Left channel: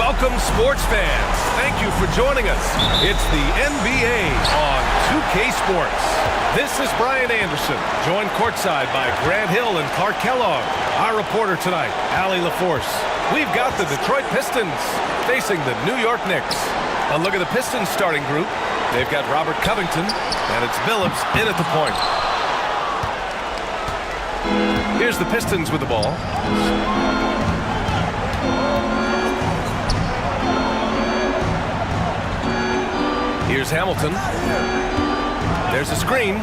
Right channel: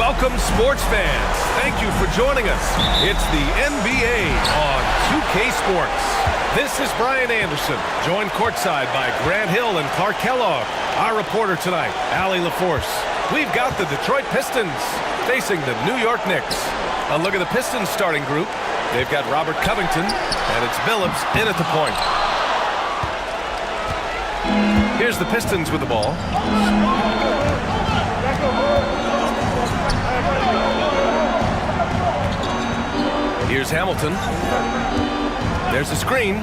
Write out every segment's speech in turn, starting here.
Welcome, sports fans. Thank you for joining us. It's the NBA on 2K Sports. This is Brian Anderson, joined courtside by Grant Hill and Clark Kellogg. Our reporter tonight, Allie LaForce. We've got the Detroit Pistons facing the New York Knicks. A look at the Pistons starting group. They've got Robert Covington, and it's Billups in at the point. Here's the Pistons with the ball. Here's Hamilton. There's a screen.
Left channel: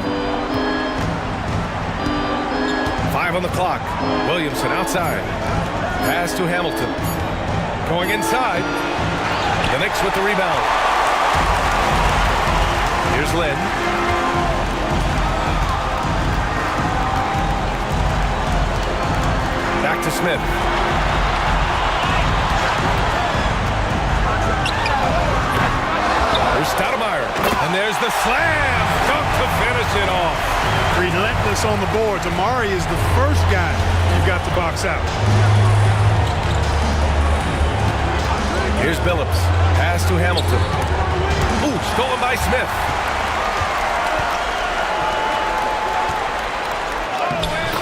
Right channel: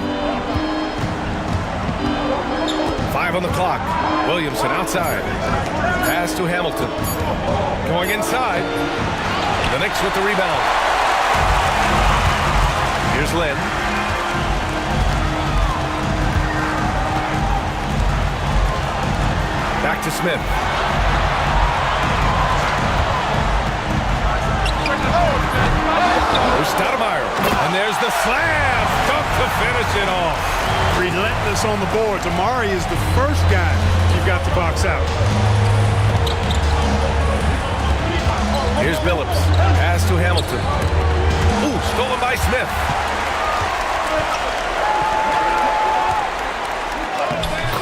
5 on the clock. Williamson outside. Pass to Hamilton. Going inside. The Knicks with the rebound. Here's Lynn. Back to Smith. There's Stoudemire. And there's the slam. Dunk to finish it off. Relentless on the boards. Amari is the first guy you've got to box out. Here's Billups. Pass to Hamilton. Ooh, stolen by Smith.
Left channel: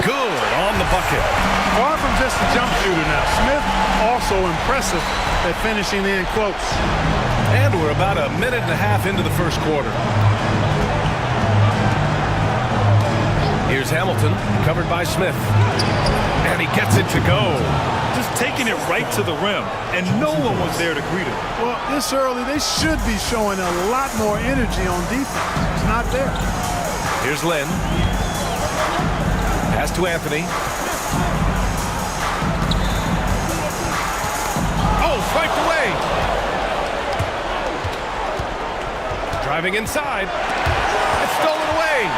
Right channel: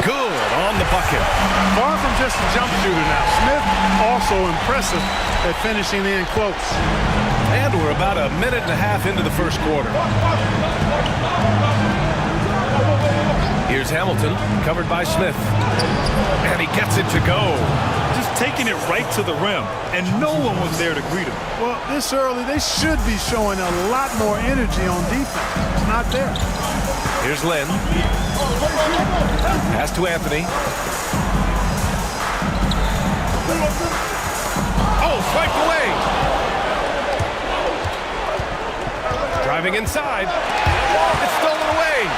Good on the bucket. Far from just a jump shooter now. Smith also impressive at finishing in close. And we're about a minute and a half into the first quarter. Here's Hamilton, covered by Smith. And he gets it to go. Just taking it right to the rim, and no one was there to greet him. Well, this early, they should be showing a lot more energy on defense. It's not there. Here's Lynn. Pass to Anthony. Oh, swiped away. Driving inside. It's stolen away.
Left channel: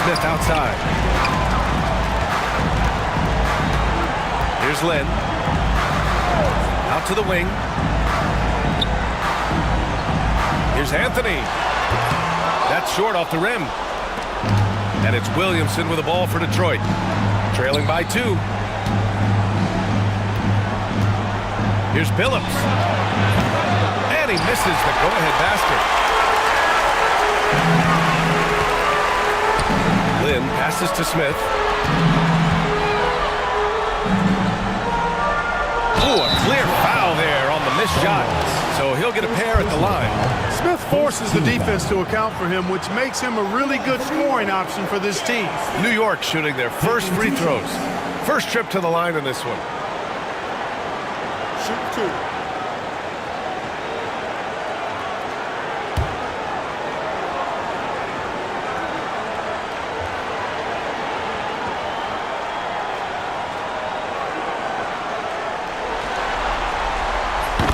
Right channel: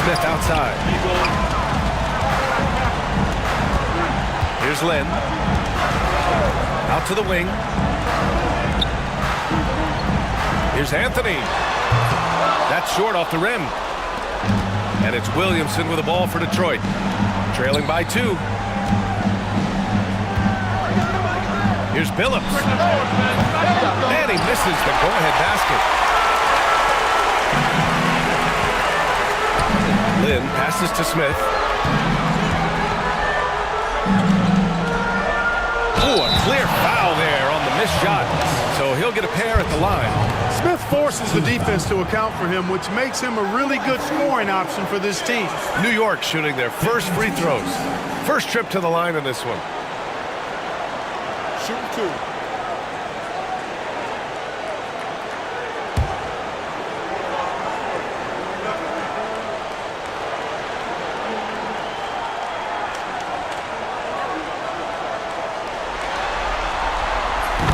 Smith outside. Here's Lynn. Out to the wing. Here's Anthony. That's short off the rim. And it's Williamson with the ball for Detroit. Trailing by 2. Here's Billups. And he misses the go-ahead basket. Lynn passes to Smith. Ooh, a clear foul there on the missed shot. So he'll get a pair at the line. Smith forces the defense to account for him, which makes him a really good scoring option for this team. New York shooting their first free throws. First trip to the line in this one. Shooting 2.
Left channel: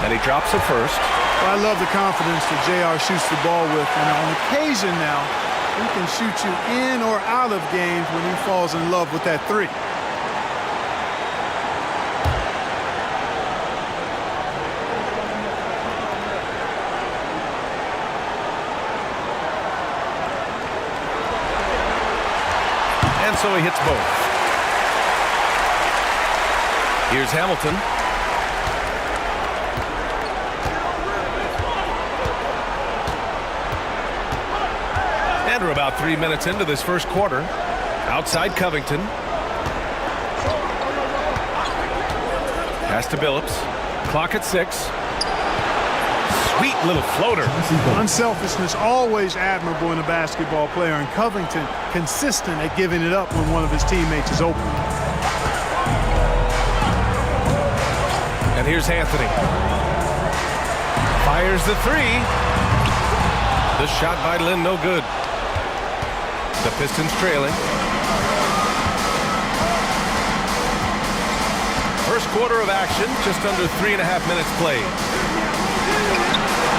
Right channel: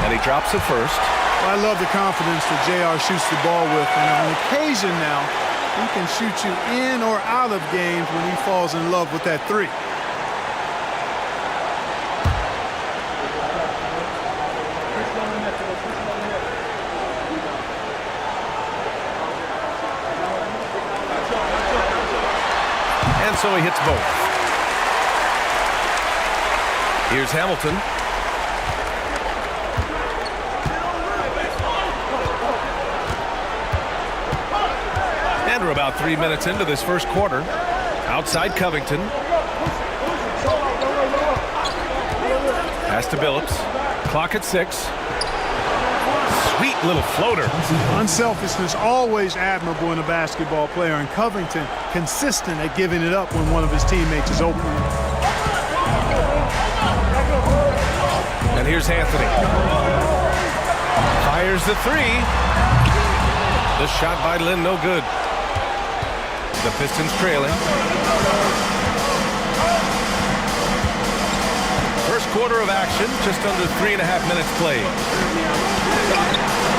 And he drops the first. Well, I love the confidence that JR shoots the ball with. And on occasion now, he can shoot you in or out of games when he falls in love with that 3. And so he hits both. Here's Hamilton. And we're about 3 minutes into this first quarter. Outside Covington. Pass to Billups. Clock at 6. Sweet little floater. Unselfishness always admirable in a basketball player, and Covington consistent at giving it up when one of his teammates is open. And here's Anthony. Fires the 3. The shot by Lynn, no good. The Pistons trailing. First quarter of action, just under 3.5 minutes played.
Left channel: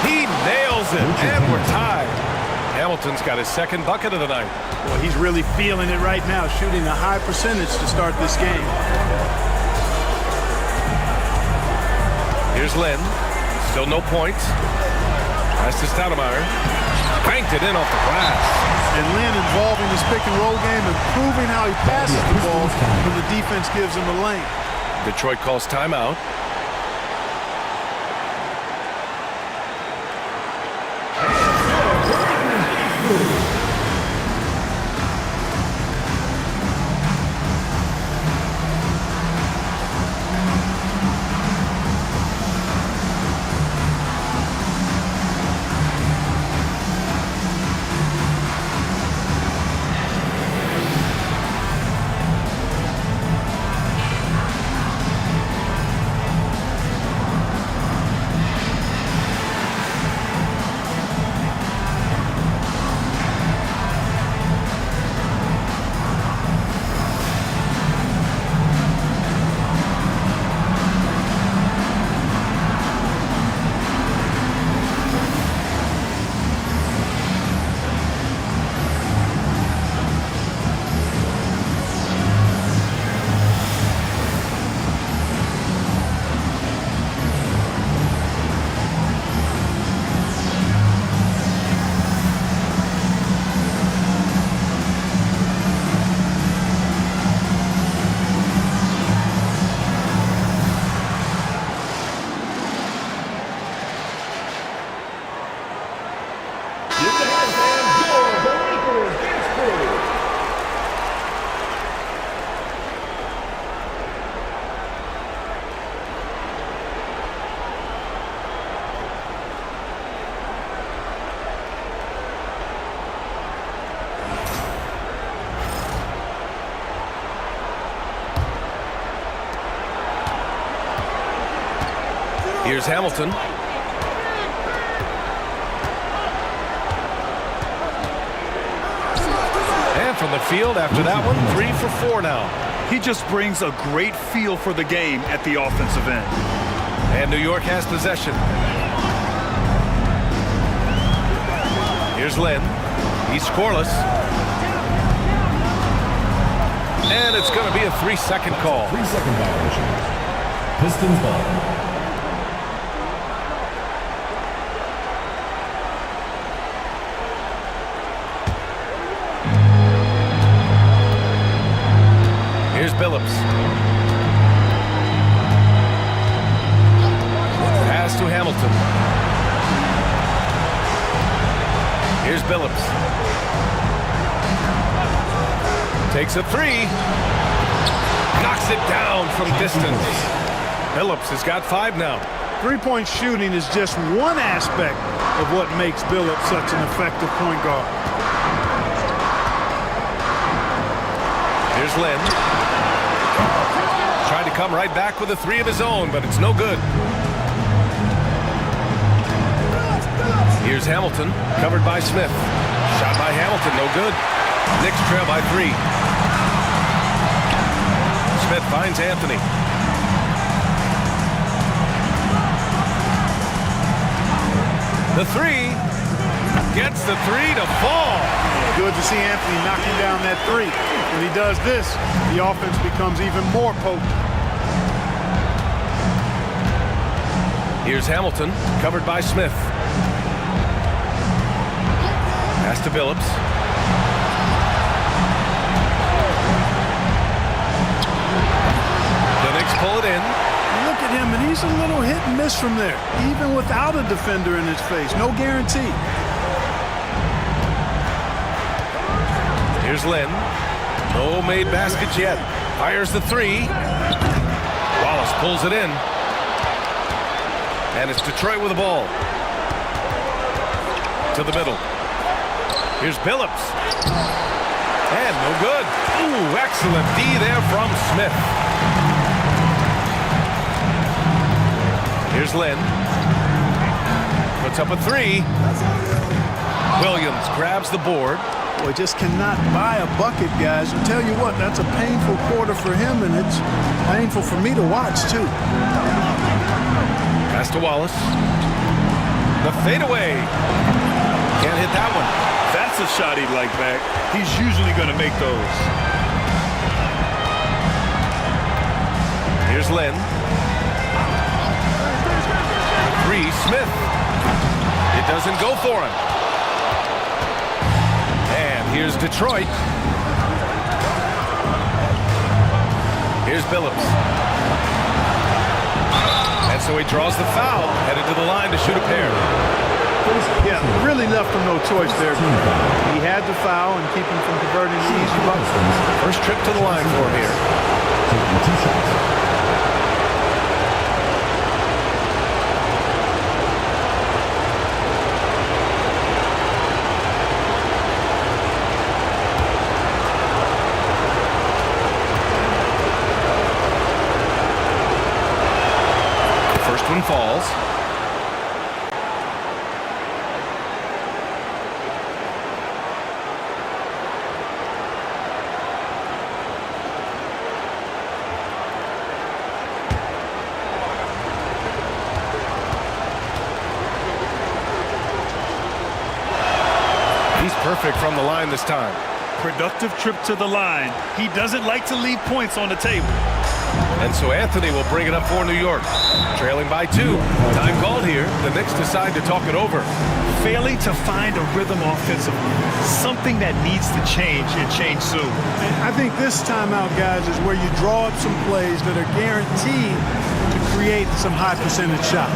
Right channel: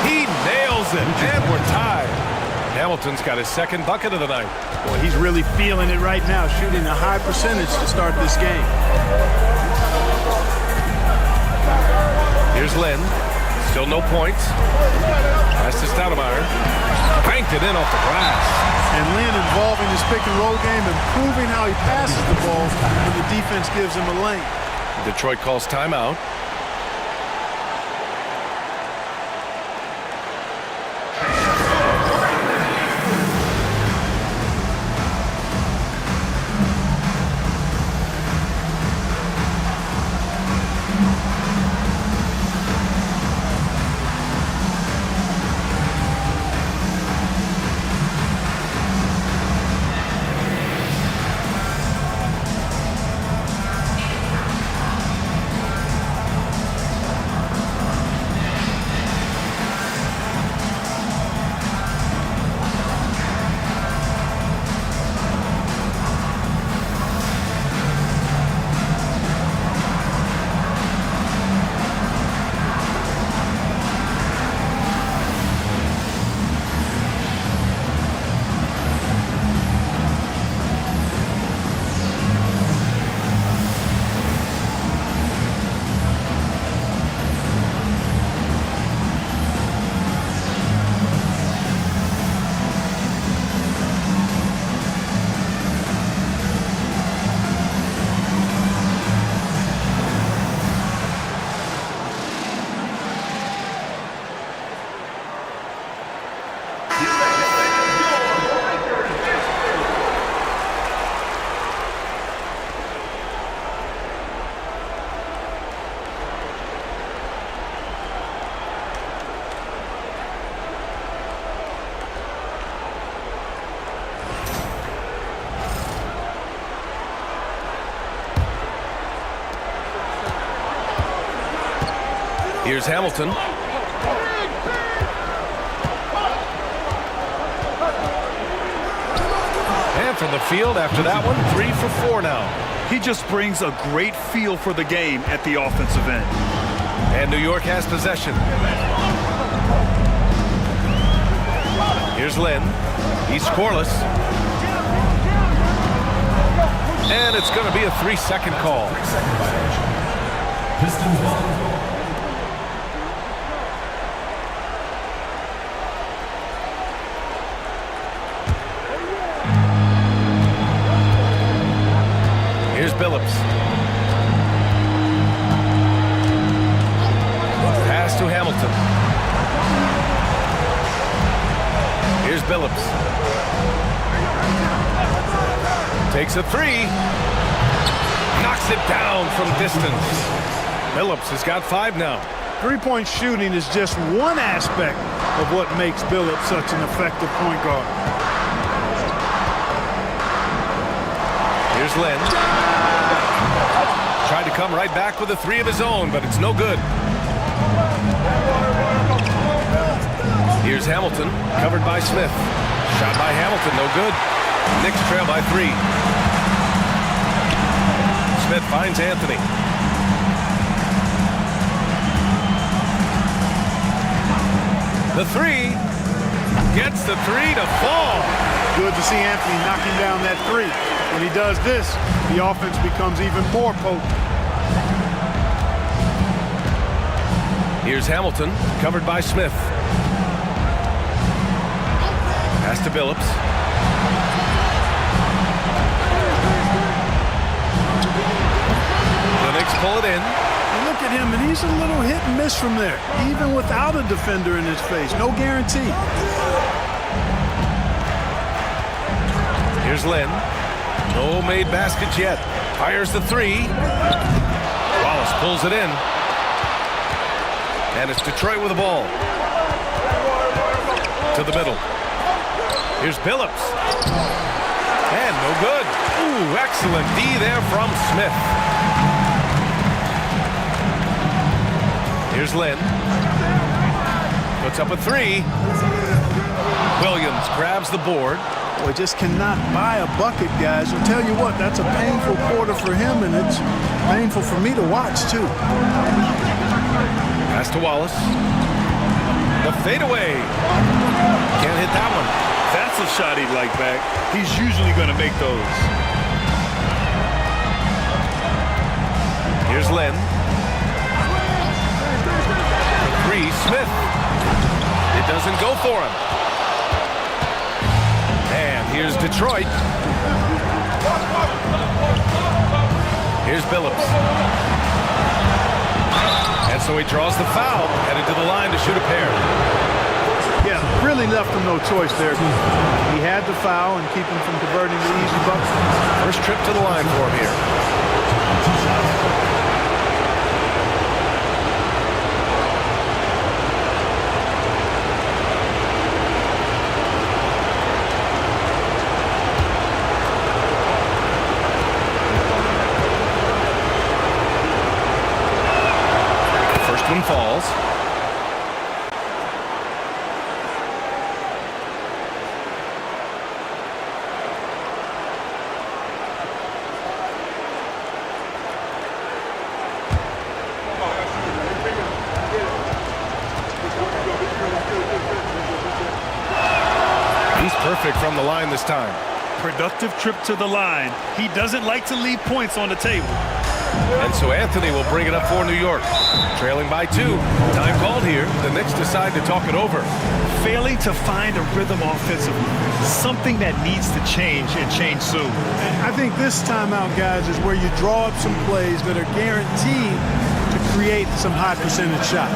He nails it, and we're tied. Hamilton's got his second bucket of the night. Boy, he's really feeling it right now, shooting a high percentage to start this game. Here's Lynn. Still no points. Pass to Stoudemire. Banked it in off the glass. And Lynn involved in this pick-and-roll game, improving how he passes the ball when the defense gives him a lane. Detroit calls timeout. Here's Hamilton. And from the field after that one, 3 for 4 now. He just brings a great feel for the game at the offensive end. And New York has possession. Here's Lynn. He's scoreless. And it's going to be a 3-second call. 3-second violation. Pistons ball. Here's Billups. Pass to Hamilton. Here's Billups. Takes a 3. Knocks it down from distance. Billups has got 5 now. Three-point shooting is just one aspect of what makes Billups such an effective point guard. Here's Lynn. Tried to come right back with a 3 of his own, but it's no good. Here's Hamilton, covered by Smith. Shot by Hamilton, no good. Knicks trail by 3. Smith finds Anthony. The 3. Gets the 3 to fall. Good to see Anthony knocking down that 3. When he does this, the offense becomes even more potent. Here's Hamilton, covered by Smith. Pass to Billups. The Knicks pull it in. You look at him, and he's a little hit and miss from there, even without a defender in his face. No guarantee. Here's Lynn. No made baskets yet. Fires the 3. Wallace pulls it in. And it's Detroit with the ball. To the middle. Here's Billups. And no good. Ooh, excellent D there from Smith. Here's Lynn. Puts up a 3. Williams grabs the board. Boy, just cannot buy a bucket, guys. I'll tell you what, that's a painful quarter for him, and it's painful for me to watch, too. Pass to Wallace. The fadeaway. Can't hit that one. That's a shot he'd like back. He's usually going to make those. Here's Lynn. The 3, Smith. It doesn't go for him. And here's Detroit. Here's Billups. so he draws the foul, headed to the line to shoot a pair. Yeah, really left him no choice there. He had the foul and keep him from converting the easy bucket. First trip to the line for him here. Taking 2 shots. First one falls. He's perfect from the line this time. Productive trip to the line. He doesn't like to leave points on the table. And so Anthony will bring it up for New York. Trailing by 2. Time called here. The Knicks decide to talk it over. Failing to find a rhythm offensively. Something that needs to change and change soon. I think this timeout, guys, is where you draw up some plays that are guaranteed to create some high percentage shots.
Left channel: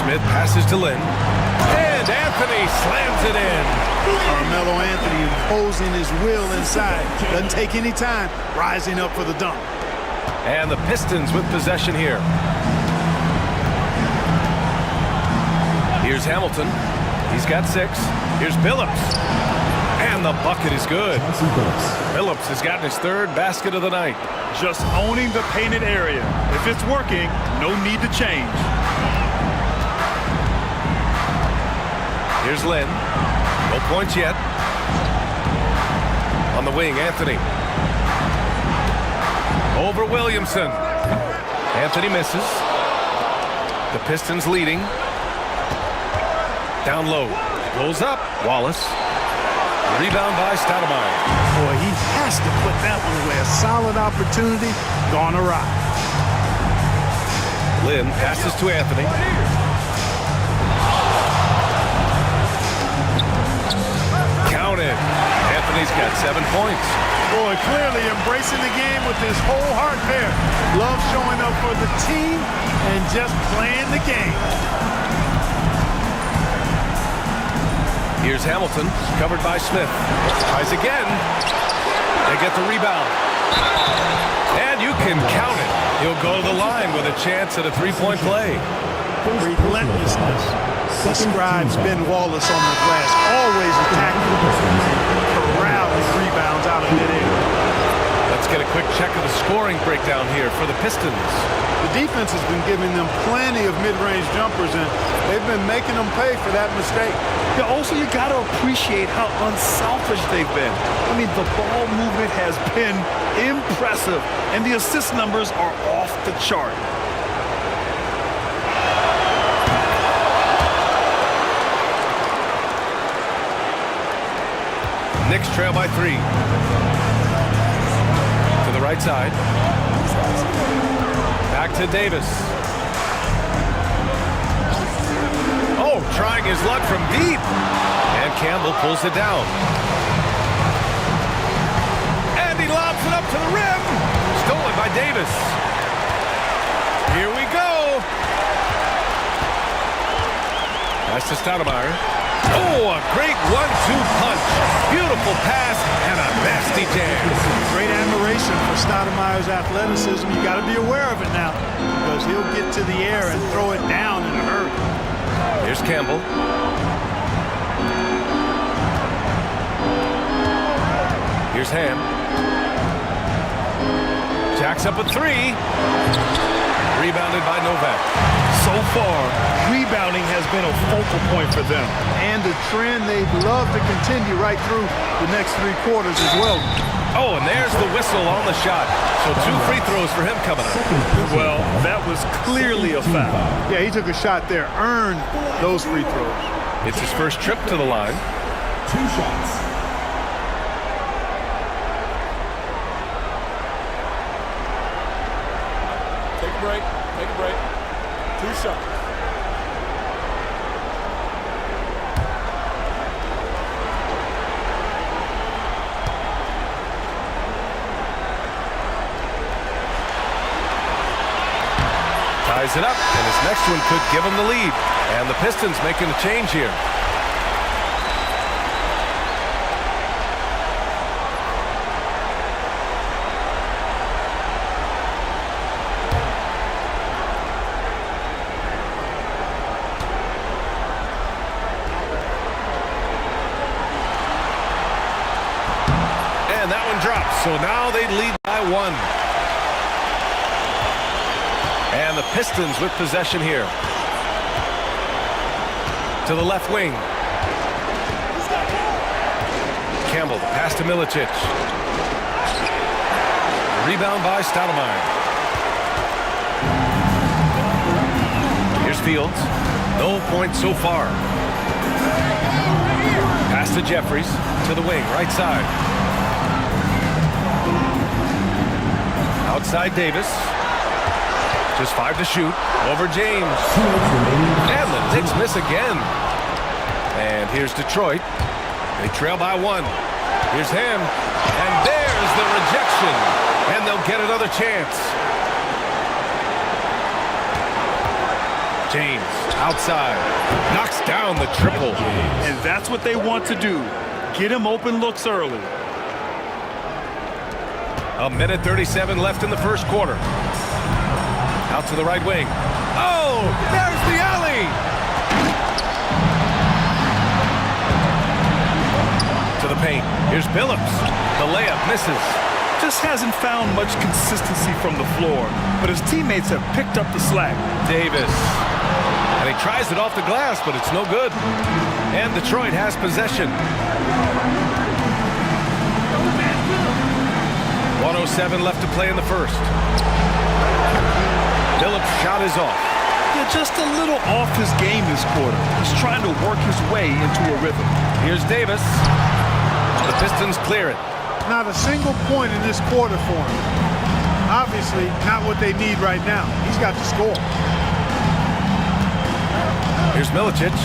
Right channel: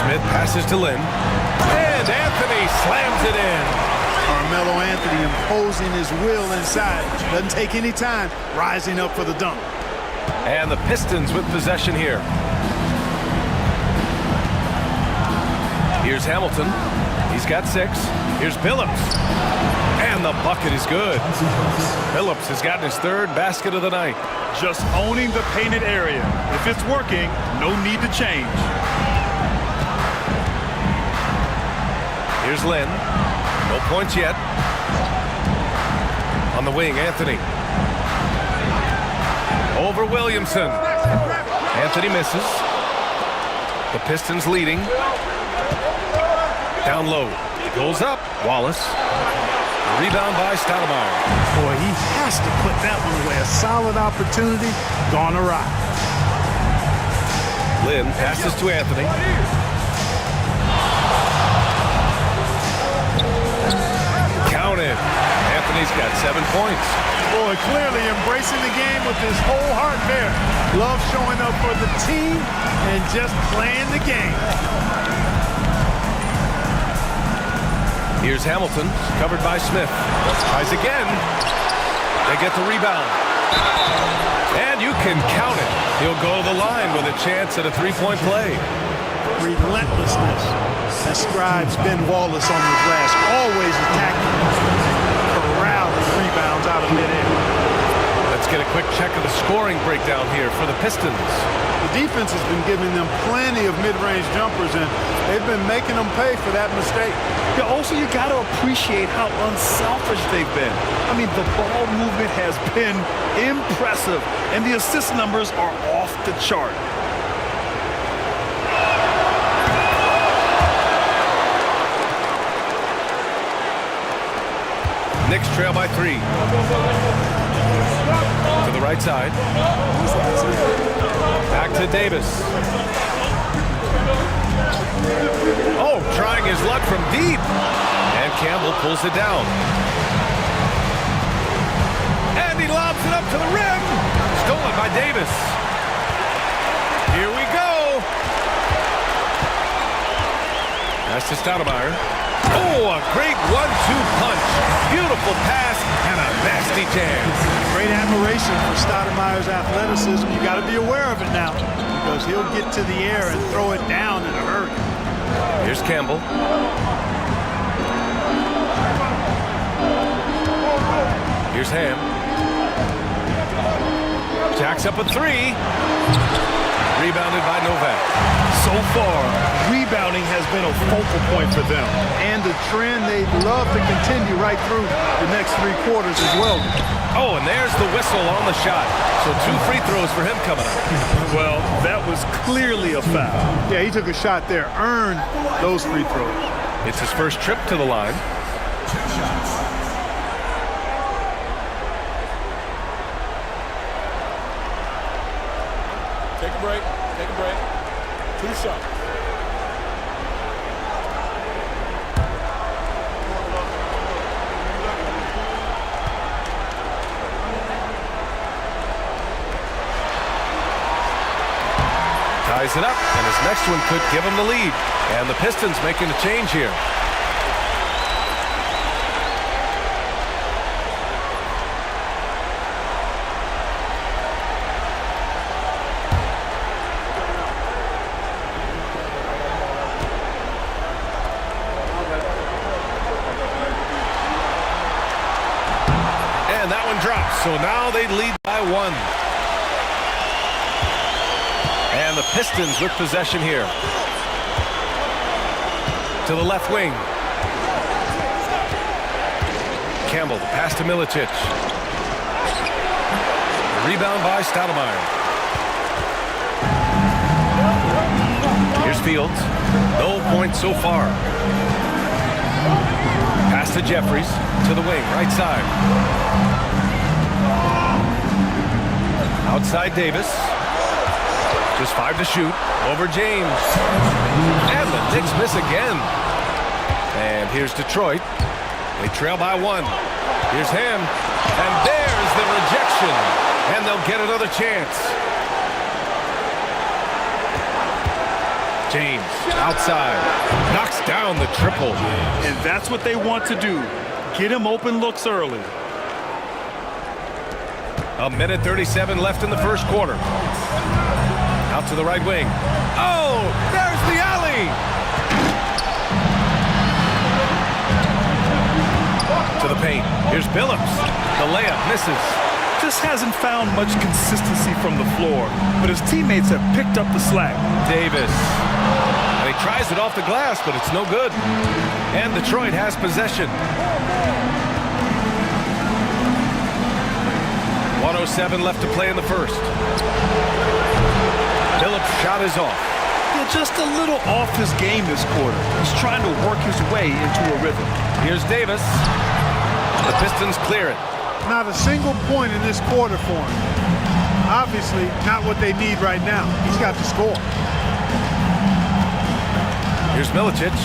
Smith passes to Lynn. And Anthony slams it in. Carmelo Anthony imposing his will inside. Doesn't take any time. Rising up for the dunk. And the Pistons with possession here. Here's Hamilton. He's got 6. Here's Billups. And the bucket is good. Billups has gotten his 3rd basket of the night. Just owning the painted area. If it's working, no need to change. Here's Lynn. No points yet. On the wing, Anthony. Over Williamson. Anthony misses. The Pistons leading. Down low. It goes up. Wallace. Rebound by Stoudemire. Boy, he has to put that one away. A solid opportunity gone awry. Lynn passes to Anthony. Counted. Anthony's got 7 points. Boy, clearly embracing the game with his whole heart there. Love showing up for the team and just playing the game. Here's Hamilton, covered by Smith. Tries again. They get the rebound. And you can count it. He'll go to the line with a chance at a 3-point play. Relentlessness describes Ben Wallace on the glass. Always attacking, corralling rebounds out of midair. Let's get a quick check of the scoring breakdown here for the Pistons. The defense has been giving them plenty of mid-range jumpers, and they've been making them pay for that mistake. Yeah, also, you got to appreciate how unselfish they've been. I mean, the ball movement has been impressive, and the assist numbers are off the chart. Knicks trail by 3. To the right side. Back to Davis. Oh, trying his luck from deep. And Campbell pulls it down. And he lobs it up to the rim. Stolen by Davis. Here we go. Pass to Stoudemire. Oh, a great 1-2 punch. Beautiful pass and a nasty jam. Great admiration for Stoudemire's athleticism. You got to be aware of it now because he'll get to the air and throw it down in a hurry. Here's Campbell. Here's Ham. Jacks up a 3. Rebounded by Novak. So far, rebounding has been a focal point for them. And the trend they'd love to continue right through the next 3 quarters as well. Oh, and there's the whistle on the shot. So 2 free throws for him coming up. Well, that was clearly a foul. Yeah, he took a shot there, earned those free throws. It's his first trip to the line. 2 shots. Take a break. Take a break. 2 shots. Ties it up, and his next one could give him the lead. And the Pistons making a change here. And that one drops, so now they lead by 1. And the Pistons with possession here. To the left wing. Campbell, the pass to Milicic. Rebound by Stoudemire. Here's Fields. No points so far. Pass to Jeffries. To the wing, right side. Outside Davis. Just 5 to shoot. Over James. And the Knicks miss again. And here's Detroit. They trail by 1. Here's Ham. And there's the rejection. And they'll get another chance. James outside. Knocks down the triple. And that's what they want to do. Get him open looks early. 1:37 left in the first quarter. Out to the right wing. Oh, there's the alley. To the paint. Here's Billups. The layup misses. Just hasn't found much consistency from the floor, but his teammates have picked up the slack. Davis. And he tries it off the glass, but it's no good. And Detroit has possession. 1:07 left to play in the first. Phillips' shot is off. Yeah, just a little off his game this quarter. He's trying to work his way into a rhythm. Here's Davis. The Pistons clear it. Not a single point in this quarter for him. Obviously, not what they need right now. He's got to score. Here's Milicic.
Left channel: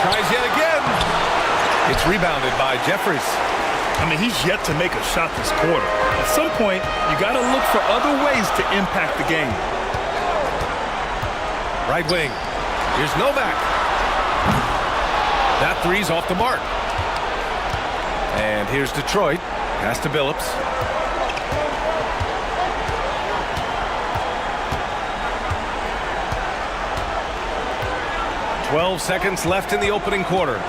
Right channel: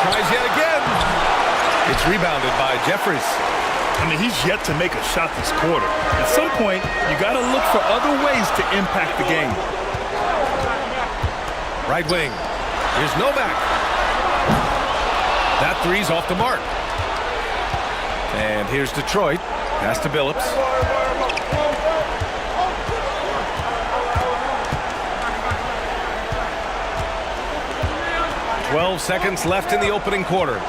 Tries yet again. It's rebounded by Jeffries. I mean, he's yet to make a shot this quarter. At some point, you got to look for other ways to impact the game. Right wing. Here's Novak. That 3's off the mark. And here's Detroit. Pass to Billups. "12 seconds left in the opening quarter.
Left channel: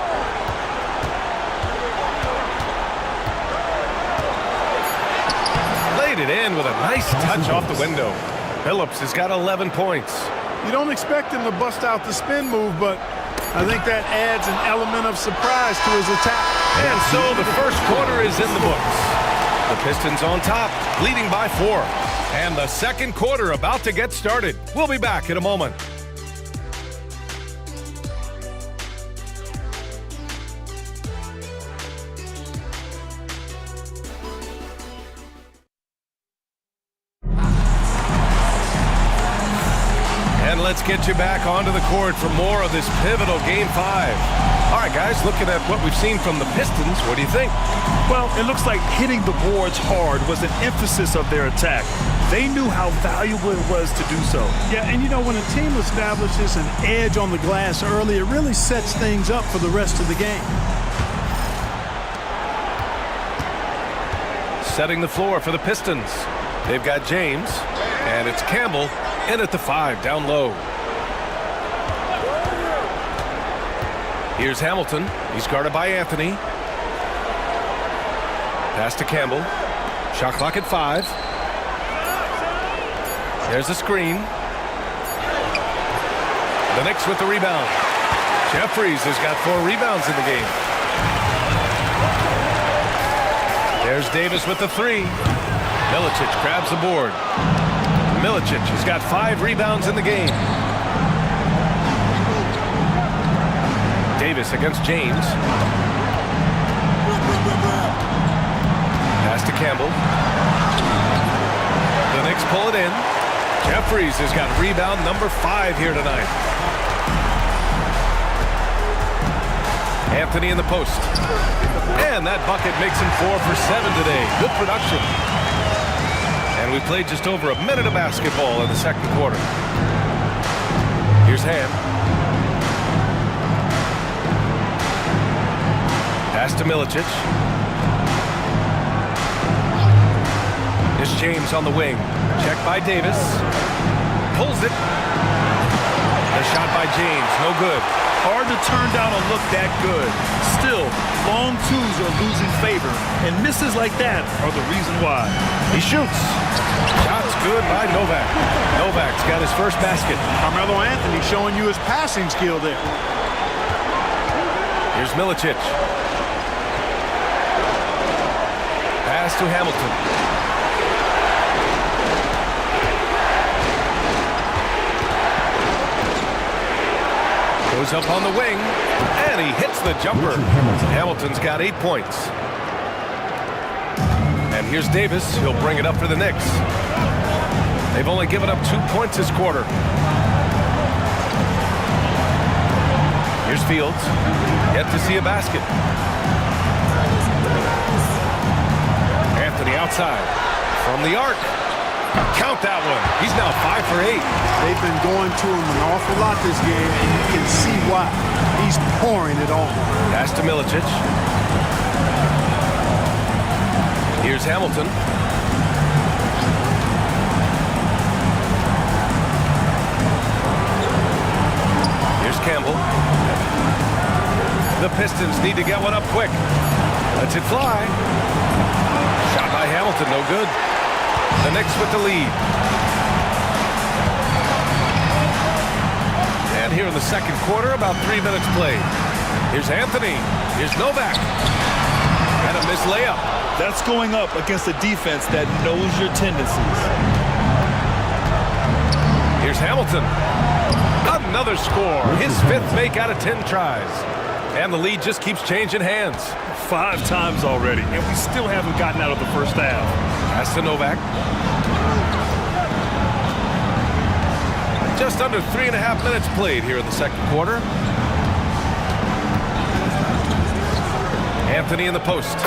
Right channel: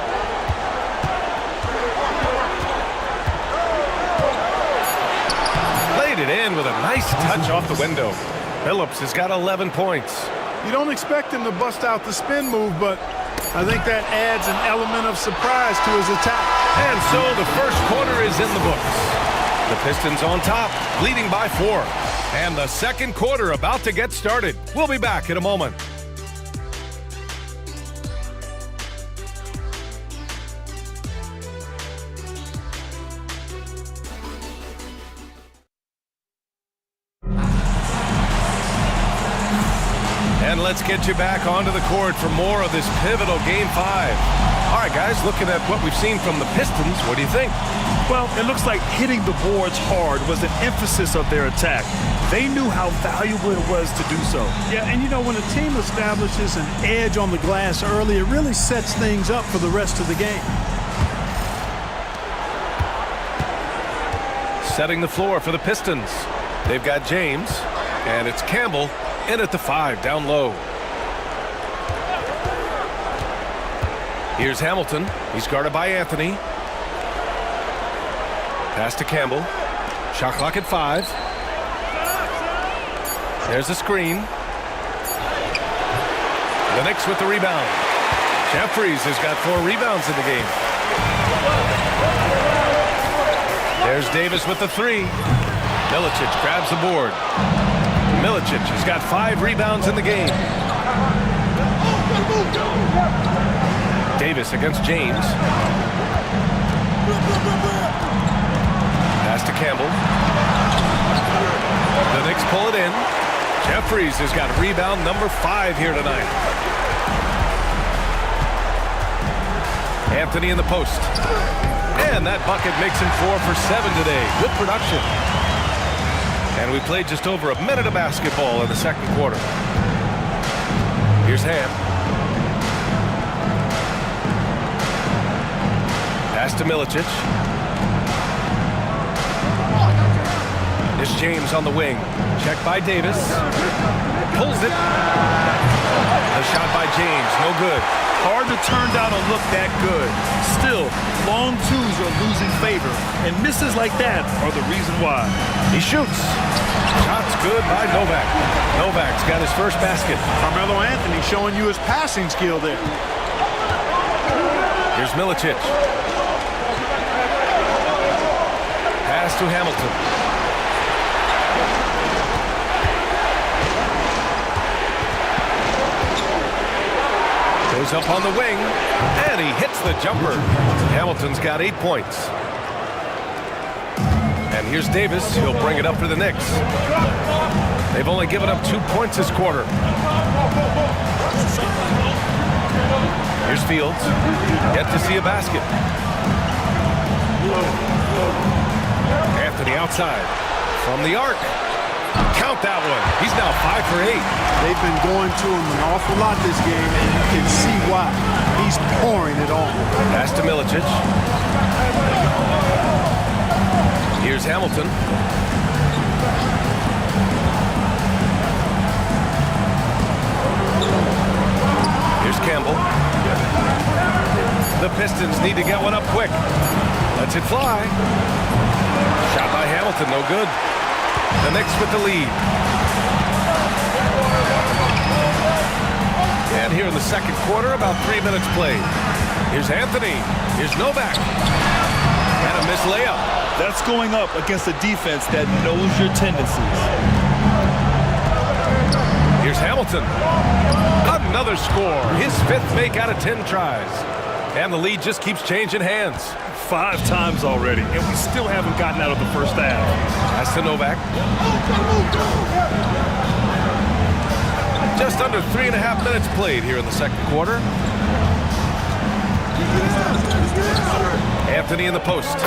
Laid it in with a nice touch off the window. Billups has got 11 points. You don't expect him to bust out the spin move, but I think that adds an element of surprise to his attack. And so the first quarter is in the books. The Pistons on top, leading by 4. And the second quarter about to get started. We'll be back in a moment. And let's get you back onto the court for more of this pivotal Game 5. All right, guys, looking at what we've seen from the Pistons, what do you think? Well, it looks like hitting the boards hard was an emphasis of their attack. They knew how valuable it was to do so. Yeah, and you know, when a team establishes an edge on the glass early, it really sets things up for the rest of the game. Setting the floor for the Pistons. They've got James, and it's Campbell in at the 5, down low. Here's Hamilton. He's guarded by Anthony. Pass to Campbell. Shot clock at 5. There's a screen. The Knicks with the rebound. Jeffries has got 4 rebounds in the game. There's Davis with the 3. Milicic grabs the board. Milicic has got 5 rebounds in the game. Davis against James. Pass to Campbell. The Knicks pull it in. Jeffries has got rebound number 5 here tonight. Anthony in the post. And that bucket makes him 4 for 7 today. Good production. And we played just over a minute of basketball in the second quarter. Here's Ham. Pass to Milicic. Here's James on the wing. Check by Davis. Pulls it. The shot by James, no good. Hard to turn down a look that good. Still, long twos are losing favor, and misses like that are the reason why. He shoots. Shot's good by Novak. Novak's got his first basket. Carmelo Anthony showing you his passing skill there. Here's Milicic. Pass to Hamilton. Goes up on the wing, and he hits the jumper. Hamilton's got 8 points. And here's Davis. He'll bring it up for the Knicks. They've only given up 2 points this quarter. Here's Fields. Yet to see a basket. Anthony outside. From the arc. Count that one. He's now 5 for 8. They've been going to him an awful lot this game, and you can see why. He's pouring it on. Pass to Milicic. Here's Hamilton. Here's Campbell. The Pistons need to get one up quick. Lets it fly. Shot by Hamilton, no good. The Knicks with the lead. And here in the second quarter, about 3 minutes played. Here's Anthony. Here's Novak. And a missed layup. That's going up against a defense that knows your tendencies. Here's Hamilton. Another score. His 5th make out of 10 tries. And the lead just keeps changing hands. 5 times already, and we still haven't gotten out of the first half. Pass to Novak. Just under 3.5 minutes played here in the second quarter. Anthony in the post.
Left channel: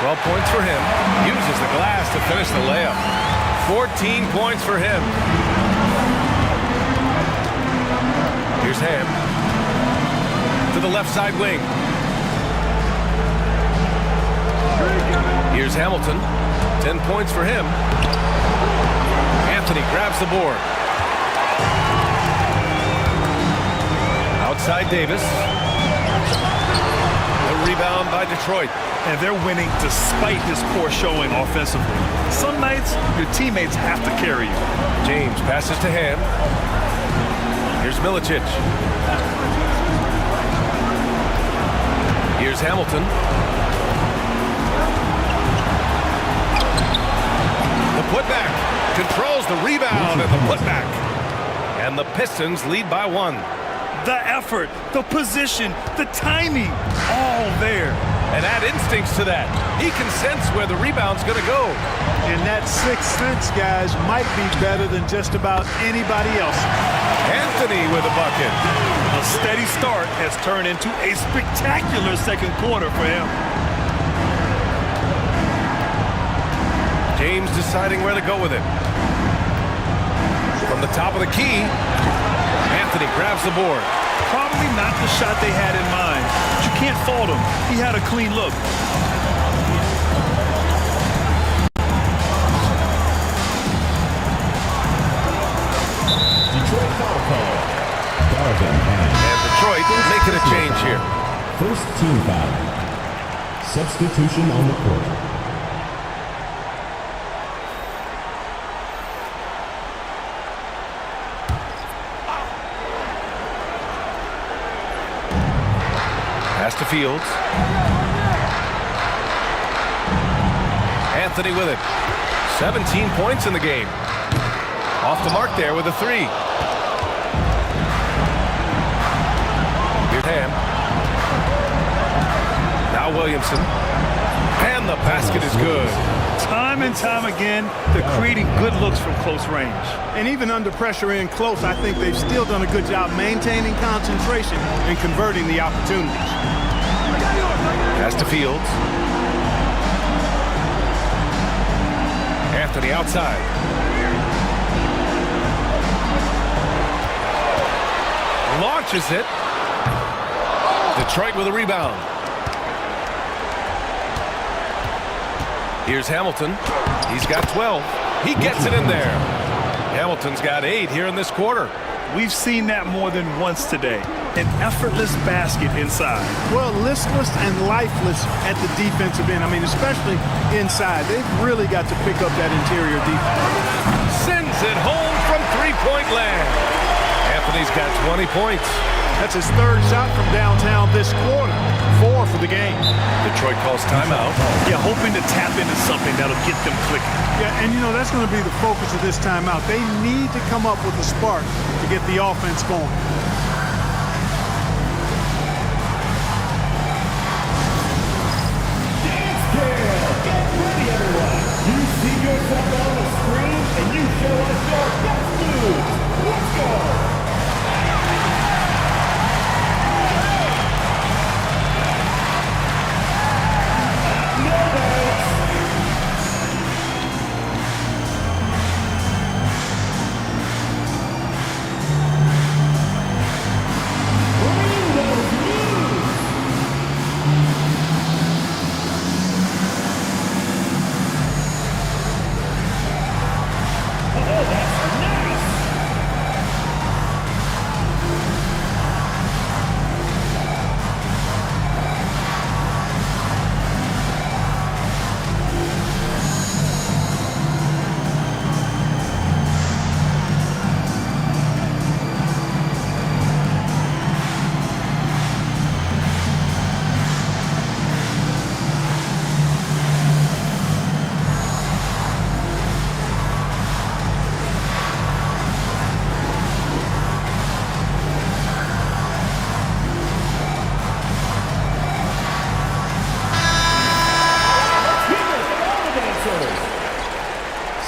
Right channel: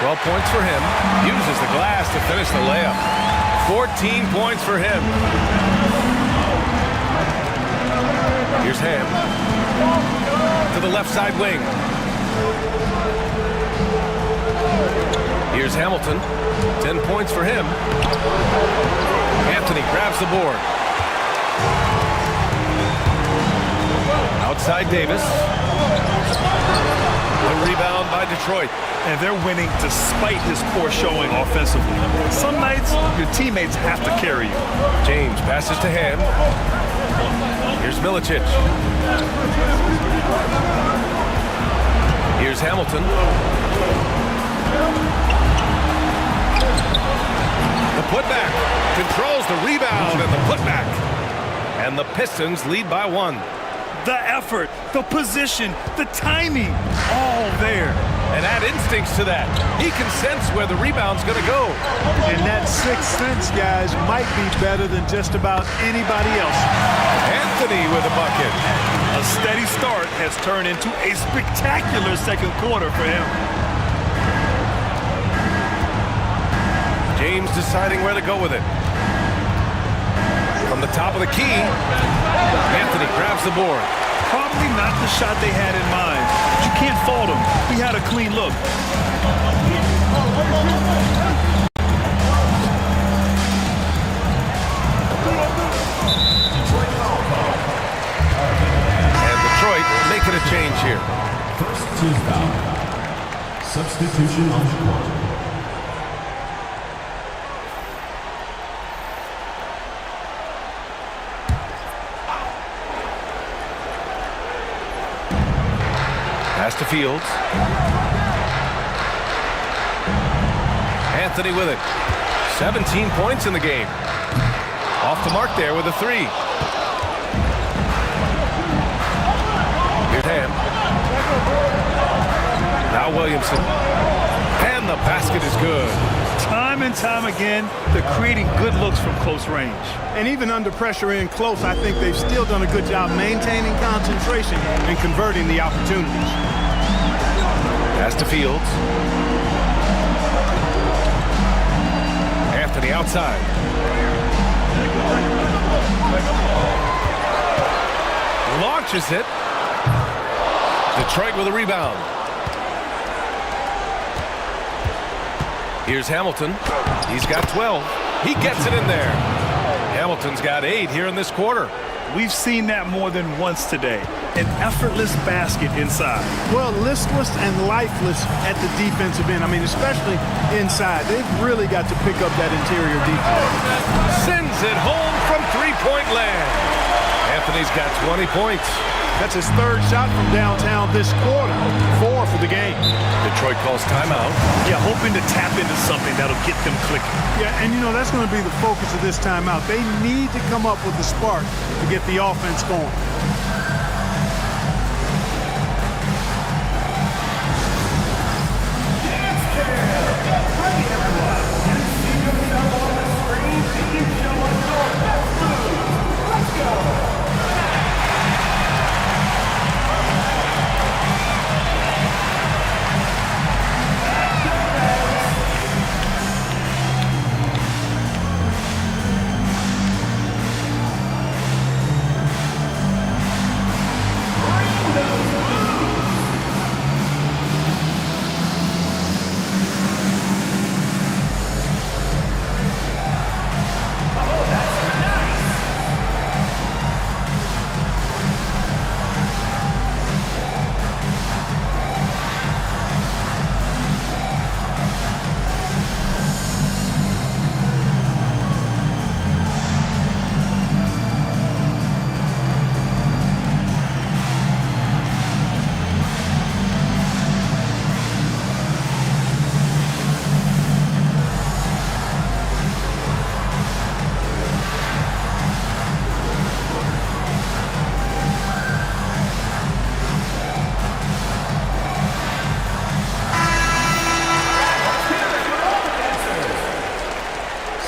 12 points for him. Uses the glass to finish the layup. 14 points for him. Here's Ham. To the left side wing. Here's Hamilton. 10 points for him. Anthony grabs the board. Outside Davis. The rebound by Detroit. And they're winning despite his poor showing offensively. Some nights, your teammates have to carry you. James passes to Ham. Here's Milicic. Here's Hamilton. The putback. Controls the rebound and the putback. And the Pistons lead by 1. The effort, the position, the timing, all there. and add instincts to that. He can sense where the rebound's going to go. And that sixth sense, guys, might be better than just about anybody else. Anthony with a bucket. A steady start has turned into a spectacular second quarter for him. James deciding where to go with it. From the top of the key, Anthony grabs the board. Probably not the shot they had in mind, but you can't fault him. He had a clean look. Detroit foul call. Garvin And Detroit making a change here. First team foul. Substitution on the court. Pass to Fields. Anthony with it. 17 points in the game. Off the mark there with a three. Here's Ham. Now Williamson. And the basket is good. Time and time again, they're creating good looks from close range. And even under pressure in close, I think they've still done a good job maintaining concentration and converting the opportunities. Pass to Fields. Anthony outside. Launches it. Detroit with a rebound. Here's Hamilton. He's got 12. He gets it in there. Hamilton's got 8 here in this quarter. We've seen that more than once today. An effortless basket inside. Well, listless and lifeless at the defensive end. I mean, especially inside. They've really got to pick up that interior defense. Sends it home from three-point land. Anthony's got 20 points. That's his third shot from downtown this quarter. 4 for the game. Detroit calls timeout. Yeah, hoping to tap into something that'll get them clicking. Yeah, and you know, that's going to be the focus of this timeout. They need to come up with a spark to get the offense going. Get ready, everyone. You see yourself on the screen, and you show us your best moves. Let's go.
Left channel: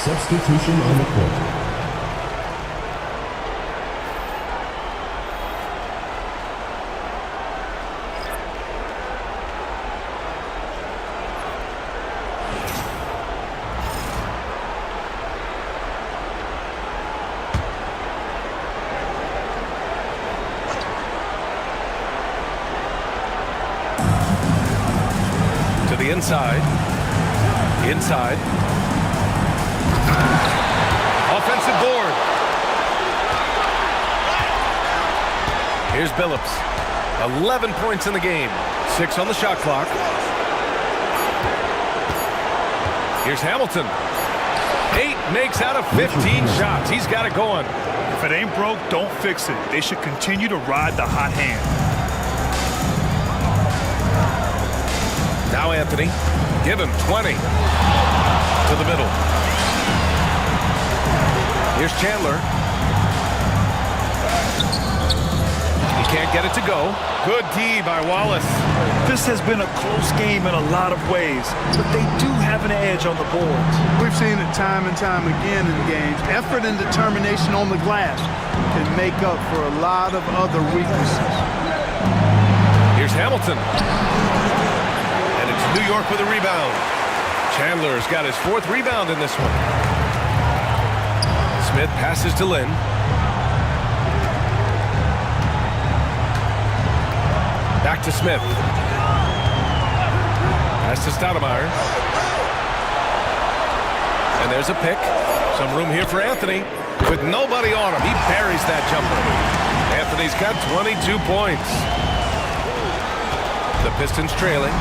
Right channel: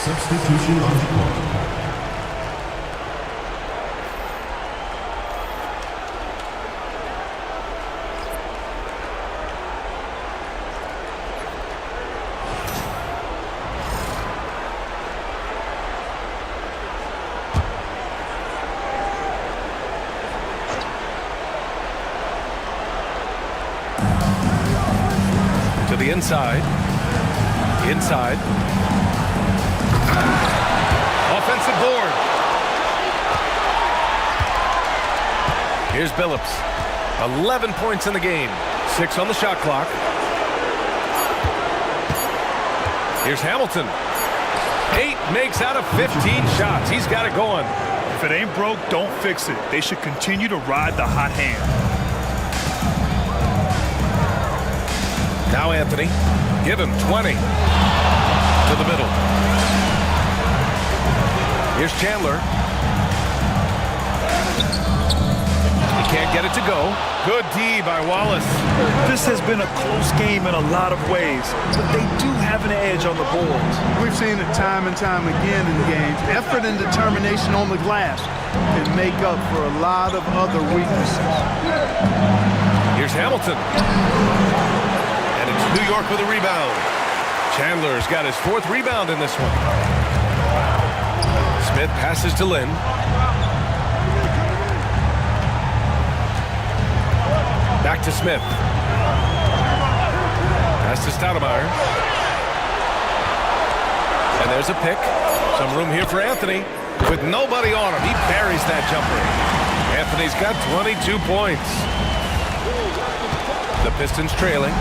Substitution on the court. To the inside. Inside. Offensive board. Here's Billups. 11 points in the game. 6 on the shot clock. Here's Hamilton. 8 makes out of 15 shots. He's got it going. If it ain't broke, don't fix it. They should continue to ride the hot hand. Now Anthony. Give him 20. To the middle. Here's Chandler. He can't get it to go. Good D by Wallace. This has been a close game in a lot of ways, but they do have an edge on the boards. We've seen it time and time again in games. Effort and determination on the glass can make up for a lot of other weaknesses. Here's Hamilton. And it's New York with a rebound. Chandler's got his 4th rebound in this one. Smith passes to Lynn. Back to Smith. Pass to Stoudemire. And there's a pick. Some room here for Anthony. With nobody on him, he buries that jumper. Anthony's got 22 points. The Pistons trailing.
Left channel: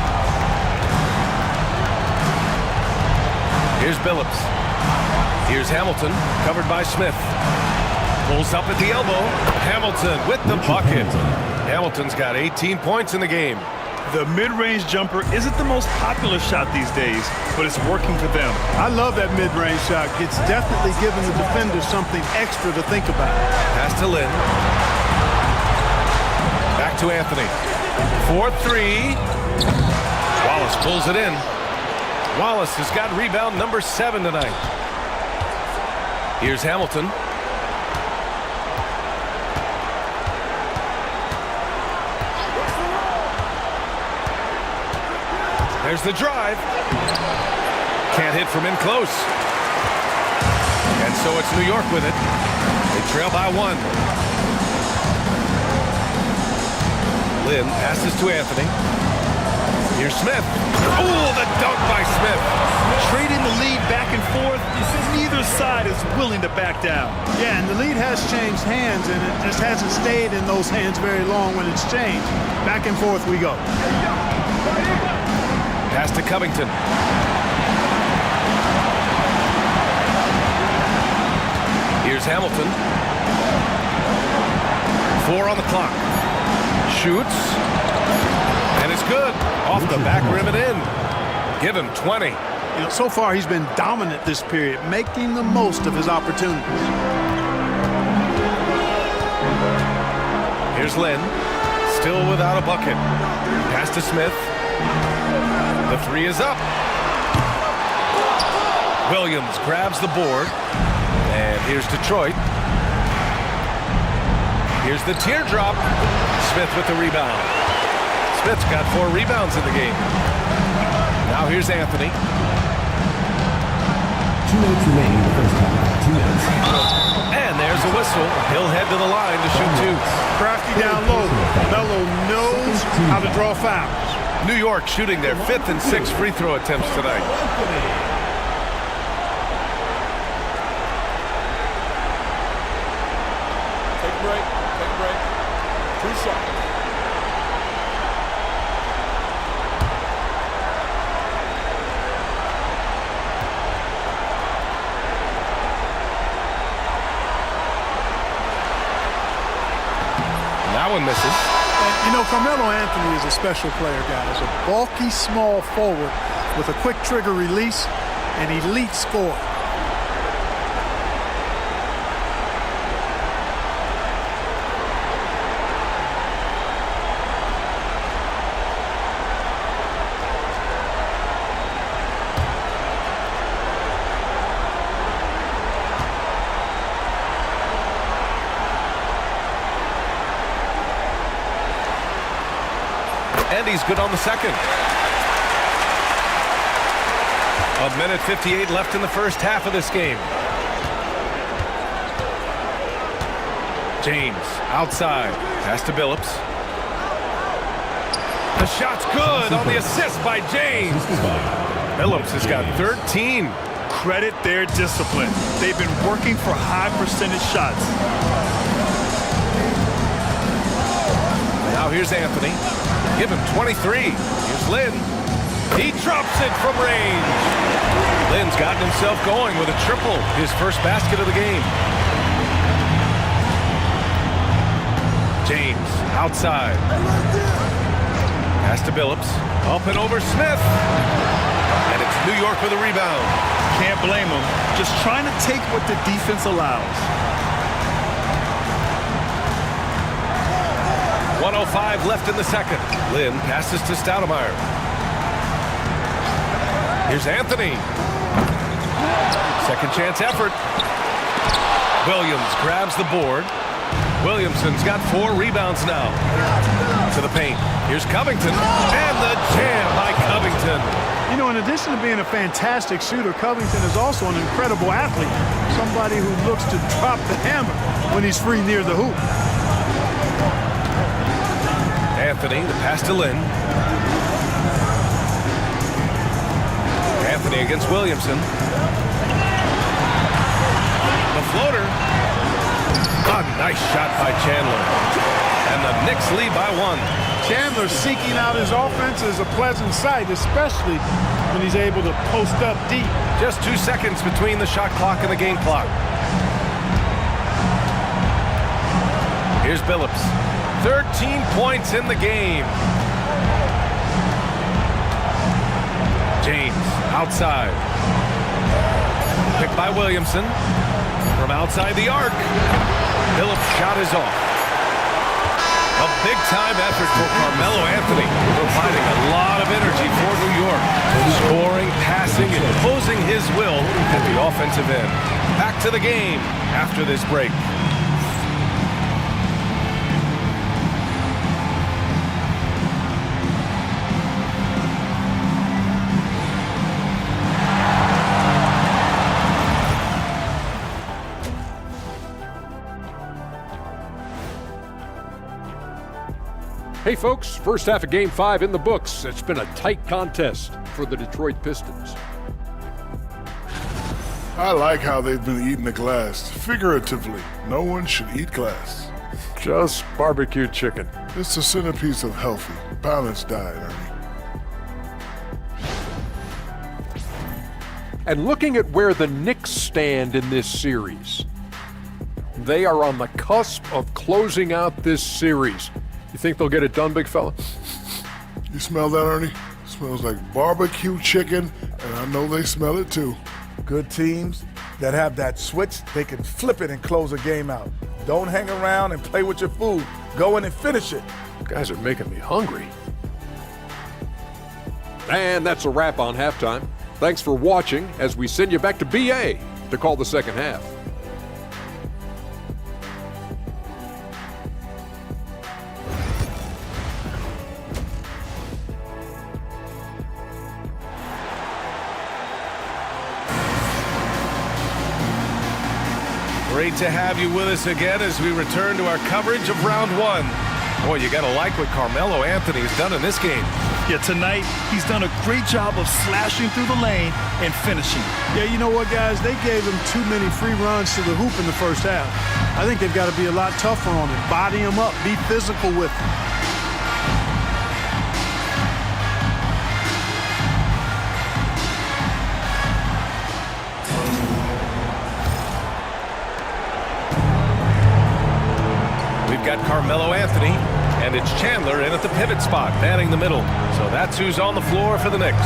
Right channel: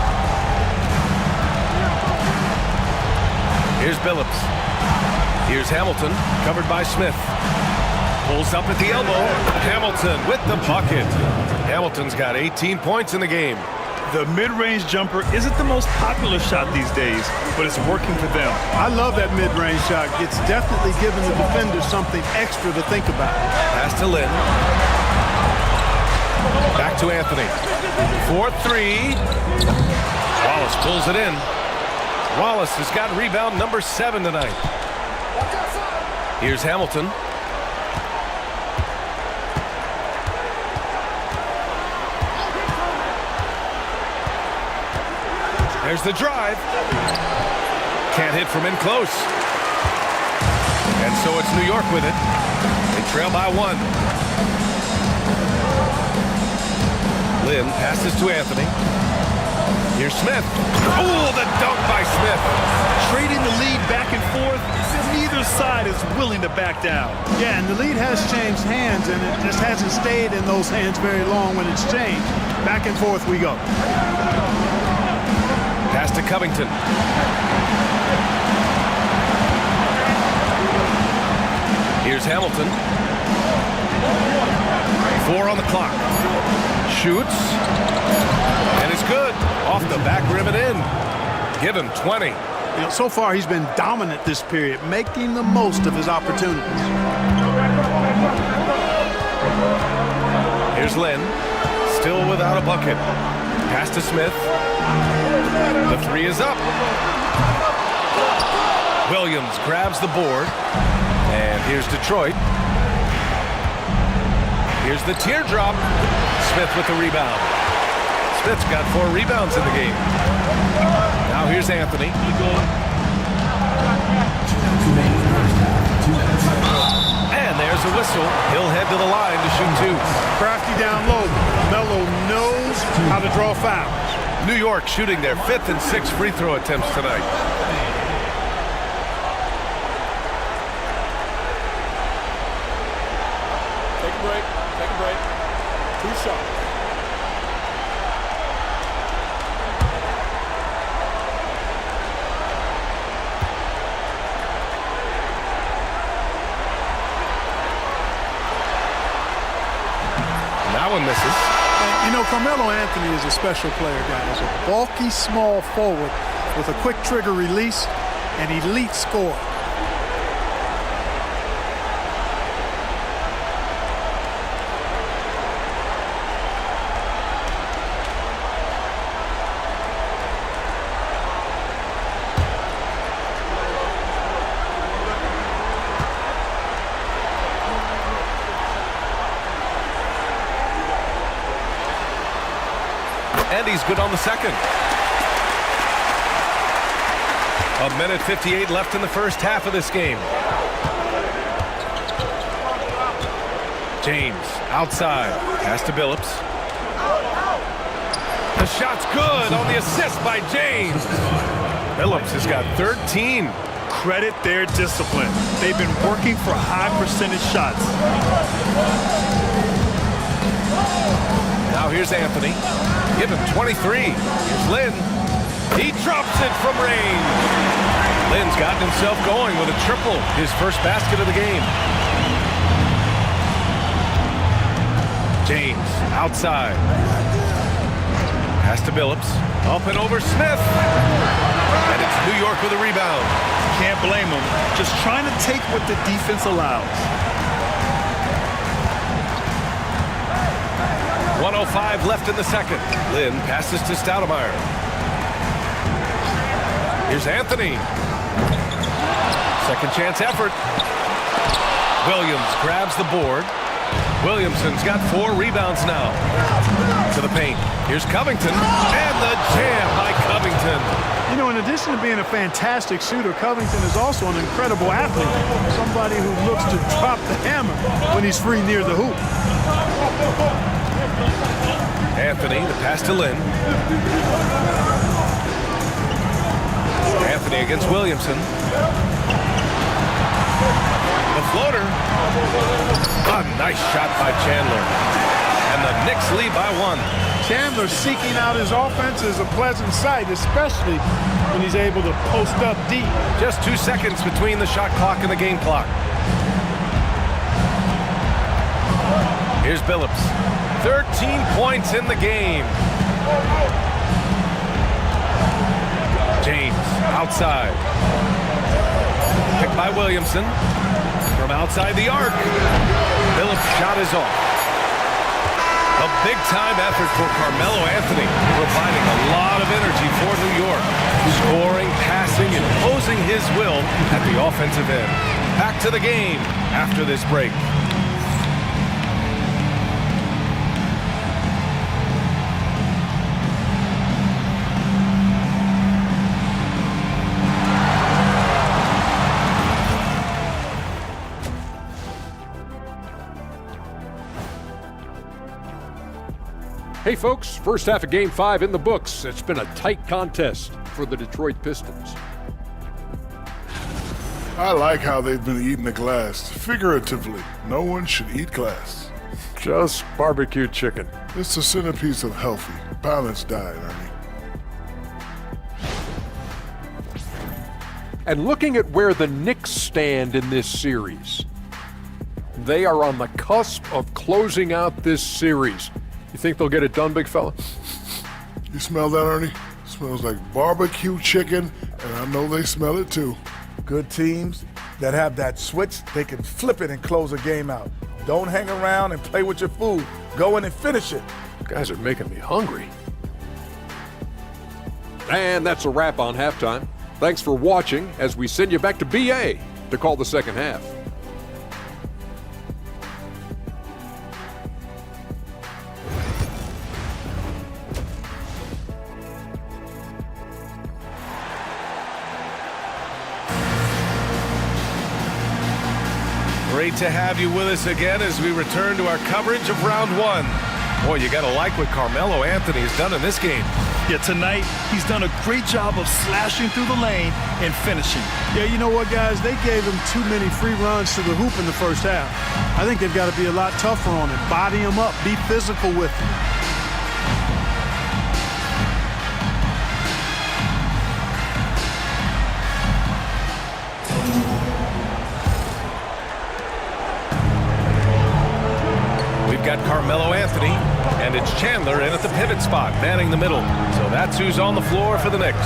Here's Billups. Here's Hamilton, covered by Smith. Pulls up at the elbow. Hamilton with the bucket. Hamilton's got 18 points in the game. The mid-range jumper isn't the most popular shot these days, but it's working for them. I love that mid-range shot. It's definitely giving the defender something extra to think about. Pass to Lynn. Back to Anthony. 4-3. Wallace pulls it in. Wallace has got rebound number 7 tonight. Here's Hamilton. There's the drive. Can't hit from in close. And so it's New York with it. They trail by 1. Lynn passes to Anthony. Here's Smith. Oh, the dunk by Smith. Trading the lead back and forth, neither side is willing to back down. Yeah, and the lead has changed hands, and it just hasn't stayed in those hands very long when it's changed. Back and forth we go. Pass to Covington. Here's Hamilton. 4 on the clock. Shoots. And it's good. Off the back rim and in. Give him 20. You know, so far he's been dominant this period, making the most of his opportunities. Here's Lynn. Still without a bucket. Pass to Smith. The 3 is up. Williams grabs the board. And here's Detroit. Here's the teardrop. Smith with the rebound. Smith's got 4 rebounds in the game. Now here's Anthony. 2 minutes remaining in the first half. 2 minutes. And there's a whistle. He'll head to the line to shoot 2. Crafty down low. Melo knows how to draw fouls. New York shooting their 5th and 6th free throw attempts tonight. Take a break. Take a break. 2 shots. That one misses. And, you know, Carmelo Anthony is a special player, guys. A bulky, small forward with a quick trigger release and elite score. And he's good on the second. 1:58 left in the first half of this game. James outside. Pass to Billups. The shot's good on the assist by James. Billups has got 13. Credit their discipline. They've been working for high percentage shots. Now here's Anthony. Give him 23. Here's Lynn. He drops it from range. Lynn's gotten himself going with a triple, his first basket of the game. James outside. Pass to Billups. Up and over Smith. And it's New York with a rebound. Can't blame them. Just trying to take what the defense allows. 1:05 left in the second. Lynn passes to Stoudemire. Here's Anthony. Second chance effort. Williams grabs the board. Williamson's got 4 rebounds now. To the paint. Here's Covington. And the jam by Covington. You know, in addition to being a fantastic shooter, Covington is also an incredible athlete. Somebody who looks to drop the hammer when he's free near the hoop. Anthony, the pass to Lynn. Anthony against Williamson. The floater. A nice shot by Chandler. And the Knicks lead by 1. Chandler seeking out his offense is a pleasant sight, especially when he's able to post up deep. Just 2 seconds between the shot clock and the game clock. Here's Billups. 13 points in the game. James outside. Picked by Williamson. From outside the arc. Billups' shot is off. A big-time effort for Carmelo Anthony, providing a lot of energy for New York. Scoring, passing, imposing his will at the offensive end. Back to the game after this break. Hey folks, first half of Game 5 in the books. It's been a tight contest for the Detroit Pistons. I like how they've been eating the glass. Figuratively, no one should eat glass. Just barbecued chicken. It's the centerpiece of healthy, balanced diet, Ernie. And looking at where the Knicks stand in this series, they are on the cusp of closing out this series. You think they'll get it done, big fella? You smell that, Ernie? It smells like barbecue chicken, and I know they smell it too. Good teams that have that switch, they can flip it and close a game out. Don't hang around and play with your food. Go in and finish it. You guys are making me hungry. And that's a wrap on halftime. Thanks for watching as we send you back to BA to call the second half. Great to have you with us again as we return to our coverage of round 1. Boy, you got to like what Carmelo Anthony has done in this game. Yeah, tonight he's done a great job of slashing through the lane and finishing. Yeah, you know what, guys? They gave him too many free runs to the hoop in the first half. I think they've got to be a lot tougher on him. Body him up. Be physical with him. We've got Carmelo Anthony, and it's Chandler in at the pivot spot, manning the middle. So that's who's on the floor for the Knicks.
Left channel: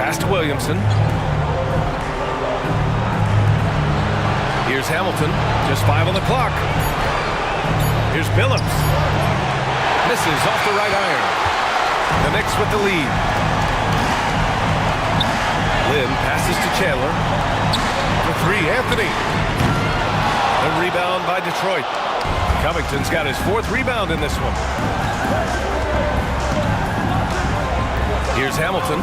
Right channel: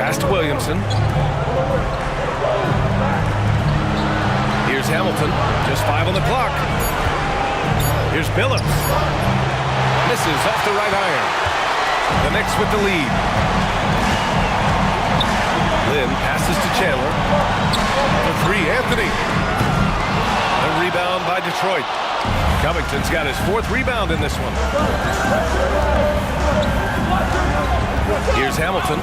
Pass to Williamson. Here's Hamilton, just 5 on the clock. Here's Billups. Misses off the right iron. The Knicks with the lead. Lynn passes to Chandler. For 3, Anthony. The rebound by Detroit. Covington's got his 4th rebound in this one. Here's Hamilton.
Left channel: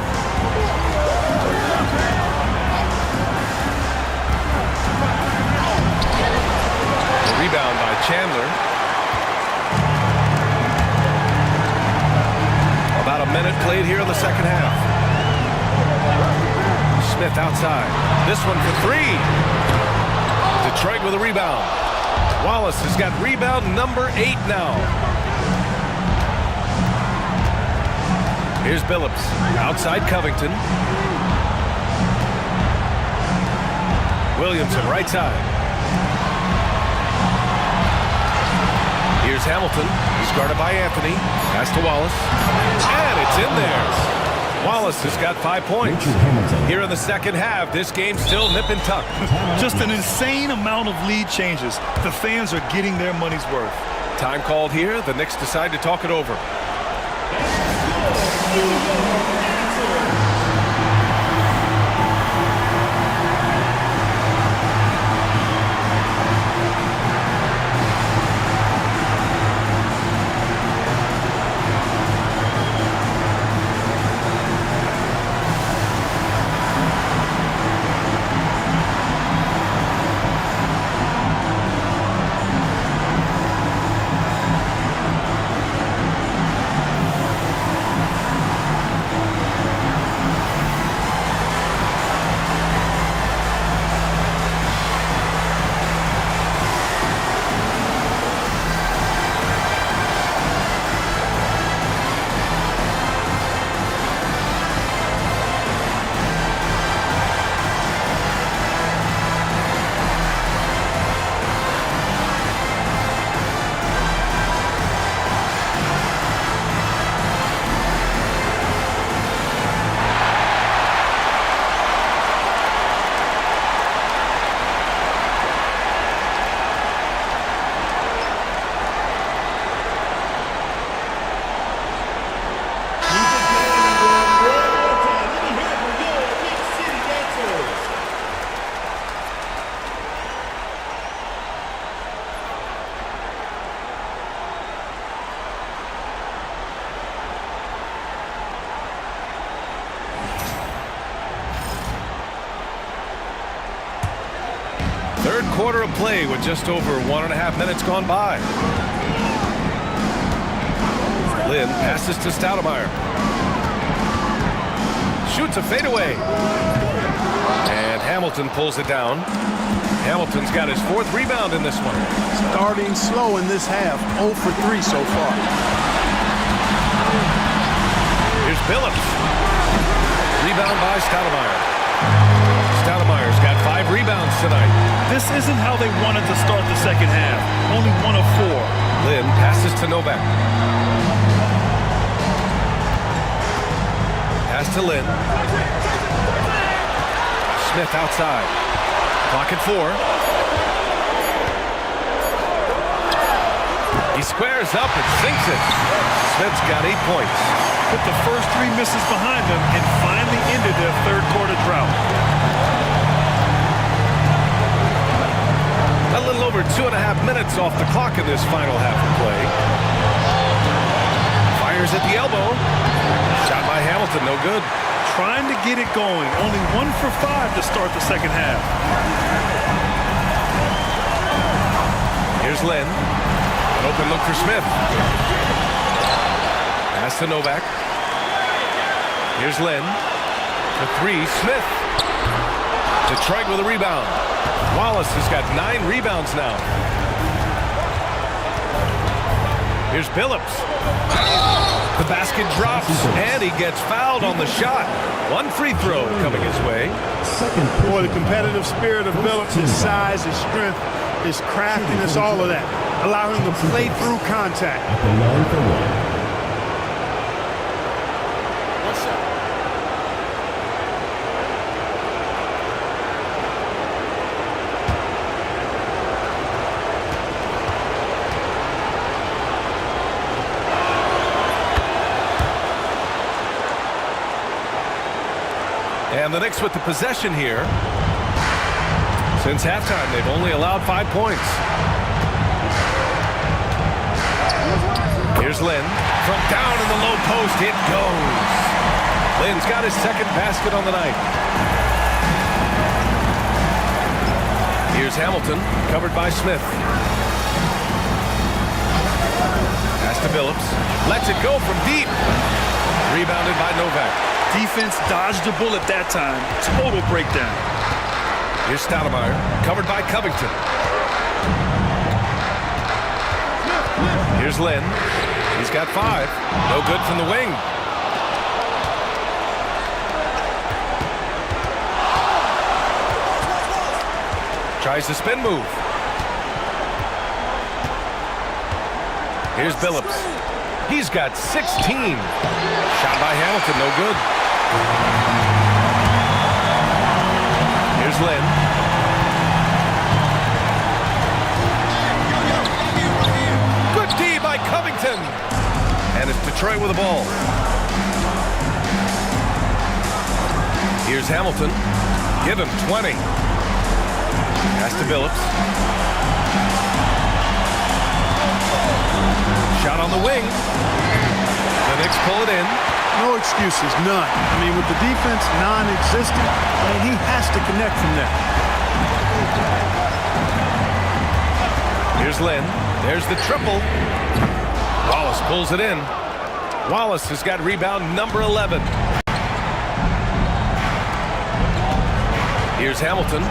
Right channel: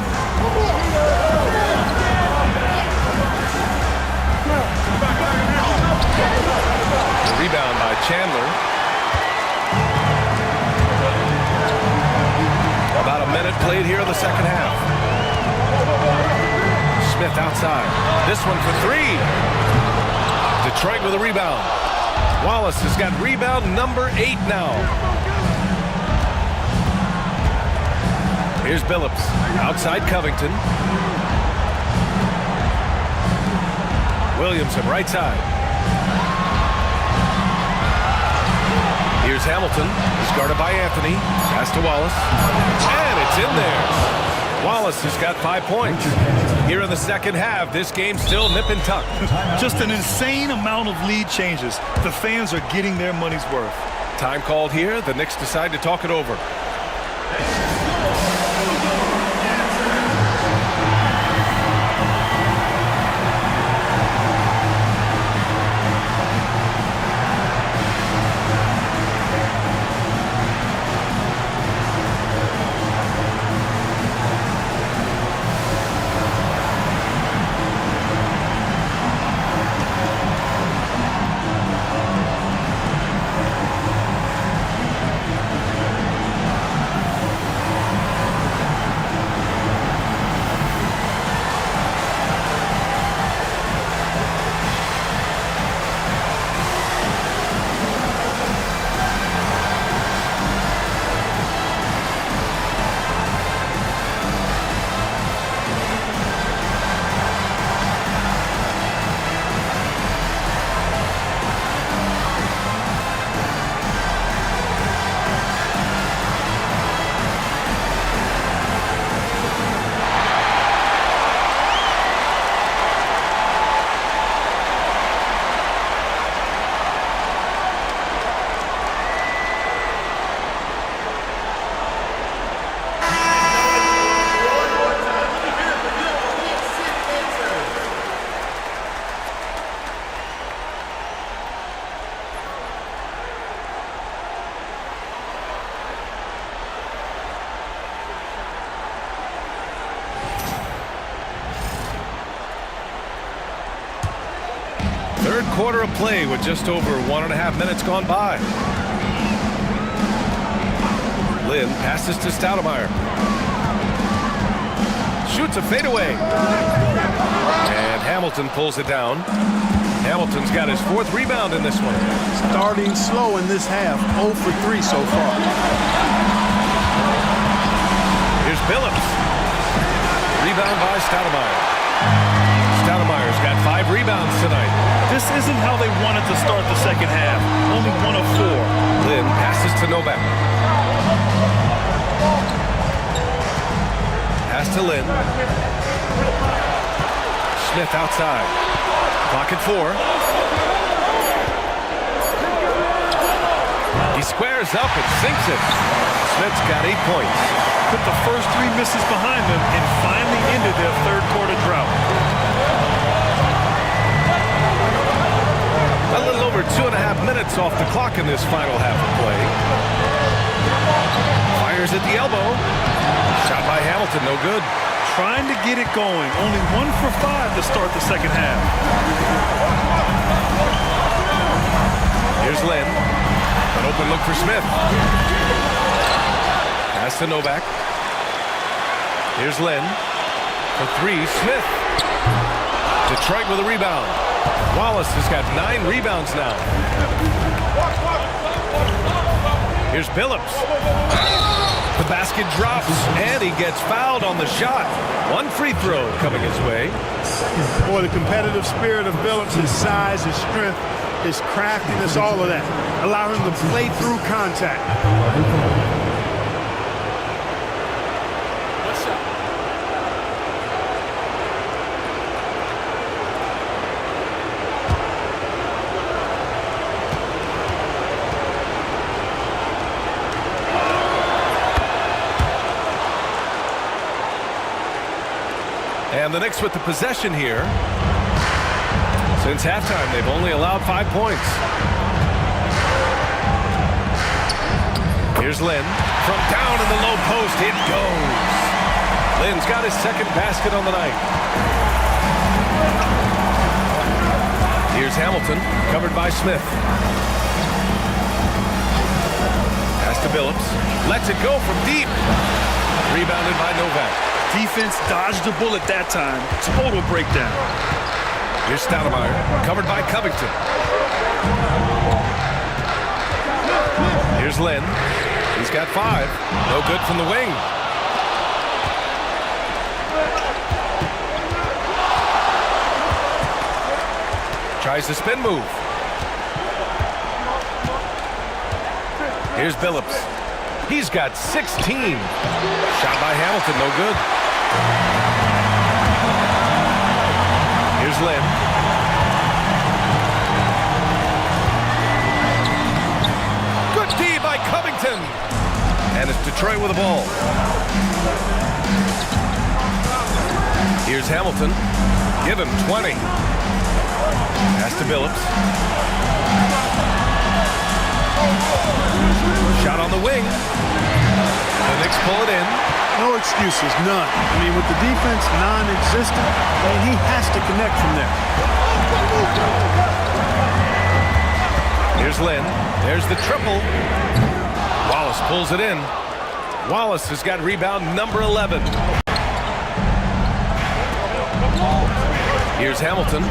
The rebound by Chandler. About a minute played here in the second half. Smith outside. This one for 3. Detroit with a rebound. Wallace has got rebound number 8 now. Here's Billups. Outside Covington. Williamson right side. Here's Hamilton. He's guarded by Anthony. Pass to Wallace. And it's in there. Wallace has got 5 points. Here in the second half, this game's still nip and tuck. Just an insane amount of lead changes. The fans are getting their money's worth. Time called here. The Knicks decide to talk it over. Third quarter of play with just over 1.5 minutes gone by. Lynn passes to Stoudemire. Shoots a fadeaway. And Hamilton pulls it down. Hamilton's got his 4th rebound in this one. Starting slow in this half, 0 for 3 so far. Here's Billups. Rebound by Stoudemire. Stoudemire's got 5 rebounds tonight. This isn't how they wanted to start the second half. Only 1 of 4. Lynn passes to Novak. Pass to Lynn. Smith outside. Clock at 4. He squares up and sinks it. Smith's got 8 points. Put the first 3 misses behind them and finally ended their third quarter drought. A little over 2.5 minutes off the clock in this final half of play. Fires at the elbow. Shot by Hamilton, no good. Trying to get it going. Only 1 for 5 to start the second half. Here's Lynn. An open look for Smith. Pass to Novak. Here's Lynn. For 3, Smith. Detroit with a rebound. Wallace has got 9 rebounds now. Here's Billups. The basket drops, and he gets fouled on the shot. 1 free throw coming his way. Boy, the competitive spirit of Billups, his size, his strength, his craftiness, all of that. Allow him to play through contact. One shot. And the Knicks with the possession here. Since halftime, they've only allowed 5 points. Here's Lynn. From down in the low post, it goes. Lynn's got his 2nd basket on the night. Here's Hamilton, covered by Smith. Pass to Billups. Lets it go from deep. Rebounded by Novak. Defense dodged a bullet that time. Total breakdown. Here's Stoudemire, covered by Covington. Here's Lynn. He's got 5. No good from the wing. Tries the spin move. Here's Billups. He's got 16. Shot by Hamilton, no good. Here's Lynn. Good D by Covington. And it's Detroit with the ball. Here's Hamilton. Give him 20. Pass to Billups. Shot on the wing. The Knicks pull it in. No excuses, none. I mean, with the defense non-existent, I mean, he has to connect from there. Here's Lynn. There's the triple. Wallace pulls it in. Wallace has got rebound number 11. Here's Hamilton.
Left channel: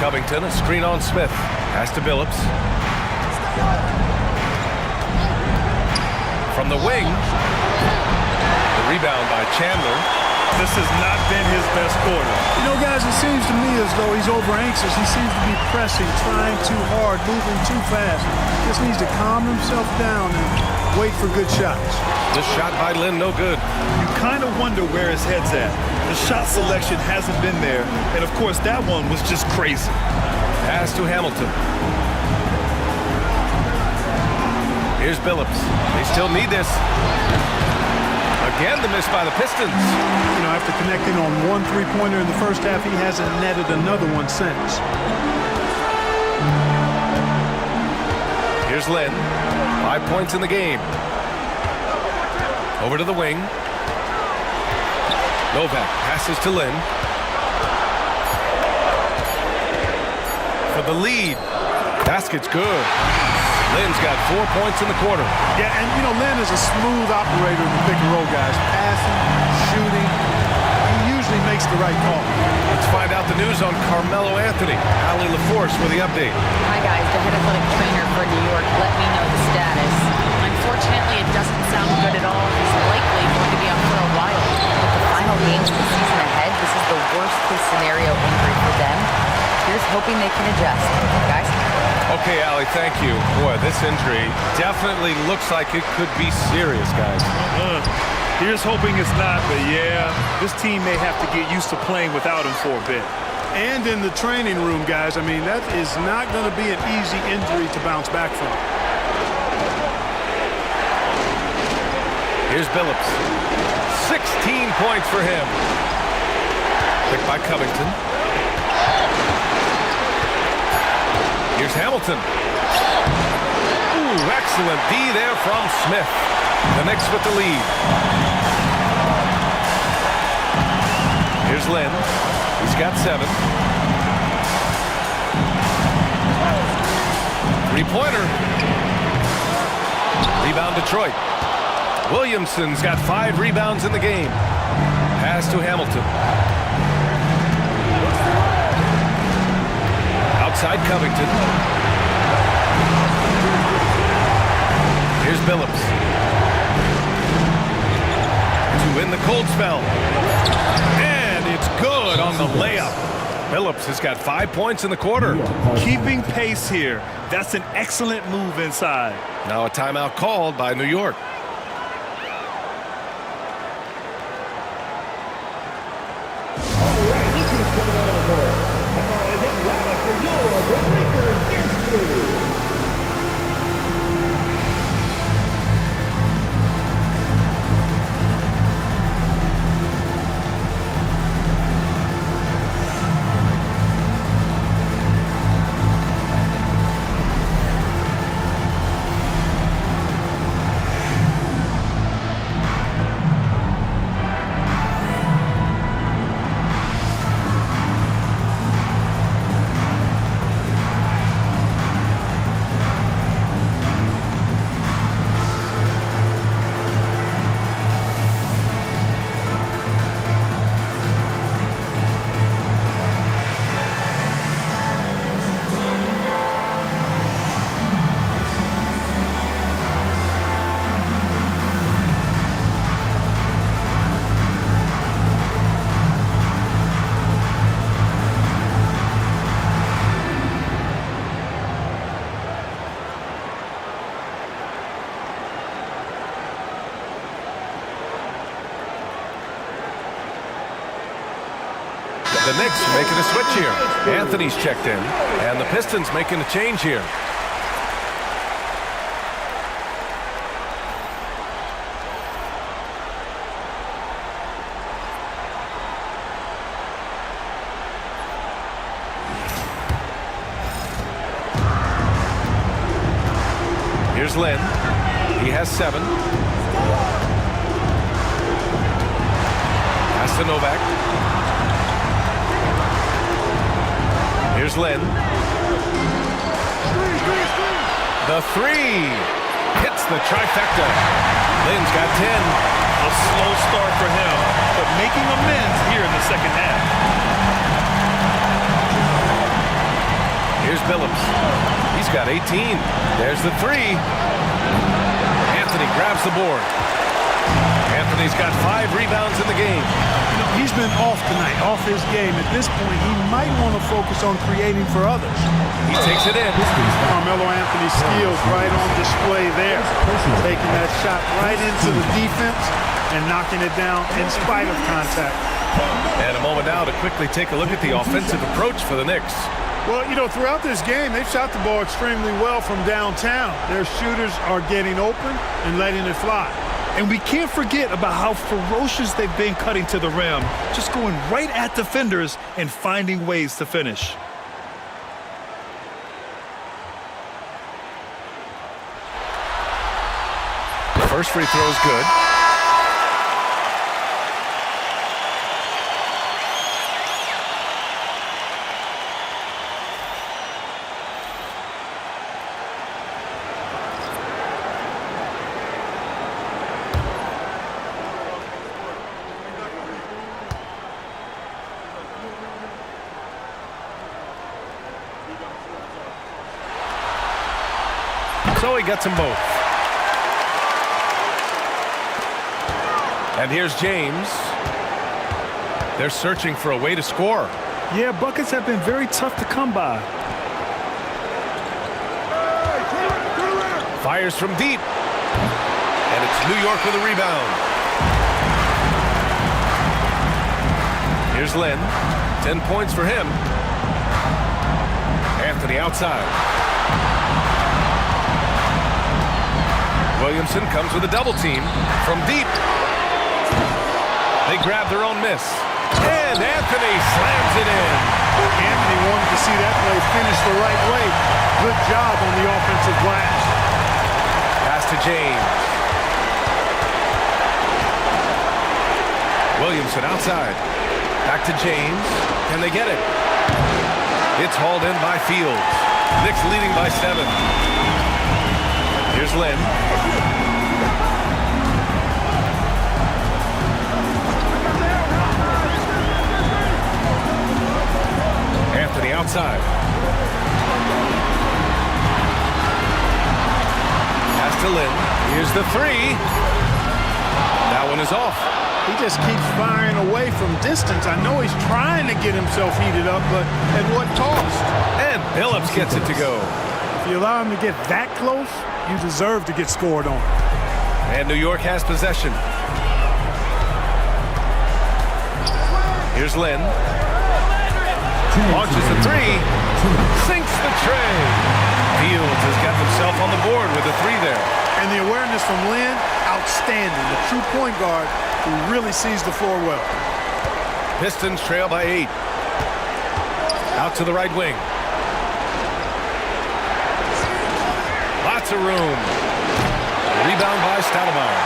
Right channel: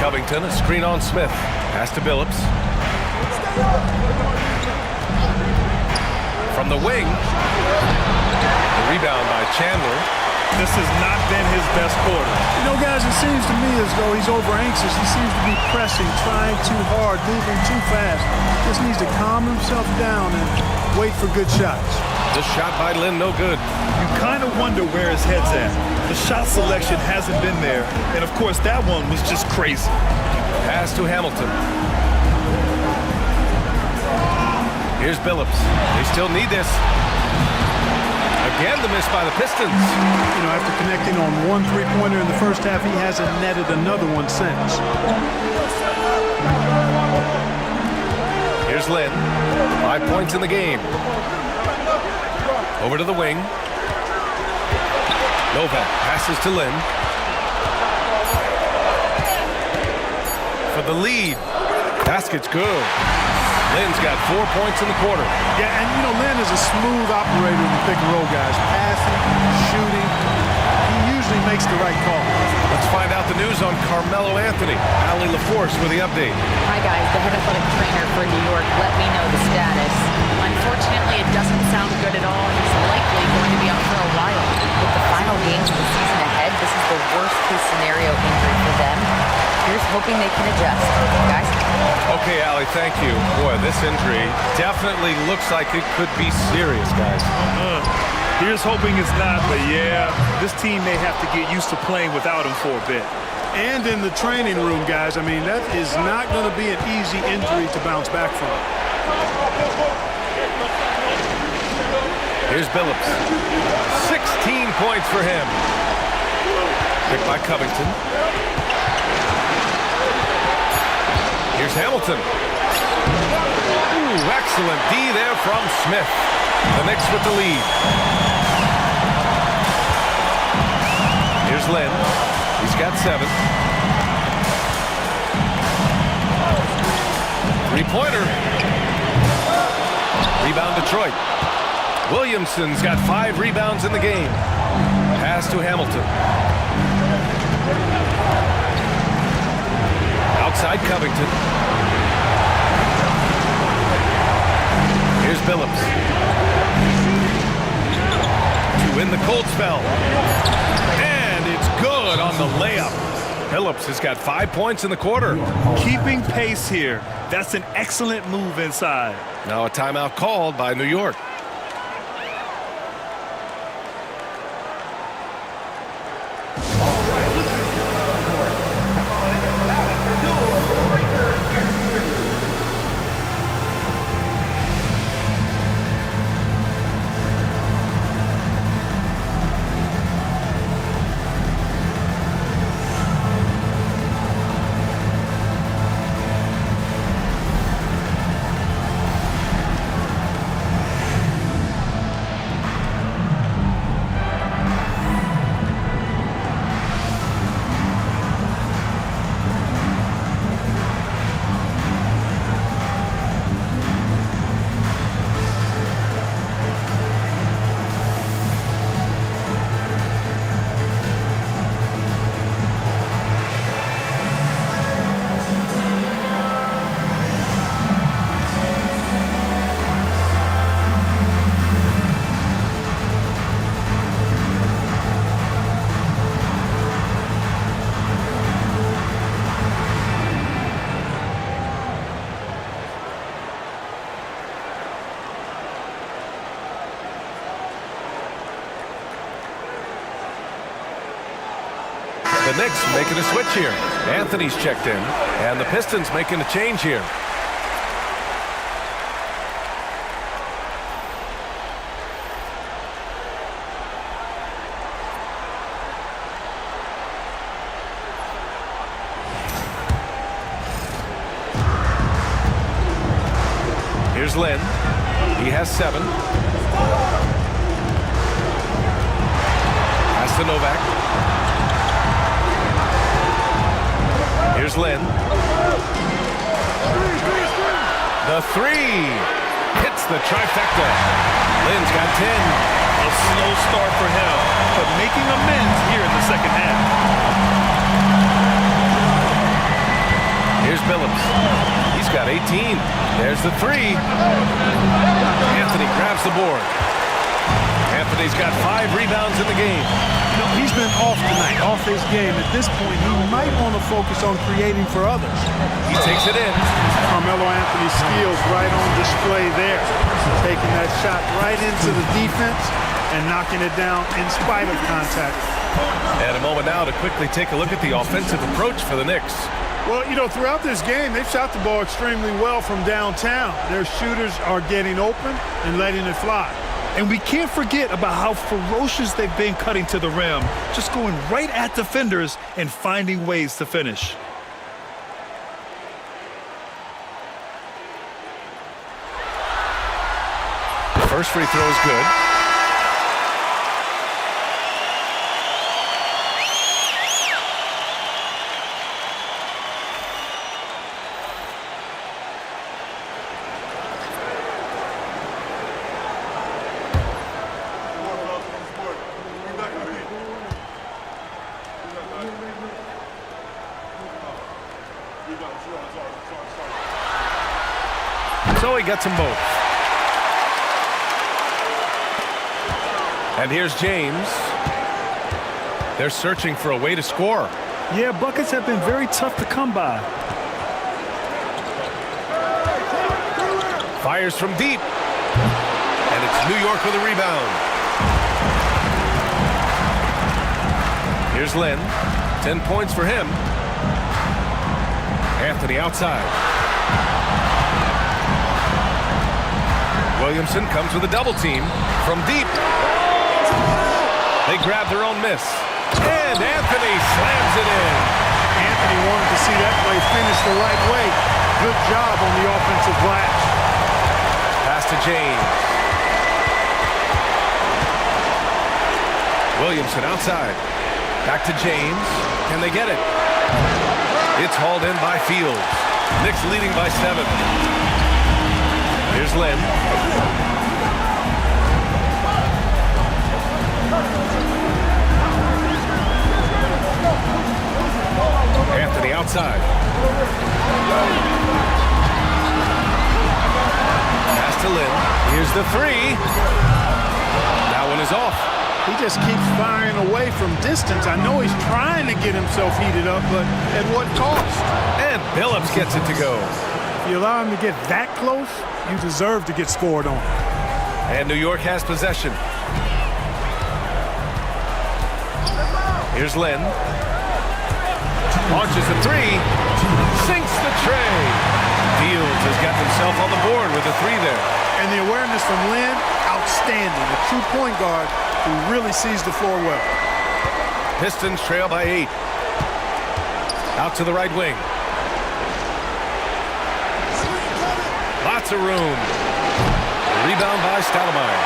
Covington, a screen on Smith. Pass to Billups. From the wing. The rebound by Chandler. This has not been his best quarter. You know, guys, it seems to me as though he's over-anxious. He seems to be pressing, trying too hard, moving too fast. Just needs to calm himself down and wait for good shots. The shot by Lynn, no good. You kind of wonder where his head's at. The shot selection hasn't been there. And, of course, that one was just crazy. Pass to Hamilton. Here's Billups. They still need this. Again, the miss by the Pistons. You know, after connecting on one three-pointer in the first half, he hasn't netted another one since. Here's Lynn. 5 points in the game. Over to the wing. Novak passes to Lynn. For the lead. Basket's good. Lynn's got 4 points in the quarter. Yeah, and you know, Lynn is a smooth operator in the pick and roll, guys. Passing, shooting. He usually makes the right call. Let's find out the news on Carmelo Anthony. Allie LaForce with the update. Hi, guys. The head athletic trainer for New York let me know the status. Unfortunately, it doesn't sound good at all. He's likely going to be out for a while. With the final games of the season ahead, this is the worst-case scenario injury for them. Here's hoping they can adjust. Guys? Okay, Allie, thank you. Boy, this injury definitely looks like it could be serious, guys. Here's hoping it's not, but yeah, this team may have to get used to playing without him for a bit. And in the training room, guys, I mean, that is not going to be an easy injury to bounce back from. Here's Billups. 16 points for him. Picked by Covington. Here's Hamilton. Ooh, excellent D there from Smith. The Knicks with the lead. Here's Lynn. He's got 7. Three-pointer. Rebound Detroit. Williamson's got 5 rebounds in the game. Pass to Hamilton. Outside Covington. Here's Billups. To win the cold spell. And it's good on the layup. Billups has got 5 points in the quarter. Keeping pace here. That's an excellent move inside. Now a timeout called by New York. The Knicks making a switch here. Anthony's checked in, and the Pistons making a change here. Here's Lynn. He has 7. Pass to Novak. Here's Lynn. The 3 hits the trifecta. Lynn's got 10. A slow start for him, but making amends here in the second half. Here's Billups. He's got 18. There's the 3. Anthony grabs the board. Anthony's got 5 rebounds in the game. You know, he's been off tonight, off his game. At this point, he might want to focus on creating for others. He takes it in. Carmelo Anthony's skills right on display there. Taking that shot right into the defense and knocking it down in spite of contact. And a moment now to quickly take a look at the offensive approach for the Knicks. Well, you know, throughout this game, they've shot the ball extremely well from downtown. Their shooters are getting open and letting it fly. And we can't forget about how ferocious they've been cutting to the rim, just going right at defenders and finding ways to finish. First free throw is good. So he gets them both. And here's James. They're searching for a way to score. Yeah, buckets have been very tough to come by. Fires from deep. And it's New York with a rebound. Here's Lynn. 10 points for him. Anthony outside. Williamson comes with a double team from deep. They grab their own miss. And Anthony slams it in. Anthony wanted to see that play finish the right way. Good job on the offensive glass. Pass to James. Williamson outside. Back to James. Can they get it? It's hauled in by Fields. Knicks leading by 7. Here's Lynn. Anthony outside. Pass to Lynn. Here's the 3. That one is off. He just keeps firing away from distance. I know he's trying to get himself heated up, but at what cost? And Billups gets it to go. If you allow him to get that close, you deserve to get scored on. And New York has possession. Here's Lynn. Launches the 3. Sinks the tray. Fields has got himself on the board with a 3 there. And the awareness from Lynn, outstanding. A true point guard who really sees the floor well. Pistons trail by 8. Out to the right wing. Lots of room. Rebound by Stoudemire.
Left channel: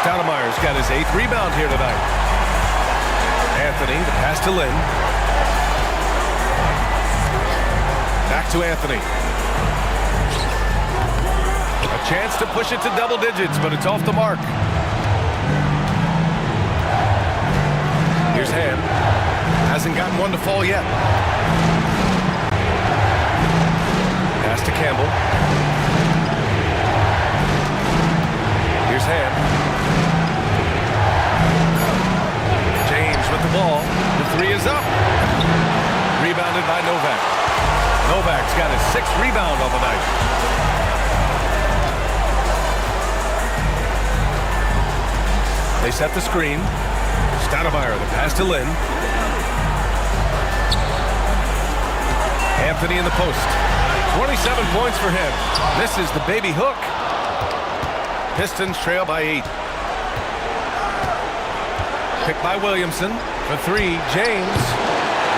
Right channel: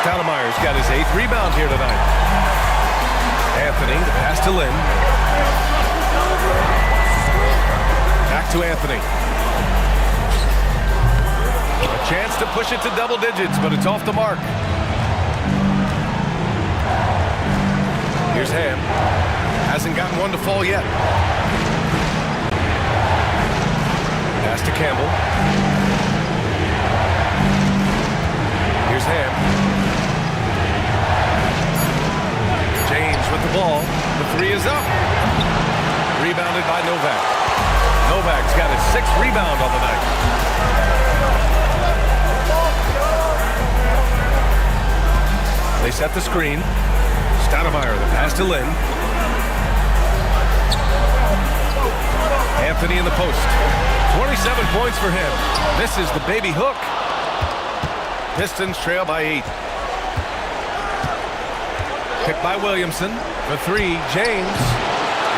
Stoudemire's got his 8th rebound here tonight. Anthony, the pass to Lynn. Back to Anthony. A chance to push it to double digits, but it's off the mark. Here's Ham. Hasn't gotten one to fall yet. Pass to Campbell. Here's Ham. James with the ball. The 3 is up. Rebounded by Novak. Novak's got his 6th rebound on the night. They set the screen. Stoudemire, the pass to Lynn. Anthony in the post. 27 points for him. Misses the baby hook. Pistons trail by 8. Picked by Williamson. For 3, James.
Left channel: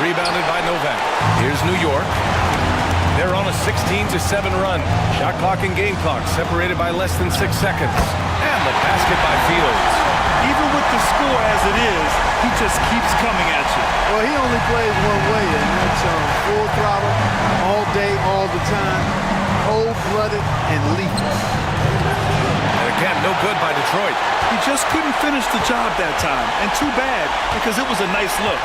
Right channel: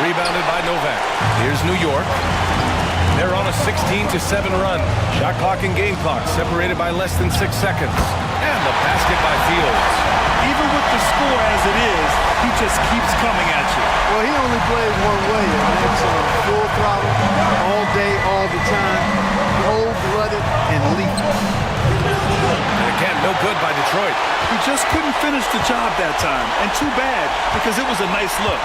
Rebounded by Novak. Here's New York. They're on a 16-7 run. Shot clock and game clock separated by less than 6 seconds. And the basket by Fields. Even with the score as it is, he just keeps coming at you. Well, he only plays one way, and that's full throttle, all day, all the time, cold-blooded and lethal. And again, no good by Detroit. He just couldn't finish the job that time, and too bad because it was a nice look.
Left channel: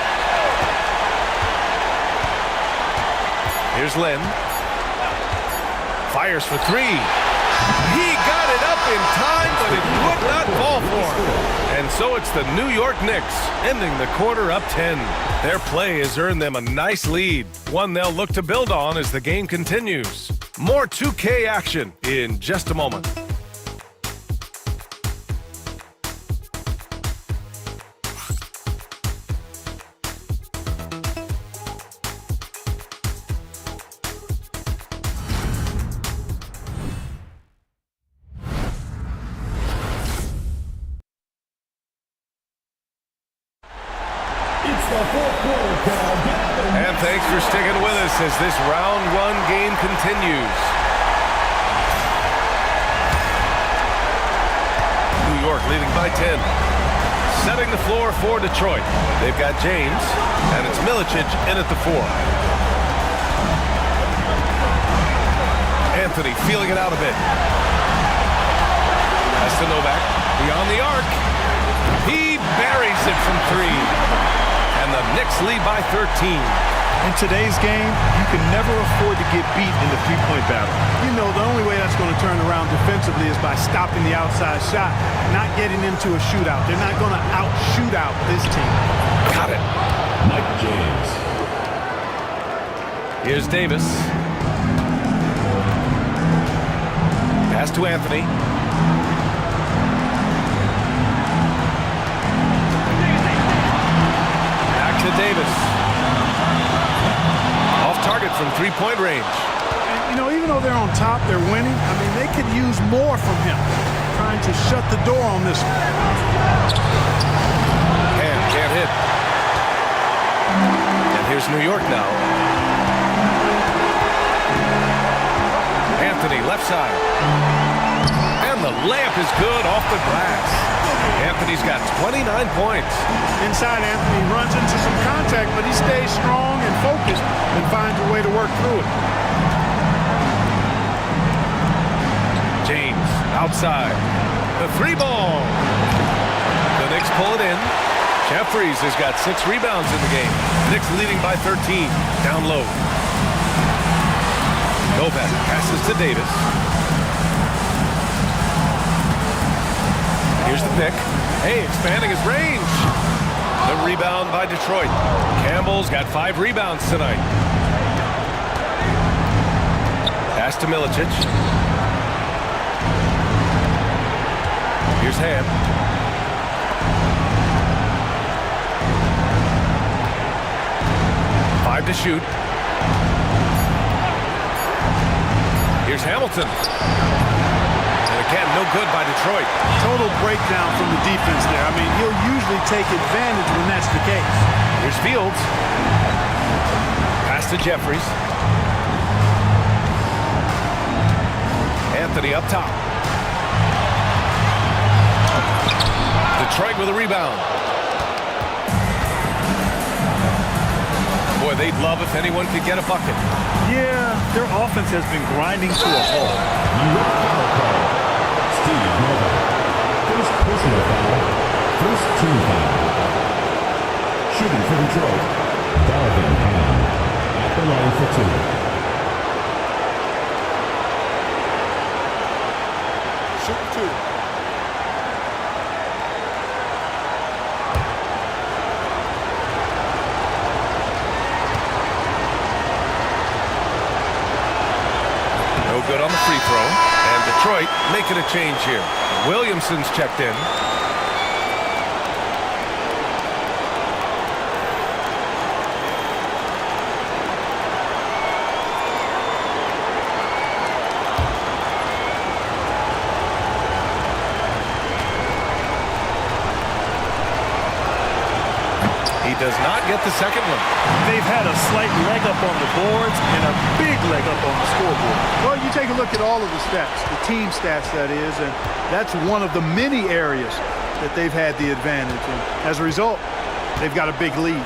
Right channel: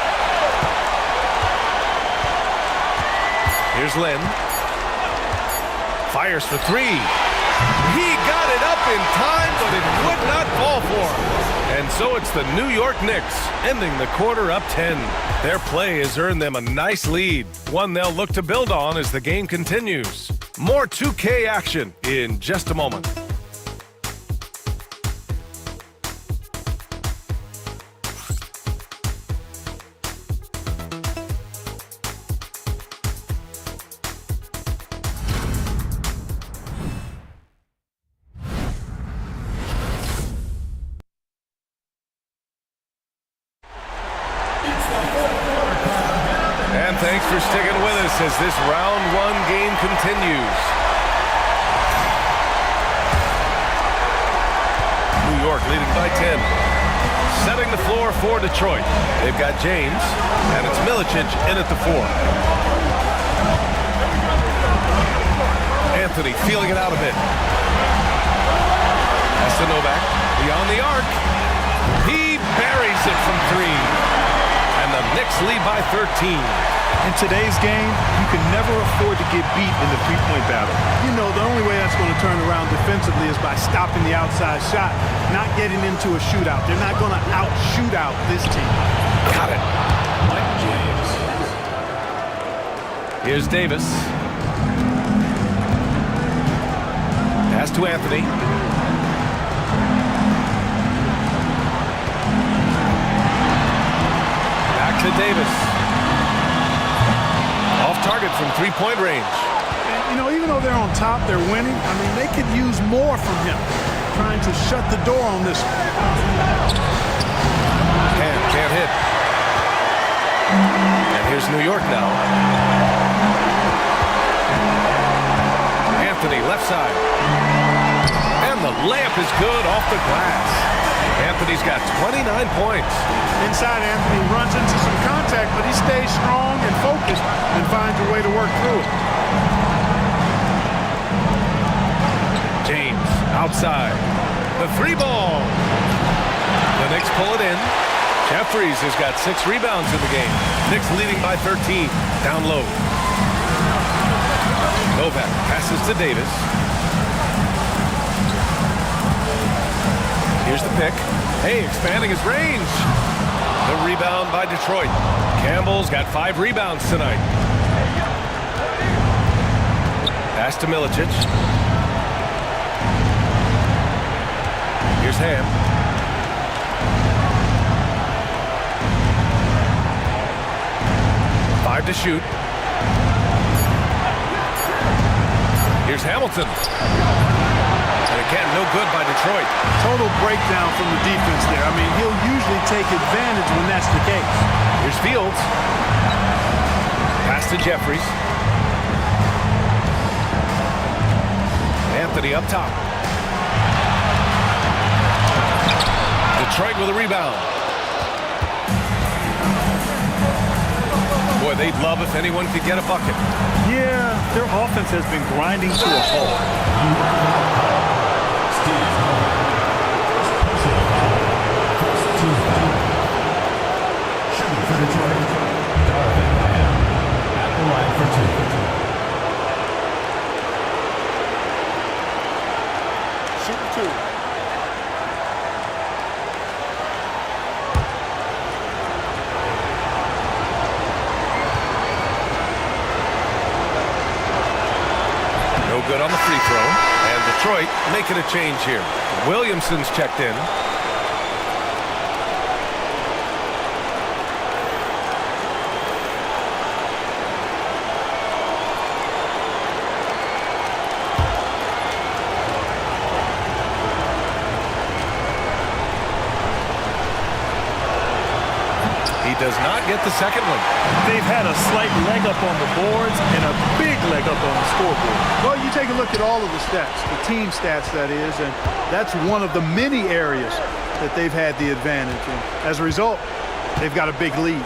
Here's Lynn. Fires for 3. He got it up in time, but it would not fall for him. And so it's the New York Knicks, ending the quarter up 10. Their play has earned them a nice lead, one they'll look to build on as the game continues. More 2K action in just a moment. And thanks for sticking with us as this round 1 game continues. New York leading by 10. Setting the floor for Detroit. They've got James, and it's Milicic in at the 4. Anthony feeling it out a bit. Pass to Novak. Beyond the arc. He buries it from 3. And the Knicks lead by 13. In today's game, you can never afford to get beat in the three-point battle. You know, the only way that's going to turn around defensively is by stopping the outside shot, not getting into a shootout. They're not going to out-shoot out this team. Got it. Mike James. Here's Davis. Pass to Anthony. Back to Davis. Off target from 3-point range. And, you know, even though they're on top, they're winning. I mean, they could use more from him. Trying to shut the door on this one. Can't hit. And here's New York now. Anthony, left side. And the layup is good off the glass. Anthony's got 29 points. Inside, Anthony runs into some contact, but he stays strong and focused and finds a way to work through it. James, outside. The 3-ball. The Knicks pull it in. Jeffries has got 6 rebounds in the game. Knicks leading by 13. Down low. Novak passes to Davis. Here's the pick. Hey, expanding his range. The rebound by Detroit. Campbell's got 5 rebounds tonight. Pass to Milicic. Here's Ham. Five to shoot. Here's Hamilton. And again, no good by Detroit. Total breakdown from the defense there. I mean, he'll usually take advantage when that's the case. Here's Fields. Pass to Jeffries. Anthony up top. Detroit with a rebound. Boy, they'd love if anyone could get a bucket. Yeah, their offense has been grinding to a halt. First personal foul. First team foul. Shooting for Detroit. Darvin Ham at the line for 2. Shoot 2. No good on the free throw. And Detroit making a change here. Williamson's checked in. does not get the second one. They've had a slight leg up on the boards and a big leg up on the scoreboard. Well, you take a look at all of the stats, the team stats that is, and that's one of the many areas that they've had the advantage. And as a result, they've got a big lead.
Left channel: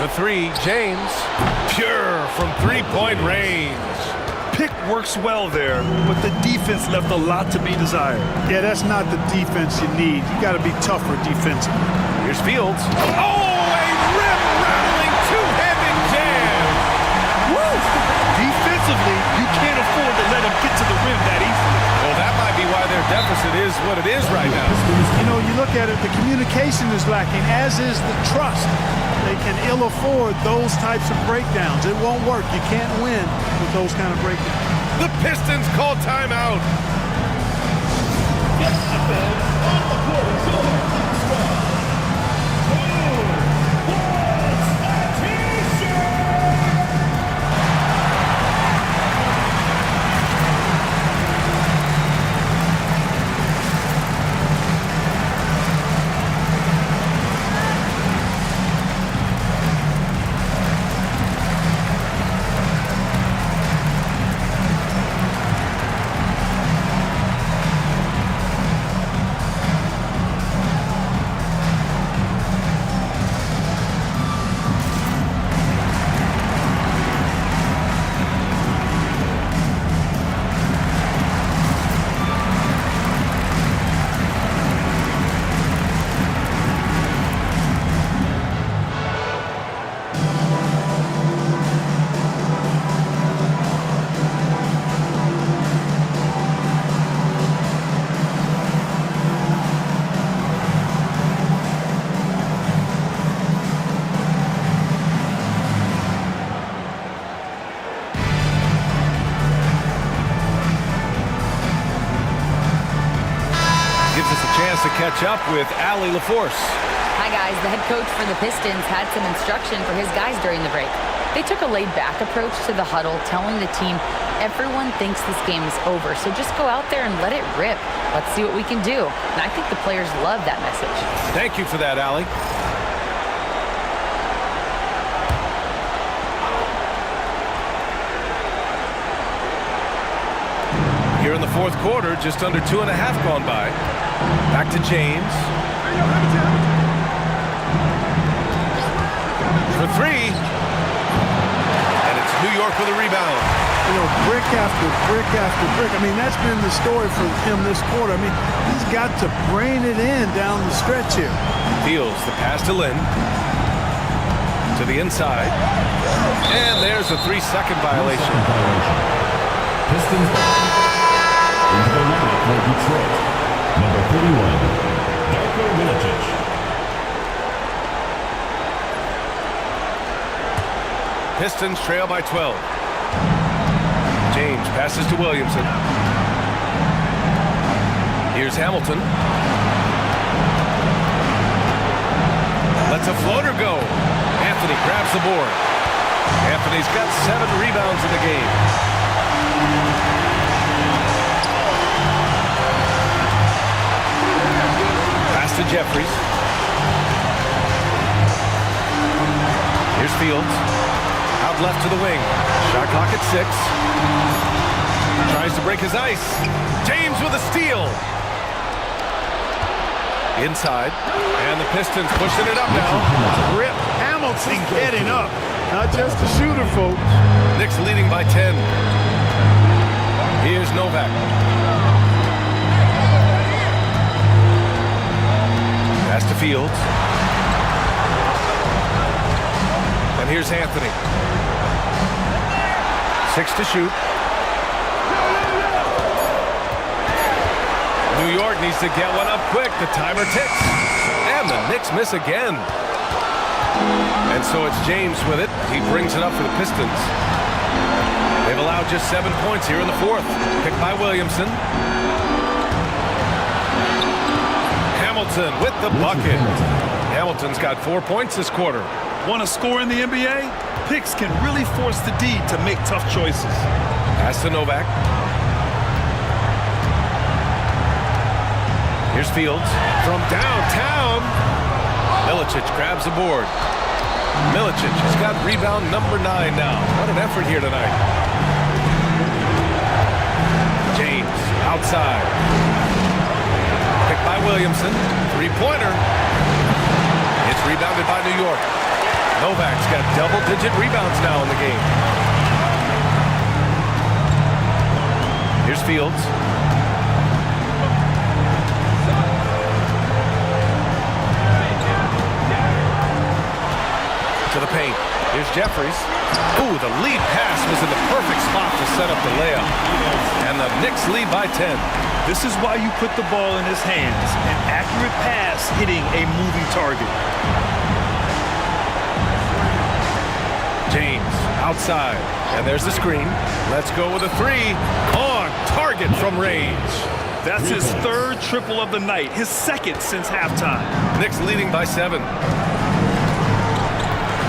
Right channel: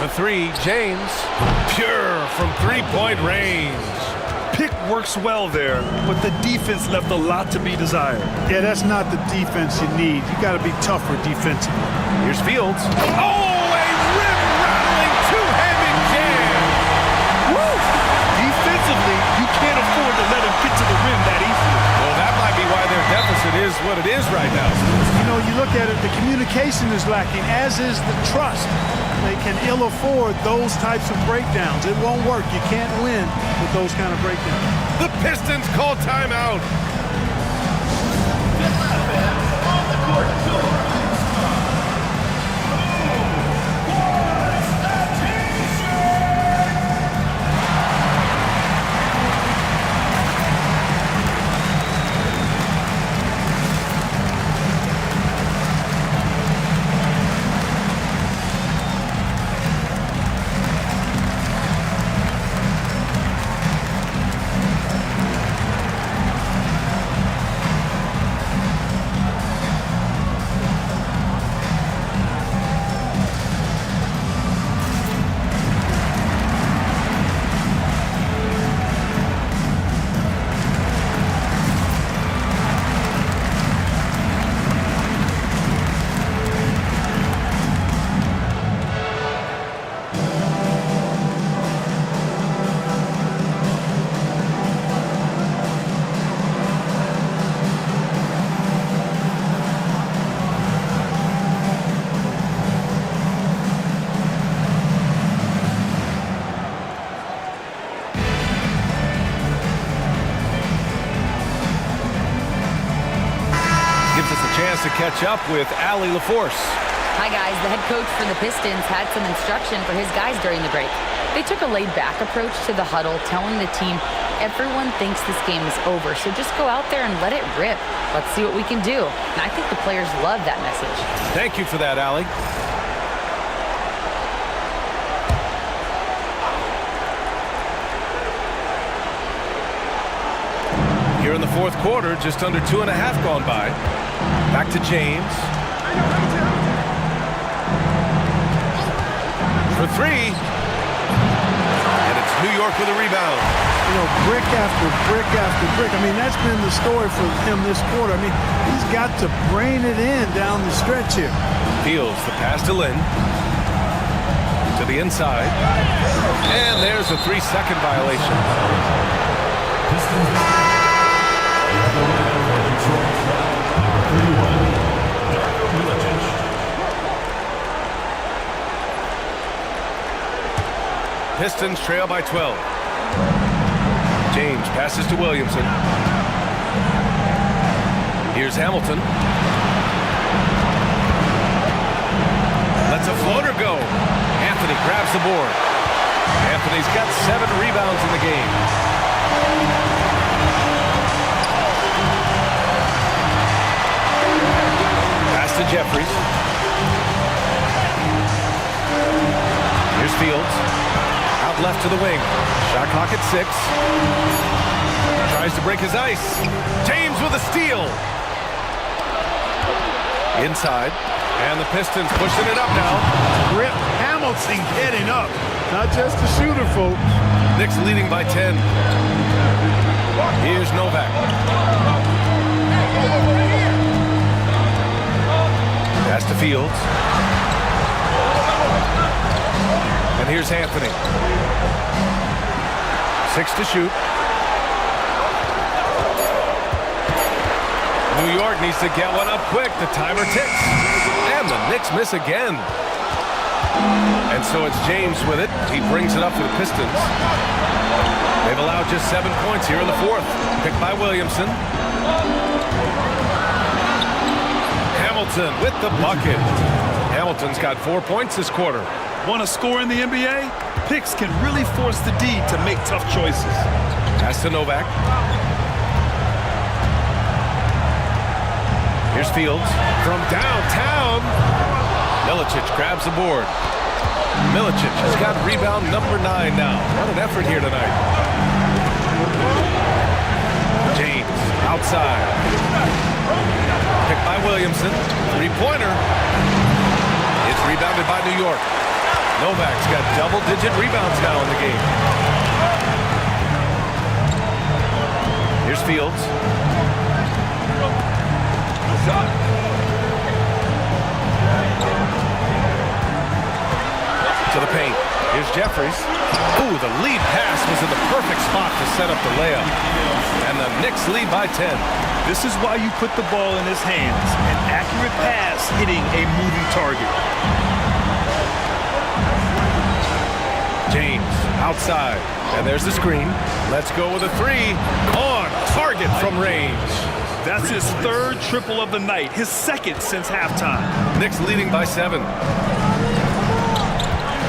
The three, James, pure from three-point range. Pick works well there, but the defense left a lot to be desired. Yeah, that's not the defense you need. You got to be tougher defensively. Here's Fields. Oh, a rim-rattling two-handed jam. Woo! Defensively, you can't afford to let him get to the rim that easily. Well, that might be why their deficit is what it is right now. You know, you look at it, the communication is lacking, as is the trust. They can ill afford those types of breakdowns. It won't work. You can't win with those kind of breakdowns. The Pistons call timeout. On the court, Gives us a chance to catch up with Allie LaForce. Hi, guys. The head coach for the Pistons had some instruction for his guys during the break. They took a laid-back approach to the huddle, telling the team everyone thinks this game is over, so just go out there and let it rip. Let's see what we can do. And I think the players love that message. Thank you for that, Allie. Here in the fourth quarter, just under 2.5 gone by. Back to James. For three. And it's New York with a rebound. You know, brick after brick after brick. I mean, that's been the story for him this quarter. I mean, he's got to brain it in down the stretch here. Fields the pass to Lynn. To the inside. And there's a 3-second violation. Pistons into the lineup for Detroit, number 31, Darko Milicic. Pistons trail by 12. James passes to Williamson. Here's Hamilton. Lets a floater go. Anthony grabs the board. Anthony's got 7 rebounds in the game. Pass to Jeffries. Here's Fields. Out left to the wing. Shot clock at 6. Tries to break his ice. James with a steal. Inside. And the Pistons pushing it up now. Rip Hamilton getting up. Not just a shooter, folks. Knicks leading by 10. Here's Novak. Pass to Fields. And here's Anthony. 6 to shoot. New York needs to get one up quick. The timer ticks. And the Knicks miss again. And so it's James with it. He brings it up for the Pistons. They've allowed just 7 points here in the fourth. Picked by Williamson. Hamilton with the bucket. Hamilton's got 4 points this quarter. Want to score in the NBA? Picks can really force the D to make tough choices. Pass to Novak. Here's Fields from downtown. Milicic grabs the board. Milicic has got rebound number 9 now. What an effort here tonight. James outside. Picked by Williamson. Three-pointer. It's rebounded by New York. Novak's got double-digit rebounds now in the game. Here's Fields. To the paint. Here's Jeffries. Ooh, the lead pass was in the perfect spot to set up the layup. And the Knicks lead by 10. This is why you put the ball in his hands. An accurate pass hitting a moving target. James outside. And there's the screen. Let's go with a 3. On target from range. That's his 3rd triple of the night. His 2nd since halftime. Knicks leading by 7.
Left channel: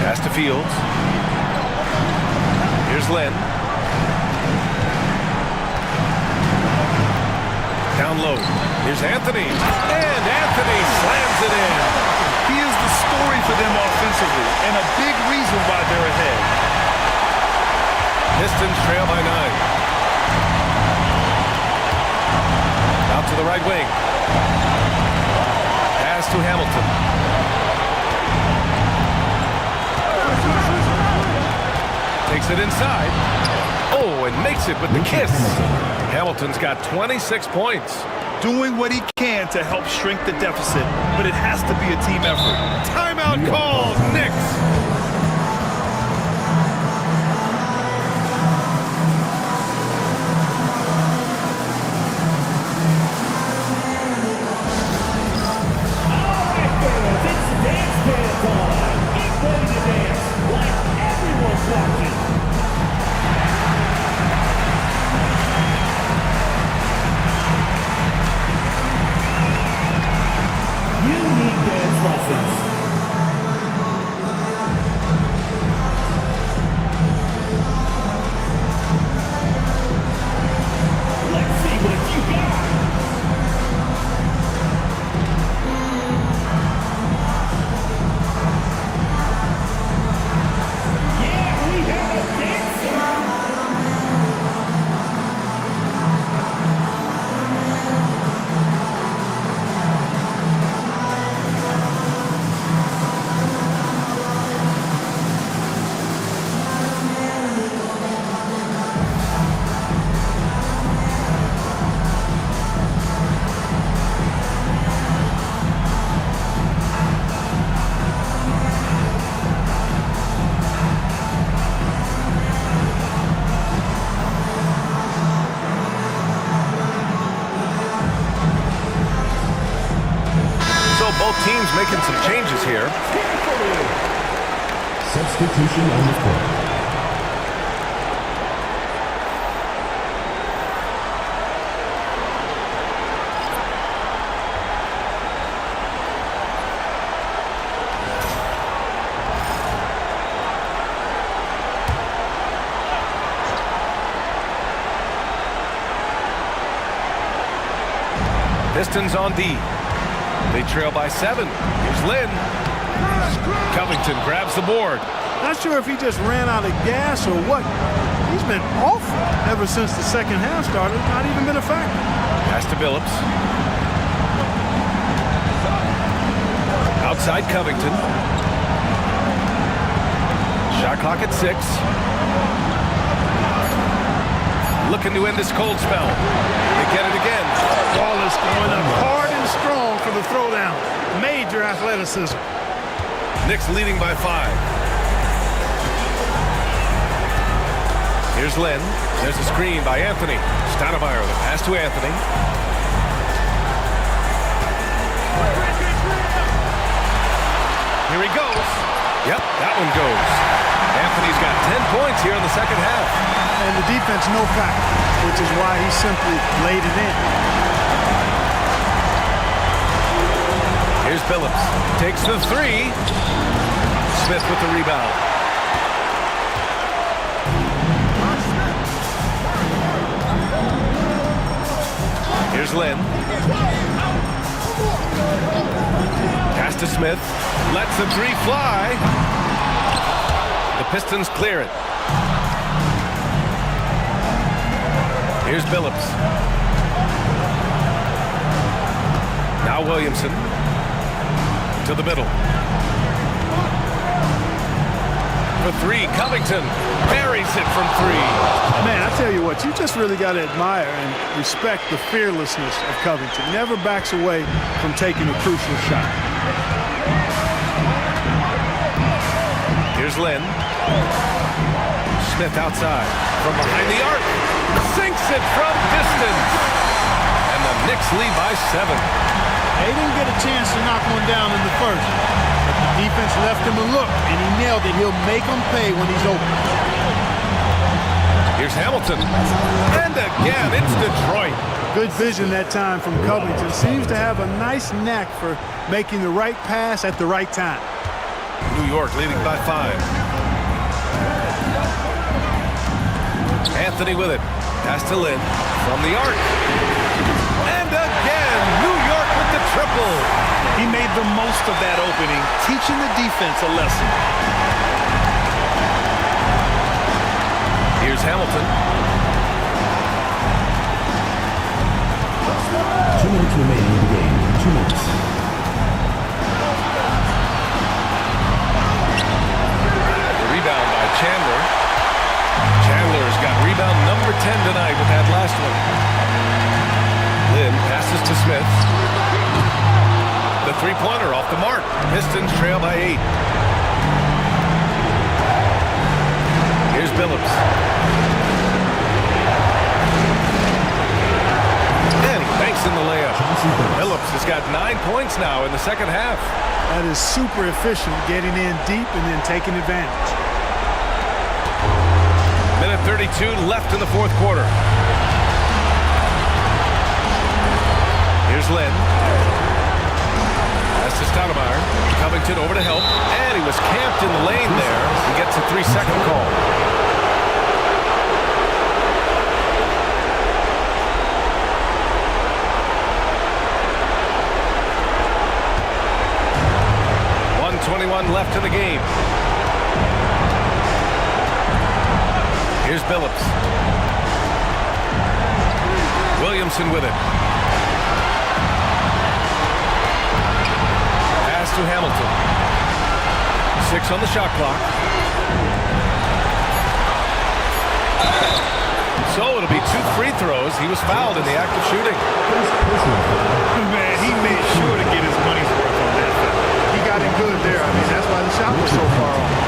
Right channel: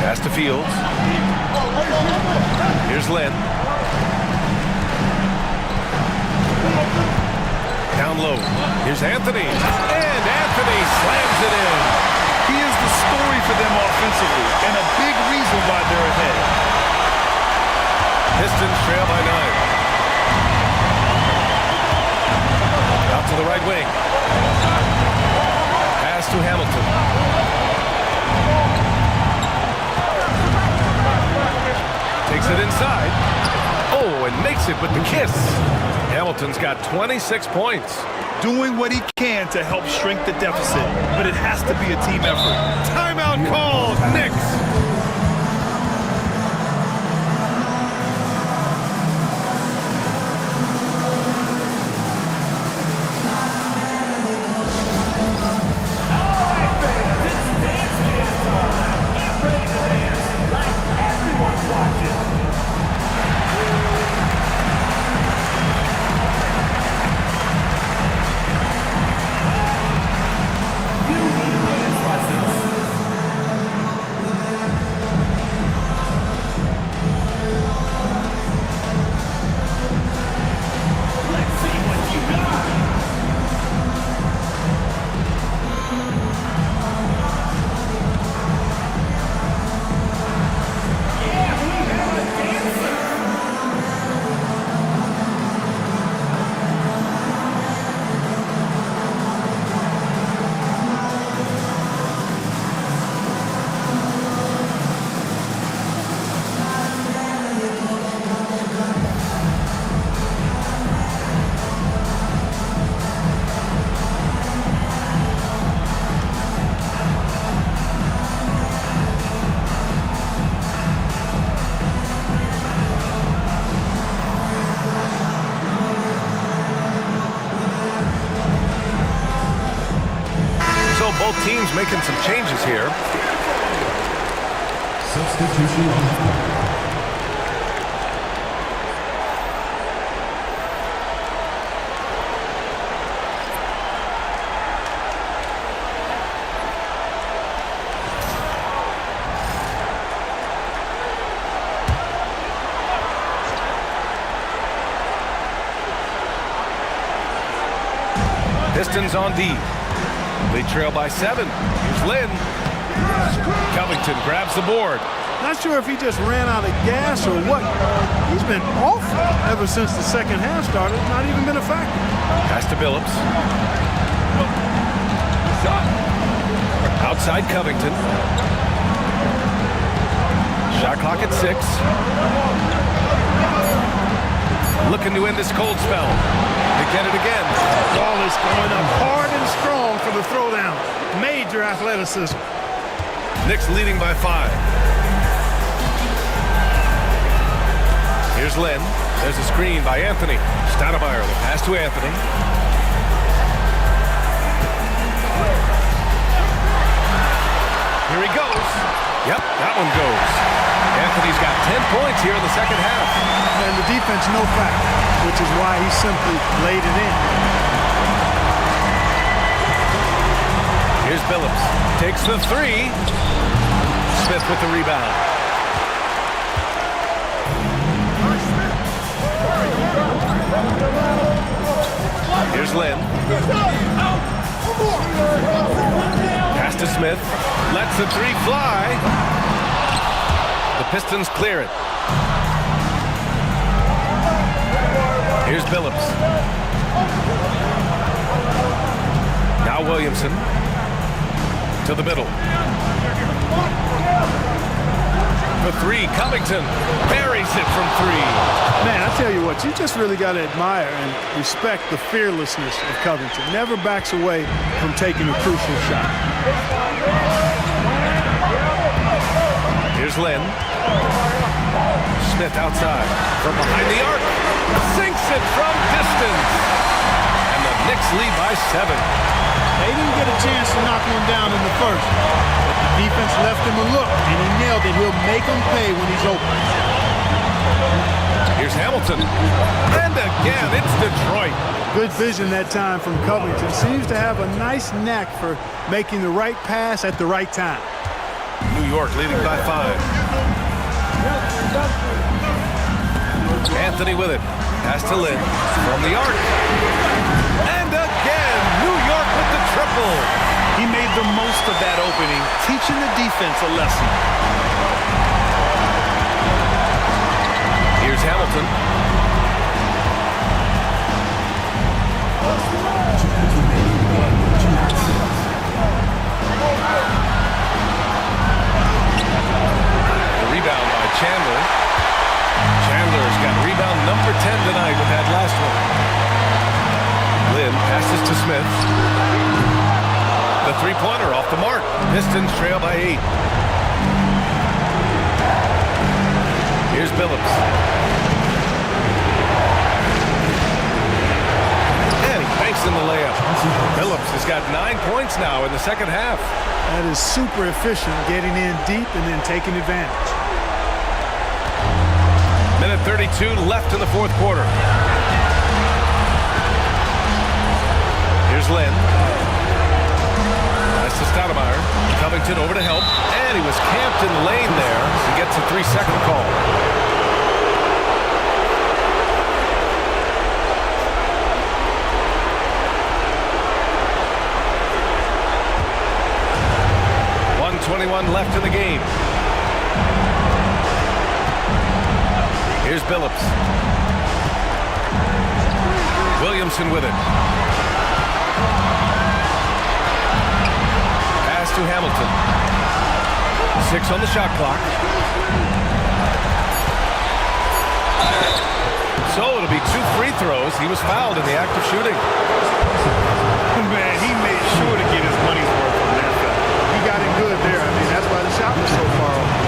Pass to Fields. Here's Len. Down low. Here's Anthony. And Anthony slams it in. He is the story for them offensively and a big reason why they're ahead. Pistons trail by 9. Out to the right wing. Pass to Hamilton. Takes it inside. Oh, and makes it with the kiss. Hamilton's got 26 points. Doing what he can to help shrink the deficit, but it has to be a team effort. Timeout called. Knicks. So both teams making some changes here. Substitution on the court. Pistons on D. They trail by 7. Here's Lynn. Covington grabs the board. Not sure if he just ran out of gas or what. He's been awful ever since the second half started. Not even been a factor. Pass to Billups. Outside Covington. Shot clock at 6. Looking to end this cold spell. They get it again. Ball is going up hard and strong for the throwdown. Major athleticism. Knicks leading by 5. Here's Len. There's a screen by Anthony. Stoudemire, the pass to Anthony. Here he goes. Yep, that one goes. Anthony's got 10 points here in the second half. And the defense no factor, which is why he simply laid it in. Here's Billups. Takes the 3. Smith with the rebound. Here's Lynn. Pass to Smith. Lets the three fly. The Pistons clear it. Here's Billups. Now Williamson. To the middle. For three, Covington buries it from three. Man, I tell you what, you just really got to admire and respect the fearlessness of Covington. Never backs away from taking a crucial shot. Here's Lynn. Smith outside from behind the arc. Sinks it from distance. And the Knicks lead by 7. They didn't get a chance to knock one down in the first, but the defense left him a look, and he nailed it. He'll make them pay when he's open. Here's Hamilton. And again, it's Detroit. Good vision that time from Covington. Seems to have a nice knack for making the right pass at the right time. New York leading by 5. Anthony with it. Pass to Lynn from the arc. And again, New York with the triple. He made the most of that opening, teaching the defense a lesson. Here's Hamilton. 2 minutes remaining in the game. 2 minutes. The rebound by Chandler. Chandler's got rebound number 10 tonight with that last one. Lynn passes to Smith. The three-pointer off the mark. Pistons trail by 8. Here's Billups. And he banks in the layup. Billups has got 9 points now in the second half. That is super efficient, getting in deep and then taking advantage. Minute 32 left in the fourth quarter. Here's Lynn. Pass to Stoudemire. Covington over to help. And he was camped in the lane there. He gets a 3-second call. .21 left in the game. Here's Billups. Williamson with it. Pass to Hamilton. 6 on the shot clock. So it'll be 2 free throws. He was fouled in the act of shooting. Man, he made sure to get his money's worth on that foul. He got him good there. I mean, that's why the shot was so far off.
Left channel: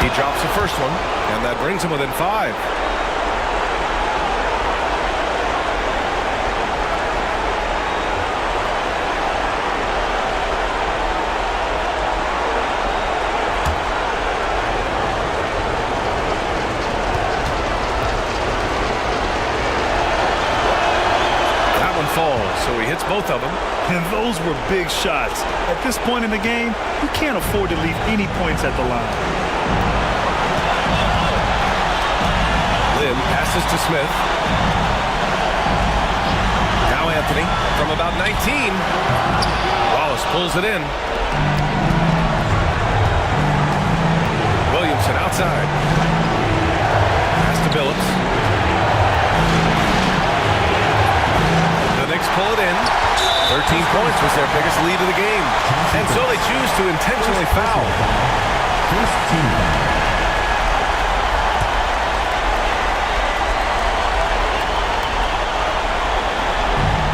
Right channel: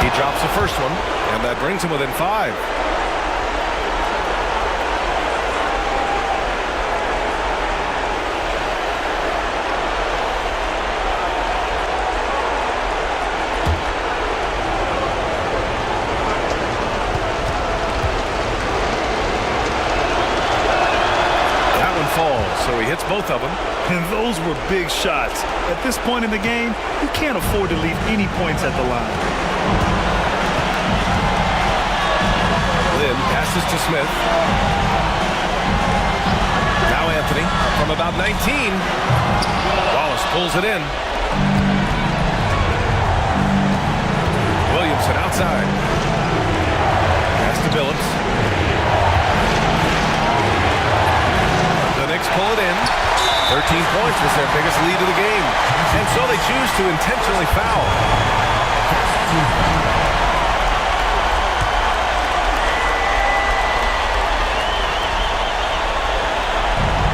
He drops the first one, and that brings him within 5. That one falls, so he hits both of them. And those were big shots. At this point in the game, you can't afford to leave any points at the line. Lynn passes to Smith. Now Anthony from about 19. Wallace pulls it in. Williamson outside. Pass to Billups. The Knicks pull it in. 13 points was their biggest lead of the game. And so they choose to intentionally foul.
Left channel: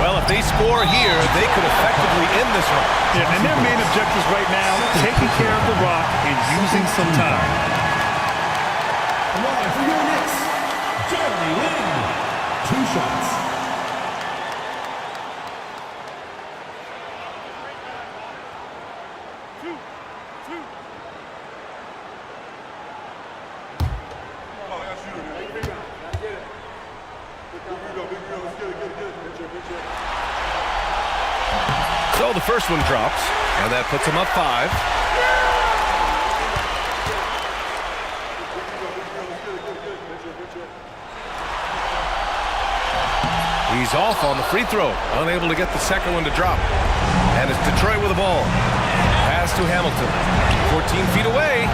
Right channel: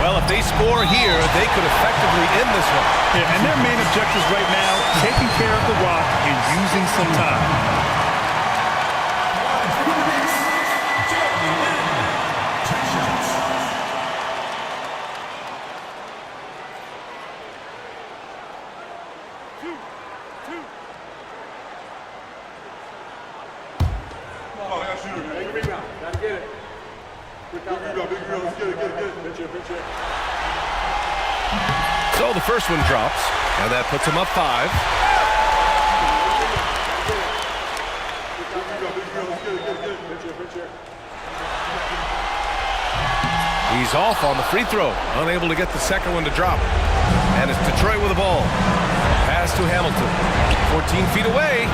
Well, if they score here, they could effectively end this one. Yeah, and their main objectives right now, taking care of the rock and using some time. Alive for your Knicks, Jeremy Lin. 2 shots. So the first one drops, and that puts him up 5. He's off on the free throw, unable to get the second one to drop. And it's Detroit with the ball. Pass to Hamilton. 14 feet away.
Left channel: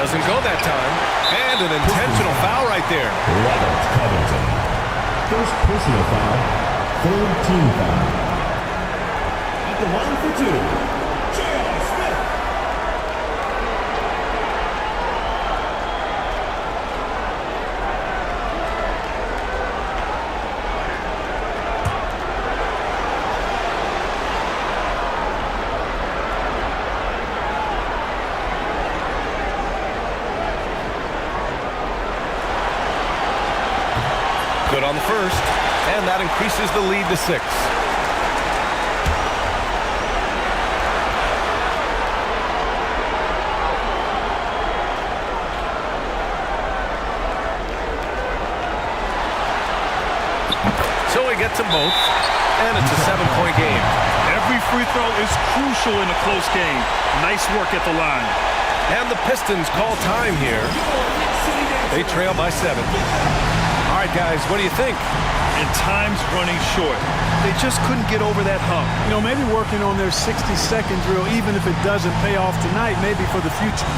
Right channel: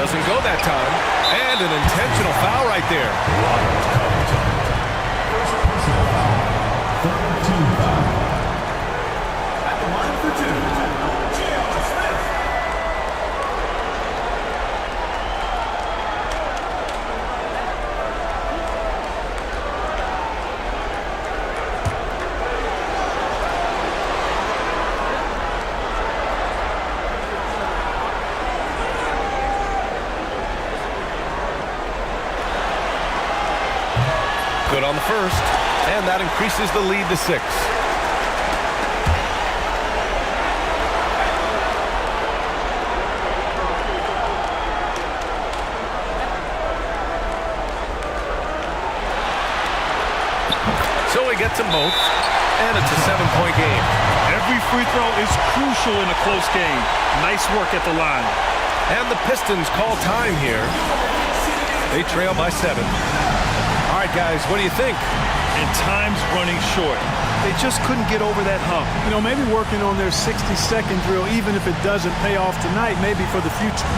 Doesn't go that time. And an intentional foul right there. Robert Covington. First personal foul, third team foul. At the line for 2, Jowa Smith. Good on the first, and that increases the lead to 6. So he gets them both, and it's a 7-point game. Every free throw is crucial in a close game. Nice work at the line. And the Pistons call time here. They trail by 7. All right, guys, what do you think? And time's running short. They just couldn't get over that hump. You know, maybe working on their 60-second drill, even if it doesn't pay off tonight, maybe for the future.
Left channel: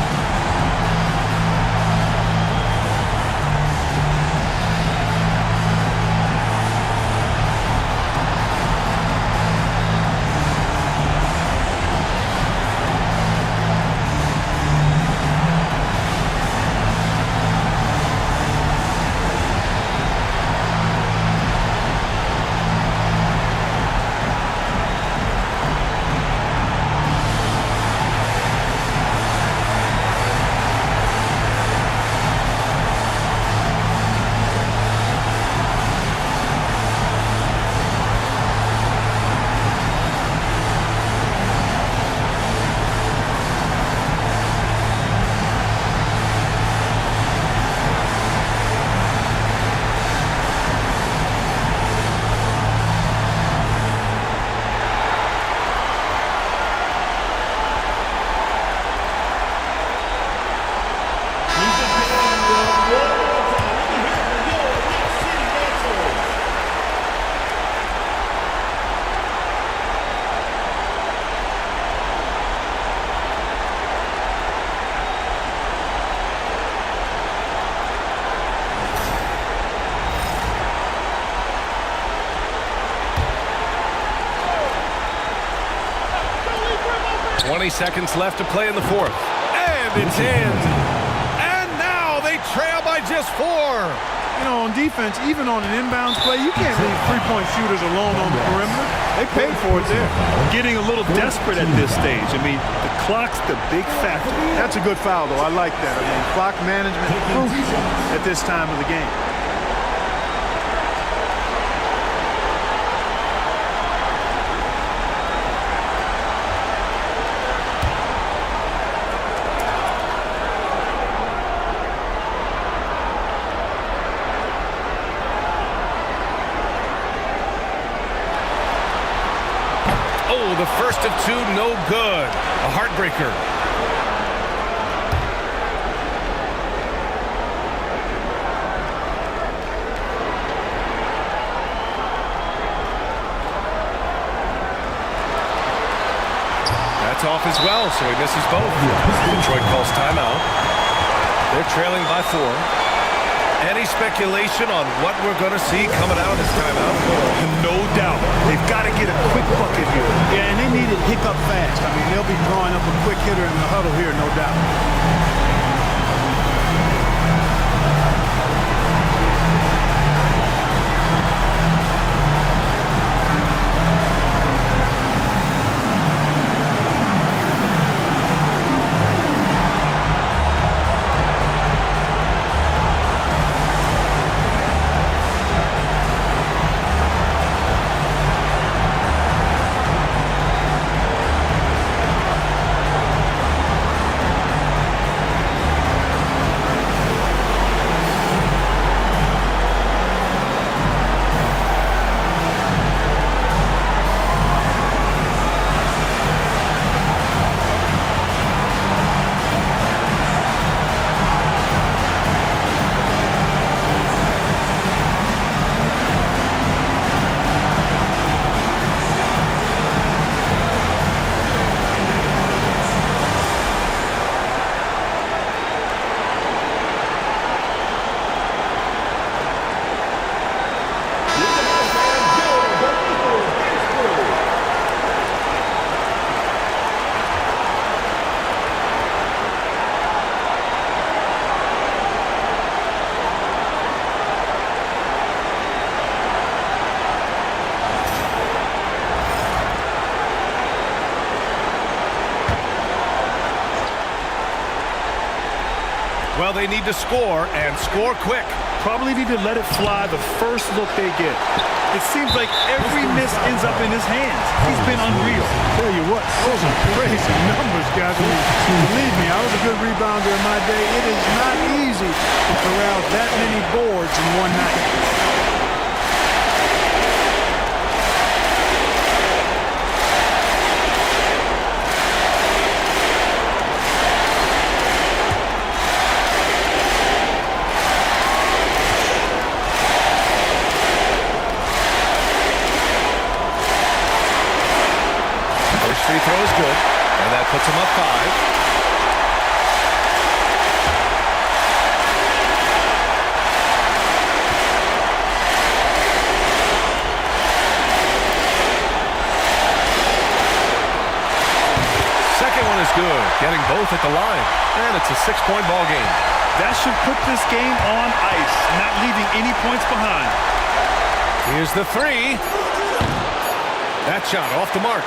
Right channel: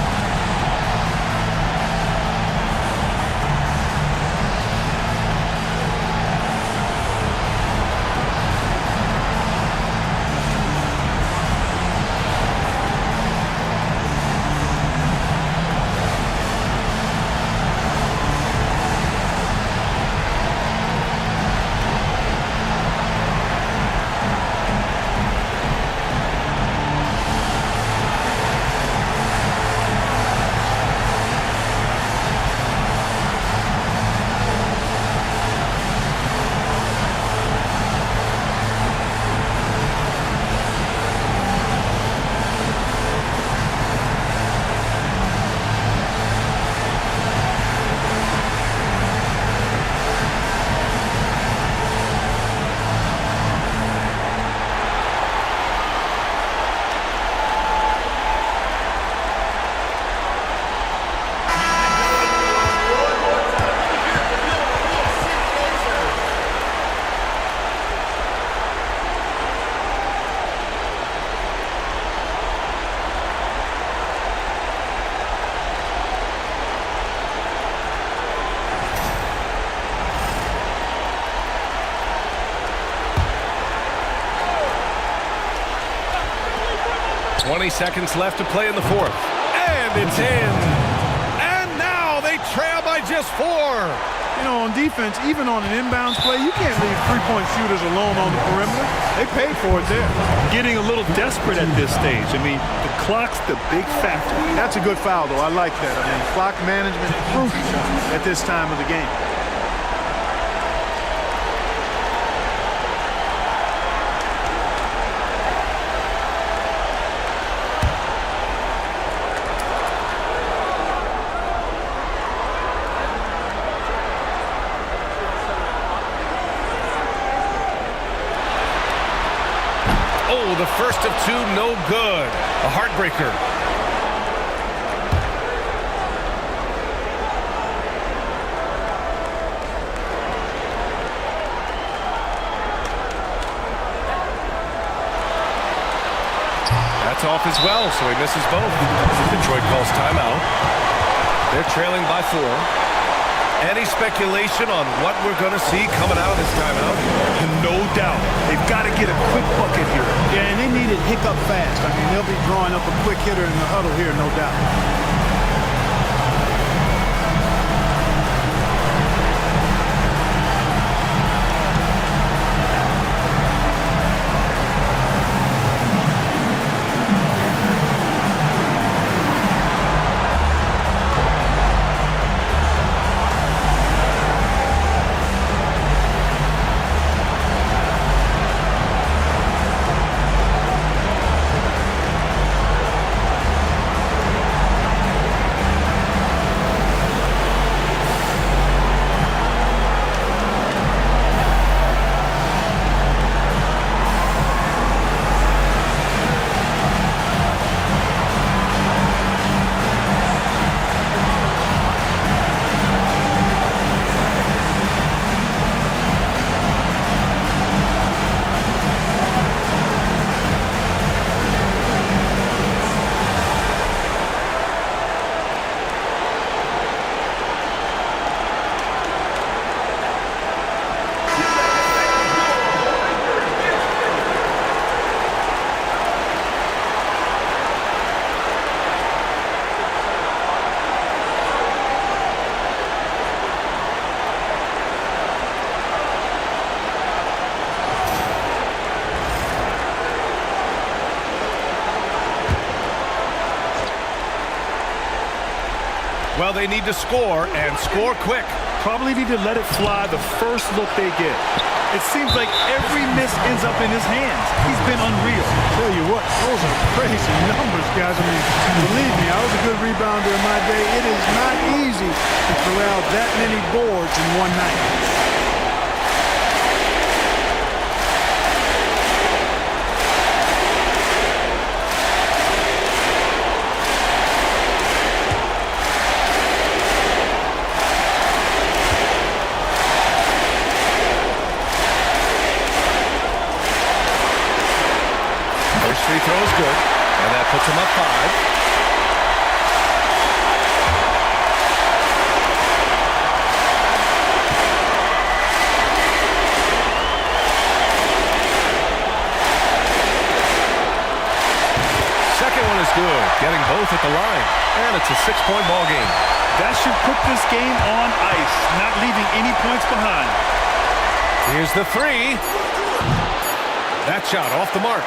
Twenty seconds left to play in the fourth. And it's in. And now they trail by just 4. You know, on defense, even on an inbounds play, you can't leave three-point shooters alone on the perimeter. They paid for it there. Getting a little desperate at this stage. I mean, the clock's the big factor. That's a good foul, though. I like that. I mean, clock management crucial at this time of the game. Oh, the first of 2, no good. A heartbreaker. That's off as well, so he misses both. Detroit calls timeout. They're trailing by 4. Any speculation on what we're going to see coming out of this timeout? No doubt. They've got to get a quick bucket here. Yeah, and they need it hiccup fast. I mean, they'll be drawing up a quick hitter in the huddle here, no doubt. Well, they need to score and score quick. Probably need to let it fly the first look they get. It seems like every miss ends up in his hands. He's been unreal. Tell you what, those are crazy numbers, guys. I mean, believe me, I was a good rebounder in my day. It is not easy to corral that many boards in one night. First free throw is good, and that puts him up 5. Second one is good, getting both at the line, and it's a 6-point ball game. That should put this game on ice, not leaving any points behind. Here's the 3. That shot off the mark.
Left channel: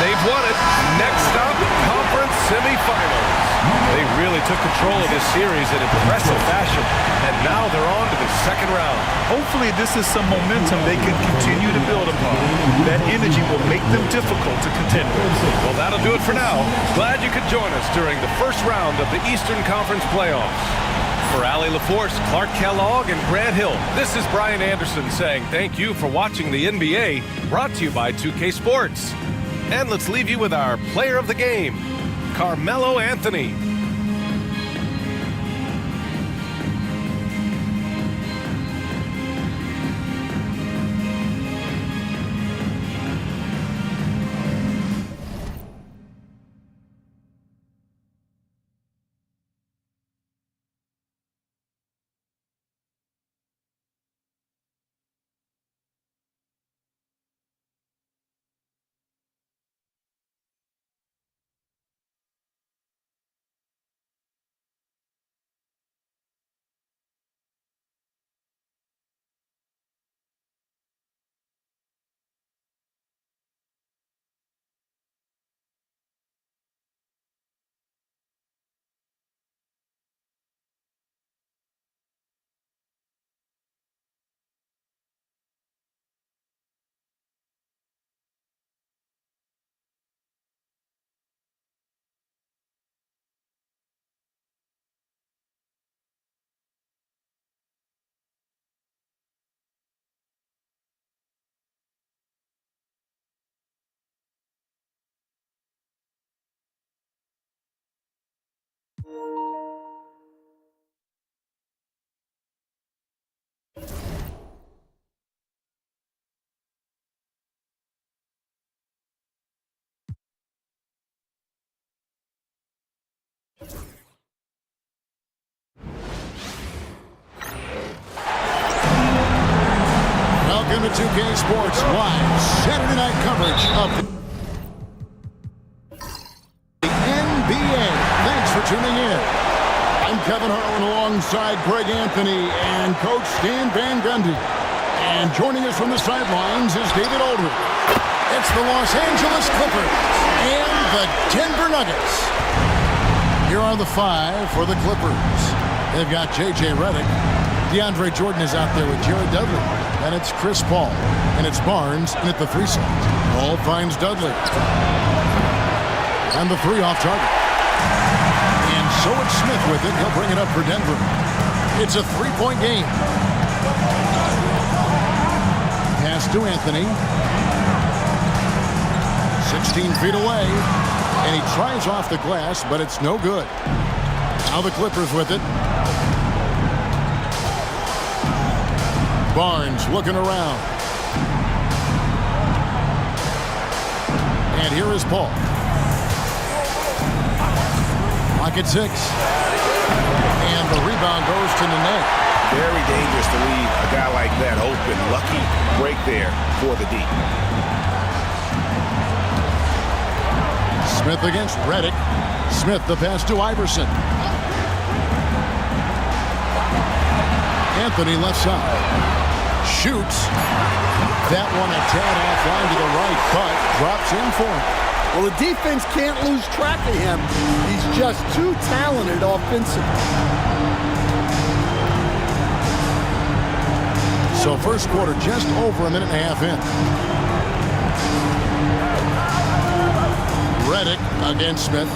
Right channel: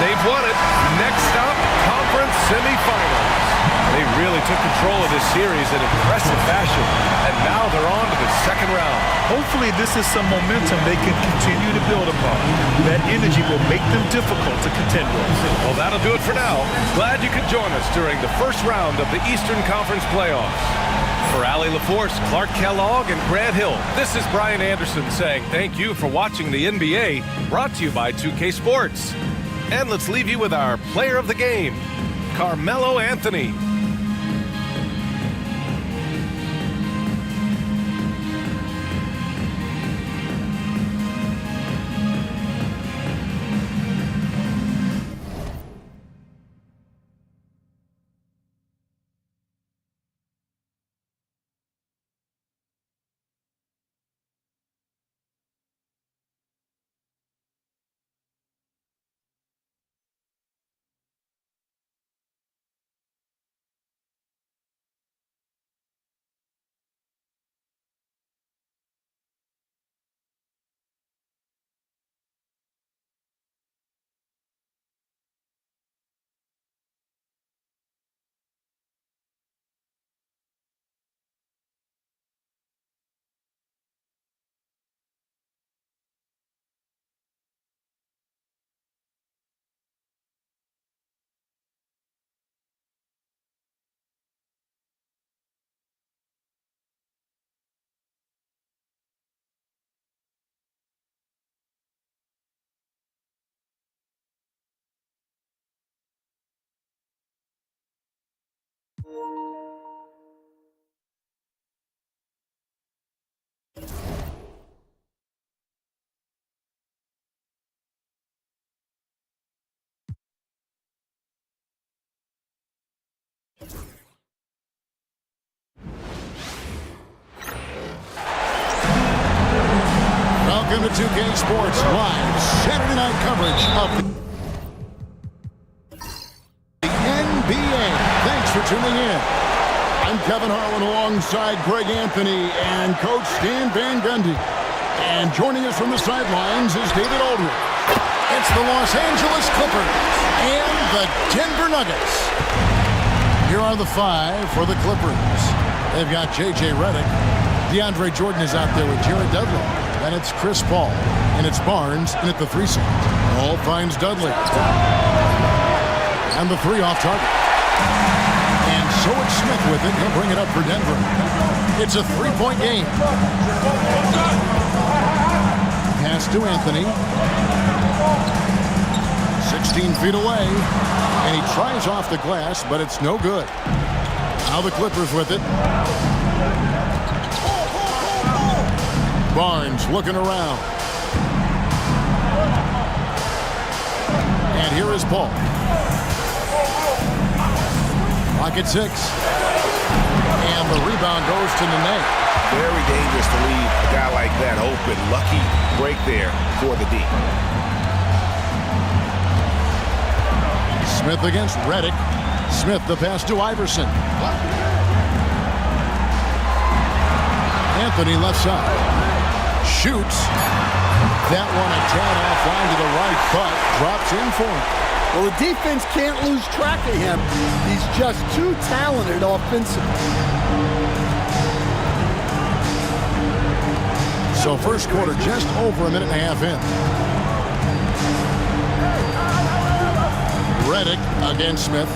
They've won it. Next stop, conference semifinals. They really took control of this series in impressive fashion, and now they're on to the second round. Hopefully this is some momentum they can continue to build upon. That energy will make them difficult to contend with. Well, that'll do it for now. Glad you could join us during the first round of the Eastern Conference playoffs. For Allie LaForce, Clark Kellogg, and Grant Hill, this is Brian Anderson saying thank you for watching the NBA, brought to you by 2K Sports. And let's leave you with our player of the game, Carmelo Anthony. Welcome to 2K Sports live Saturday night coverage of the NBA. Thanks for tuning in. I'm Kevin Harlan alongside Greg Anthony and Coach Stan Van Gundy. And joining us from the sidelines is David Aldridge. It's the Los Angeles Clippers and the Denver Nuggets. Here are the 5 for the Clippers. They've got J.J. Redick. DeAndre Jordan is out there with Jared Dudley. Then it's Chris Paul, and it's Barnes, and at the 3 slot. Paul finds Dudley. And the 3 off target. And so it's Smith with it. He'll bring it up for Denver. It's a 3-point game. Pass to Anthony. 16 feet away. And he tries off the glass, but it's no good. Now the Clippers with it. Barnes looking around. And here is Paul. Clock at 6. And the rebound goes to Nene. Very dangerous to leave a guy like that open. Lucky break there for the D. Smith against Redick. Smith the pass to Iverson. Anthony left side. Shoots. That one a tad offline to the right, but drops in for him. Well, the defense can't lose track of him. He's just too talented offensively. So first quarter just over a minute and a half in. Reddick against Smith.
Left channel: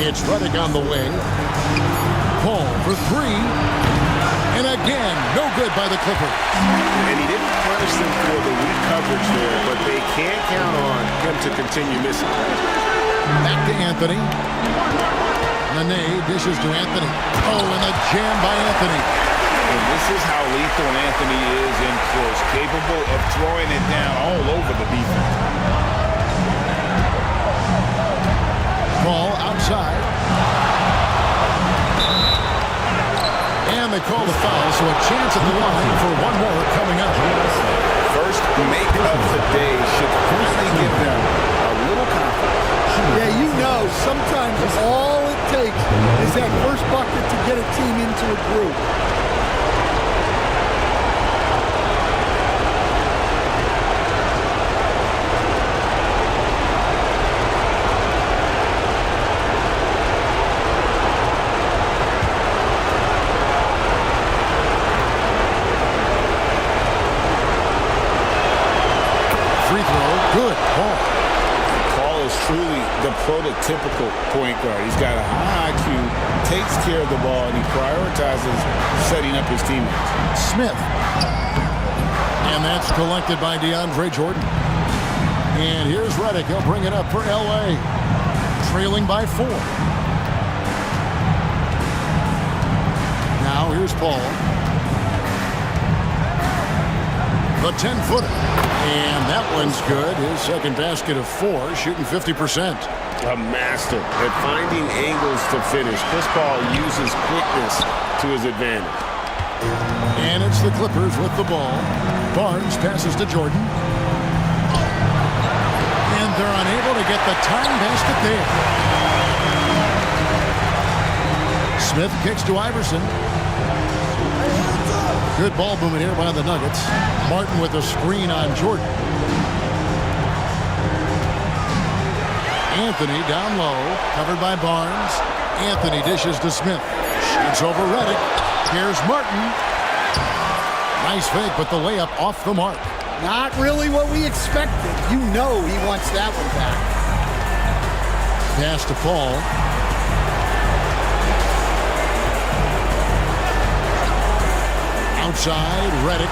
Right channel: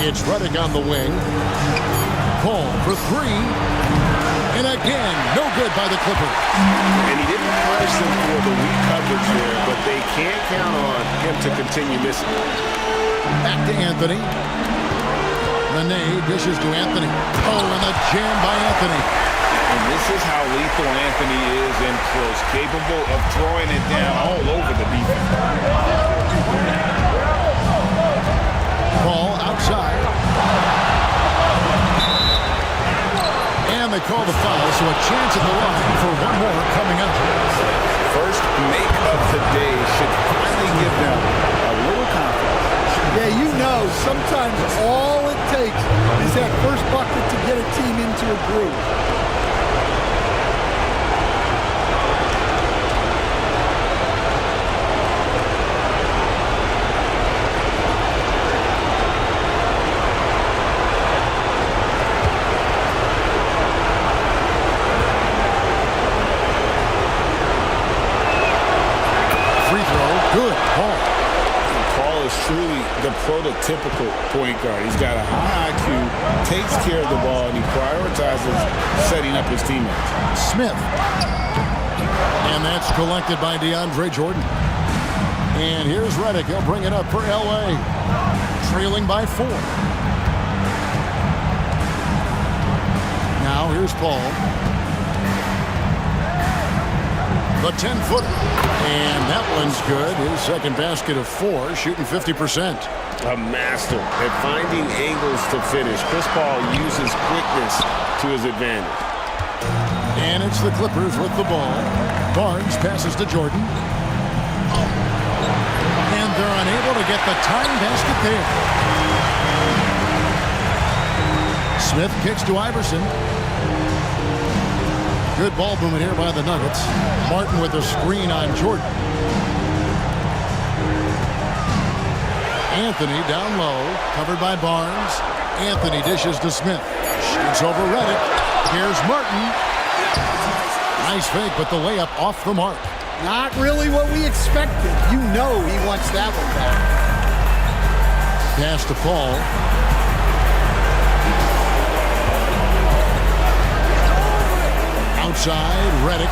It's Reddick on the wing. Paul for three. And again, no good by the Clippers. And he didn't punish them for the weak coverage there, but they can't count on him to continue missing. Back to Anthony. Nene dishes to Anthony. Oh, and a jam by Anthony. And this is how lethal Anthony is in close, capable of throwing it down all over the defense. Ball outside. And they call the foul, so a chance at the line for one more coming up. First make of the day should finally give them a little confidence. Yeah, you know, sometimes all it takes is that first bucket to get a team into a groove. Free throw, good. Paul is truly the prototypical point guard. He's got a high IQ, takes care of the ball, and he prioritizes setting up his teammates. Smith. And that's collected by DeAndre Jordan. And here's Reddick. He'll bring it up for L.A. Trailing by 4. Now here's Paul. The 10-footer. And that one's good. His second basket of 4, shooting 50%. A master at finding angles to finish. Chris Paul uses quickness to his advantage. And it's the Clippers with the ball. Barnes passes to Jordan. And they're unable to get the tying basket there. Smith kicks to Iverson. Good ball movement here by the Nuggets. Martin with a screen on Jordan. Anthony down low, covered by Barnes. Anthony dishes to Smith. Shoots over Reddick. Here's Martin. Nice fake, but the layup off the mark. Not really what we expected. You know he wants that one back. Pass to Paul. Outside, Reddick.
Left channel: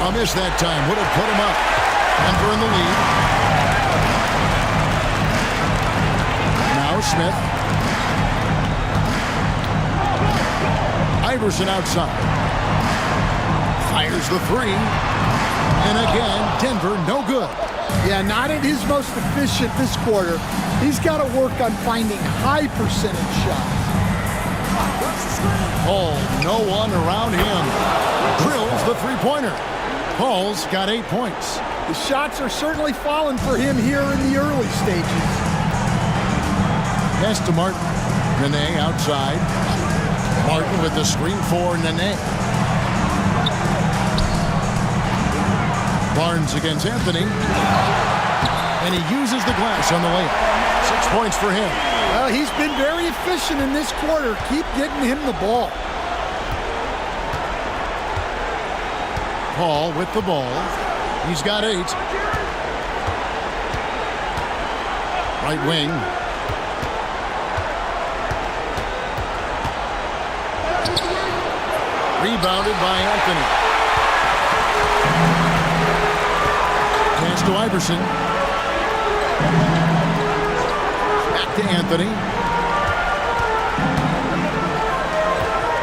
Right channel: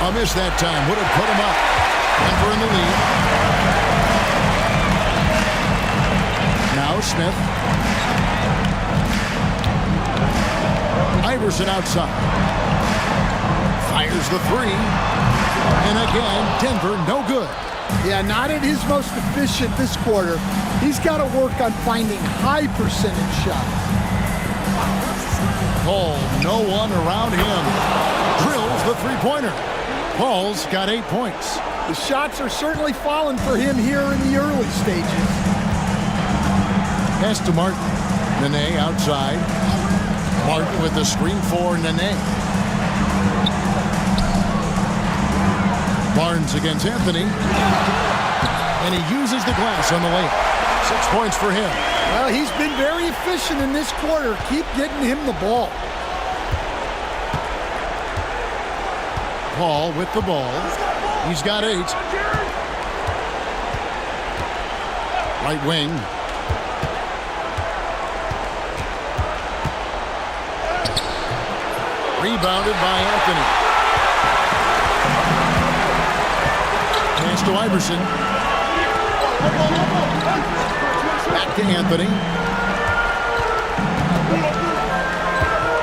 A miss that time. Would have put him up. Denver in the lead. Now Smith. Iverson outside. Fires the 3. And again, Denver no good. Yeah, not at his most efficient this quarter. He's got to work on finding high percentage shots. Paul, no one around him. Drills the three-pointer. Paul's got 8 points. The shots are certainly falling for him here in the early stages. Pass to Martin. Nene outside. Martin with the screen for Nene. Barnes against Anthony. And he uses the glass on the layup. 6 points for him. Well, he's been very efficient in this quarter. Keep getting him the ball. Paul with the ball. He's got 8. Right wing. Rebounded by Anthony. Pass to Iverson. Back to Anthony.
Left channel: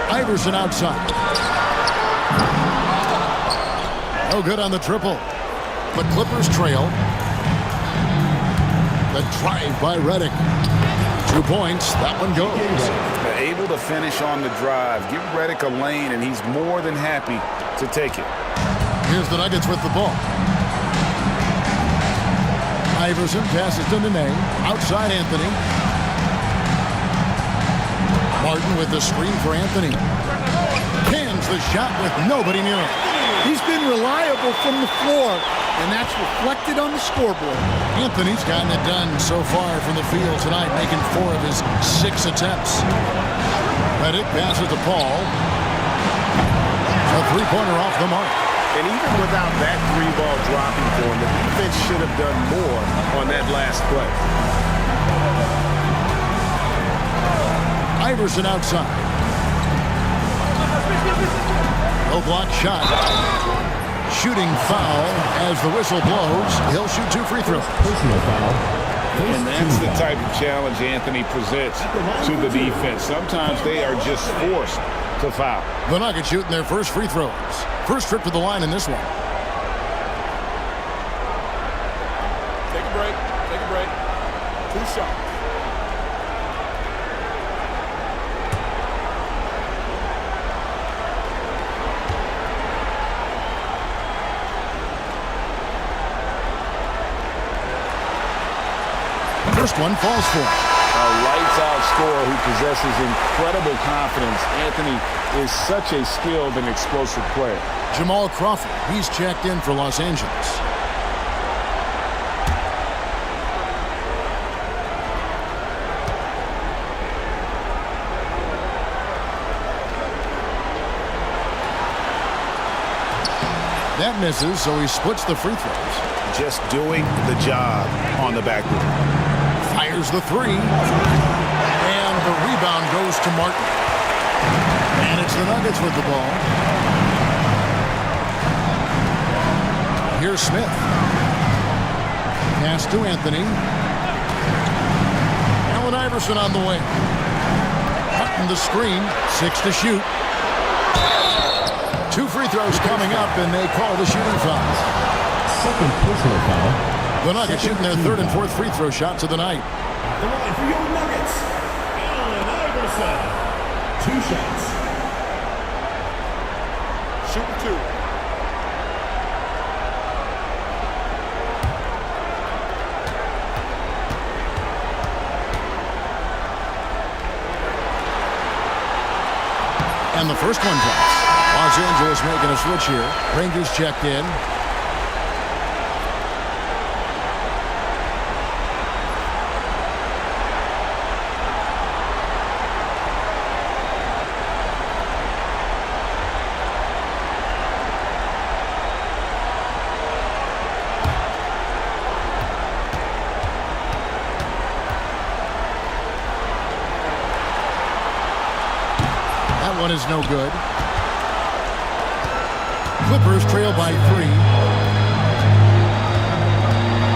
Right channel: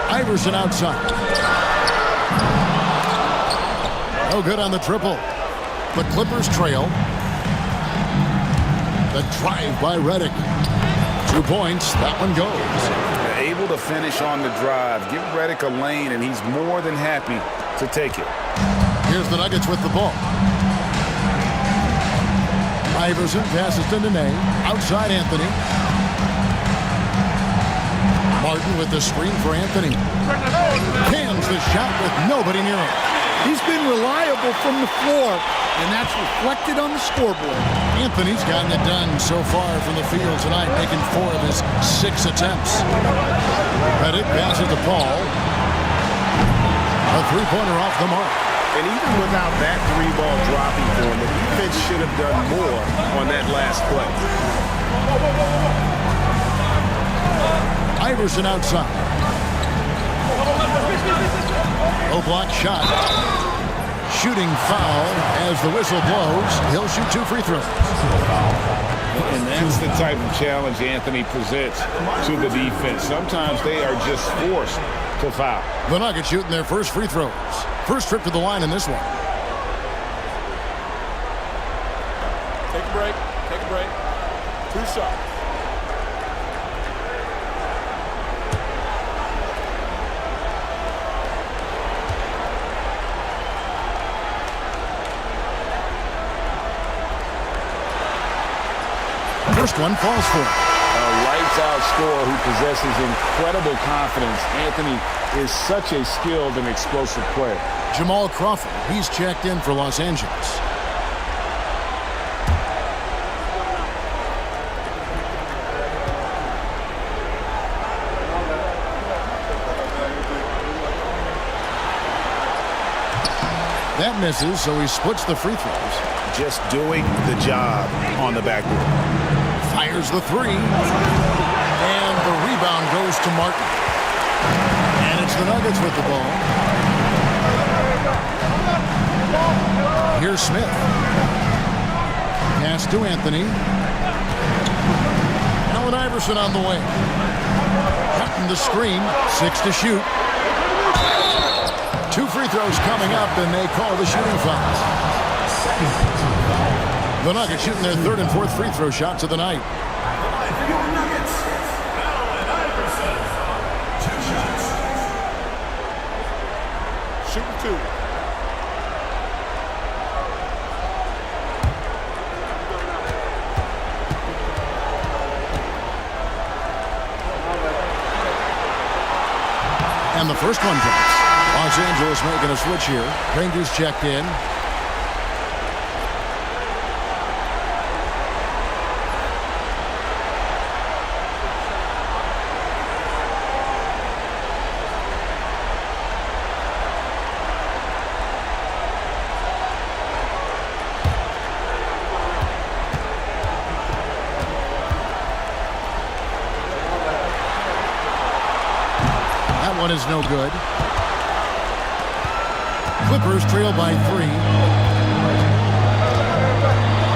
Iverson outside. No good on the triple. The Clippers trail. The drive by Reddick. 2 points. That one goes. They're able to finish on the drive. Give Reddick a lane, and he's more than happy to take it. Here's the Nuggets with the ball. Iverson passes to Nene. Outside Anthony. Martin with the screen for Anthony. Cans the shot with nobody near him. He's been reliable from the floor, and that's reflected on the scoreboard. Anthony's gotten it done so far from the field tonight, making 4 of his 6 attempts. Reddick passes to Paul. A three-pointer off the mark. And even without that 3-ball dropping for him, the defense should have done more on that last play. Iverson outside. No block shot. Shooting foul as the whistle blows. He'll shoot 2 free throws. Personal foul. And that's the type of challenge Anthony presents to the defense. Sometimes they are just forced to foul. The Nuggets shooting their first free throws. First trip to the line in this one. Take a break. Take a break. 2 shots. First one falls for him. A lights-out scorer who possesses incredible confidence. Anthony is such a skilled and explosive player. Jamal Crawford, he's checked in for Los Angeles. That misses, so he splits the free throws. Just doing the job on the backboard. Fires the 3. And the rebound goes to Martin. And it's the Nuggets with the ball. Here's Smith. Pass to Anthony. Allen Iverson on the wing. Hutton the screen. 6 to shoot. 2 free throws coming up, and they call the shooting foul. Second personal foul. The Nuggets shooting their 3rd and 4th free throw shots of the night. At the line for your Nuggets, Allen Iverson. 2 shots. Shooting 2. And the first one drops. Los Angeles making a switch here. Rangers checked in. That one is no good. Clippers trail by 3.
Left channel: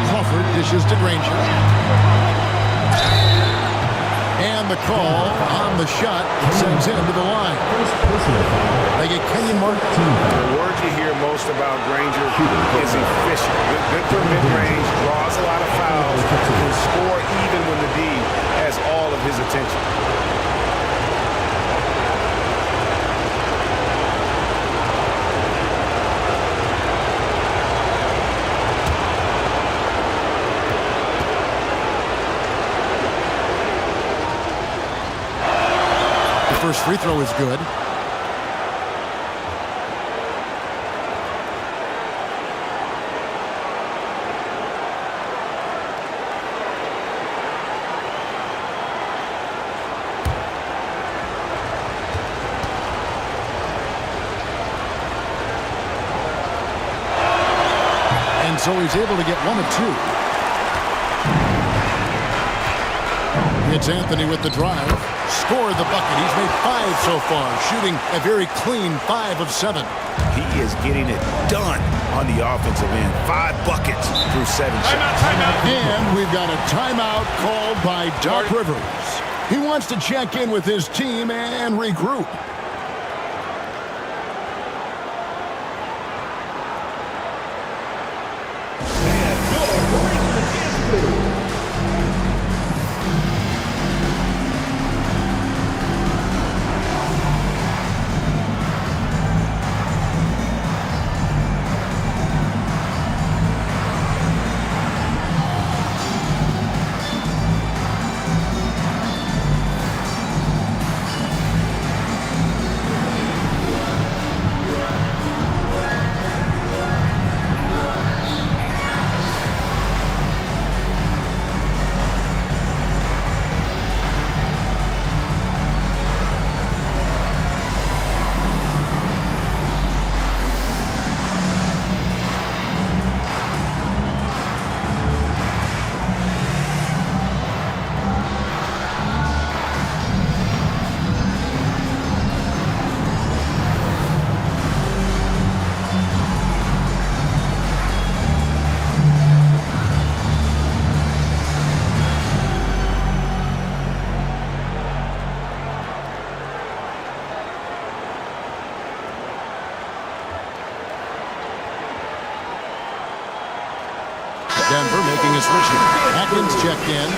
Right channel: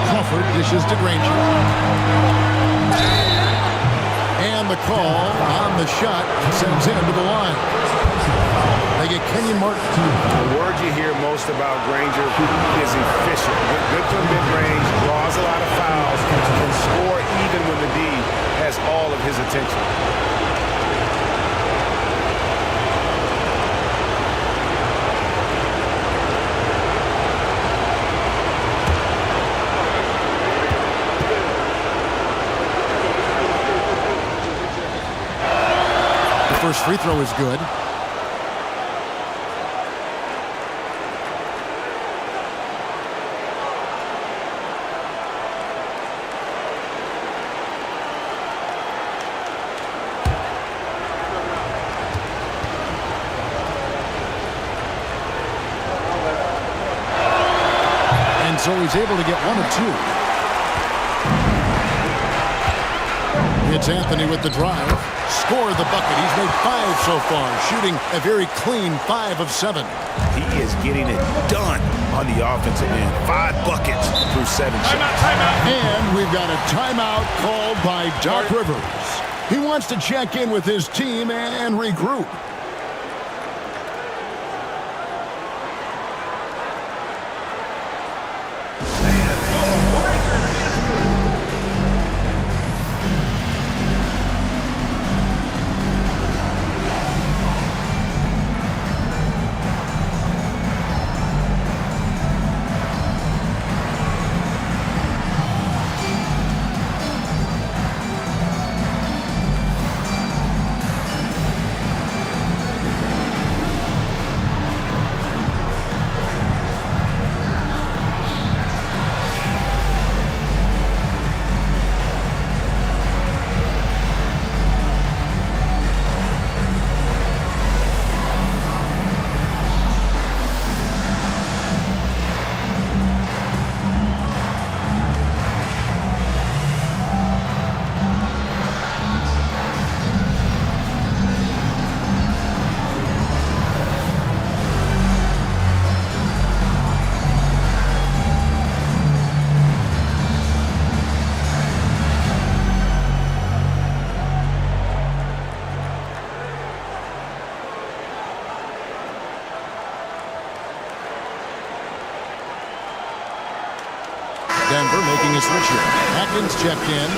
Crawford dishes to Granger. And the call on the shot sends him to the line. They get Kenyon Martin. The word you hear most about Granger is efficient. Good for mid-range, draws a lot of fouls, can score even when the D has all of his attention. First free throw is good. And so he's able to get 1 of 2. It's Anthony with the drive. Scored the bucket. He's made 5 so far, shooting a very clean 5 of 7. He is getting it done on the offensive end. 5 buckets through 7 shots. Timeout. And we've got a timeout called by Doc Rivers. He wants to check in with his team and regroup. Denver making a switch here. Atkins checked in.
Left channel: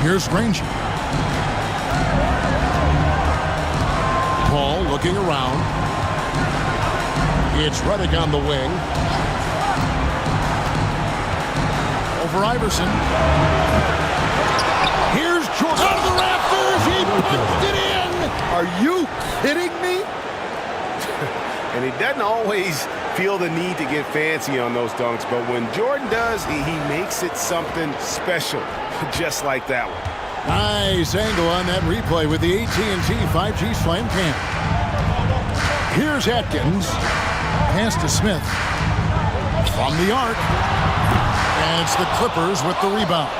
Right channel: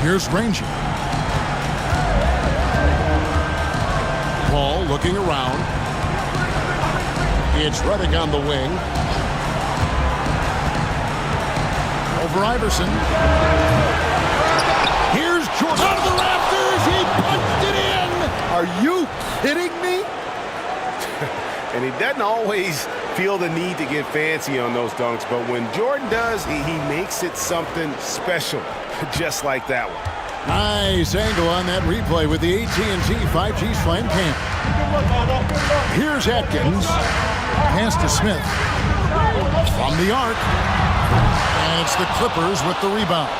Here's Granger. Paul looking around. It's Reddick on the wing. Over Iverson. Here's Jordan out of the rafters. He punched it in. Are you kidding me? And he doesn't always feel the need to get fancy on those dunks, but when Jordan does, he makes it something special, just like that one. Nice angle on that replay with the AT&T 5G Slam Cam. Here's Atkins. Pass to Smith. From the arc. And it's the Clippers with the rebound.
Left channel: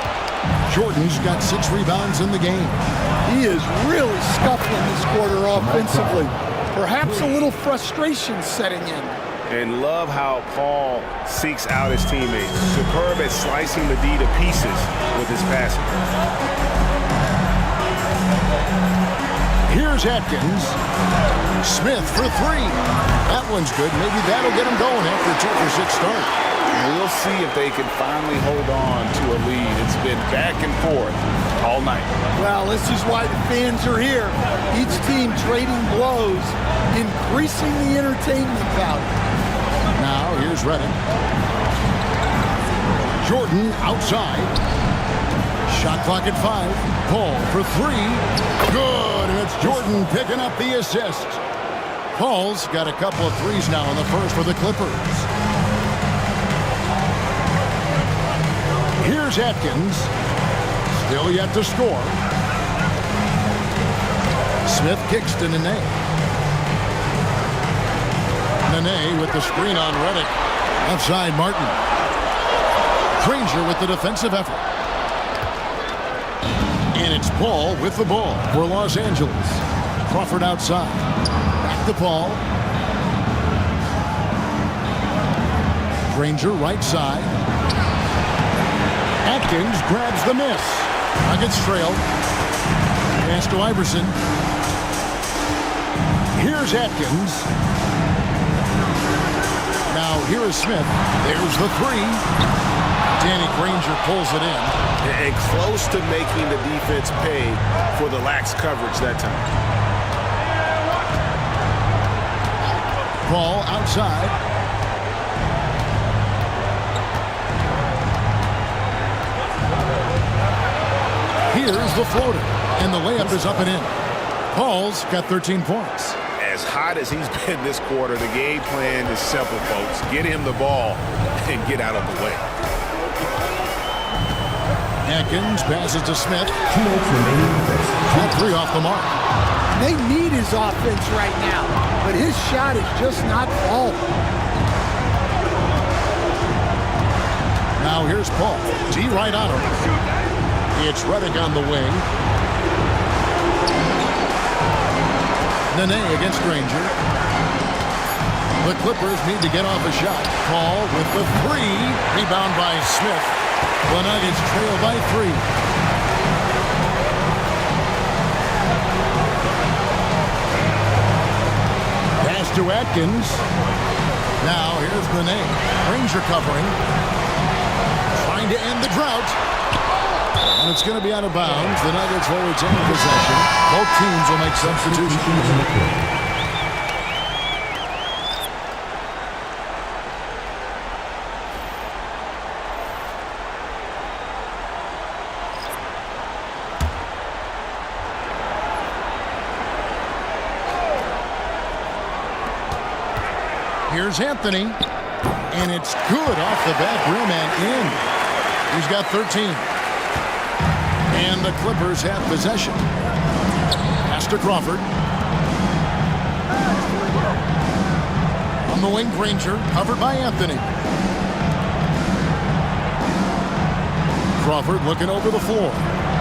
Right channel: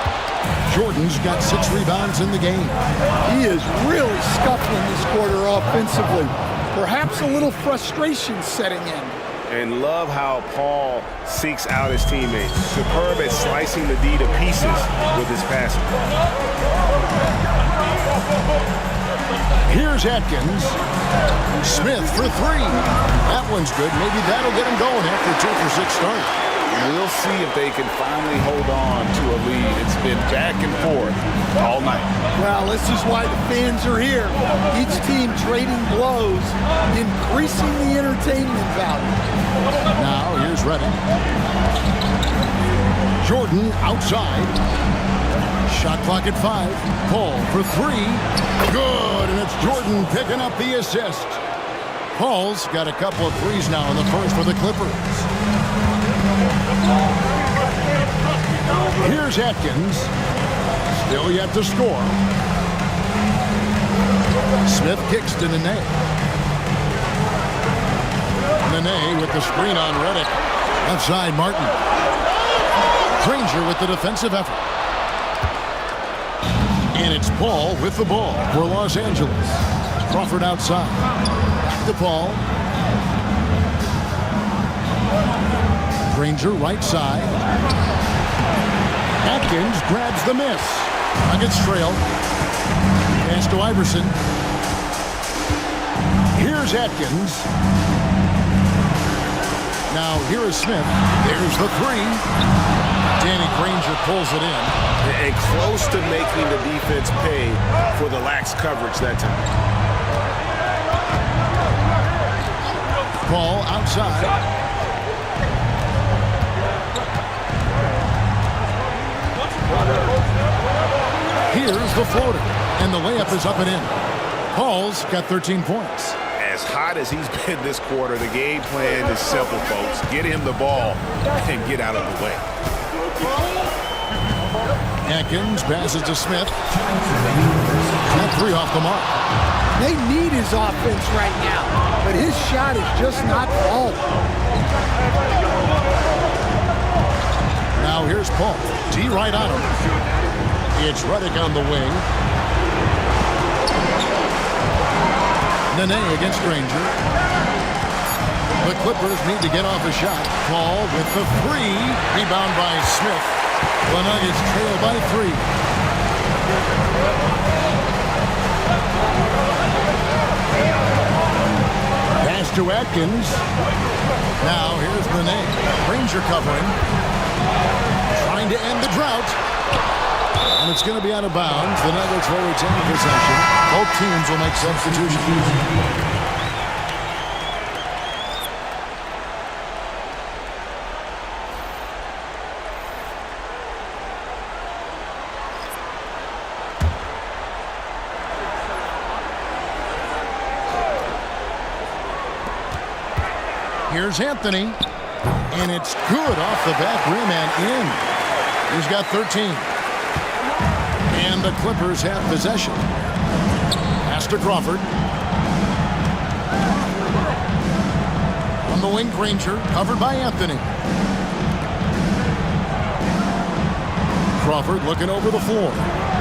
Jordan's got 6 rebounds in the game. He is really scuffling this quarter offensively. Perhaps a little frustration setting in. And love how Paul seeks out his teammates. Superb at slicing the D to pieces with his passing. Here's Atkins. Smith for 3. That one's good. Maybe that'll get him going after a 2-for-6 start. We'll see if they can finally hold on to a lead. It's been back and forth all night. Well, this is why the fans are here. Each team trading blows, increasing the entertainment value. Now here's Reddick. Jordan outside. Shot clock at 5. Paul for 3. Good, and it's Jordan picking up the assist. Paul's got a couple of threes now in the first for the Clippers. Here's Atkins. Still yet to score. Smith kicks to Nene. Nene with the screen on Reddick. Outside Martin. Granger with the defensive effort. And it's Paul with the ball for Los Angeles. Crawford outside. Back to Paul. Granger right side. Atkins grabs the miss. Nuggets trail. Pass to Iverson. Here's Atkins. Now here is Smith. There's the 3. Danny Granger pulls it in. And close to making the defense pay for the lax coverage that time. Paul outside. Here's the floater. And the layup is up and in. Paul's got 13 points. As hot as he's been this quarter, the game plan is simple, folks. Get him the ball and get out of the way. Atkins passes to Smith. That 3 off the mark. They need his offense right now, but his shot is just not falling. Now here's Paul. D right on him. It's Reddick on the wing. Nene against Granger. The Clippers need to get off a shot. Paul with the 3. Rebound by Smith. The Nuggets trail by 3. Pass to Atkins. Now here's Nene. Granger covering. Trying to end the drought. And it's going to be out of bounds. The Nuggets will retain possession. Both teams will make substitutions. Here's Anthony. And it's good off the back rim and in. He's got 13. And the Clippers have possession. Pass to Crawford. On the wing, Granger, covered by Anthony. Crawford looking over the floor.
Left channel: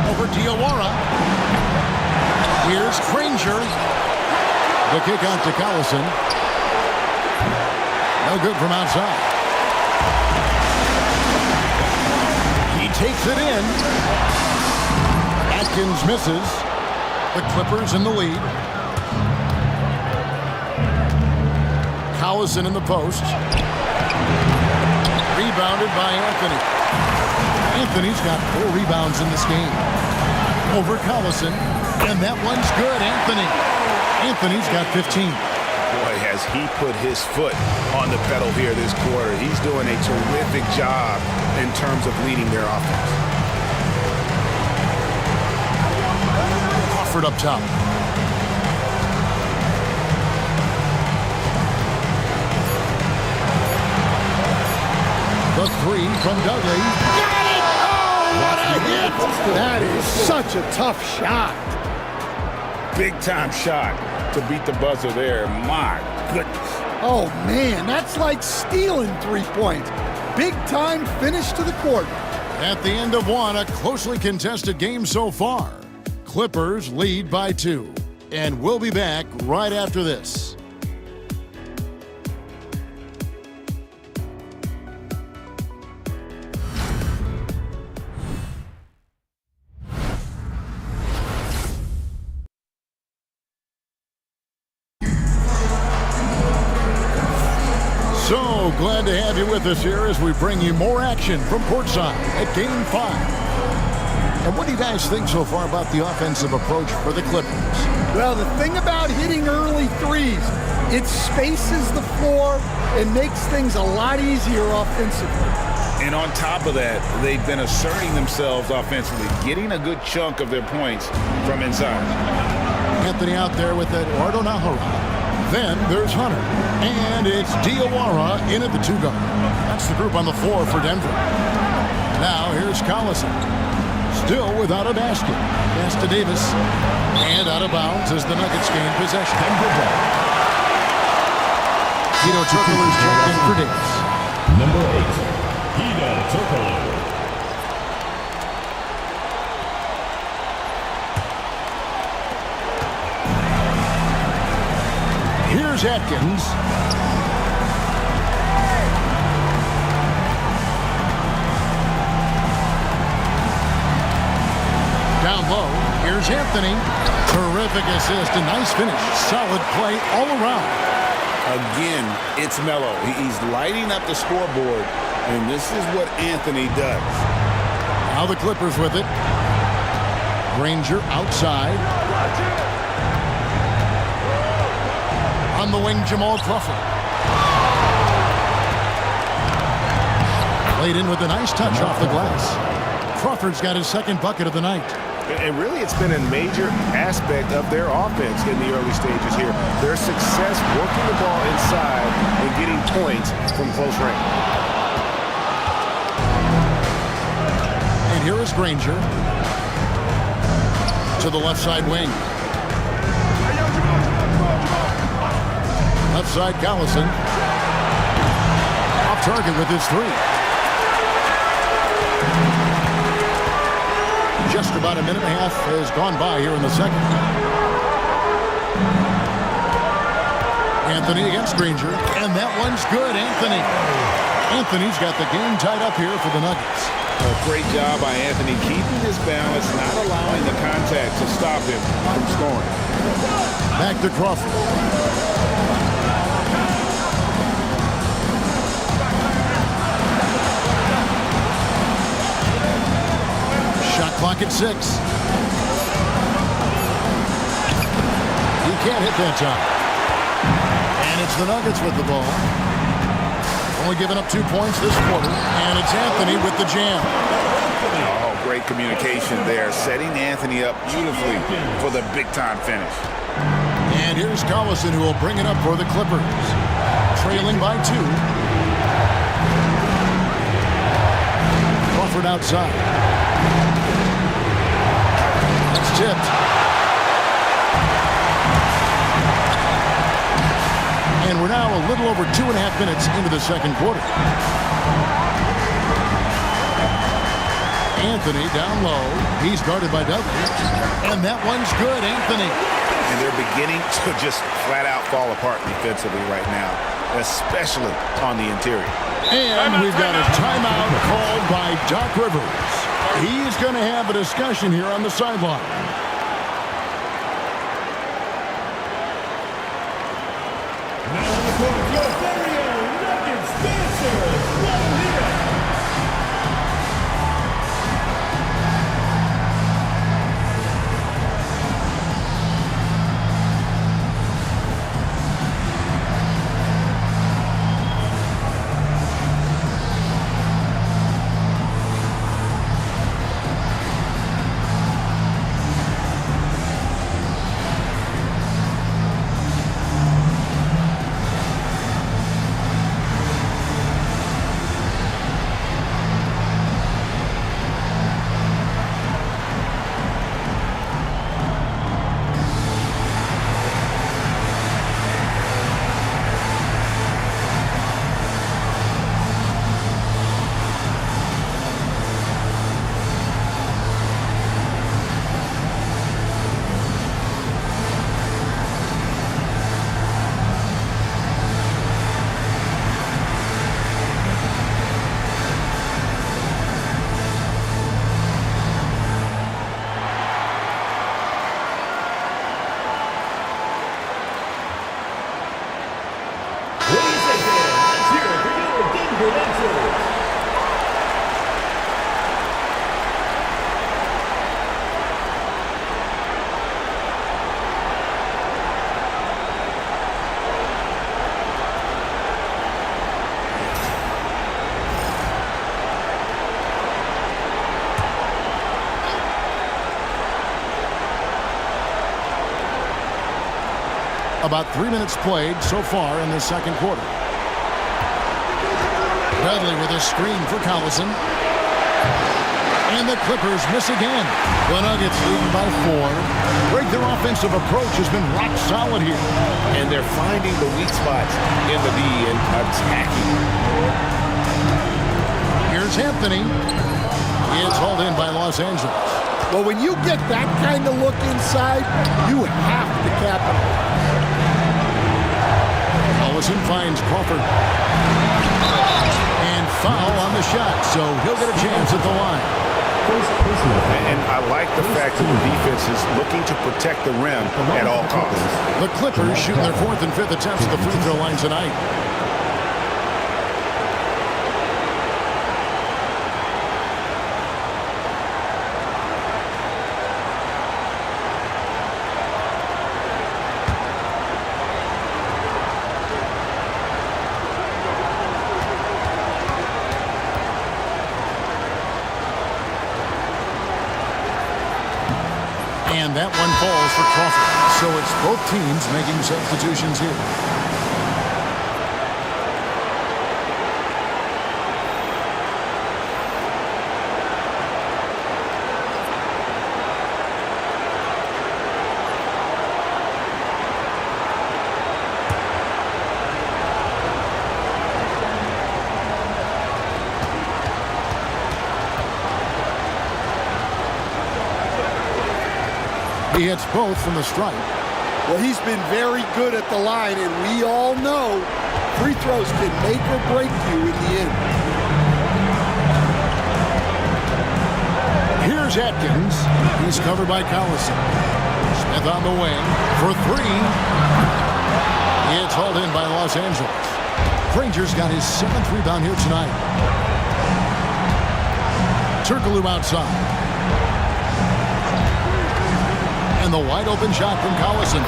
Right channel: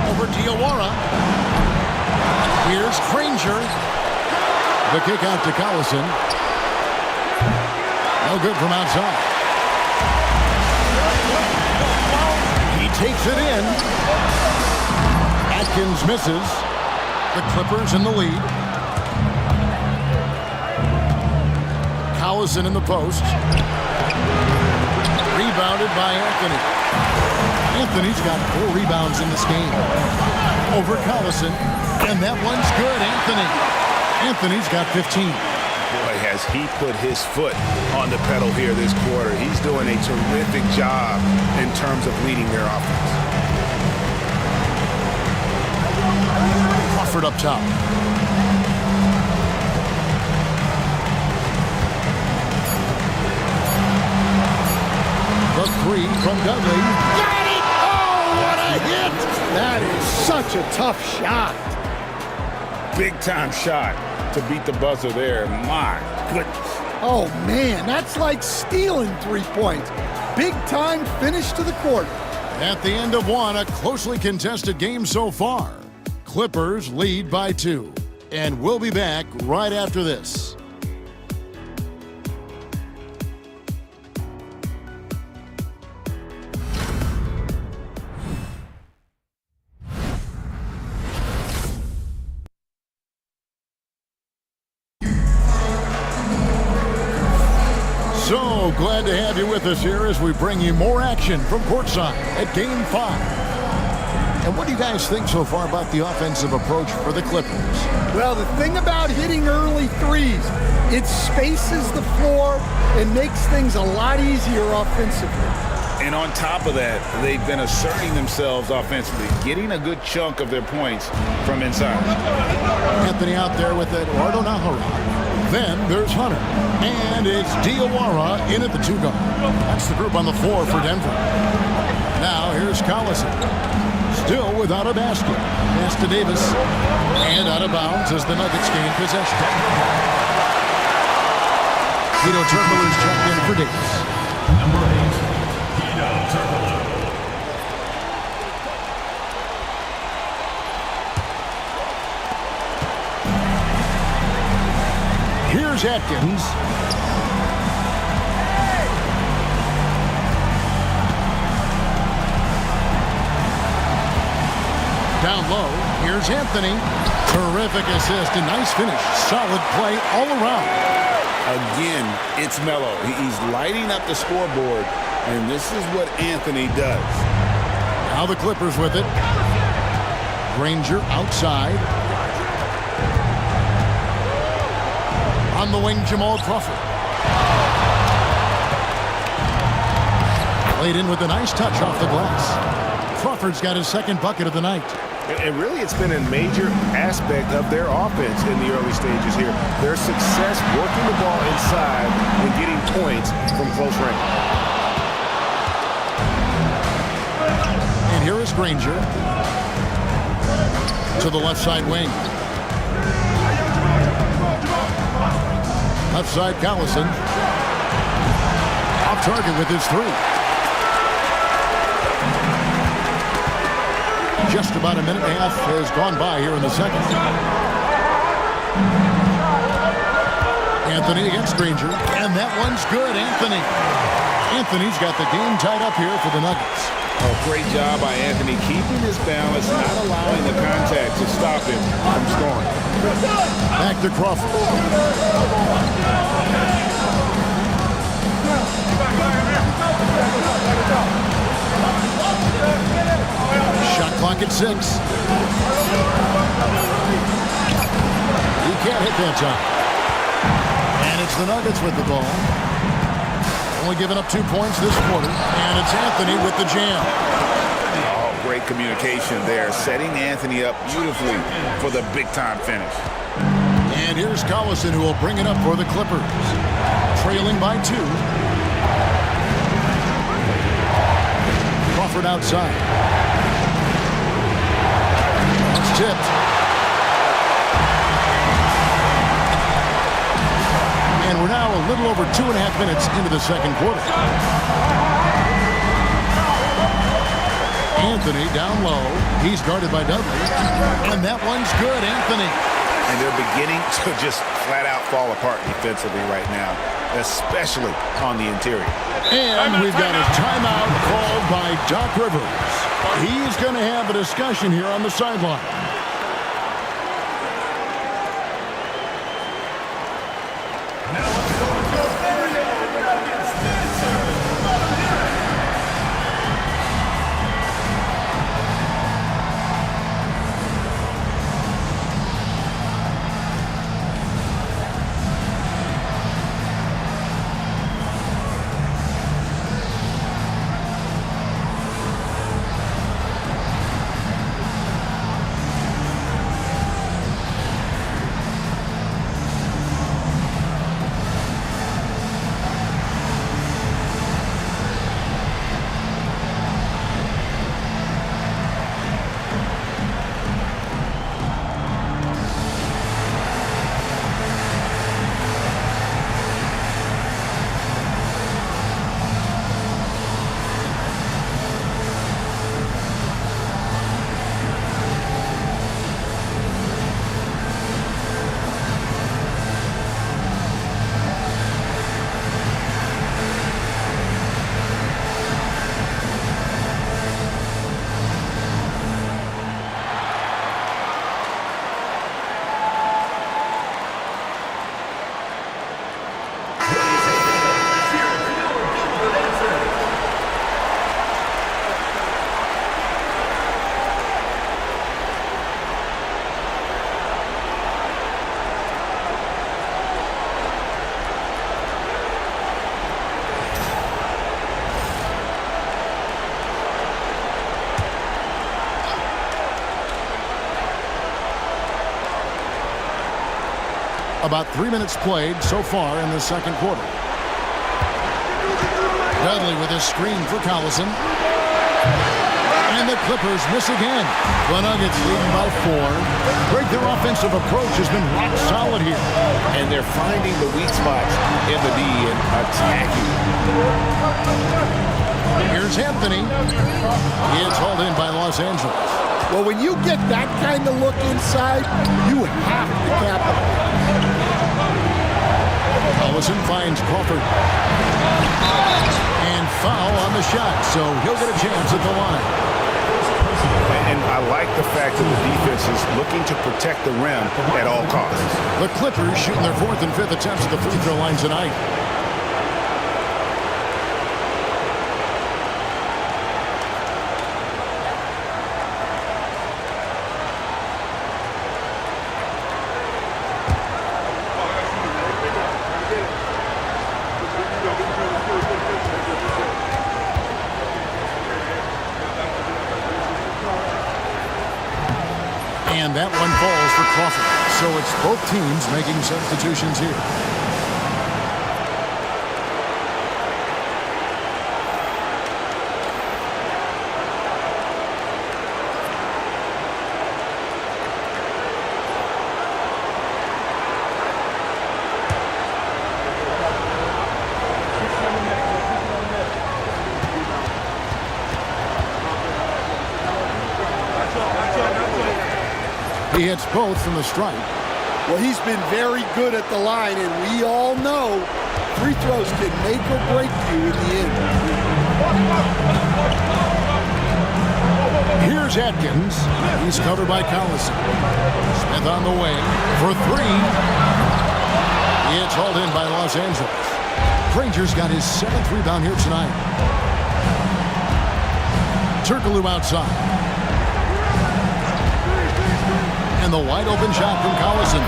Over Diawara. Here's Granger. The kick out to Collison. No good from outside. He takes it in. Atkins misses. The Clippers in the lead. Collison in the post. Rebounded by Anthony. Anthony's got 4 rebounds in this game. Over Collison. And that one's good, Anthony. Anthony's got 15. Boy, has he put his foot on the pedal here this quarter. He's doing a terrific job in terms of leading their offense. Crawford up top. The 3 from Dudley. Got it! Oh, what a hit! That is such a tough shot. Big time shot to beat the buzzer there. My goodness. Oh, man, that's like stealing 3 points. Big time finish to the quarter. At the end of one, a closely contested game so far. Clippers lead by 2. And we'll be back right after this. So glad to have you with us here as we bring you more action from courtside at Game 5. And what do you guys think so far about the offensive approach for the Clippers? Well, the thing about hitting early threes, it spaces the floor and makes things a lot easier offensively. And on top of that, they've been asserting themselves offensively, getting a good chunk of their points from inside. Anthony out there with Eduardo Naghahanap. Then there's Hunter. And it's Diawara in at the 2 guard. That's the group on the floor for Denver. Now here's Collison. Still without a basket. Pass to Davis. And out of bounds as the Nuggets gain possession. Hedo Turkoglu is checked in for Davis. Number 8, Hedo Turkoglu. Here's Atkins. Down low, here's Anthony. Terrific assist and nice finish. Solid play all around. Again, it's Melo. He's lighting up the scoreboard, and this is what Anthony does. Now the Clippers with it. Granger outside. On the wing, Jamal Crawford. Played in with a nice touch off the glass. Crawford's got his second bucket of the night. And really, it's been a major aspect of their offense in the early stages here. Their success working the ball inside and getting points from close range. And here is Granger. To the left side wing. Left side, Collison. Off target with his 3. Just about a minute and a half has gone by here in the second. Anthony against Granger. And that one's good, Anthony. Anthony's got the game tied up here for the Nuggets. Oh, great job by Anthony keeping his balance, not allowing the contact to stop him from scoring. Back to Crawford. Shot clock at 6. He can't hit that time. And it's the Nuggets with the ball. Only giving up 2 points this quarter. And it's Anthony with the jam. Oh, great communication there. Setting Anthony up beautifully for the big-time finish. And here's Collison, who will bring it up for the Clippers. Trailing by 2. Crawford outside. That's tipped. And we're now a little over 2.5 minutes into the second quarter. Anthony down low. He's guarded by Dudley. And that one's good, Anthony. and they're beginning to just flat out fall apart defensively right now, especially on the interior. And we've got a timeout called by Doc Rivers. He's going to have a discussion here on the sideline. About 3 minutes played so far in the second quarter. Dudley with a screen for Collison. And the Clippers miss again. The Nuggets leading by 4. Greg, their offensive approach has been rock solid here. And they're finding the weak spots in the D and attacking. Here's Anthony. It's hauled in by Los Angeles. Well, when you get that kind of look inside, you have to capitalize. Collison finds Crawford. And foul on the shot, so he'll get a chance at the line. And I like the fact that the defense is looking to protect the rim at all costs. The Clippers shooting their 4th and 5th attempts at the free throw line tonight. And that one falls for Crawford. So it's both teams making substitutions here. He hits both from the stripe. Well, he's been very good at the line, and we all know free throws can make or break you in the end. Here's Atkins. He's covered by Collison. Smith on the wing for 3. It's hauled in by Los Angeles. Granger's got his 7th rebound here tonight. Turkoglu outside. And the wide open shot from Collison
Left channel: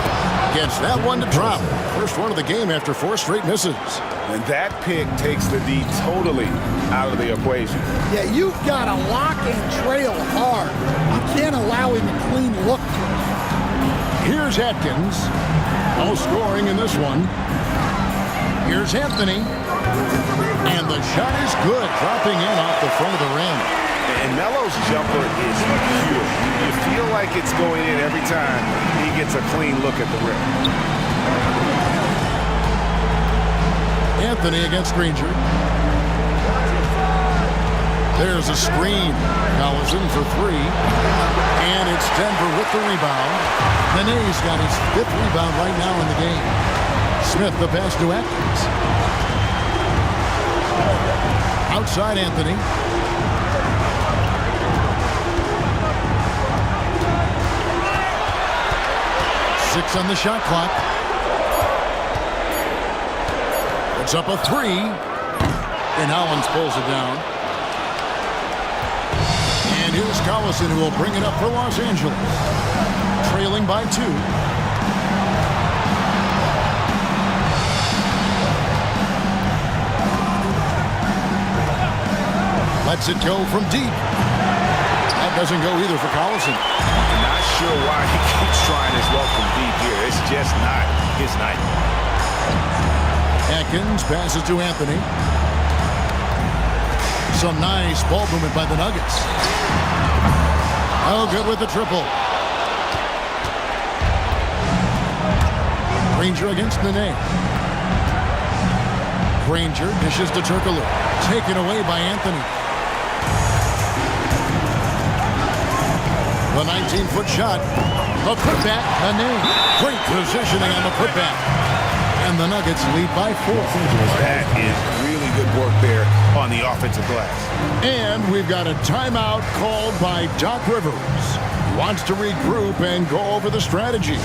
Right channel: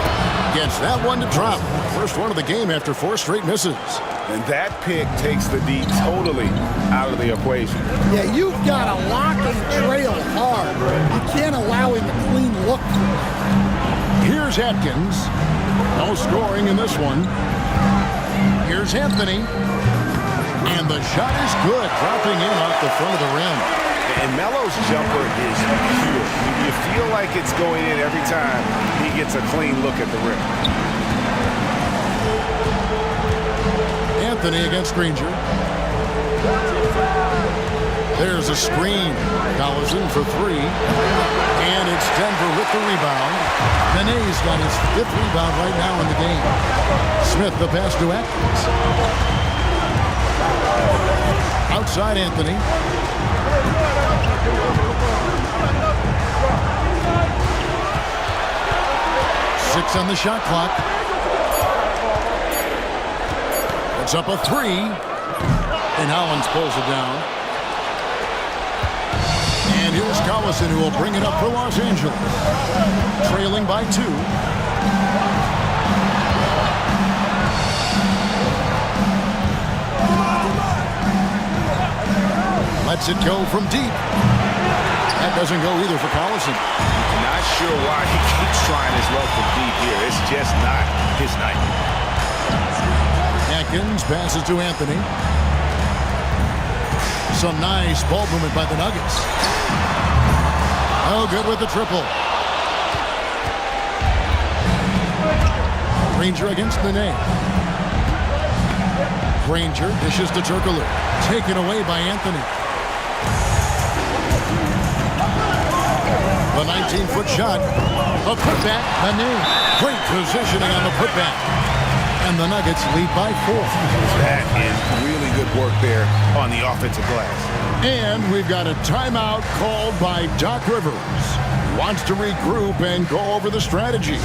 gets that one to drop. First one of the game after 4 straight misses. And that pick takes the D totally out of the equation. Yeah, you've got to lock and trail hard. You can't allow him a clean look for it. Here's Atkins. No scoring in this one. Here's Anthony. And the shot is good, dropping in off the front of the rim. And Melo's jumper is pure. You feel like it's going in every time he gets a clean look at the rim. Anthony against Granger. There's a screen. Collison for three. And it's Denver with the rebound. Nene's got his 5th rebound right now in the game. Smith the pass to Atkins. Outside Anthony. Six on the shot clock. It's up a 3. And Hollins pulls it down. And here's Collison, who will bring it up for Los Angeles. Trailing by 2. Lets it go from deep. That doesn't go either for Collison. Not sure why he keeps trying his luck from deep here. It's just not his night. Atkins passes to Anthony. Some nice ball movement by the Nuggets. Oh, good with the triple. Granger against Nene. Granger dishes to Turkoglu. Taken away by Anthony. The 19-foot shot. The putback. Nene. Great positioning on the putback. And the Nuggets lead by 4. That is really good work there on the offensive glass. And we've got a timeout called by Doc Rivers. He wants to regroup and go over the strategy.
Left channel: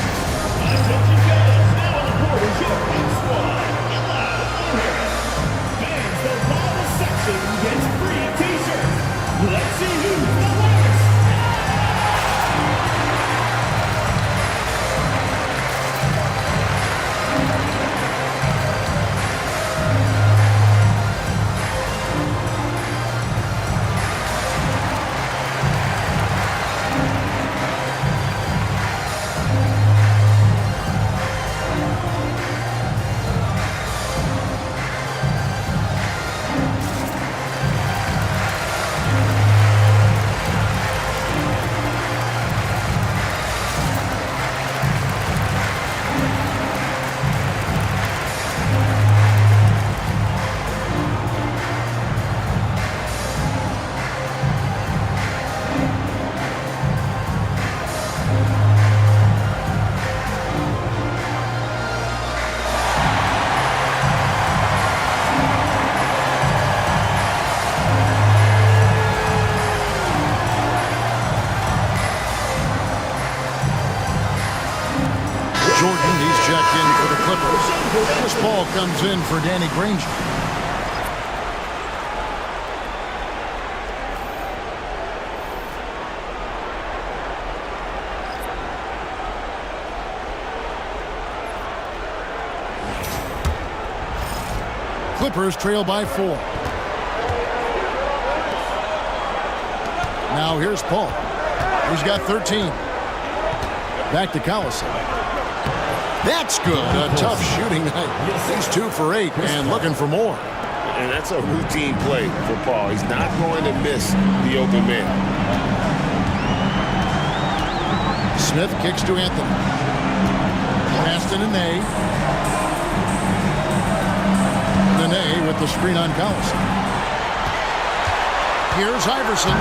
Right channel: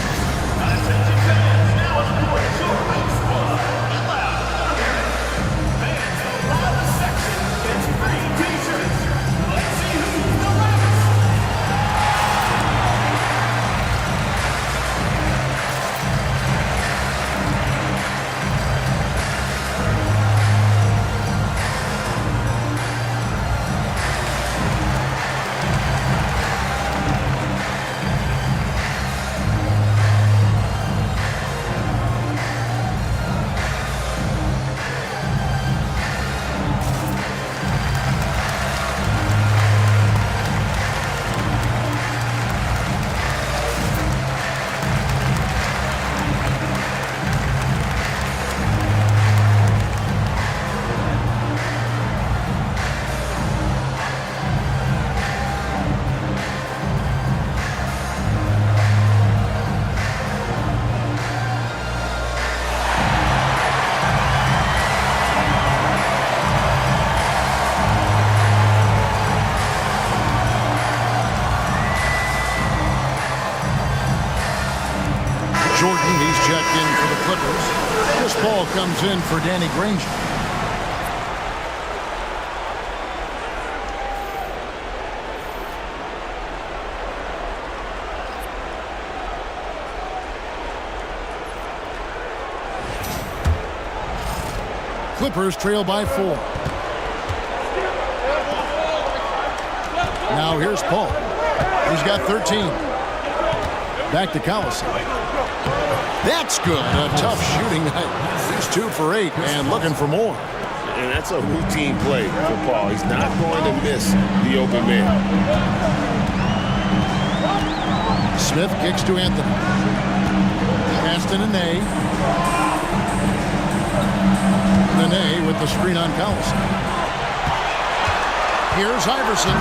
Jordan, he's checked in for the Clippers. This ball comes in for Danny Granger. Clippers trail by 4. Now here's Paul. He's got 13. Back to Collison. That's good. A tough shooting night. He's 2 for 8 and looking for more. And that's a routine play for Paul. He's not going to miss the open man. Smith kicks to Anthony. Pass to Nene. Nene with the screen on Collison. Here's Iverson.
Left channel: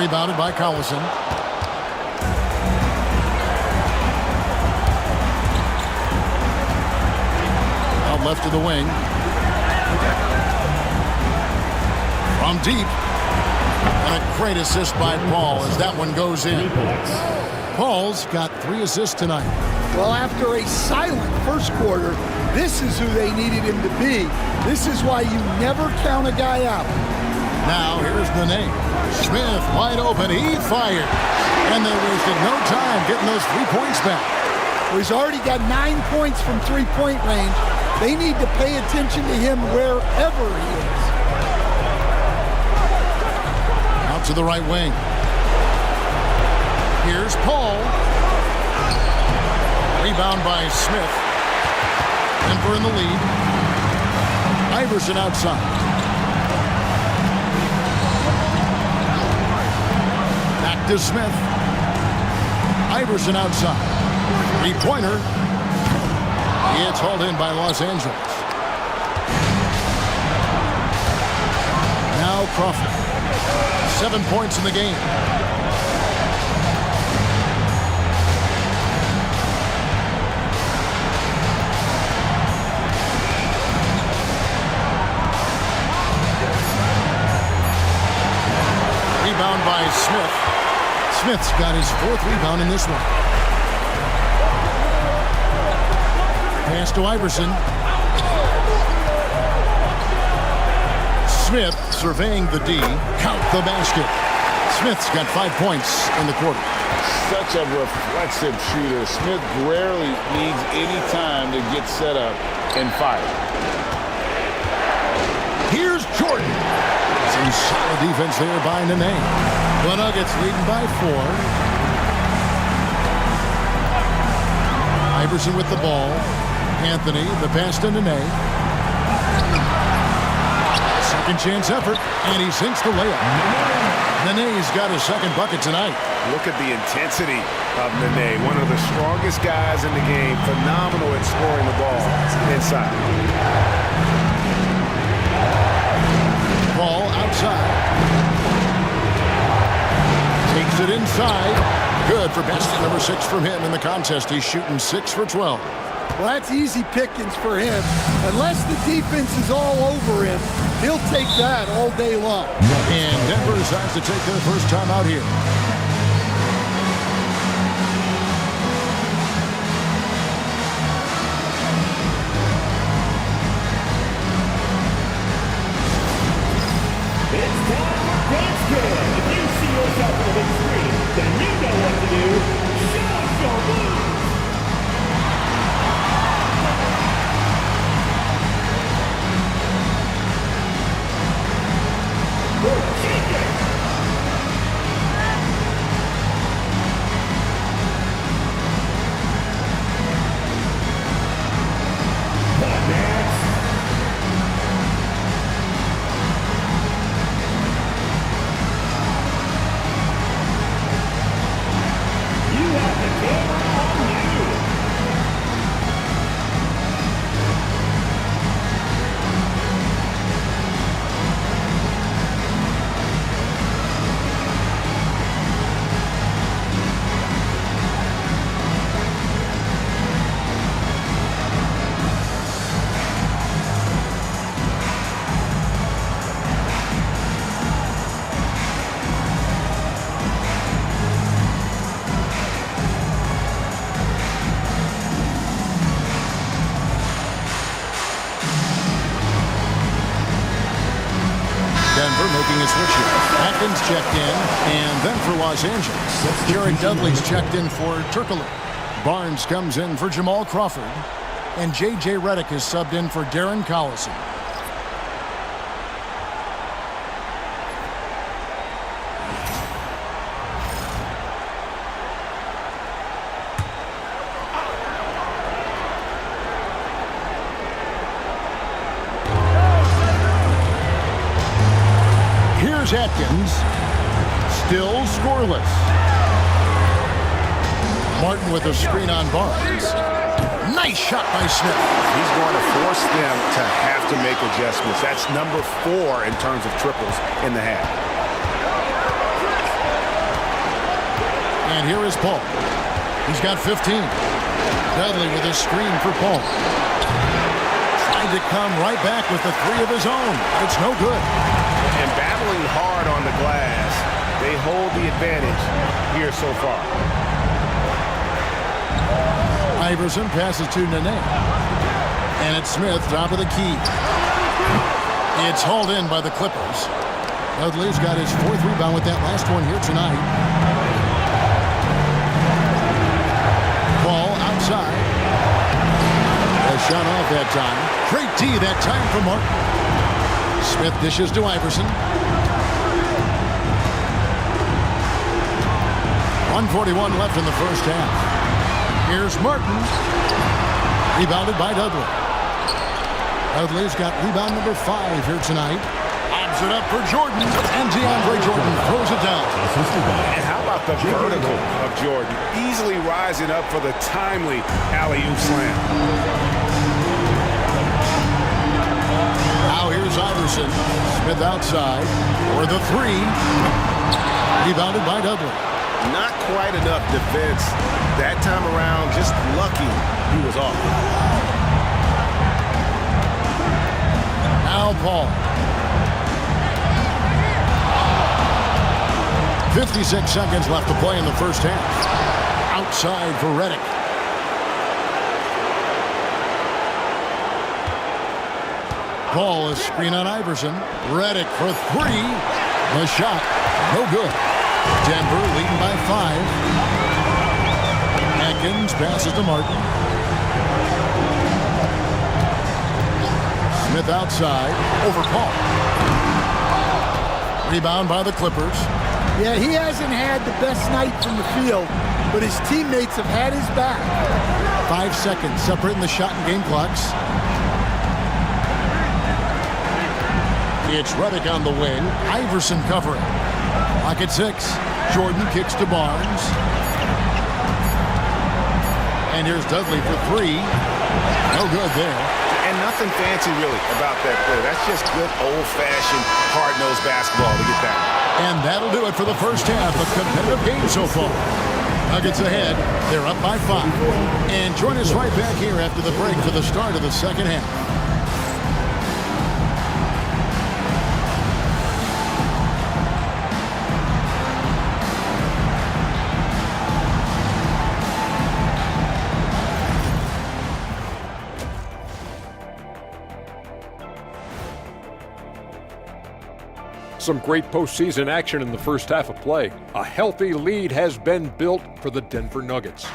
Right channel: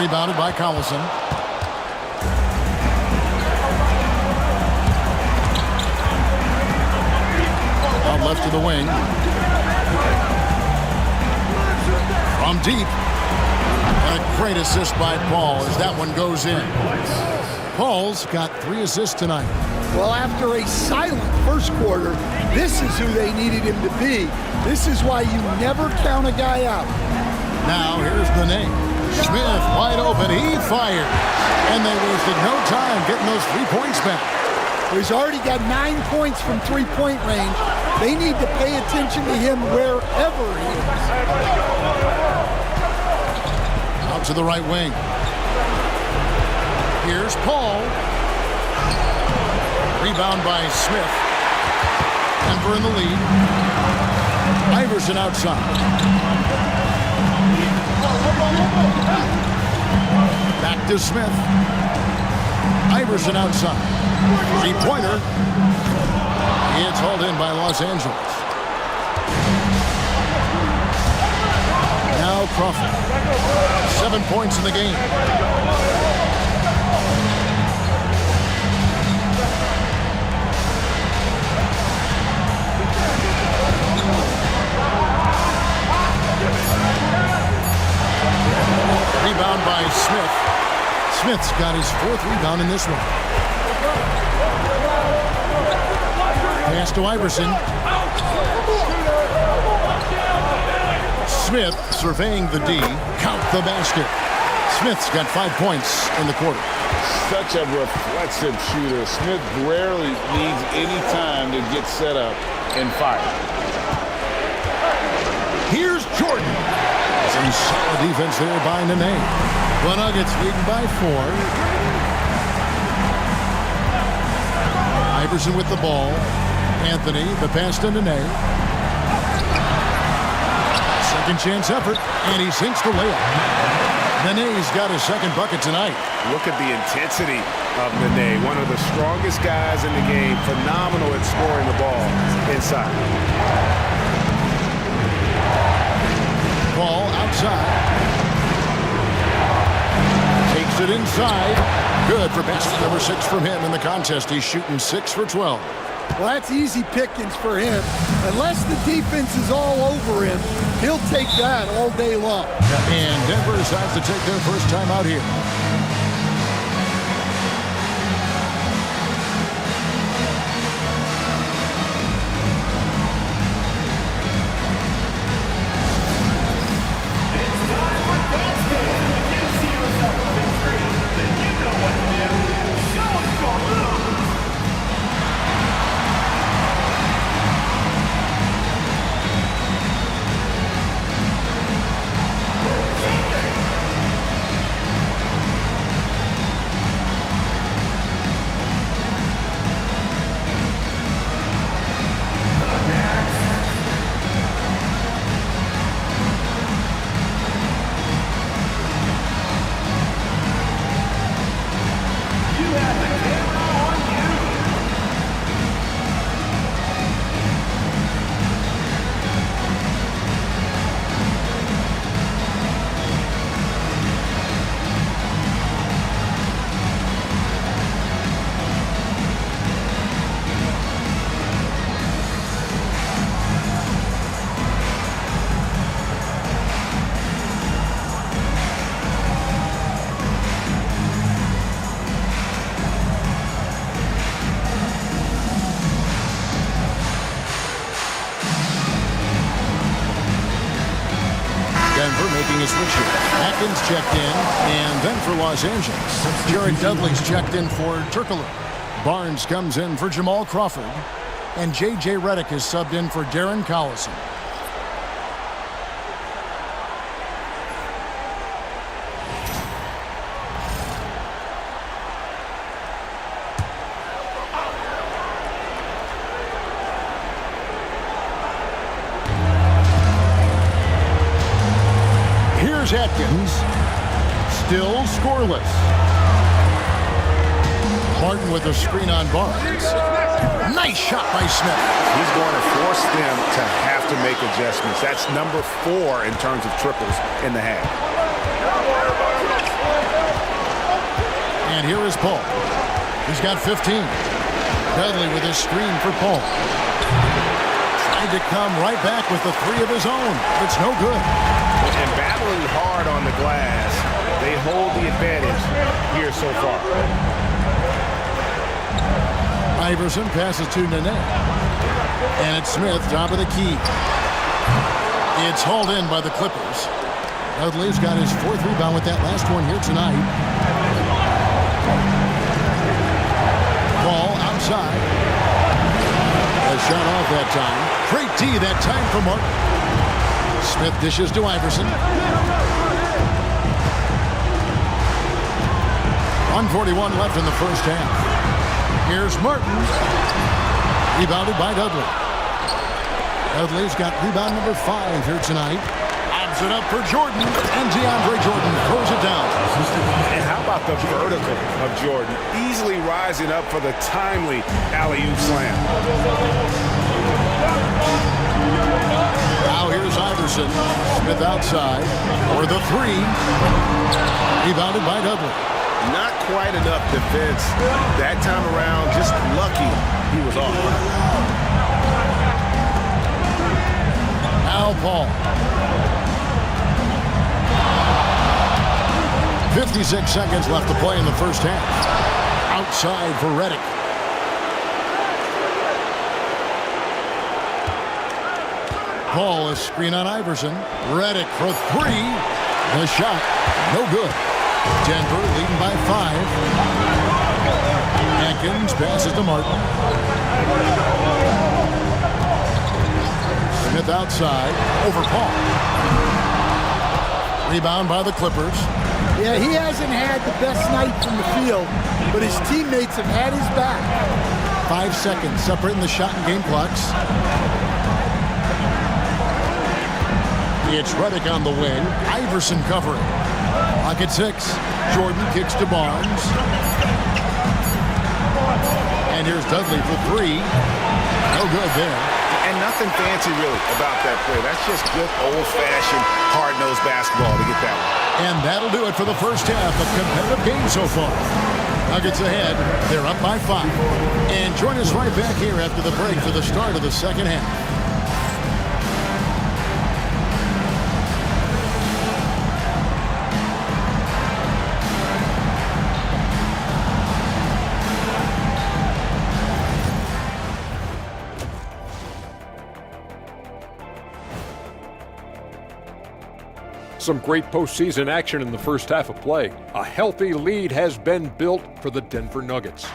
Rebounded by Collison. Out left to the wing. From deep. And a great assist by Paul as that one goes in. Paul's got 3 assists tonight. Well, after a silent first quarter, this is who they needed him to be. This is why you never count a guy out. Now here's Nene. Smith wide open. He fired. And they wasted no time getting those 3 points back. Well, he's already got 9 points from three-point range. They need to pay attention to him wherever he is. Out to the right wing. Here's Paul. Rebound by Smith. Denver in the lead. Iverson outside. Back to Smith. Iverson outside. Three-pointer. It's hauled in by Los Angeles. Now Crawford. 7 points in the game. Rebound by Smith. Smith's got his 4th rebound in this one. Pass to Iverson. Smith surveying the D. Count the basket. Smith's got 5 points in the quarter. Such a reflexive shooter. Smith rarely needs any time to get set up and fire. Here's Jordan. Some solid defense there by Nene. The Nuggets leading by 4. Iverson with the ball. Anthony, the pass to Nene. Second chance effort, and he sinks the layup. Nene's got his 2nd bucket tonight. Look at the intensity of Nene, one of the strongest guys in the game. Phenomenal at scoring the ball inside. Ball outside. Takes it inside. Good for basket number 6 from him in the contest. He's shooting 6 for 12. Well, that's easy pickings for him. Unless the defense is all over him, he'll take that all day long. And Denver decides to take their first time out here. It's time for basket. If you see yourself on the big screen, then you know what to do. Show us your moves. Denver making a switch here. Atkins checked in, and then for Los Angeles, Jared Dudley's checked in for Turkoglu. Barnes comes in for Jamal Crawford, and J.J. Redick is subbed in for Darren Collison. Here's Atkins, still scoreless. Martin with a screen on Barnes. Nice shot by Smith. He's going to force them to have to make adjustments. That's number 4 in terms of triples in the half. And here is Paul. He's got 15. Dudley with a screen for Paul. Tried to come right back with the 3 of his own, but it's no good. And battling hard on the glass, they hold the advantage here so far. Iverson passes to Nene. And it's Smith, top of the key. It's hauled in by the Clippers. Dudley's got his 4th rebound with that last one here tonight. Ball outside. A shot off that time. Great D that time from Martin. Smith dishes to Iverson. 1:41 left in the first half. Here's Martin. Rebounded by Dudley. Dudley's got rebound number 5 here tonight. Lobs it up for Jordan, and DeAndre Jordan throws it down. And how about the vertical of Jordan? Easily rising up for the timely alley-oop slam. Now here's Iverson. Smith outside for the three. Rebounded by Dudley. Not quite enough defense that time around. Just lucky he was off. Now Paul. 56 seconds left to play in the first half. Outside for Redick. Paul is screen on Iverson. Redick for three. The shot, no good. Denver leading by 5. Atkins passes to Martin. Smith outside over Paul. Rebound by the Clippers. Yeah, he hasn't had the best night from the field, but his teammates have had his back. 5 seconds separating the shot and game clocks. It's Redick on the wing. Iverson covering. Clock at 6. Jordan kicks to Barnes. And here's Dudley for 3. No good there. And nothing fancy really about that play. That's just good old-fashioned hard-nosed basketball to get that one. And that'll do it for the first half. A competitive game so far. Nuggets ahead. They're up by 5. And join us right back here after the break for the start of the second half. Some great postseason action in the first half of play. A healthy lead has been built for the Denver Nuggets.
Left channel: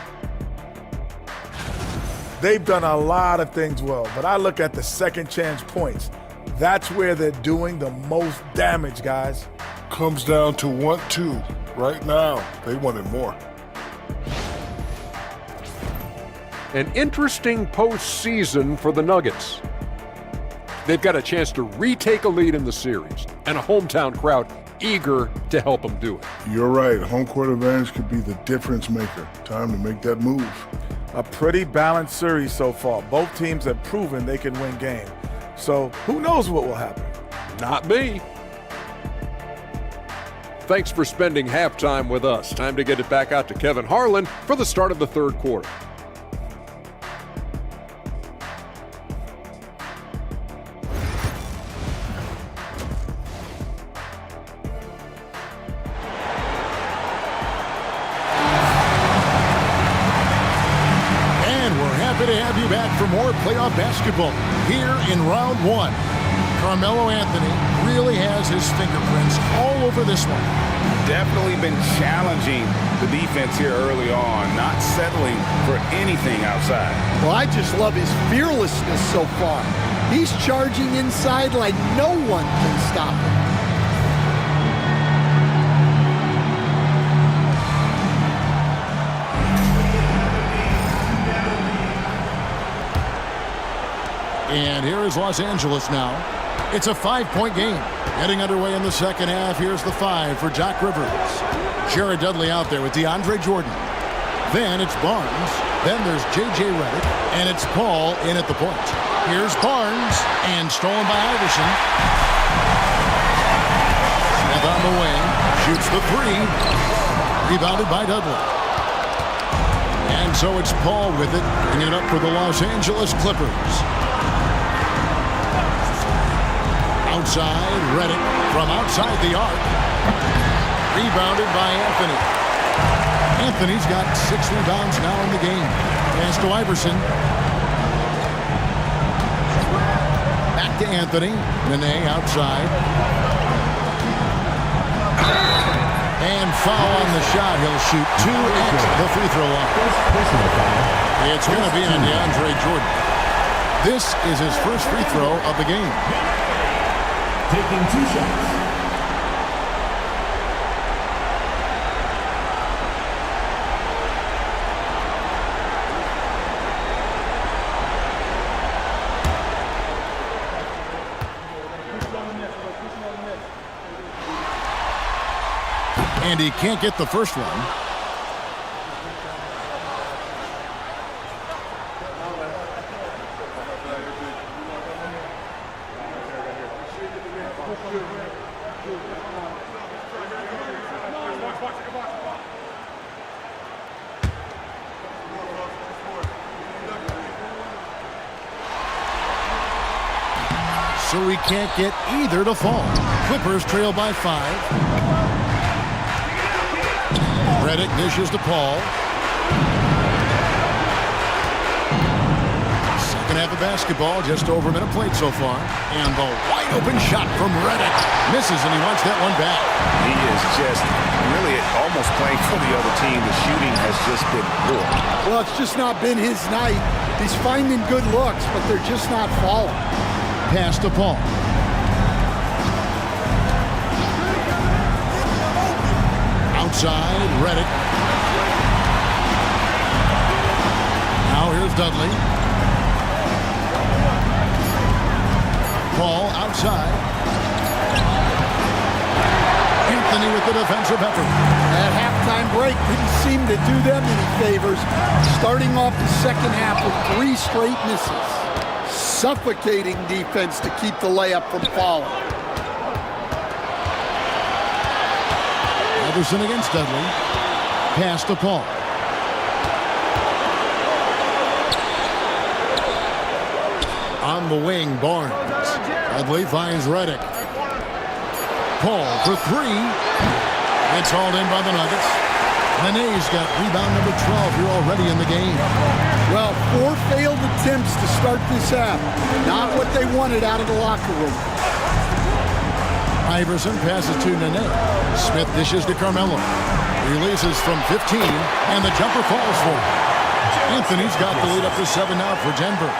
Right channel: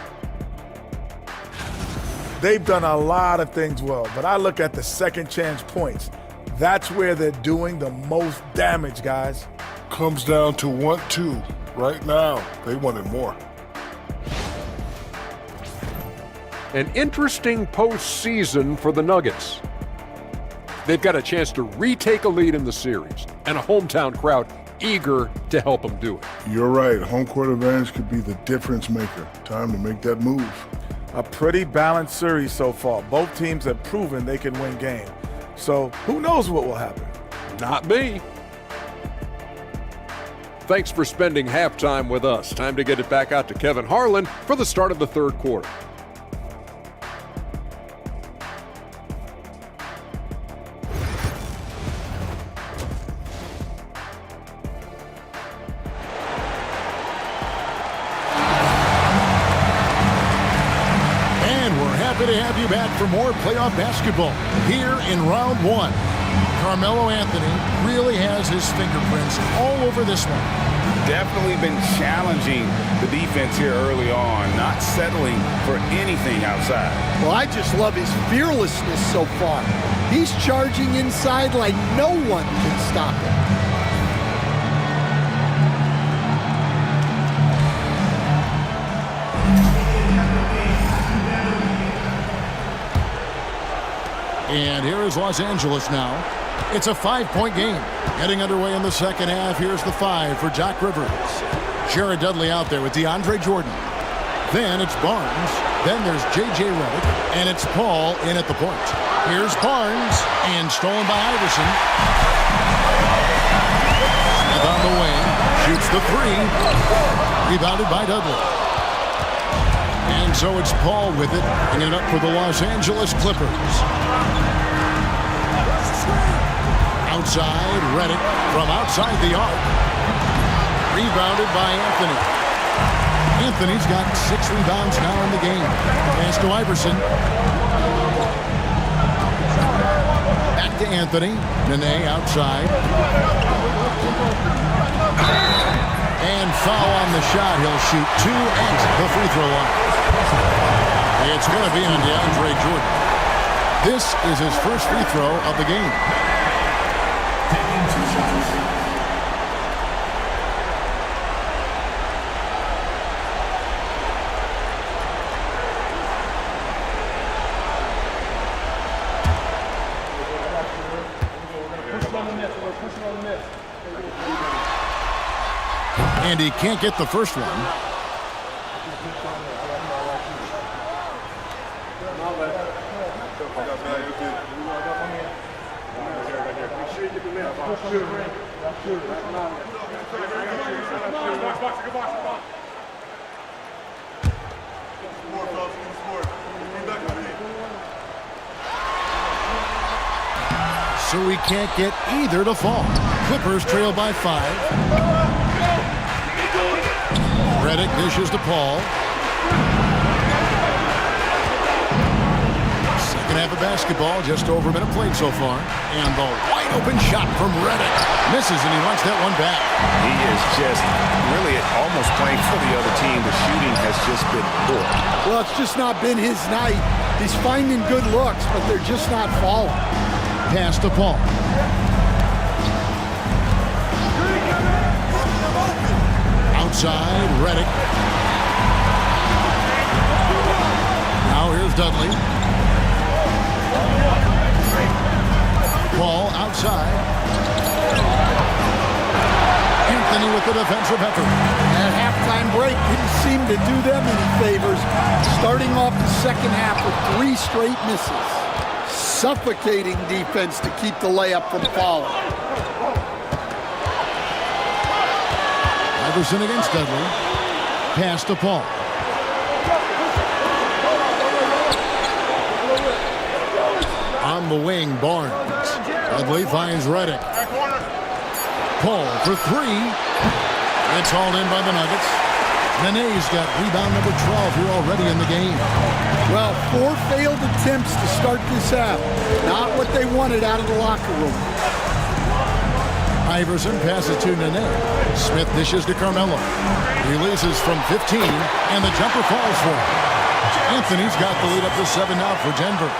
They've done a lot of things well, but I look at the second chance points. That's where they're doing the most damage, guys. Comes down to 1-2 right now. They wanted more. An interesting postseason for the Nuggets. They've got a chance to retake a lead in the series, and a hometown crowd eager to help them do it. You're right. Home court advantage could be the difference maker. Time to make that move. A pretty balanced series so far. Both teams have proven they can win games. So who knows what will happen? Not me. Thanks for spending halftime with us. Time to get it back out to Kevin Harlan for the start of the third quarter. Happy to have you back for more playoff basketball here in round 1. Carmelo Anthony really has his fingerprints all over this one. Definitely been challenging the defense here early on, not settling for anything outside. Well, I just love his fearlessness so far. He's charging inside like no one can stop him. And here is Los Angeles now. It's a 5-point game. Getting underway in the second half. Here's the 5 for Doc Rivers. Jared Dudley out there with DeAndre Jordan. Then it's Barnes. Then there's J.J. Redick. And it's Paul in at the point. Here's Barnes. And stolen by Iverson. Smith on the wing. Shoots the 3. Rebounded by Dudley. And so it's Paul with it. Bringing it up for the Los Angeles Clippers. Outside, Redick from outside the arc. Rebounded by Anthony. Anthony's got 6 rebounds now in the game. Pass to Iverson. Back to Anthony. Nene outside. And foul on the shot. He'll shoot 2 at the free throw line. It's going to be on DeAndre Jordan. This is his first free throw of the game. Taking 2 shots. And he can't get the first one. So he can't get either to fall. Clippers trail by 5. Redick dishes to Paul. Second half of basketball, just over a minute played so far. And the wide open shot from Redick. Misses, and he wants that one back. He is just really almost playing for the other team. The shooting has just been poor. Well, it's just not been his night. He's finding good looks, but they're just not falling. Pass to Paul. Outside, Redick. Now here's Dudley. Paul outside. Anthony with the defensive effort. That halftime break didn't seem to do them any favors. Starting off the second half with 3 straight misses. Suffocating defense to keep the layup from falling. Iverson against Dudley. Pass to Paul. On the wing, Barnes. Dudley finds Redick. Paul for 3. It's hauled in by the Nuggets. Nene's got rebound number 12 here already in the game. Well, 4 failed attempts to start this half. Not what they wanted out of the locker room. Iverson passes to Nene. Smith dishes to Carmelo. Releases from 15, and the jumper falls for him. Anthony's got the lead up to 7 now for Denver.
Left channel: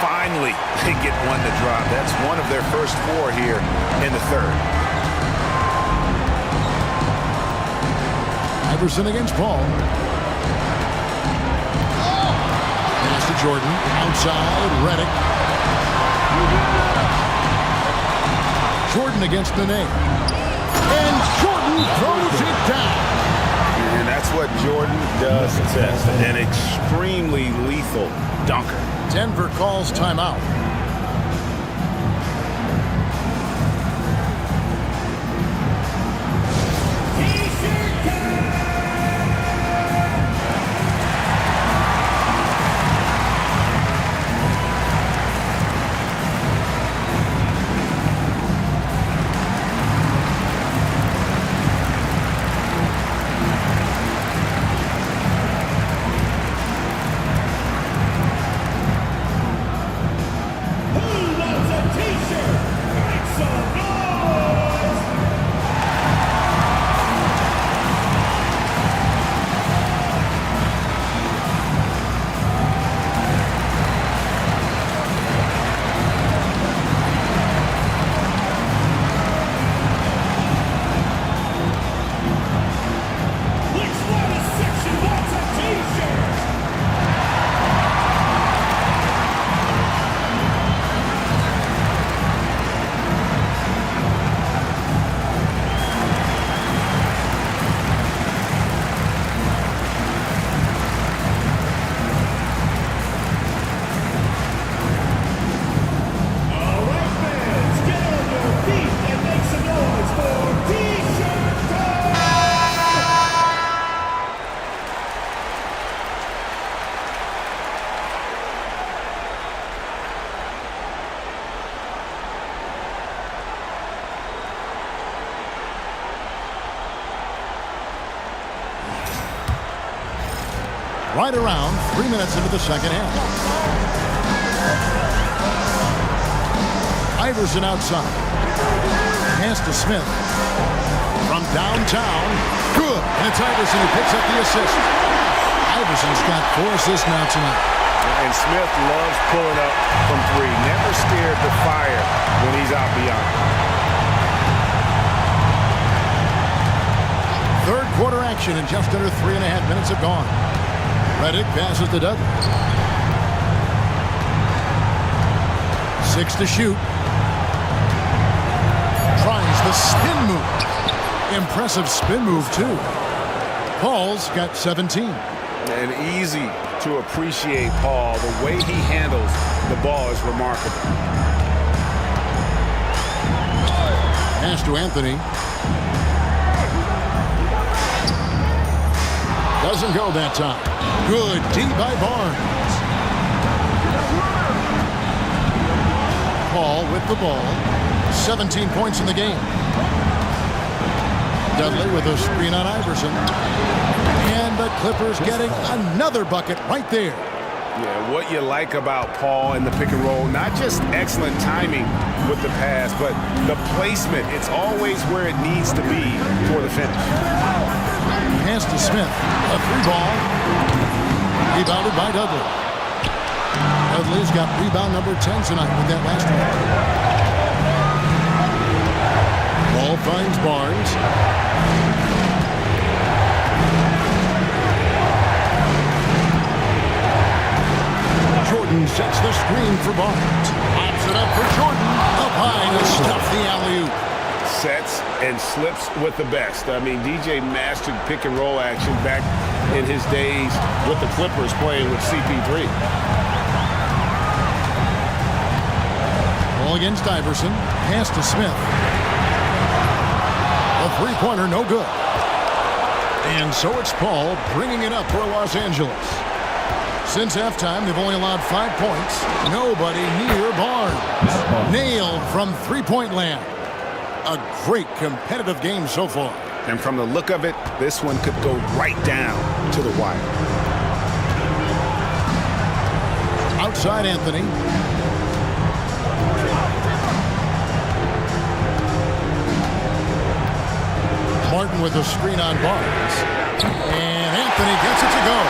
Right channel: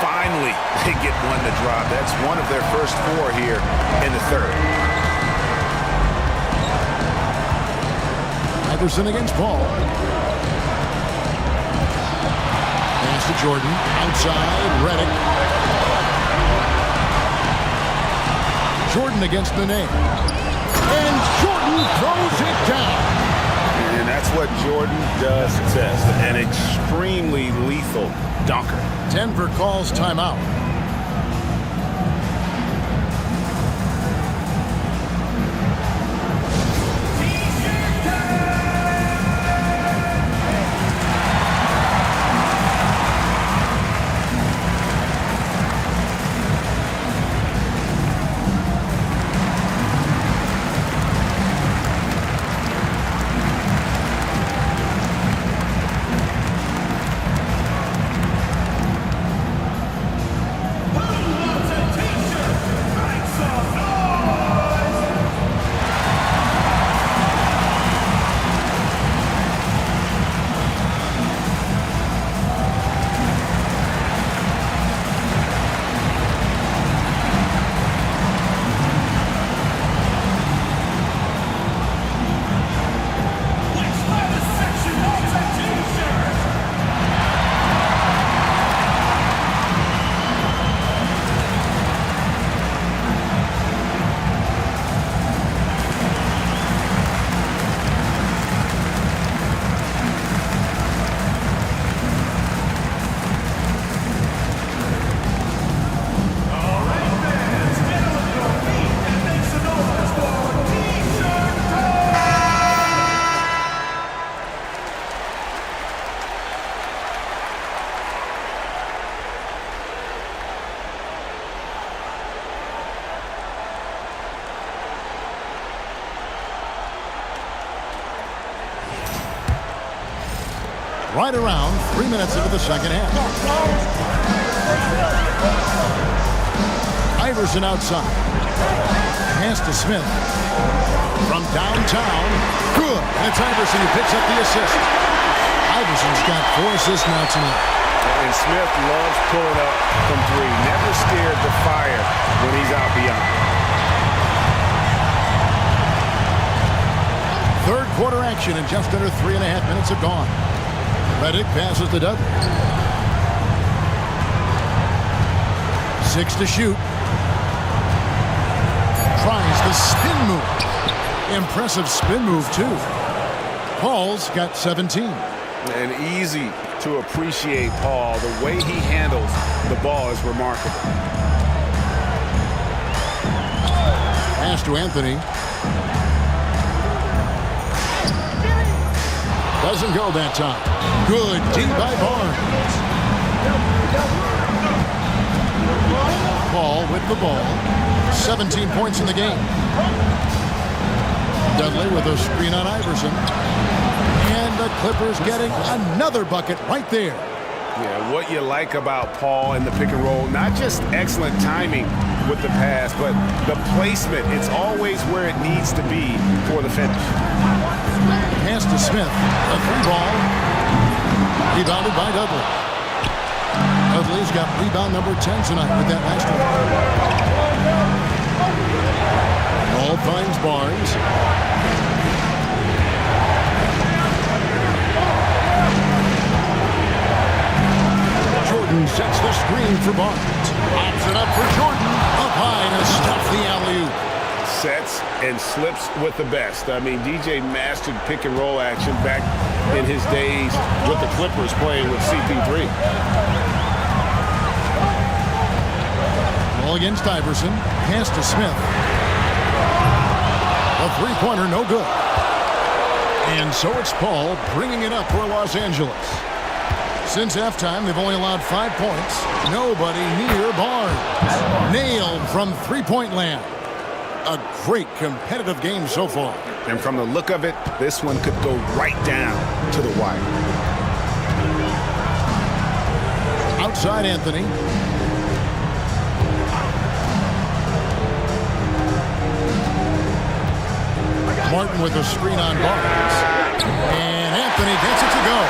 Finally, they get one to drop. That's one of their first 4 here in the third. Iverson against Paul. Pass to Jordan. Outside, Redick. Jordan against Nene. And Jordan throws it down. And that's what Jordan does best. An extremely lethal dunker. Denver calls timeout. Right around 3 minutes into the second half. Iverson outside. Pass to Smith. From downtown. Good. And it's Iverson who picks up the assist. Iverson's got 4 assists now tonight. And Smith loves pulling up from 3. Never scared to fire when he's out beyond. Third quarter action, and just under 3.5 minutes have gone. Redick passes to Dudley. 6 to shoot. Tries the spin move. Impressive spin move, too. Paul's got 17. And easy to appreciate Paul. The way he handles the ball is remarkable. Pass to Anthony. Doesn't go that time. Good D by Barnes. Paul with the ball. 17 points in the game. Dudley with a screen on Iverson. And the Clippers getting another bucket right there. Yeah, what you like about Paul in the pick and roll, not just excellent timing with the pass, but the placement. It's always where it needs to be for the finish. Pass to Smith. A 3-ball. Rebounded by Dudley. Dudley's got rebound number 10 tonight with that last one. Ball finds Barnes. Jordan sets the screen for Barnes. Pops it up for Jordan. Up high to stuff the alley-oop. Sets and slips with the best. I mean, DJ mastered pick and roll action back in his days with the Clippers playing with CP3. Ball against Iverson. Pass to Smith. A three-pointer, no good. And so it's Paul bringing it up for Los Angeles. Since halftime, they've only allowed 5 points. Nobody near Barnes. Nailed from three-point land. A great competitive game so far. And from the look of it, this one could go right down to the wire. Outside Anthony. Martin with a screen on Barnes. And Anthony gets it to go.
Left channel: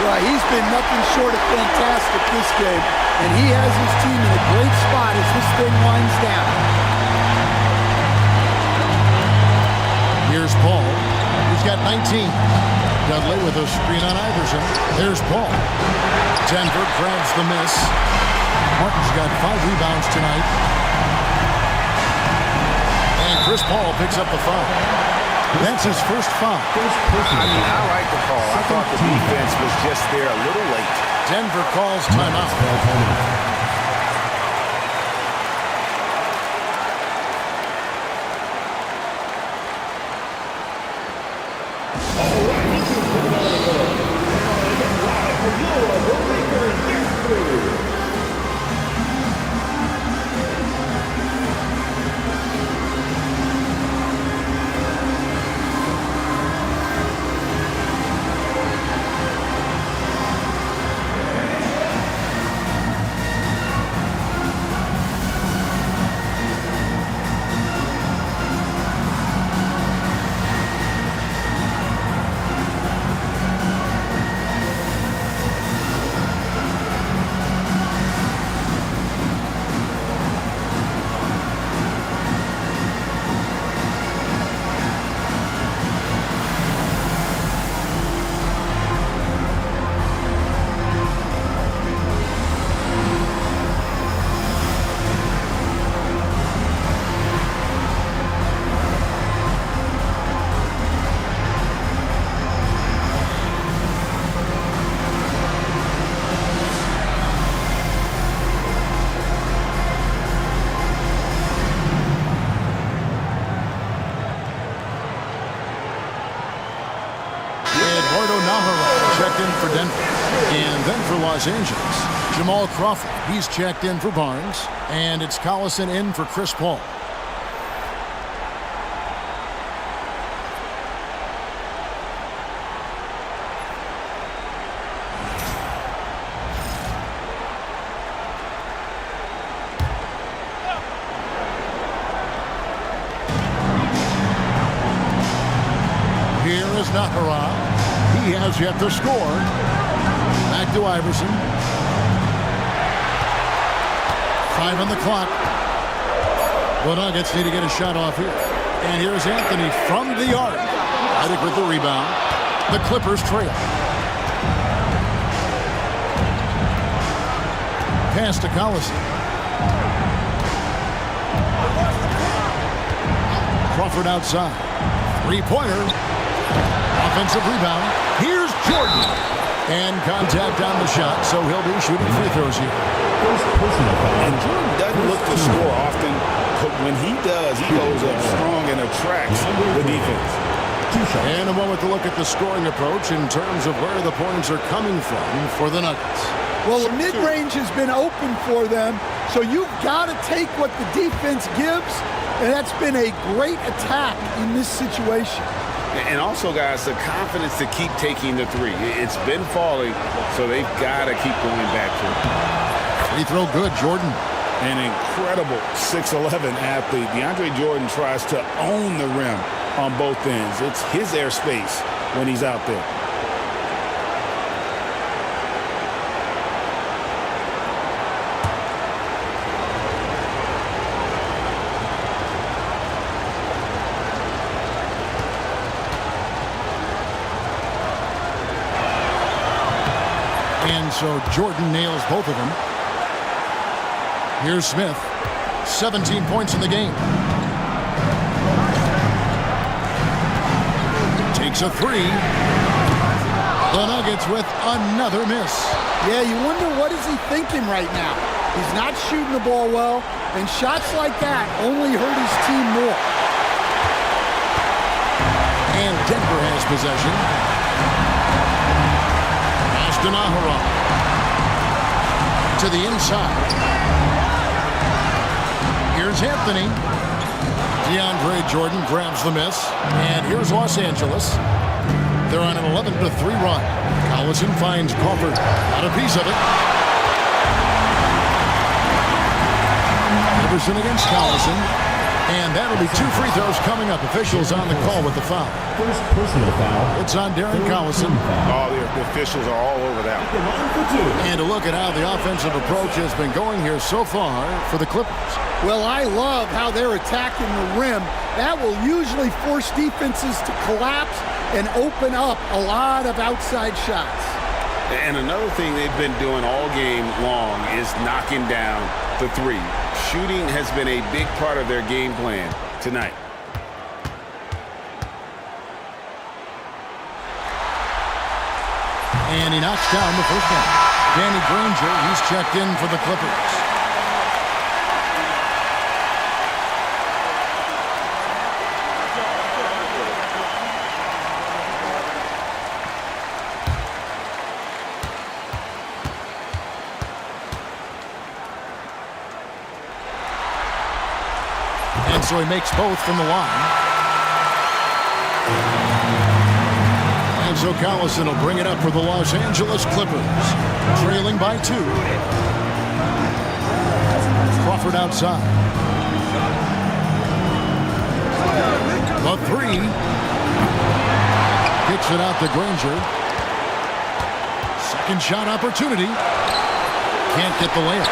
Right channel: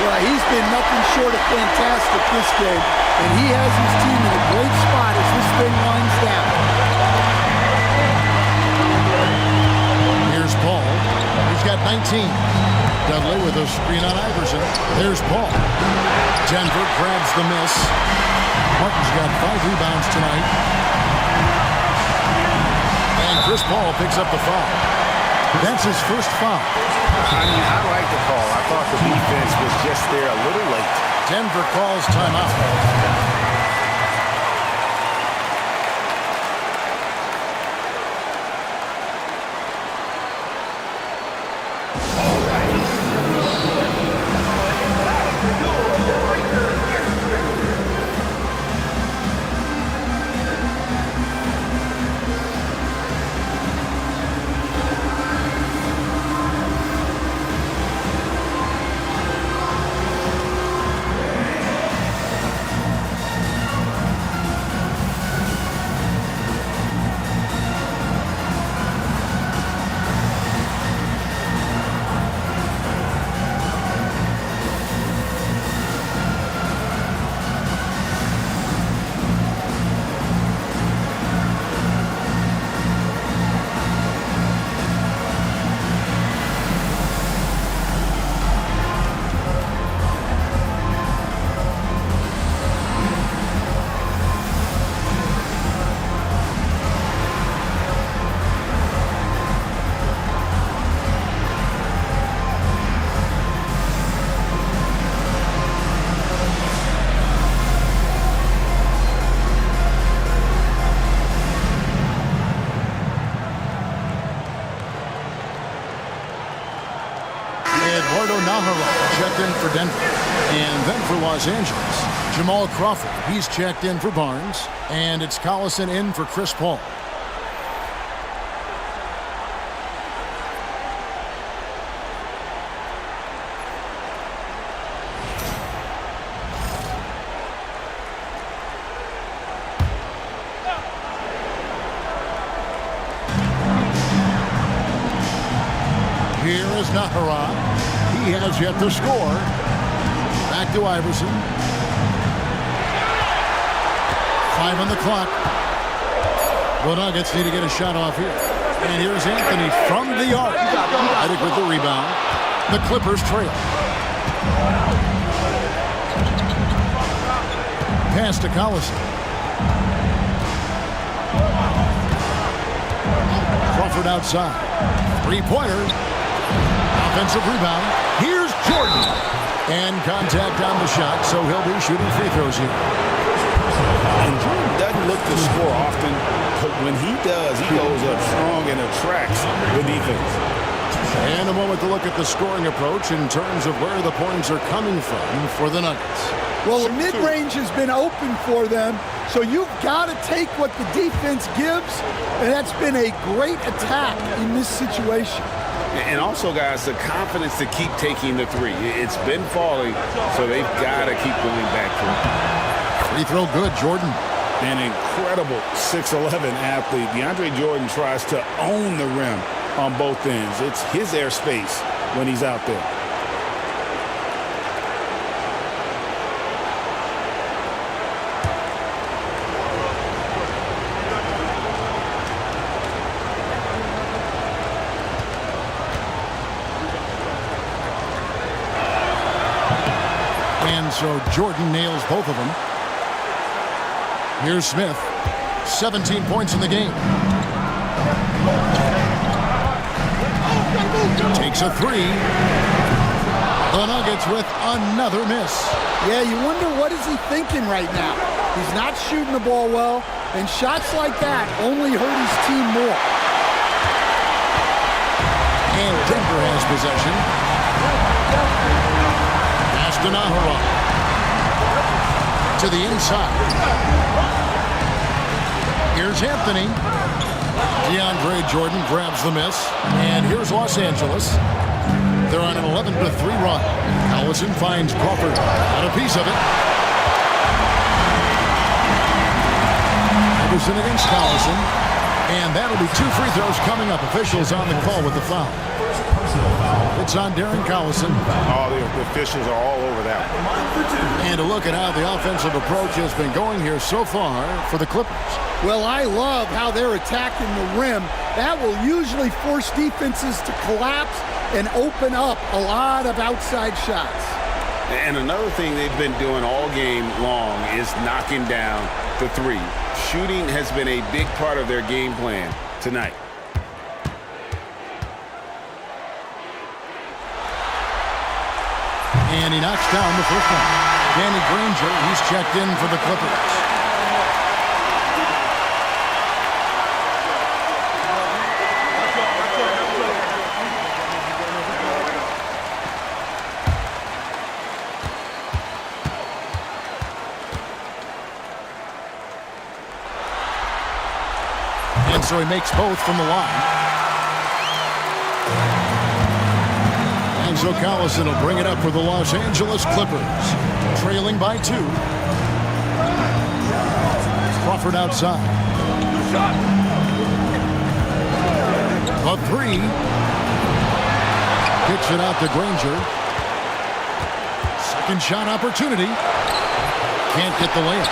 Well, he's been nothing short of fantastic this game, and he has his team in a great spot as this thing winds down. Here's Paul. He's got 19. Dudley with a screen on Iverson. There's Paul. Denver grabs the miss. Martin's got 5 rebounds tonight. And Chris Paul picks up the foul. That's his first foul. I mean, I like the call. I thought the defense was just there a little late. Denver calls timeout. Naghahanap checked in for Denver. And then for Los Angeles, Jamal Crawford. He's checked in for Barnes. And it's Collison in for Chris Paul. Here is Naghahanap. He has yet to score. Back to Iverson. 5 on the clock. The Nuggets need to get a shot off here. And here's Anthony from the arc. I think with the rebound. The Clippers trail. Pass to Collison. Crawford outside. Three-pointer. Offensive rebound. Here's Jordan. And contact on the shot, so he'll be shooting free throws here. And Jordan doesn't look to score often. But when he does, he goes up strong and attracts the defense. And a moment to look at the scoring approach in terms of where the points are coming from for the Nuggets. Well, the mid-range has been open for them, so you've got to take what the defense gives, and that's been a great attack in this situation. And also, guys, the confidence to keep taking the three. It's been falling, so they've got to keep going back to it. Free throw good, Jordan. An incredible 6'11" athlete. DeAndre Jordan tries to own the rim on both ends. It's his airspace when he's out there. And so Jordan nails both of them. Here's Smith. 17 points in the game. Takes a three. The Nuggets with another miss. Yeah, you wonder what is he thinking right now. He's not shooting the ball well, and shots like that only hurt his team more. And Denver has possession. Pass to Naghahanap. To the inside. Here's Anthony. DeAndre Jordan grabs the miss. And here's Los Angeles. They're on an 11-3 run. Collison finds Crawford. Got a piece of it. Everson against Collison. And that'll be 2 free throws coming up. Officials on the call with the foul. First personal foul. It's on Darren Collison. Oh, the officials are all over that. And a look at how the offensive approach has been going here so far for the Clippers. Well, I love how they're attacking the rim. That will usually force defenses to collapse and open up a lot of outside shots. And another thing they've been doing all game long is knocking down the three. Shooting has been a big part of their game plan tonight. And he knocks down the first one. Danny Granger, he's checked in for the Clippers. And so he makes both from the line. And so Collison will bring it up for the Los Angeles Clippers. Trailing by 2. Crawford outside. The 3. Kicks it out to Granger. Second shot opportunity. Can't get the layup.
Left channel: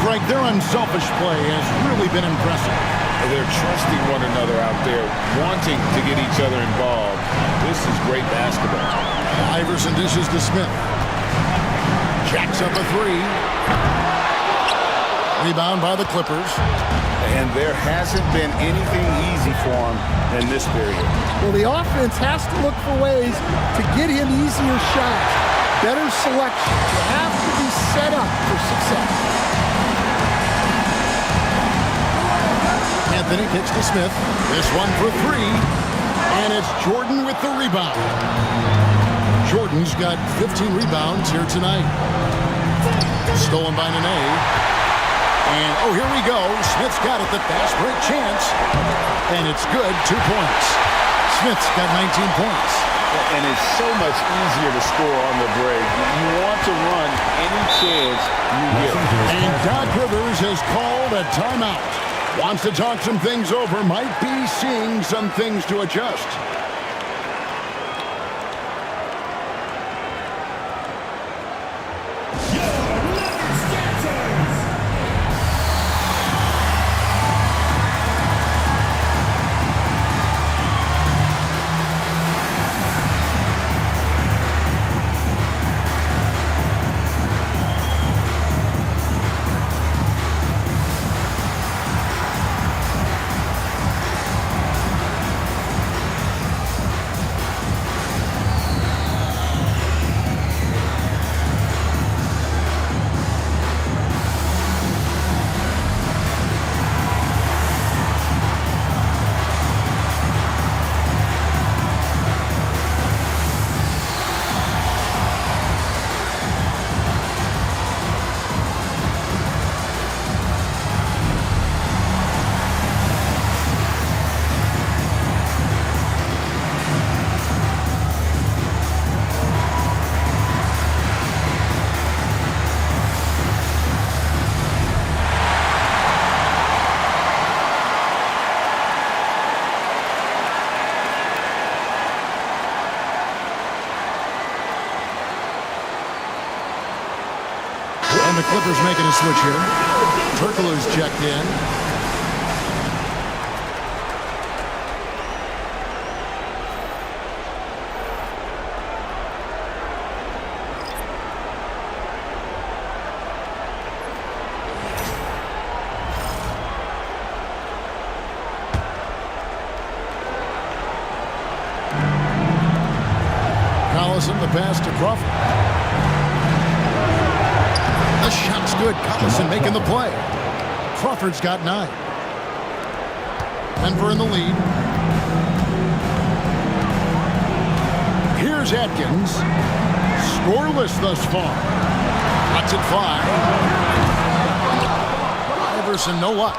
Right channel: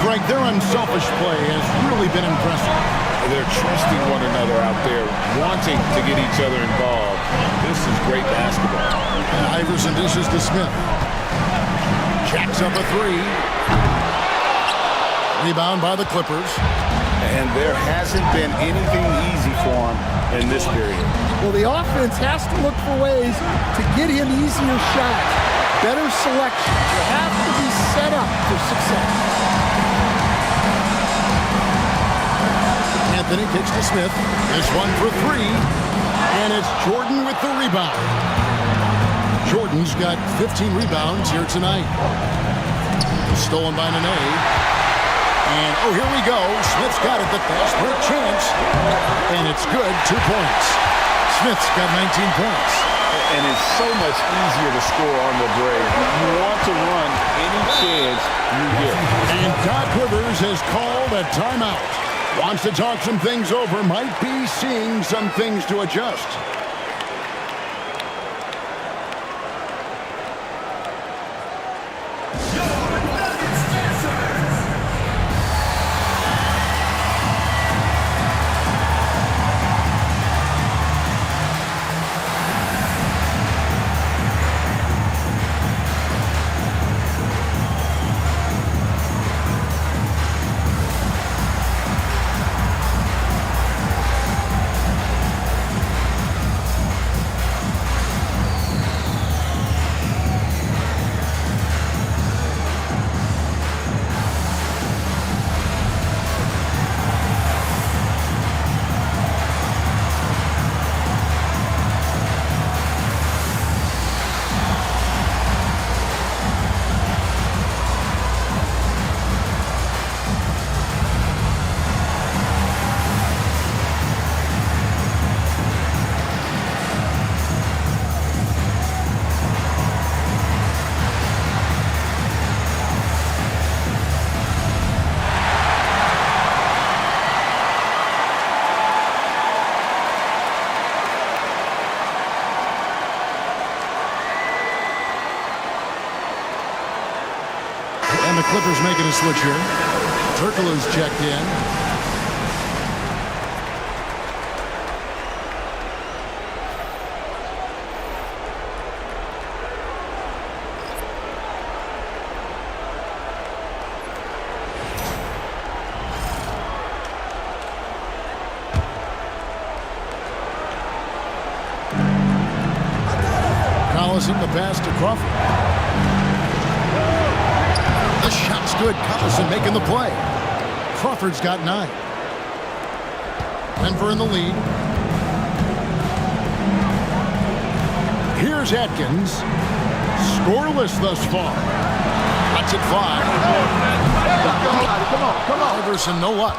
Greg, their unselfish play has really been impressive. They're trusting one another out there, wanting to get each other involved. This is great basketball. Iverson dishes to Smith. Jacks up a 3. Rebound by the Clippers. And there hasn't been anything easy for him in this period. Well, the offense has to look for ways to get him easier shots, better selection. You have to be set up for success. Anthony kicks to Smith. This one for 3. And it's Jordan with the rebound. Jordan's got 15 rebounds here tonight. Stolen by Nene. And, oh, here we go. Smith's got it, the fast break chance. And it's good, 2 points. Smith's got 19 points. And it's so much easier to score on the break. You want to run any chance you get. And Doc Rivers has called a timeout. Wants to talk some things over, might be seeing some things to adjust. And the Clippers making a switch here. Turkoglu's checked in. Collison, the pass to Crawford. The shot's good. Collison making the play. Crawford's got 9. Denver in the lead. Here's Atkins. Scoreless thus far. Lets it fly. Come on. Iverson, no luck.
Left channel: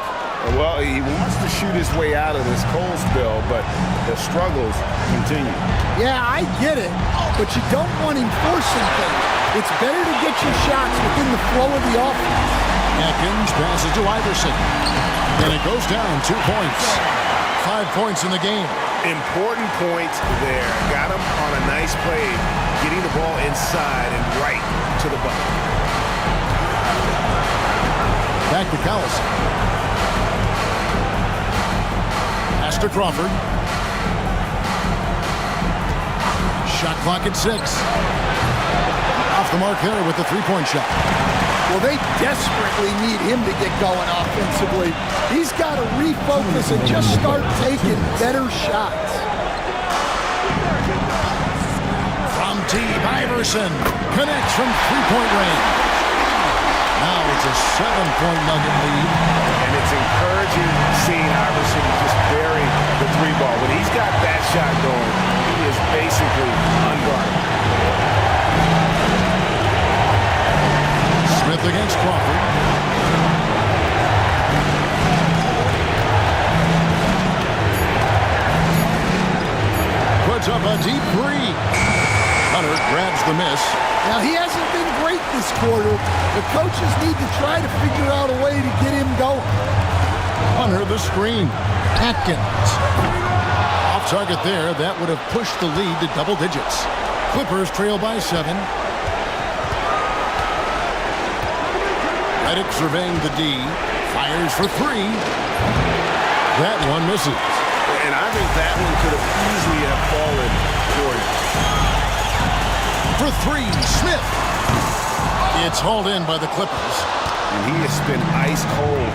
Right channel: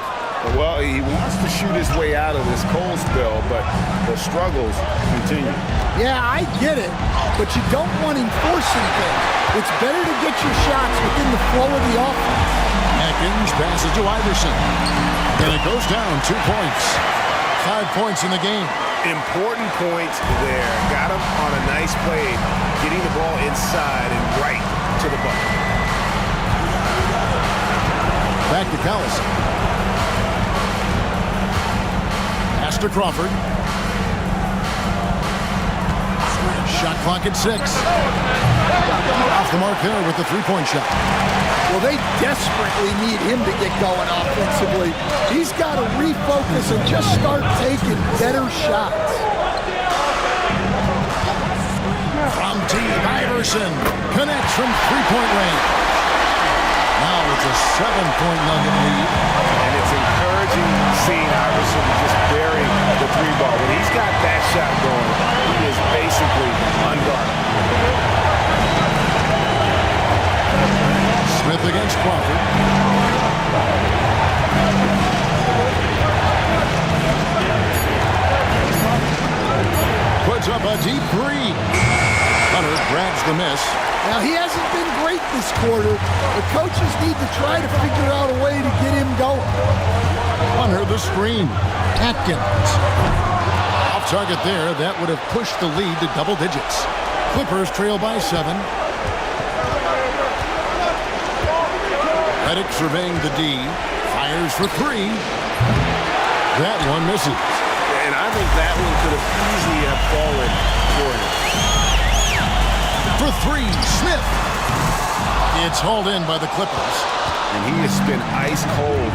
Well, he wants to shoot his way out of this cold spell, but the struggles continue. Yeah, I get it, but you don't want him forcing things. It's better to get your shots within the flow of the offense. Atkins passes to Iverson. And it goes down 2 points. 5 points in the game. Important points there. Got him on a nice play, getting the ball inside and right to the bucket. Back to Collison. Pass to Crawford. Shot clock at 6. Off the mark there with the three-point shot. Well, they desperately need him to get going offensively. He's got to refocus and just start taking better shots. From deep, Iverson connects from three-point range. Now it's a 7-point Nugget lead. And it's encouraging seeing Iverson just bury the 3-ball. When he's got that shot going, he is basically unguardable. Smith against Crawford. Puts up a deep 3. Hunter grabs the miss. Now, he hasn't been great this quarter. The coaches need to try to figure out a way to get him going. Hunter the screen. Atkins. Off target there. That would have pushed the lead to double digits. Clippers trail by 7. Redick surveying the D. Fires for 3. That one misses. And I think that one could have easily have fallen for him. For 3, Smith. It's hauled in by the Clippers. And he has been ice cold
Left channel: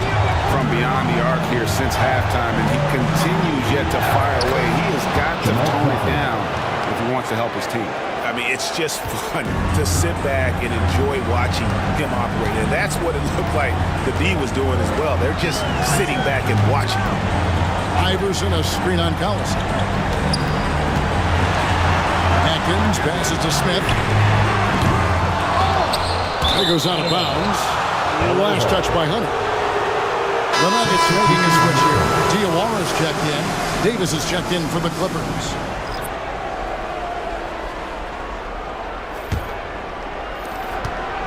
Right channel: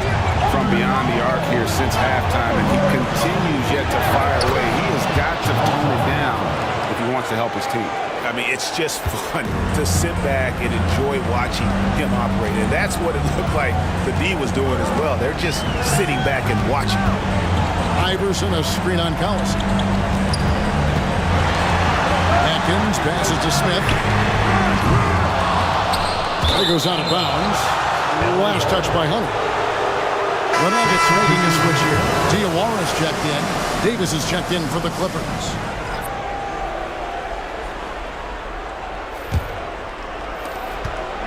from beyond the arc here since halftime, and he continues yet to fire away. He has got to tone it down if he wants to help his team. I mean, it's just fun to sit back and enjoy watching him operate. And that's what it looked like the D was doing as well. They're just sitting back and watching. Iverson, a screen on Collison. Atkins passes to Smith. He goes out of bounds. Last touch by Hunter. The Nuggets making a switch here. Jowa's checked in. Davis is checked in for the Clippers.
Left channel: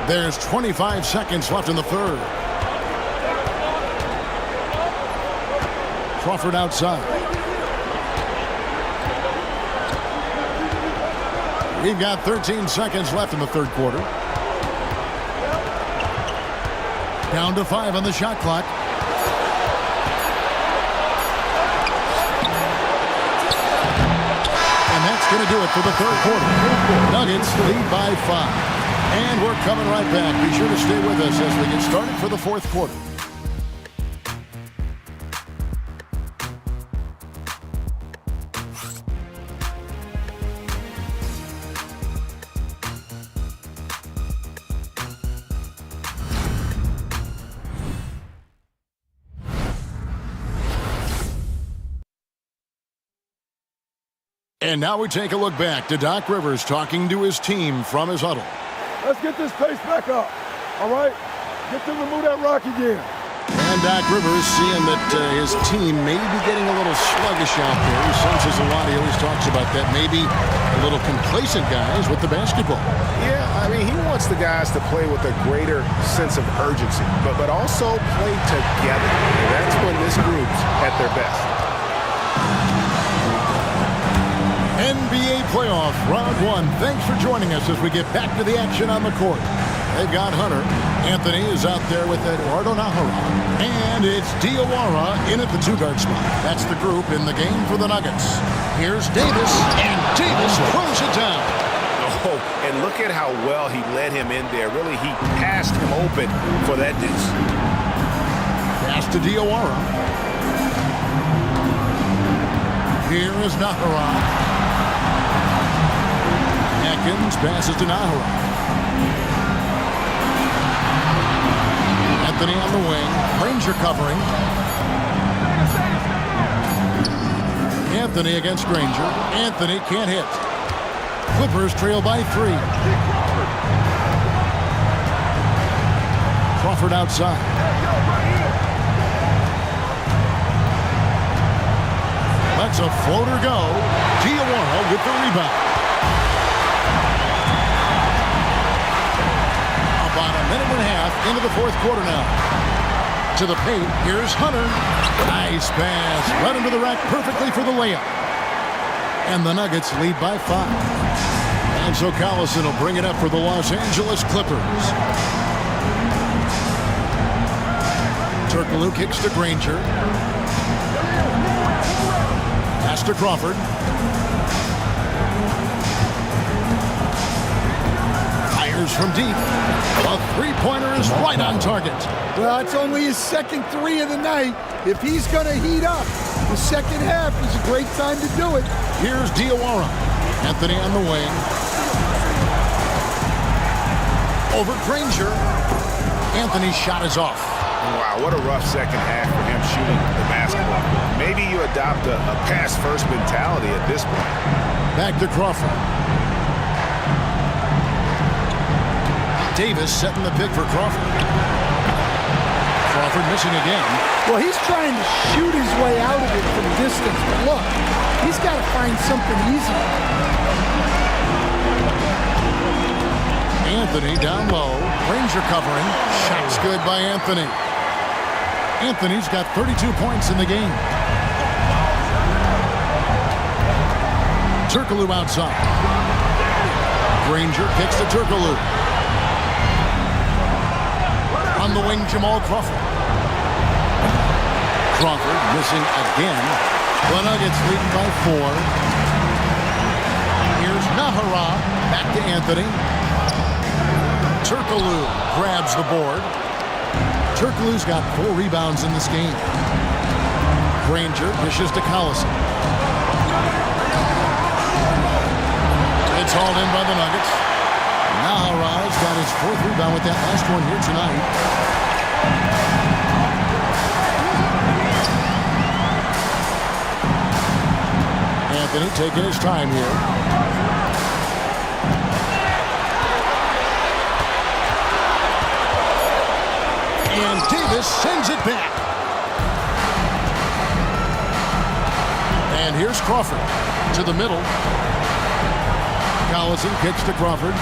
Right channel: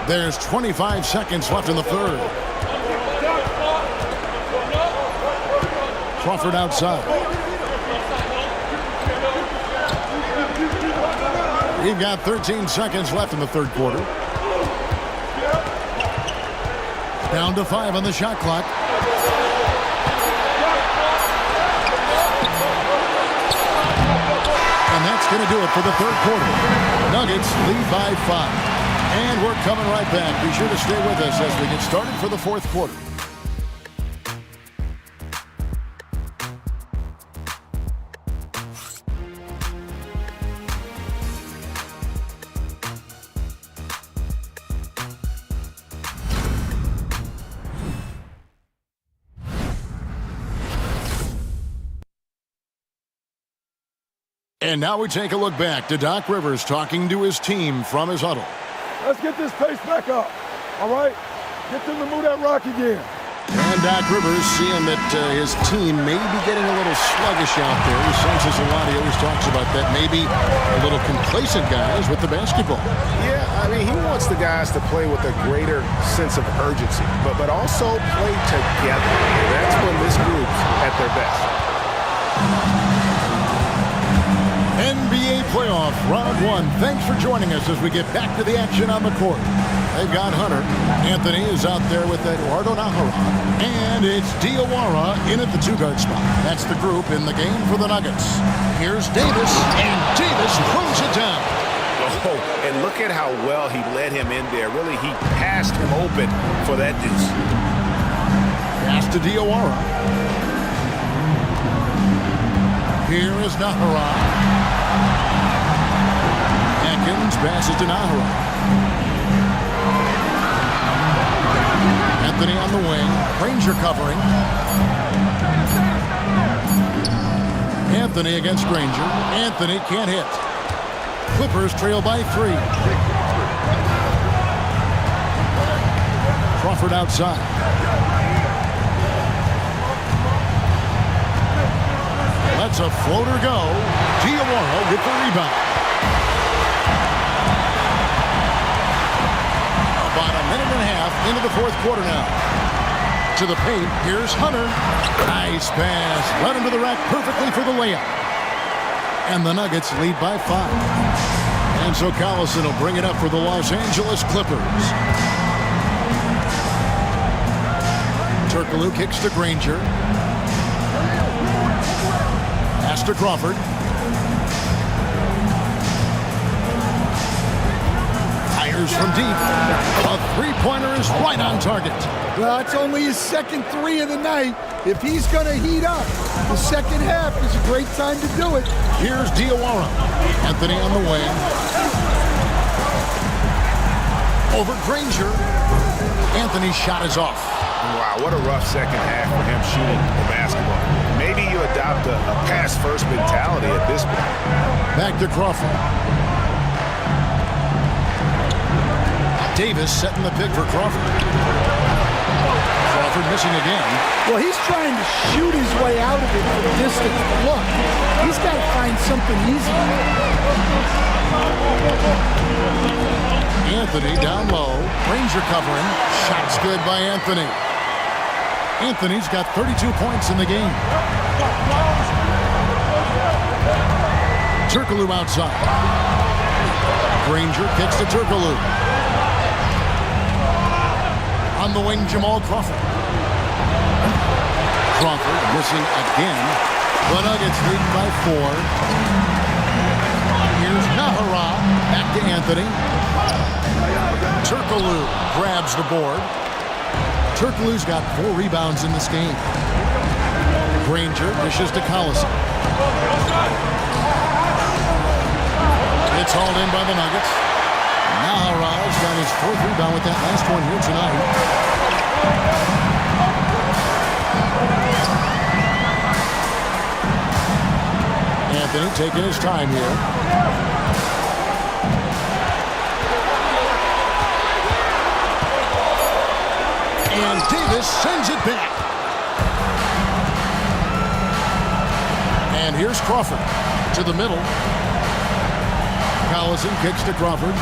There's 25 seconds left in the third. Crawford outside. We've got 13 seconds left in the third quarter. Down to 5 on the shot clock. And that's going to do it for the third quarter. Nuggets lead by 5. And we're coming right back. Be sure to stay with us as we get started for the fourth quarter. And now we take a look back to Doc Rivers talking to his team from his huddle. Let's get this pace back up, all right? Get them to move that rock again. And Doc Rivers seeing that his team may be getting a little sluggish out there. He senses a lot. He always talks about that. Maybe a little complacent guys with the basketball. Yeah, I mean, he wants the guys to play with a greater sense of urgency, but also play together. And that's when this group's at their best. NBA playoff round 1. Thanks for joining us as we get back to the action on the court. They've got Hunter. Anthony is out there with Eduardo Nahara. And it's Diawara in at the 2-guard spot. That's the group in the game for the Nuggets. Here's Davis, and Davis throws it down. Oh, and look at how well he led him in there. Really, he passed him open for that deuce. Pass to Diawara. Here is Nahara. Atkins passes to Nahara. Anthony on the wing. Granger covering. Anthony against Granger. Anthony can't hit. Clippers trail by 3. Crawford outside. Lets a floater go. Diawara with the rebound. About a minute and a half into the fourth quarter now. To the paint, here's Hunter. Nice pass. Right into the rack perfectly for the layup. And the Nuggets lead by 5. And so Collison will bring it up for the Los Angeles Clippers. Turkoglu kicks to Granger. Pass to Crawford. Fires from deep. A three-pointer is right on target. Well, it's only his second 3 of the night. If he's going to heat up, the second half is a great time to do it. Here's Diawara. Anthony on the wing. Over Granger. Anthony's shot is off. Wow, what a rough second half for him shooting the basketball. Maybe you adopt a pass-first mentality at this point. Back to Crawford. Davis setting the pick for Crawford. Crawford missing again. Well, he's trying to shoot his way out of it from distance, but look, he's got to find something easy. Anthony down low. Granger covering. Shots good by Anthony. Anthony's got 32 points in the game. Turkoglu outside. Granger kicks to Turkoglu. On the wing, Jamal Crawford. Crawford missing again. The Nuggets leading by 4. Here's Nahara. Back to Anthony. Turkoglu grabs the board. Turkoglu's got 4 rebounds in this game. Granger dishes to Collison. It's hauled in by the Nuggets. Nahara's got his 4th rebound with that last one here tonight. Anthony taking his time here. And Davis sends it back. And here's Crawford to the middle. Collison kicks to Crawford.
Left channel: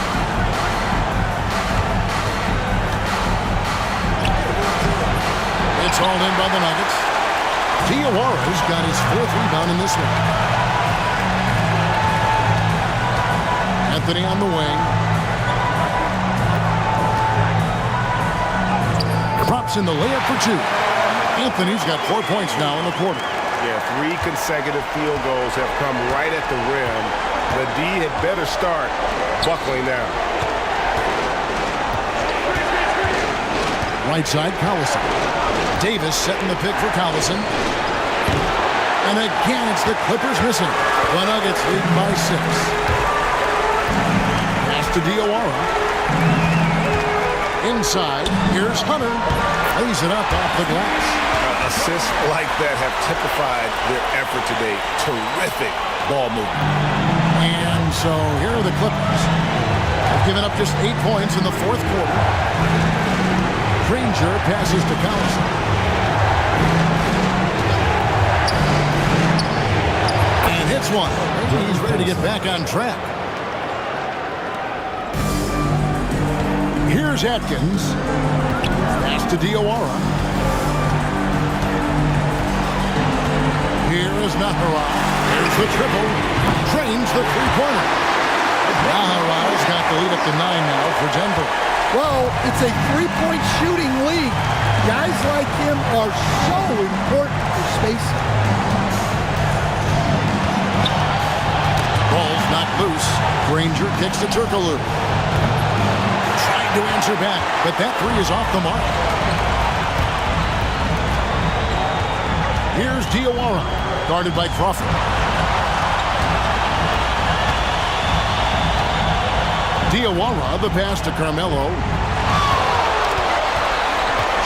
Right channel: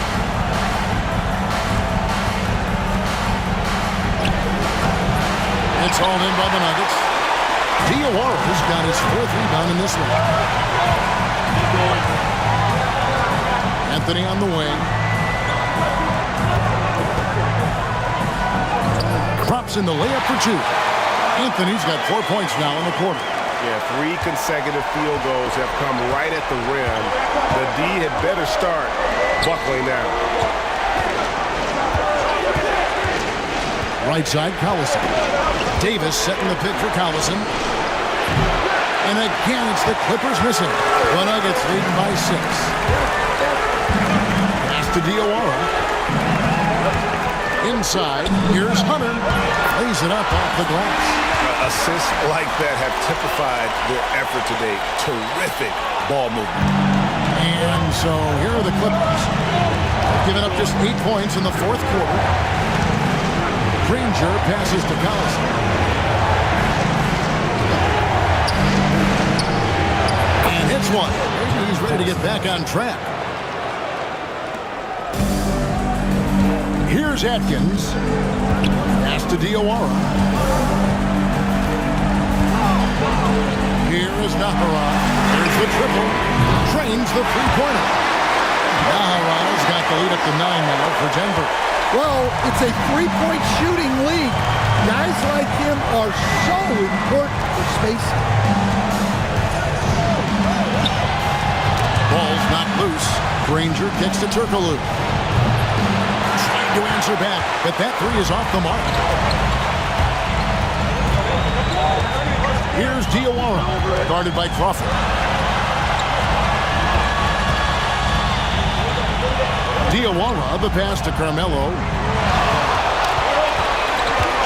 It's hauled in by the Nuggets. Diawara's got his 4th rebound in this one. Anthony on the wing. Drops in the layup for 2. Anthony's got 4 points now in the quarter. Yeah, 3 consecutive field goals have come right at the rim. The D had better start buckling down. Right side, Collison. Davis setting the pick for Collison. And again, it's the Clippers missing. The Nuggets leading by 6. Pass to Diawara. Inside, here's Hunter. Lays it up off the glass. Assists like that have typified their effort today. Terrific ball movement. And so here are the Clippers. They've given up just 8 points in the 4th quarter. Granger passes to Collison. And hits one. Maybe he's ready to get back on track. Here's Atkins. Pass to Diawara. Here is Nahara. There's the triple. Drains the three-pointer. Nahara's got the lead up to 9 now for Denver. Well, it's a three-point shooting league. Guys like him are so important for spacing. Ball's knocked loose. Granger kicks to Turkoglu. Trying to answer back, but that three is off the mark. Here's Diawara, guarded by Crawford. Diawara, the pass to Carmelo.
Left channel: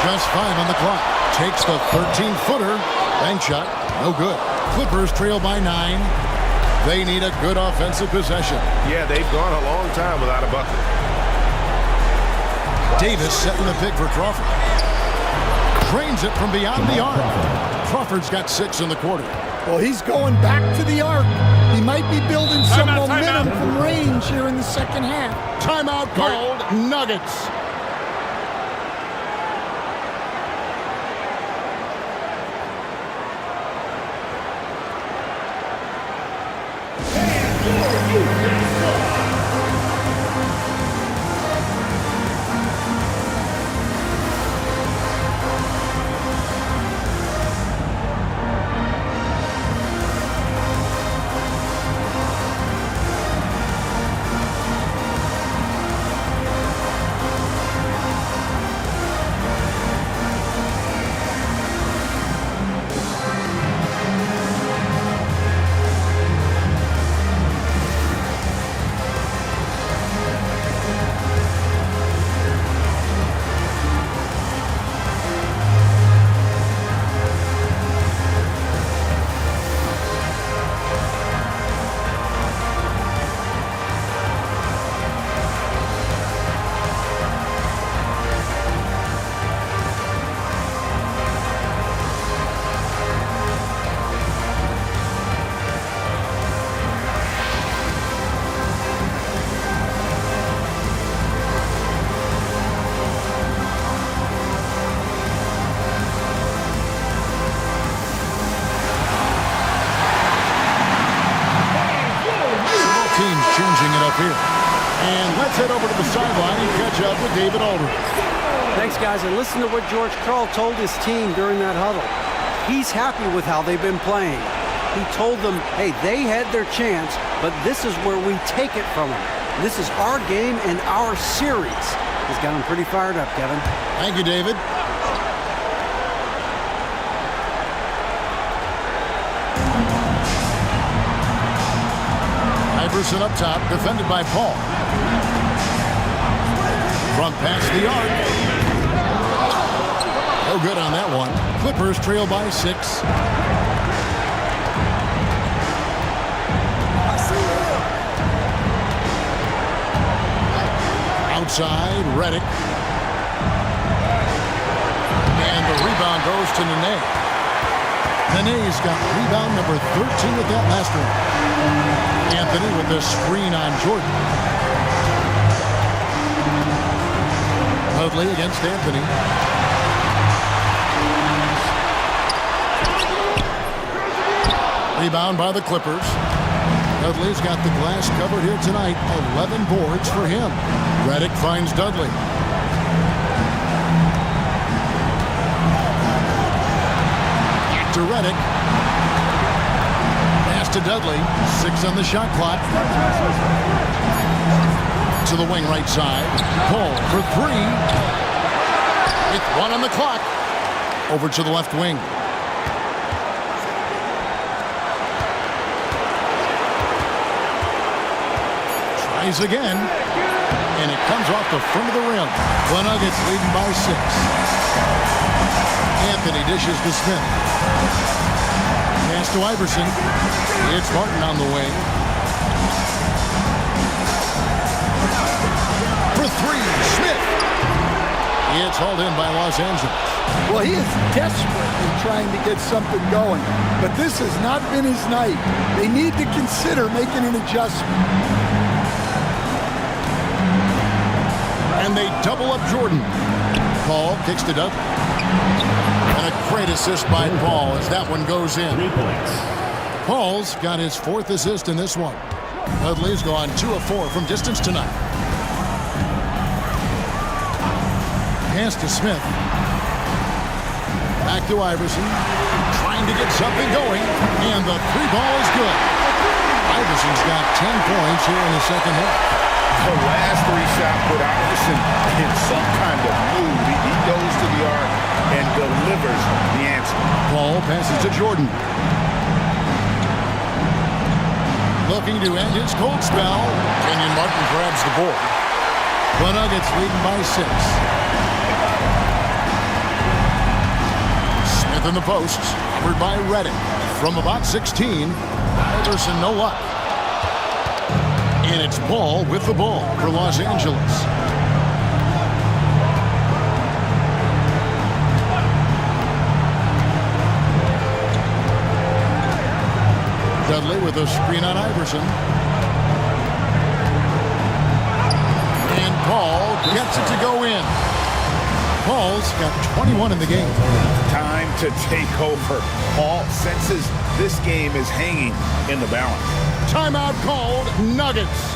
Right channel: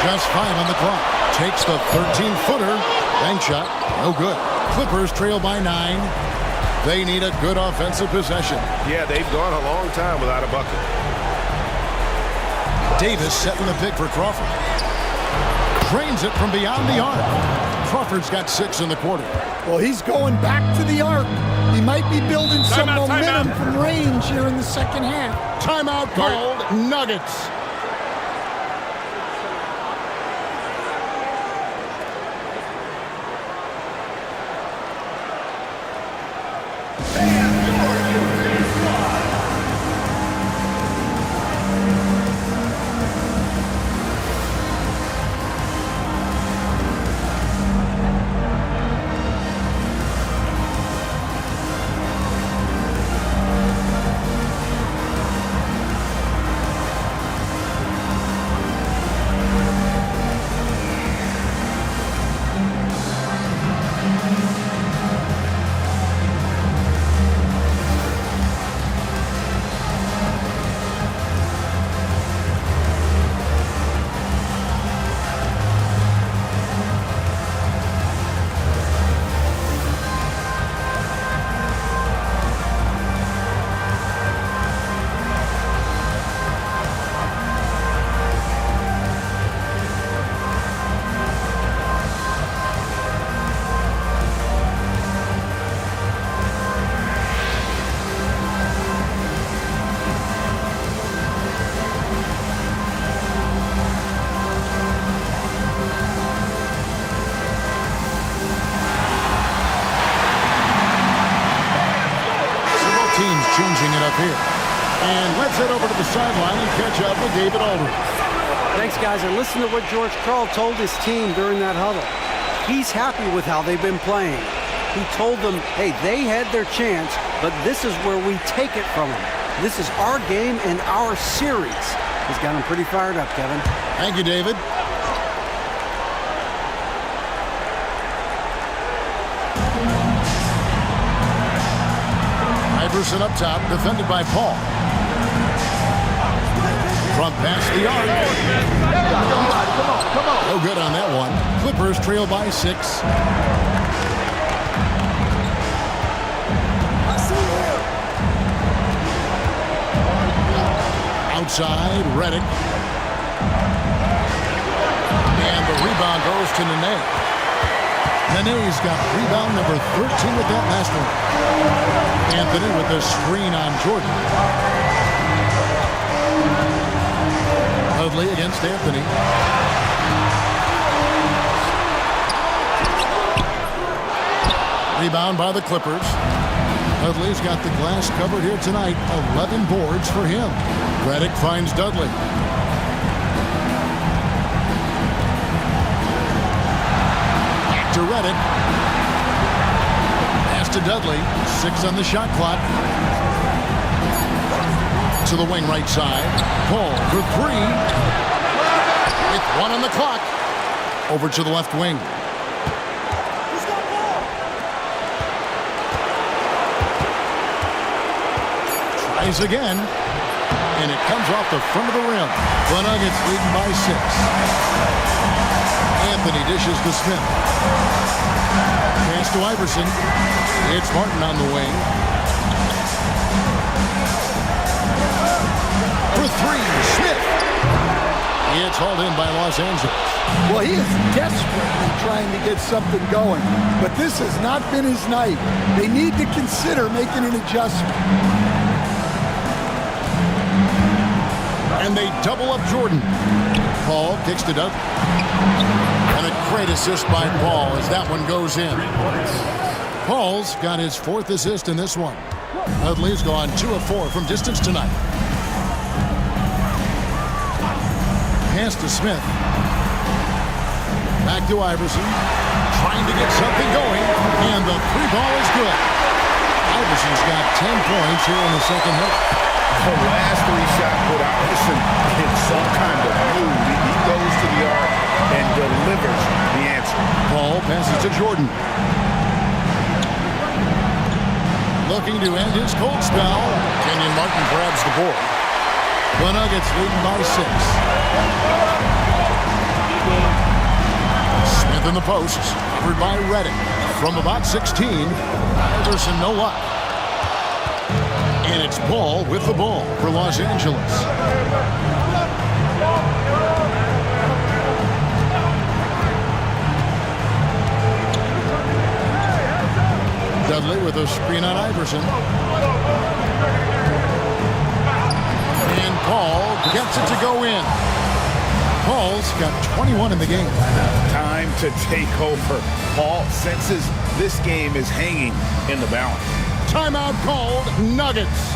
Just 5 on the clock. Takes the 13-footer. Bank shot, no good. Clippers trail by 9. They need a good offensive possession. Yeah, they've gone a long time without a bucket. Davis setting the pick for Crawford. Drains it from beyond the arc. Crawford's got 6 in the quarter. Well, he's going back to the arc. He might be building some momentum from range here in the second half. Timeout called. Nuggets. Teams changing it up here. And let's head over to the sideline and catch up with David Aldridge. Thanks, guys. And listen to what George Karl told his team during that huddle. He's happy with how they've been playing. He told them, hey, they had their chance, but this is where we take it from them. This is our game and our series. He's got them pretty fired up, Kevin. Thank you, David. Iverson up top, defended by Paul. Front pass the arc. No good on that one. Clippers trail by 6. I see him. Outside, Redick. And the rebound goes to Nene. Nene's got rebound number 13 with that last one. Anthony with the screen on Jordan. Dudley against Anthony. Rebound by the Clippers. Dudley's got the glass covered here tonight. 11 boards for him. Redick finds Dudley. Back to Redick. Pass to Dudley. 6 on the shot clock. To the wing right side. Paul for 3. With 1 on the clock. Over to the left wing. Tries again. And it comes off the front of the rim. The Nuggets leading by 6. Anthony dishes to Smith. Pass to Iverson. It's Martin on the wing. For 3, Smith. It's hauled in by Los Angeles. Well, he is desperately trying to get something going, but this has not been his night. They need to consider making an adjustment. And they double up Jordan. Paul kicks it up. And a great assist by Paul as that one goes in. Paul's got his 4th assist in this one. Dudley's gone 2 of 4 from distance tonight. Pass to Smith. Back to Iverson. Trying to get something going. And the three ball is good. Iverson's got 10 points here in the second half. The last three shot put Iverson in some kind of mood. He goes to the arc and delivers the answer. Paul passes to Jordan. Looking to end his cold spell. Kenyon Martin grabs the board. The Nuggets leading by 6. Smith in the posts, covered by Reddick. From about 16, Iverson no luck. And it's Paul with the ball for Los Angeles. Dudley with a screen on Iverson. And Paul gets it to go in. Paul's got 21 in the game. Time to take over. Paul senses this game is hanging in the balance. Timeout called. Nuggets.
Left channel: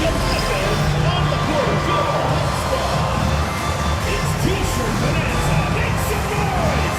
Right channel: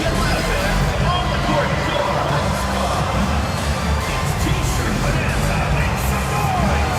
Get live, fans. On the court, Jowa. It's T-shirt Bonanza. Make some noise.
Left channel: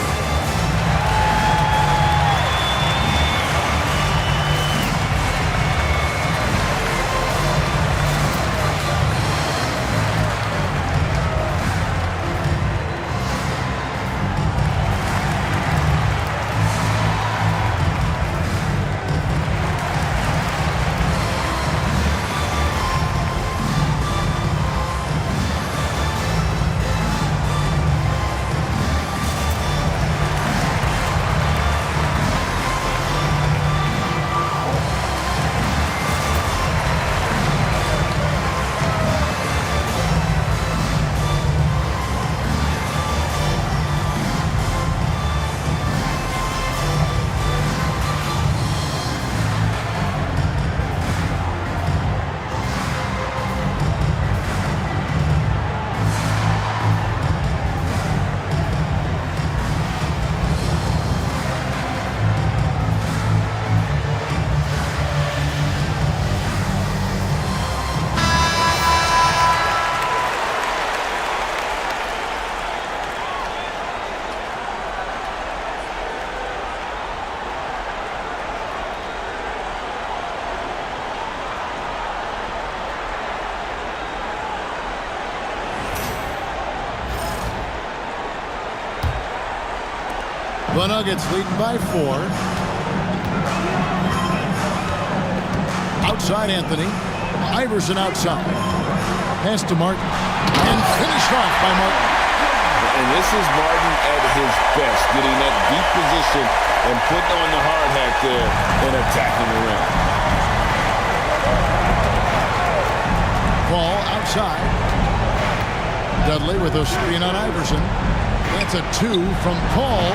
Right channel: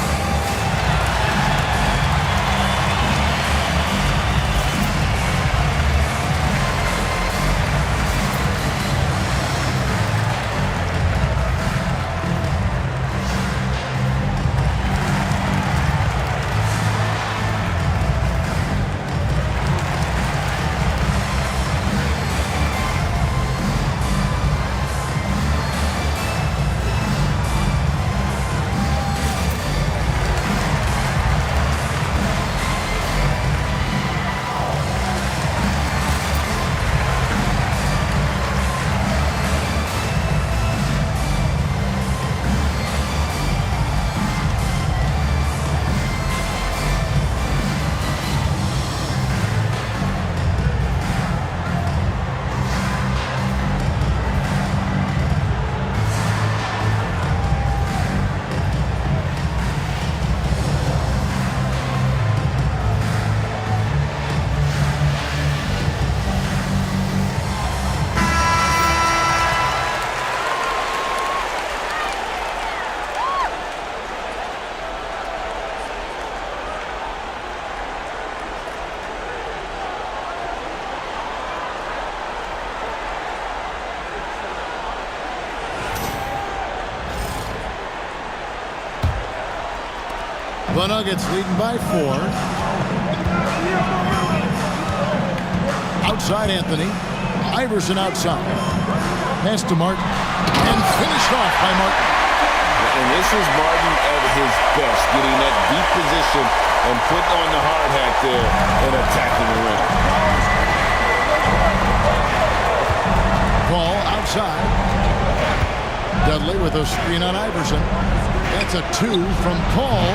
The Nuggets leading by 4. Outside Anthony. Iverson outside. Pass to Martin. And finished off by Martin. And this is Martin at his best, getting that deep position and putting on the hard hat there and attacking the rim. Paul outside. Dudley with a screen on Iverson. That's a 2 from Paul.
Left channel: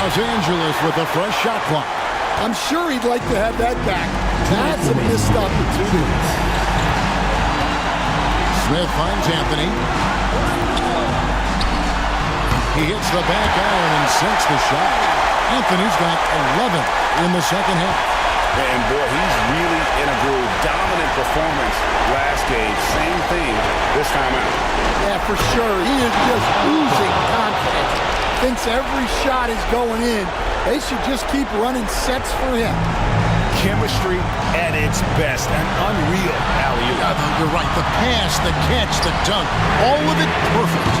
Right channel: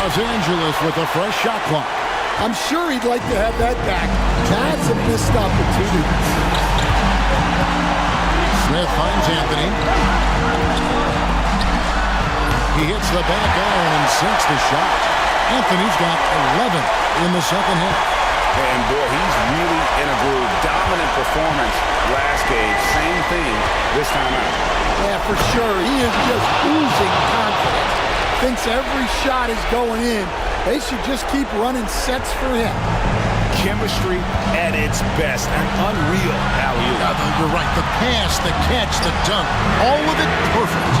Los Angeles with a fresh shot clock. I'm sure he'd like to have that back. That's a missed opportunity. Smith finds Anthony. He hits the back iron and sinks the shot. Anthony's got 11 in the second half. And boy, he's really in a groove. Dominant performance last game. Same thing this time out. Yeah, for sure. He is just oozing confidence. Thinks every shot is going in. They should just keep running sets for him. Chemistry at its best. An unreal alley-oop. Yeah, you're right. The pass, the catch, the dunk. All of it perfect.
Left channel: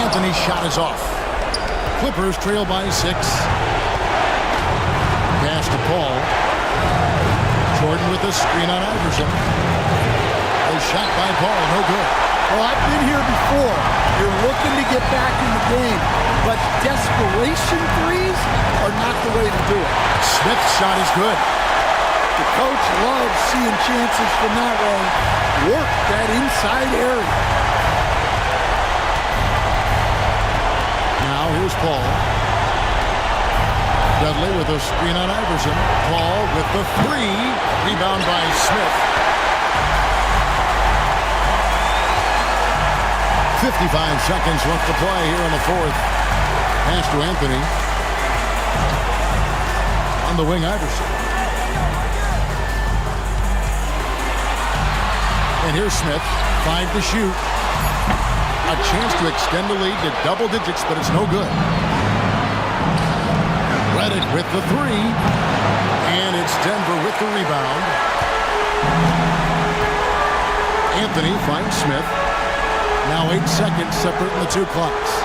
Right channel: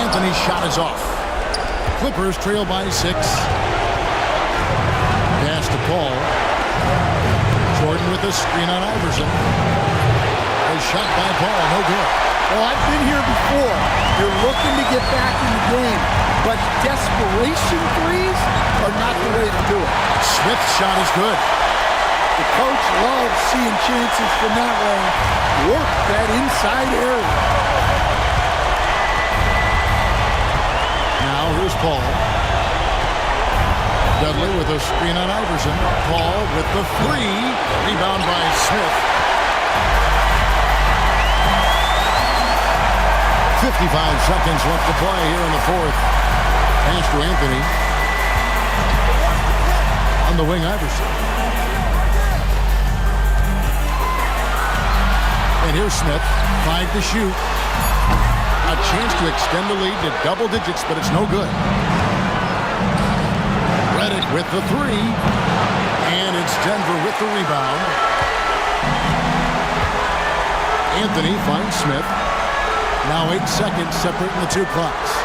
Anthony's shot is off. Clippers trail by 6. Pass to Paul. Jordan with a screen on Iverson. A shot by Paul, no good. Well, I've been here before. You're looking to get back in the game, but desperation threes are not the way to do it. Smith's shot is good. The coach loves seeing chances from that range. Work that inside area. Now here's Paul. Dudley with a screen on Iverson. Paul with the 3. Rebound by Smith. 55 seconds left to play here in the fourth. Pass to Anthony. On the wing, Iverson. And here's Smith. 5 to shoot. A chance to extend the lead to double digits, but it's no good. Reddick with the three. And it's Denver with the rebound. Anthony finds Smith. Now 8 seconds separating the two clocks.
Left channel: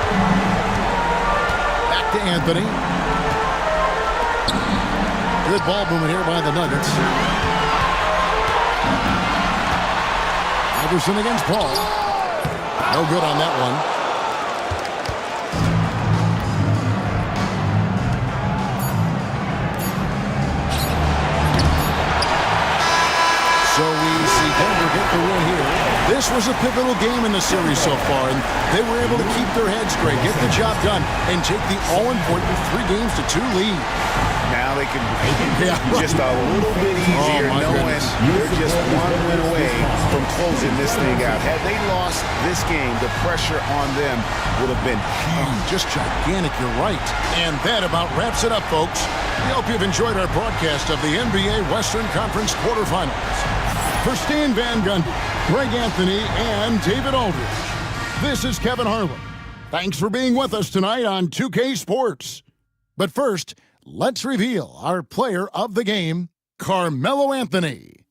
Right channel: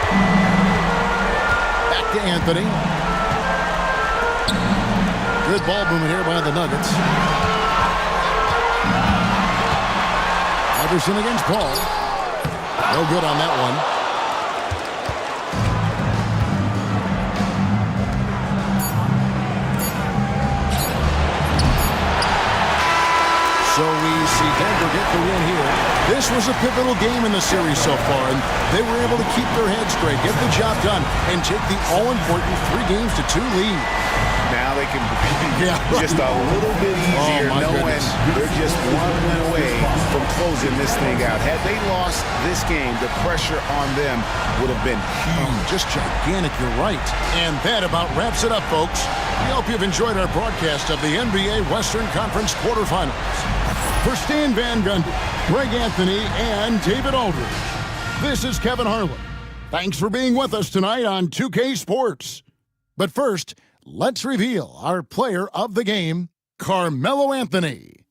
Back to Anthony. Good ball movement here by the Nuggets. Iverson against Paul. No good on that one. So we see Denver get the win here. This was a pivotal game in the series so far, and they were able to keep their heads straight, get the job done, and take the all-important 3-2 lead. Now they can breathe just a little bit easier, knowing they're just one win away from closing this thing out. Had they lost this game, the pressure on them would have been huge. Just gigantic, you're right. And that about wraps it up, folks. We hope you've enjoyed our broadcast of the NBA Western Conference quarterfinals. For Stan Van Gundy, Greg Anthony, and David Aldridge, this is Kevin Harlan. Thanks for being with us tonight on 2K Sports. But first, let's reveal our player of the game, Carmelo Anthony.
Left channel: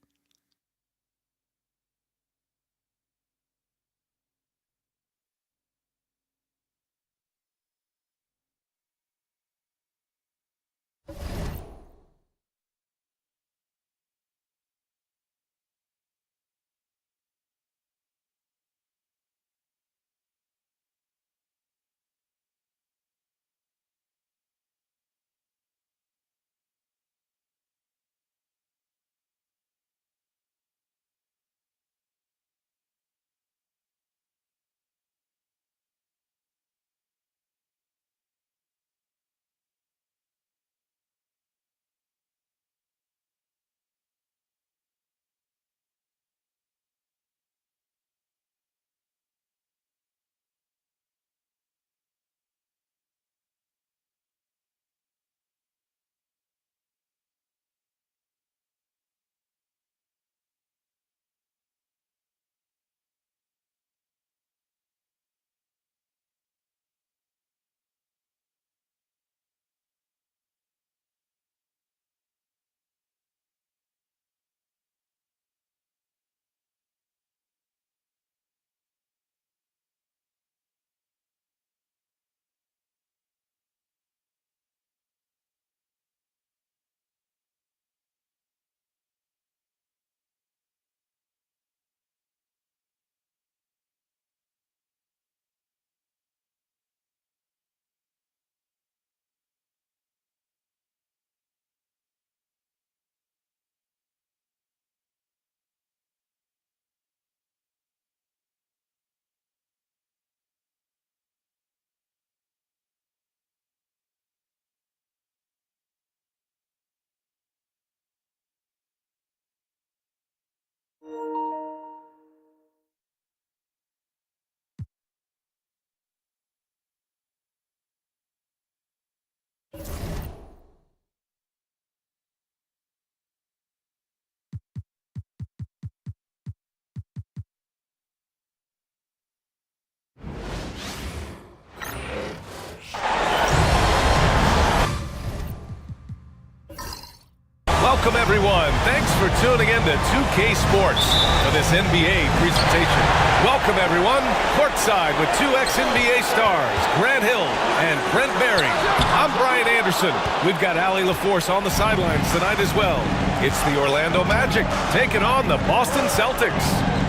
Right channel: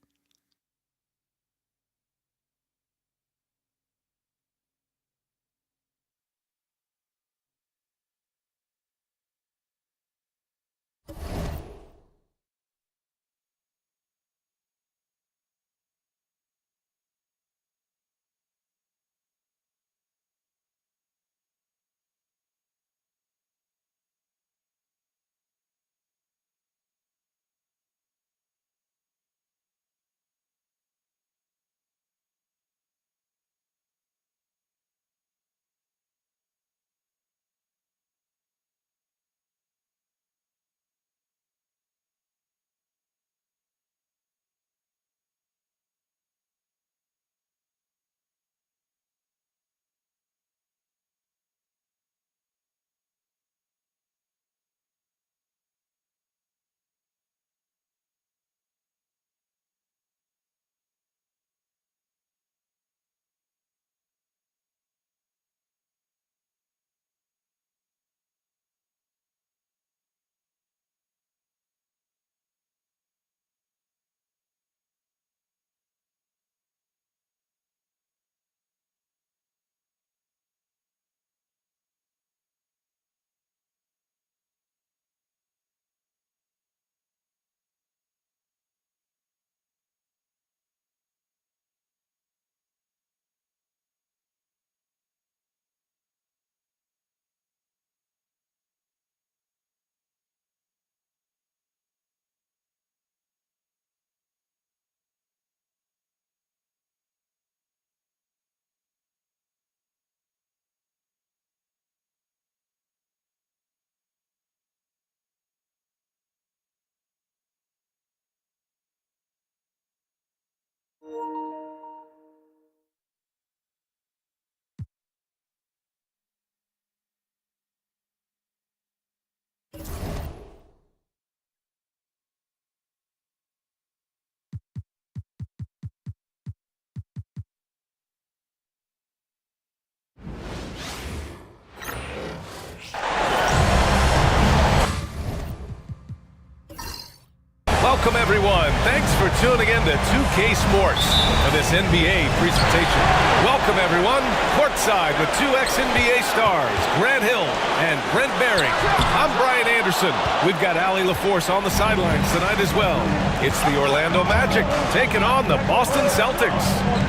Welcome, everyone. Thanks for tuning in to 2K Sports for this NBA presentation. Welcome, everyone. Courtside with two ex-NBA stars, Grant Hill and Brent Berry. I'm Brian Anderson. We've got Allie LaForce on the sidelines tonight as well. It's the Orlando Magic taking on the Boston Celtics.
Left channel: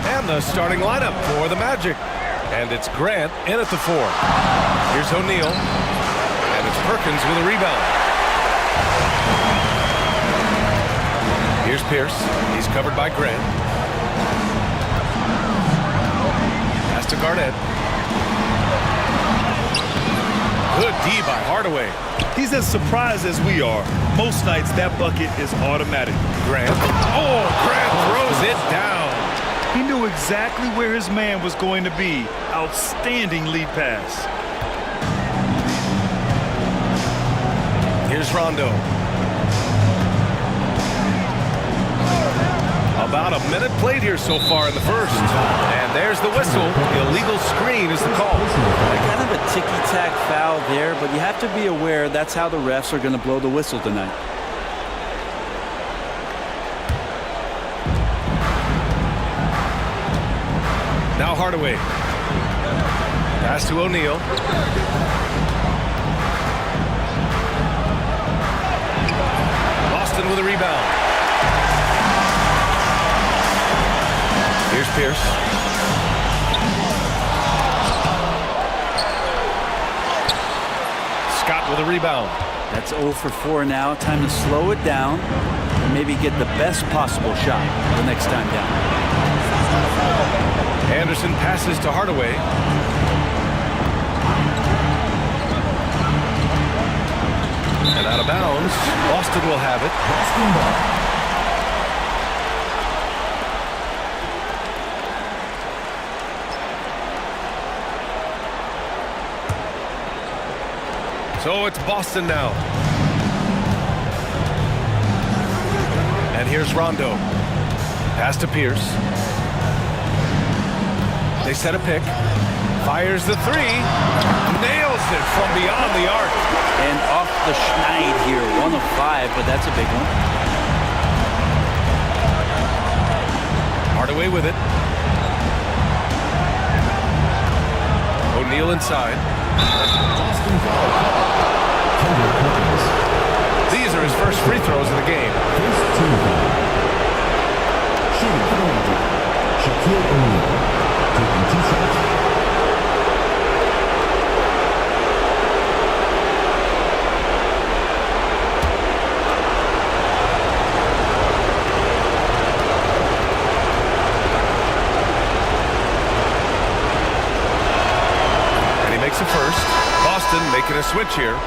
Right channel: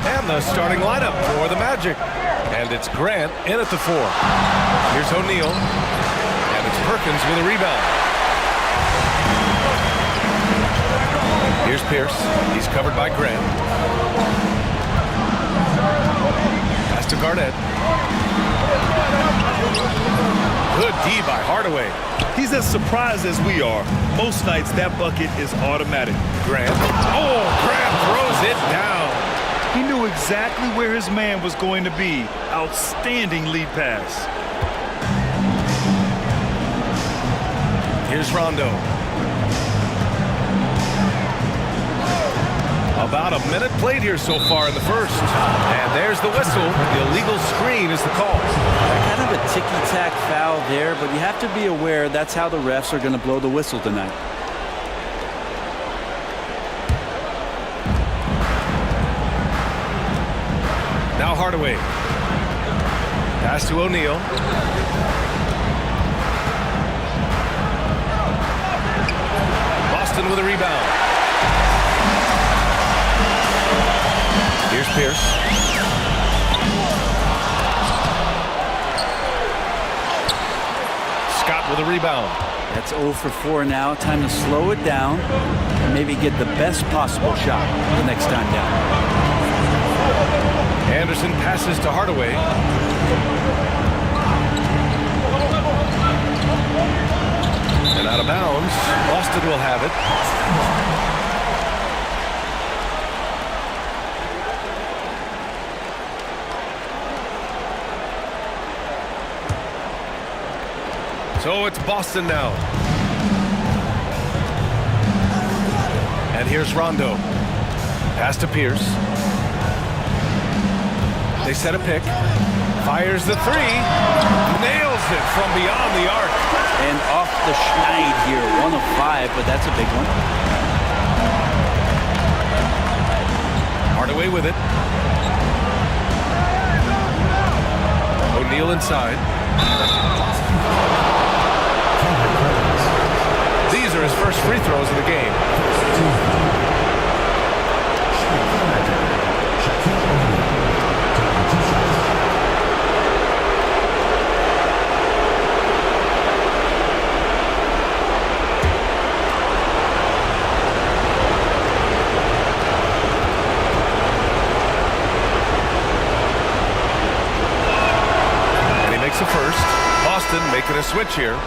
And the starting lineup for the Magic. And it's Grant in at the 4. Here's O'Neal. And it's Perkins with a rebound. Here's Pierce. He's covered by Grant. Pass to Garnett. Good D by Hardaway. He's as surprised as we are. Most nights, that bucket is automatic. Grant. Oh, Grant throws it down. He knew exactly where his man was going to be. Outstanding lead pass. Here's Rondo. About a minute played here so far in the first. And there's the whistle. Illegal screen is the call. Kind of a ticky-tack foul there, but you have to be aware that's how the refs are going to blow the whistle tonight. Now Hardaway. Pass to O'Neal. Boston with a rebound. Here's Pierce. Scott with a rebound. That's 0 for 4 now. Time to slow it down and maybe get the best possible shot the next time down. Anderson passes to Hardaway. And out of bounds. Boston will have it. So it's Boston now. And here's Rondo. Pass to Pierce. They set a pick. Fires the three. Nails it from beyond the arc. And off the schneid here. 1 of 5, but that's a big one. Hardaway with it. O'Neal inside. These are his first free throws of the game. And he makes a first. Boston making a switch here.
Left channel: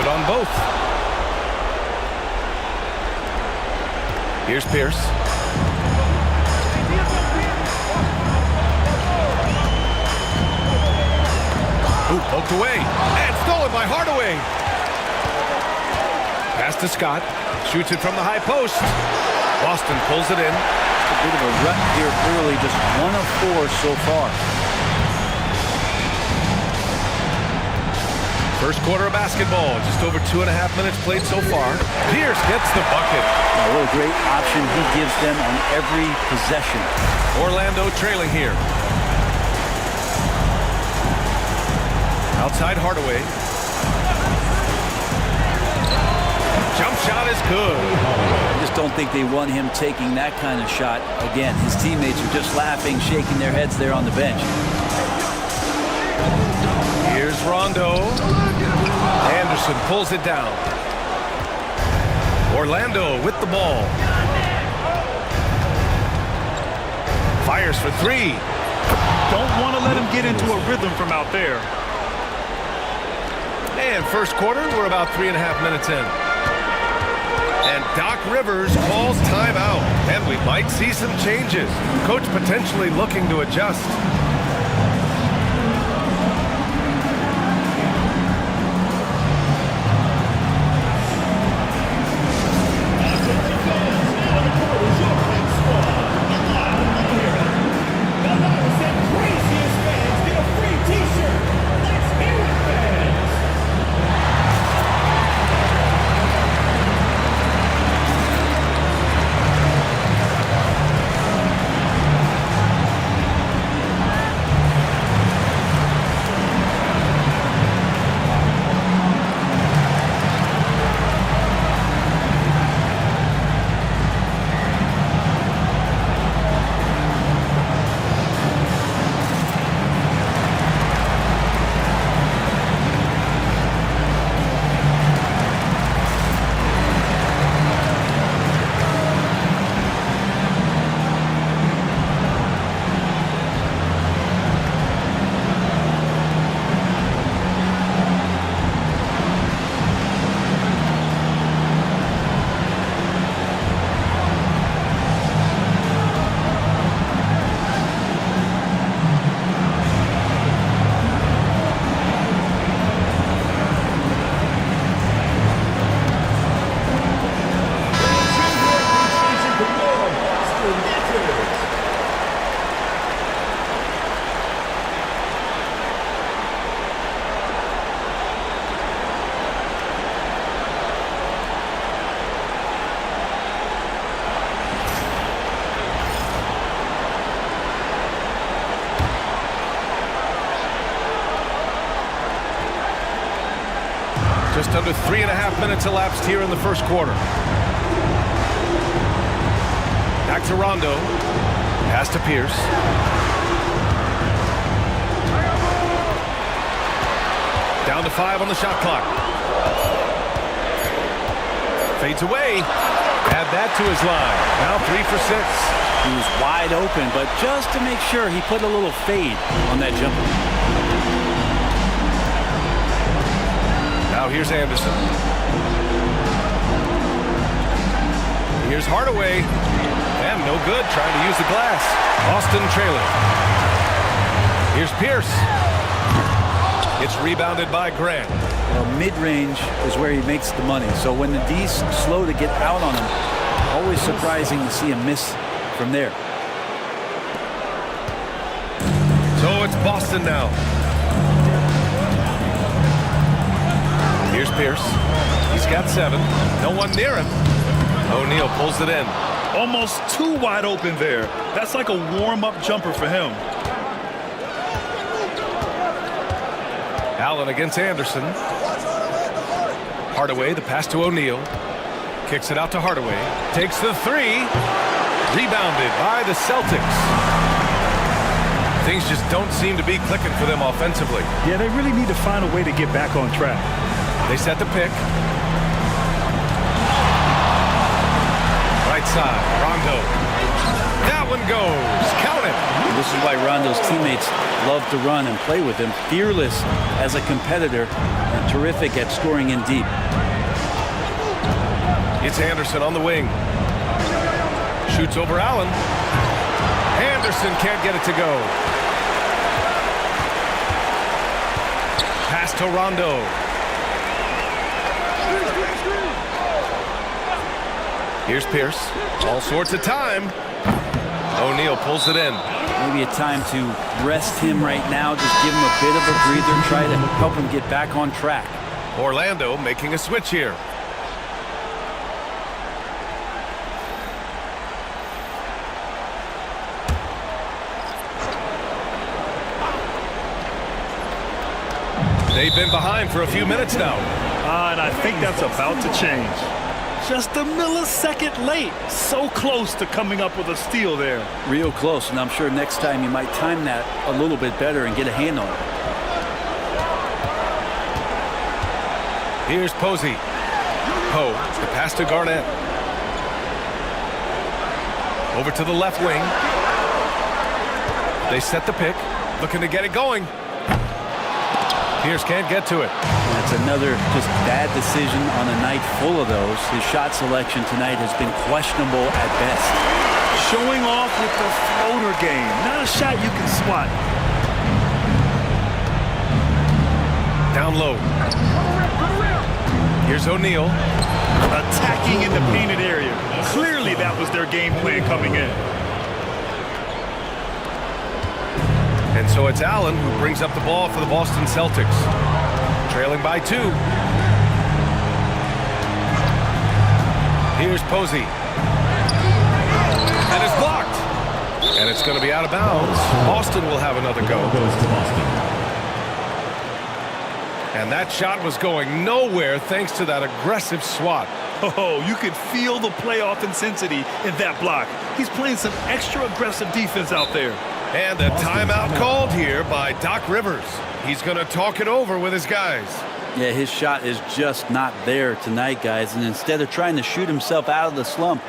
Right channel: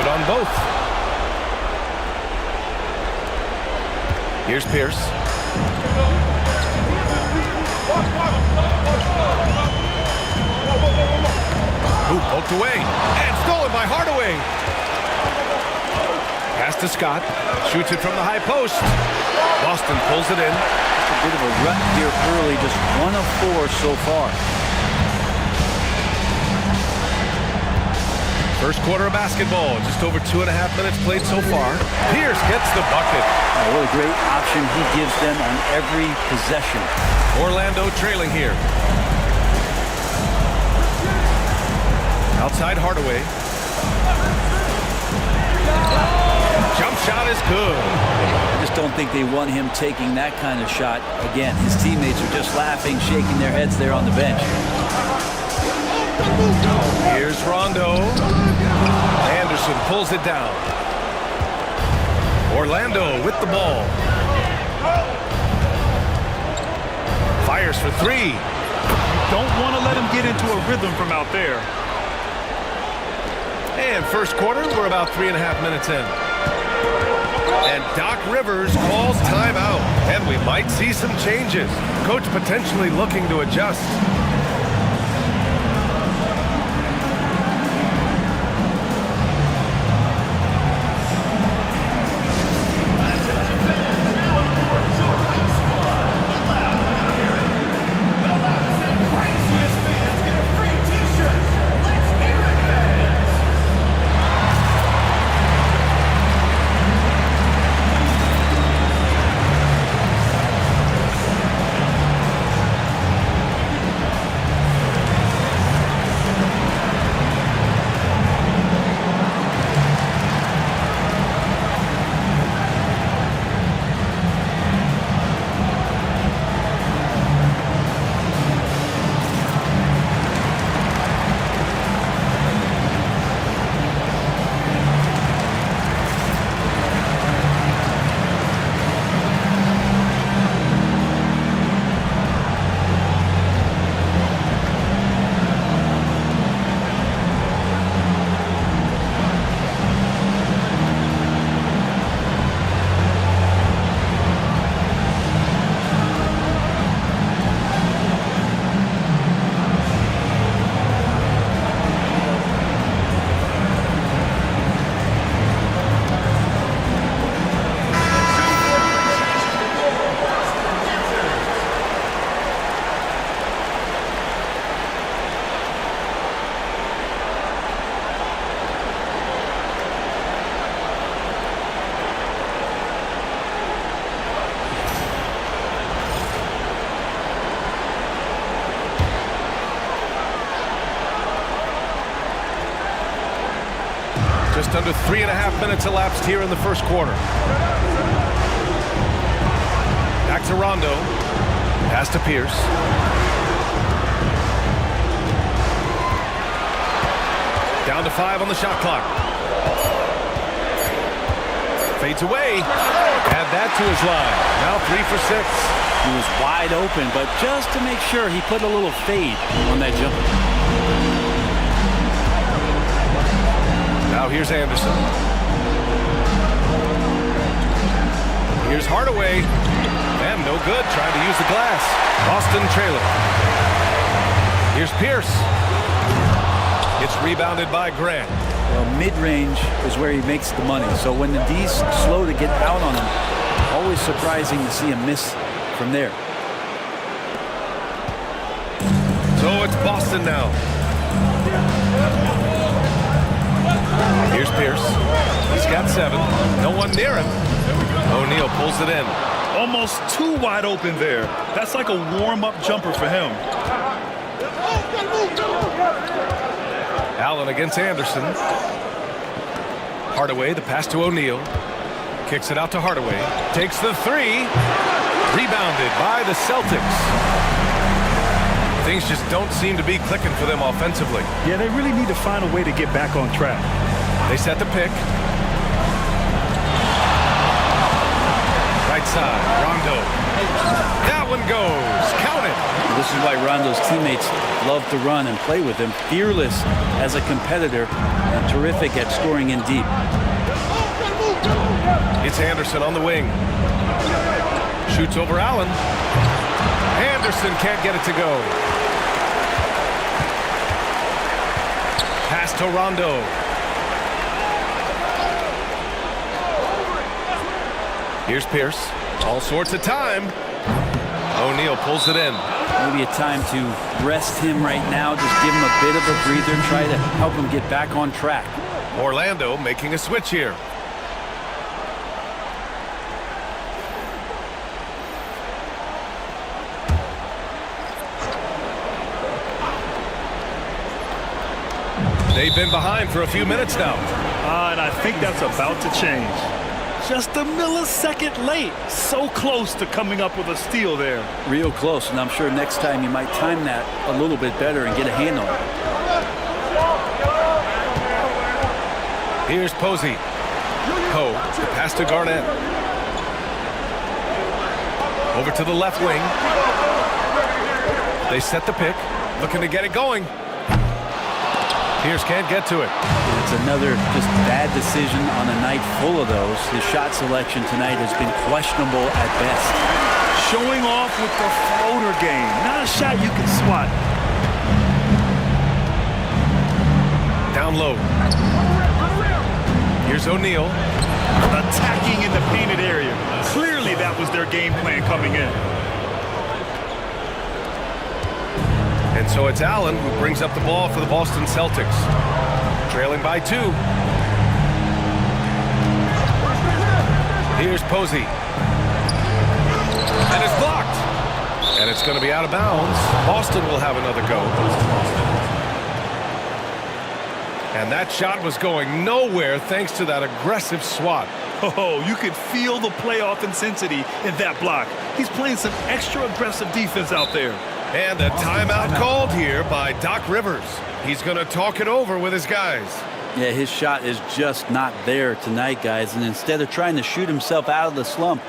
On both. Here's Pierce. Ooh, poked away and stolen by Hardaway. Pass to Scott. Shoots it from the high post. Boston pulls it in. Just a bit of a rut here early. Just 1 of 4 so far. First quarter of basketball, just over 2.5 minutes played so far. Pierce gets the bucket. Oh, what a great option he gives them on every possession. Orlando trailing here. Outside Hardaway. Jump shot is good. I just don't think they want him taking that kind of shot. Again, his teammates are just laughing, shaking their heads there on the bench. Here's Rondo. Anderson pulls it down. Orlando with the ball. Fires for three. Don't want to let him get into a rhythm from out there. And first quarter, we're about 3.5 minutes in. And Doc Rivers calls timeout. And we might see some changes. Coach potentially looking to adjust. Just under 3.5 minutes elapsed here in the first quarter. Back to Rondo. Pass to Pierce. Down to 5 on the shot clock. Fades away. Add that to his line. Now 3 for 6. He was wide open, but just to make sure, he put a little fade on that jumper. Now here's Anderson. Here's Hardaway. And no good, trying to use the glass. Boston trailing. Here's Pierce. It's rebounded by Grant. Well, mid-range is where he makes the money. So when the D's slow to get out on him, always surprising to see him miss from there. So it's Boston now. Here's Pierce. He's got 7. No one near him. O'Neal pulls it in. Almost too wide open there. That's like a warm-up jumper for him. Allen against Anderson. Hardaway, the pass to O'Neal. Kicks it out to Hardaway. Takes the 3. Rebounded by the Celtics. Things just don't seem to be clicking for them offensively. Yeah, they really need to find a way to get back on track. They set the pick. Right side, Rondo. That one goes. Count it. And this is why Rondo's teammates love to run and play with him. Fearless as a competitor and terrific at scoring in deep. It's Anderson on the wing. Shoots over Allen. Anderson can't get it to go. Pass to Rondo. Here's Pierce. All sorts of time. O'Neal pulls it in. Maybe a time to rest him right now. Just give him a bit of a breather. Try to help him get back on track. Orlando making a switch here. They've been behind for a few minutes now. And I think that's about to change. Just a millisecond late. So close to coming up with a steal there. Real close, and I'm sure next time you might time that a little bit better and get a hand on it. Here's Posey. Poe, the pass to Garnett. Over to the left wing. They set the pick, looking to get it going. Pierce can't get to it. That's another just bad decision on a night full of those. His shot selection tonight has been questionable at best. Showing off with the floater game. Not a shot you can swat. Down low. Here's O'Neal. Attacking in the painted area. Clearly that was their game plan coming in. And so it's Allen who brings up the ball for the Boston Celtics. Trailing by 2. Here's Posey. And it's blocked. And it's going to be out of bounds. Boston will have another go. And that shot was going nowhere thanks to that aggressive swat. Oh, you could feel the playoff intensity in that block. He's playing some extra aggressive defense out there. And a timeout called here by Doc Rivers. He's going to talk it over with his guys. Yeah, his shot is just not there tonight, guys. And instead of trying to shoot himself out of the slump,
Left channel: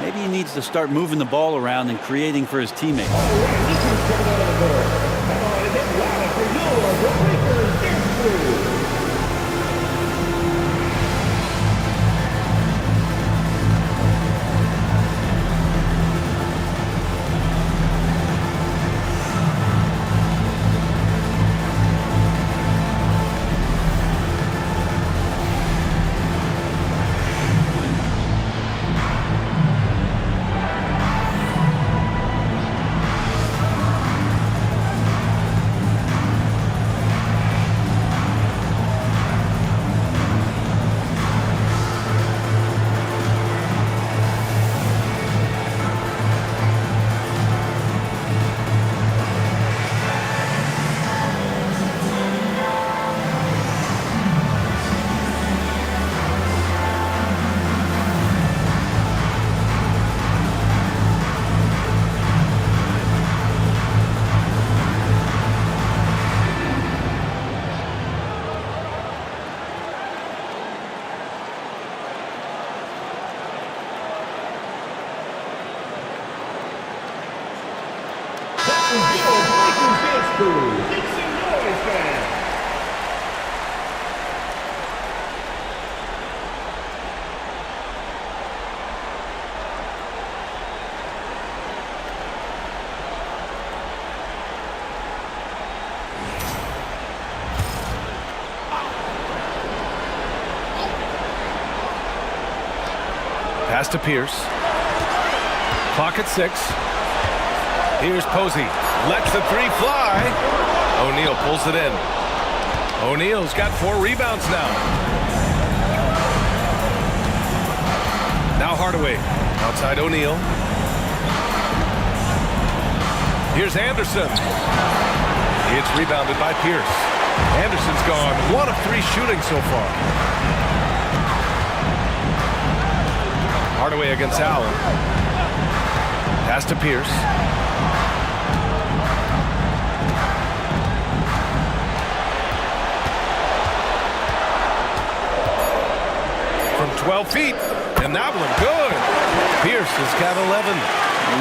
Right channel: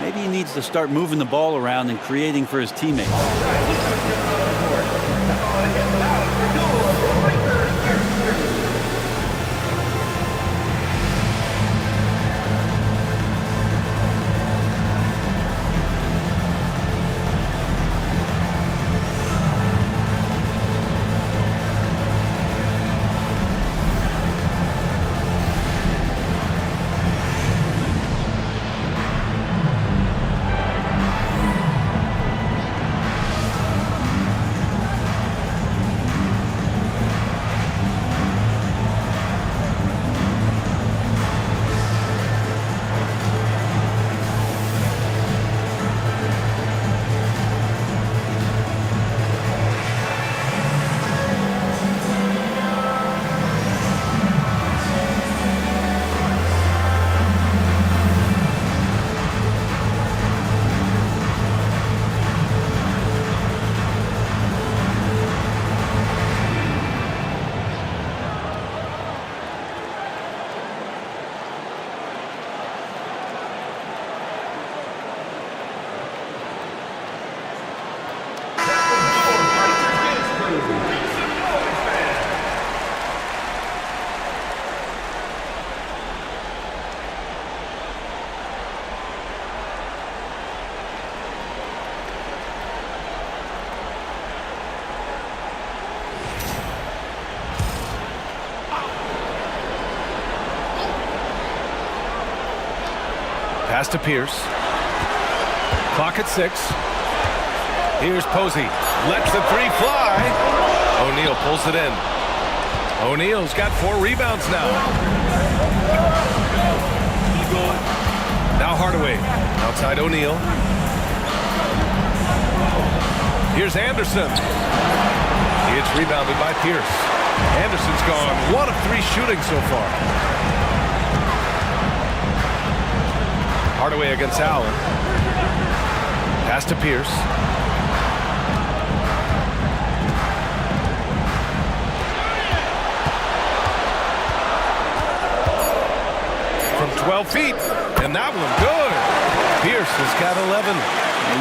maybe he needs to start moving the ball around and creating for his teammates. Pass to Pierce. Clock at 6. Here's Posey. Lets the three fly. O'Neal pulls it in. O'Neal's got 4 rebounds now. Now Hardaway. Outside O'Neal. Here's Anderson. It's rebounded by Pierce. Anderson's gone 1 of 3 shooting so far. Hardaway against Allen. Pass to Pierce. From 12 feet. And that one good. Pierce has got 11.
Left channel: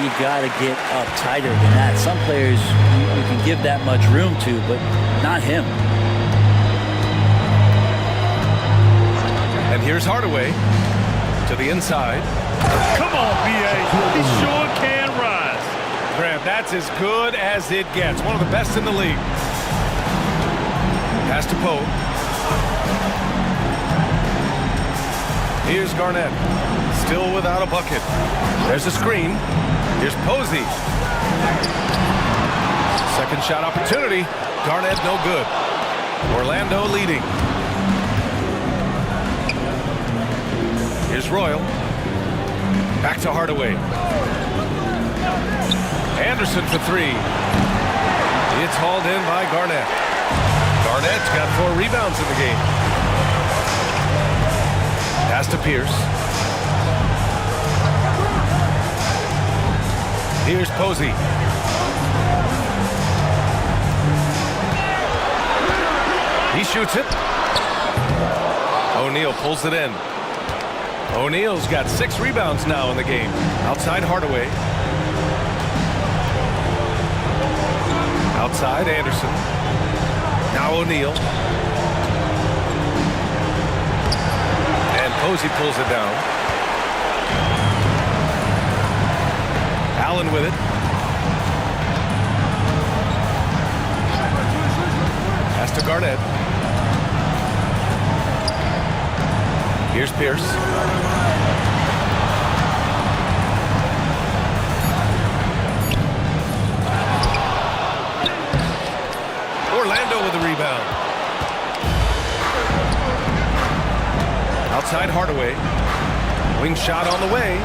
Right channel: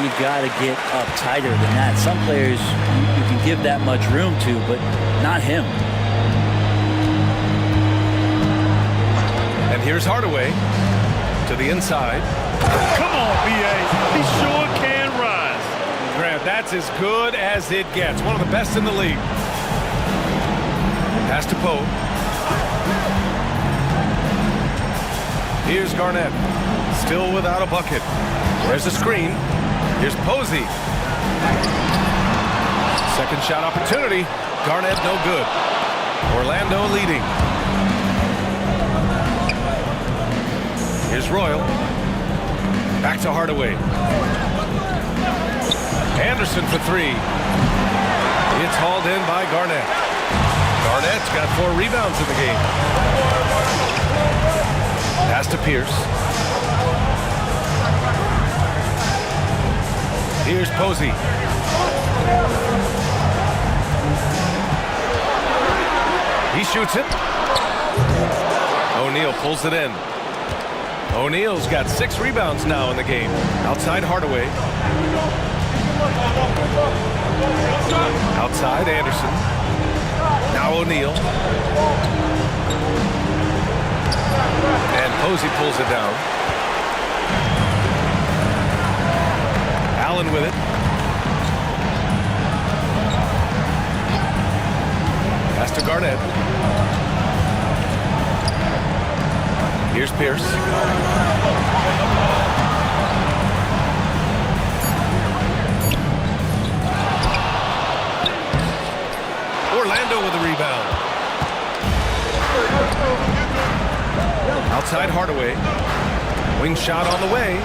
You got to get up tighter than that. Some players you can give that much room to, but not him. And here's Hardaway to the inside. Come on, B.A. He sure can rise. Grant, that's as good as it gets. One of the best in the league. Pass to Poe. Here's Garnett. Still without a bucket. There's a screen. Here's Posey. Second shot opportunity. Garnett no good. Orlando leading. Here's Royal. Back to Hardaway. Anderson for 3. It's hauled in by Garnett. Garnett's got 4 rebounds in the game. Pass to Pierce. Here's Posey. He shoots it. O'Neal pulls it in. O'Neal's got 6 rebounds now in the game. Outside Hardaway. Outside Anderson. Now O'Neal. And Posey pulls it down. Allen with it. Pass to Garnett. Here's Pierce. Orlando with a rebound. Outside Hardaway. Wing shot on the way.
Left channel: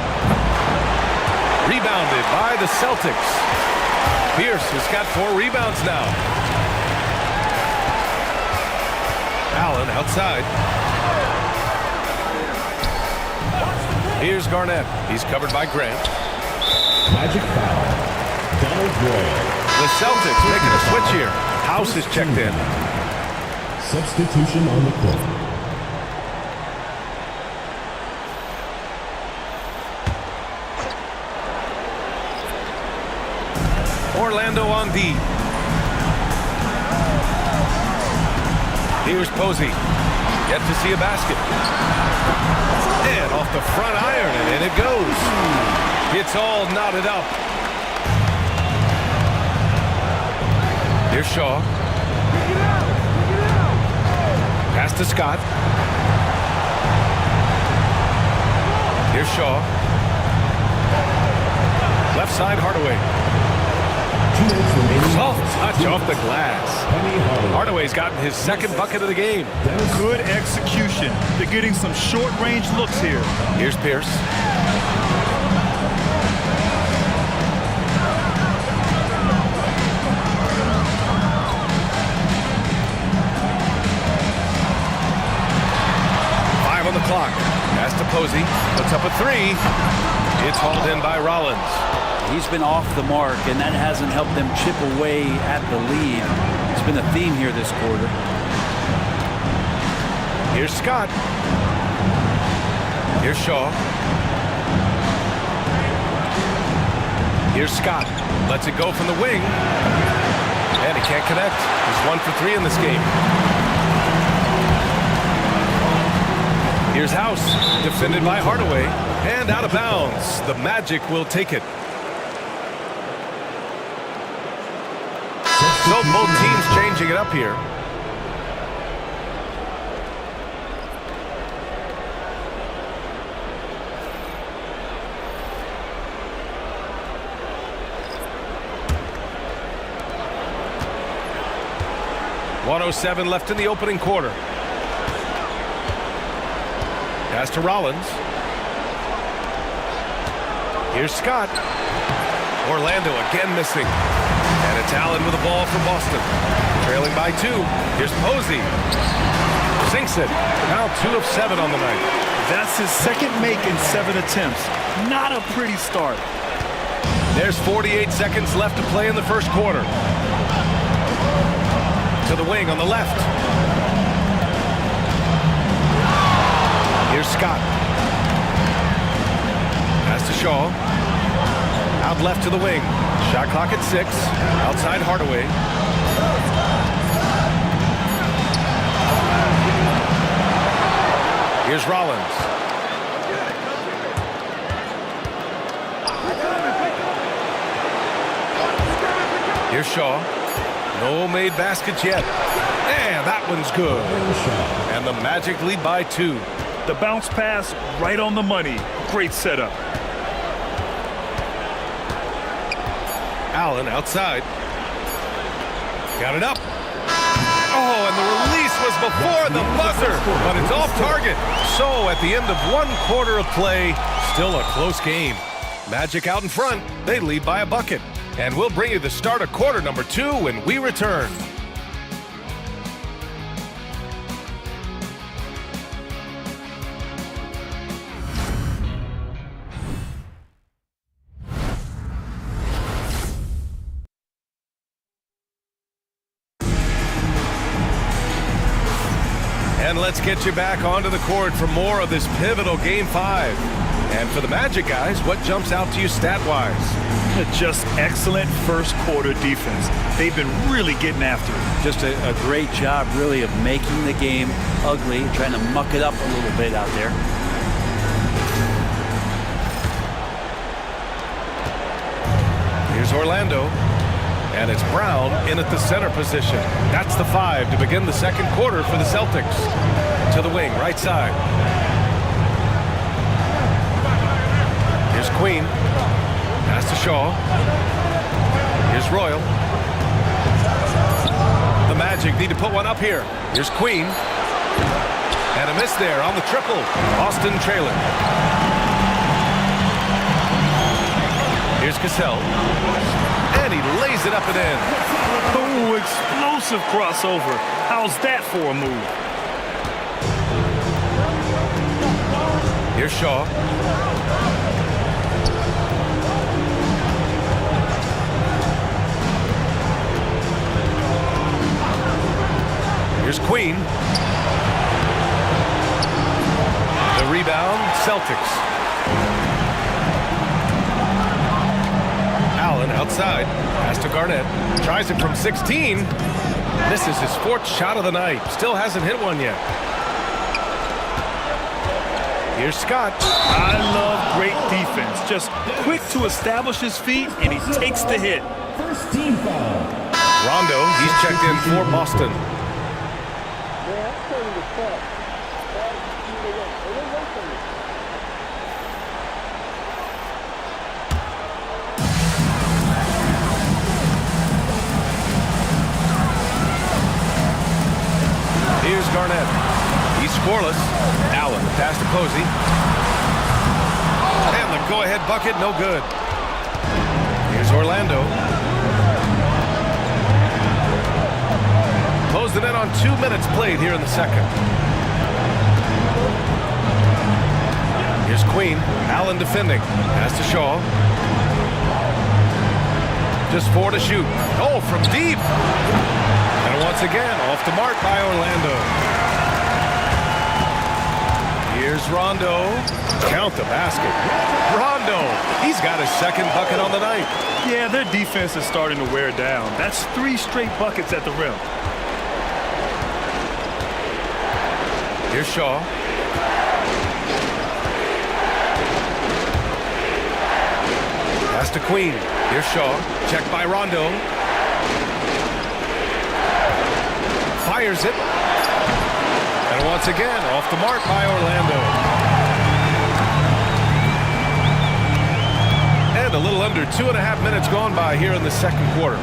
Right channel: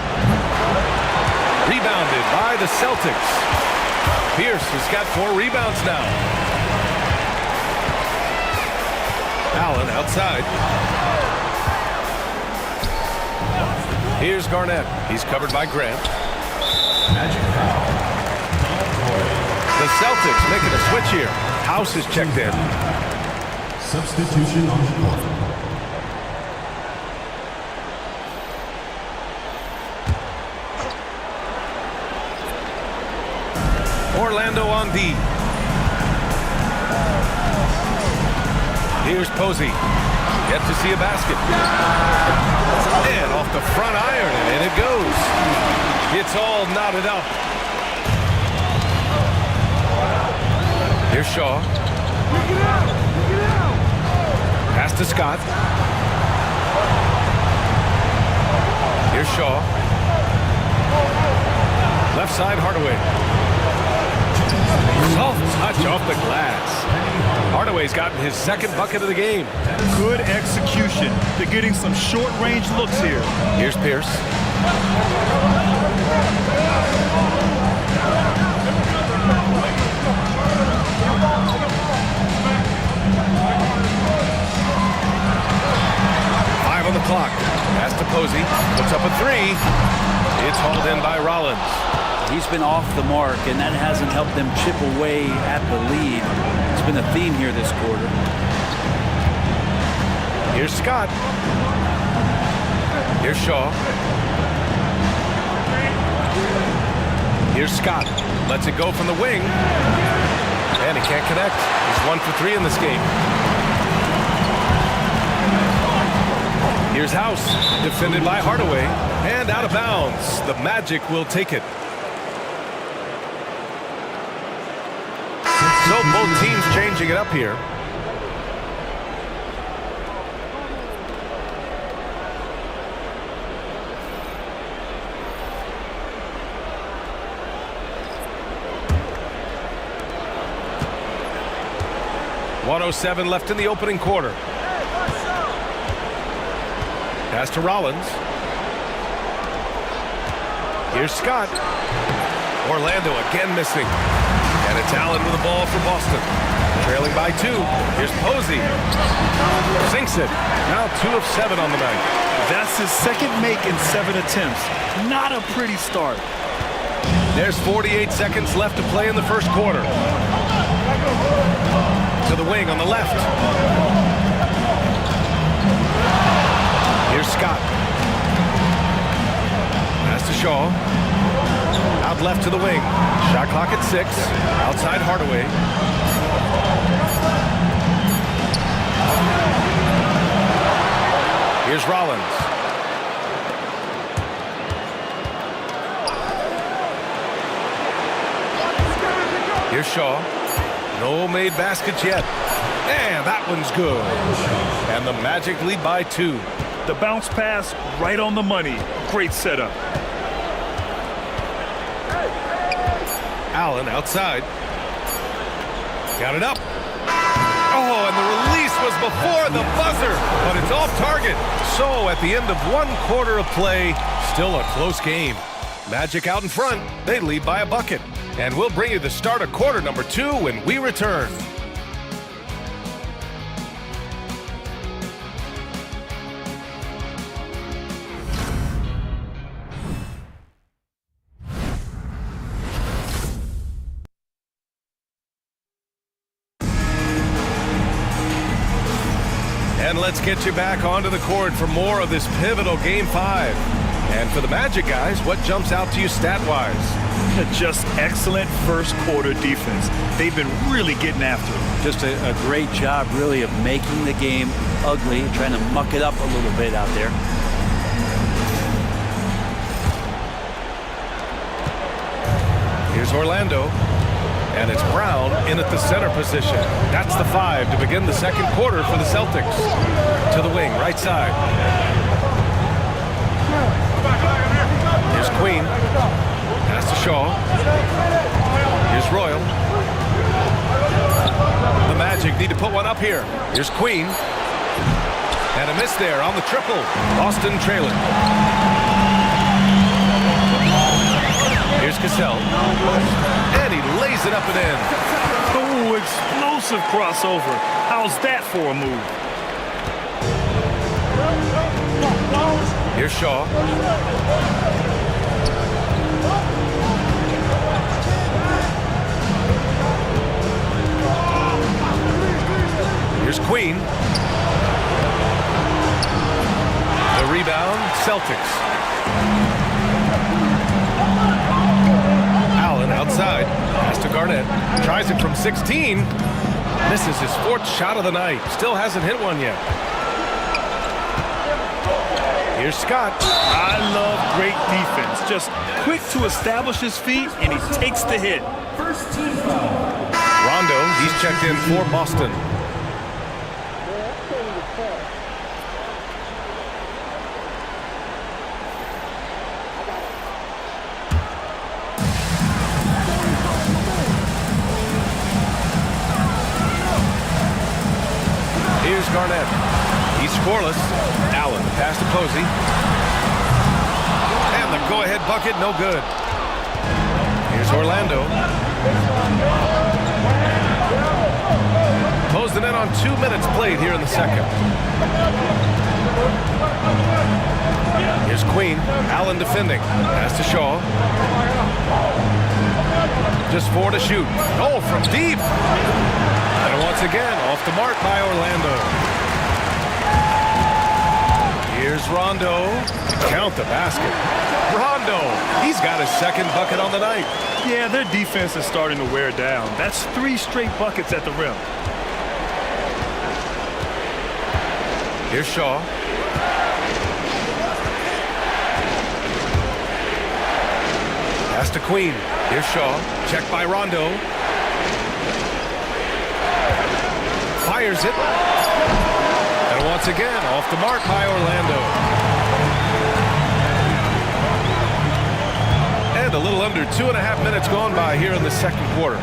Rebounded by the Celtics. Pierce has got 4 rebounds now. Allen outside. Here's Garnett. He's covered by Grant. Magic foul. Donald Royal. The Celtics making a switch here. House is checked in. Substitution on the court. Orlando on D. Here's Posey. Yet to see a basket. And off the front iron, and in it goes. It's all knotted up. Here's Shaw. Pass to Scott. Here's Shaw. Left side, Hardaway. Soft touch off the glass. Hardaway's gotten his 2nd bucket of the game. Good execution. They're getting some short-range looks here. Here's Pierce. Five on the clock. Pass to Posey. Puts up a 3. It's hauled in by Rollins. He's been off the mark, and that hasn't helped them chip away at the lead. It's been a theme here this quarter. Here's Scott. Here's Shaw. Here's Scott. Lets it go from the wing. And he can't connect. He's 1 for 3 in this game. Here's House. Defended by Hardaway. And out of bounds. The Magic will take it. So both teams changing it up here. 1:07 left in the opening quarter. Pass to Rollins. Here's Scott. Orlando again missing. And it's Allen with the ball for Boston. Trailing by 2. Here's Posey. Sinks it. Now 2 of 7 on the night. That's his second make in 7 attempts. Not a pretty start. There's 48 seconds left to play in the first quarter. To the wing on the left. Here's Scott. Pass to Shaw. Out left to the wing. Shot clock at 6. Outside Hardaway. Here's Rollins. Here's Shaw. No made baskets yet. And that one's good. And the Magic lead by 2. The bounce pass right on the money. Great setup. Allen outside. Got it up. Oh, and the release was before the buzzer, but it's off target. So at the end of 1 quarter of play, still a close game. Magic out in front. They lead by a bucket. And we'll bring you the start of quarter number 2 when we return. And let's get you back onto the court for more of this pivotal Game 5. And for the Magic guys, what jumps out to you stat-wise? Just excellent first quarter defense. They've been really getting after it. Just a great job, really, of making the game ugly, trying to muck it up a little bit out there. Here's Orlando. And it's Brown in at the center position. That's the 5 to begin the second quarter for the Celtics. To the wing, right side. Here's Queen. Pass to Shaw. Here's Royal. The Magic need to put one up here. Here's Queen. And a miss there on the triple. Boston trailing. Here's Cassell. And he lays it up and in. Oh, explosive crossover. How's that for a move? Here's Shaw. Here's Queen. The rebound, Celtics. Allen outside. Pass to Garnett. Tries it from 16. Misses his 4th shot of the night. Still hasn't hit one yet. Here's Scott. I love great defense. Just quick to establish his feet, and he takes the hit. First team foul. Rondo, he's checked in for Boston. Here's Garnett. He's scoreless. Allen, the pass to Posey. And the go-ahead bucket, no good. Here's Orlando. Close the net on 2 minutes played here in the second. Here's Queen. Allen defending. Pass to Shaw. Just 4 to shoot. Oh, from deep. And once again, off the mark by Orlando. Here's Rondo. Count the basket. Rondo, he's got his 2nd bucket on the night. Yeah, their defense is starting to wear down. That's 3 straight buckets at the rim. Here's Shaw. Pass to Queen. Here's Shaw. Checked by Rondo. Fires it. And once again, off the mark by Orlando. And a little under 2.5 minutes gone by here in the second quarter.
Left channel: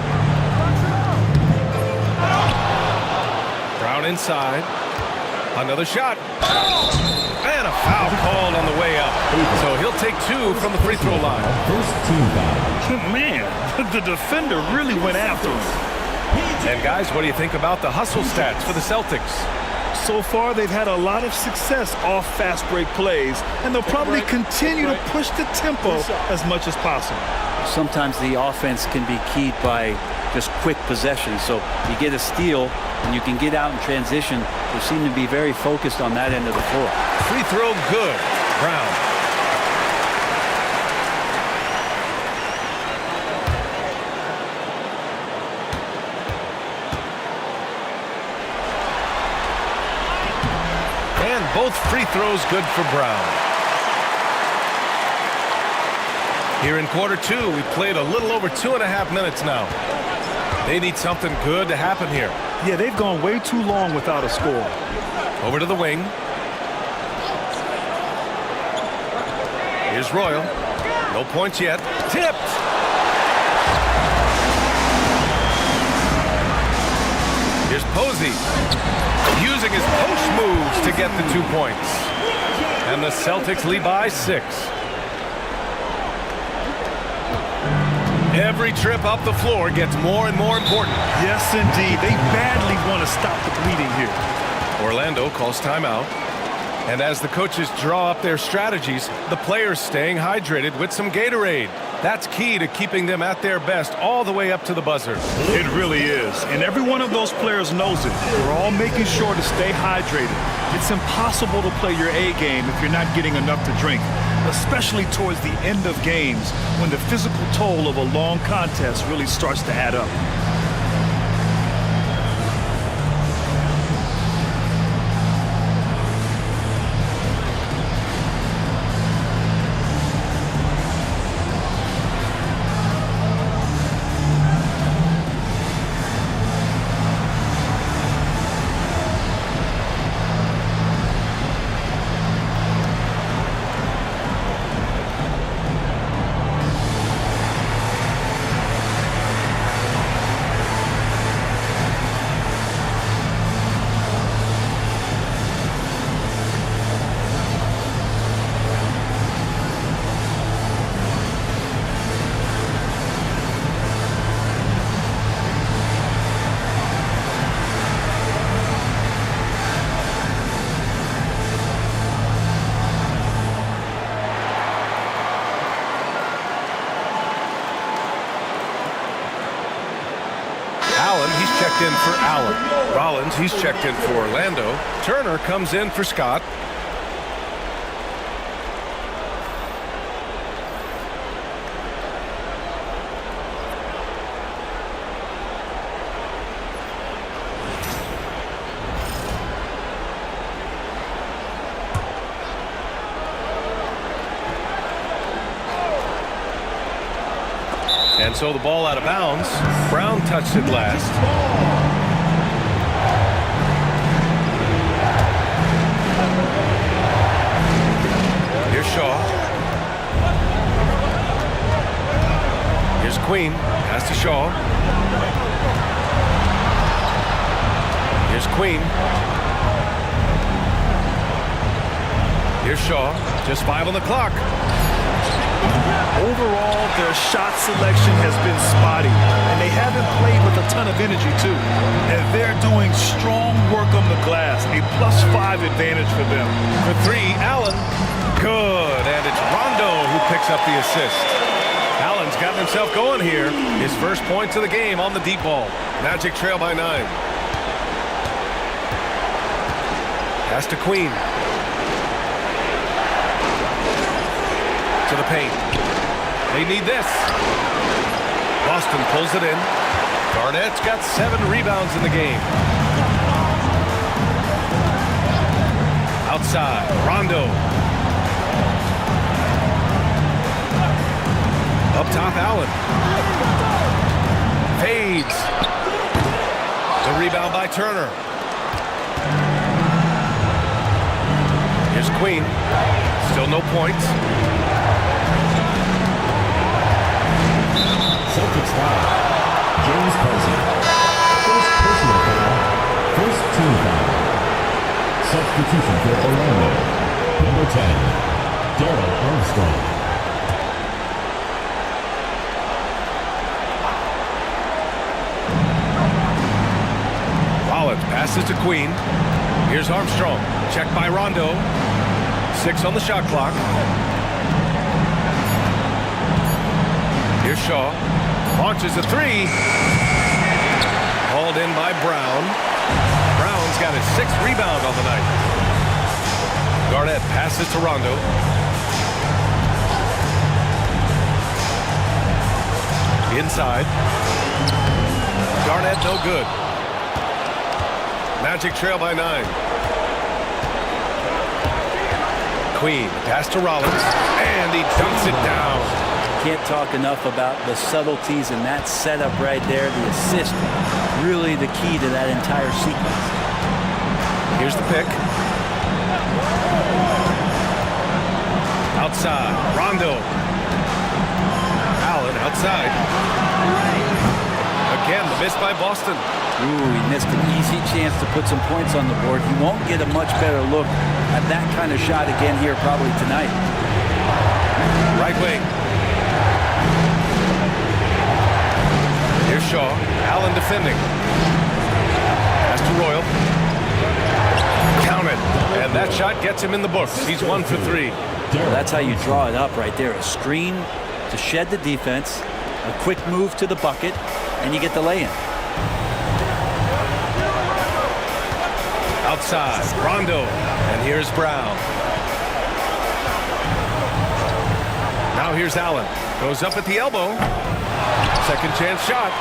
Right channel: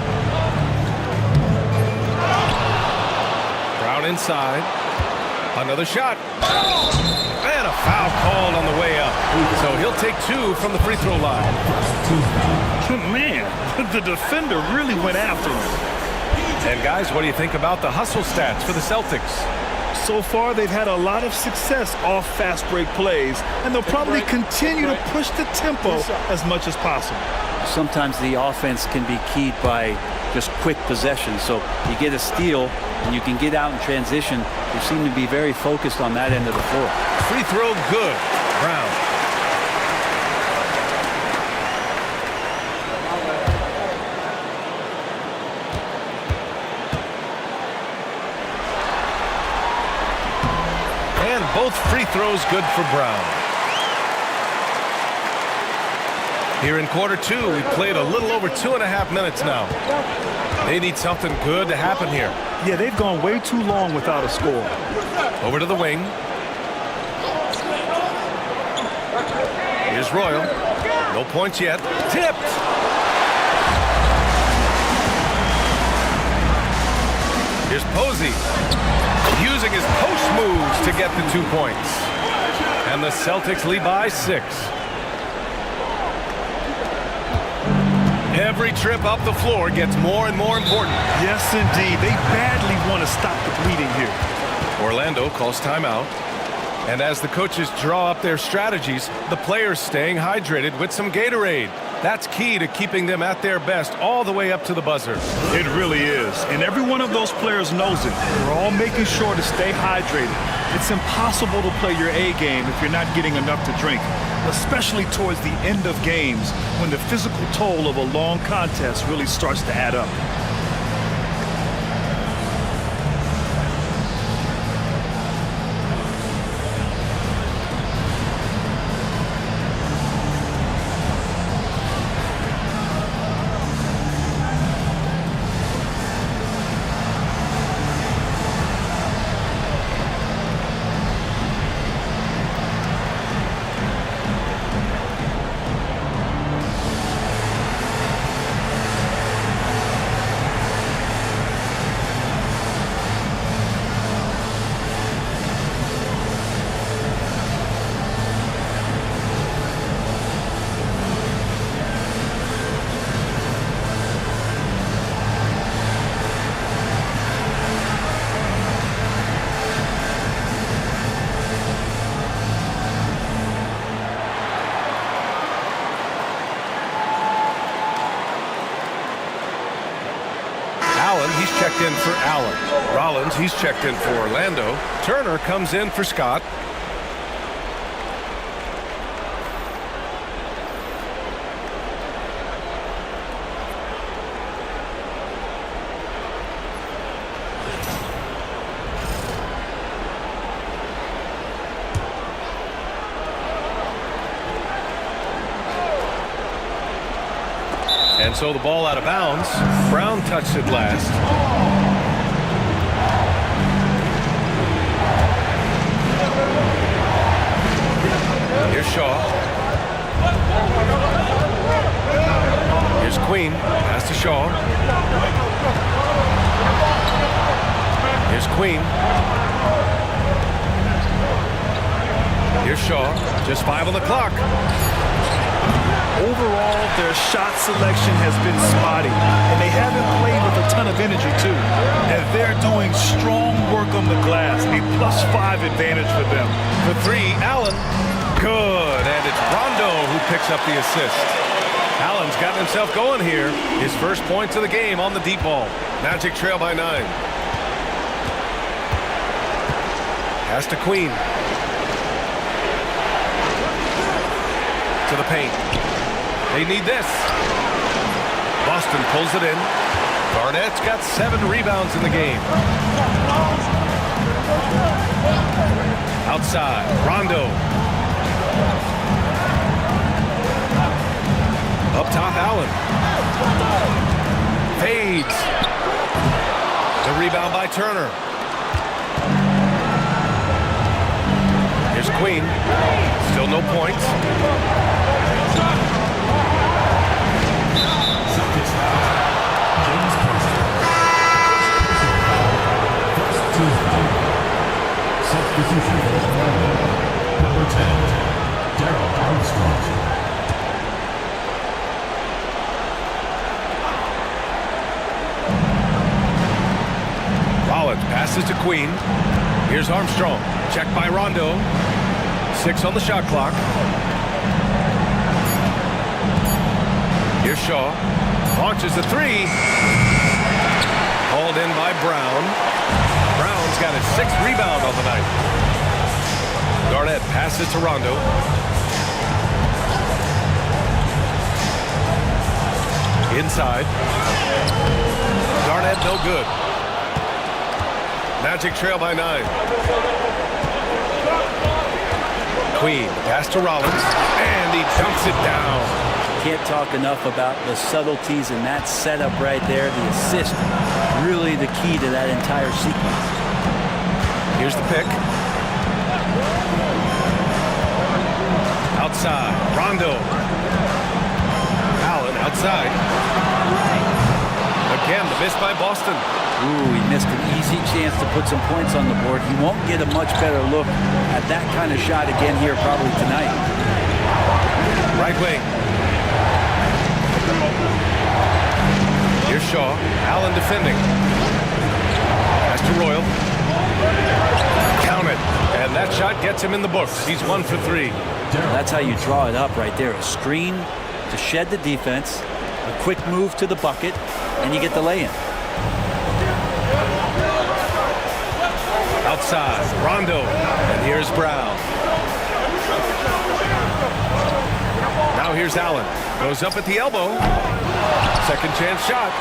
Brown inside. Another shot. And a foul called on the way up. So he'll take 2 from the free throw line. Man, the defender really went after him. And guys, what do you think about the hustle stats for the Celtics? So far, they've had a lot of success off fast break plays, and they'll probably continue to push the tempo as much as possible. Sometimes the offense can be keyed by just quick possession. So you get a steal and you can get out in transition. They seem to be very focused on that end of the floor. Free throw good. Brown. And both free throws good for Brown. Here in quarter 2, we played a little over 2.5 minutes now. They need something good to happen here. Yeah, they've gone way too long without a score. Over to the wing. Here's Royal. No points yet. Tipped. Here's Posey. Using his post moves to get the 2 points. And the Celtics lead by 6. Every trip up the floor gets more and more important. Yes, indeed. They badly want to stop the bleeding here. Orlando calls timeout. And as the coaches draw up their strategies, the players staying hydrated with some Gatorade. That's key to keeping them at their best all the way up to the buzzer. It really is. And every one of those players knows it. They're all making sure to stay hydrated. It's impossible to play your A game if you're not getting enough to drink, especially towards the end of games when the physical toll of a long contest really starts to add up. Allen, he's checked in for Allen. Rollins, he's checked in for Orlando. Turner comes in for Scott. And so the ball out of bounds. Brown touched it last. Here's Shaw. Here's Queen. Pass to Shaw. Here's Queen. Here's Shaw. Just 5 on the clock. Overall, their shot selection has been spotty, and they haven't played with a ton of energy, too. And they're doing strong work on the glass, a +5 advantage for them. For 3, Allen. Good, and it's Rondo who picks up the assist. Allen's gotten himself going here. His first points of the game on the deep ball. Magic trail by 9. Pass to Queen. To the paint. They need this. Boston pulls it in. Garnett's got 7 rebounds in the game. Outside, Rondo. Up top, Allen. Fades. The rebound by Turner. Here's Queen. Still no points. James Posey. First personal foul. First 2. Substitution for Orlando. Number 10, Darrell Armstrong. Rollins passes to Queen. Here's Armstrong. Checked by Rondo. 6 on the shot clock. Here's Shaw. Launches a 3. Hauled in by Brown. Brown's got his 6th rebound on the night. Garnett passes to Rondo. Inside. Garnett no good. Magic trail by 9. Queen pass to Rollins, and he dunks it down. Can't talk enough about the subtleties in that setup right there. The assist, really the key to that entire sequence. Here's the pick. Outside, Rondo. Allen outside. Again, the miss by Boston. Ooh, he missed an easy chance to put some points on the board. He won't get a much better look at that kind of shot again here probably tonight. Right wing. Here's Shaw. Allen defending. Pass to Royal. Count it. And that shot gets him in the books. He's 1 for 3. That's how you draw it up right there. A screen to shed the defense, a quick move to the bucket, and you get the lay-in. Outside, Rondo, and here's Brown. Now here's Allen. Goes up at the elbow. Second chance shot,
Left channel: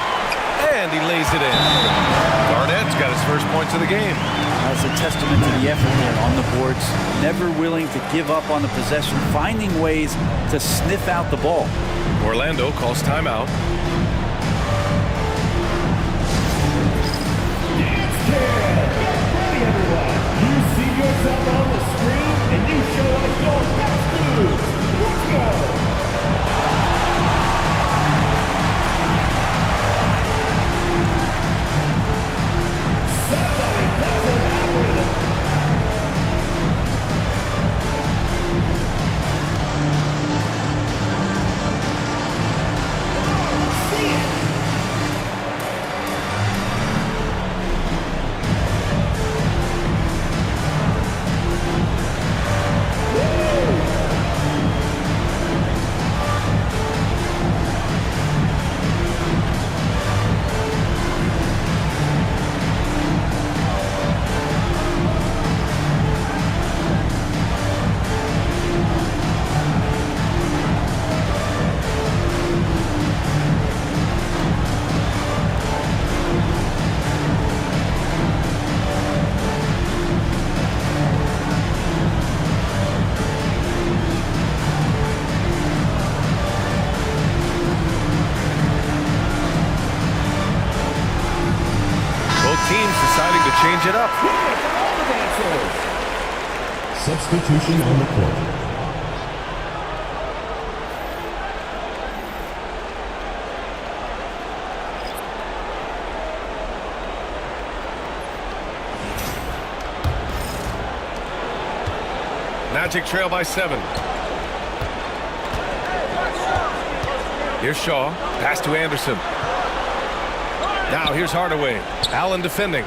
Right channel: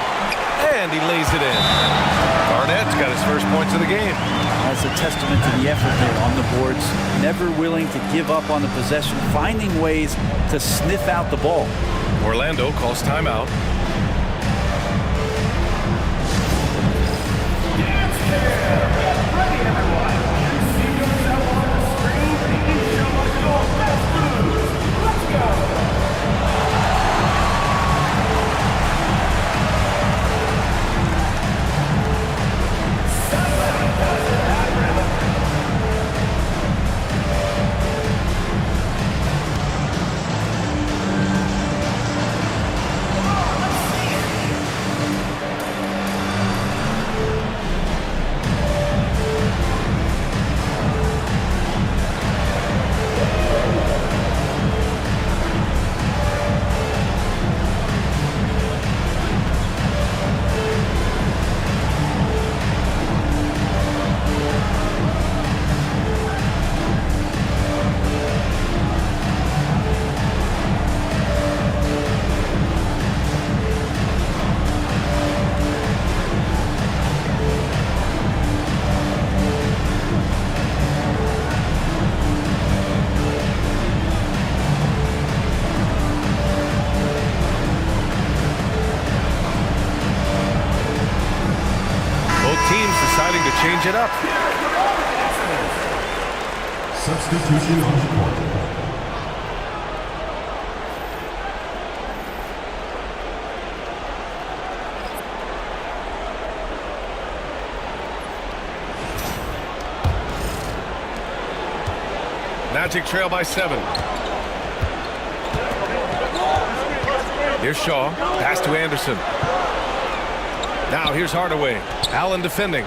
and he lays it in. Garnett's got his first points of the game. That's a testament to the effort there on the boards. Never willing to give up on the possession, finding ways to sniff out the ball. Orlando calls timeout. Teams deciding to change it up. Substitution on the court. Magic trail by 7. Here's Shaw. Pass to Anderson. Now here's Hardaway. Allen defending.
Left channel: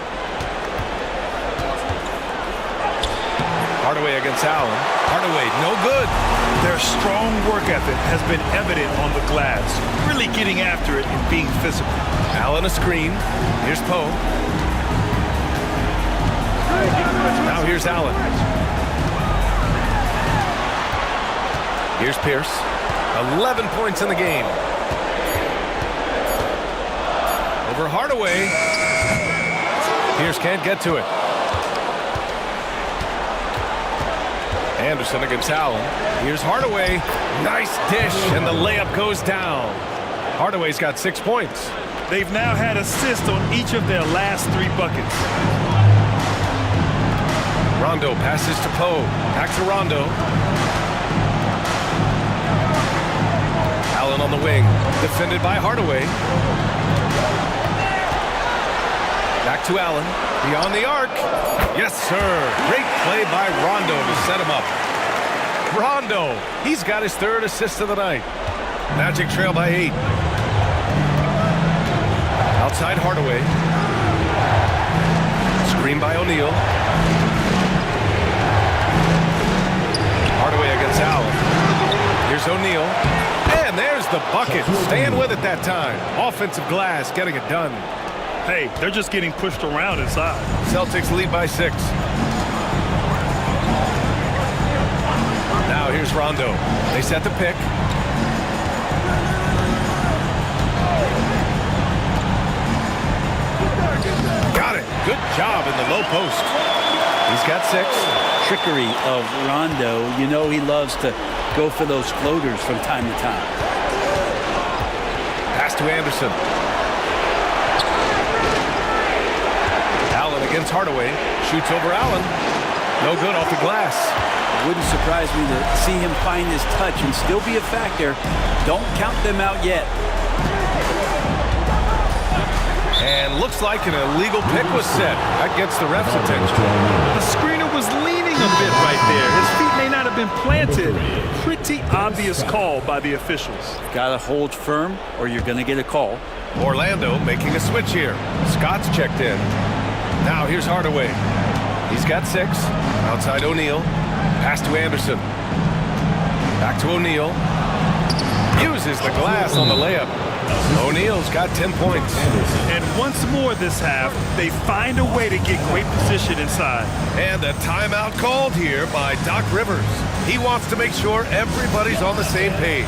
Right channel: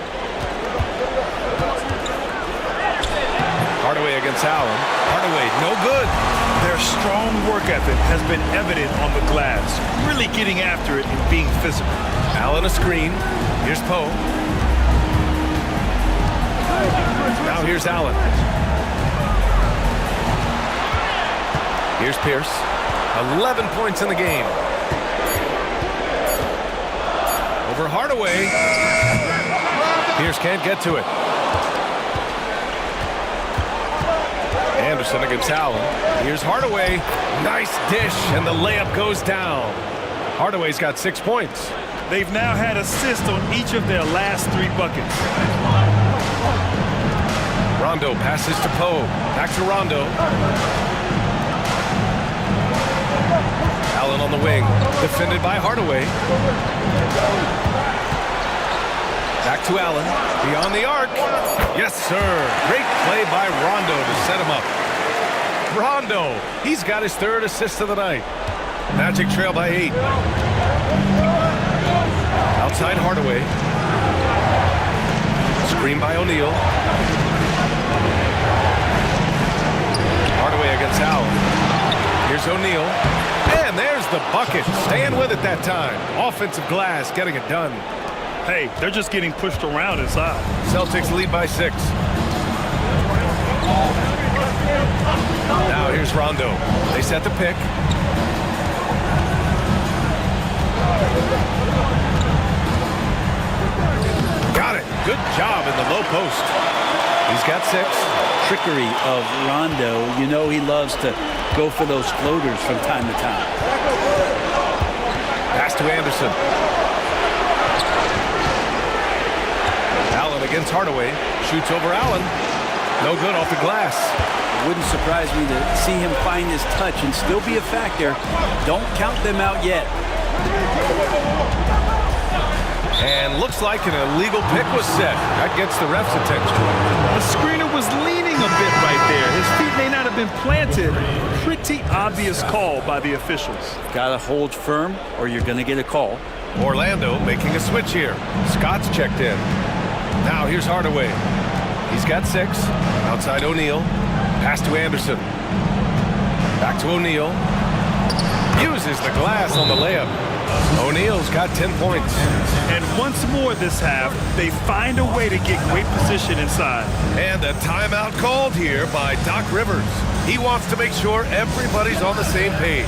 Hardaway against Allen. Hardaway, no good. Their strong work ethic has been evident on the glass, really getting after it and being physical. Allen a screen. Here's Poe. Now here's Allen. Here's Pierce. 11 points in the game. Over Hardaway. Pierce can't get to it. Anderson against Allen. Here's Hardaway. Nice dish, and the layup goes down. Hardaway's got 6 points. They've now had assists on each of their last 3 buckets. Rondo passes to Poe. Back to Rondo. Allen on the wing. Defended by Hardaway. Back to Allen. Beyond the arc. Yes, sir. Great play by Rondo to set him up. Rondo. He's got his third assist of the night. Magic trail by 8. Outside Hardaway. Screen by O'Neal. Hardaway against Allen. Here's O'Neal. And there's the bucket. Staying with it that time. Offensive glass getting it done. Hey, they're just getting pushed around inside. Celtics lead by 6. Now here's Rondo. They set the pick. Got it. Good job in the low post. He's got 6. Trickery of Rondo. You know he loves to go for those floaters from time to time. Pass to Anderson. Allen against Hardaway. Shoots over Allen. No good off the glass. It wouldn't surprise me to see him find his touch and still be a factor. Don't count them out yet. And looks like an illegal pick was set. That gets the ref's attention. The screener was leaning a bit right there. His feet may not have been planted. Pretty obvious call by the officials. Gotta hold firm or you're gonna get a call. Orlando making a switch here. Scott's checked in. Now here's Hardaway. He's got 6. Outside O'Neal. Pass to Anderson. Back to O'Neal. Uses the glass on the layup. O'Neal's got 10 points. And once more this half, they find a way to get great position inside. And a timeout called here by Doc Rivers. He wants to make sure everybody's on the same page.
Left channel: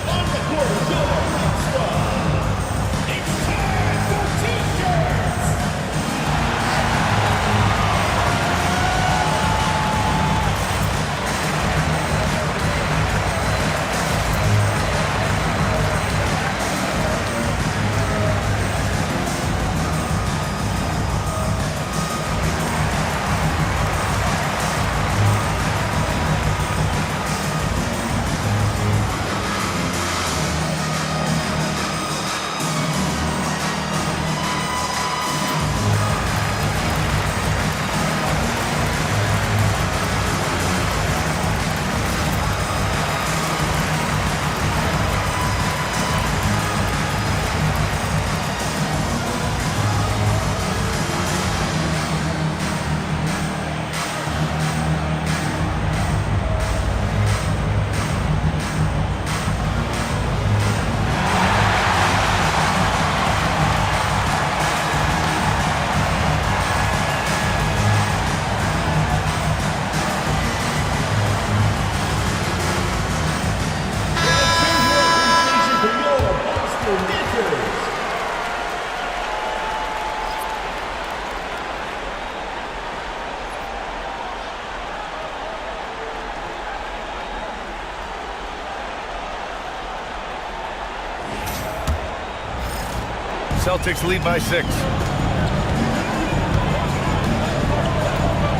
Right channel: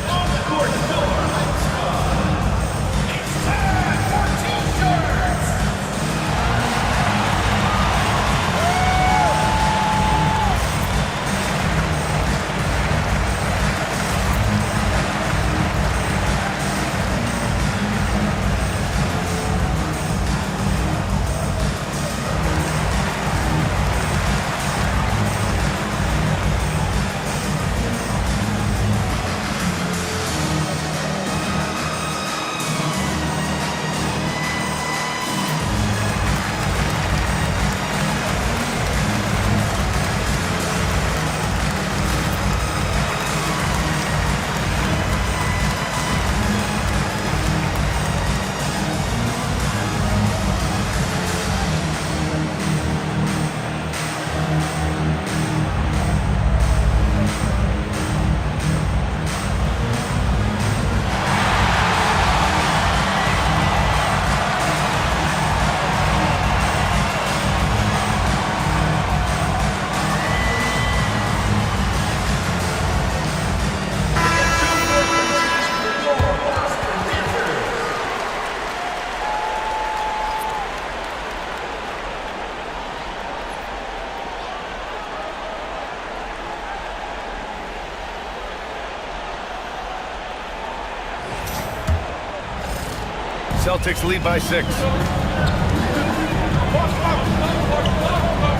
Celtics lead by 6.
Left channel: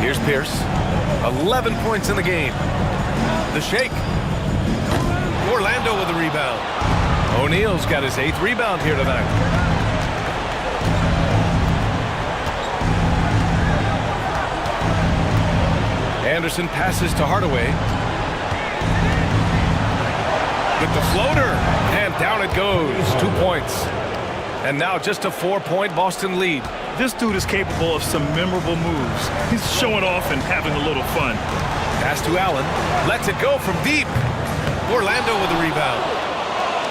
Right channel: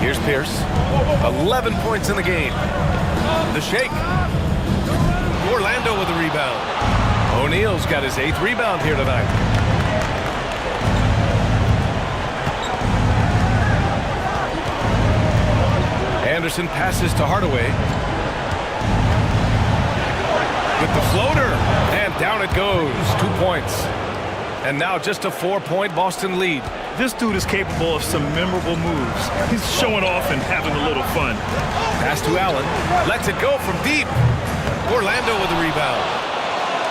Here's Pierce. 11 points in the game. The shake. Orlando with a rebound. O'Neal's got his 8th rebound here tonight. Anderson passes to Hardaway. With the floater. And down it goes. 2 points. And now just a 4-point Boston lead. This dude is capable of some memorable moves. He's showing off and having a little fun. Pass to Allen. Lets it go from deep. Orlando with the rebound.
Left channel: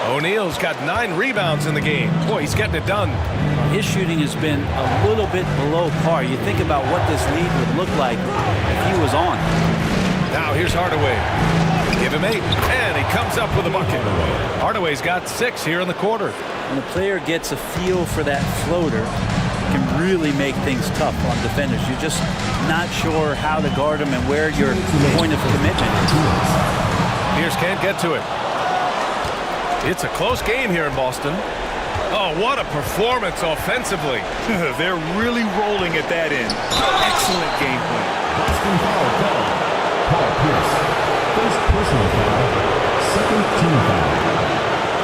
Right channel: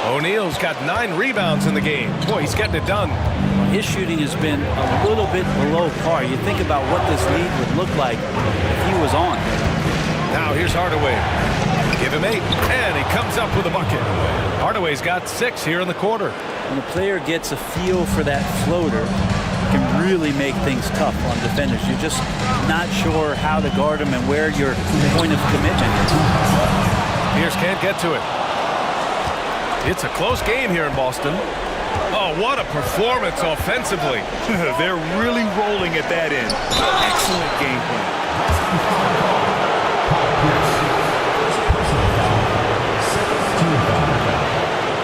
O'Neal's got 9 rebounds in the game. Boy, he's getting it done. His shooting has been a little bit below par. You think about what this lead would look like if he was on. Now here's Hardaway. Give him 8, and he comes up with a bucket. Hardaway's got 6 here in the quarter. When a player gets a feel for that floater, it can really make things tough on defenders. You're just not sure how to guard him and where your point of commitment is. Pierce can't get to it. It's a close game here in Boston. Oh, what a performance offensively. They're really rolling at that end. Excellent game plan.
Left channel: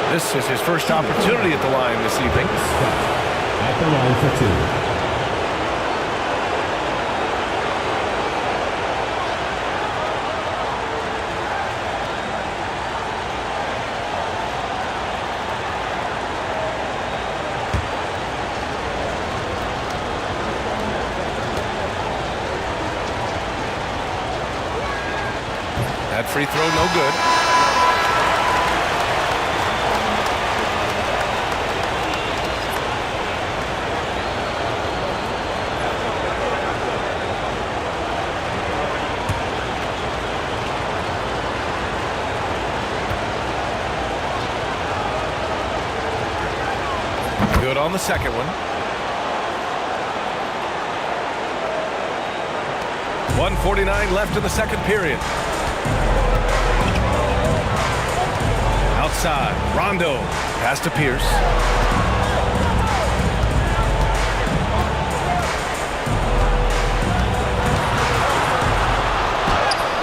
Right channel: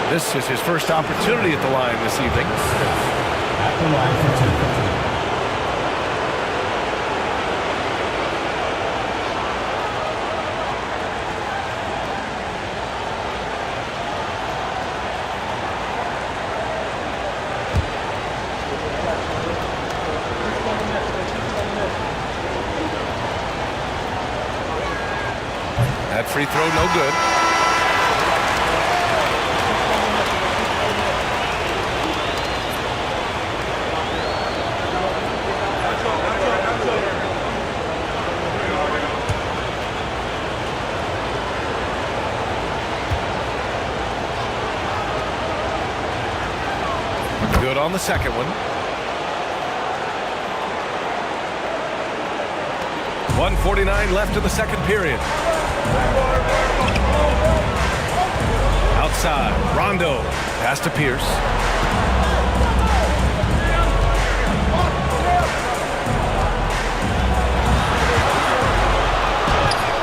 This is his first opportunity at the line this evening. At the line for 2. That free throw no good. Good on the second one. 1:49 left in the second period. Outside, Rondo. Pass to Pierce.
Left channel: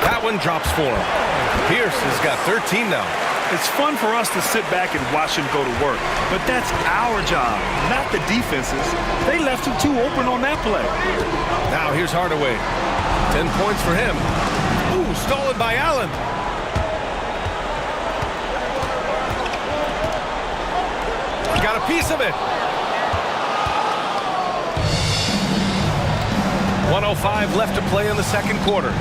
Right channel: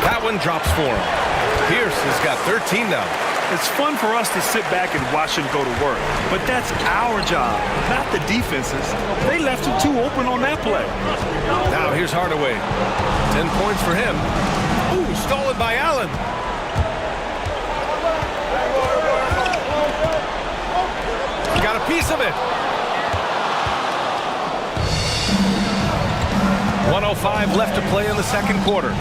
That one drops for him. Pierce has got 13 now. It's fun for us to sit back and watch him go to work, but that's our job, not the defense's. They left him too open on that play. Now here's Hardaway. 10 points for him. Ooh, stolen by Allen. Got a piece of it. 1:05 left to play in the second quarter.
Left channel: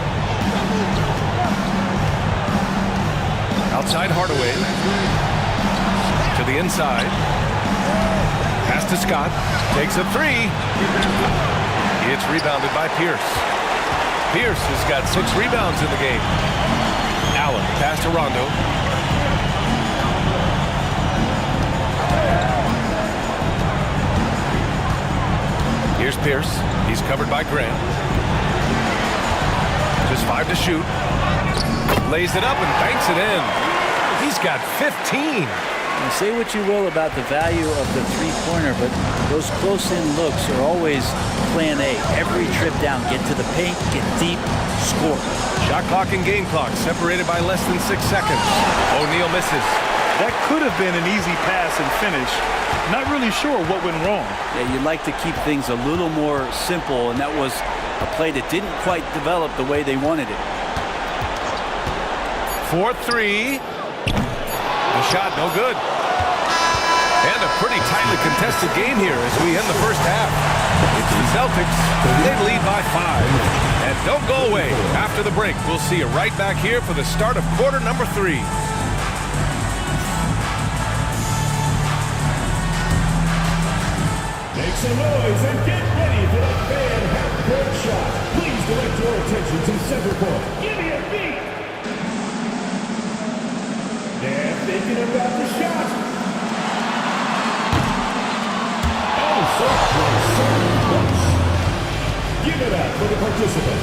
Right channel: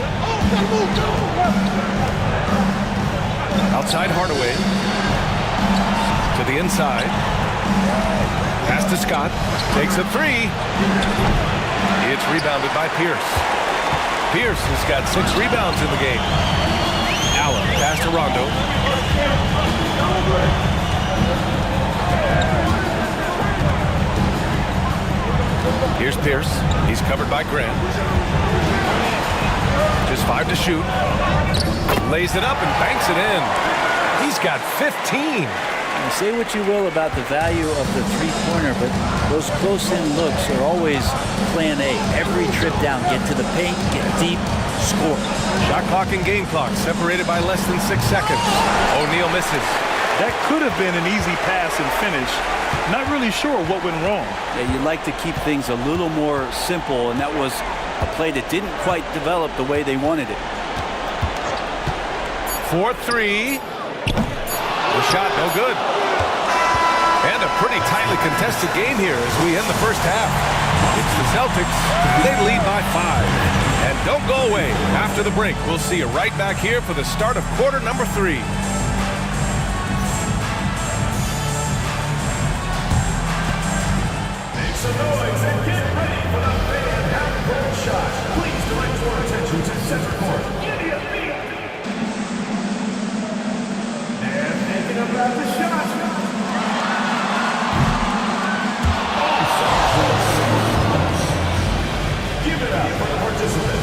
Outside Hardaway. To the inside. Pass to Scott. Takes a three. It's rebounded by Pierce. Pierce has got 6 rebounds in the game. Allen, pass to Rondo. Here's Pierce. He's covered by Grant. Just 5 to shoot. Lays it up and banks it in. He's got 15. Now, say what you will about the value of the three-pointer, but those close-in looks are always plan A. Every trip down, get to the paint, get deep, score. Shot clock and game clock separated by less than 6 seconds. O'Neal misses. That could have been an easy pass and finish. Not really sure what went wrong. Yeah, you'd like to keep things a little more simple, and that was a play that didn't quite develop the way they wanted it. 4-3. The shot no good. And a pretty tightly contested game here as we end the first half. It's the Celtics. They lead by 5. And don't go away. After the break, we'll see you right back here for the start of quarter number 3. Make some noise and get ready for the fan half-court shot. Please direct your attention to center court. Give me a beat. They're thinking about the shot. Give it up for the participant.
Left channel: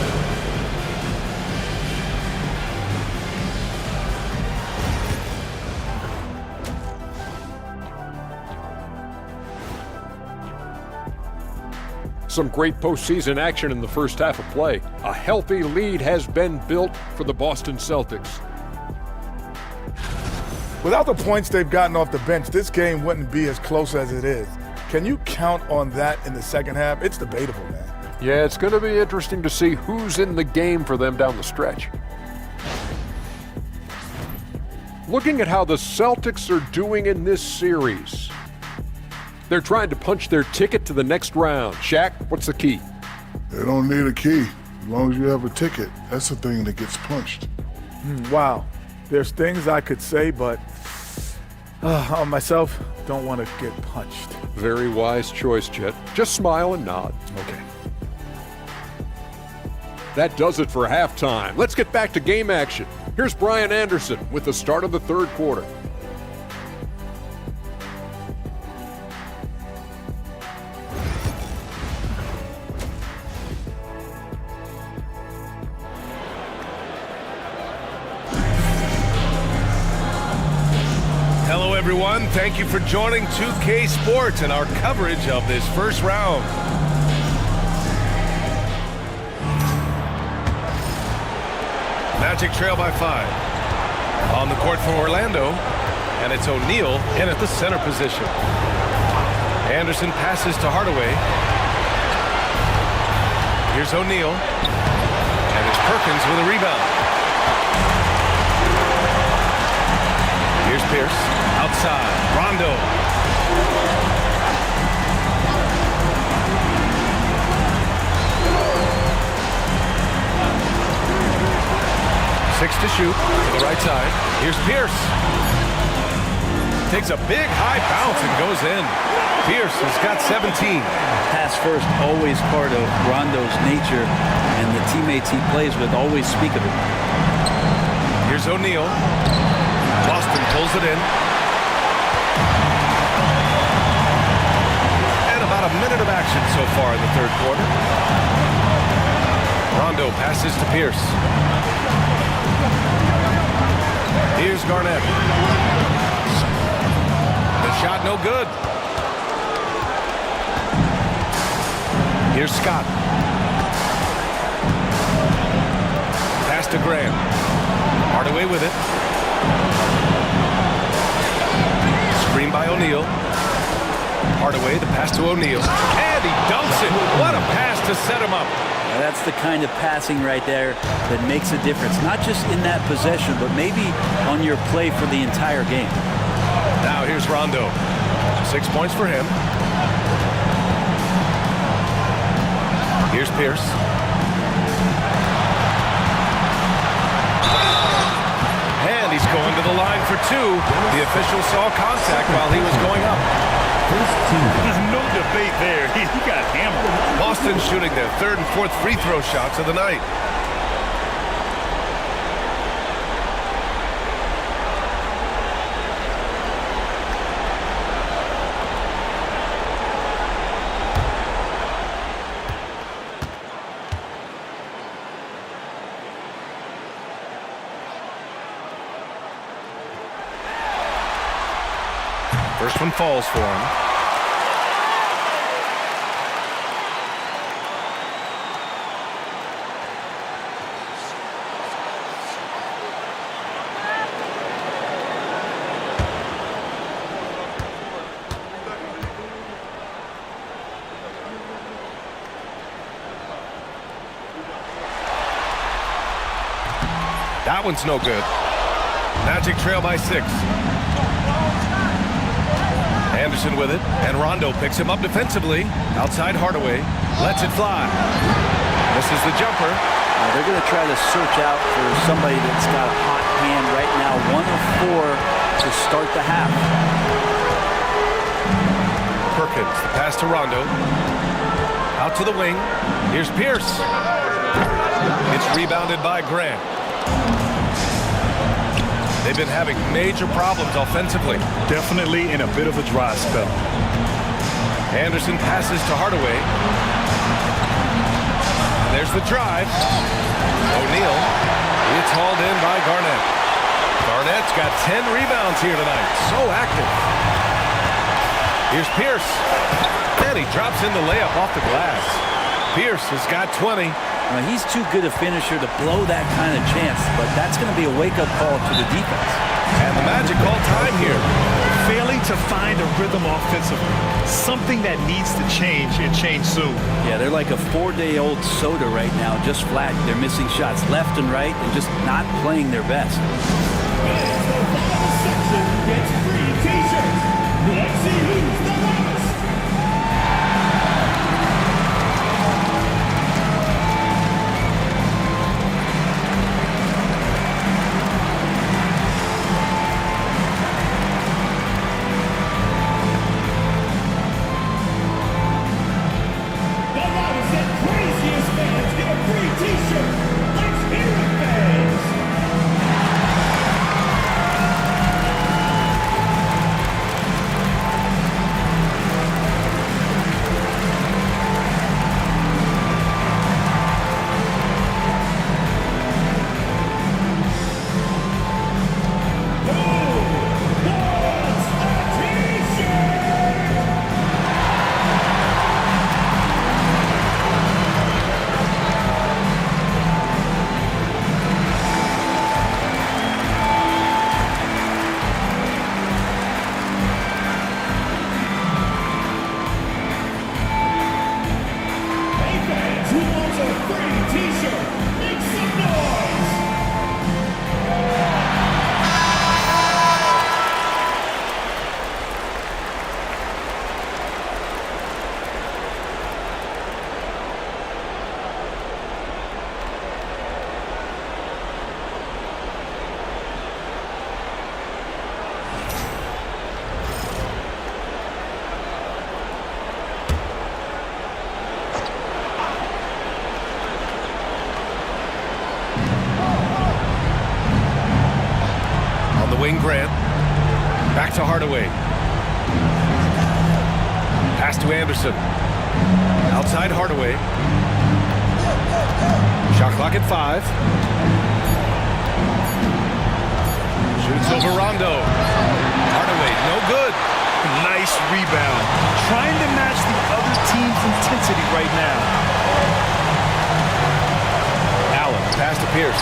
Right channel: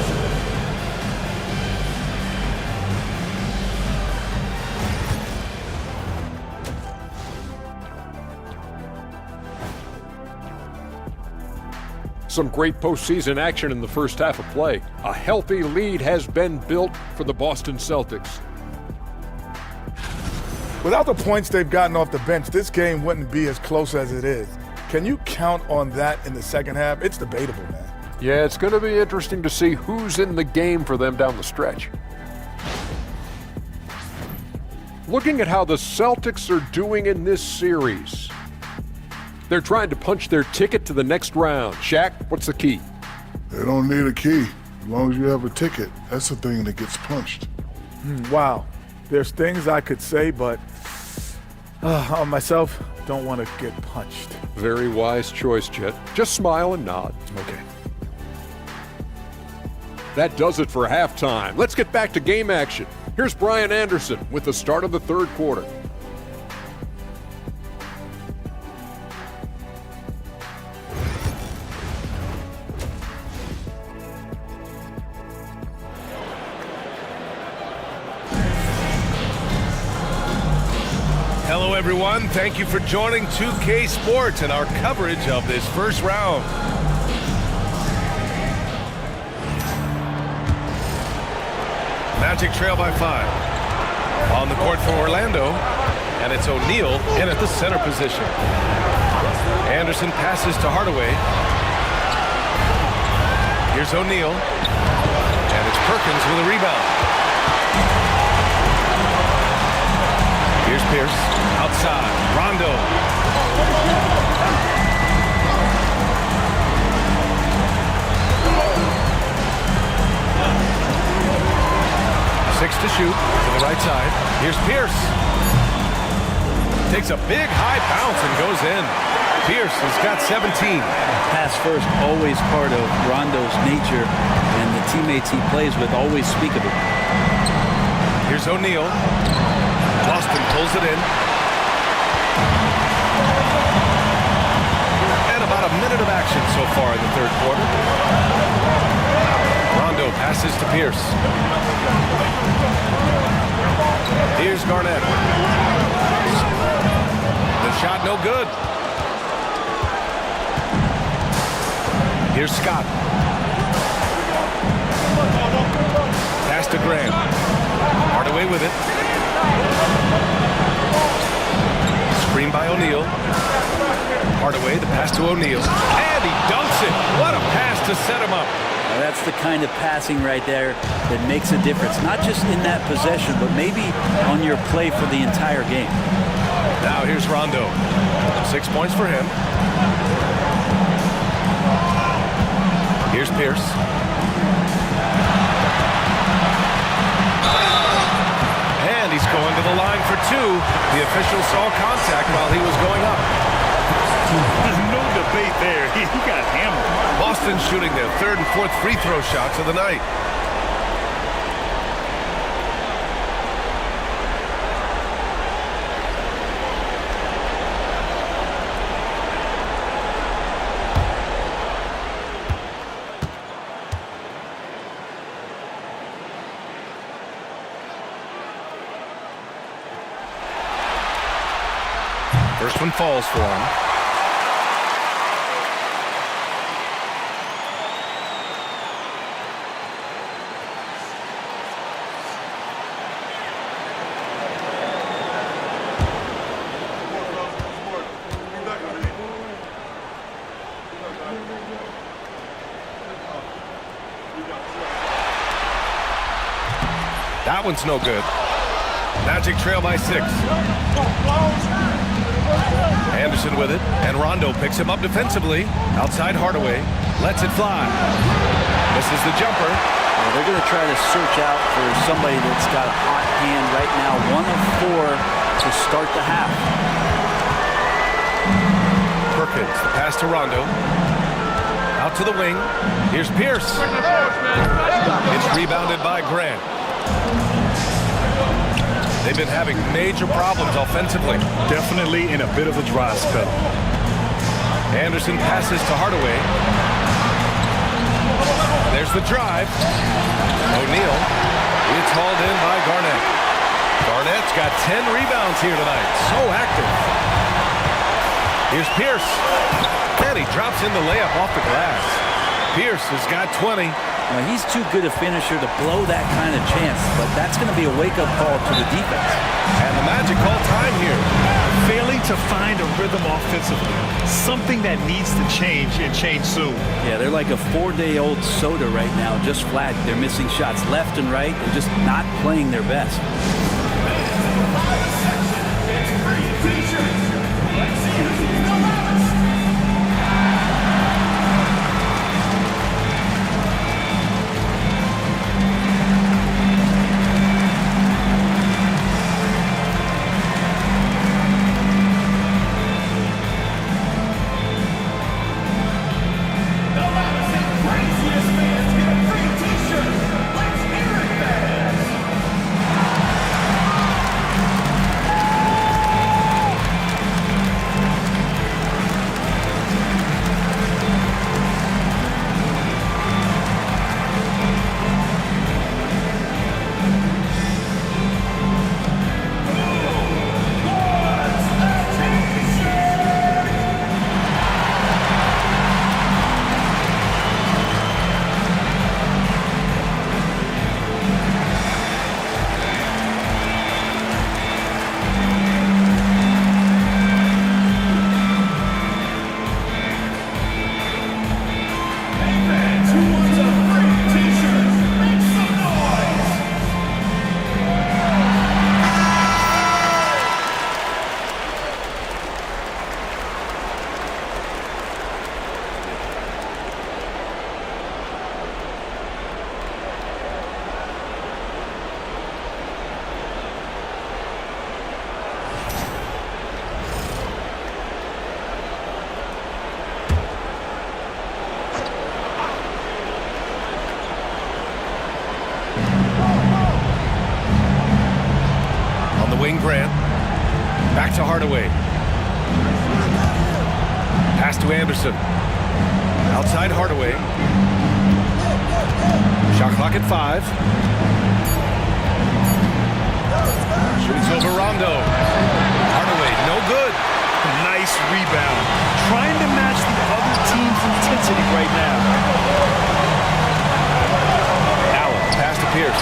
Some great postseason action in the first half of play. A healthy lead has been built for the Boston Celtics. Without the points they've gotten off the bench, this game wouldn't be as close as it is. Can you count on that in the second half? It's debatable, man. Yeah, it's going to be interesting to see who's in the game for them down the stretch. Looking at how the Celtics are doing in this series, they're trying to punch their ticket to the next round. Shaq, what's the key? They don't need a key. As long as you have a ticket, that's the thing that gets punched. Wow. There's things I could say, but on myself, don't want to get punched. Very wise choice, Jet. Just smile and nod. Okay. That does it for halftime. Let's get back to game action. Here's Brian Anderson with the start of the third quarter. Hello, everyone. Thank you for joining 2K Sports and our coverage of this first round. Magic trail by 5. On the court for Orlando, and it's O'Neal in at the center position. Anderson passes to Hardaway. Here's O'Neal, and it's Perkins with a rebound. Here's Pierce, outside, Rondo. Fakes to shoot to the right side. Here's Pierce. Takes a big high bounce and goes in. Pierce has got 17. Pass first, always part of Rondo's nature, and the teammates he plays with always speak of it. Here's O'Neal. Boston pulls it in. And about a minute of action so far in the third quarter. Rondo passes to Pierce. Here's Garnett. The shot no good. Here's Scott. Pass to Graham. Hardaway with it. Screen by O'Neal. Hardaway, the pass to O'Neal. And he dunks it. What a pass to set him up. Now that's the kind of passing right there that makes a difference. Not just in that possession, but maybe on your play for the entire game. Now here's Rondo. 6 points for him. Here's Pierce. And he's going to the line for two. The official saw contact while he was going up. There's no debate there. He got hammered. Boston shooting their third and fourth free throw shots of the night. First one falls for him. That one's no good. Magic trail by 6. Anderson with it, and Rondo picks him up defensively. Outside Hardaway, lets it fly. Misses the jumper. They're going to try to search out for somebody that's got a hot hand right now. 1 of 4 to start the half. Perkins, the pass to Rondo. Out to the wing. Here's Pierce. It's rebounded by Grant. They've been having major problems offensively. Definitely in a bit of a dry spell. Anderson passes to Hardaway. There's the drive. O'Neal. It's hauled in by Garnett. Garnett's got 10 rebounds here tonight. So active. Here's Pierce. And he drops in the layup off the glass. Pierce has got 20. Now, he's too good a finisher to blow that kind of chance, but that's going to be a wake-up call to the defense. And the Magic call time here. Failing to find a rhythm offensively. Something that needs to change and change soon. Yeah, they're like a 4-day-old soda right now, just flat. They're missing shots left and right and just not playing their best. Grant. Back to Hardaway. Pass to Anderson. Outside Hardaway. Shot clock at 5. Shoots over Rondo. Hardaway, no good. Nice rebound. Trying to match the other team's intensity right now. Allen, pass to Pierce.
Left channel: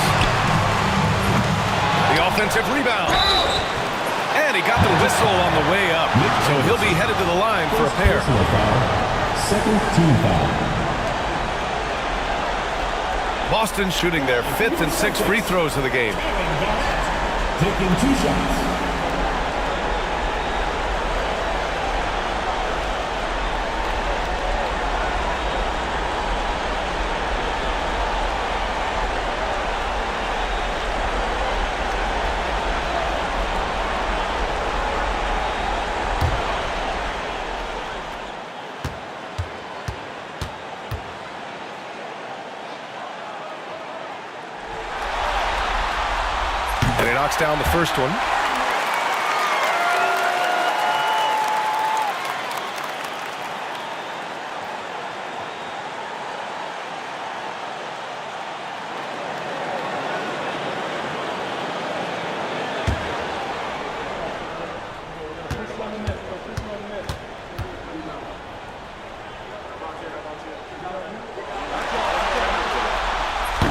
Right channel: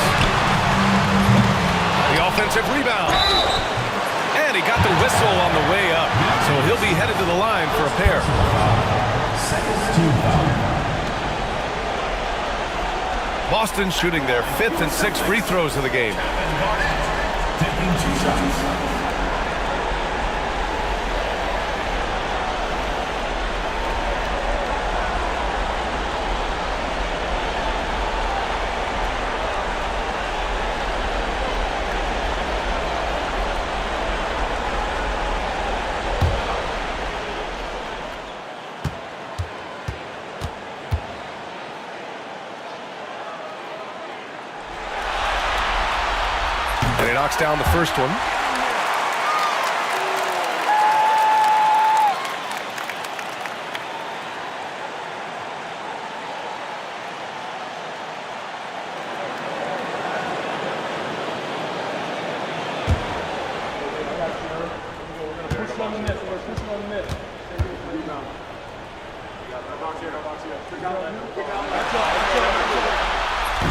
The offensive rebound. And he got the whistle on the way up. So he'll be headed to the line for a pair. Second team foul. Boston shooting their 5th and 6th free throws of the game. Taking 2 shots. And he knocks down the first one.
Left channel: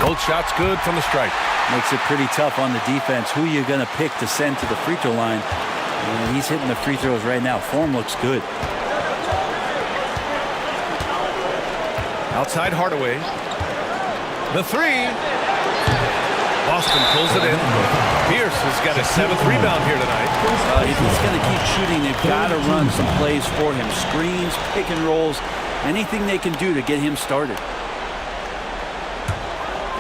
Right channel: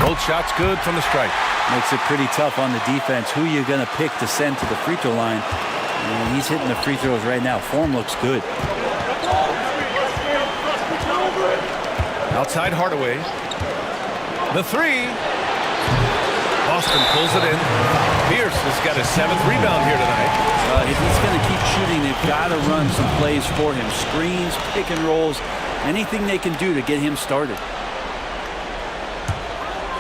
Both shots good from the strike. Makes it pretty tough on the defense. Who you going to pick to send to the free throw line? And he's hitting the free throws right now. Form looks good. Outside Hardaway. The 3. Boston pulls it in. Pierce has got his 7th rebound here tonight. If he's going to keep shooting, they've got to run some plays for him. Screens, pick and rolls, anything they can do to get him started.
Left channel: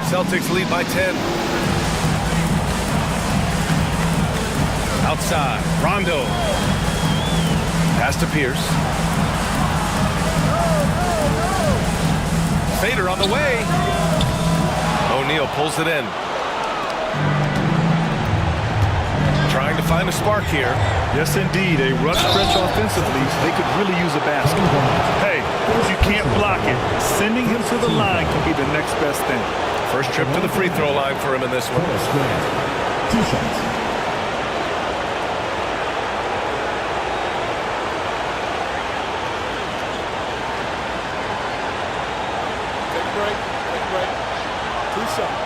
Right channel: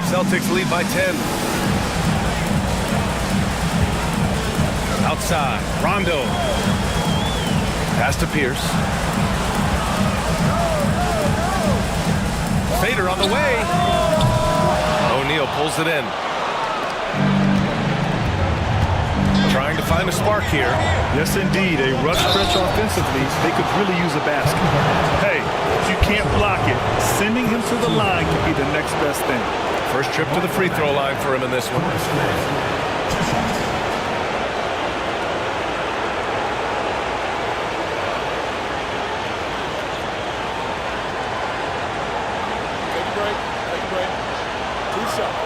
Celtics lead by 10. Outside, Rondo. Pass to Pierce. Fader on the way. O'Neal pulls it in. Trying to find a spark here. Yes, indeed. A rush stretch offensively. They could really use a basket. Hey, if you can't block it, sending him to the line can be the next best thing. First trip to the free throw line for him in this one. 2 shots. Take a break. Take a break. 2 shots.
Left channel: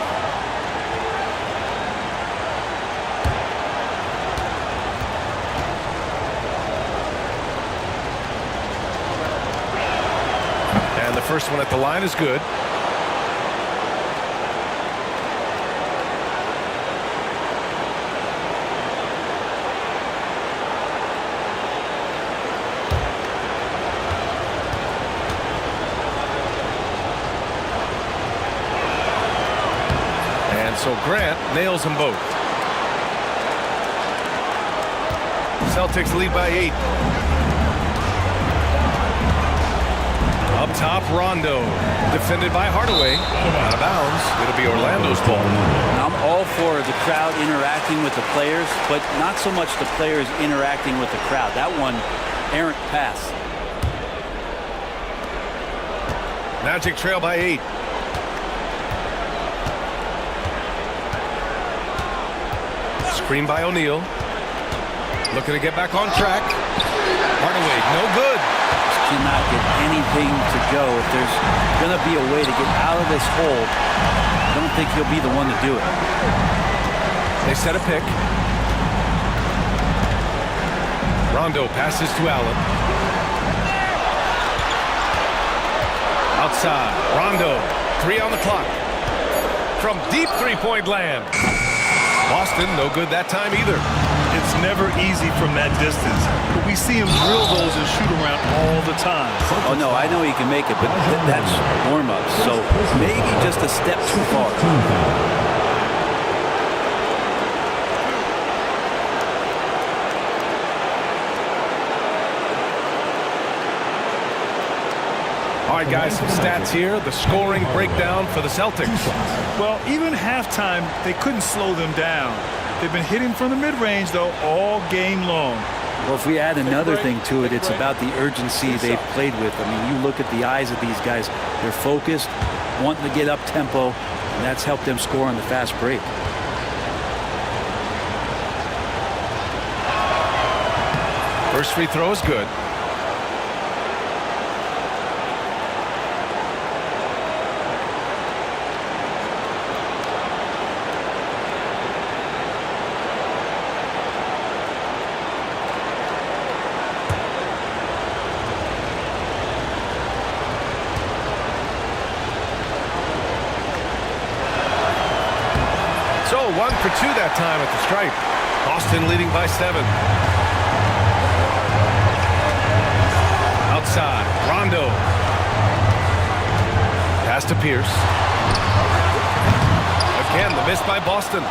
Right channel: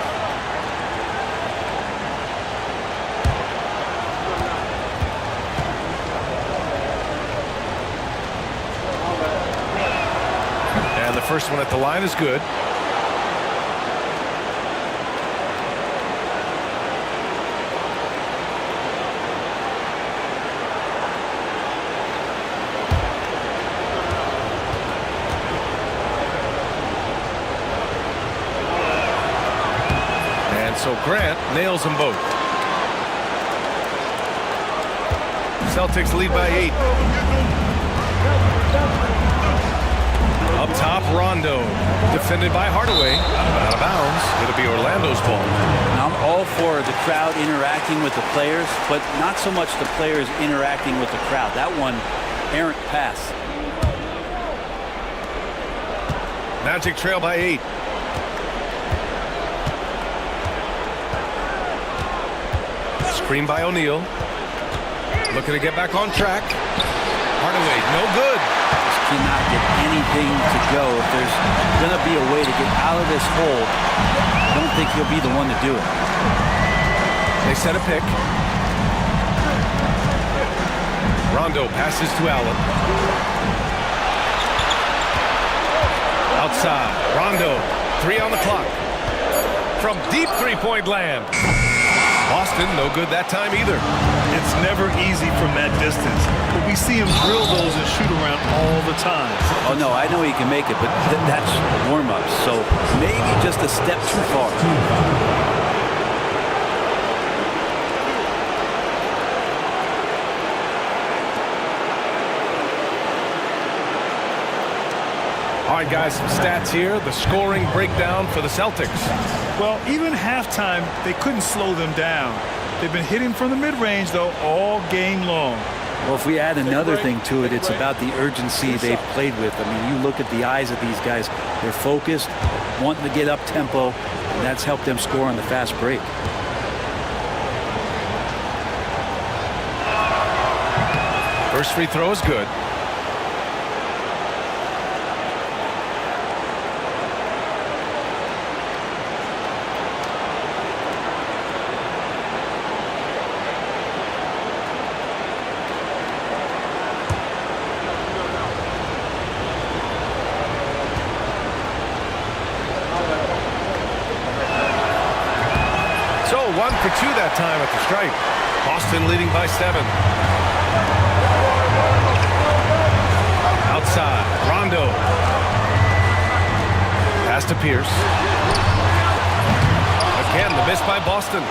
And the first one at the line is good. So Grant nails them both. Celtics lead by 8. Up top, Rondo. Defended by Hardaway. Out of bounds. It'll be Orlando's ball. Now, I'm all for the crowd interacting with the players, but not so much the players interacting with the crowd. That one, errant pass. Magic trail by 8. Screen by O'Neal. Looking to get back on track. Hardaway, no good. Just cannot get anything to go. If there's going to be a way to get out of this hole, I don't think he'll be the one to do it. They set a pick. Rondo passes to Allen. Outside, Rondo. 3 on the clock. From deep three-point land. Boston, no good that time either. It's never easy from that distance, but we see him drill those and shoot around all the time. Oh, no, I know he can make it, but that's warm-ups, so maybe just a step too far. All right, guys, some stats here. The scoring breakdown for the Celtics. Well, even halftime, they couldn't slow them down. They've been hitting from the mid-range, though, all game long. Well, if we add another thing to it, it's about the urgency they've played with. I mean, you look at the eyes of these guys. They're focused, wanting to get up tempo, and that's helped them score on the fast break. First free throw is good. So 1 for 2 that time at the stripe. Boston leading by 7. Outside, Rondo. Pass to Pierce. Again, the miss by Boston.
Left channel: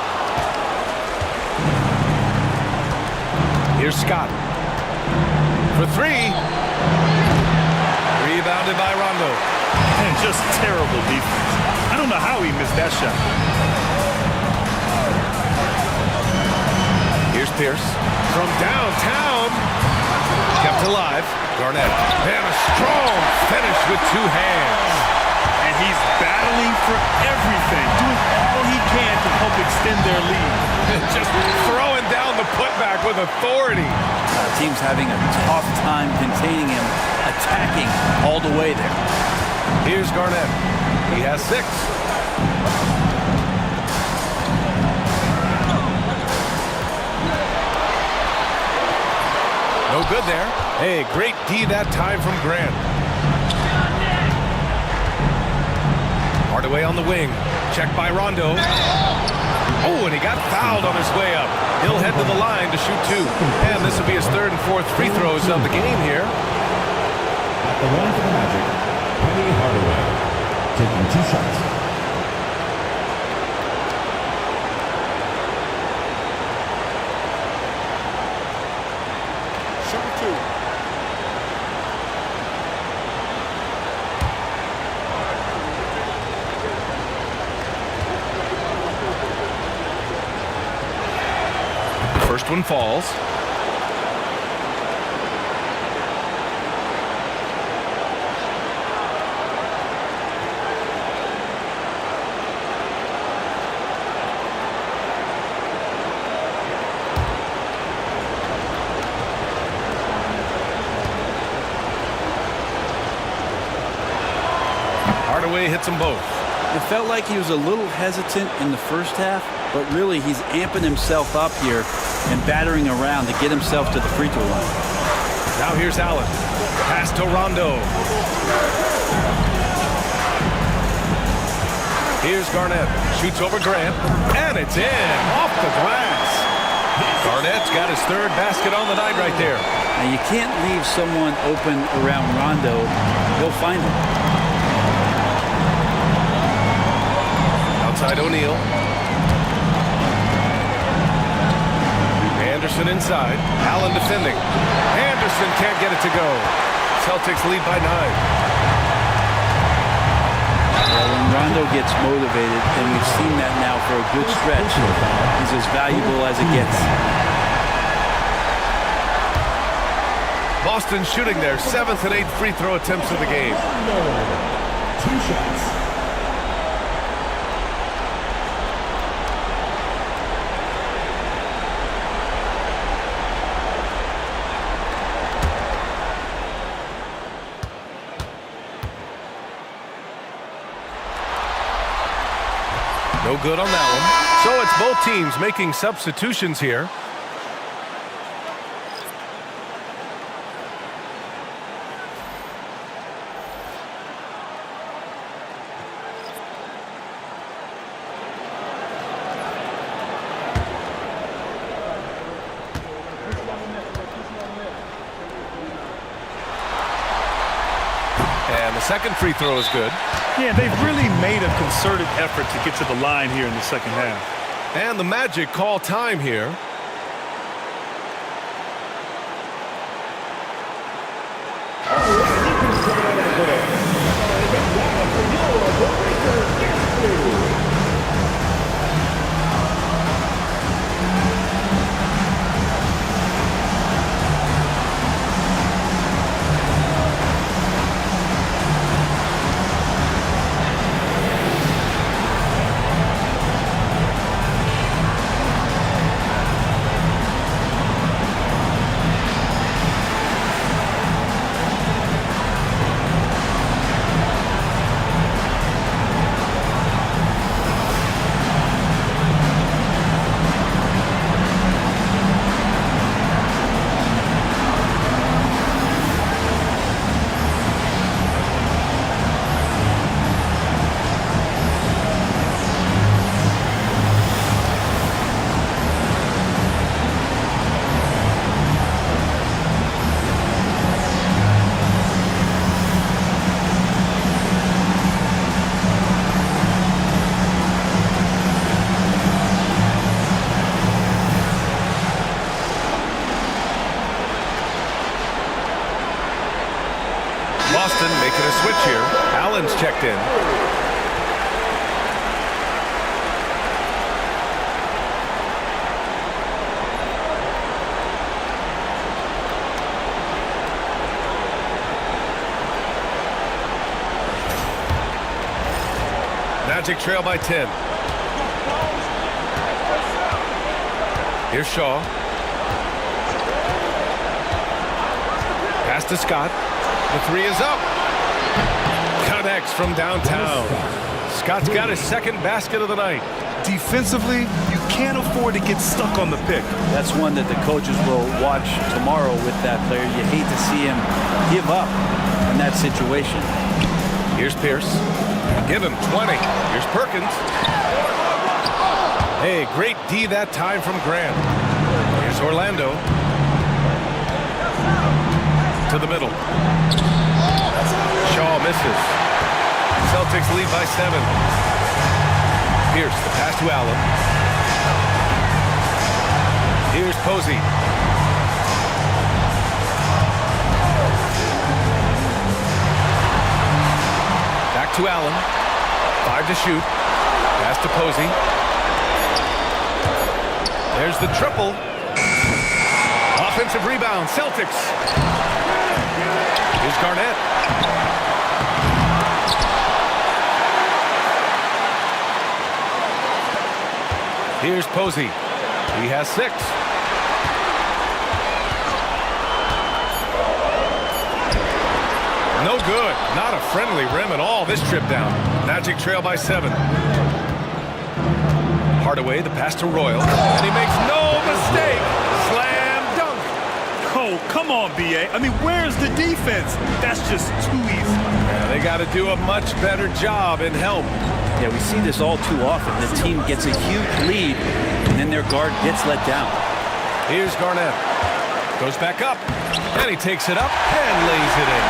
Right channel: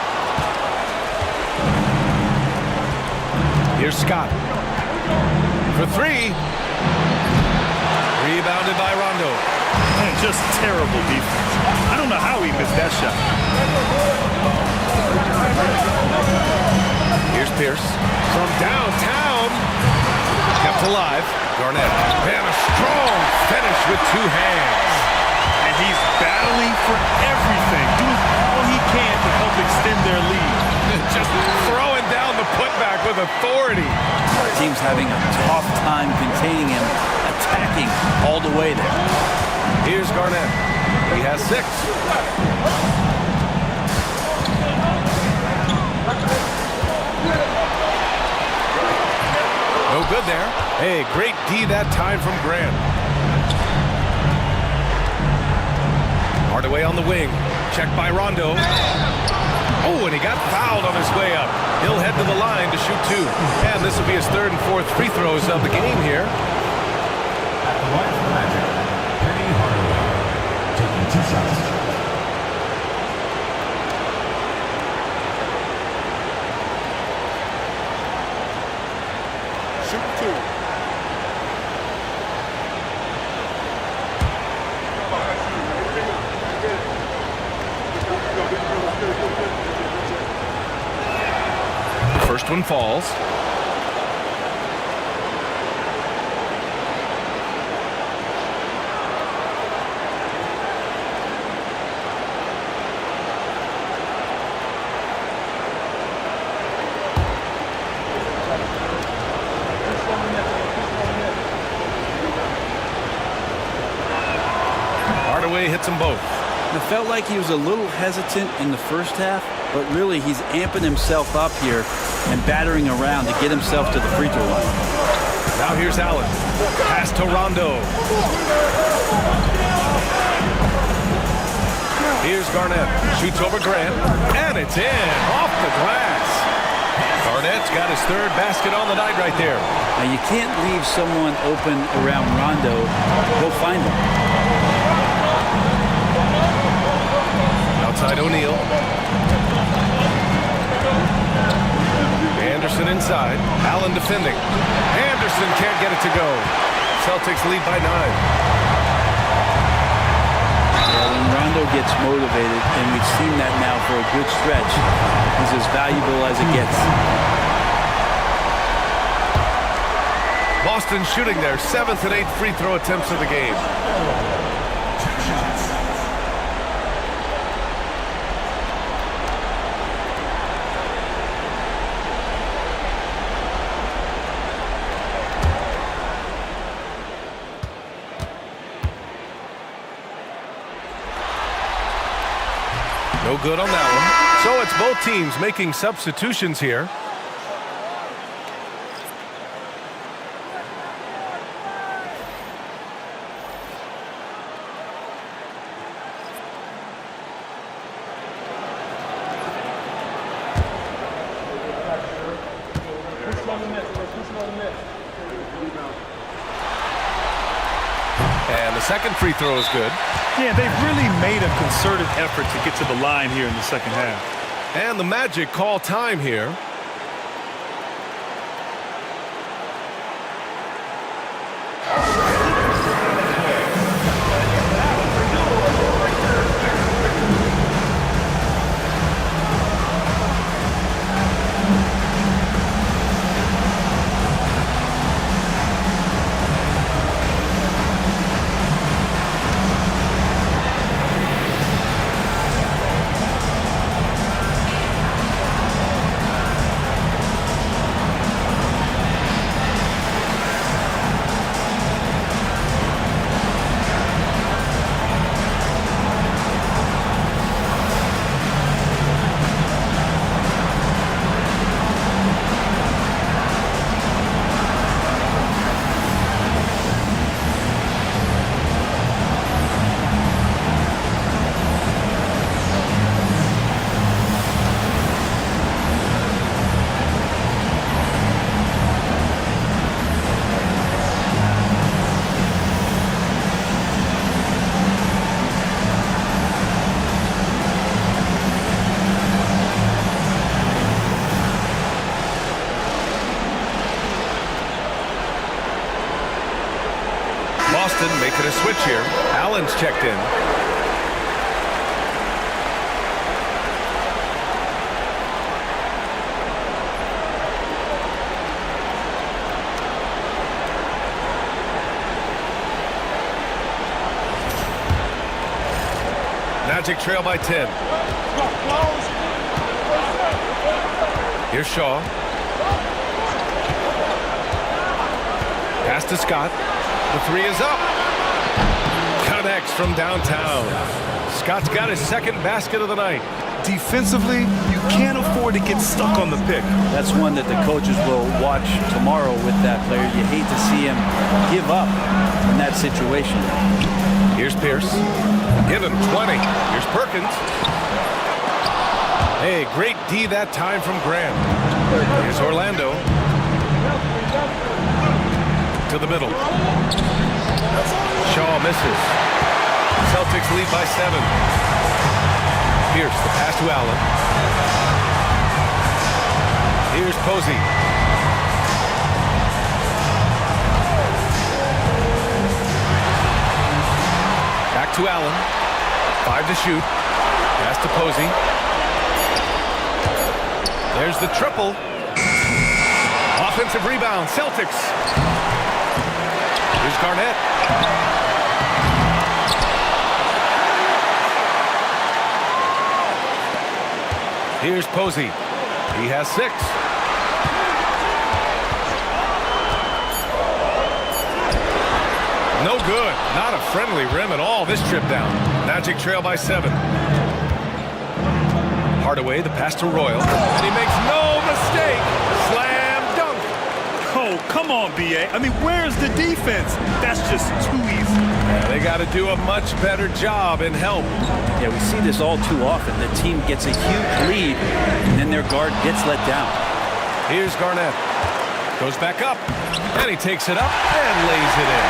Here's Scott. For 3. Rebounded by Rondo. And just terrible defense. I don't know how he missed that shot. Here's Pierce from downtown. Kept alive. Garnett. And a strong finish with 2 hands. And he's battling for everything, doing all he can to help extend their lead. Just throwing down the putback with authority. The team's having a tough time containing him, attacking all the way there. Here's Garnett. He has 6. No good there. Hey, great D that time from Grant. Hardaway on the wing. Checked by Rondo. Oh, and he got fouled on his way up. He'll head to the line to shoot 2. And this will be his 3rd and 4th free throws of the game here. At the line for the Magic, Penny Hardaway, taking 2 shots. Shoot 2. The first one falls. Hardaway hits them both. It felt like he was a little hesitant in the first half, but really he's amping himself up here and battering around to get himself to the free throw line. Now here's Allen. Pass to Rondo. Here's Garnett. Shoots over Grant. And it's in. Off the glass. Garnett's got his 3rd basket on the night right there. Now you can't leave someone open around Rondo. He'll find him. Outside O'Neal. Anderson inside. Allen defending. Anderson can't get it to go. Celtics lead by 9. Well, when Rondo gets motivated, and we've seen that now for a good stretch, he's as valuable as it gets. Boston shooting their 7th and 8th free throw attempts of the game. 2 shots. No good on that one. So it's both teams making substitutions here. And the second free throw is good. Yeah, they've really made a concerted effort to get to the line here in the second half. And the Magic call time here. Boston making a switch here. Allen's checked in. Magic trail by 10. Here's Shaw. Pass to Scott. The three is up. Connects from downtown. Scott's got his second basket of the night. Defensively, you can't afford to get stuck on the pick. That's one that the coaches will watch tomorrow with that player. You hate to see him give up in that situation. Here's Pierce. Give him 20. Here's Perkins. Hey, great D that time from Grant. Here's Orlando. To the middle. Shaw misses. Celtics lead by 7. Pierce, the pass to Allen. Here's Posey. Back to Allen. 5 to shoot. Pass to Posey. There's the triple. Offensive rebound, Celtics. Here's Garnett. Here's Posey. He has 6. No good. Not a friendly rim at all this trip down. Magic trail by 7. Hardaway, the pass to Royal. And he makes no mistake. Slam dunk. Oh, come on, B.A. I mean, where's the defense? That's just too easy. Yeah, they got to do a much better job in help. Yeah, we see this all too often. The team gets a huge lead, and then their guard gets let down. Here's Garnett. Goes back up, and he takes it up and lays it in.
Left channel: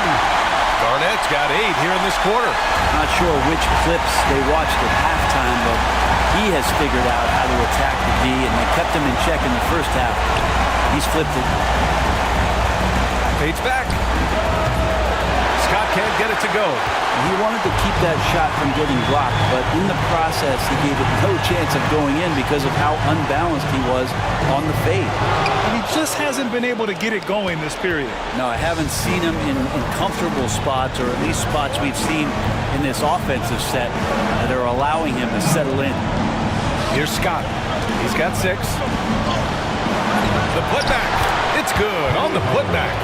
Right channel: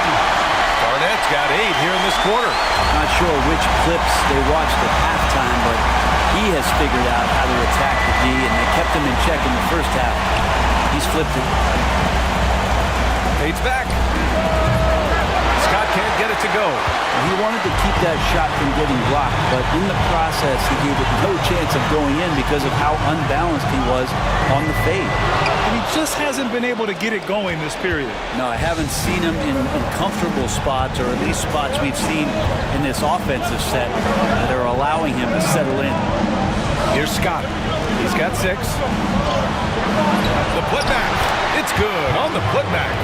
Garnett's got 8 here in this quarter. Not sure which clips they watched at halftime, but he has figured out how to attack the D, and they kept him in check in the first half. He's flipped it. Fades back. Scott can't get it to go. He wanted to keep that shot from getting blocked, but in the process, he gave it no chance of going in because of how unbalanced he was on the fade. And he just hasn't been able to get it going this period. No, I haven't seen him in comfortable spots, or at least spots we've seen in this offensive set that are allowing him to settle in. Here's Scott. He's got 6. The putback. It's good on the putback.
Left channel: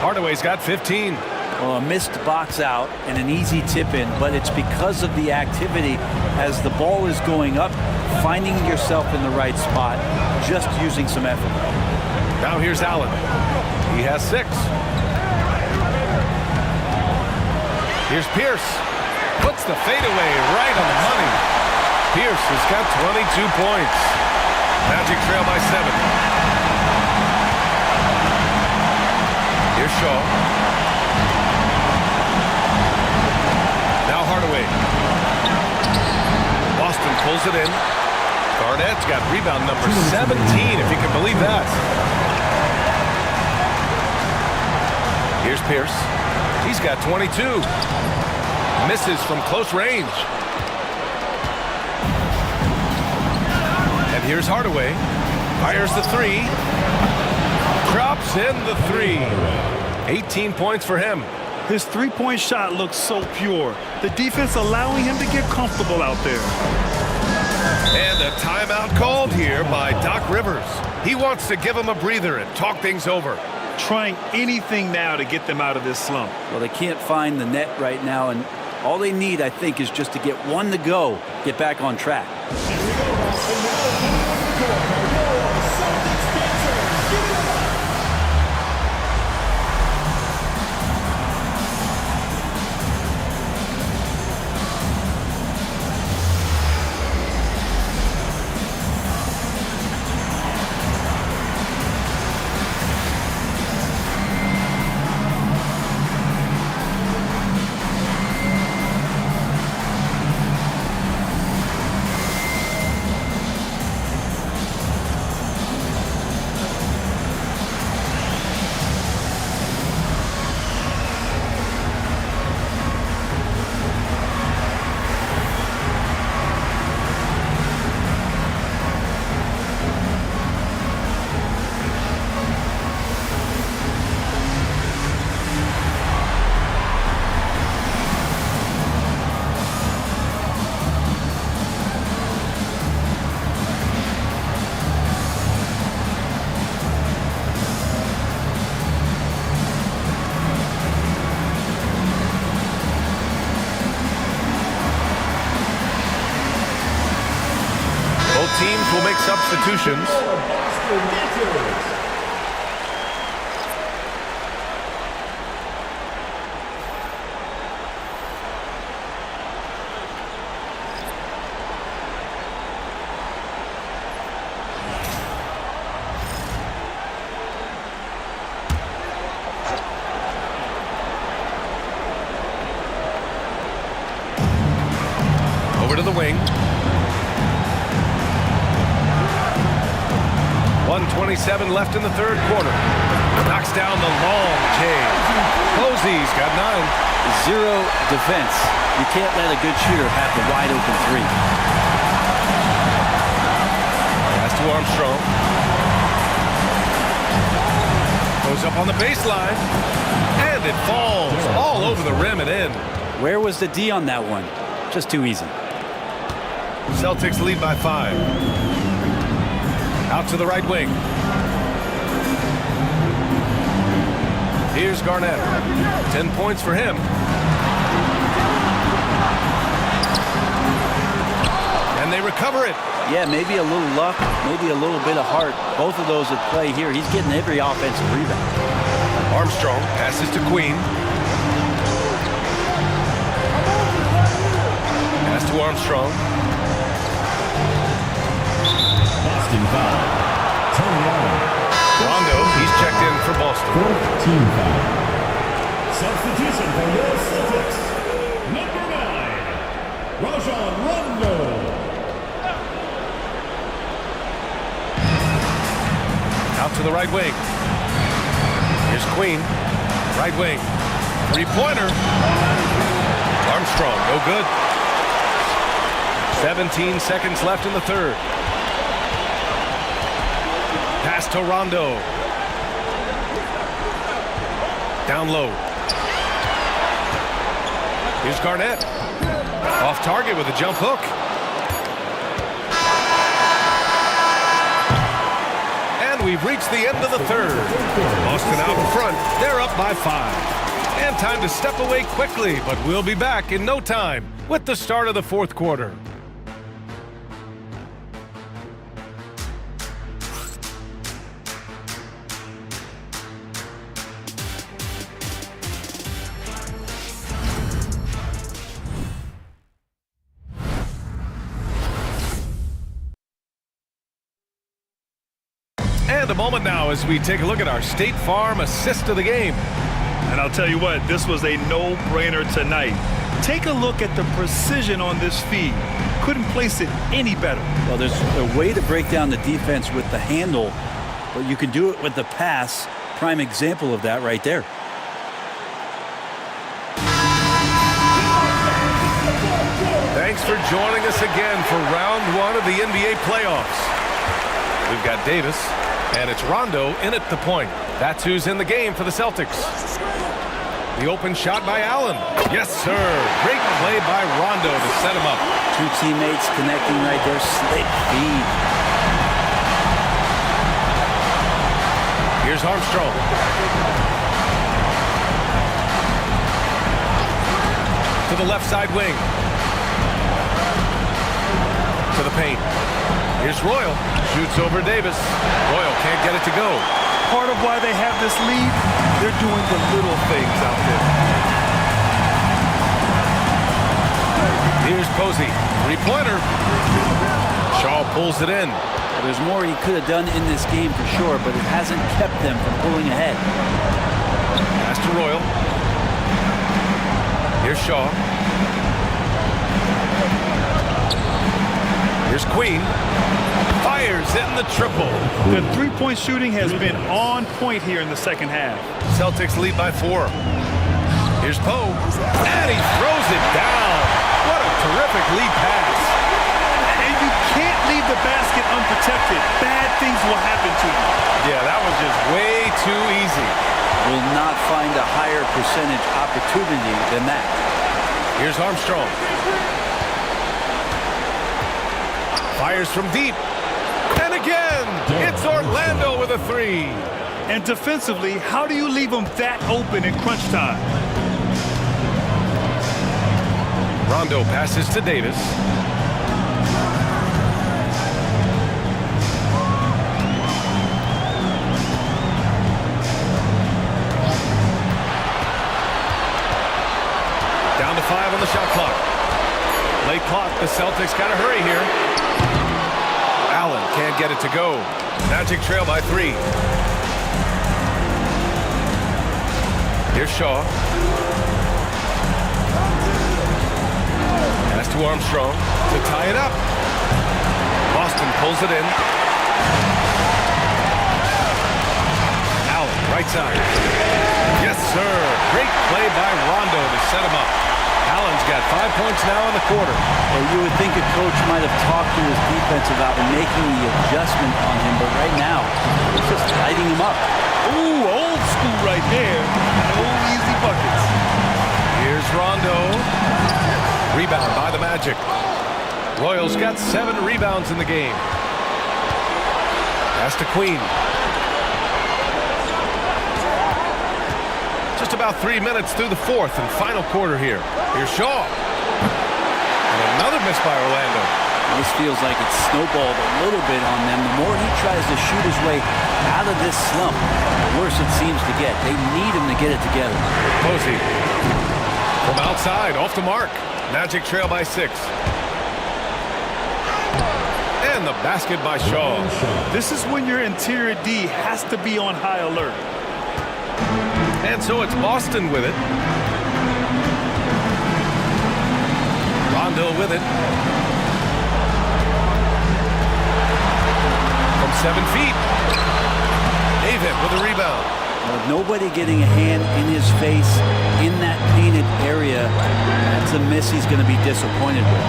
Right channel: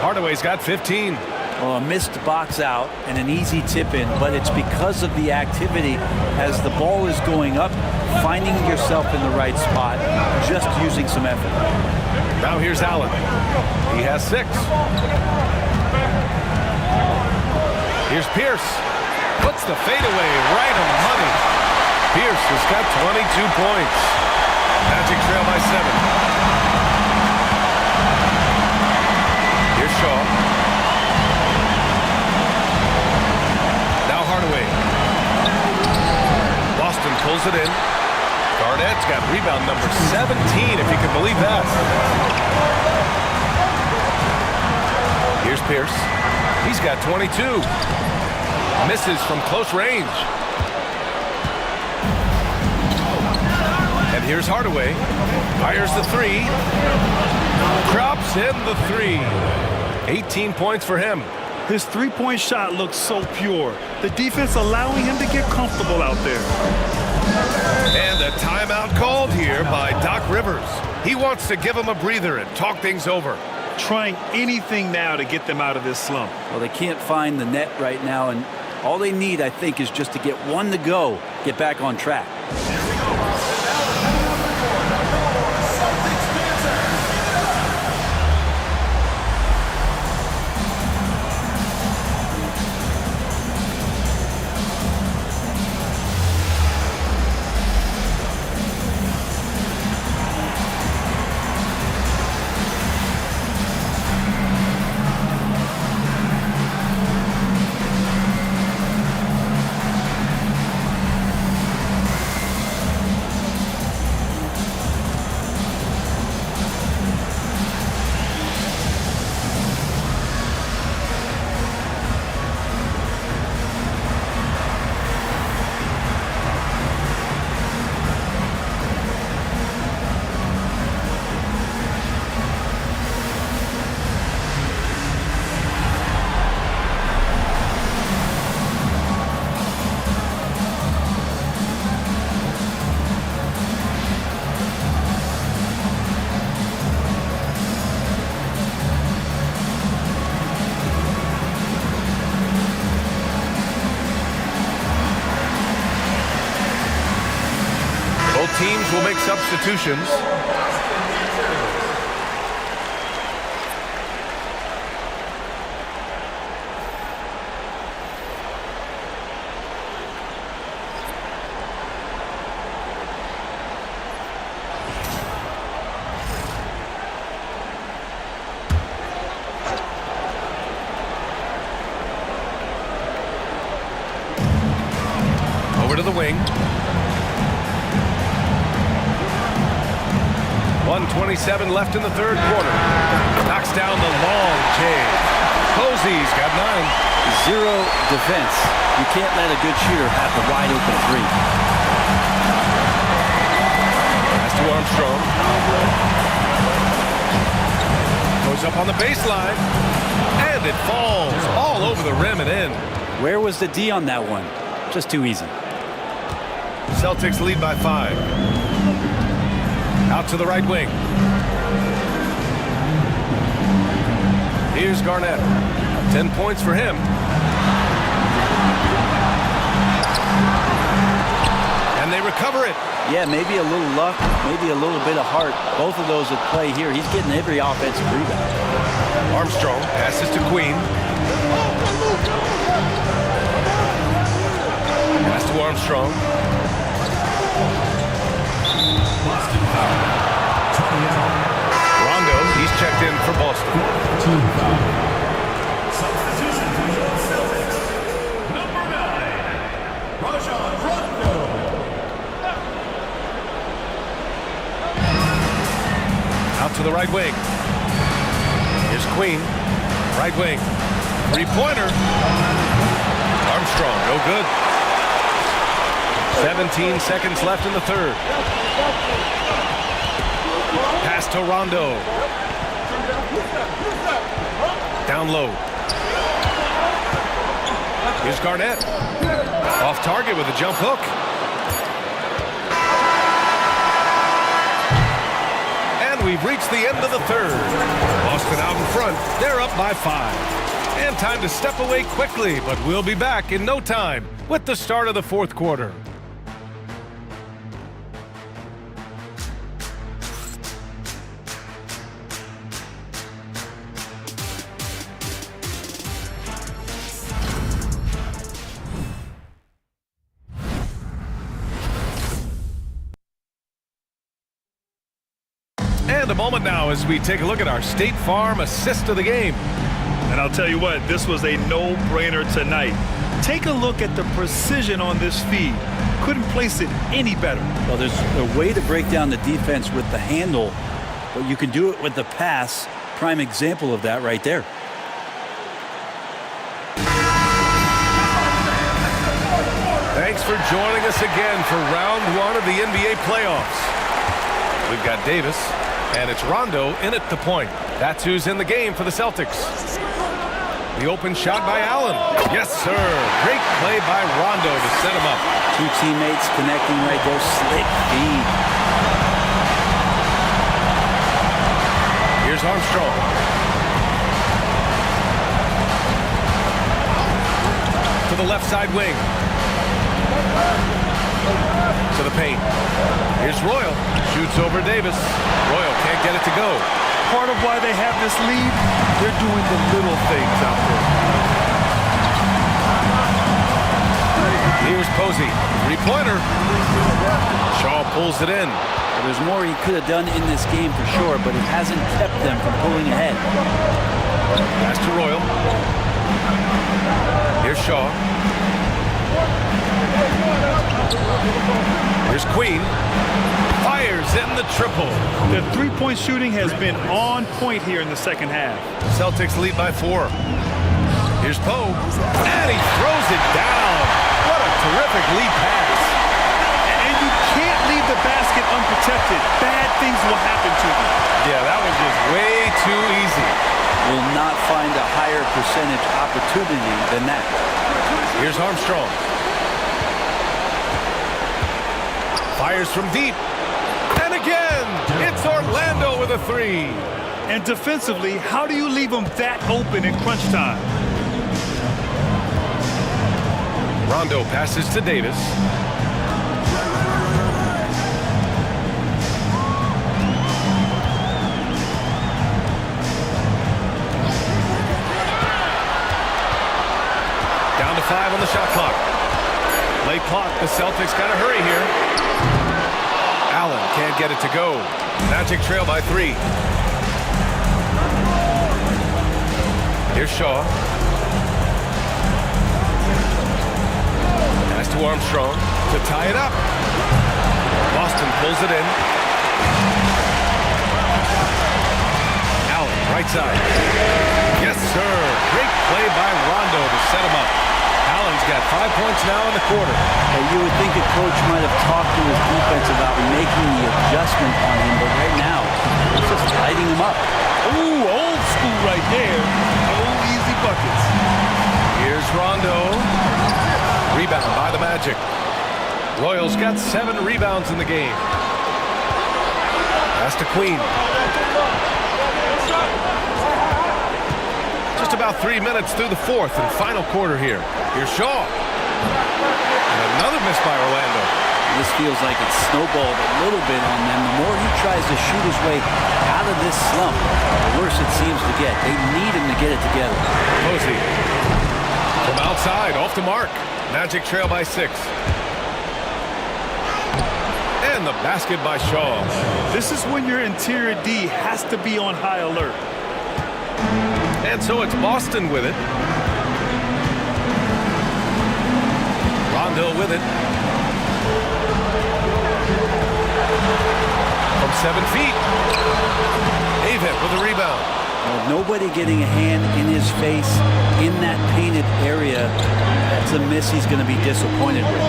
Hardaway's got 15. Well, a missed box out and an easy tip in, but it's because of the activity as the ball is going up, finding yourself in the right spot, just using some effort. Now here's Allen. He has 6. Here's Pierce. Puts the fadeaway right on the money. Pierce has got 22 points. Magic trail by 7. Here's Shaw. Now Hardaway. Boston pulls it in. Garnett's got rebound number 17, if you can believe that. Here's Pierce. He's got 22. Misses from close range. And here's Hardaway. Fires the 3. Drops in the 3. 18 points for him. His three-point shot looks so pure. The defense allowing him to get comfortable out there. And a timeout called here by Doc Rivers. He wants to give him a breather and talk things over. Trying anything now to get them out of this slump. Well, they can't find the net right now, and all they need, I think, is just to get one to go, get back on track. Both teams will make substitutions. Over to the wing. 1:27 left in the third quarter. Knocks down the long J. Posey's got 9. Zero defense. You can't let a good shooter have the wide open three. Pass to Armstrong. Goes up on the baseline. And it falls all over the rim and in. Where was the D on that one? Just too easy. Celtics lead by 5. Out to the right wing. Here's Garnett. 10 points for him. And they recover it. Yeah, maybe a little luck, maybe a little bit of heart. Both of those at play here. He's getting every offensive rebound. Armstrong passes to Queen. Pass to Armstrong. Boston foul. Tony Allen. Rondo, he's checked in for Boston. Team foul. Substitution for the Celtics. Number 9, Rajon Rondo. Out to the right wing. Here's Queen. Right wing. Three-pointer. Armstrong, no good. 17 seconds left in the third. Pass to Rondo. Down low. Here's Garnett. Off target with a jump hook. And we've reached the end of the third. Boston out in front. They're up by 5. And time to step away quickly, but we'll be back in no time with the start of the fourth quarter. And a moment now as we take a look at our State Farm assist of the game. And I'll tell you what, this was a no-brainer tonight. Take a look at the precision on this feed. Couldn't place it any better. Well, there's a way to break down the defense with the handle, but you can do it with the pass. Prime example of that right there. Thanks for joining us again for round 1 of the NBA playoffs. We've got Davis, and it's Rondo in at the point. That's who's in the game for the Celtics. The open shot by Allen. Yes, sir. Great play by Rondo to set him up. Two teammates connecting right there. Slick feed. Here's Armstrong. To the left side wing. To the paint. Here's Royal. Shoots over Davis. Royal can't get it to go. Part of why they have this lead, they're doing the little things out there. Here's Posey. Three-pointer. Shaw pulls it in. Well, there's more he could have done in this game for sure, but it hasn't kept them from pulling ahead. Pass to Royal. Here's Shaw. Here's Queen. Fires in the triple. The three-point shooting has been on point here in the second half. Celtics lead by 4. Here's Poe. And he throws it down. What a terrific lead pass. And you can't leave the basket unprotected. Bad things will happen to you. Yeah, that was just way too easy. Will not find a higher percentage opportunity than that. Here's Armstrong. Fires from deep. And again, it's Orlando with a 3. And defensively, how do you leave them that open in crunch time? Rondo passes to Davis. Down to 5 on the shot clock. Late clock. The Celtics got to hurry here. Allen can't get it to go. Magic trail by 3. Here's Shaw. Pass to Armstrong to tie it up. Boston pulls it in. Allen, right side. Yes, sir. Great play by Rondo to set him up. Allen's got 5 points now in the quarter. Hey, you would think a coach might have talked to his defense about making the adjustment on him, but right now, it's just lighting him up. Ooh, old school right there. No easy buckets. Here's Rondo. Rebound by the Magic. Royals got 7 rebounds in the game. Pass to Queen. Just about 3 minutes through the fourth and final quarter here. Here's Shaw. And another miss by Orlando. This feels like it's snowballed a little bit on them. The more he tries to shoot his way out of this slump, the worse it seems to get. They need him to get it together. Posey. From outside, off the mark. Magic trail by 6. And the basket by Shaw. This is when your interior D has to be on high alert. And so it's Boston with it. Rondo with it. From 7 feet. Avent with a rebound. Well, nobody getting a hand in his face in that painted area. That's a miss he's going to be disappointed with.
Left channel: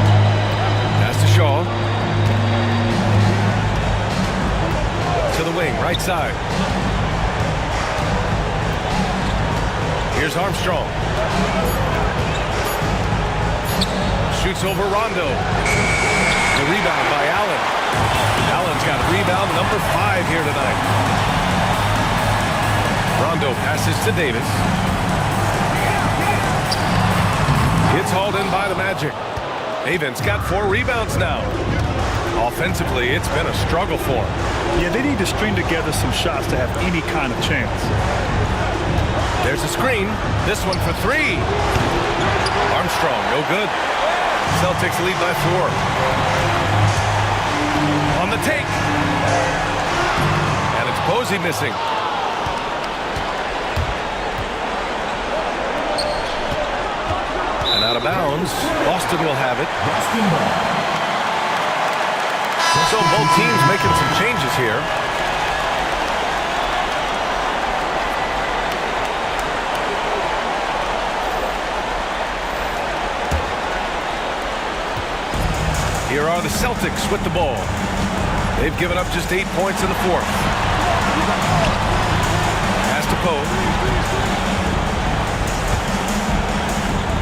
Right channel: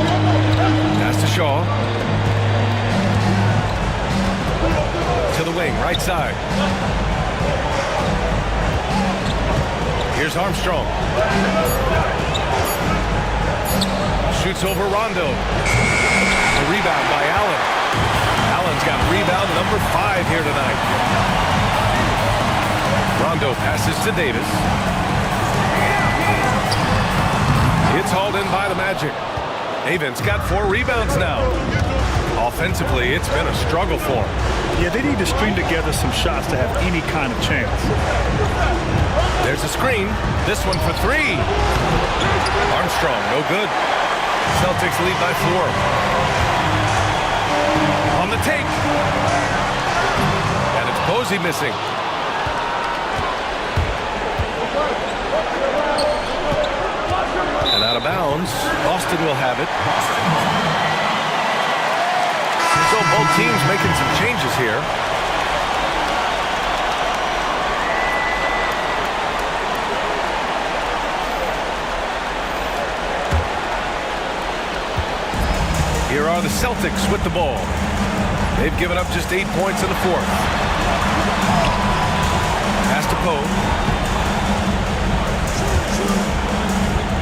Pass to Shaw. To the wing, right side. Here's Armstrong. Shoots over Rondo. The rebound by Allen. Allen's got rebound number 5 here tonight. Rondo passes to Davis. It's hauled in by the Magic. Avent's got 4 rebounds now. Offensively, it's been a struggle for him. Yeah, they need to string together some shots to have any kind of chance. There's a screen. This one for 3. Armstrong, no good. Celtics lead by 4. On the take. And it's Posey missing. And out of bounds. Boston will have it. So both teams making some changes here. Here are the Celtics with the ball. They've given up just 8 points in the fourth. Pass to Poe.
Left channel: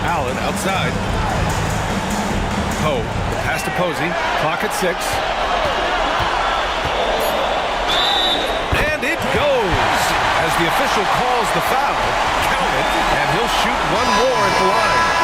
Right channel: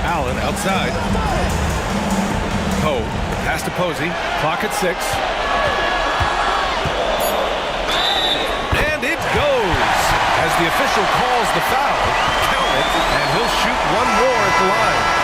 Allen outside. Poe, the pass to Posey. Clock at 6. And it goes. As the official calls the foul, count it, and he'll shoot one more at the line.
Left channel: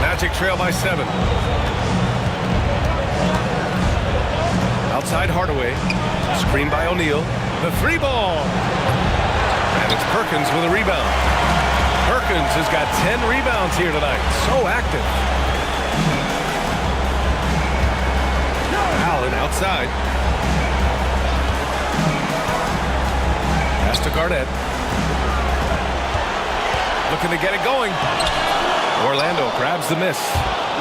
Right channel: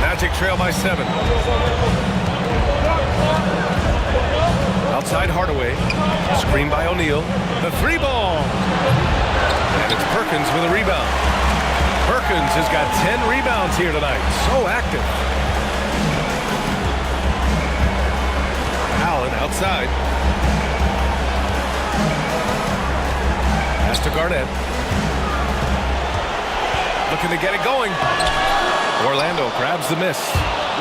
Magic trail by 7. Outside Hardaway. Screen by O'Neal. The 3-ball. And it's Perkins with a rebound. Perkins has got 10 rebounds here tonight. So active. Allen outside. Pass to Garnett. Looking to get it going. Orlando grabs the miss.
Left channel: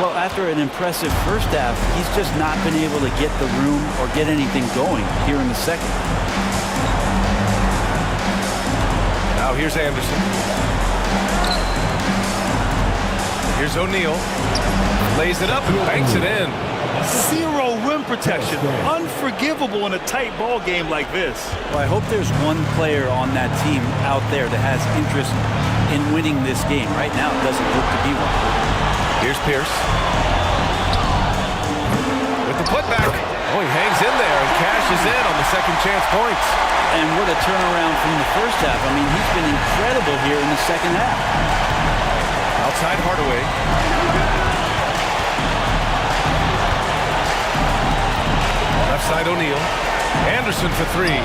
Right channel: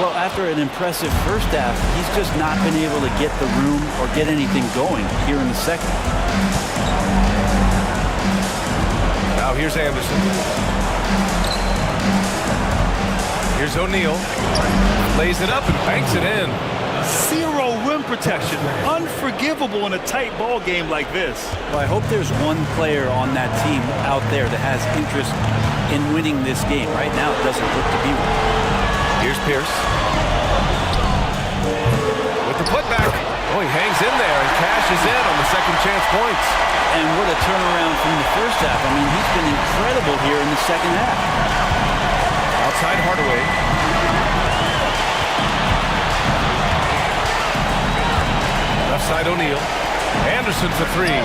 Well, after an impressive first half, he's just not been able to get the room or get anything going here in the second. Now here's Anderson. Here's O'Neal. Lays it up and banks it in. Zero rim protection. Unforgivable in a tight ball game like this. Well, I hope there's one player on that team out there that has interest in winning this game. Right now, it doesn't look to be one. Here's Pierce. With the putback. Oh, he hangs in there and cashes in on the second chance points. And what a turnaround from the first half. I mean, he's been incredible here in the second half. Outside Hardaway. Left side O'Neal. Anderson for three.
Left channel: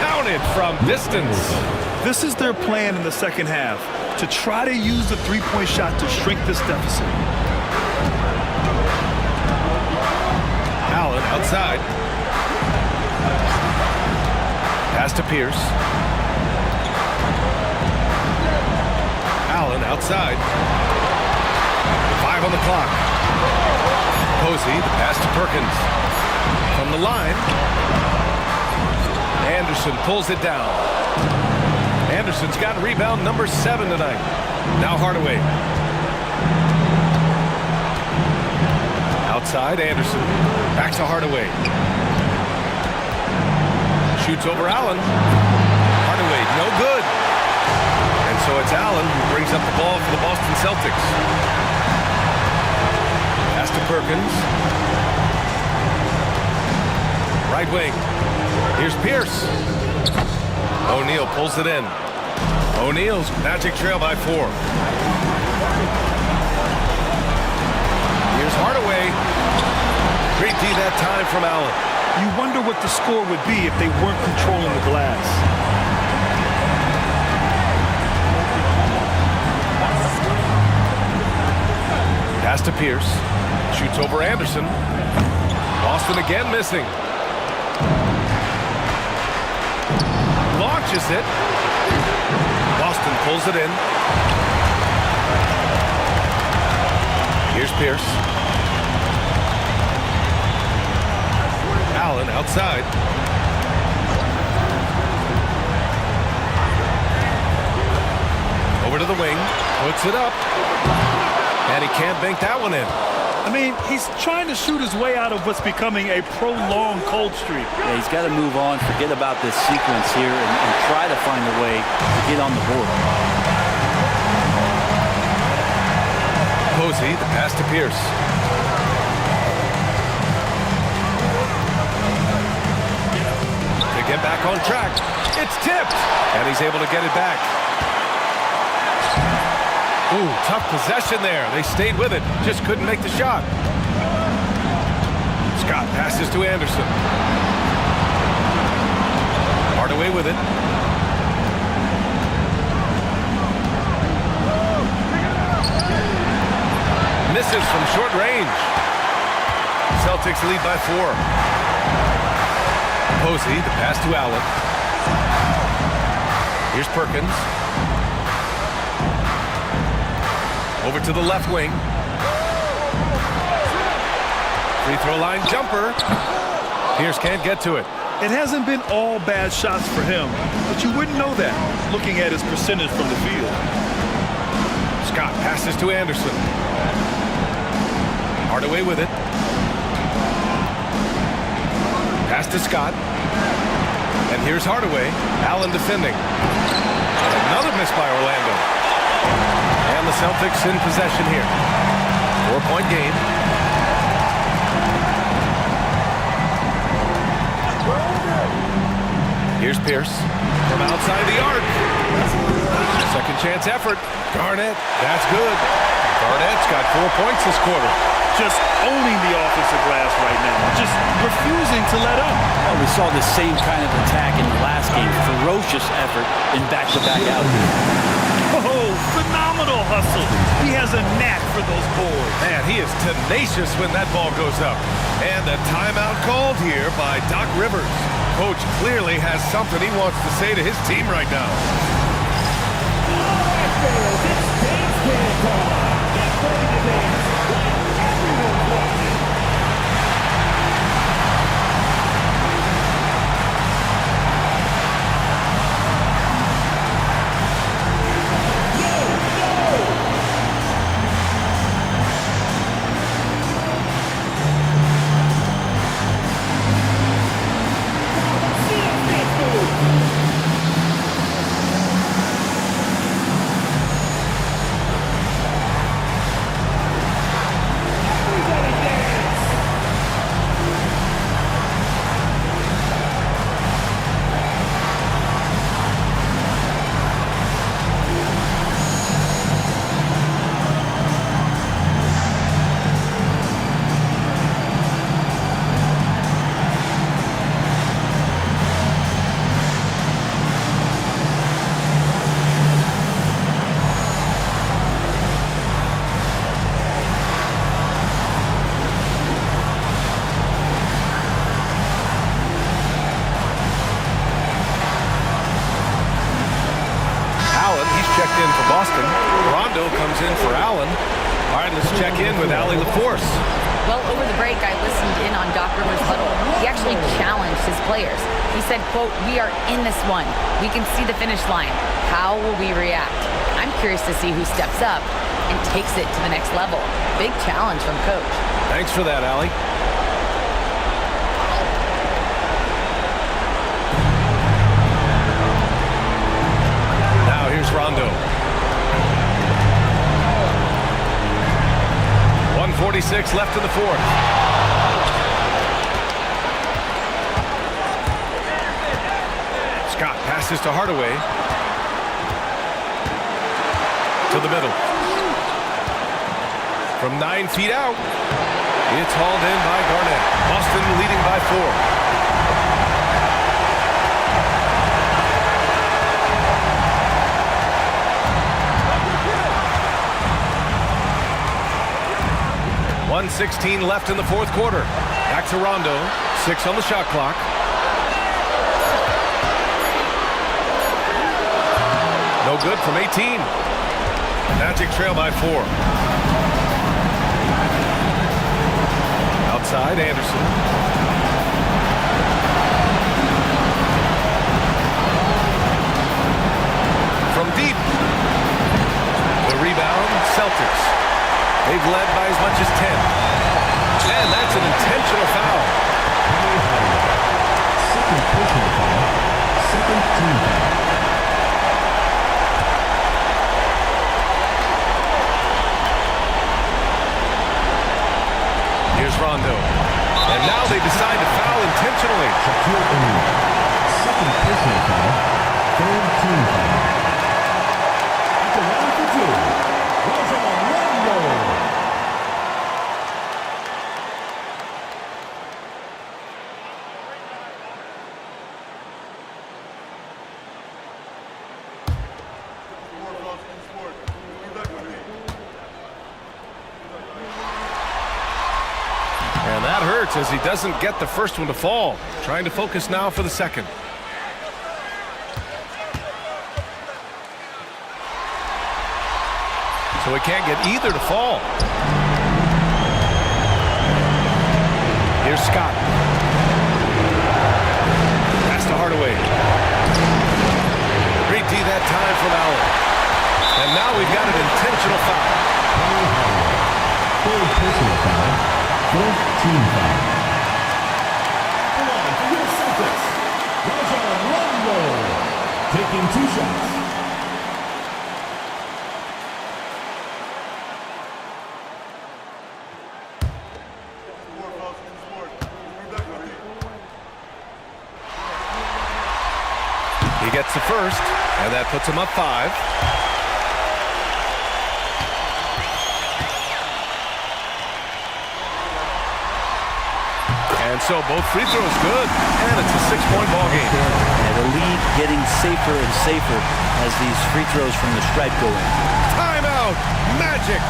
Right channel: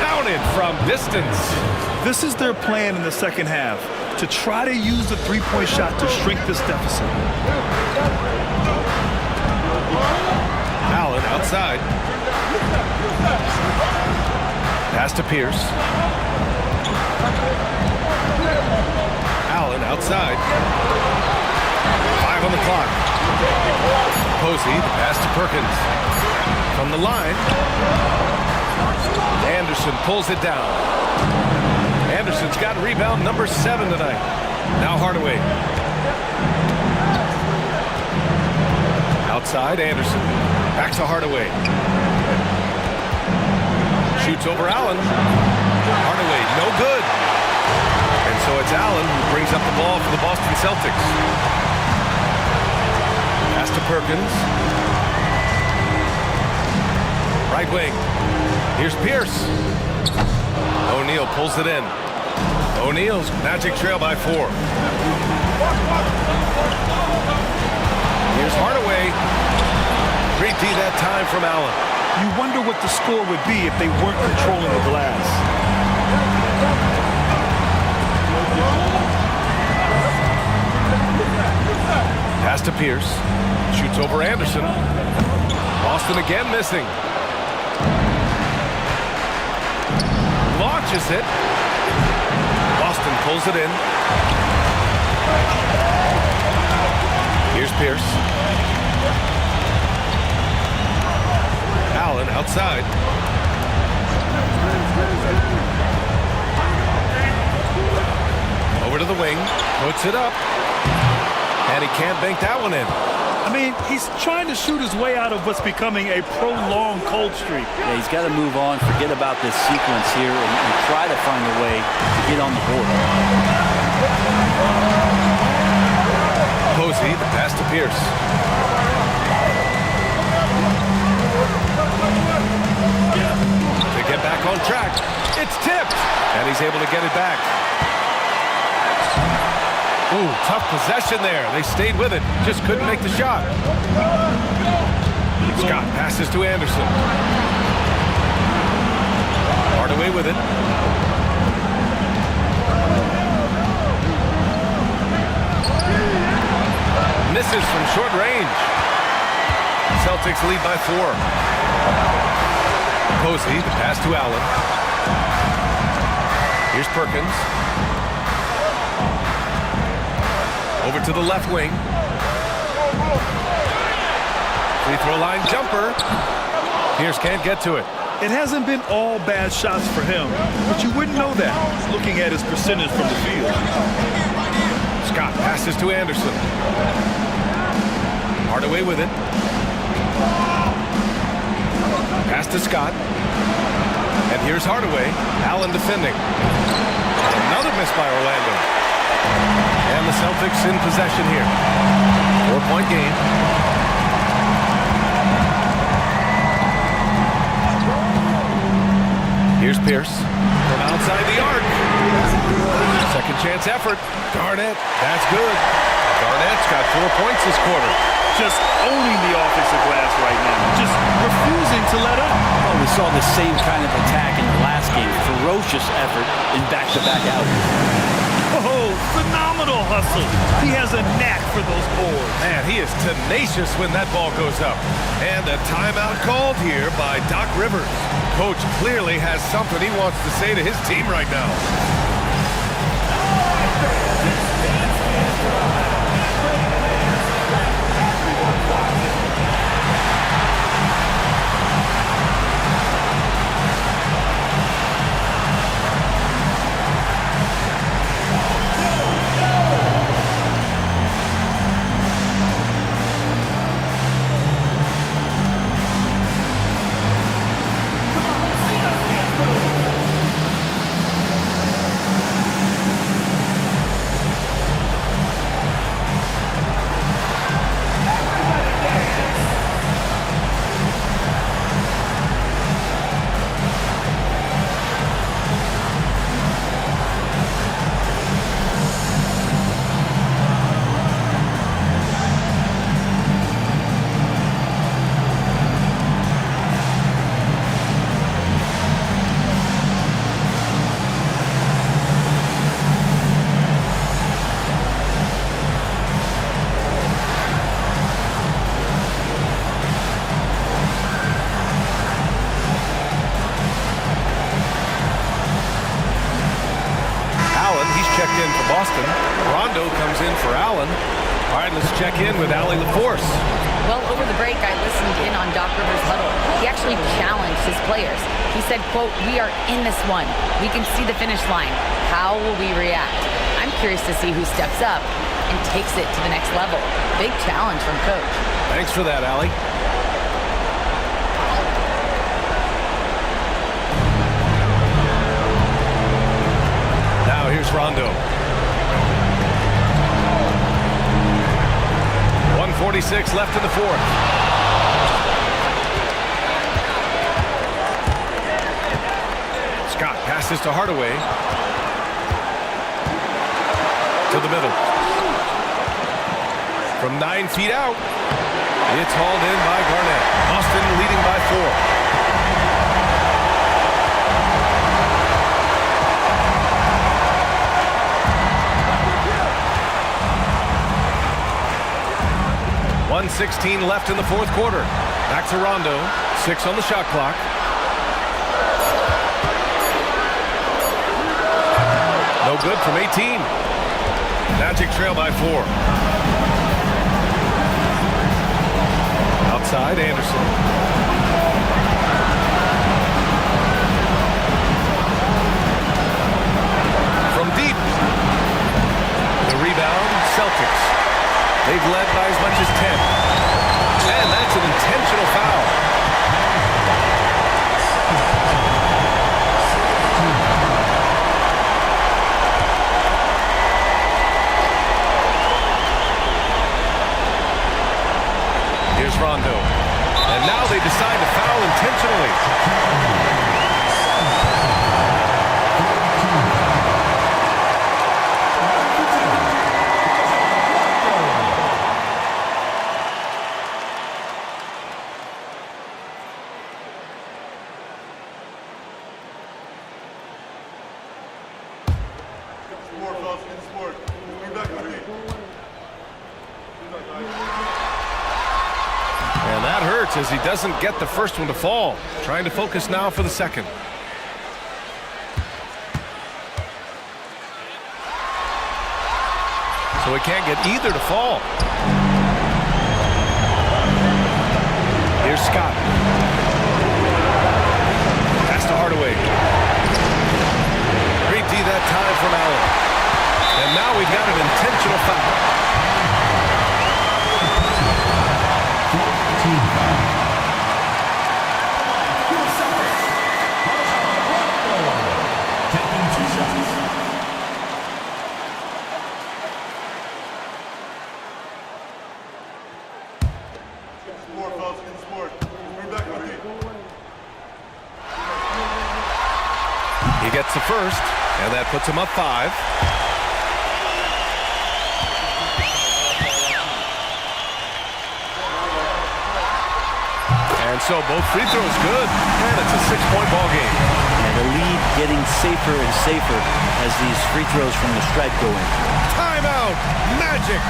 Counted from distance. This is their plan in the second half, to try to use the three-point shot to shrink this deficit. Allen outside. Pass to Pierce. Allen outside. 5 on the clock. Posey, the pass to Perkins. From the line. Anderson pulls it down. Anderson's got rebound number 7 tonight. Now Hardaway. Outside Anderson. Back to Hardaway. Shoots over Allen. Hardaway, no good. And so it's Allen who brings up the ball for the Boston Celtics. Pass to Perkins. Right wing. Here's Pierce. O'Neal pulls it in. O'Neal's Magic trail by 4. Here's Hardaway. Great D that time from Allen. You wonder what the score would be if they weren't controlling the glass. Pass to Pierce. Shoots over Anderson. Boston again missing. Launches it. Boston pulls it in. Here's Pierce. Allen outside. Over to the wing. Puts it up. And he can't bank that one in. I mean, he's trying to shoot his way out of what's becoming a prolonged cold streak. Yeah, he's got to move on, forget about this sequence here, and try to find a way to get on the board. Posey, the pass to Pierce. To get back on track. It's tipped. And he's able to get it back. Ooh, tough possession there. They stayed with it. Just couldn't make the shot. Scott passes to Anderson. Hardaway with it. Misses from short range. Celtics lead by 4. Posey, the pass to Allen. Here's Perkins. Over to the left wing. Free throw line jumper. Pierce can't get to it. It hasn't been all bad shots for him, but you wouldn't know that looking at his percentage from the field. Scott passes to Anderson. Hardaway with it. Pass to Scott. And here's Hardaway. Allen defending. And another miss by Orlando. And the Celtics in possession here. 4-point game. Here's Pierce from outside the arc. Second chance effort. Garnett, that's good. Garnett's got 4 points this quarter. Just owning the offensive glass right now. Just refusing to let up. Well, we saw the same kind of attack in the last game. Ferocious effort in back-to-back outings. Oh, phenomenal hustle. He has a knack for those boards. Man, he is tenacious when that ball goes up. And a timeout called here by Doc Rivers. Coach clearly has something he wants to say to his team right now. Allen. He's checked in for Boston. Rondo comes in for Allen. All right, let's check in with Allie LaForce. Well, over the break, I listened in on Doc Rivers' huddle. He actually challenged his players. He said, quote, "We are in this one. We can see the finish line. How will we react?" I'm curious to see who steps up and takes it to the next level. Big challenge from Coach. Thanks for that, Allie. Now here's Rondo. 1:46 left in the fourth. Scott passes to Hardaway. To the middle. From 9 feet out. It's hauled in by Garnett. Boston leading by 4. .116 left in the fourth quarter. Back to Rondo. 6 on the shot clock. No good from 18. Magic trail by 4. Outside, Anderson. From deep. The rebound, Celtics. They've led by as much as 10. And that's an intentional foul. Here's Rondo. And now they decide to foul intentionally. And that hurts as he doesn't get the first one to fall. Trying to focus now for the second. So he can't get either to fall. Here's Scott. Pass to Hardaway. Great D that time from Allen. And now we've got an intentional foul. Personal foul. Fourth team foul. At the line for your Celtics, Rondo, taking 2 shots. He gets the first, and that puts him up 5. And so both free throws good, and it's a 6-point ball game. And the lead getting safer and safer as these free throws from the stripe go in. Timeout, Magic.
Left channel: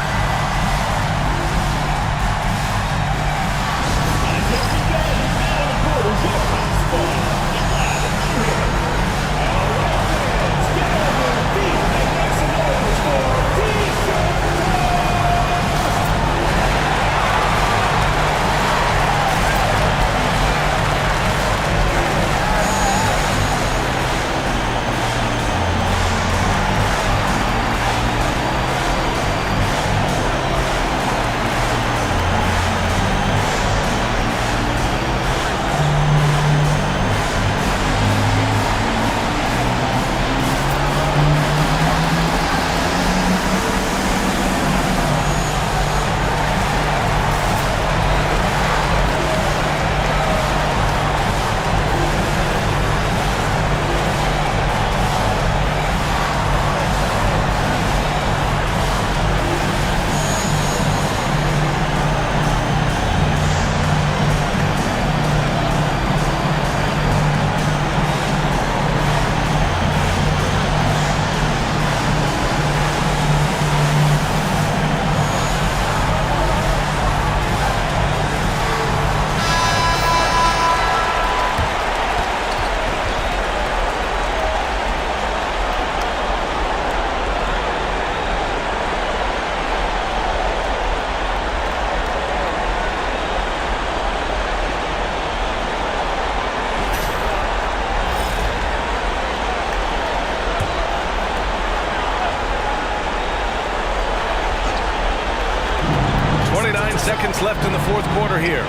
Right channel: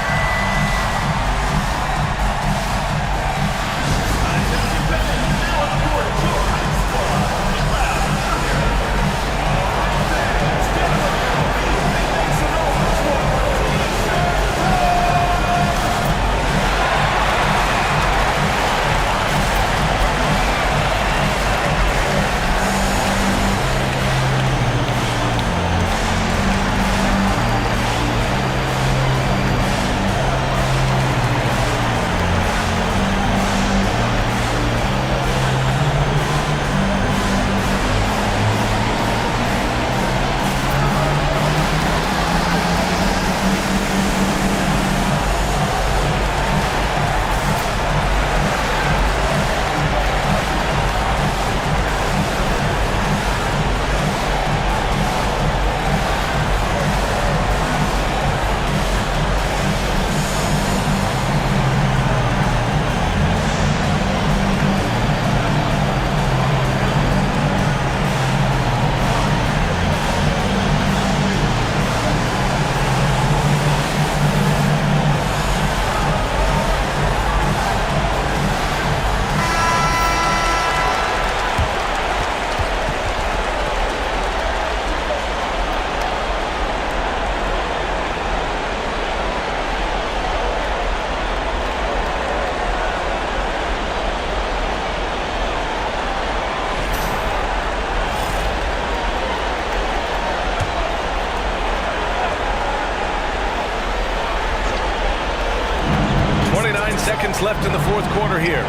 seconds left in the fourth quarter here.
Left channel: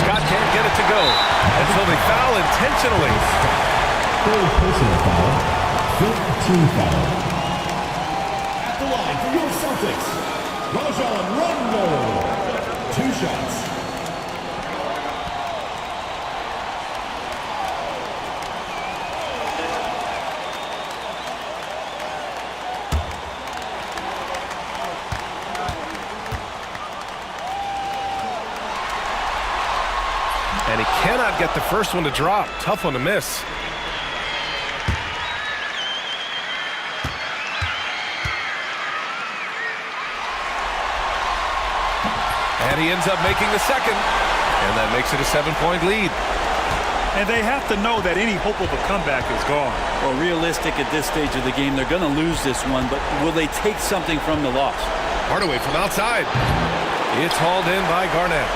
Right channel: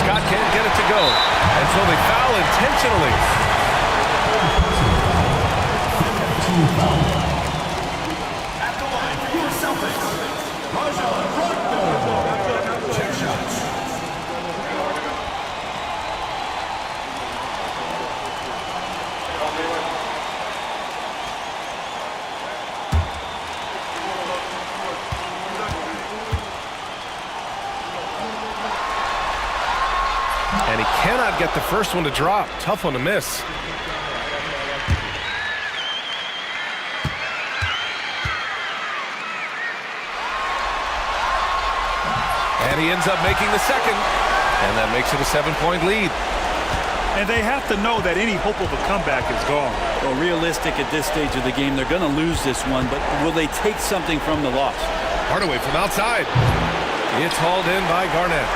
Scott can't get it to go, and so they foul intentionally. Third personal foul. Fifth team foul. At the line for your Celtics, Rajon Rondo. 2 shots. And he cannot get the first one to drop. Tough one to miss. And he ends up making the second. And that makes it a 7-point lead. And they have to know that any hope of a comeback is gone. Well, realistic at this stage of the game, they're going to lose this one, but will they take something from the loss? Hardaway from outside. It's hauled in by Garnett.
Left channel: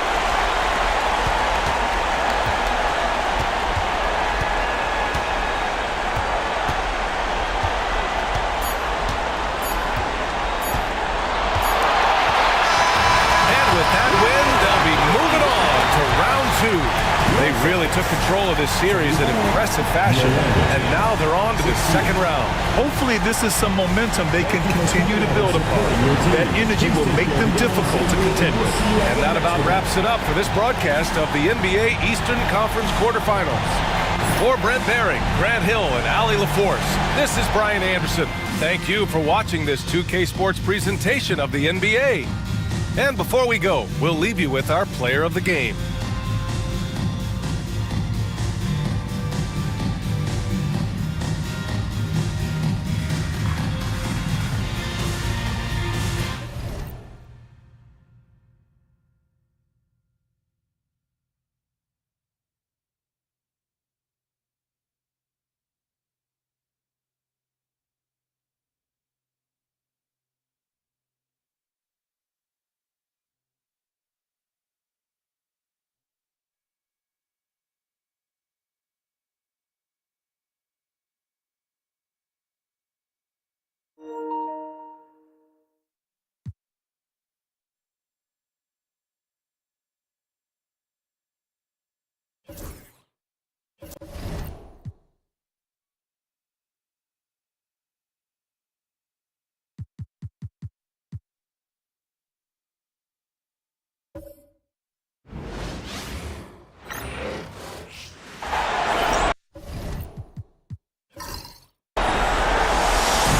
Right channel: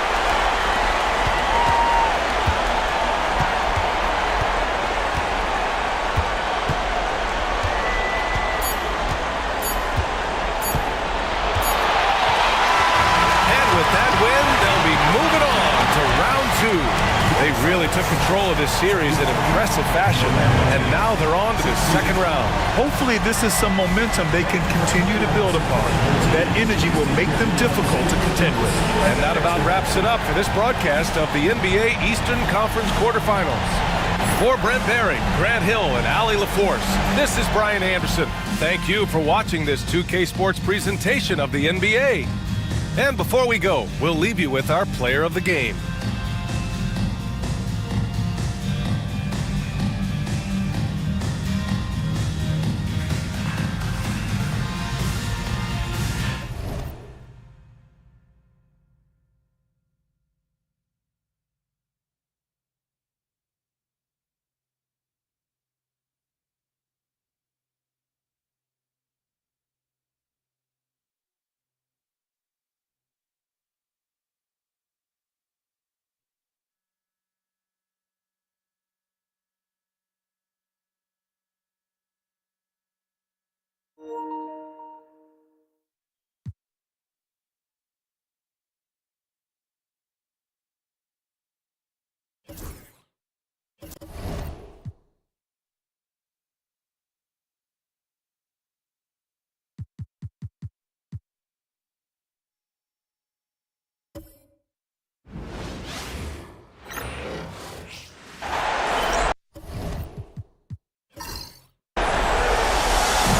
They really took control of this series in impressive fashion, and now they're on to the second round. Hopefully this is some momentum they can continue to build upon. That energy will make them difficult to contend with. And that about wraps it up for this broadcast of the NBA Eastern Conference quarterfinals. For Brent Behring, Grant Hill, and Allie LaForce, this is Brian Anderson. Thank you for watching this 2K Sports presentation of the NBA. And before we go, we'll leave you with our player of the game.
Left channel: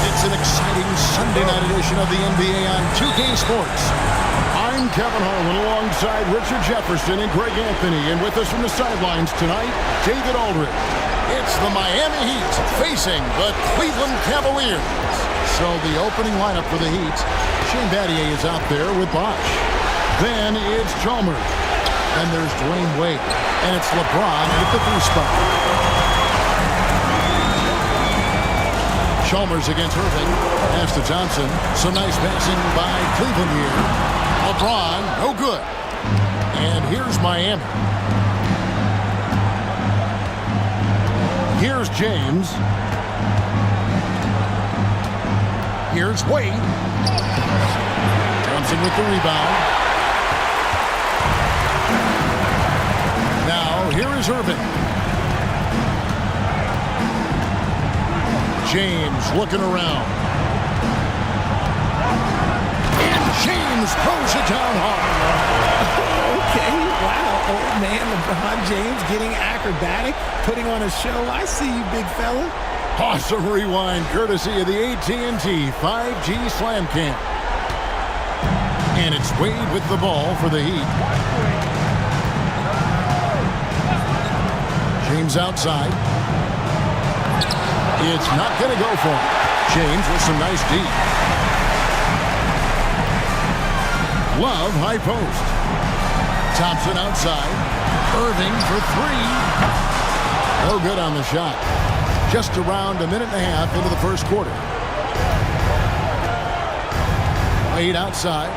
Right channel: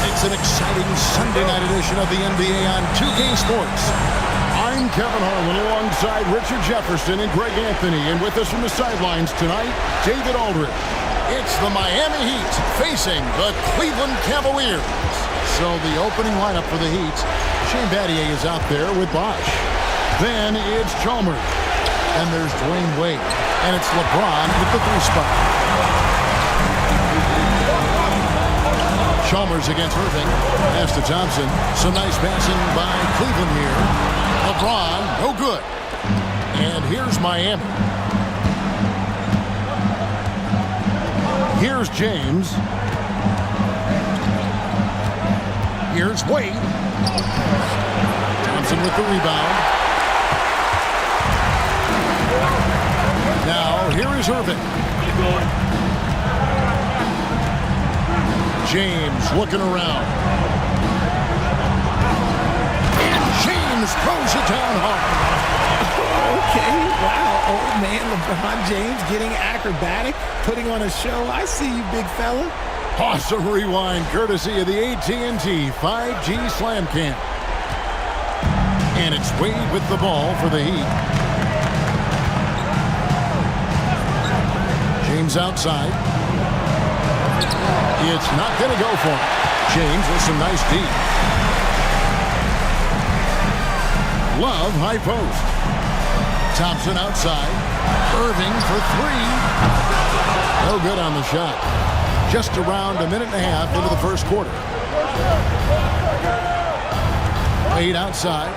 It's an exciting Sunday night edition of the NBA on 2K Sports. I'm Kevin Harlan alongside Richard Jefferson and Greg Anthony. And with us from the sidelines tonight, David Aldridge. It's the Miami Heat facing the Cleveland Cavaliers. So the opening lineup for the Heat, Shane Battier is out there with Bosh. Then it's Chalmers. Then there's Dwayne Wade. And it's LeBron at the 3 spot. Chalmers against Irving. Pass to Thompson. Some nice passing by Cleveland here. LeBron, no good. And here's Miami. Here's James. Here's Wade. Thompson with the rebound. Now, here is Irving. James looking around. And James throws it down hard. Okay, wow. Old man LeBron James getting acrobatic, putting on a show. I see you, big fella. Awesome rewind courtesy of the AT&T 5G Slam Cam. And it's Wade with the ball for the Heat. James outside. It's not going to go for him. James with some nice D. Love high post. Thompson outside. Irving for 3. No good on the shot. Just around a minute and a half into the first quarter. Wade outside.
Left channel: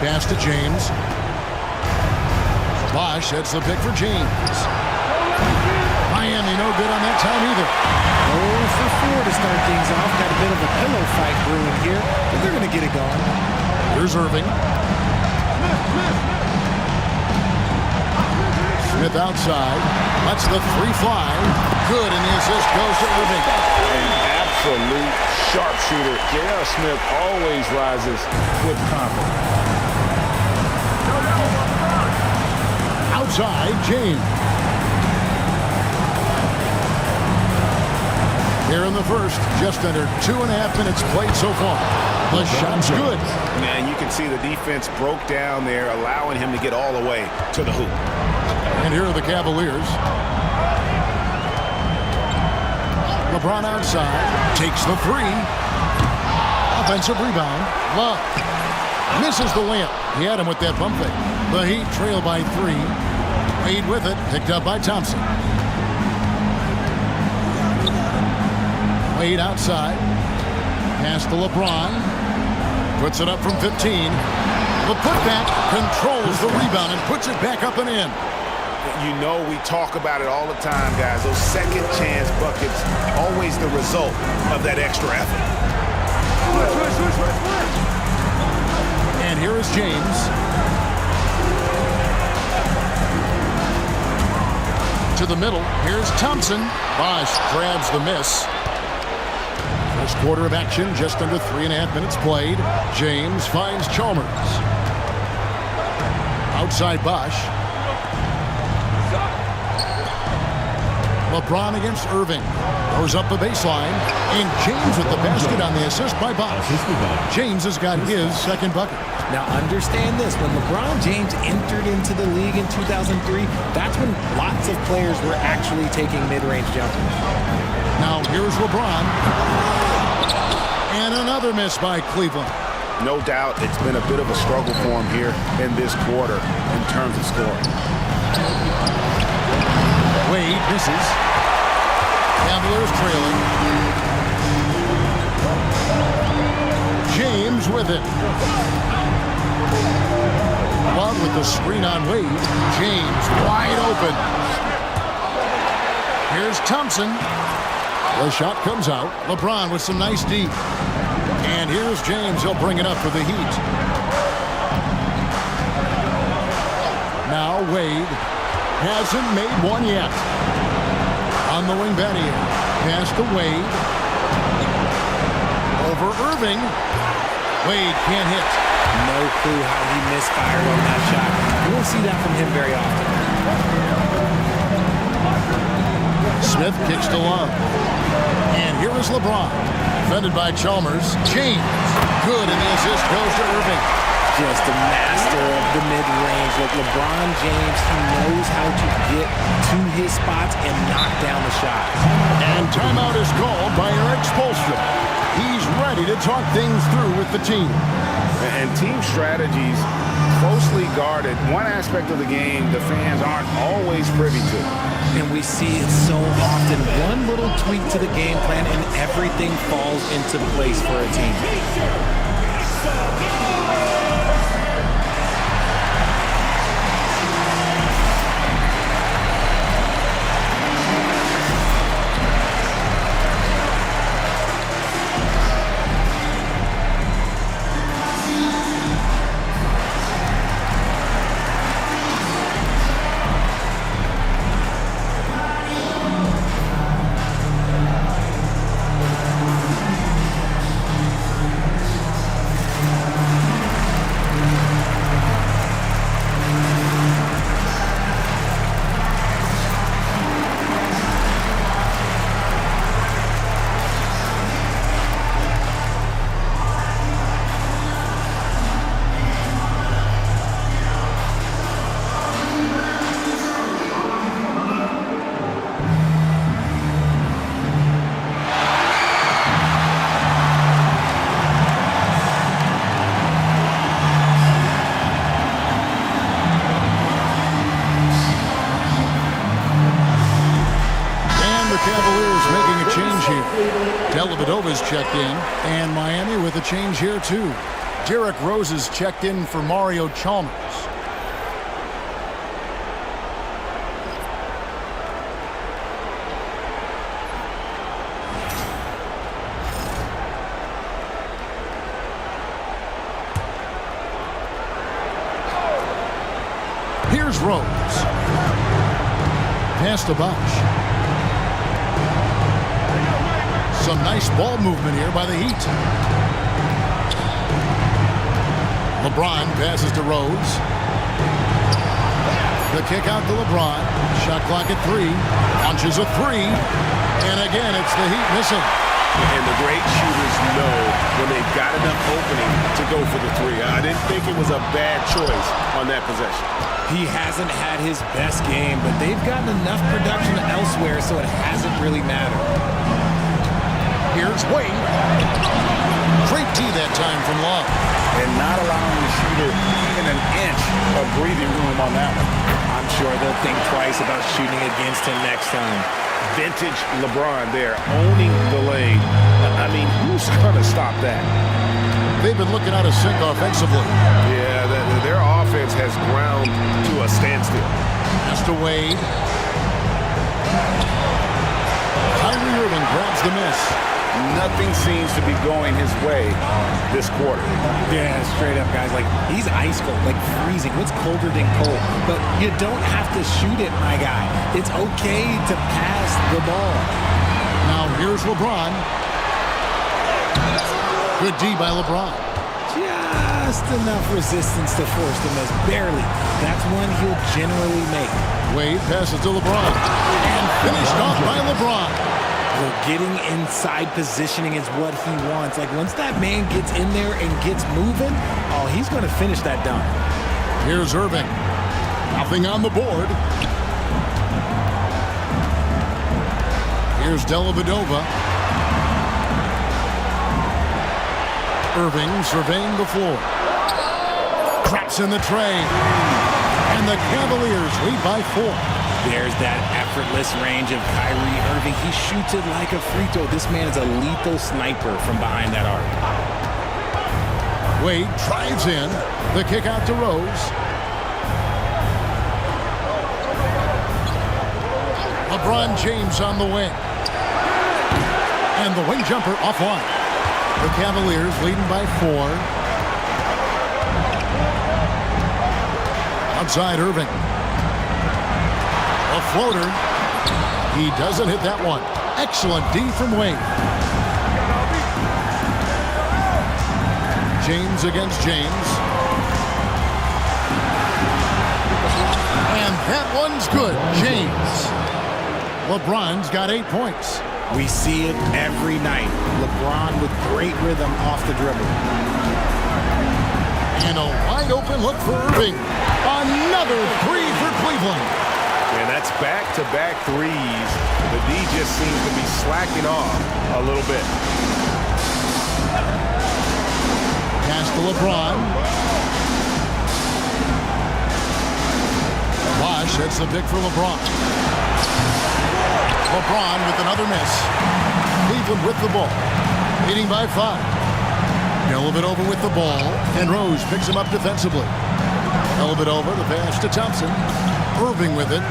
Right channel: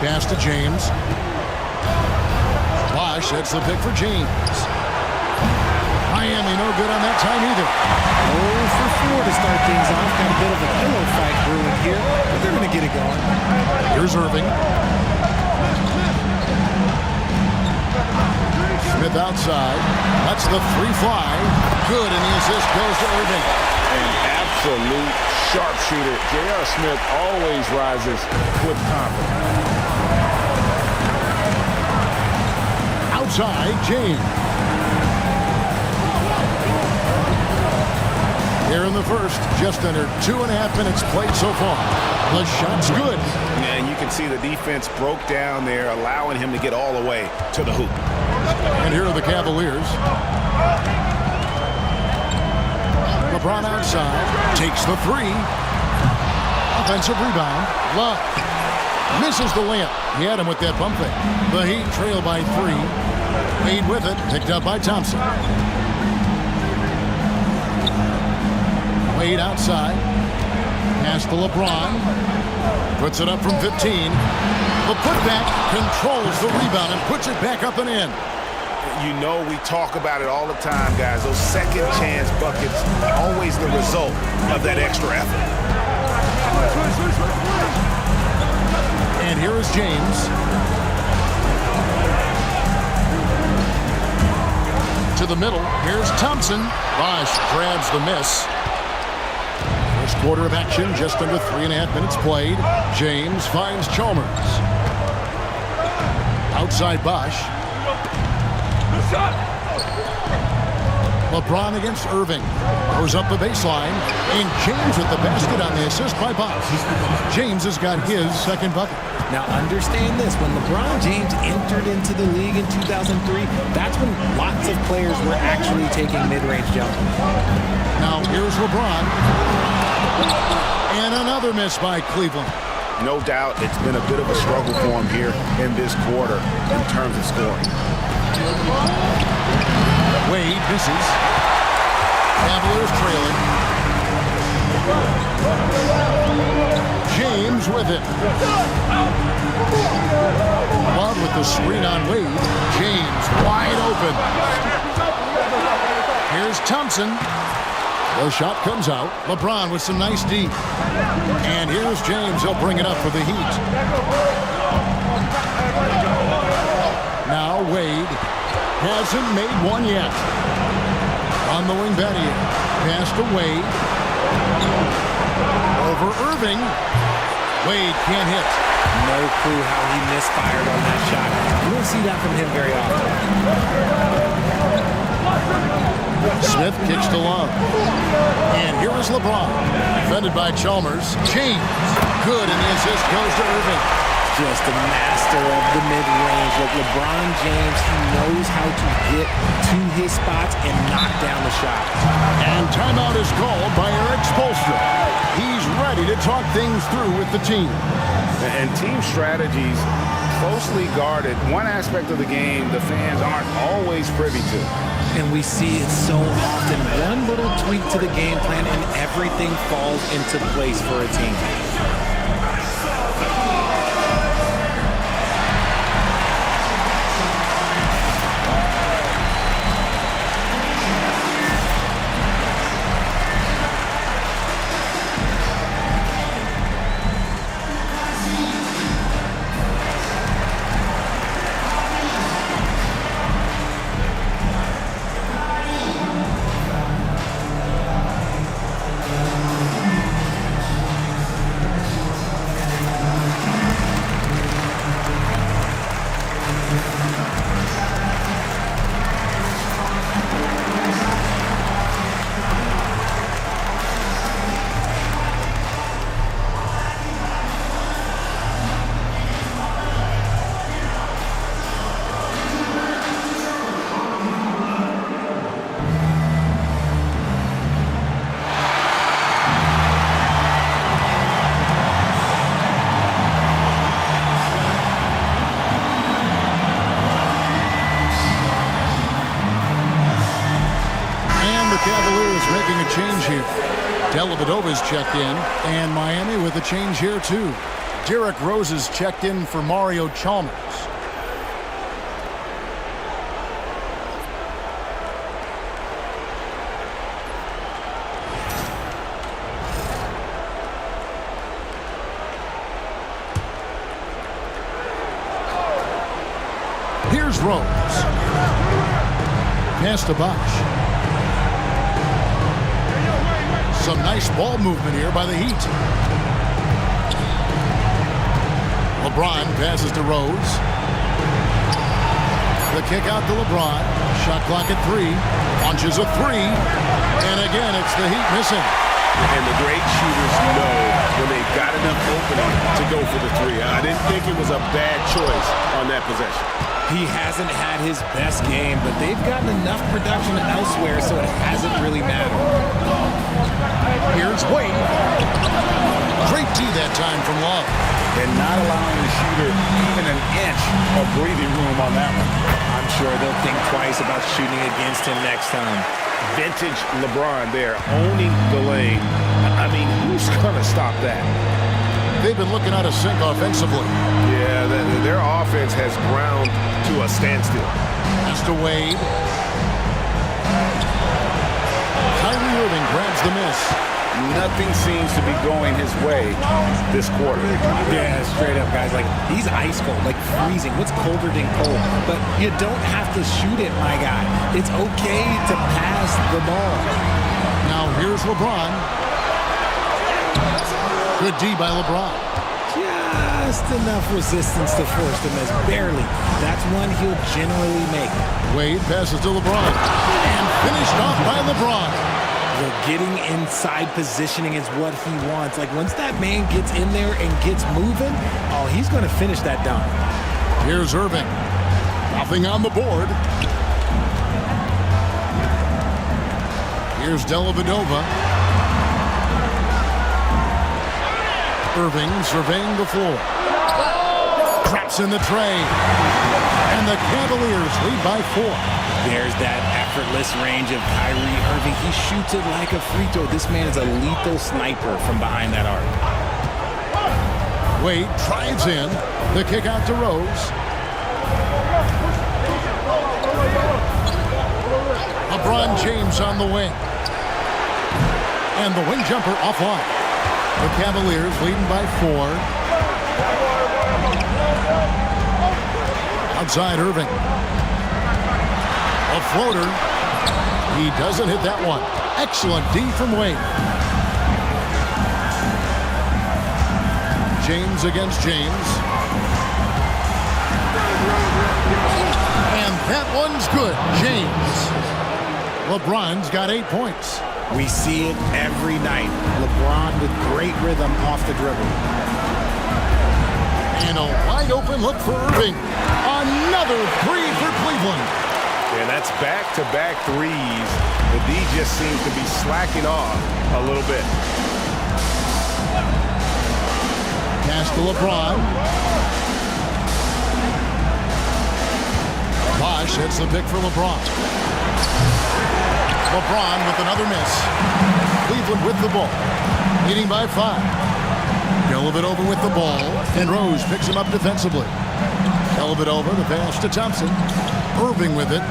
Pass to James. Bosh, that's the pick for James. Miami no good on that time either. 0 for 4 to start things off. Got a bit of a pillow fight brewing here, but they're going to get it going. Here's Irving. Smith outside. Lets the 3 fly. Good, and the assist goes to Irving. An absolute sharpshooter. J.R. Smith always rises with confidence. Outside, James. Here in the first, just under 2.5 minutes played so far. The shot's good. Yeah, and you can see the defense broke down there, allowing him to get all the way to the hoop. And here are the Cavaliers. LeBron outside, takes the 3. Offensive rebound. Love misses the layup. He had him with that pump fake. The Heat trail by 3. Wade with it, picked up by Thompson. Wade outside. Pass to LeBron. Puts it up from 15. The putback controls the rebound and puts it back up and in. You know we talk about it all the time, guys. Those second chance buckets, always the result of that extra effort. And here is James. To the middle. Here's Thompson. Bosch grabs the miss. First quarter of action, just under 3.5 minutes played. James finds Chalmers. Outside Bosch. LeBron against Irving. Goes up the baseline. And James with the basket on the assist by Bosch. James has got his second bucket. Now understand this, when LeBron James entered into the league in 2003, that's when lots of players were actually taking mid-range jumpers. Now here's LeBron. And another miss by Cleveland. No doubt it's been a bit of a struggle for him here in this quarter in terms of scoring. Wade misses. Cavaliers trailing. James with it. Love with the screen on Wade. James wide open. Here's Thompson. The shot comes out. LeBron with some nice D. And here's James. He'll bring it up for the Heat. Now Wade hasn't made one yet. On the wing, Battier. Pass to Wade. Over Irving. Wade can't hit. No clue how he misfired on that shot. You don't see that from him very often. Smith kicks to Love. And here is LeBron. Defended by Chalmers. James. Good, and the assist goes to Irving. Just a master of the mid-range. Look, LeBron James, he knows how to get to his spots and knock down the shots. And timeout is called by Eric Spoelstra. He's ready to talk things through with the team. And team strategies closely guarded. One aspect of the game the fans aren't always privy to. And we see it so often. One little tweak to the game plan and everything falls into place for a team. Cavaliers making a change here. Dellavedova's checked in, and Miami with a change here too. Derrick Rose is checked in for Mario Chalmers. Here's Rose. Pass to Bosch. Some nice ball movement here by the Heat. LeBron passes to Rose. The kick out to LeBron. Shot clock at 3. Launches a 3. And again, it's the Heat missing. And the great shooters know when they've got enough opening to go for the 3. I didn't think it was a bad choice on that possession. He hasn't had his best game, but they've gotten enough production elsewhere, so it hasn't really mattered. Here's Wade. Great D that time from Love. And not allowing the shooter even an inch of breathing room on that one. I'm sure they'll think twice about shooting against him next time. Vintage LeBron there, owning the lane. I mean, who's going to stop that? They've been looking out of sync offensively. Yeah, their offense has ground to a standstill. Pass to Wade. Kyrie Irving grabs the miss. Nothing seems to be going his way this quarter. Yeah, straight up, guys. Like, he's ice cold, like freezing. What's colder than cold? But you don't have to shoot it, my guy. It's okay to pass the ball. Now here's LeBron. Good D by LeBron. Just enough resistance to force the miss. Barely. That's one he'll generally make. Wade passes to LeBron. And finished off by LeBron. Look, getting inside positioning is what he wants. Like, once that man gets in there and gets moving, oh, he's going to finish that dunk. Here's Irving. Nothing on the board. Here's Dellavedova. Irving surveying the floor. Drops in the tray. And the Cavaliers lead by 4. There's that effortless range of Kyrie Irving. He shoots it like a free throw. This man is a lethal sniper from behind that arc. Wade drives in. The kick out to Rose. LeBron James on the wing. And the wing jumper offline. The Cavaliers leading by 4. Outside Irving. A floater. He doesn't hit that one. Excellent D from Wade. James against James. And that one's good. James. LeBron's got 8 points. We see it every night. LeBron with great rhythm off the dribble. And a wide open look for Irving. Another 3 for Cleveland. And that's back-to-back threes. The D just seems to be slacking off a little bit. Pass to LeBron. Bosch hits the pick for LeBron. LeBron with another miss. Cleveland with the ball. Leading by 5. Dellavedova with the ball. And Rose picks him up defensively. Dellavedova, the pass to Thompson. Irving with it.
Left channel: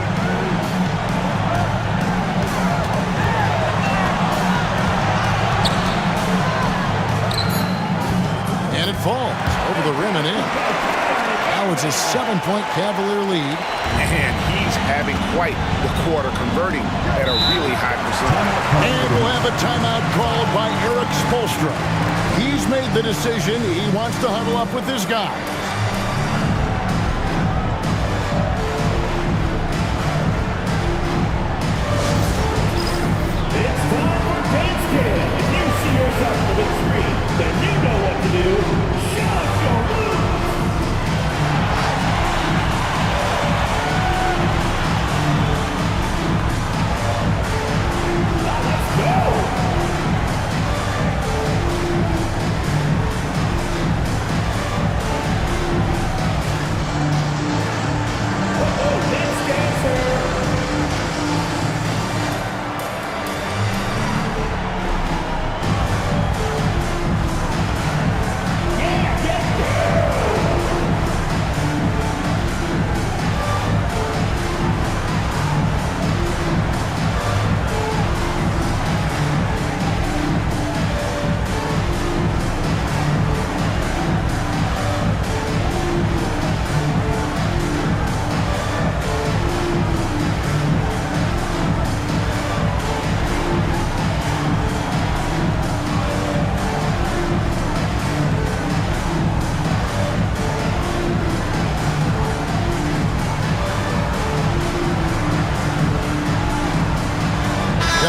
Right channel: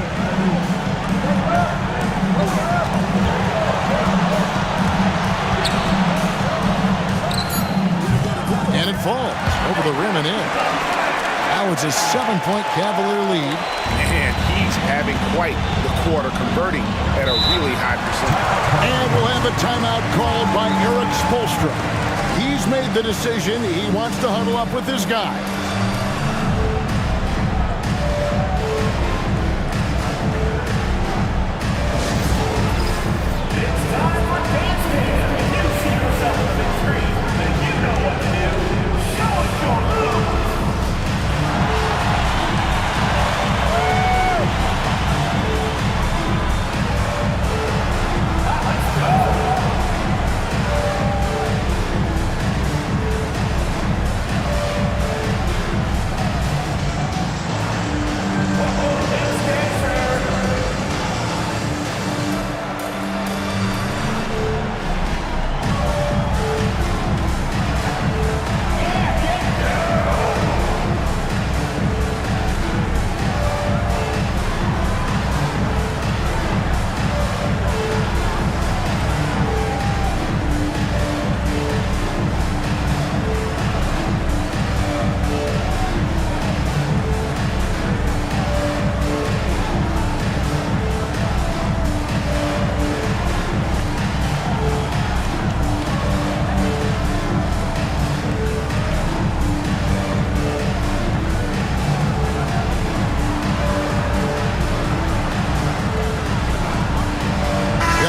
And it falls over the rim and in. Now it's a 7-point Cavalier lead. And he's having quite the quarter, converting at a really high percentage. And we'll have a timeout called by Eric Spoelstra. He's made the decision. He wants to huddle up with his guys.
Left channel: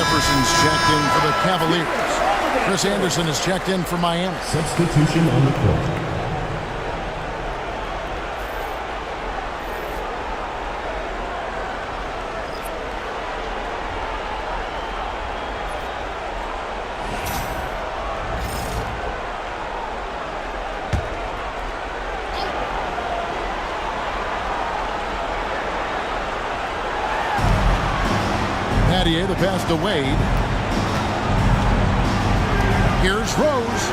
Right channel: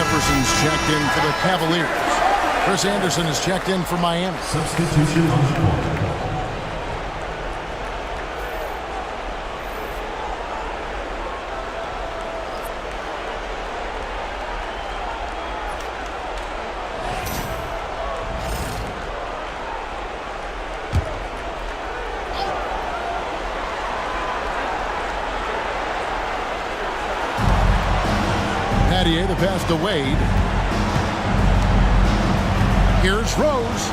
Jefferson's checked in for the Cavaliers. Chris Anderson is checked in for Miami. Substitution on the court. Pattier, the pass to Wade. Here's Rose.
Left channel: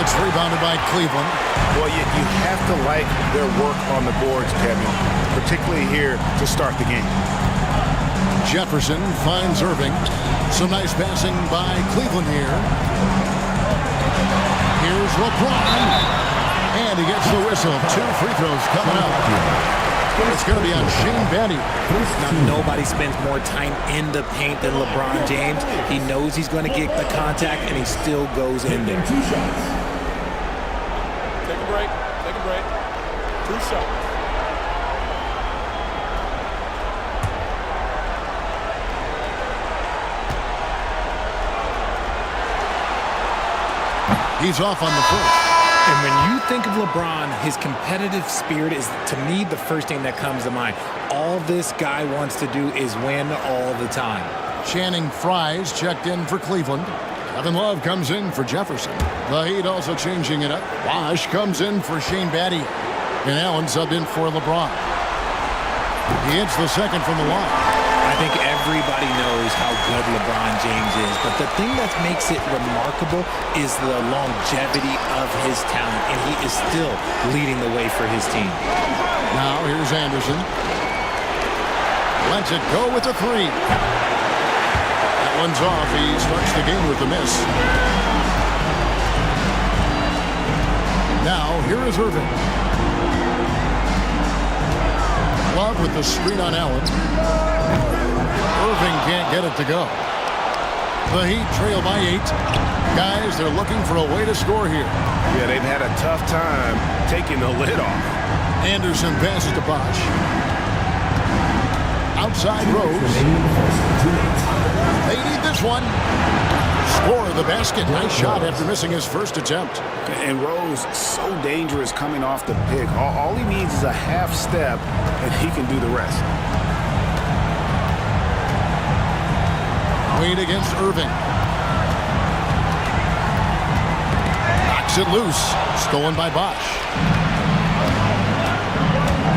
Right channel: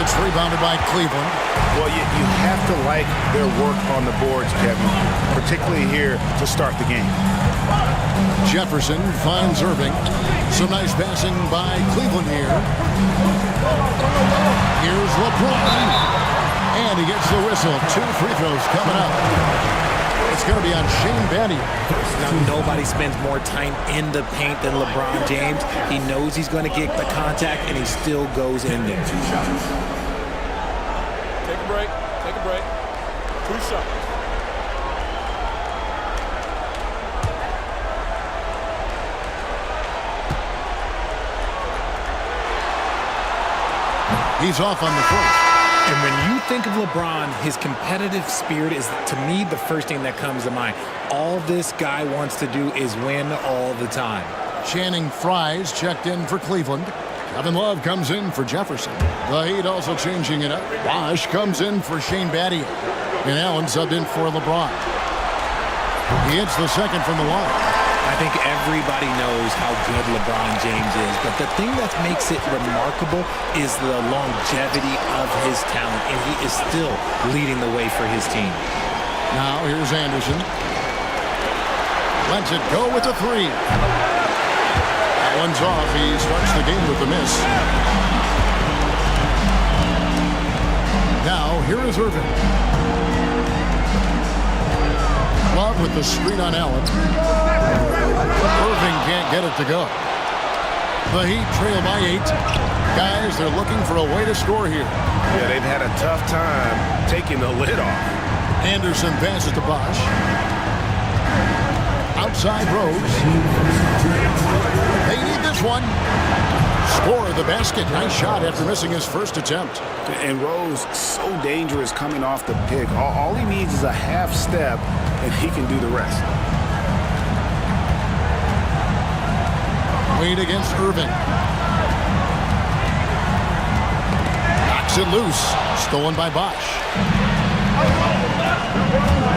It's rebounded by Cleveland. Well, you have to like their work on the boards, Kevin, particularly here to start the game. Jefferson finds Irving. Some nice passing by Cleveland here. Here's LeBron. And he gets the whistle. 2 free throws coming up. It's going to be on Shane Battier. Now, nobody spends more time in the paint than LeBron James. He knows he's going to get the contact, and he still goes in there. 2 shots. Take a break. Take a break. 2 shots. He's off on the first. And when you think of LeBron, his competitive spirit is, to me, the first thing that comes to mind. All this guy wants to do is win all the time. Channing Frye's checked in for Cleveland. Kevin Love comes in for Jefferson. The Heat also changing it up. Bosch comes in for Shane Battier. And Allen subbed in for LeBron. He hits the second from the line. I think everybody knows how good LeBron James is, but the thing that makes it remarkable is the longevity of his talent, and he is still leading the way for his team. Now here's Anderson. Lets it go with a 3. That one's off. He starts the game with a miss. Now here is Irving. Love with the screen on Allen. Irving can't get it to go. The Heat trail by 8. Guys, they're looking for a way to score here. Yeah, they've had a tough time taking the lid off. Anderson passes to Bosch. Outside Rose. They need this one. Score the basket. Nice shot after missing his first attempt. And Rose, so dangerous coming off the pick. All he needs is a half step, and he can do the rest. Wade against Irving. Knocks it loose. Stolen by Bosch.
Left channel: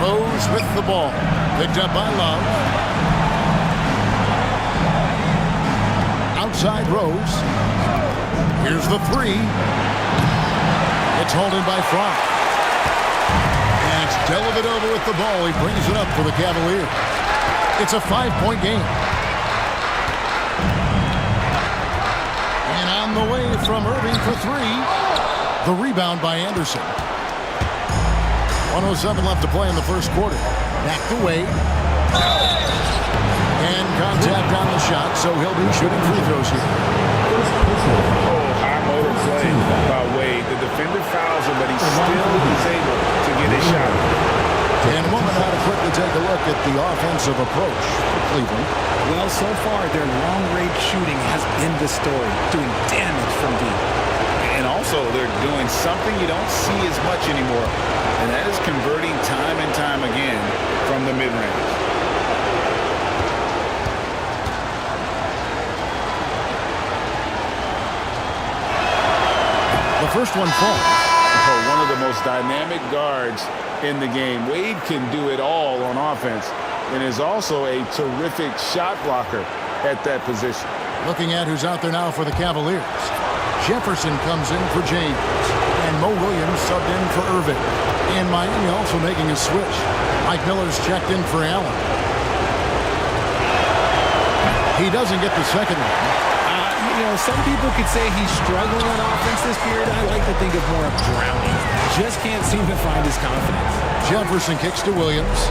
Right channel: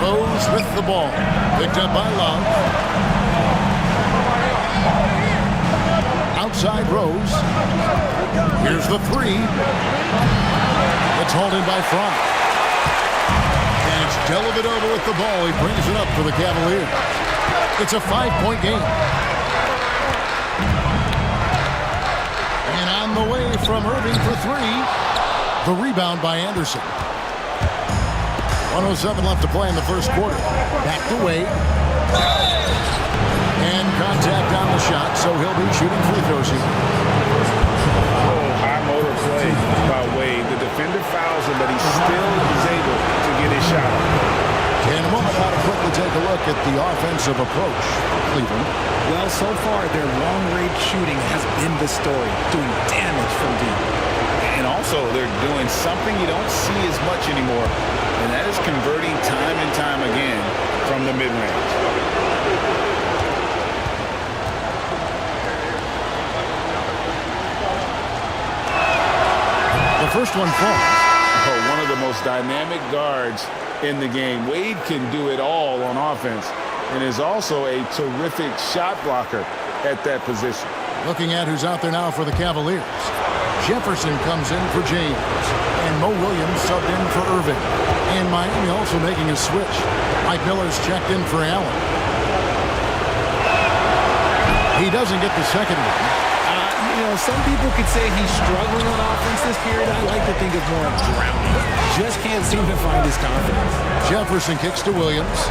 Rose with the ball. Picked up by Love. Outside Rose. Here's the 3. It's hauled in by Fry. And it's Dellavedova with the ball. He brings it up for the Cavaliers. It's a 5-point game. And on the way from Irving for 3. The rebound by Anderson. 1:07 left to play in the first quarter. Back to Wade. And contact on the shot, so he'll be shooting free throws here. Oh, high motor play by Wade. The defender fouls him, but he still is able to get his shot off. In a moment, now to quickly take a look at the offensive approach for Cleveland. Well, so far, their long-range shooting has been the story, doing damage from deep. And also, they're doing something you don't see as much anymore, and that is converting time and time again from the mid-range. The first one falls. Oh, one of the most dynamic guards in the game. Wade can do it all on offense and is also a terrific shot blocker at that position. Looking at who's out there now for the Cavaliers. Jefferson comes in for James. And Mo Williams subbed in for Irving. And Miami also making a switch. Mike Miller's checked in for Allen. He doesn't get the second one. You know, some people could say he's struggling on offense this period. I like to think of more of drowning. Just can't seem to find his confidence. Jefferson kicks to Williams.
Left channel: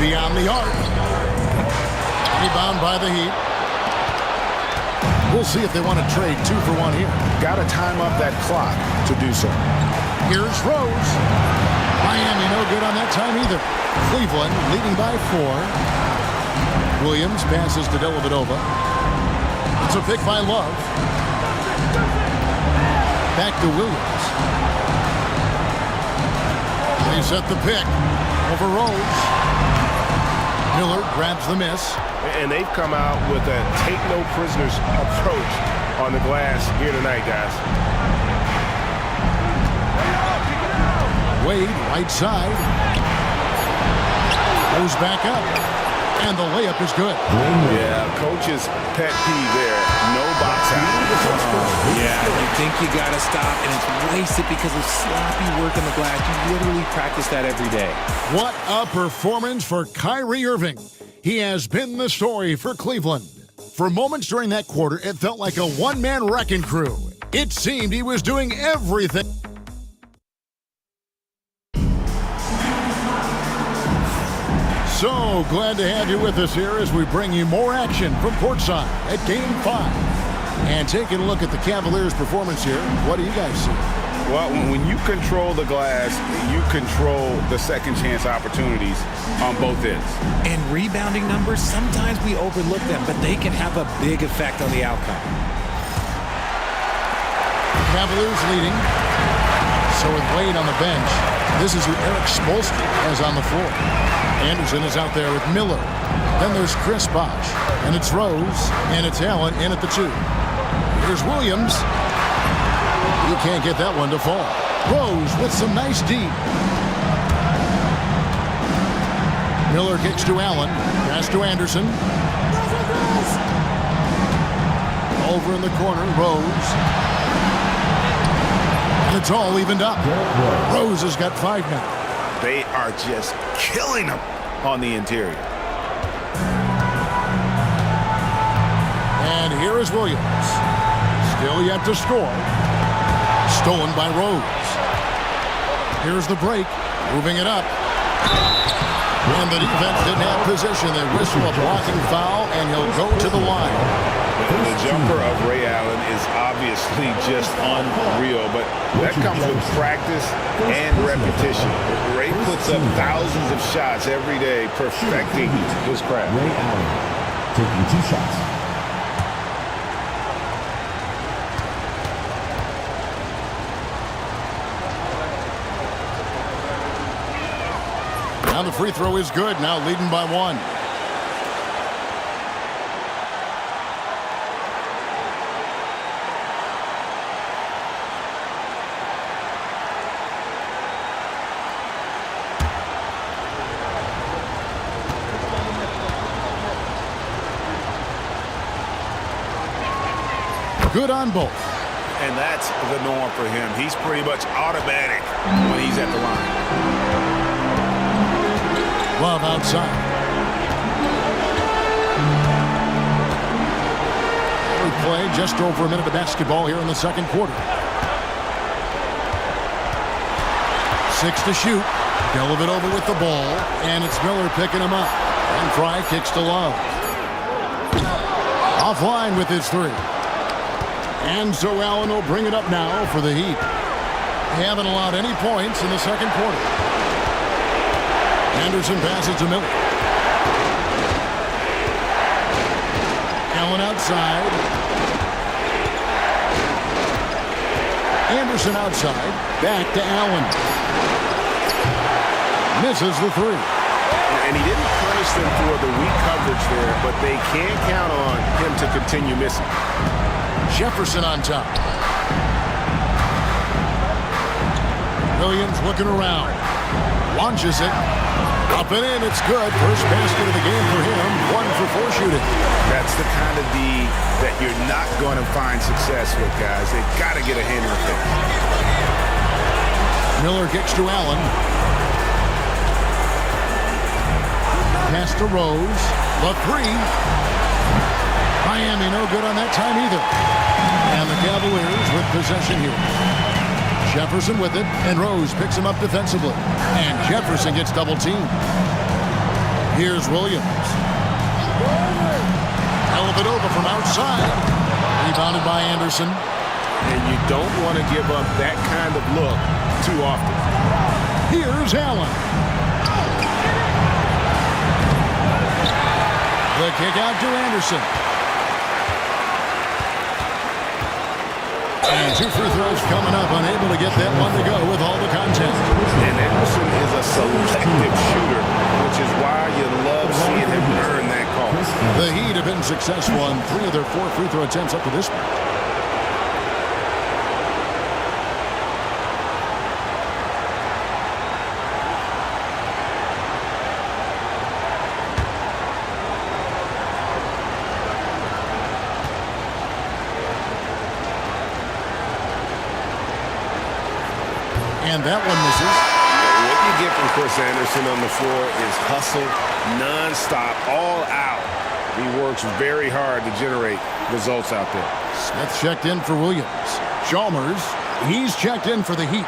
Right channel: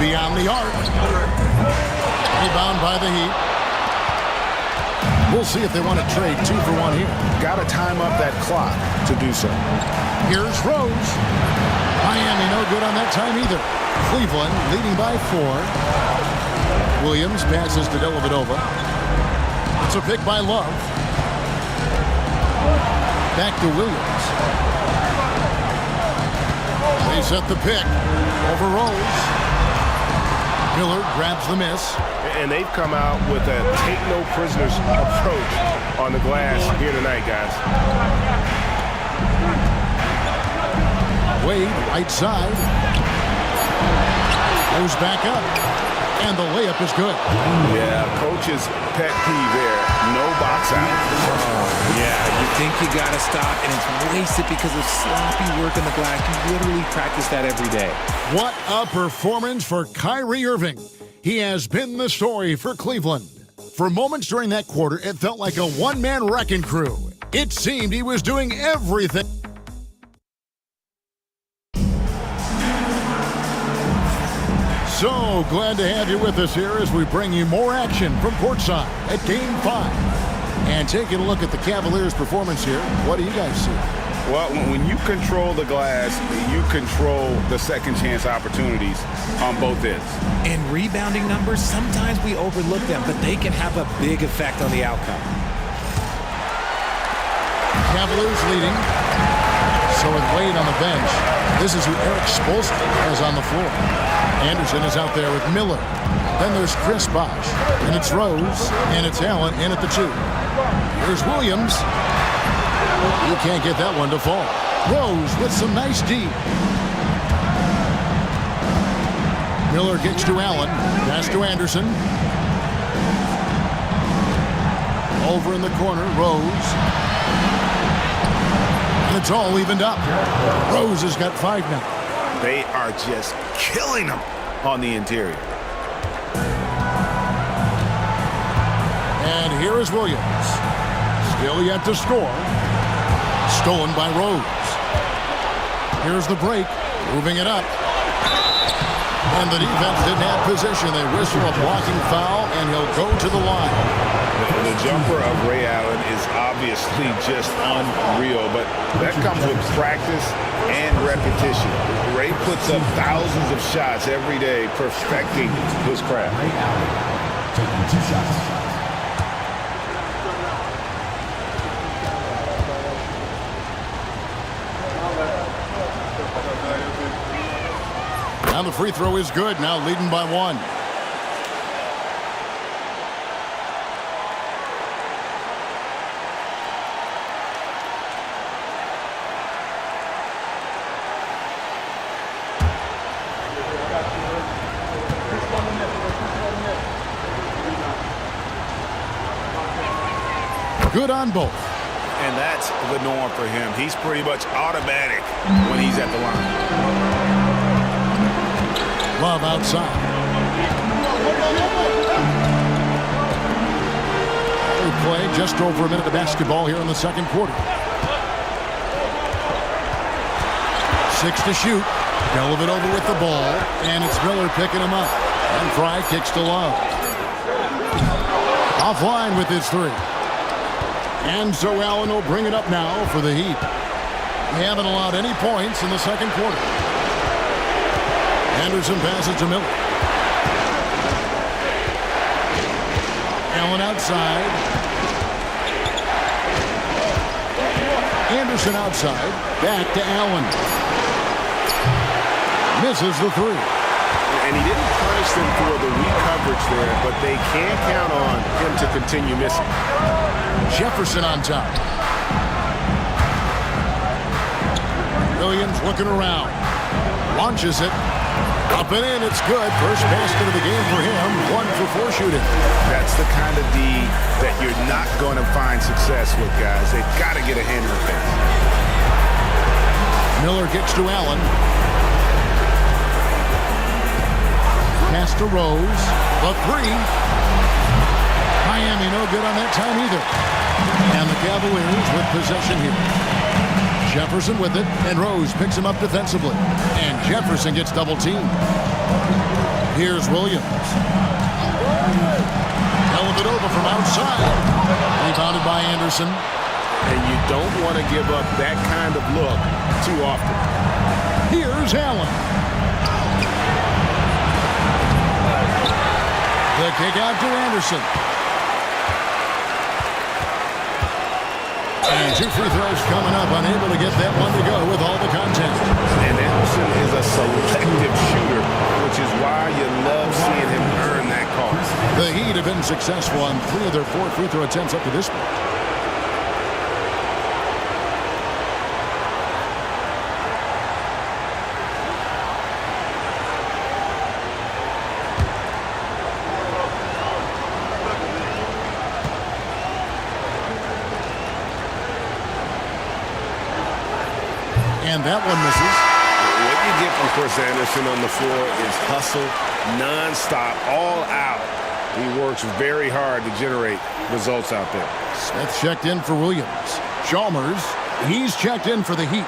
Beyond the arc. Rebound by the Heat. We'll see if they want to trade 2 for 1 here. Got to time up that clock to do so. Here's Rose. Miami no good on that time either. Cleveland leading by 4. Williams passes to Dellavedova. It's a pick by Love. Back to Williams. They set the pick over Rose. Miller grabs the miss. And they've come out with a take-no-prisoners approach on the glass here tonight, guys. Wade, right side. Goes back up. And the layup is good. Yeah, coach's pet peeve there. No box out. Yeah, you think you got to stop, and it's wasted because of sloppy work on the glass. You literally practice that every day. What a performance for Kyrie Irving. He has been the story for Cleveland. For moments during that quarter, it felt like a one-man wrecking crew. It seemed he was doing everything. So glad to have you with us here as we bring you more action from courtside at Game 5. And taking a look at the Cavaliers' performance here, what do you guys see? Well, when you control the glass, you control the second chance opportunities on both ends. And rebounding numbers, sometimes we overlook them, but they can have a big effect on the outcome. Cavaliers leading. So with Wade on the bench, this is who Eric Spoelstra has on the floor. Anderson is out there with Miller. Then there's Chris Bosh. And it's Rose. And it's Allen in at the 2. Here's Williams. He can't get that one to fall. Rose with some nice D. Miller kicks to Allen. Pass to Anderson. Over in the corner, Rose. And it's all evened up. Rose has got 5 now. They are just killing them on the interior. And here is Williams. Still yet to score. Stolen by Rose. Here's the break. Moving it up. And the defense didn't have position. They whistle a blocking foul, and he'll go to the line. The jumper of Ray Allen is obviously just unreal, but that comes with practice and repetition. Ray puts up thousands of shots every day, perfecting his craft. Ray Allen taking 2 shots. Now the free throw is good, now leading by 1. Good on both. And that's the norm for him. He's pretty much automatic when he's at the line. Love outside. We play just over a minute of basketball here in the second quarter. 6 to shoot. Dellavedova with the ball. And it's Miller picking him up. And Fry kicks to Love. Offline with his 3. And so Allen will bring it up now for the Heat. They haven't allowed any points in the second quarter. Anderson passes to Miller. Allen outside. Anderson outside. Back to Allen. Misses the 3. And he didn't punish them for the weak coverage there, but they can't count on him to continue missing. Jefferson on top. Williams looking around. Launches it. Up and in. It's good. First basket of the game for him. 1 for 4 shooting. That's the kind of D that you're not going to find success with, guys. They've got to get a hand in the face. Miller kicks to Allen. Pass to Rose. The 3. Miami no good on that time either. And the Cavaliers with possession here. Jefferson with it, and Rose picks him up defensively. And Jefferson gets double-teamed. Here's Williams. Dellavedova from outside. Rebounded by Anderson. And you don't want to give up that kind of look too often. Here's Allen. The kick out to Anderson. And 2 free throws coming up, unable to get that one to go with all the contact. And Anderson is a selective shooter, which is why you love seeing him earn that call. The Heat have been successful on 3 of their 4 free throw attempts up to this point. And that one misses. What you get from Chris Anderson on the floor is hustle, nonstop, all out. He works very hard to generate results out there. Smith checked in for Williams. Chalmers, he's checked in for the Heat.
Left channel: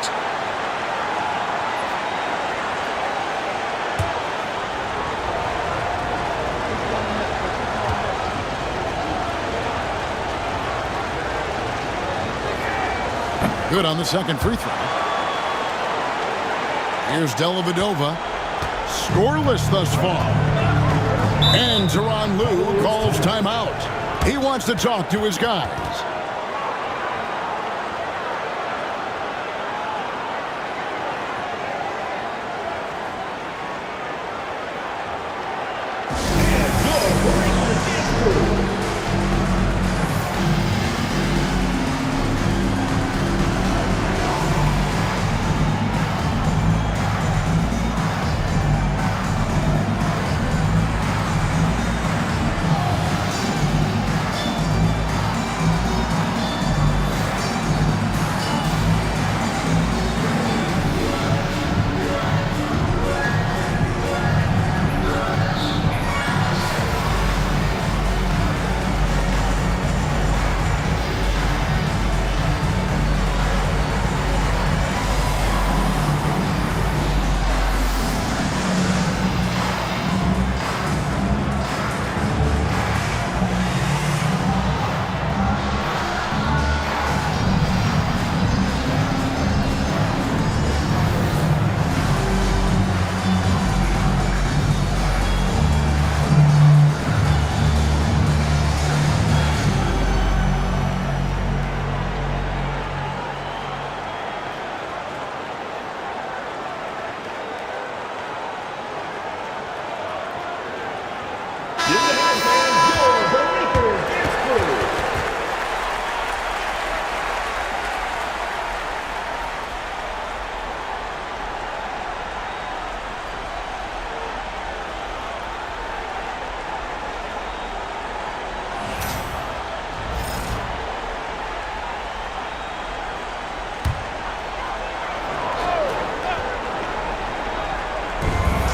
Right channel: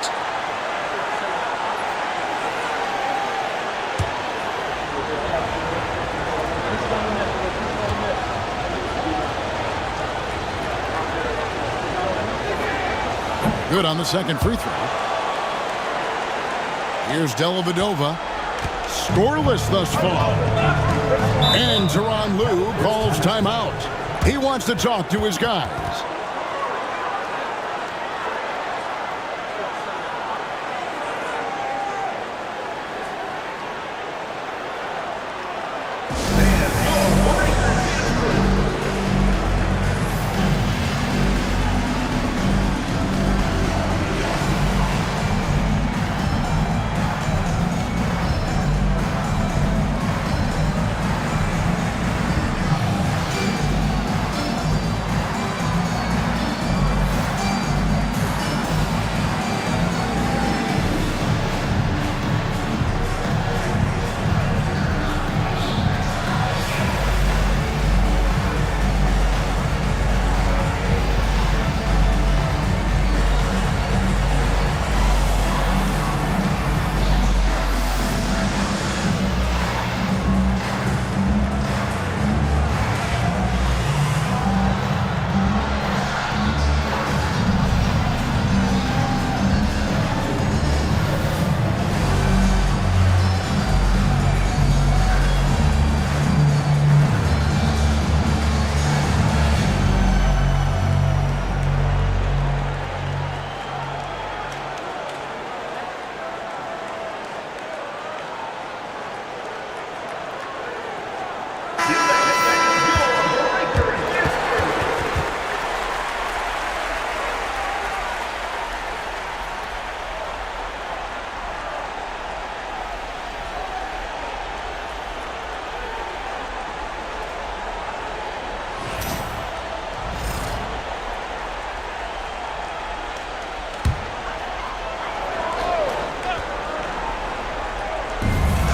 Good on the second free throw. Here's Dellavedova. Scoreless thus far. And Tyronn Lue calls timeout. He wants to talk to his guys.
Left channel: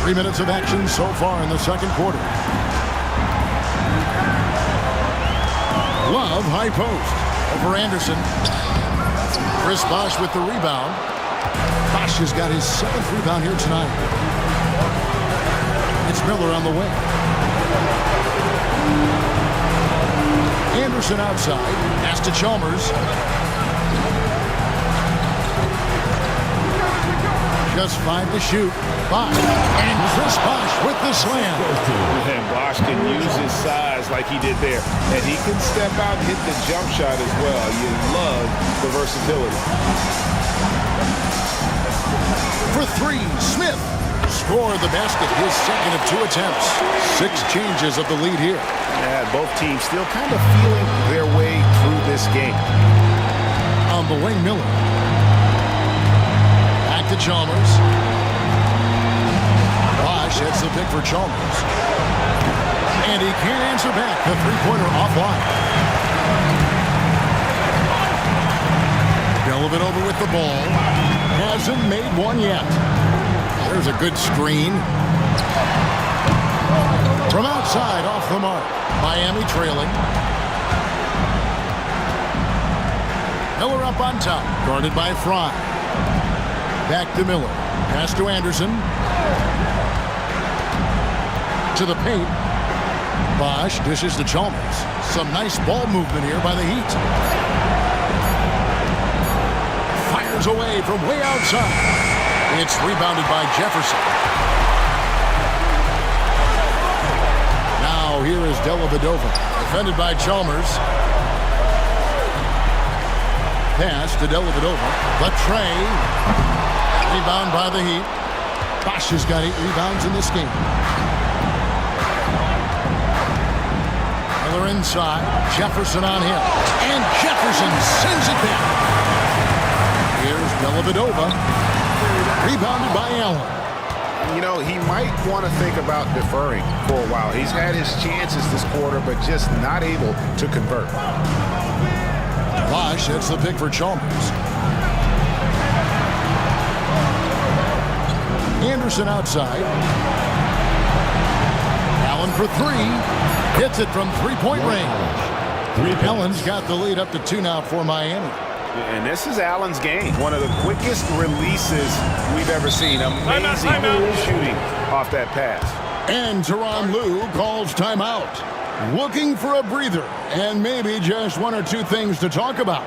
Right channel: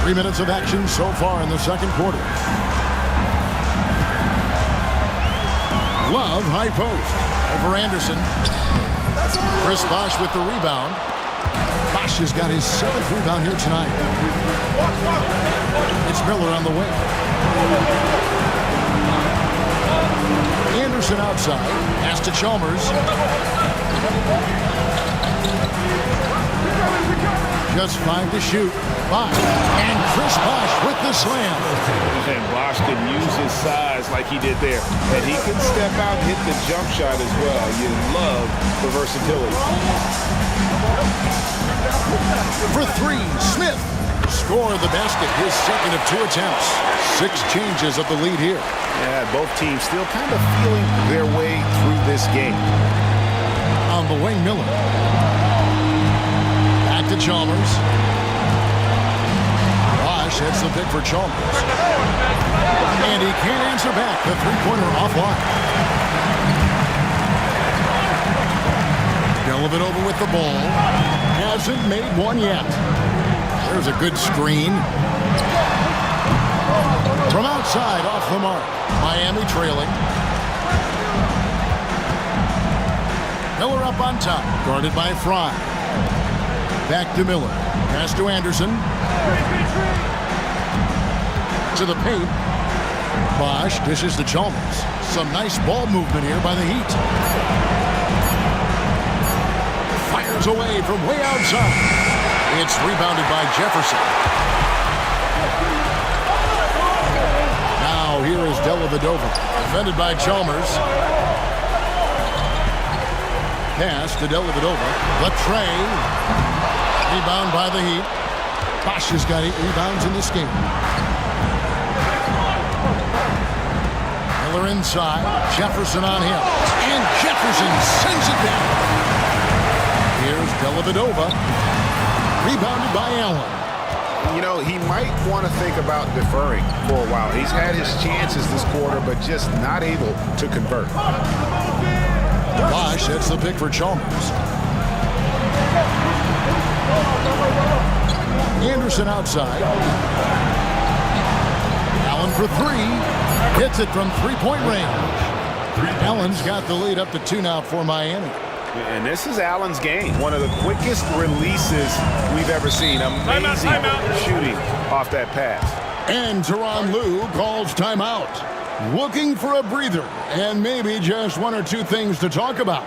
Three minutes of action so far in the second quarter. Love high post over Anderson. Chris Bosh with the rebound. Bosh has got his 7th rebound here tonight. It's Miller on the wing. Anderson outside. Pass to Chalmers. Just 5 to shoot. Bosh. And Chris Bosh with the slam. And Bosh can use his size like he did there. And he can step out and hit the jump shot as well. You love the versatility. For 3, Smith. Score the basket, his second of 2 attempts. 6 changes of the lead here. Yeah, both teams still kind of feeling their way through this game. On the wing, Miller. Back to Chalmers. Bosh heads the pick for Chalmers. And he can't answer back. The three-pointer offline. Dellavedova with the ball. Hasn't made one yet. There's a good screen. From outside, off the mark. Miami trailing. Miller up on top. Guarded by Fry. Back to Miller. Pass to Anderson. To the paint. Bosh dishes to Chalmers. Some nice ball movement here by the Heat. Fires away from way outside. It's rebounded by Jefferson. Now here is Dellavedova, defended by Chalmers. Pass to Dellavedova. The tray. Rebound by the Heat. Bosch has got 8 rebounds in this game. Miller inside. Jefferson on him. And Jefferson sends it back. Here's Dellavedova. Rebounded by Allen. You know, he might want to think about deferring for a while. He's had his chances this quarter, but just not able to convert. Bosch sets the pick for Chalmers. Anderson outside. Allen for 3. Hits it from three-point range. Allen's got the lead up to 2 now for Miami. And this is Allen's game. One of the quickest releases we've ever seen. Amazing shooting off that pass. And Tyronn Lue calls timeout. Looking for a breather and maybe just 1 or 2 things to talk about.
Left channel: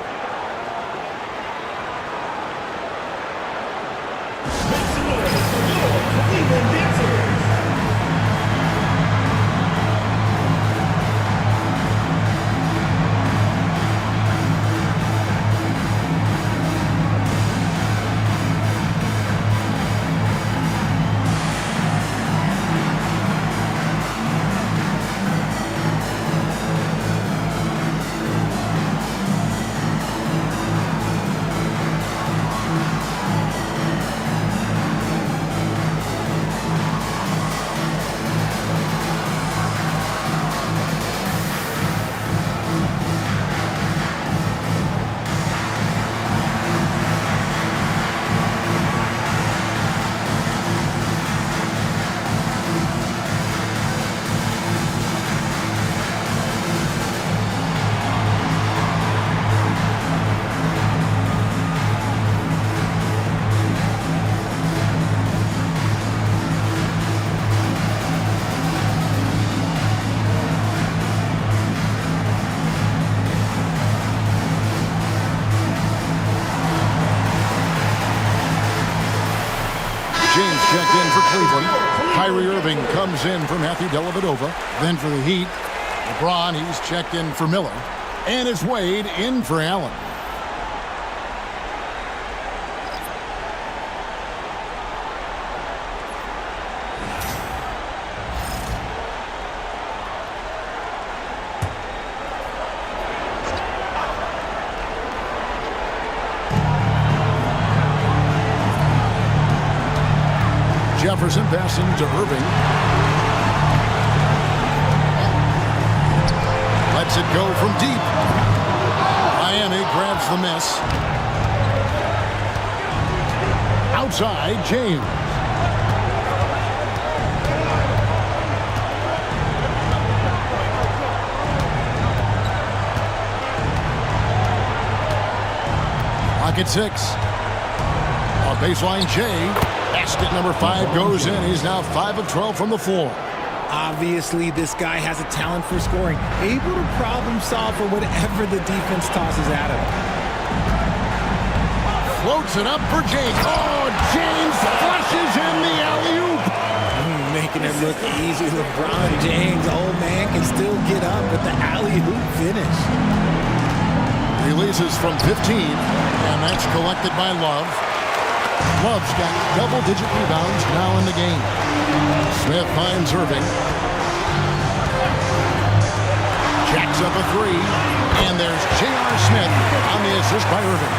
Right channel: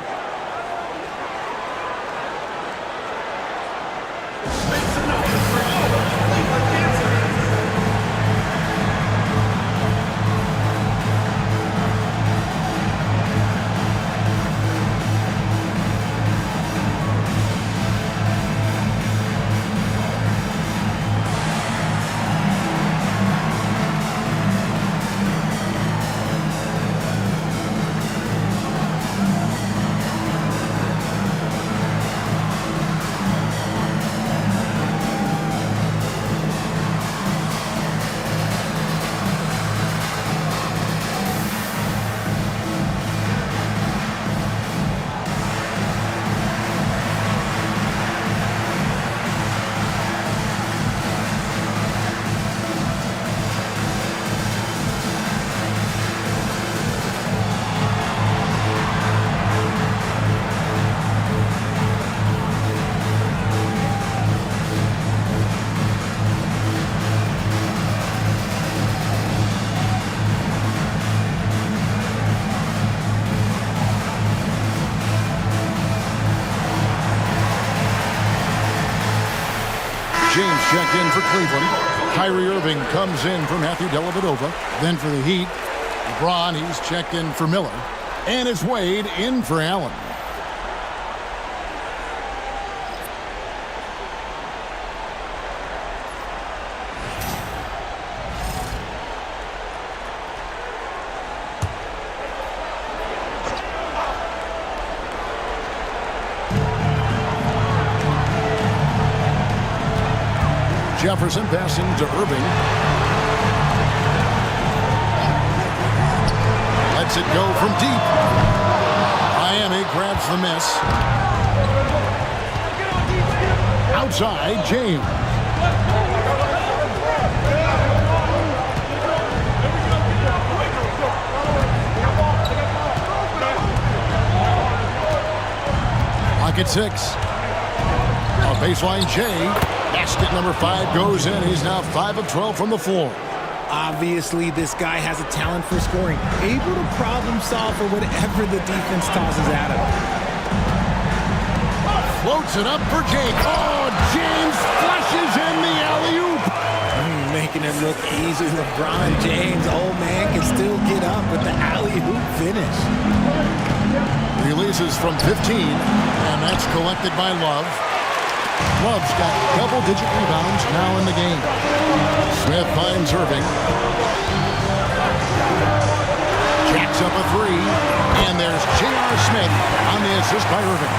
James checked in for Cleveland. Kyrie Irving comes in for Matthew Dellavedova. Then for the Heat, LeBron, he's checked in for Miller. And it's Wade in for Allen. Jefferson passing to Irving. Lets it go from deep. Miami grabs the miss. Outside, James. Pocket 6. A baseline J. Basket number 5 goes in. He's now 5 of 12 from the floor. Obviously, this guy has a talent for scoring, able to problem solve for whatever the defense tosses at him. Floats it up for James. Oh, James flushes in the alley-oop. Making it look easy. LeBron James, old man, can still get up with the alley-oop finish. Releases from 15, and that's collected by Love. Love's got double-digit rebounds now in the game. Smith finds Irving. Jacks up a 3. And there's J.R. Smith on the assist by Irving.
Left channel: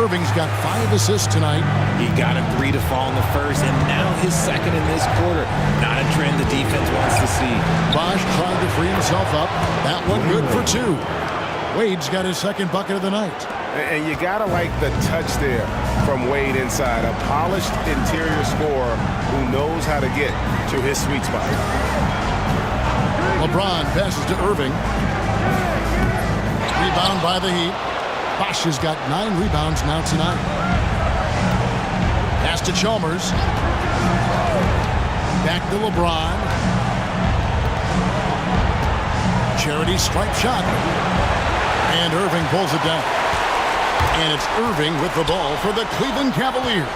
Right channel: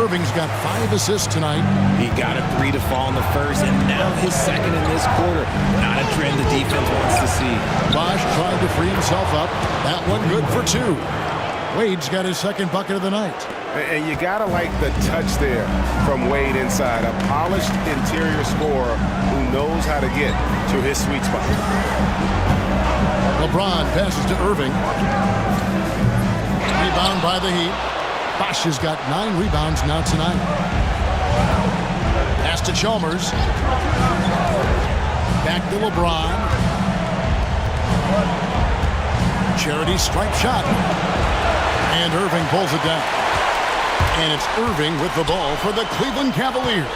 Irving's got 5 assists tonight. He got a 3 to fall in the first, and now his second in this quarter. Not a trend the defense wants to see. Bosch tried to free himself up. That one good for 2. Wade's got his second bucket of the night. And you got to like the touch there from Wade inside. A polished interior scorer who knows how to get to his sweet spot. LeBron passes to Irving. Rebound by the Heat. Bosch has got 9 rebounds now tonight. Pass to Chalmers. Back to LeBron. Charity stripe shot. And Irving pulls it down. And it's Irving with the ball for the Cleveland Cavaliers.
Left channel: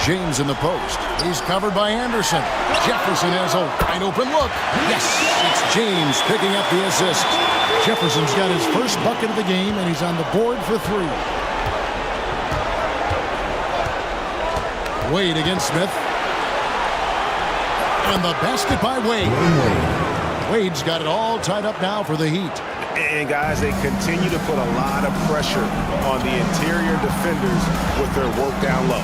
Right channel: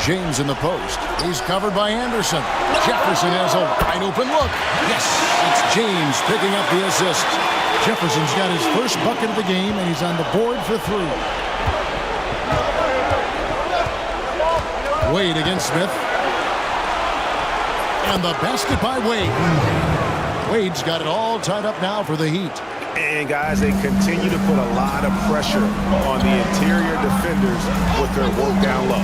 James in the post. He's covered by Anderson. Jefferson has a wide open look. Yes, it's James picking up the assist. Jefferson's got his first bucket of the game, and he's on the board for 3. Wade against Smith. And the basket by Wade. Wade's got it all tied up now for the Heat. And guys, they continue to put a lot of pressure on the interior defenders with their work down low.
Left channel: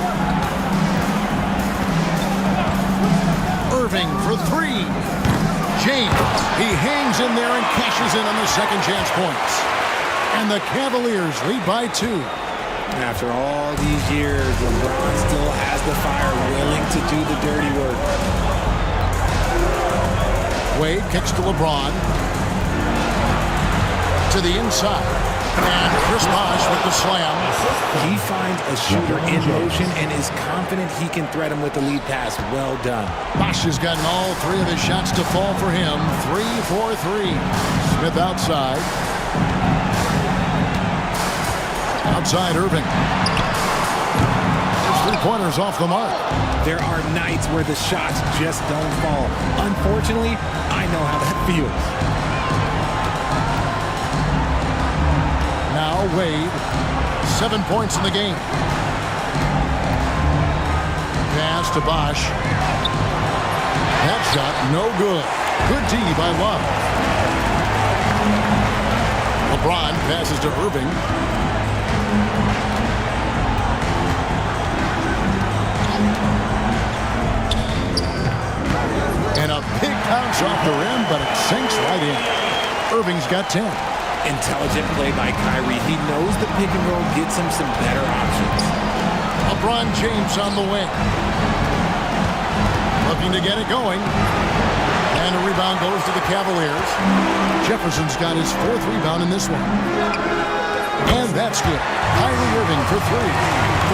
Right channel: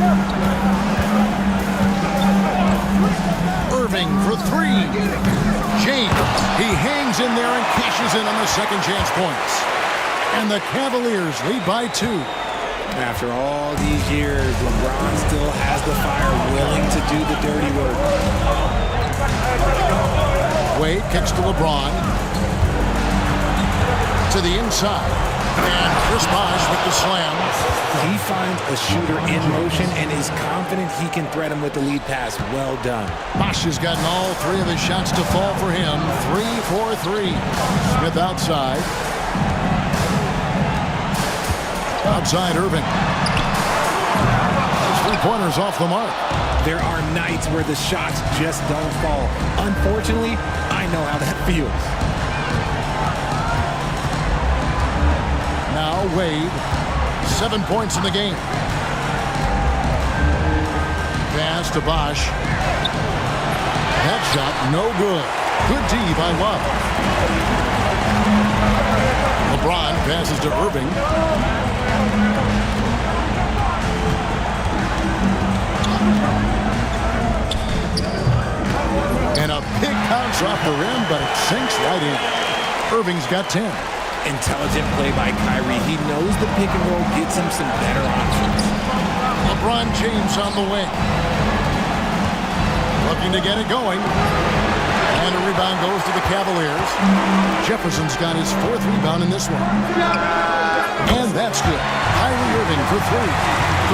Irving for 3. James, he hangs in there and cashes in on the second chance points. And the Cavaliers lead by 2. After all these years, LeBron still has the fire, willing to do the dirty work. Wade kicks to LeBron. To the inside. And Chris Bosh with the slam. He finds a shooter in motion and is confident he can threat him with the lead pass. Well done. Bosh has gotten all 3 of his shots to fall for him. 3 for 3. Smith outside. Outside Irving. Those 3-pointers off the mark. There are nights where the shots just don't fall. Unfortunately, I know how that feels. Now Wade, 7 points in the game. Pass to Bosh. That shot no good. Good D by Love. LeBron passes to Irving. And a big bounce off the rim, but it sinks right in. Irving's got 10. Intelligent play by Kyrie. He knows the pick and roll gets him some better options. LeBron James on the wing. Looking to get it going. And a rebound goes to the Cavaliers. Jefferson's got his 4th rebound in this one. And that's good. Kyrie Irving for 3.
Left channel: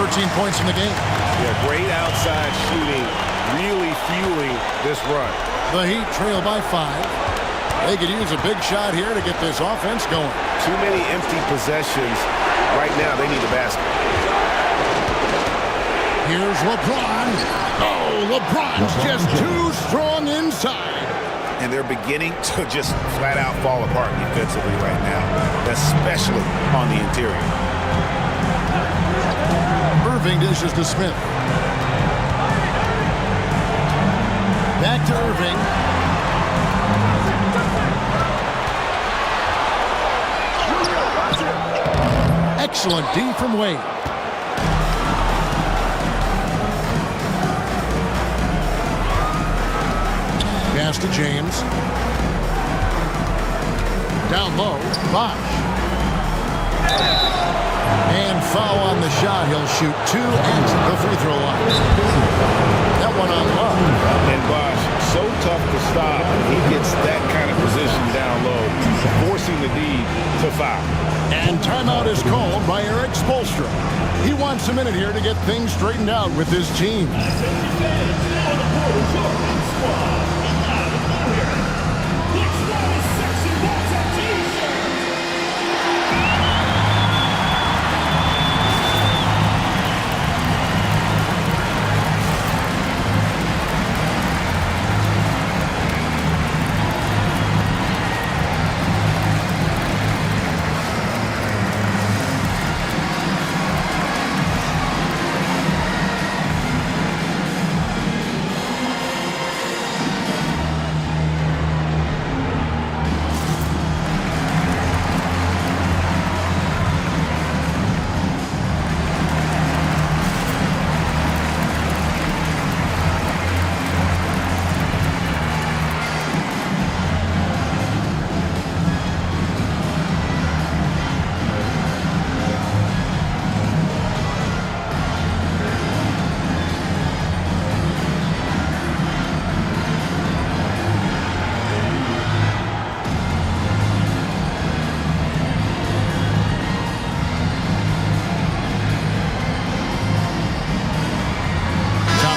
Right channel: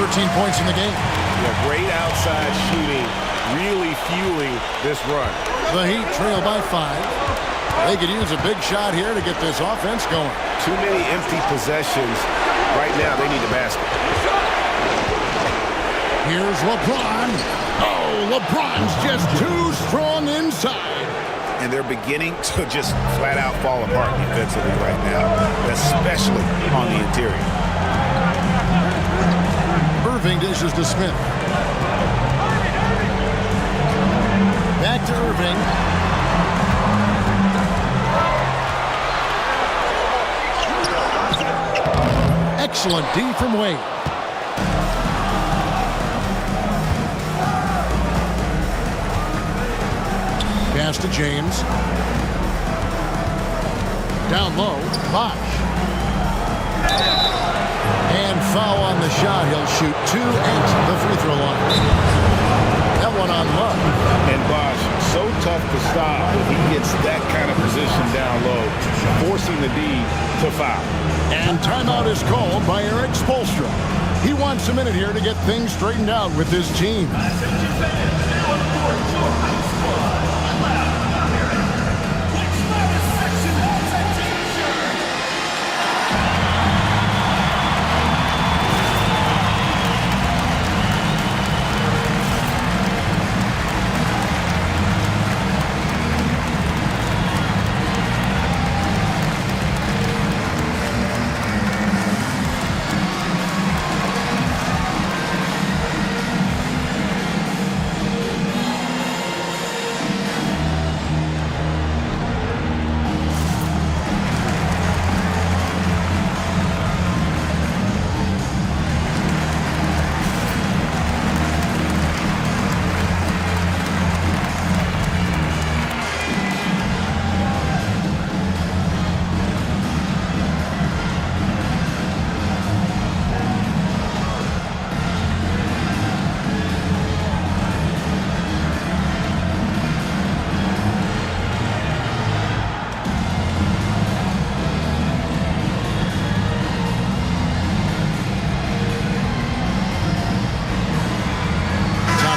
13 points in the game. Yeah, great outside shooting, really fueling this run. The Heat trail by 5. They could use a big shot here to get this offense going. Too many empty possessions. Right now, they need the basket. Here's LeBron. Oh, LeBron's just too strong inside. And they're beginning to just flat out fall apart defensively right now, especially on the interior. Irving dishes to Smith. Back to Irving. Excellent D from Wade. Pass to James. Down low, Bosh. And foul on the shot. He'll shoot 2 at the free throw line. That one on Love. And Bosh, so tough to stop when he gets that kind of position down low, forcing the D to foul. And timeout is called by Eric Spoelstra. He wants a minute here to get things straightened out with his team.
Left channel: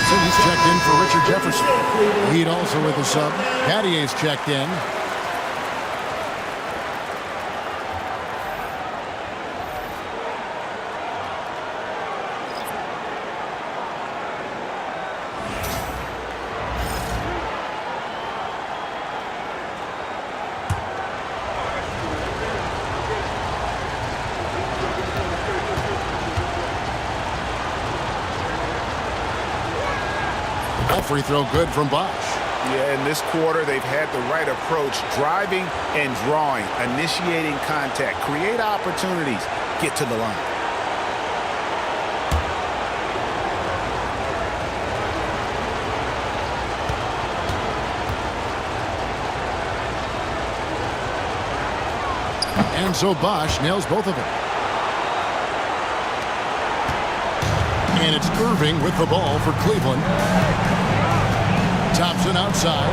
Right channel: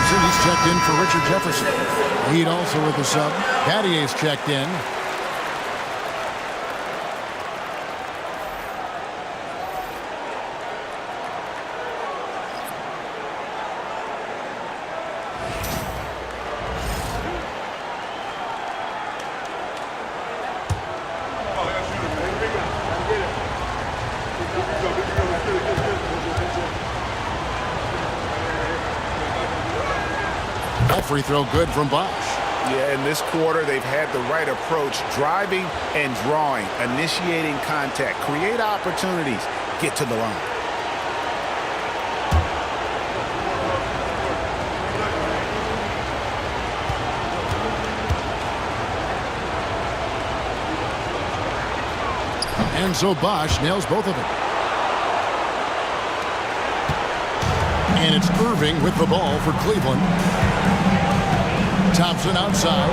He's checked in for Richard Jefferson. Heat also with the sub. Gattier's checked in. That free throw good from Bosch. Yeah, in this quarter, they've had the right approach, driving and drawing, initiating contact, create opportunities, get to the line. And so Bosch nails both of them. And it's Irving with the ball for Cleveland. Thompson outside.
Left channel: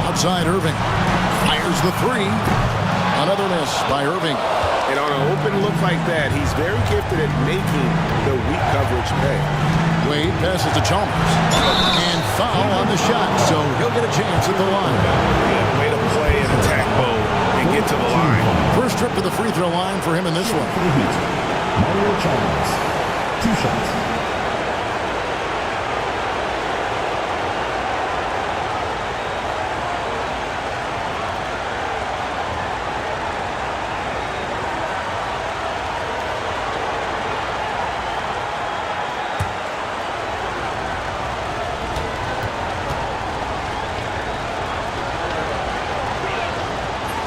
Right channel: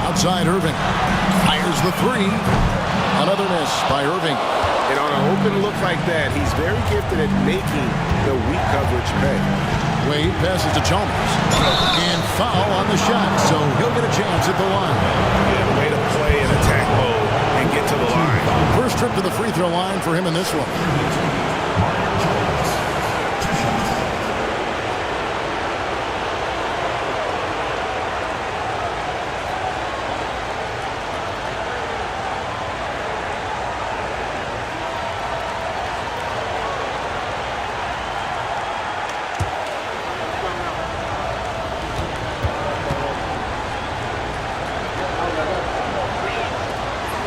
Outside Irving. Fires the three. Another miss by Irving. And on an open look like that, he's very gifted at making the weak coverage pay. Wade passes to Chalmers. And foul on the shot, so he'll get a chance at the line. Yeah, way to play an attack mode and get to the line. First trip to the free throw line for him in this one. Mario Chalmers, 2 shots.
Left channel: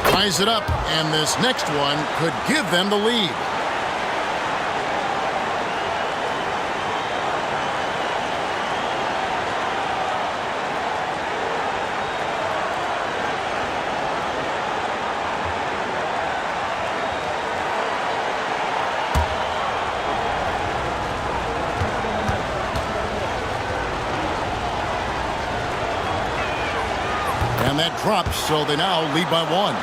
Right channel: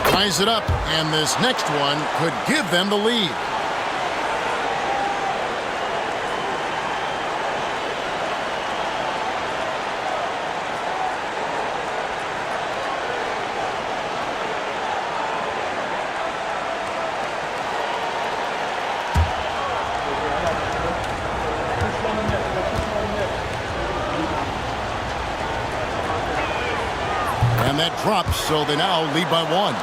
Ties it up, and this next one could give them the lead. And that drops, so they now lead by 1.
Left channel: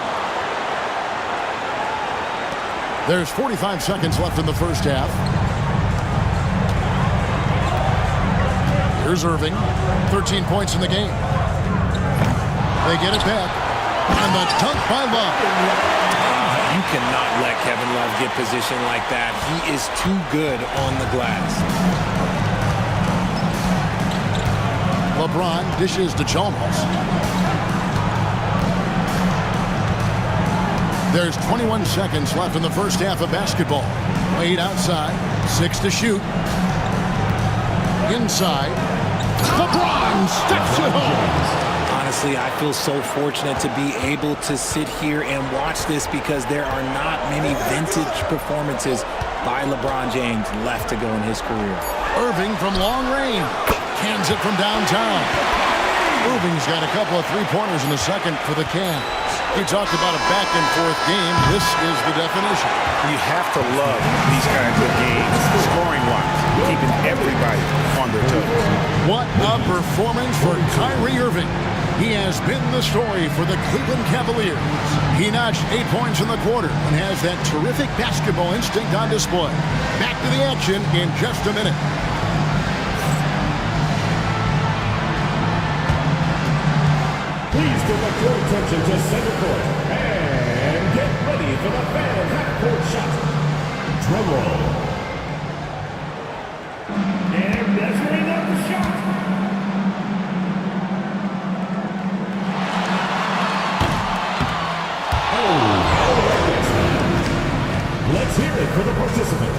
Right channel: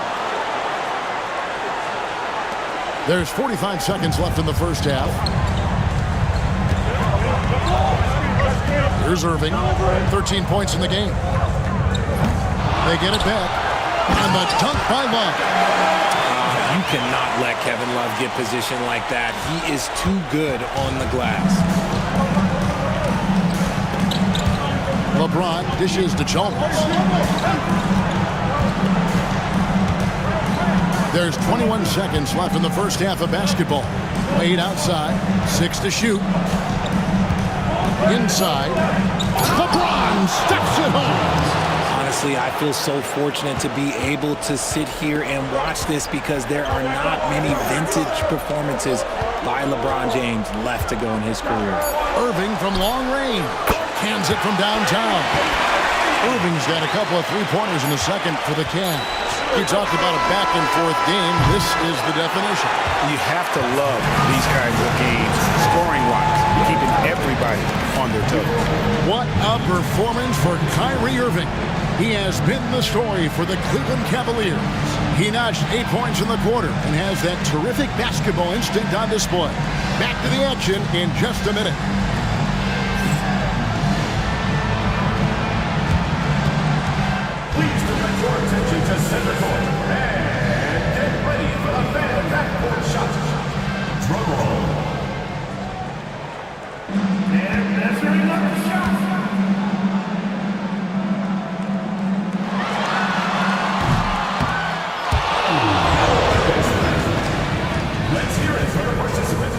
There's 45 seconds left in the first half. Here's Irving, 13 points in the game. They get it back, and the dunk by Love. You cannot let Kevin Love get positioned like that. He is too good on the glass. LeBron dishes to Chalmers. There's 21 seconds left in the first half of basketball. Wade outside, 6 to shoot. Inside, LeBron steps it home. Honestly, I feel so fortunate to be able to sit here and watch this because there are not many vintage performances by LeBron James left to go in his career. Irving from long range. Cans it from downtown. Irving's got a couple of three-pointers in the second for the Cavs. We talked about a back-and-forth game. This is the definition. You have to love these kinds of games, scoring-wise, keeping everybody on their toes. What a performance for Kyrie Irving. He has been the story for the Cleveland Cavaliers. He notched 8 points in the quarter and has that terrific basketball instinct on display. Back to the action in just a minute. Please direct your attention to center court and get ready for the fan and half-court shot. Drum roll. And measuring up the shot. Oh, let's hear it for the participant.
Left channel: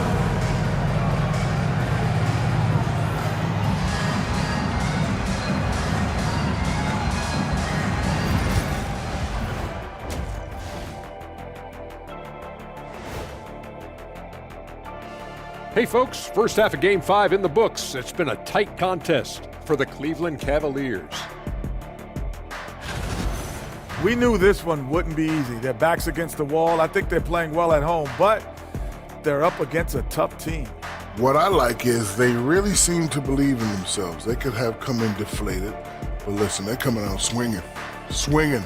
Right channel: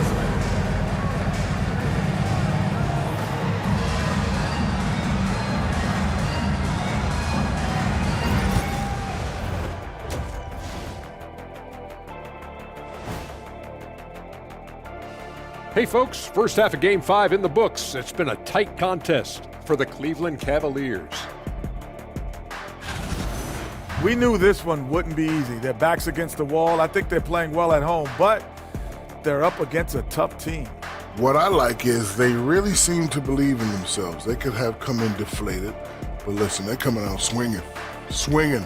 Hey folks, first half of Game 5 in the books. It's been a tight contest for the Cleveland Cavaliers. We knew this one wouldn't be easy. Their backs against the wall. I think they're playing well at home, but they're up against a tough team. What I like is they really seem to believe in themselves. They could have come in deflated, but listen, they're coming out swinging. Swinging.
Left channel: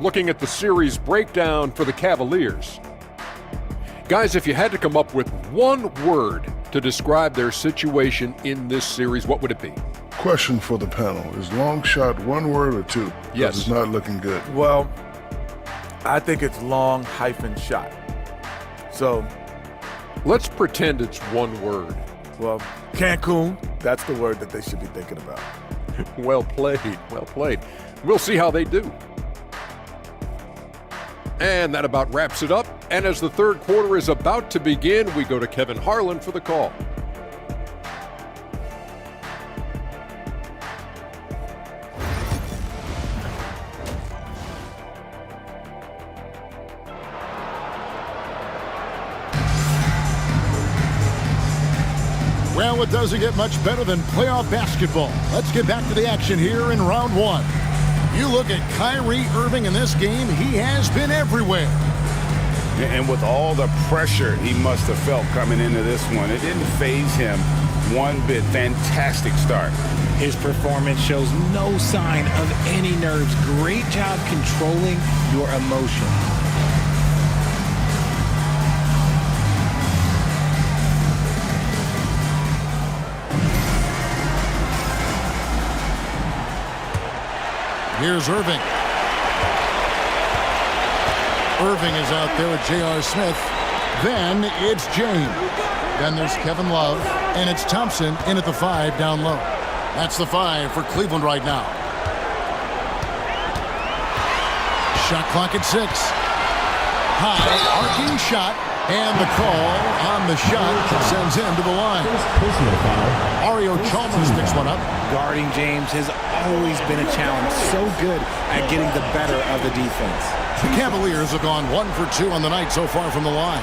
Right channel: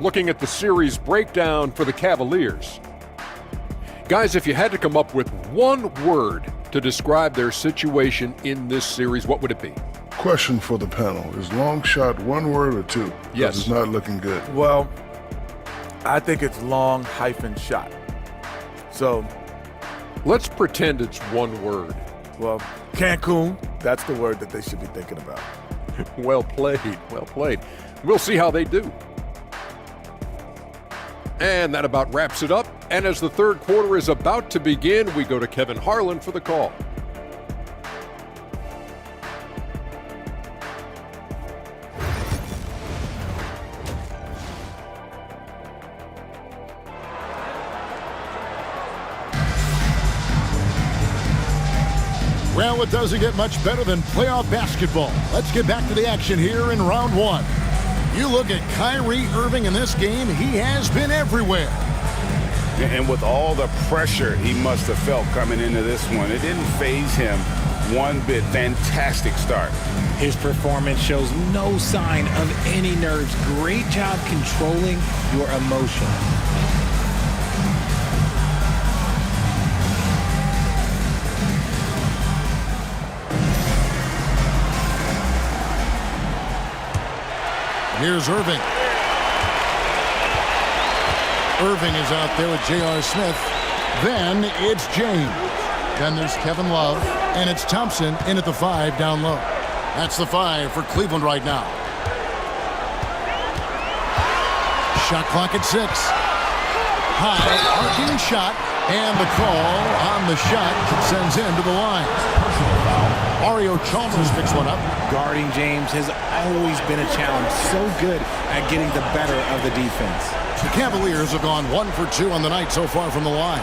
Looking at the series breakdown for the Cavaliers. Guys, if you had to come up with one word to describe their situation in this series, what would it be? Question for the panel. Is long shot one word or two? Yes. It's not looking good. Well, I think it's long-shot. So let's pretend it's one word. Well, Cancun, that's the word that they should be thinking about. Well played, well played. We'll see how they do. And that about wraps it up. And as the third quarter is about to begin, we go to Kevin Harlan for the call. Well, it doesn't get much better than playoff basketball. Let's get back to the action here in round one. You look at Kyrie Irving in this game, he has been everywhere. And with all the pressure he must have felt coming into this one, it didn't faze him one bit. Fantastic start. His performance shows no sign of any nerves. Great job controlling your emotion. Here's Irving. Irving is out there with J.R. Smith. Then it's James. Then there's Kevin Love. And it's Thompson in at the 5 down low. That's the 5 for Cleveland right now. Shot clock at 6. High, arcing shot. And the call on the shot sends him to the line. Mario Chalmers picks one up. Guarding James has always been a challenge. So good at getting the better of the defense. The Cavaliers have gone 1 for 2 on the night so far from the line.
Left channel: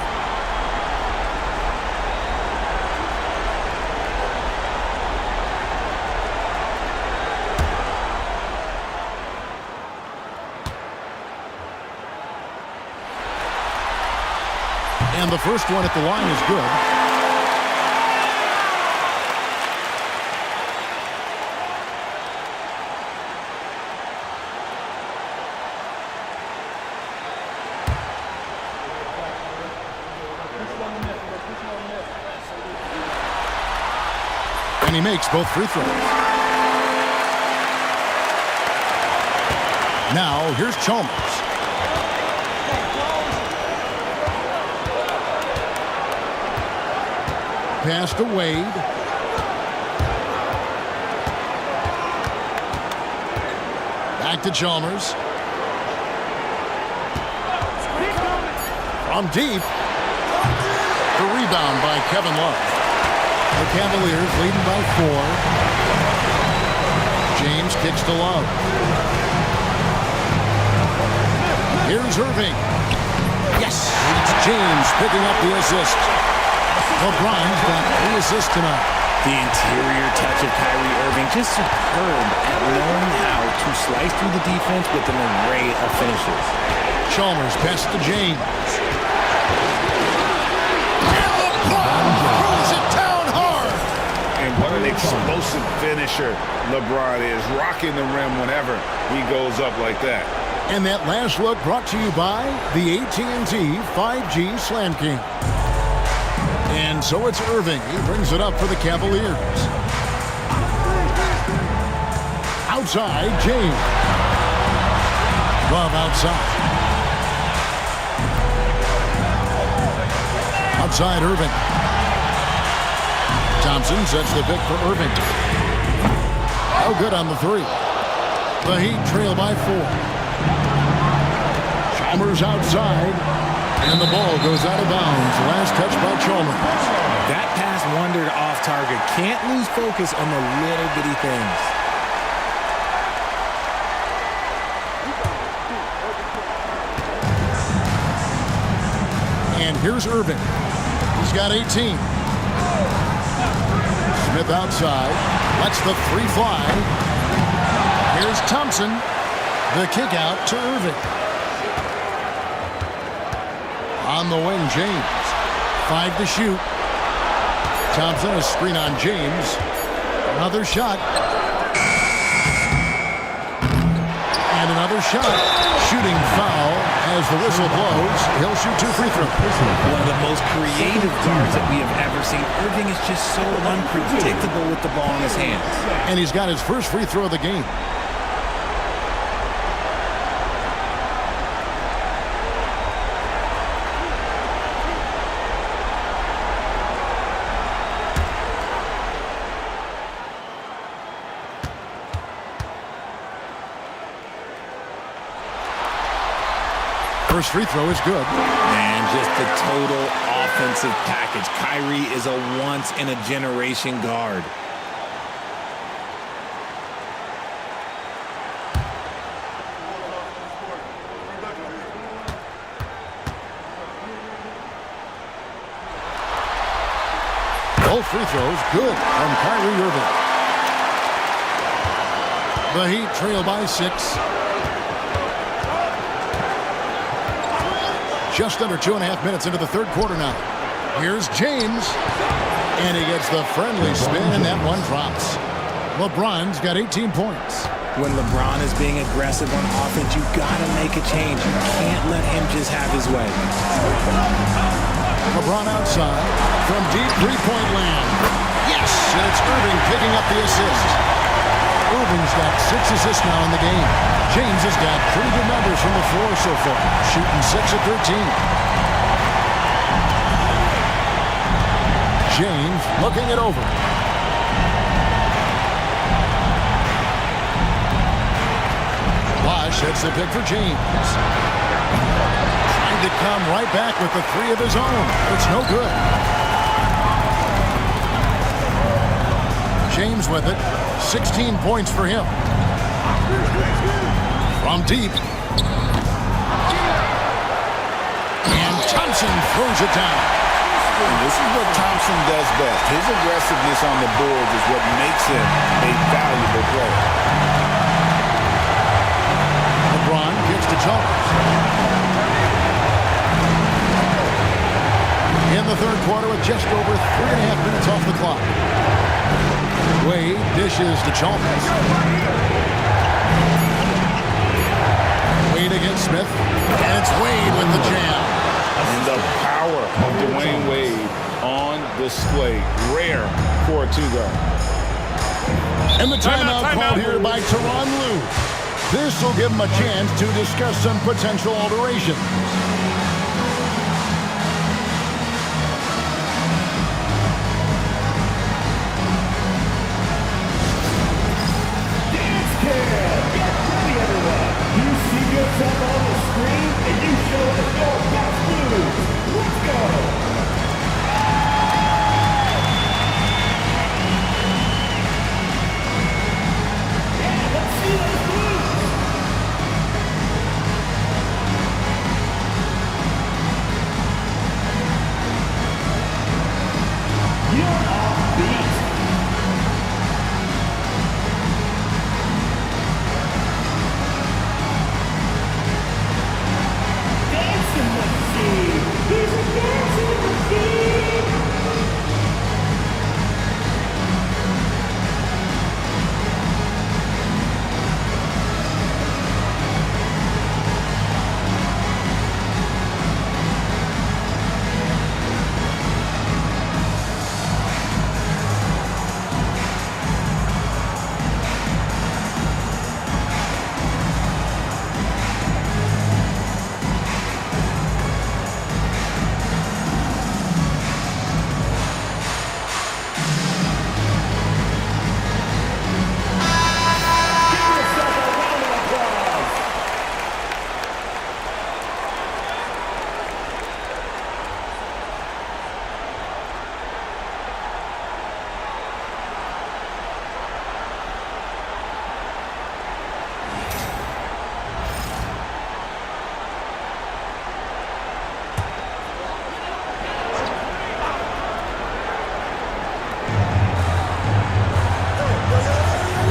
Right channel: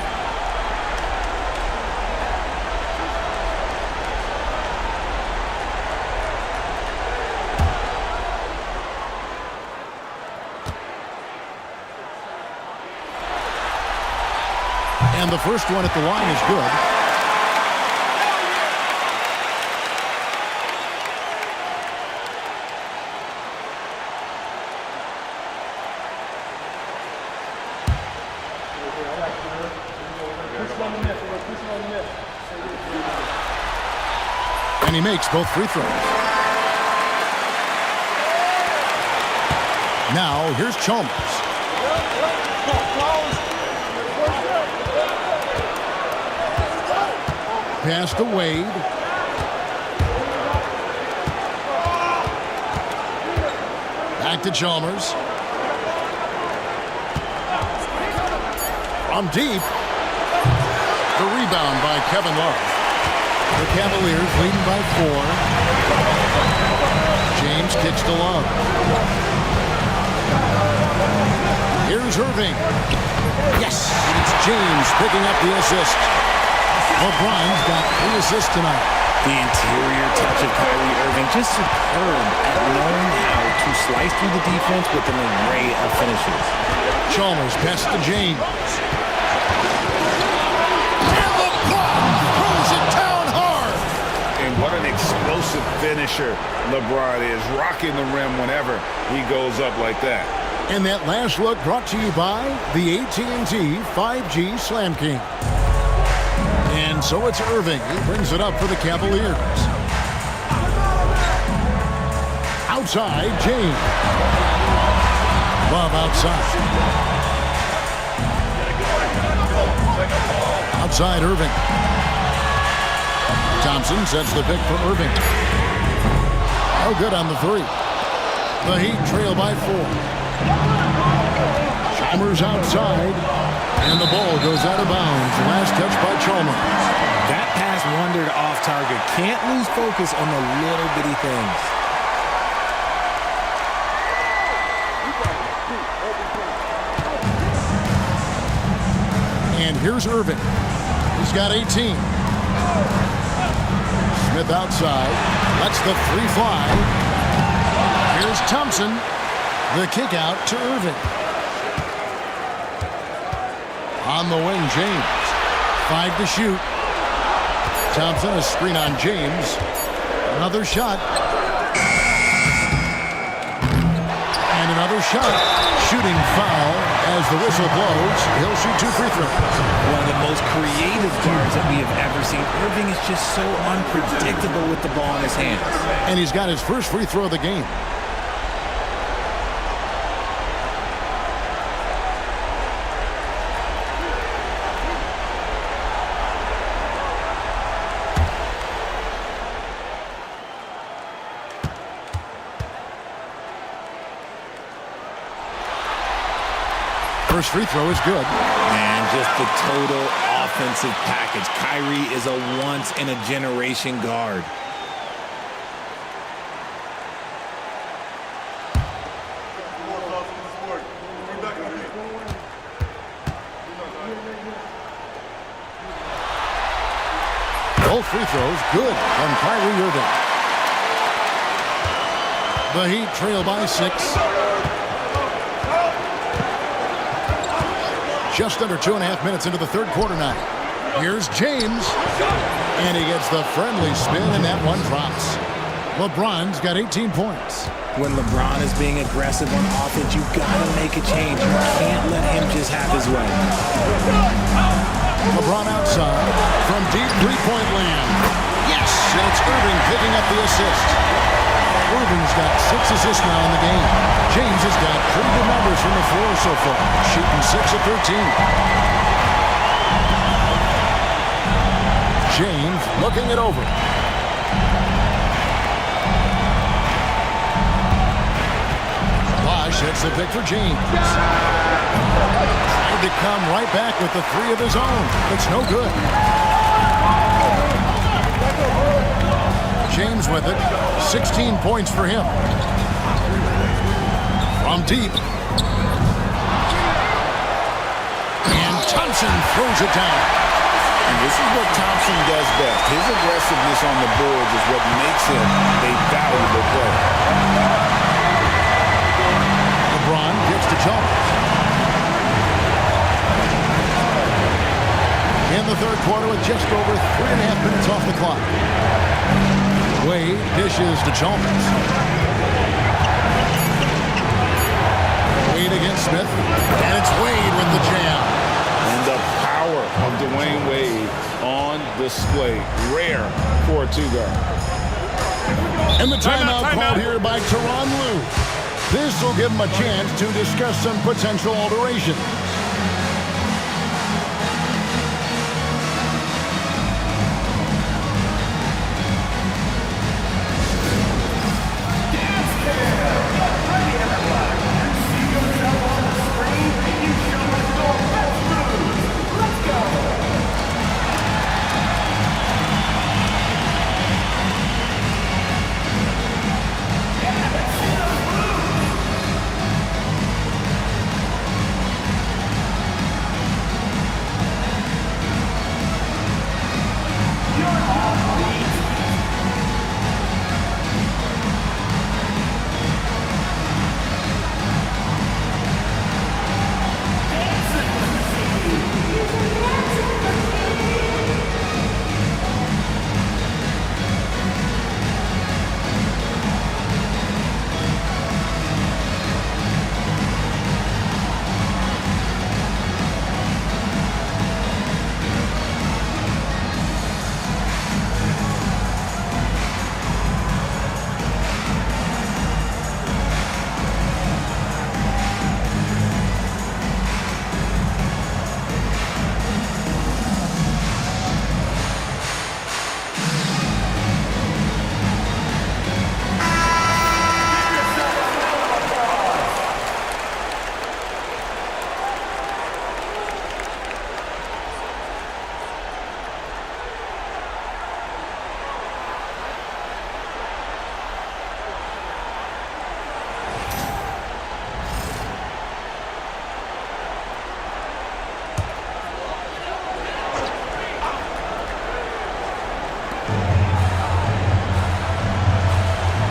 And the first one at the line is good. And he makes both free throws. Now, here's Chalmers. Pass to Wade. Back to Chalmers. From deep. The rebound by Kevin Love. The Cavaliers leading by 4. James kicks to Love. Here's Irving. Yes, it's James picking up the assist. LeBron's got 3 assists tonight. The interior touch of Kyrie Irving, just superb at knowing how to slice through the defense with an array of finishes. Chalmers pass to James. And LeBron throws it down hard. And what an explosive finisher LeBron is, rocking the rim whenever he goes up like that. And that last look brought to you by the AT&T 5G Slam Cam. And so it's Irving. He brings it up for the Cavaliers. Outside, James. Love outside. Outside, Irving. Thompson sets the pick for Irving. No good on the 3. The Heat trail by 4. Chalmers outside. And the ball goes out of bounds. Last touch by Chalmers. That pass wandered off target. Can't lose focus on the little bitty things. And here's Irving. He's got 18. Smith outside. Lets the 3 fly. Here's Thompson. The kick out to Irving. On the wing, James. 5 to shoot. Thompson, a screen on James. Another shot. And another shot. Shooting foul as the whistle blows. He'll shoot 2 free throws. One of the most creative guards that we have ever seen. Irving is just so unpredictable with the ball in his hands. And he's got his first free throw of the game. First free throw is good. And just the total offensive package. Kyrie is a once-in-a-generation guard. Both free throws good from Kyrie Irving. The Heat trail by 6. Just under 2.5 minutes into the third quarter now. Here's James. And he gets the friendly spin, and that one drops. LeBron's got 18 points. When LeBron is being aggressive on offense, you gotta make a change. You can't let him just have his way. LeBron outside from deep three-point land. Yes, and it's Irving picking up the assist. Irving's got 6 assists now in the game. James has got pretty good numbers from the floor so far, shooting 6 of 13. James looking it over. Bosh hits the pick for James. Trying to come right back with the 3 of his own, but it's no good. James with it. 16 points for him. From deep. And Thompson throws it down. And this is what Thompson does best. His aggressiveness on the boards is what makes him a valuable player. LeBron kicks to Jones. In the third quarter with just over 3.5 minutes off the clock. Wade dishes to Chalmers. Wade against Smith. And it's Wade with the jam. And the power of Dwayne Wade on display. Rare for a 2-guard. And the timeout called here by Tyronn Lue. This will give him a chance to discuss some potential alterations.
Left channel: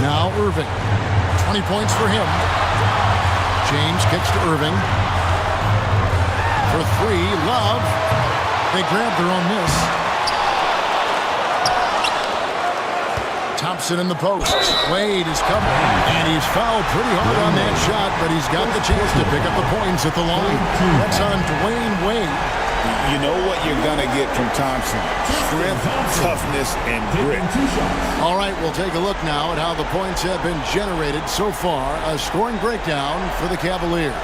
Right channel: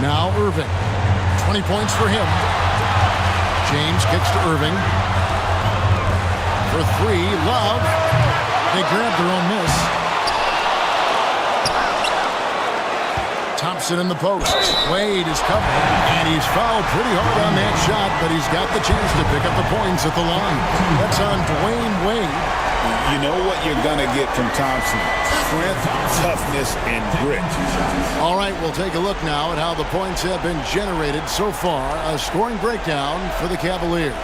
Now Irving. 20 points for him. James kicks to Irving. For 3, Love. They grab their own miss. Thompson in the post. Wade is covered. And he's fouled pretty hard on that shot, but he's got the chance to pick up the points at the line. That's on Dwayne Wade. You know what you're going to get from Thompson. Strength, toughness, and grit. All right, we'll take a look now at how the points have been generated so far. A scoring breakdown for the Cavaliers.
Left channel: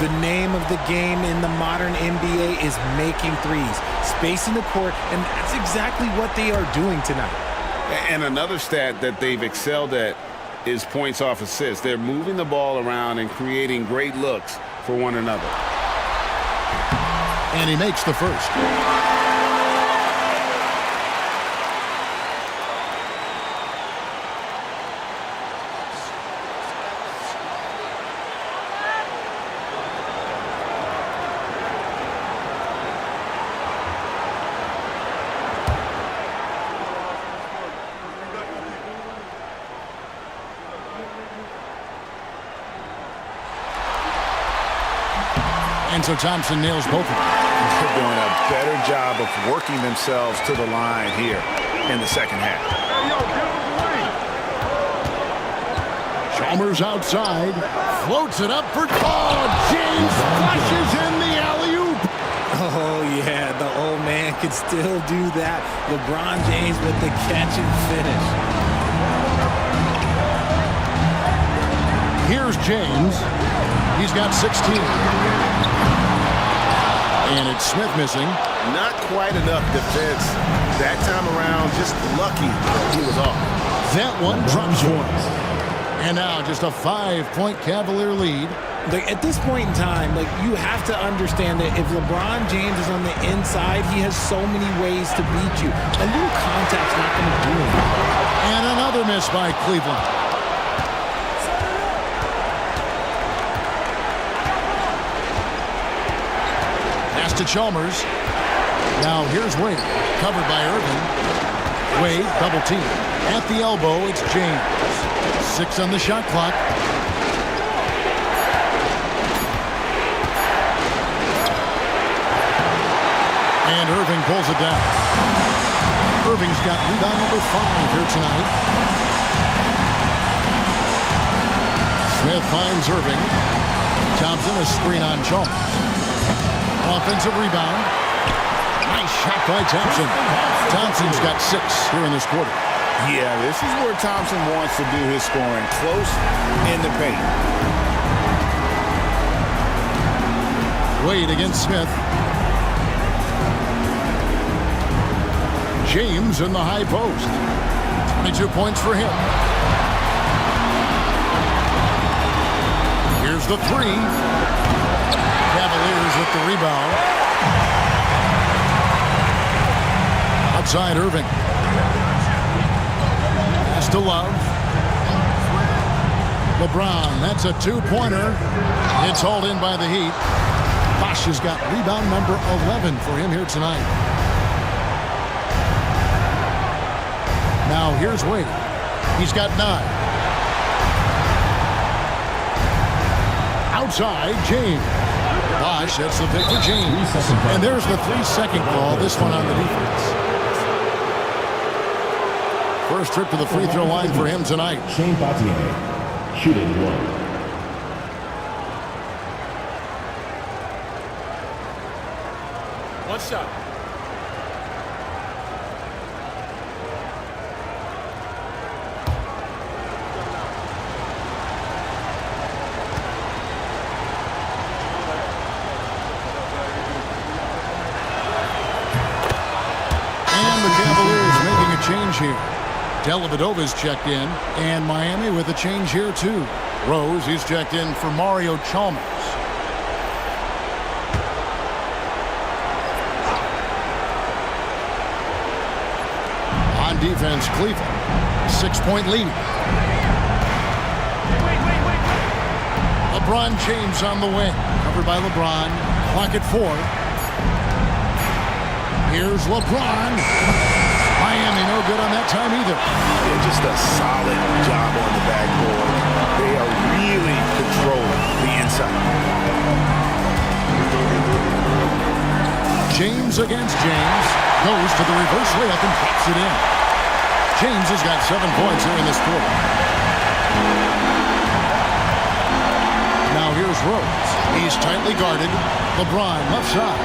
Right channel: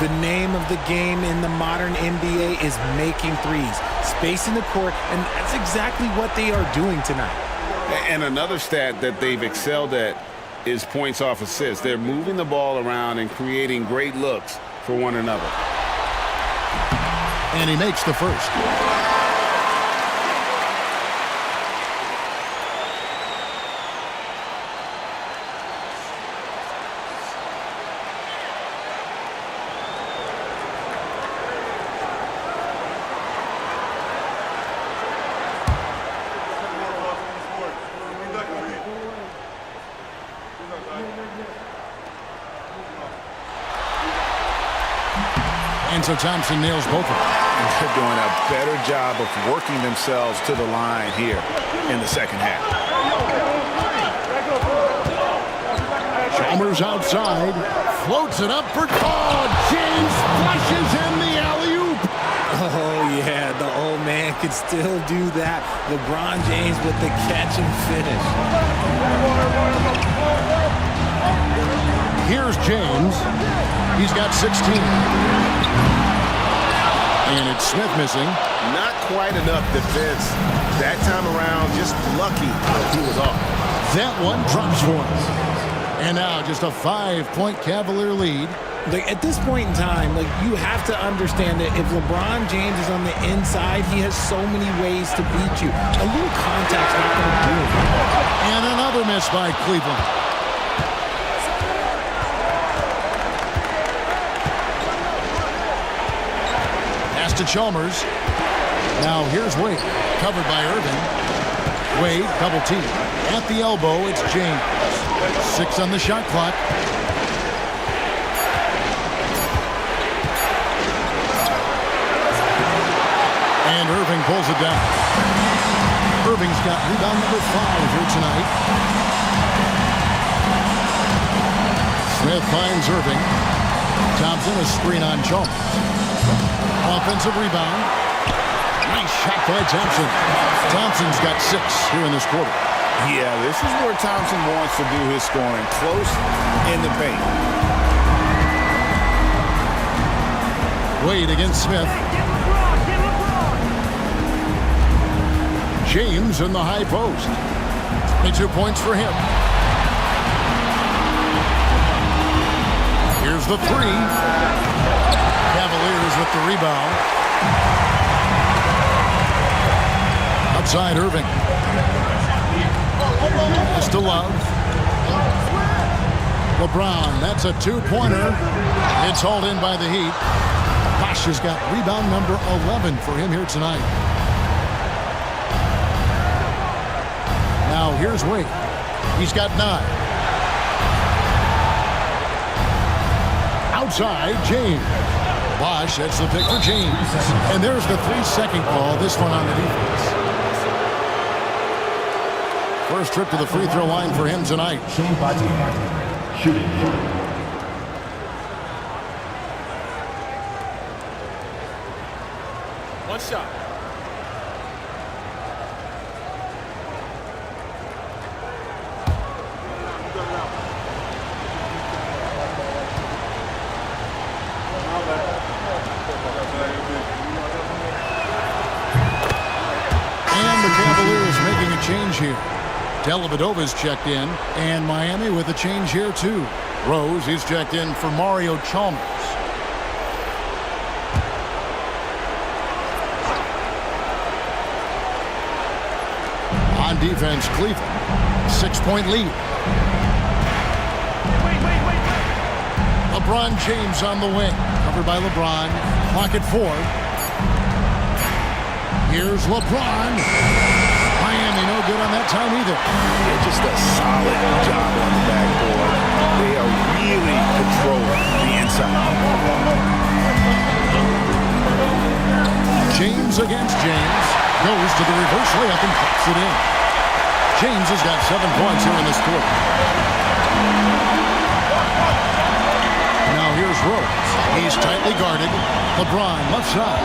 The name of the game in the modern NBA is making threes, spacing the court, and that's exactly what they are doing tonight. And another stat that they've excelled at is points off assists. They're moving the ball around and creating great looks for one another. And he makes the first. And so Thompson nails both of them. And they're doing a better job of working themselves to the line here in the second half. Chalmers outside, floats it up for James flushes in the alley-oop. Oh, yeah, the old man could still do that. LeBron James with the catch and finish. Here's James. He's got 16. And it's Smith missing. Not quite enough defense that time around. Just lucky he was off. That one drops one. And now just a 5-point Cavalier lead. Like, at this point in time, like, you have to understand that if LeBron James is on the inside, he has so many ways to beat you. A little contact's not going to do it. And another miss by Cleveland. Pass to Chalmers. Now here's Wade, covered by Irving. Wade, double team. At the elbow, it's James. 6 on the shot clock. And Irving pulls it down. Irving's got rebound number 5 here tonight. Smith finds Irving. Thompson, a screen on Chalmers. Offensive rebound. Nice shot by Thompson. Thompson's got 6 here in this quarter. Yeah, this is where Thompson wants to do his scoring, close in the paint. Wade against Smith. James in the high post. 22 points for him. Here's the 3. Cavaliers with the rebound. Outside Irving. Pass to Love. LeBron, that's a 2-pointer. It's hauled in by the Heat. Bosch has got rebound number 11 for him here tonight. Now here's Wade. He's got 9. Outside, James. Bosch, that's the pick for James. And there's the 3-second call, this one on the defense. First trip to the free throw line for him tonight. Kapatid, shooting 1. One shot. And the Cavaliers making a change here. Dellavedova's checked in, and Miami with a change here too. Rose, he's checked in for Mario Chalmers. On defense, Cleveland, 6-point lead. Wait. LeBron James on the wing, covered by LeBron. Clock at 4. Here's LeBron. Miami no good on that time either. Yeah, just a solid job on the backboard. They are really controlling the inside. James against James. Goes to the reverse layup and drops it in. James has got 7 points here in this quarter. Now here's Rose. He's tightly guarded. LeBron left side.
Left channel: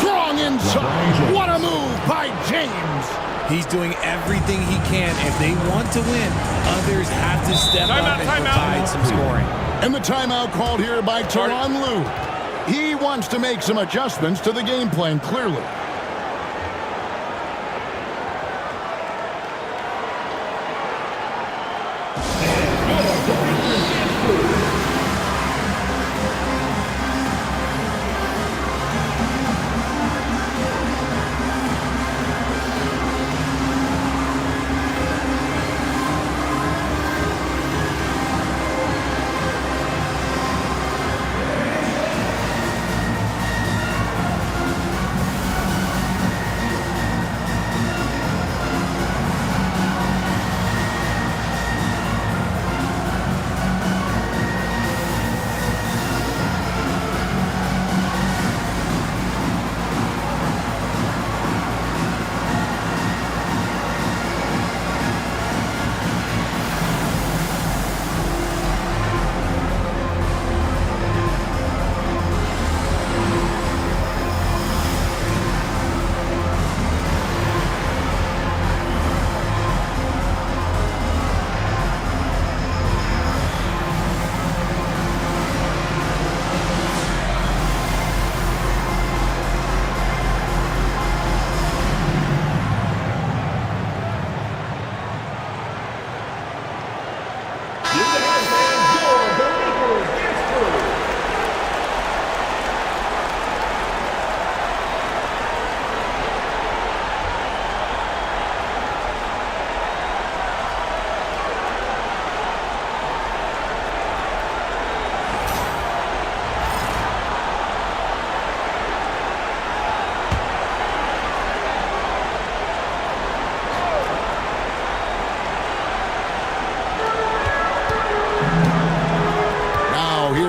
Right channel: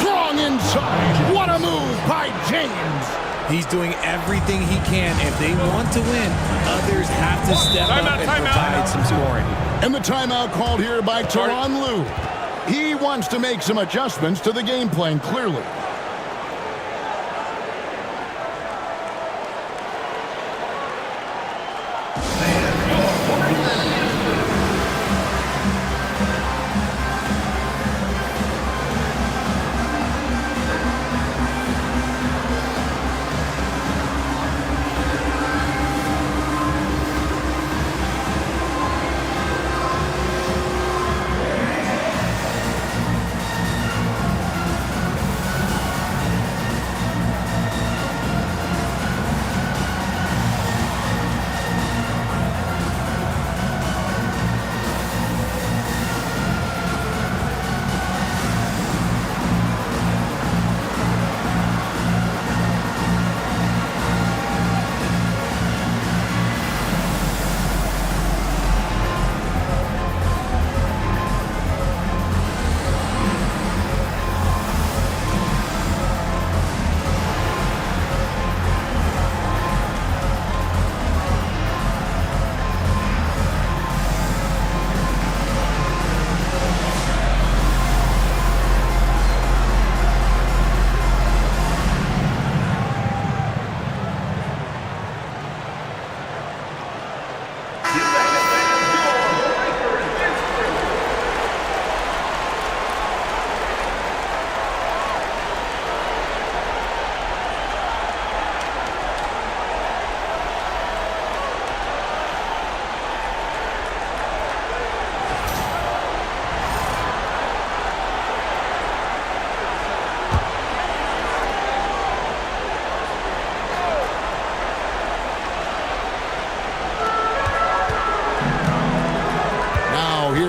Strong inside. What a move by James. He's doing everything he can. If they want to win, others have to step up and provide some scoring. And the timeout called here by Tyronn Lue. He wants to make some adjustments to the game plan, clearly.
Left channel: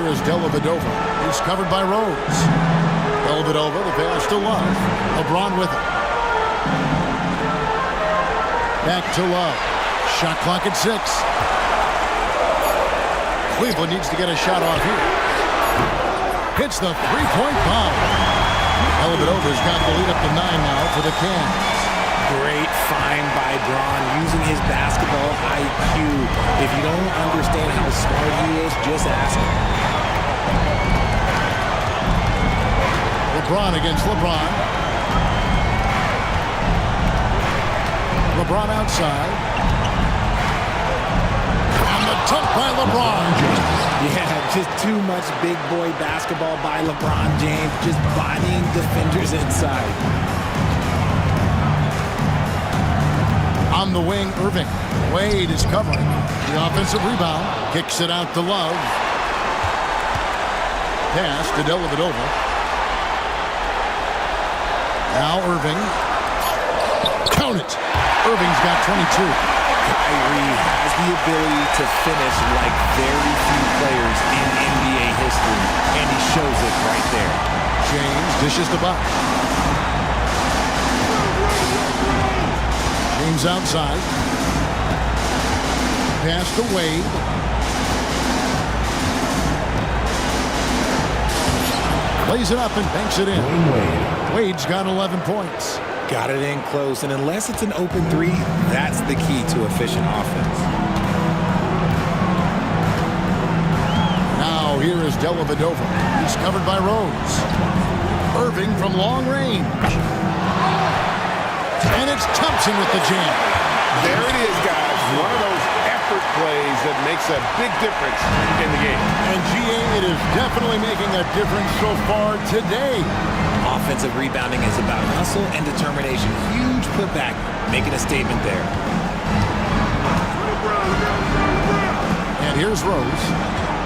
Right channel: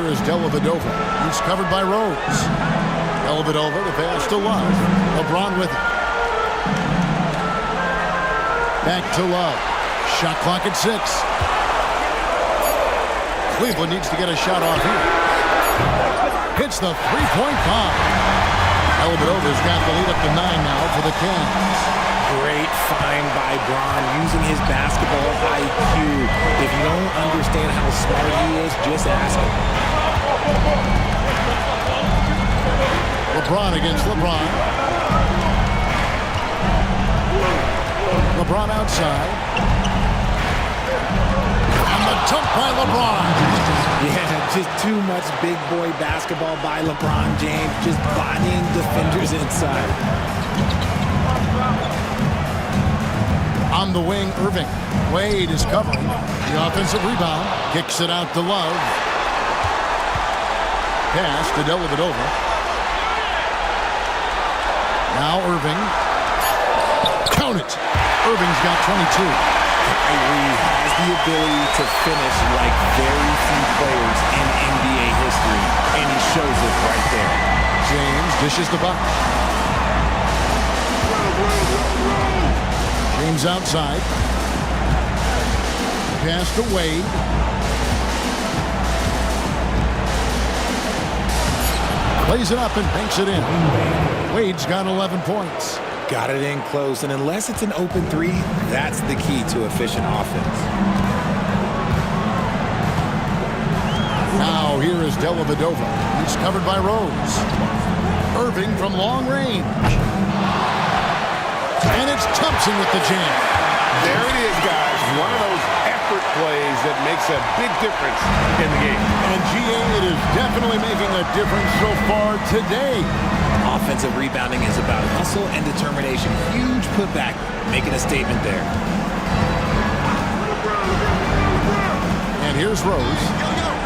here is Dellavedova. He's covered by Rose. Dellavedova, the pass to Love. LeBron with it. Back to Love. Shot clock at 6. Cleveland needs to get a shot off here. Hits the three-point bomb. Dellavedova's got the lead up to 9 now for the Cavs. Great find by Bron, using his basketball IQ. If you don't understand how smart he is, just ask him. LeBron against LeBron. LeBron outside. And the dunk by LeBron. Yeah, just too much big boy basketball by LeBron James, just bodying defenders inside. On the wing, Irving. Wade is covering. The offensive rebound. Kicks it out to Love. Pass to Dellavedova. Now Irving. Count it. Irving's got 22. Kyrie has the ability to finish like very few players in NBA history, and he shows it right there. James dishes the box. James outside. Pass to Wade. Plays it up and banks it in. Wade's got 11 points. Got it in close, and unless it's an open three, that's the key to efficient offense. Now here is Dellavedova. He's covered by Rose. Irving from long range. And it's Thompson with the jam. There it is, guys. One of those effort plays that makes a big difference in the game. And GA, it is definitely making a difference so far today. Offensive rebounding is about hustle and determination. Huge putback, making a statement there. And here's Rose.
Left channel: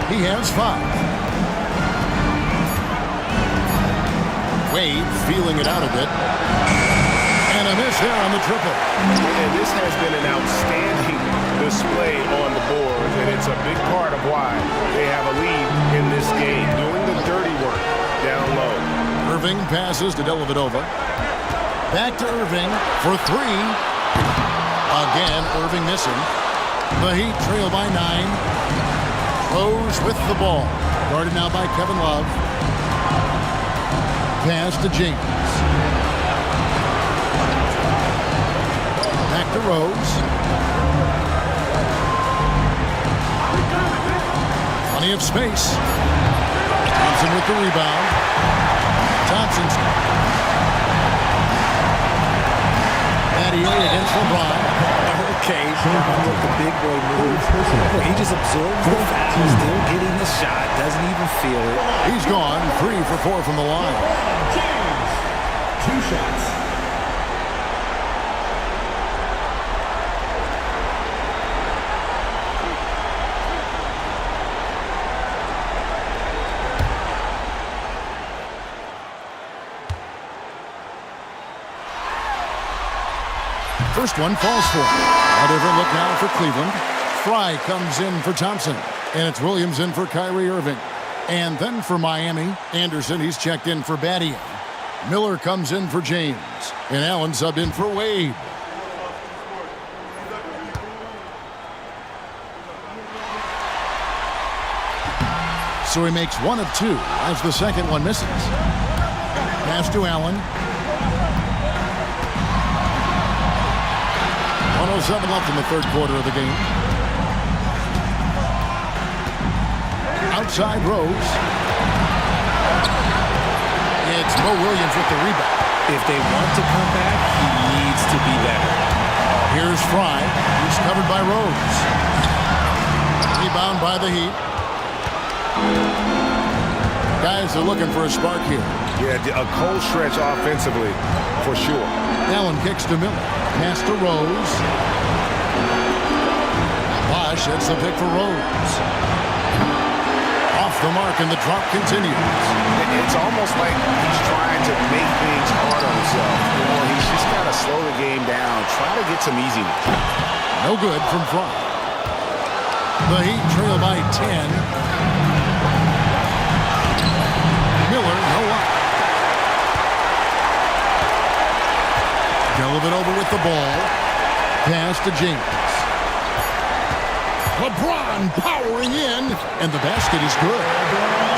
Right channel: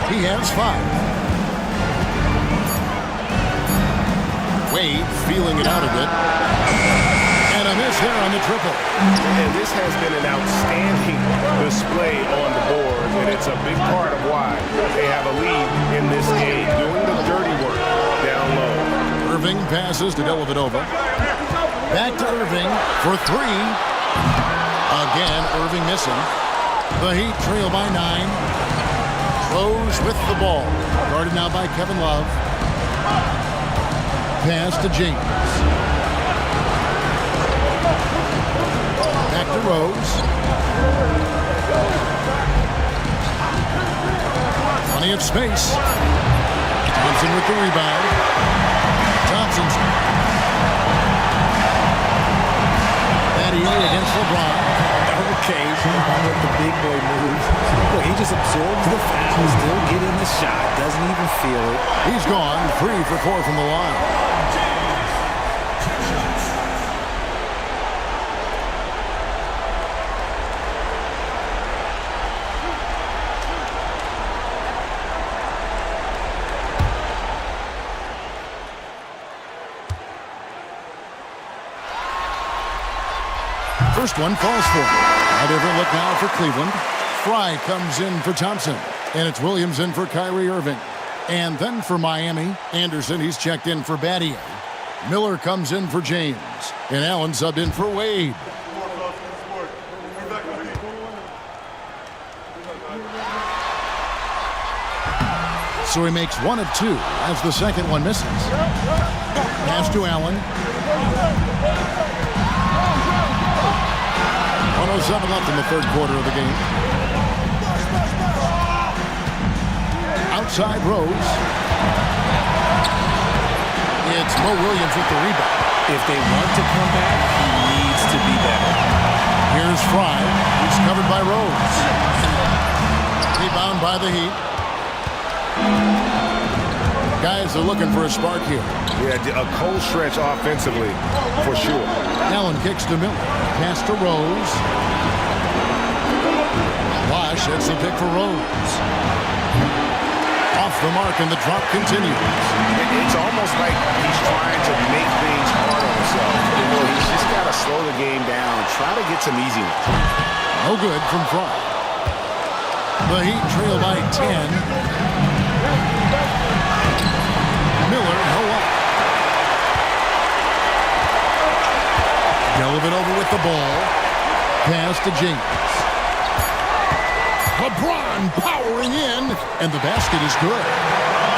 He has 5. Wade feeling it out a bit. And a miss there on the triple. And this has been an outstanding display on the boards, and it's a big part of why they have a lead in this game, doing the dirty work down low. Irving passes to Dellavedova. Back to Irving for 3. Again, Irving missing. The Heat trail by 9. Rose with the ball. Guarded now by Kevin Love. Pass to James. Back to Rose. Plenty of space. Thompson with the rebound. Thompson's Battier against LeBron. Okay, Bron with the big boy move. Look, he just absorbs the foul, still getting the shot, doesn't even feel it. He's gone 3 for 4 from the line. James, 2 shots. First one falls for him. A different look now for Cleveland. Fry comes in for Thompson. And it's Williams in for Kyrie Irving. And then for Miami, Anderson, he's checked in for Battier. Miller comes in for James. And Allen subbed in for Wade. So he makes 1 of 2 as the second one misses. Pass to Allen. 1:07 left in the third quarter of the game. Outside Rose. It's Mo Williams with the rebound. If they want to come back, he needs to be better. Here's Fry. He's covered by Rose. Rebound by the Heat. Guys are looking for a spark here. Yeah, a cold stretch offensively, for sure. Allen kicks to Miller. Pass to Rose. Bosch hits the pick for Rose. Off the mark, and the drop continues. It's almost like he's trying to make things hard on himself. You know, he's just got to slow the game down, try to get some easiness. No good from Fry. The Heat trail by 10. Villanova with the ball. Pass to James. LeBron powering in, and the basket is good.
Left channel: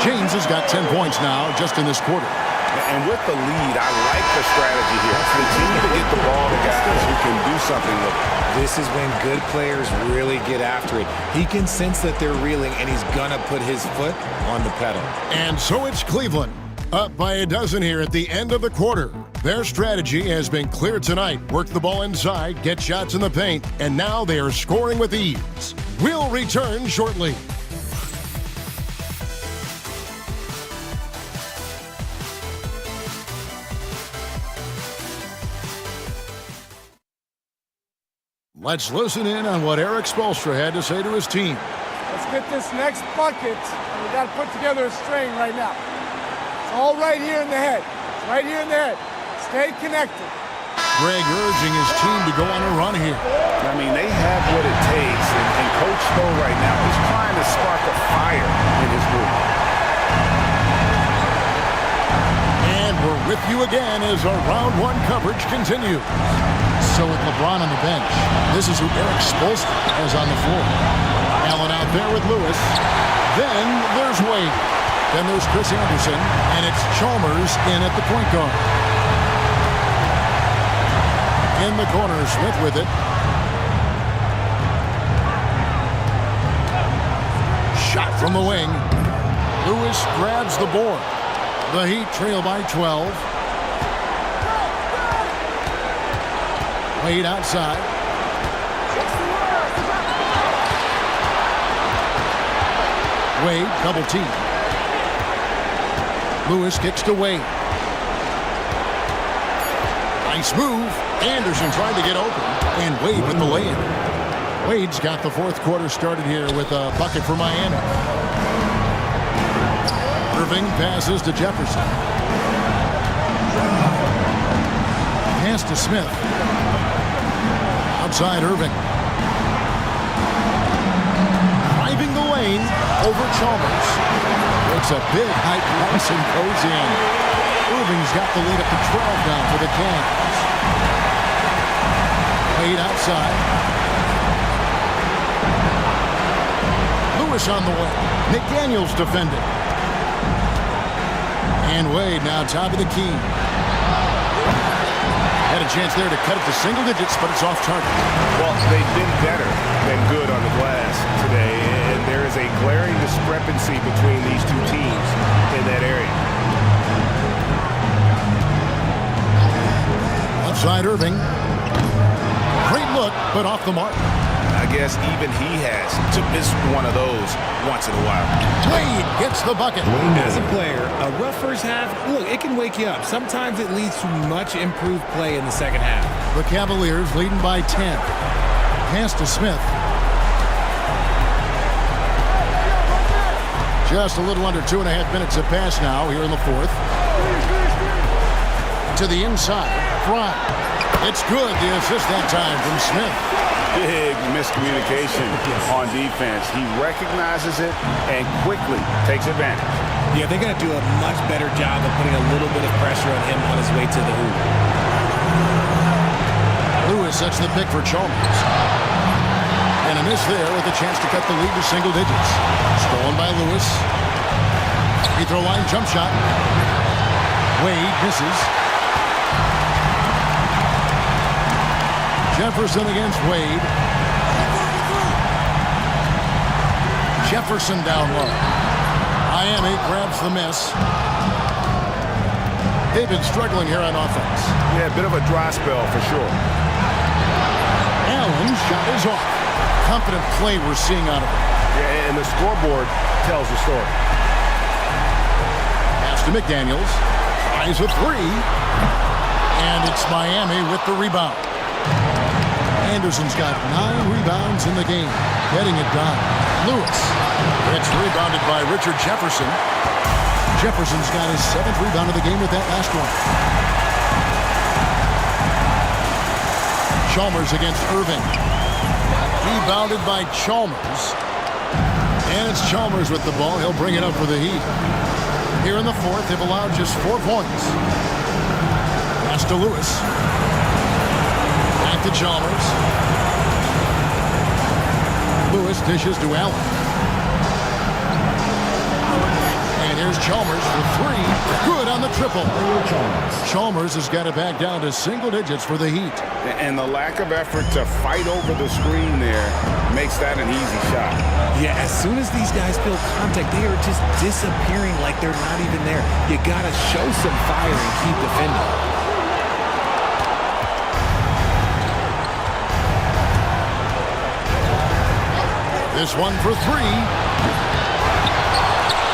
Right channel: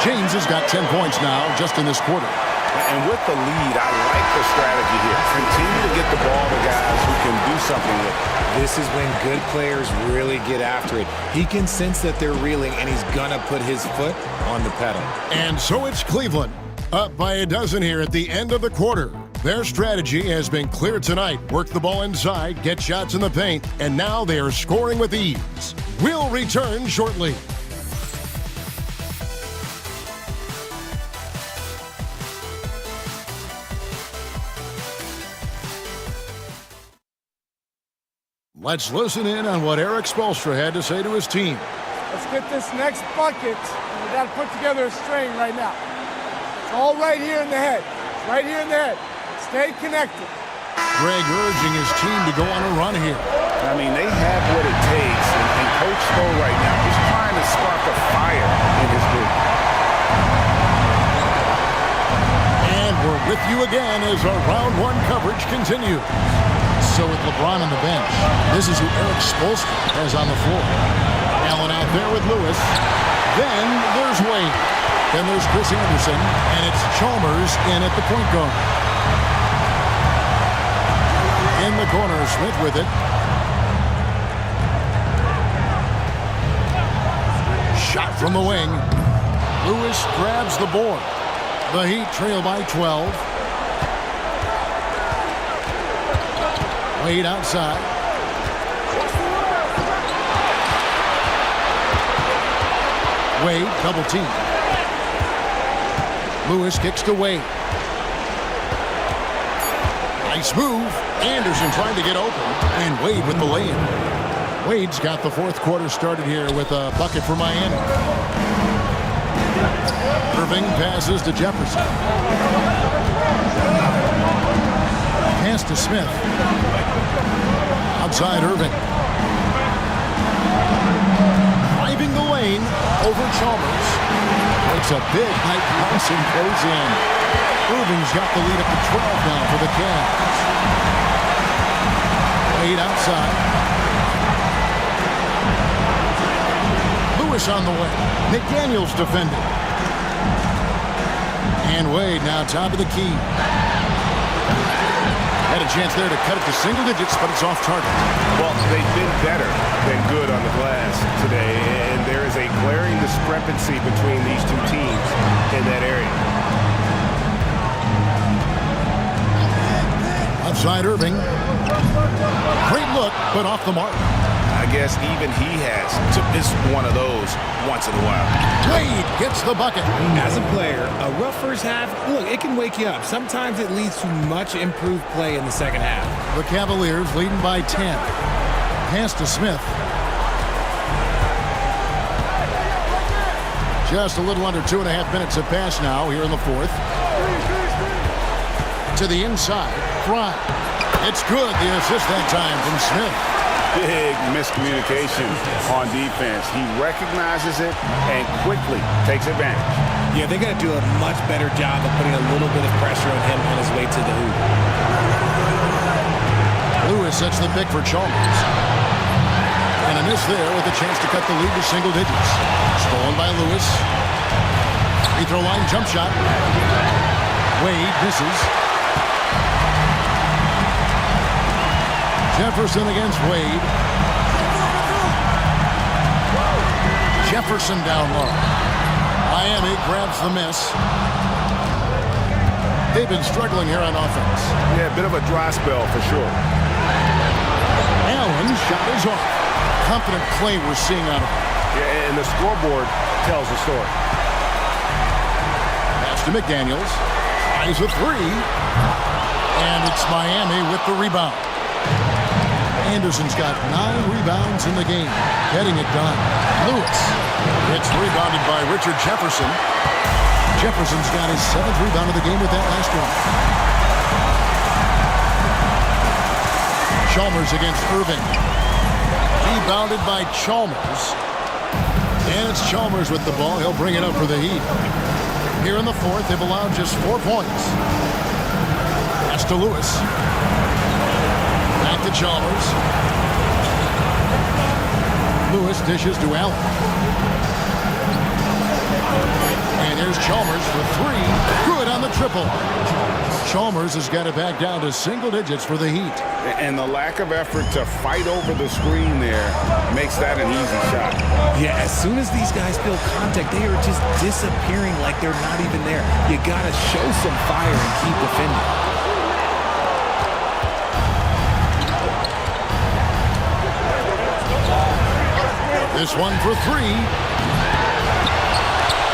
James has got 10 points now just in this quarter. And with the lead, I like the strategy here. Continue to get the ball to guys who can do something with it. This is when good players really get after it. He can sense that they're reeling, and he's going to put his foot on the pedal. And so it's Cleveland, up by a dozen here at the end of the quarter. Their strategy has been clear tonight. Work the ball inside, get shots in the paint, and now they are scoring with ease. We'll return shortly. Let's listen in on what Eric Spoelstra had to say to his team. Let's get this next bucket, and we got to put together a string right now. It's all right here in the head. It's right here in the head. Stay connected. Greg urging his team to go on a run here. I mean, they have what it takes, and Coach Spo right now, he's trying to spark a fire in his group. And we're with you again as our round one coverage continues. So with LeBron on the bench, this is who Eric Spoelstra has on the floor. Allen out there with Lewis. Then there's Wade. Then there's Chris Anderson, and it's Chalmers in at the point guard. In the corner, Smith with it. Shot from the wing. Lewis grabs the board. The Heat trail by 12. Wade outside. Wade double team. Lewis kicks to Wade. Nice move. Anderson trying to get open, and Wade with the lay-in. Wade's got the fourth quarter started here with a bucket for Miami. Irving passes to Jefferson. Pass to Smith. Outside Irving. Driving the lane over Chalmers. Makes a big high bounce and goes in. Irving's got the lead up to 12 now for the Cavs. Wade outside. Lewis on the way. McDaniels defending. And Wade now top of the key. Had a chance there to cut it to single digits, but it's off target. Well, they've been better than good on the glass today, and there is a glaring discrepancy between these two teams in that area. Outside Irving. Great look, but off the mark. I guess even he has to miss one of those once in a while. Wade gets the bucket. As a player, a rough first half, look, it can wake you up. Sometimes it leads to much improved play in the second half. The Cavaliers leading by 10. Pass to Smith. Just a little under 2.5 minutes have passed now here in the fourth. To the inside, Fry. It's good, the assist that time from Smith. Big miscommunication on defense. He recognizes it and quickly takes advantage. Yeah, they got to do a much better job of putting a little bit of pressure on him on his way to the hoop. Lewis sets the pick for Chalmers. And a miss there with a chance to cut the lead to single digits. Stolen by Lewis. Free throw line jump shot. Wade misses. Jefferson against Wade. Jefferson down low. Miami grabs the miss. They've been struggling here on offense. Yeah, a bit of a dry spell for sure. Allen shot is off. Confident play we're seeing out of him. Yeah, and the scoreboard tells the story. Pass to McDaniels. Tries a three. And it's Miami with the rebound. Anderson's got 9 rebounds in the game, getting it done. Lewis. It's rebounded by Richard Jefferson. Jefferson's got his 7th rebound of the game with that last one. Chalmers against Irving. Rebounded by Chalmers. And it's Chalmers with the ball. He'll bring it up for the Heat. Here in the fourth, they've allowed just 4 points. Pass to Lewis. Back to Chalmers. Lewis dishes to Allen. And here's Chalmers for three. Good on the triple. Chalmers has got it back down to single digits for the Heat. And the lack of effort to fight over the screen there makes that an easy shot. Yeah, as soon as these guys feel contact, they are just disappearing like they're not even there. You got to show some fire and keep defending. This one for three.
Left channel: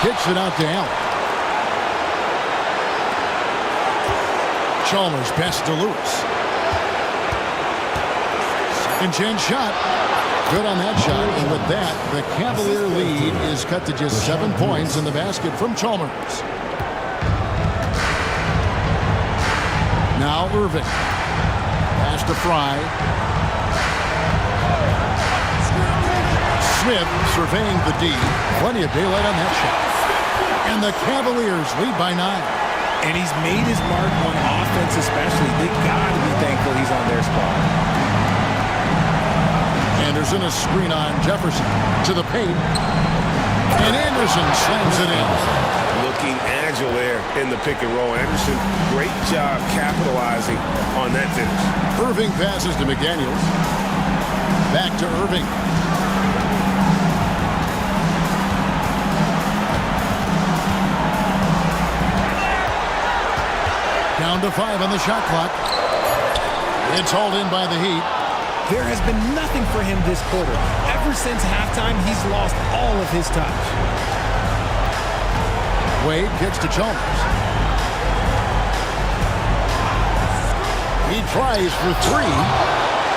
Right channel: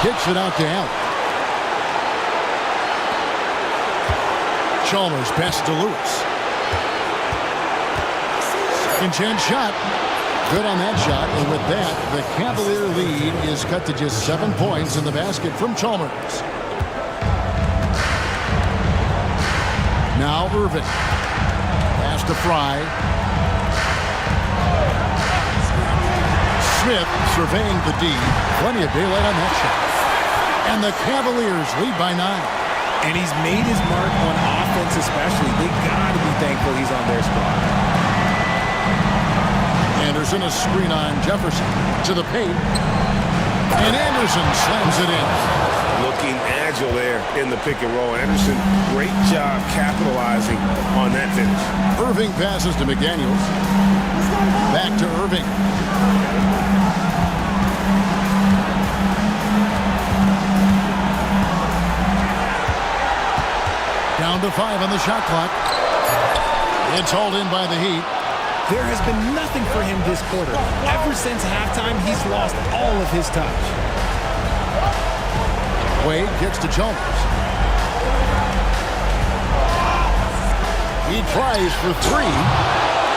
Kicks it out to Allen. Chalmers best to Lewis. Second chance shot. Good on that shot. And with that, the Cavalier lead is cut to just 7 points in the basket from Chalmers. Now Irving. Pass to Fry. Smith surveying the D. Plenty of daylight on that shot. And the Cavaliers lead by 9. And he's made his mark on offense especially. They got to be thankful he's on their spot. Anderson a screen on Jefferson to the paint. And Anderson slams it in. Looking agile there in the pick and roll. Anderson, great job capitalizing on that finish. Irving passes to McDaniels. Back to Irving. Down to 5 on the shot clock. It's hauled in by the Heat. There has been nothing for him this quarter. Ever since halftime, he's lost all of his touch. Wade kicks to Chalmers. He tries for 3.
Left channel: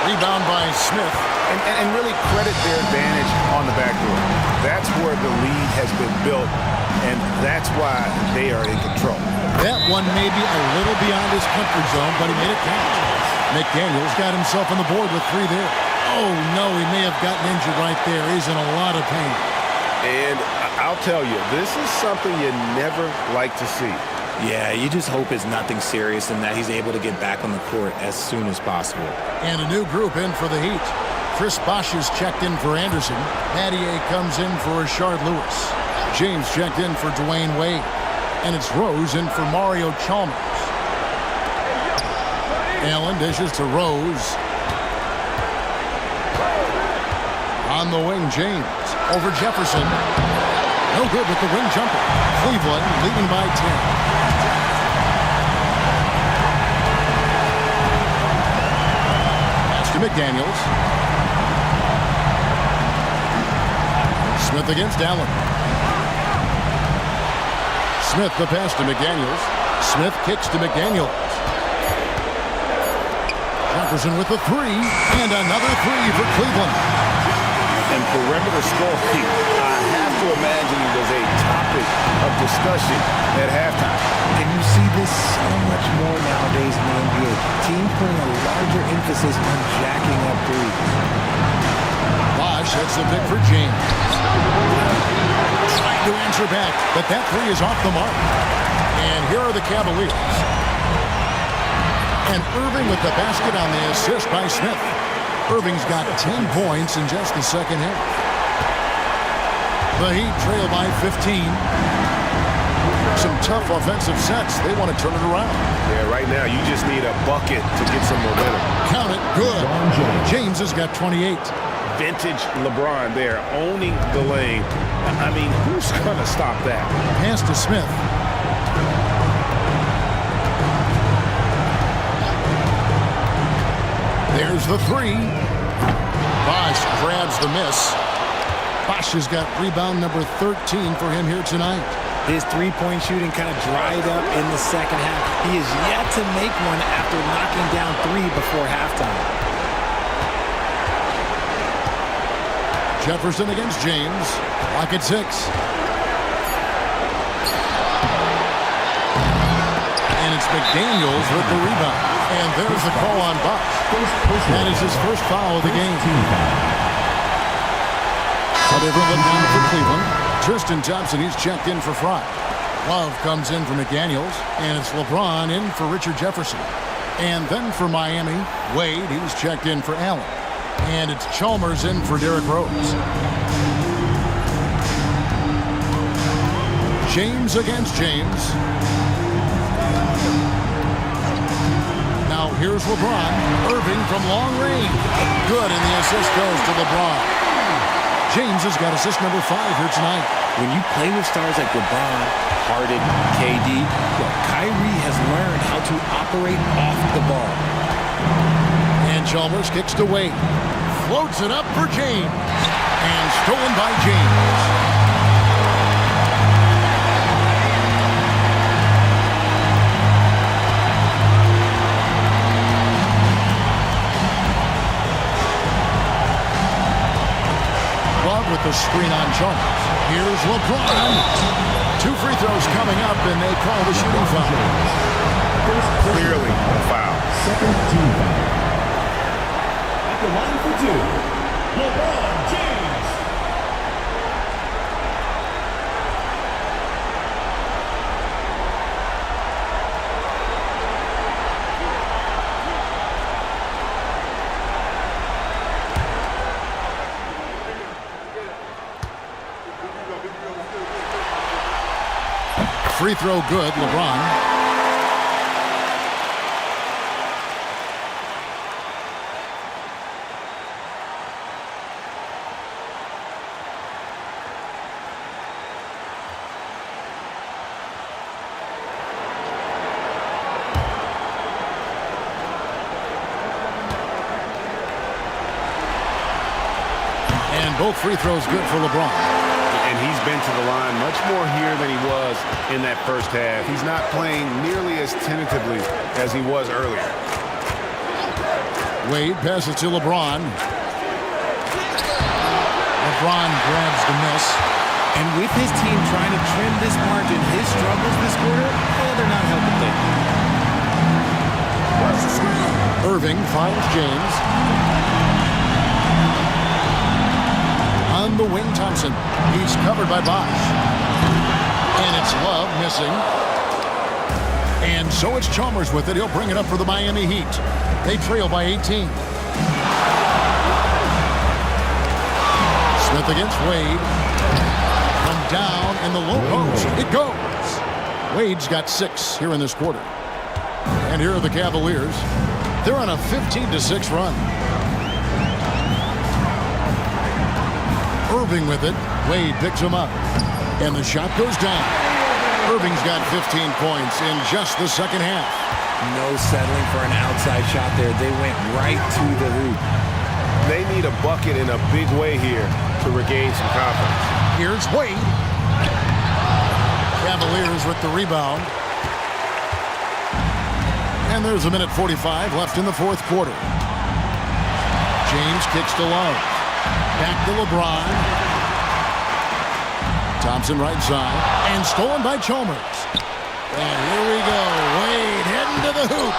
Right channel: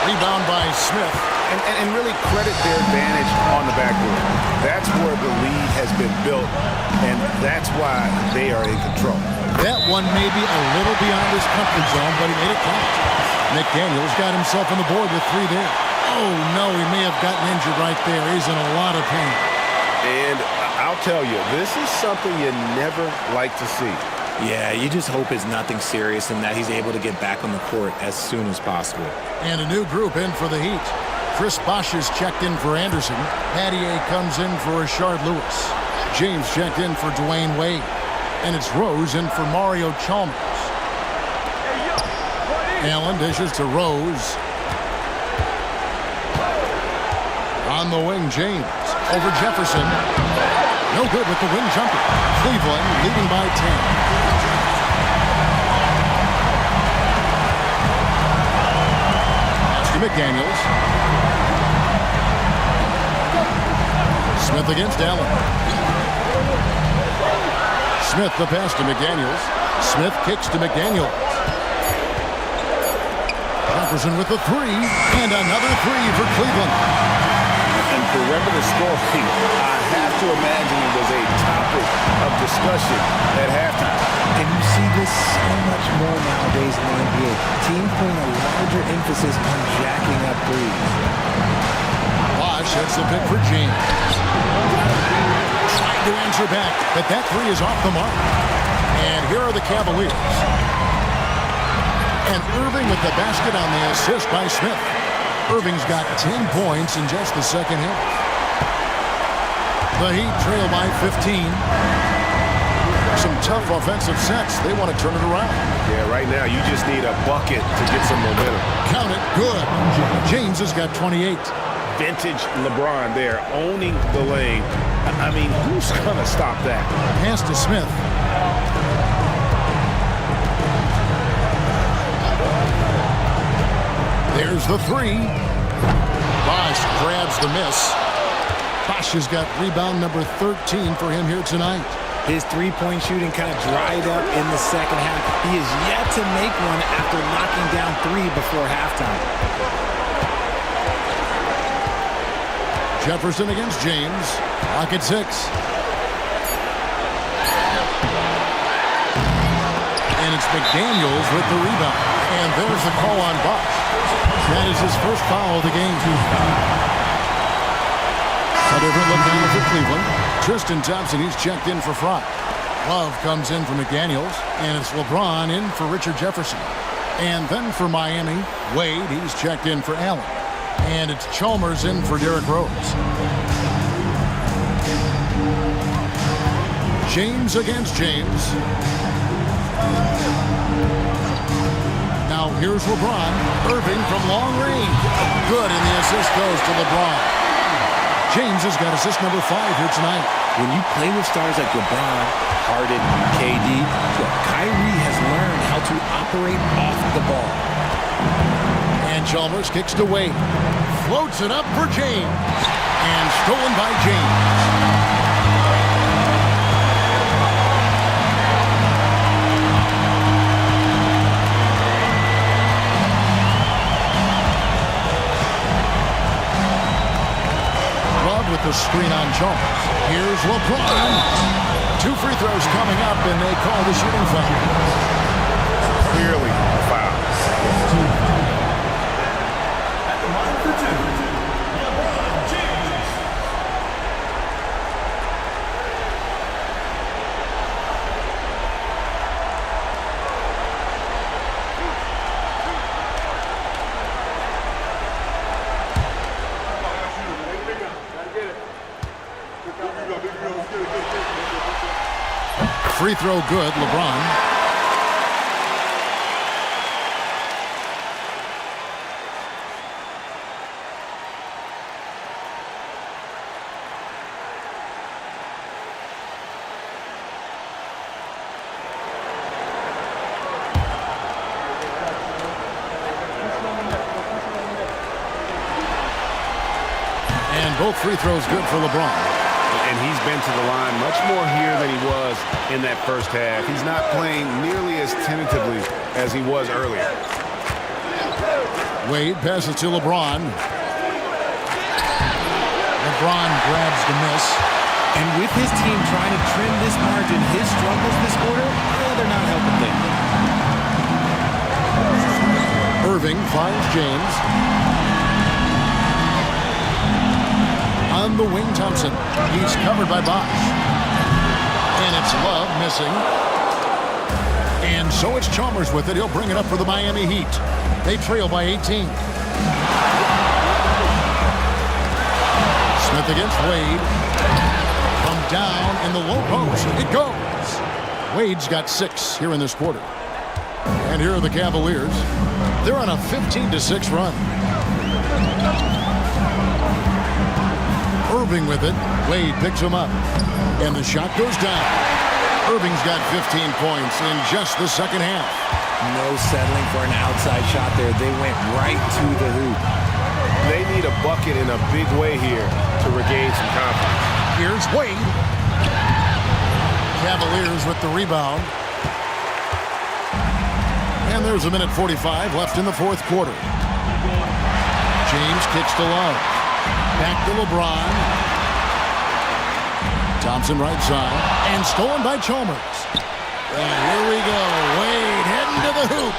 Rebound by Smith. And really credit their advantage on the backboard. That's where the lead has been built, and that's why they are in control. That one may be a little beyond his comfort zone, but he made it count. McDaniels got himself on the board with 3 there. Oh, no, he may have gotten injured right there. He's in a lot of pain. And I'll tell you, this is something you never like to see. Yeah, you just hope it's nothing serious and that he's able to get back on the court as soon as possible. And a new group in for the Heat. Chris Bosh is checked in for Anderson. Mattier comes in for Rashard Lewis. James checked in for Dwayne Wade. And it's Rose in for Mario Chalmers. Allen dishes to Rose. On the wing, James. Over Jefferson. No good with the wing jumper. Cleveland leading by 10. Pass to McDaniels. Smith against Allen. Smith the pass to McDaniels. Smith kicks to McDaniels. Jefferson with the 3, and another 3 for Cleveland. And perimeter scoring, I have to imagine it was a topic of discussion at halftime. And you see this so much more nowadays in the NBA. Teams putting a larger emphasis on jacking up threes. Bosh hits the pick for James. Trying to answer back, but that 3 is off the mark. And here are the Cavaliers. And Irving with the basket on the assist by Smith. Irving's got 10 points in just the second half. The Heat trail by 15. Some tough offensive sets. They want to turn it around. Yeah, right now you just need a bucket to get some momentum. Count it. Good. James has got 28. Vintage LeBron there, owning the lane. I mean, who's going to stop that? Pass to Smith. There's the 3. Bosh grabs the miss. Bosh has got rebound number 13 for him here tonight. His three-point shooting kind of dried up in the second half. He is yet to make one after knocking down 3 before halftime. Jefferson against James. Clock at 6. And it's McDaniels with the rebound. And there's the call on Bosh. That is his first foul of the game. A different look down for Cleveland. Tristan Thompson, he's checked in for Fry. Love comes in for McDaniels. And it's LeBron in for Richard Jefferson. And then for Miami, Wade, he's checked in for Allen. And it's Chalmers in for Derrick Rose. James against James. Now here's LeBron. Irving from long range. Good, and the assist goes to LeBron. James has got assist number 5 here tonight. When you play with stars like LeBron, Harden, KD, look, Kyrie has learned how to operate off the ball. And Chalmers kicks to Wade. Floats it up for James. And stolen by James. Love with the screen on Chalmers. Here's LeBron. 2 free throws coming up, and they call the shooting foul. Clearly a foul. Second team foul. At the line for 2, LeBron James. Free throw good, LeBron. And both free throws good for LeBron. And he's been to the line much more here than he was in that first half. He's not playing nearly as tentatively as he was earlier. Wade passes to LeBron. LeBron grabs the miss. And with his team trying to trim this margin, his struggles this quarter, they're not helping things. Irving finds James. On the wing, Thompson. He's covered by Bosch. And it's Love missing. And so it's Chalmers with it. He'll bring it up for the Miami Heat. They trail by 18. Smith against Wade. From down in the low post. It goes. Wade's got 6 here in this quarter. And here are the Cavaliers. They're on a 15-6 run. Irving with it. Wade picks him up. And the shot goes down. Irving's got 15 points in just the second half. No settling for an outside shot there. They went right to the hoop. They need a bucket in a big way here to regain some confidence. Here's Wade. Cavaliers with the rebound. And there's a minute 45 left in the fourth quarter. James kicks to Love. Back to LeBron. Thompson right side. And stolen by Chalmers. And here we go. Wade heading to the hoop.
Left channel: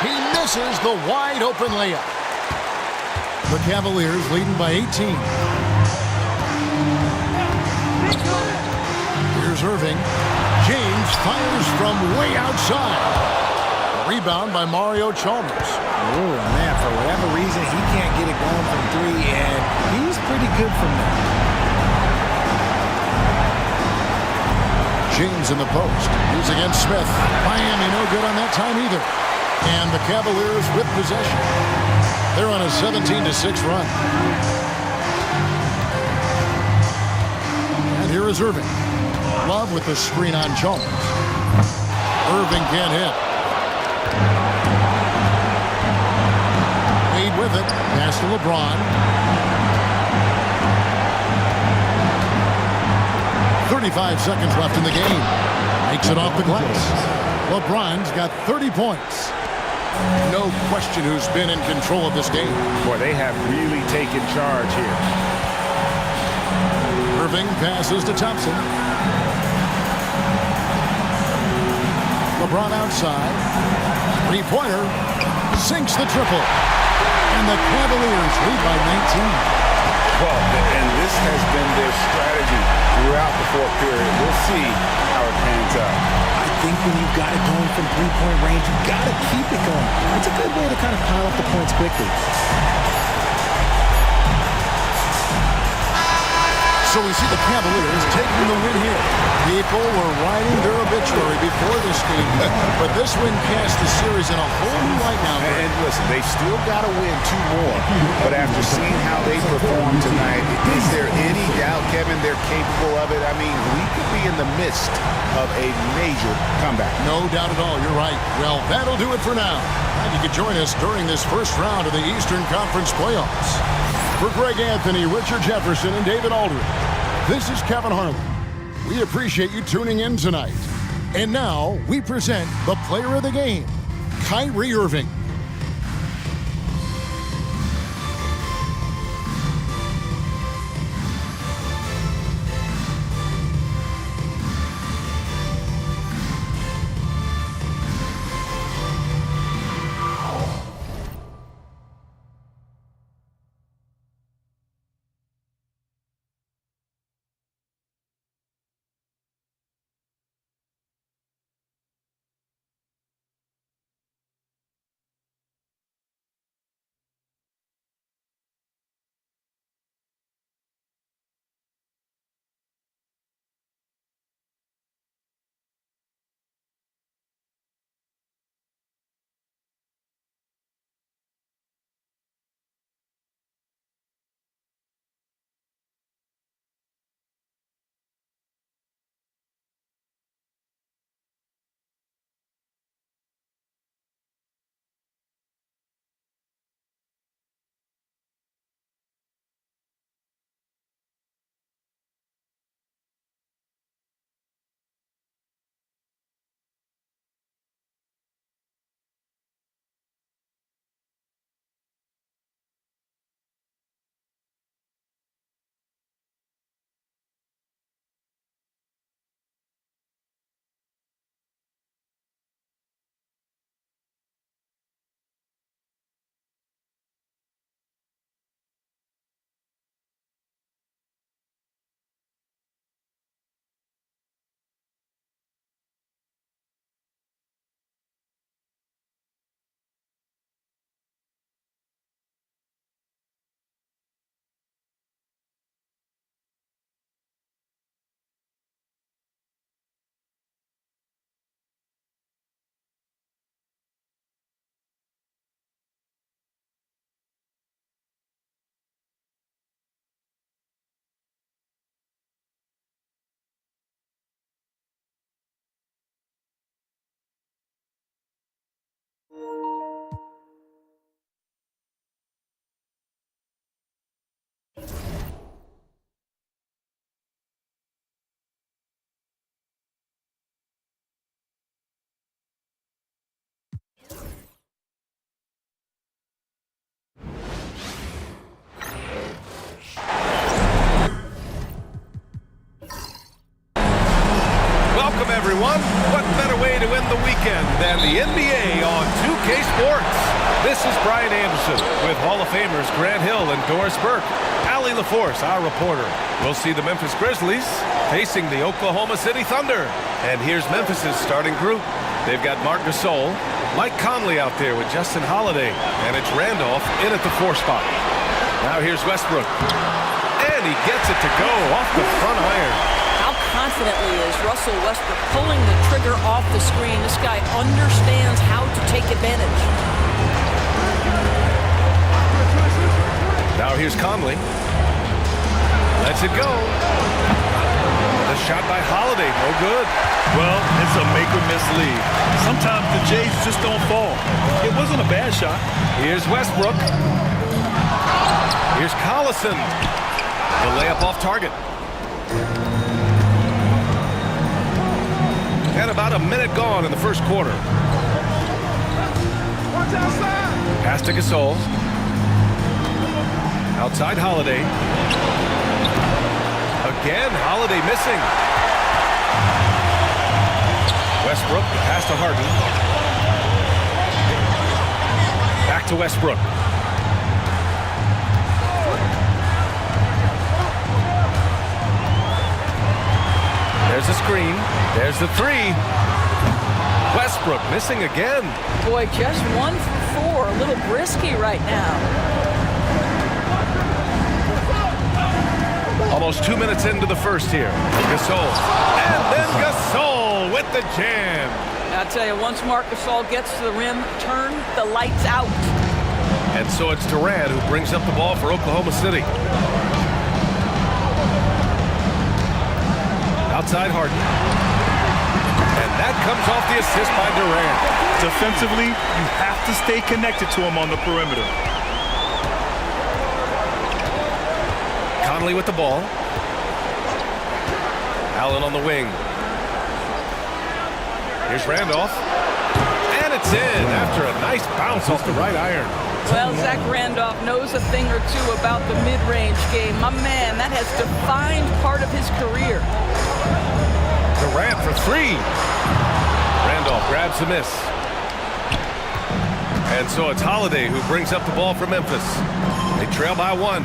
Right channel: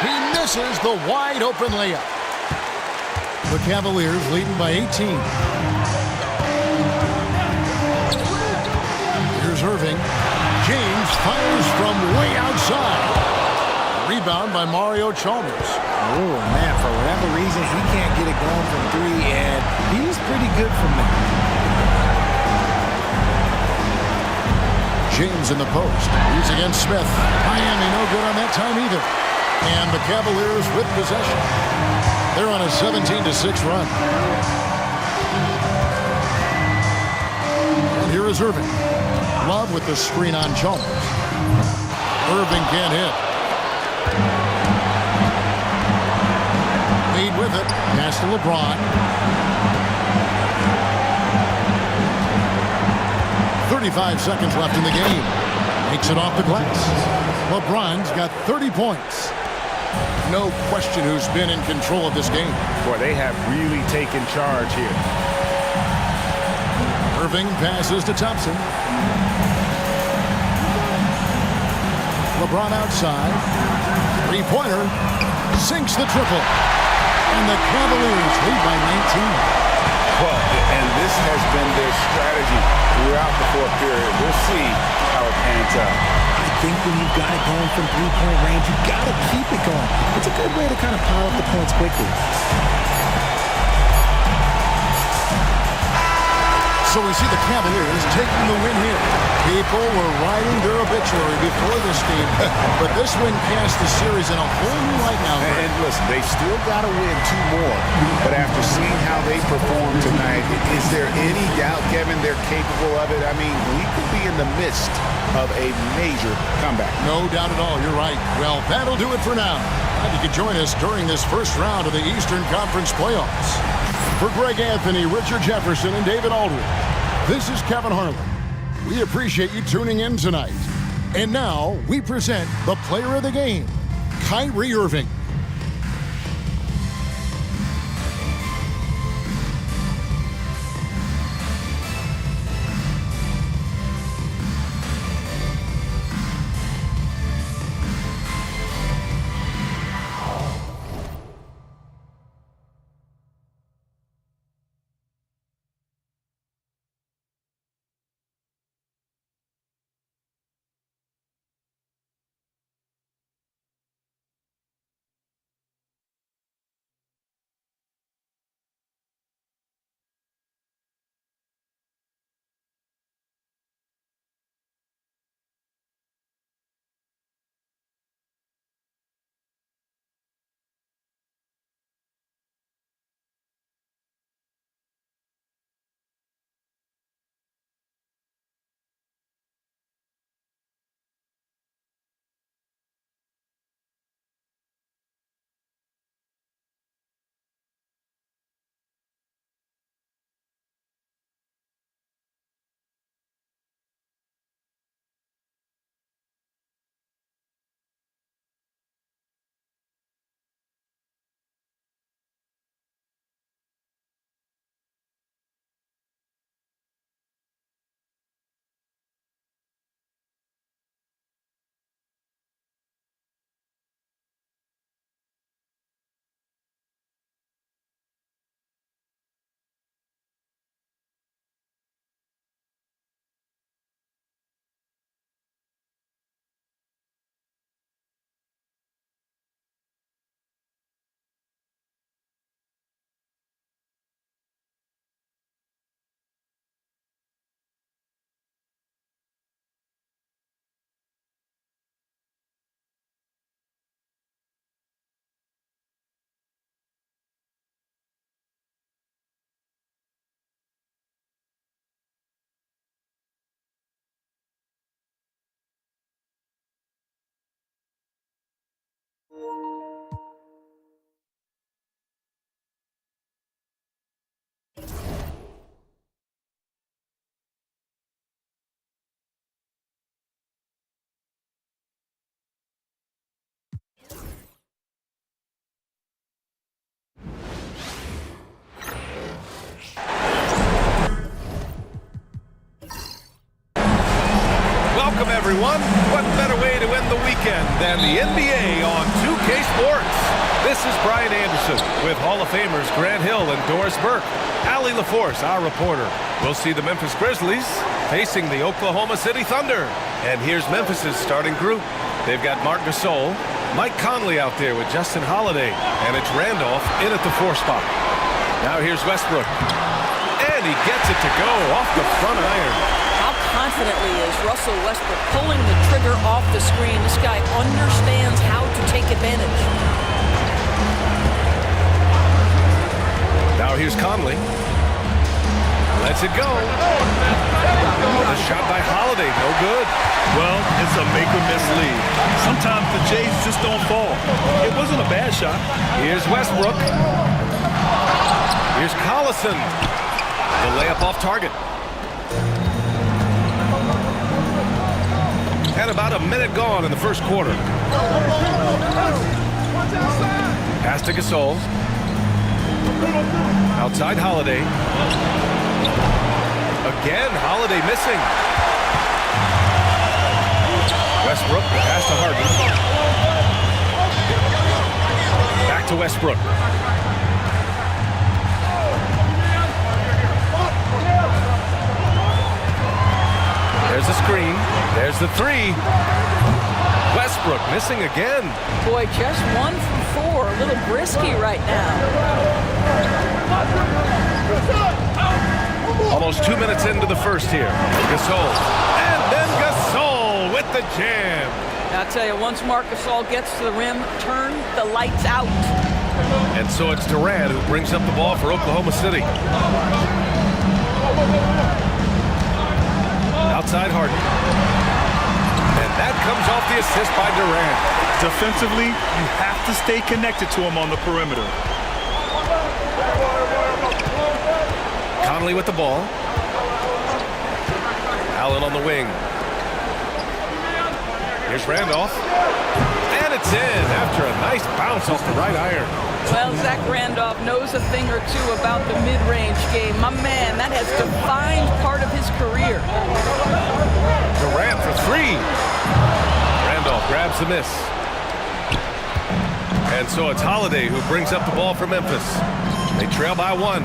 He misses the wide open layup. The Cavaliers leading by 18. Here's Irving. James fires from way outside. Rebound by Mario Chalmers. Oh, man, for whatever reason, he can't get it going from 3, and he's pretty good from there. James in the post. He's against Smith. Miami no good on that time either. And the Cavaliers with possession. They're on a 17-6 run. And here is Irving. Love with the screen on Chalmers. Irving can't hit. Wade with it. Pass to LeBron. 35 seconds left in the game. Makes it off the glass. LeBron's got 30 points. No question who's been in control of this game. Boy, they have really taken charge here. Irving passes to Thompson. LeBron outside. Three-pointer. Sinks the triple. And the Cavaliers lead by 19. Well, and this has been their strategy throughout the fourth period. We'll see how it pans out. I I think when you've got it going from three-point range, you've got to keep it going. It's a good way to kind of pile up the points quickly. So we see the Cavaliers taking the win here. People were writing their obituary before this game, but this win cast the series in a whole new light now. And listen, they still got to win 2 more, but after seeing how they performed tonight, is there any doubt, Kevin, they're capable of it? I mean, we could be in the midst of a major comeback. No doubt at all. You're right. Well, that'll do it for now. Glad you could join us during this first round of the Eastern Conference playoffs. For Greg Anthony, Richard Jefferson, and David Aldridge, this is Kevin Harlan. We appreciate you tuning in tonight. And now we present the player of the game, Kyrie Irving. Welcome, everyone. What better way to end the weekend than the NBA on 2K Sports? This is Brian Anderson with Hall of Famers Grant Hill and Doris Burke. Allie LaForce, our reporter. We'll see the Memphis Grizzlies facing the Oklahoma City Thunder. And here's Memphis's starting group. They've got Marc Gasol, Mike Conley out there with Justin Holiday, and it's Randolph in at the 4 spot. Now here's Westbrook. And he gets it to go off the front iron. How confidently is Russell Westbrook pulling the trigger off the screen? This guy understands how to take advantage. Now here's Conley. Lets it go. The shot by Holiday, no good. Well, it's a make-or-miss league. Sometimes the Jays just don't fall. It wasn't a bad shot. Here's Westbrook. Here's Collison. The layup off target. And about a minute gone in the first quarter. Pass to Gasol. Outside Holiday. Again, Holiday missing. Westbrook, the pass to Harden. Back to Westbrook. There's the screen. There's the 3. Westbrook missing again. Boy, just 1 for 4. A little brisky right now. Almost 2 minutes into the first here. Gasol. And then Gasol with the jam. I'll tell you, once Marc Gasol gets to the rim, turn the lights out. And so it's Durant who brings up the ball for Oklahoma City. Outside Harden. And that comes off the assist by Durant. Defensively, you have to stay connected to him on the perimeter. Conley with the ball. Allen on the wing. Here's Randolph. And it's in after a nice bounce off the right iron. Well, Zach Randolph knows a thing or two about the mid-range game. My man, that has defined part of his career. Durant for 3. Randolph grabs the miss. And so it's Holiday who brings up the ball for Memphis. They trail by 1.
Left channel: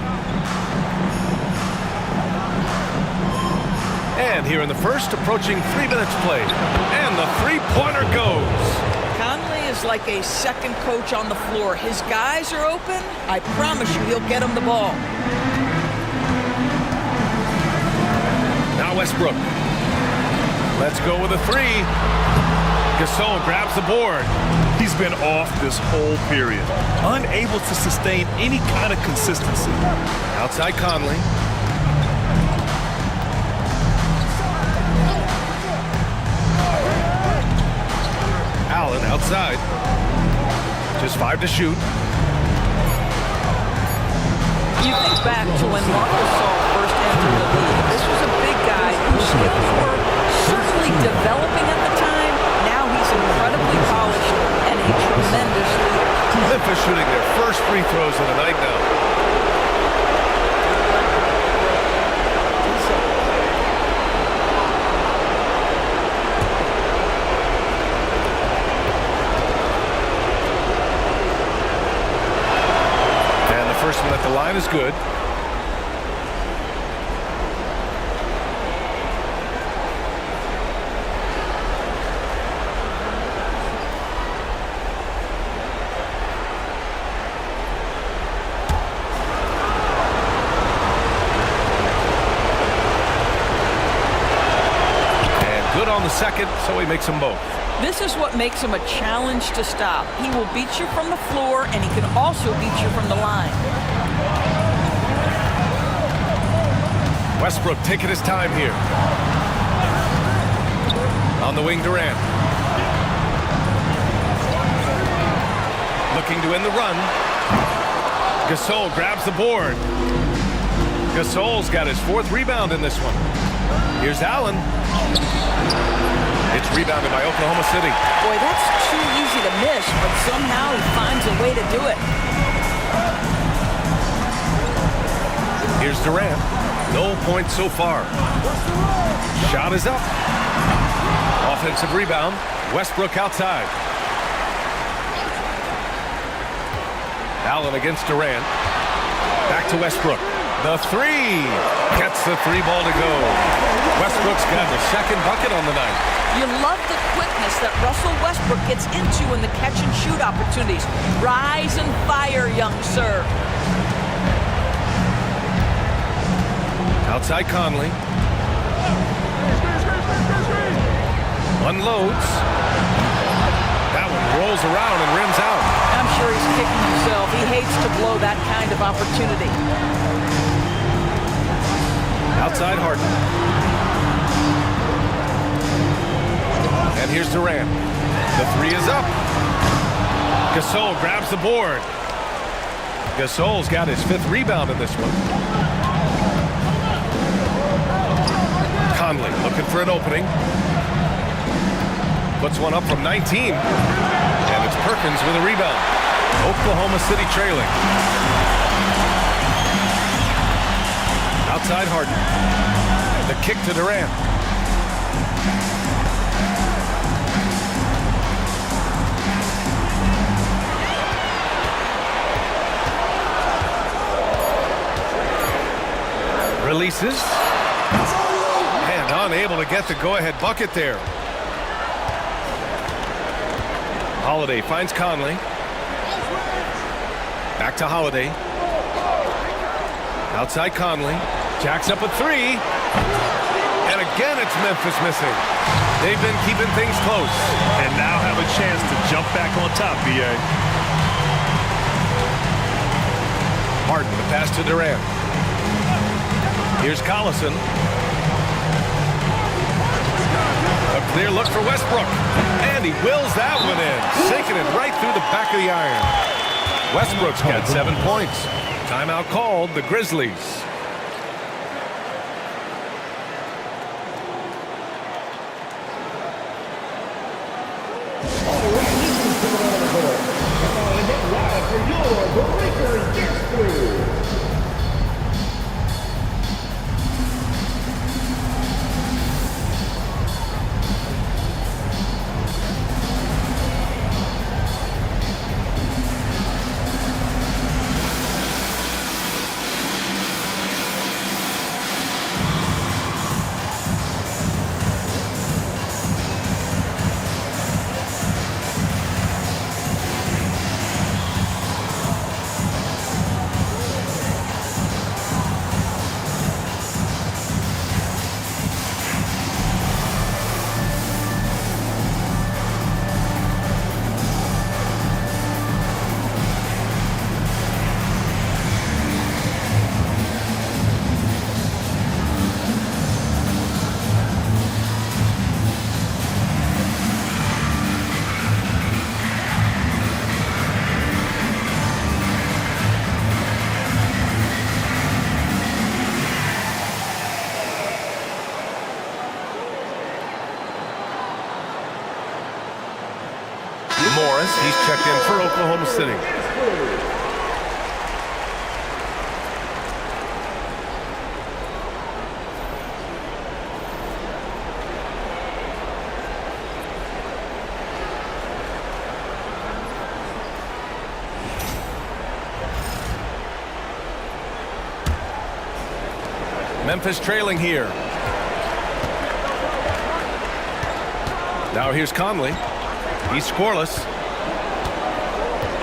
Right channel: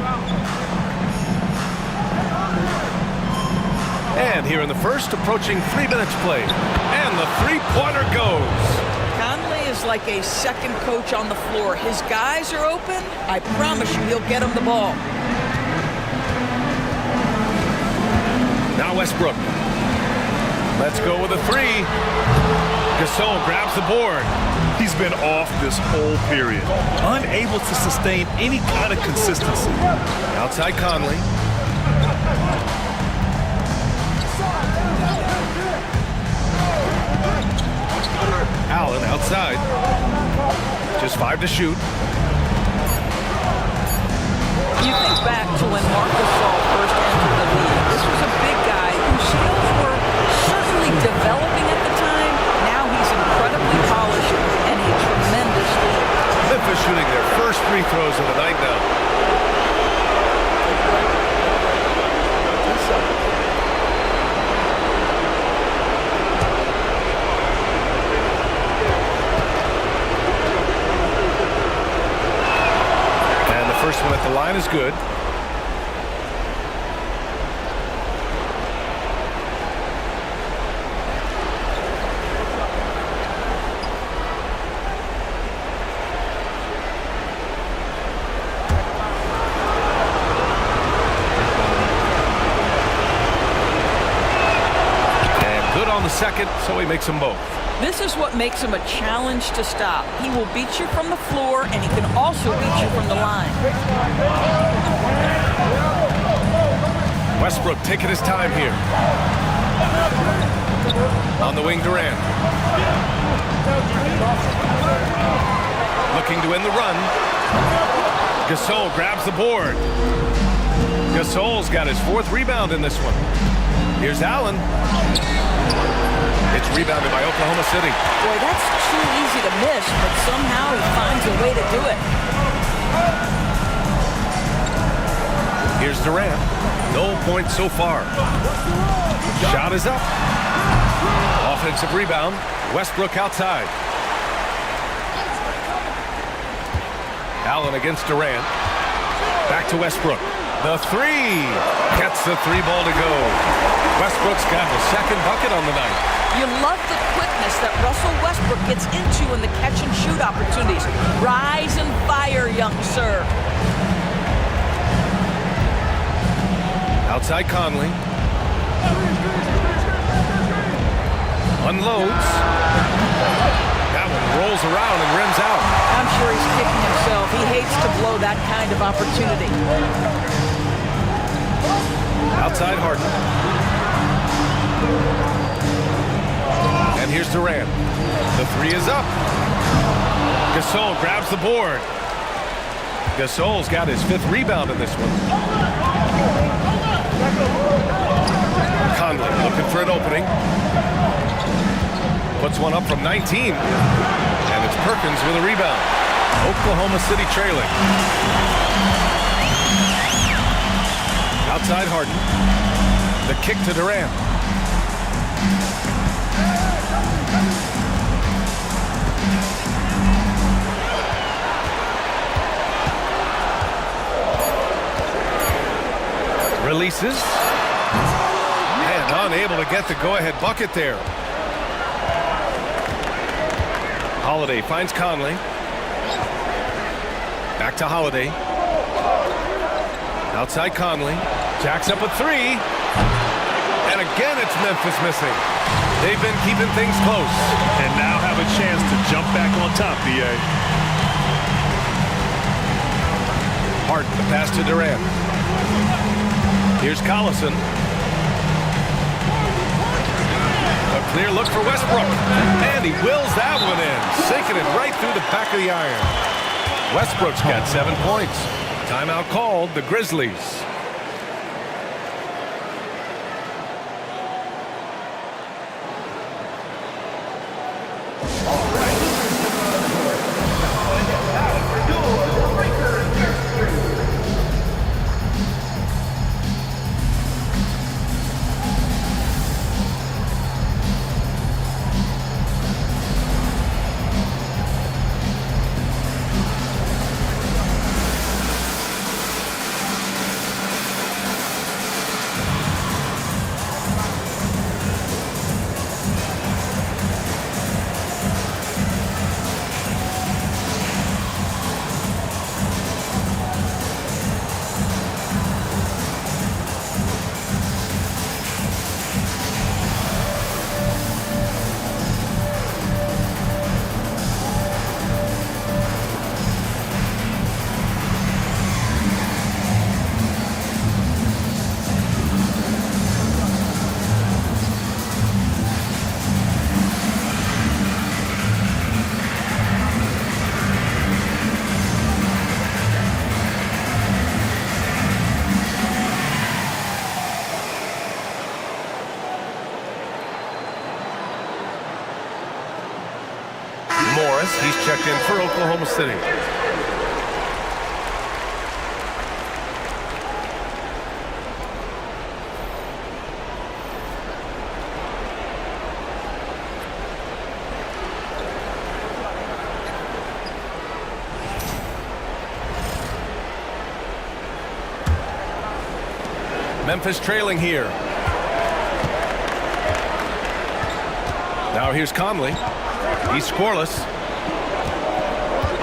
And here in the first, approaching 3 minutes played. And the three-pointer goes. Conley is like a second coach on the floor. His guys are open. I promise you he'll get them the ball. Now Westbrook. Let's go with a 3. Gasol grabs the board. He's been off this whole period, unable to sustain any kind of consistency. Outside Conley. Allen outside. Just 5 to shoot. You think back to when Marc Gasol first entered the league. This was a big guy whose skills were certainly developing at the time. Now he's incredibly polished and a tremendous leader. Memphis shooting their first free throws of the night now. First one at the line is good. And good on the second, so he makes them both. This is what makes him a challenge to stop. He will beat you from the floor, and he can also beat you from the line. Westbrook taking his time here. On the wing, Durant. Looking to end the run. Gasol grabs the board. Gasol's got his 4th rebound in this one. Here's Allen. It's rebounded by Oklahoma City. Boy, that's too easy to miss, but somehow he finds a way to do it. Here's Durant. No points so far. Shot is up. Offensive rebound. Westbrook outside. Allen against Durant. Back to Westbrook. The 3. Gets the 3 ball to go. Westbrook's got the 2nd bucket on the night. You love the quickness that Russell Westbrook gets into in the catch-and-shoot opportunities. Rise and fire, young sir. Outside Conley. Unloads. That one rolls around and rims out. I'm sure he's kicking himself. He hates to blow that kind of opportunity. Outside Harden. And here's Durant. The 3 is up. Gasol grabs the board. Gasol's got his 5th rebound in this one. Conley looking for an opening. Puts one up from 19. And it's Perkins with a rebound. Oklahoma City trailing. Outside Harden. The kick to Durant. Releases. And unable to get the go-ahead bucket there. Holiday finds Conley. Back to Holiday. Outside Conley. Jacks up a three. And again, it's Memphis missing. They've been keeping things close. And now have a chance to jump back on top, B.A. Harden, the pass to Durant. Here's Collison. A clear look for Westbrook. And he wills that one in, sinking it right through the back of the iron. Westbrook's got 7 points. Timeout called, the Grizzlies. Morris, he's checked in for Oklahoma City. Memphis trailing here. Now here's Conley. He's scoreless.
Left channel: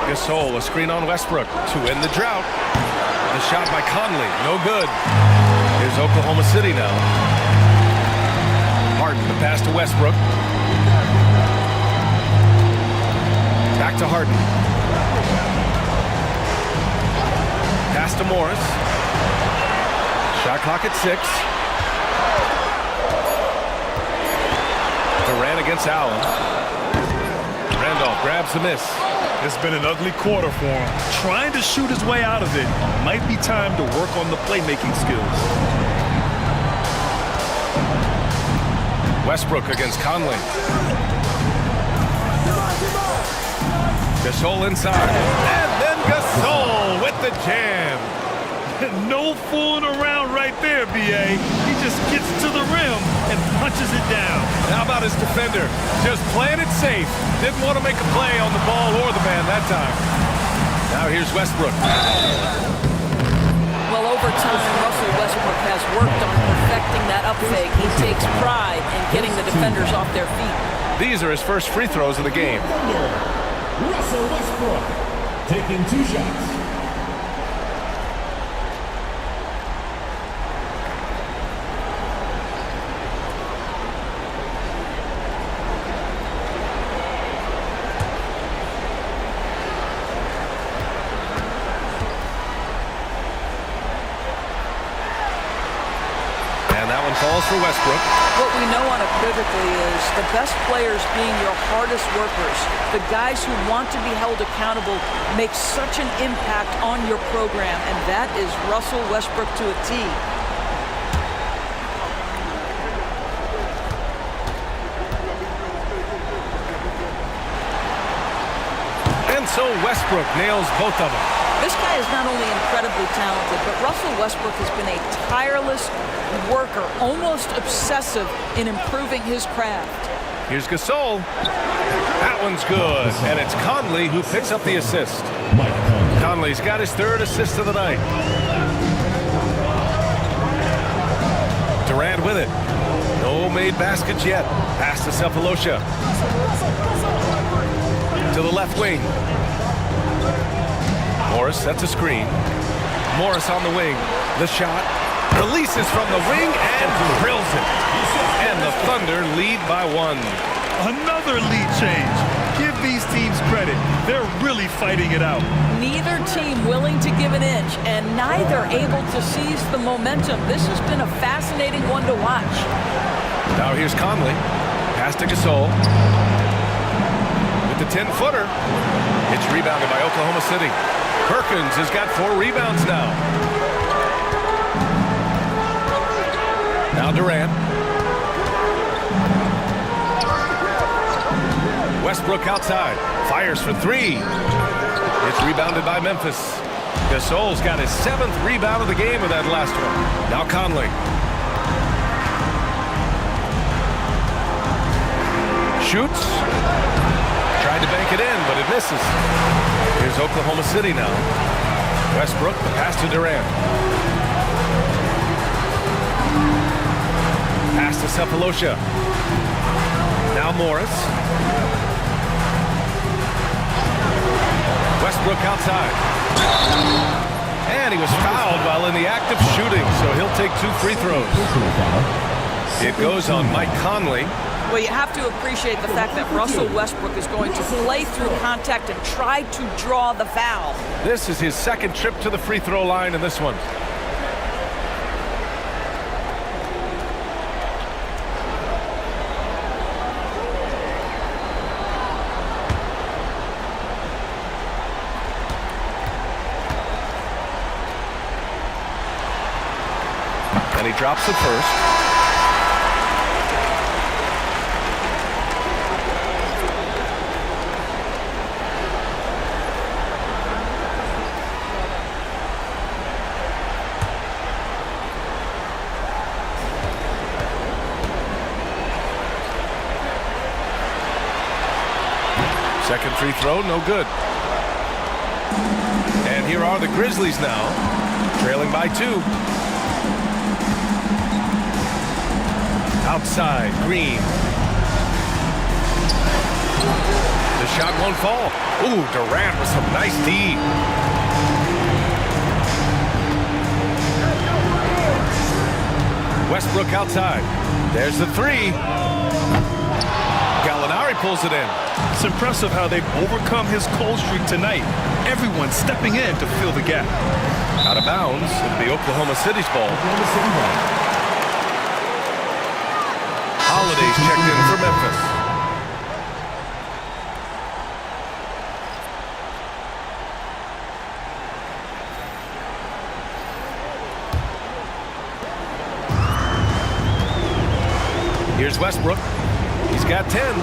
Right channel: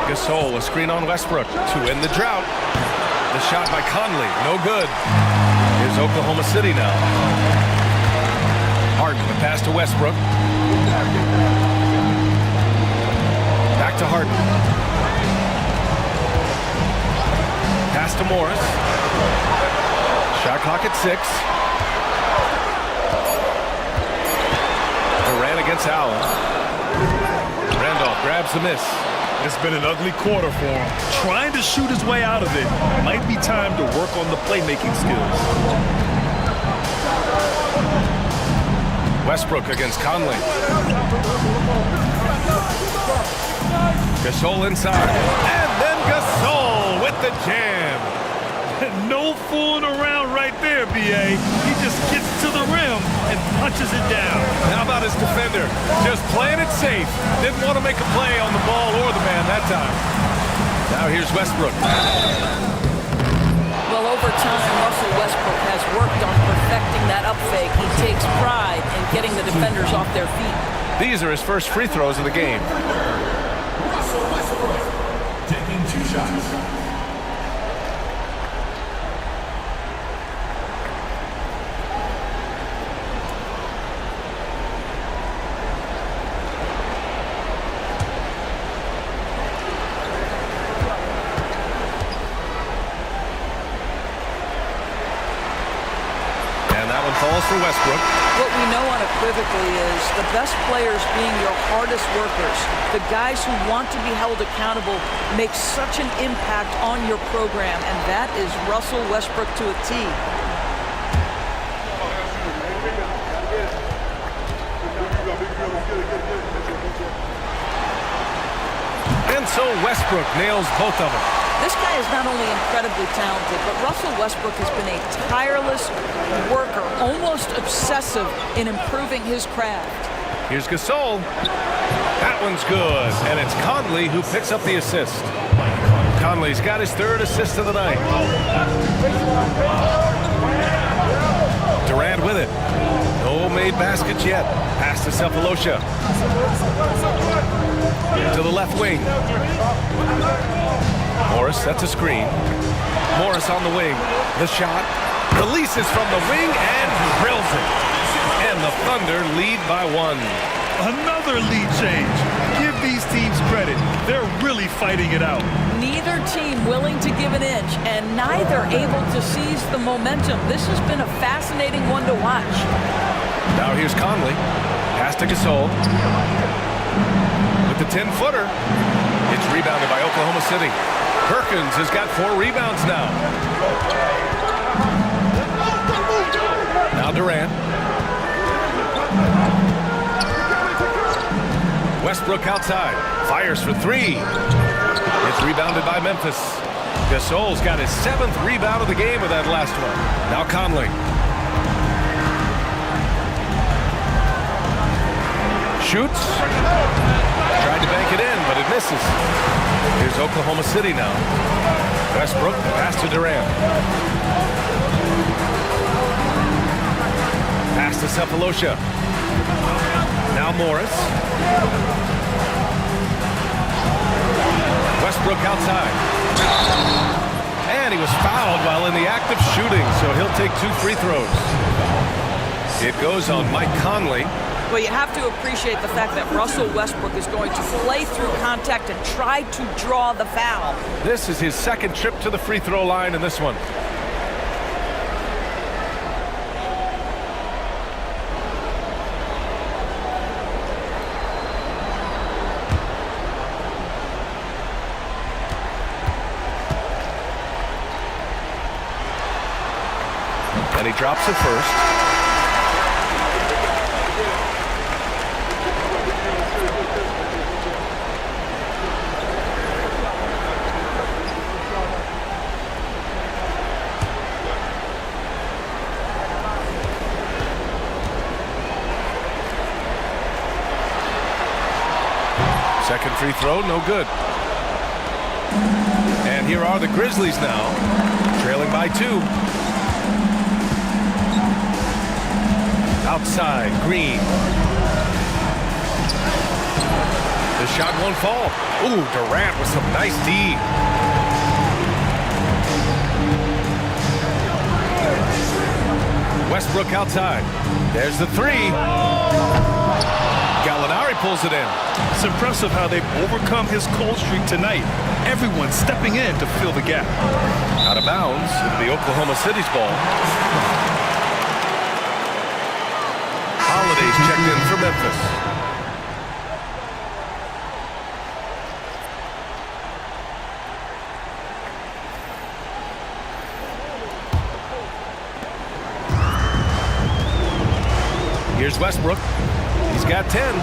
Gasol, a screen on Westbrook to end the drought. The shot by Conley, no good. Here's Oklahoma City now. Harden, the pass to Westbrook. Back to Harden. Pass to Morris. Shot clock at 6. Durant against Allen. Randolph grabs the miss. It's been an ugly quarter for him. Trying to shoot his way out of it. Might be time to work on the playmaking skills. Westbrook against Conley. Gasol inside. And then Gasol with the jam. No fooling around right there, B.A. He just gets to the rim and punches it down. How about his defender? Just playing it safe. Didn't want to make a play on the ball or the man that time. Now here's Westbrook. Well, over time, Russell Westbrook has worked on perfecting that up fake. He takes pride in getting the defenders off their feet. These are his first free throws of the game. Russell Westbrook taking 2 shots. And that one falls for Westbrook. What we know unequivocally is the best players being your hardest workers, the guys who want to be held accountable, make such an impact on your program, and that is Russell Westbrook to a T. And so Westbrook nails both of them. This guy is not only incredibly talented, but Russell Westbrook has been a tireless worker, almost obsessive in improving his craft. Here's Gasol. That one's good. And it's Conley who picks up the assist. Conley's got his 3rd assist of the night. Durant with it. No made baskets yet. Pass to Cephalosha. To the left wing. Morris sets a screen. Morris on the wing. The shot. Releases from the wing and drills it. And the Thunder lead by 1. Another lead change. Give these teams credit. They're really fighting it out. Neither team willing to give an inch, and neither able to seize the momentum. This has been a fascinating one to watch. Now here's Conley. Pass to Gasol. With the 10-footer. It's rebounded by Oklahoma City. Perkins has got 4 rebounds now. Now Durant. Westbrook outside. Fires for 3. It's rebounded by Memphis. Gasol's got his 7th rebound of the game with that last one. Now Conley. Shoots. Tried to bank it in, but it misses. Here's Oklahoma City now. Westbrook, the pass to Durant. Pass to Cephalosha. Now Morris. Westbrook outside. And he was fouled while in the act of shooting, so he'll take 2 free throws. It goes on Mike Conley. Well, you have to appreciate the fact that Russell Westbrook is going to play through contact and try to draw the foul. This is his 2nd trip to the free throw line in this one. And he drops the first. Second free throw, no good. And here are the Grizzlies now, trailing by 2. Outside, Green. The shot won't fall. Ooh, Durant with some nice D. Westbrook outside. There's the 3. Gallinari pulls it in. It's impressive how they've overcome his cold streak tonight. Everyone stepping in to fill the gap. Out of bounds. It'll be Oklahoma City's ball. Holiday's checked in for Memphis. Here's Westbrook. He's got 10.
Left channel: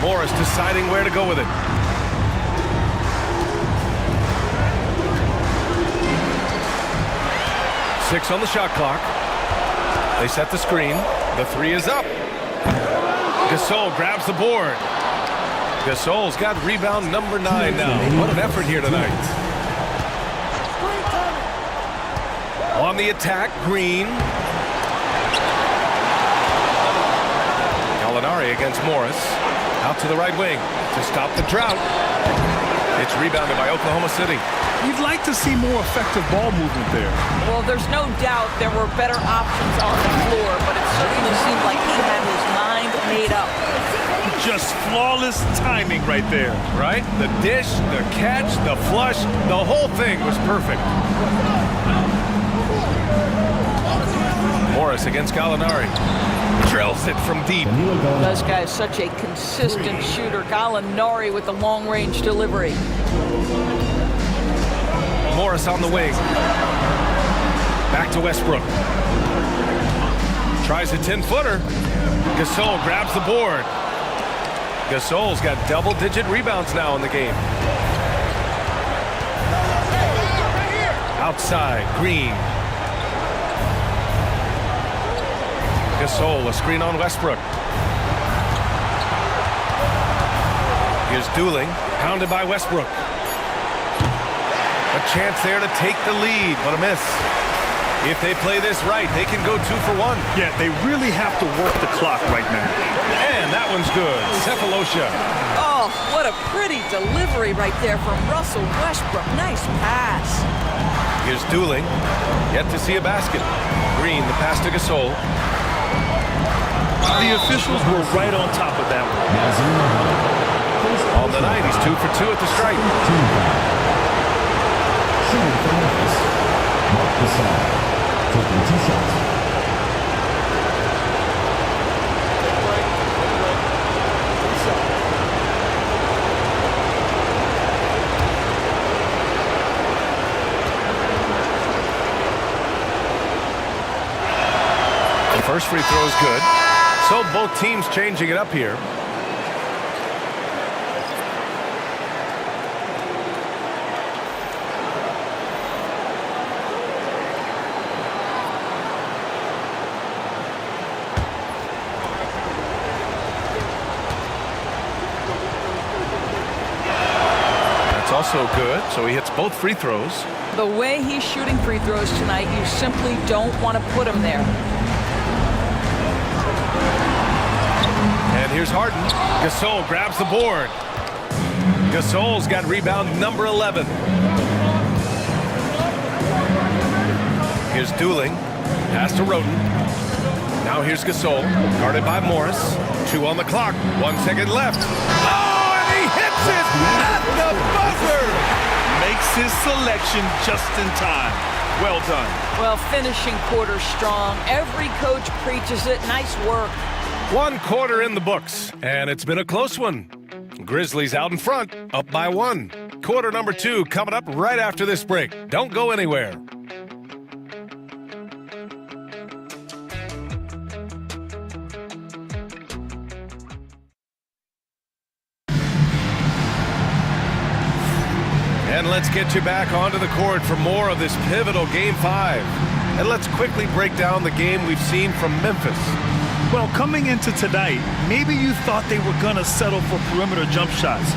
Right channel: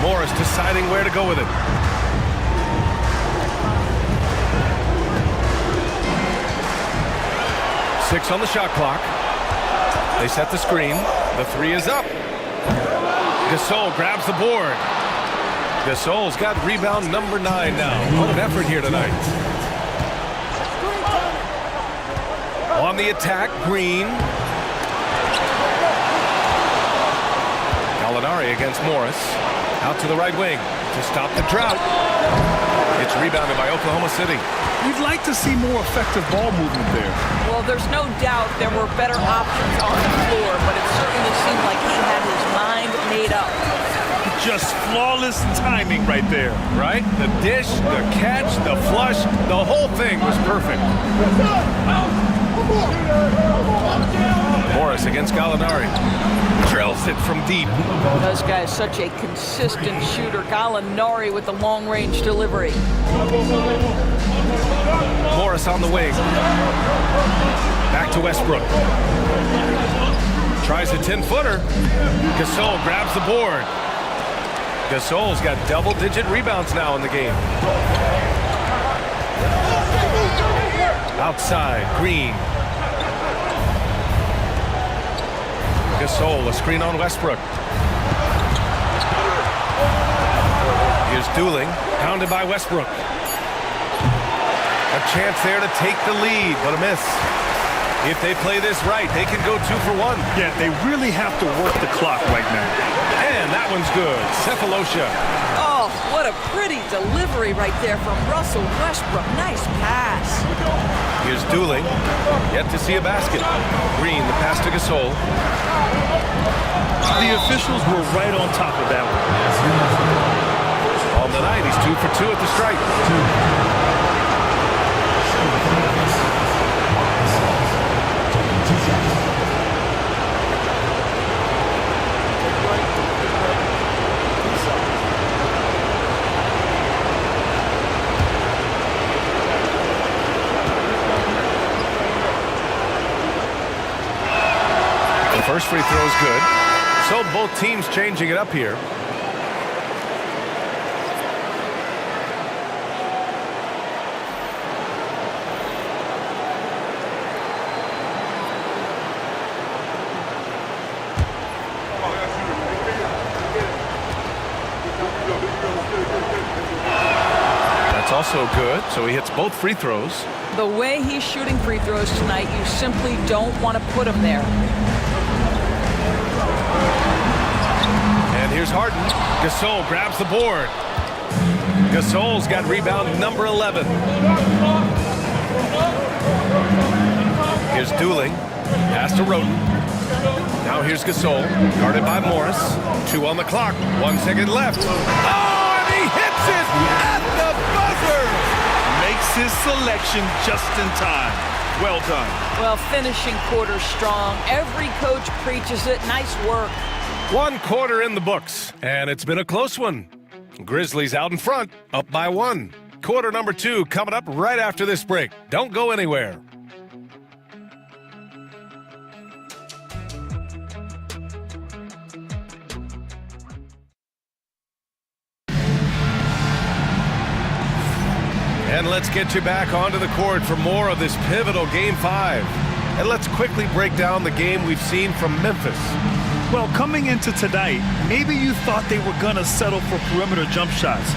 Morris deciding where to go with it. Six on the shot clock. They set the screen. The 3 is up. Gasol grabs the board. Gasol's got rebound number 9 now. What an effort here tonight. On the attack, Green. Gallinari against Morris. Out to the right wing to stop the drought. It's rebounded by Oklahoma City. You'd like to see more effective ball movement there. Well, there's no doubt there were better options on the floor, but it certainly seemed like he had his mind made up. Just flawless timing right there. Right? The dish, the catch, the flush, the whole thing was perfect. Morris against Gallinari. Drills it from deep. This guy's such a consistent shooter. Gallinari with the long-range delivery. Morris on the wing. Back to Westbrook. Tries a 10-footer. Gasol grabs the board. Gasol's got double-digit rebounds now in the game. Outside, Green. Gasol, a screen on Westbrook. Here's Dooling, pounded by Westbrook. A chance there to take the lead, but a miss. If they play this right, they can go 2 for 1. Yeah, they really have to work the clock right now. And that one's good. Cephalosha. Oh, what a pretty delivery right there from Russell Westbrook. Nice pass. Here's Dooling. Yet to see a basket. Green, the pass to Gasol. The officials were right on top of that one. On the night, he's 2 for 2 at the stripe. Taking 2 shots. Take a break. Take a break. 2 shots. The first free throw is good. So both teams changing it up here. That's also good. So he hits both free throws. The way he's shooting free throws tonight, you simply don't want to put him there. And here's Harden. Gasol grabs the board. Gasol's got rebound number 11. Here's Dooling. Pass to Roten. Now here's Gasol. Guarded by Morris. 2 on the clock. 1 second left. Oh, and he hits it at the buzzer. Makes his selection just in time. Well done. Well, finishing quarter strong. Every coach preaches it. Nice work. 1 quarter in the books, and it's been a close one. Grizzlies out in front, up by 1. Quarter number 2 coming up right after this break. Don't go anywhere. And let's get you back onto the court for more of this pivotal Game 5. And let's quickly break down the game we've seen from Memphis. Well, coming into tonight, maybe you thought they were going to settle for perimeter jump shots.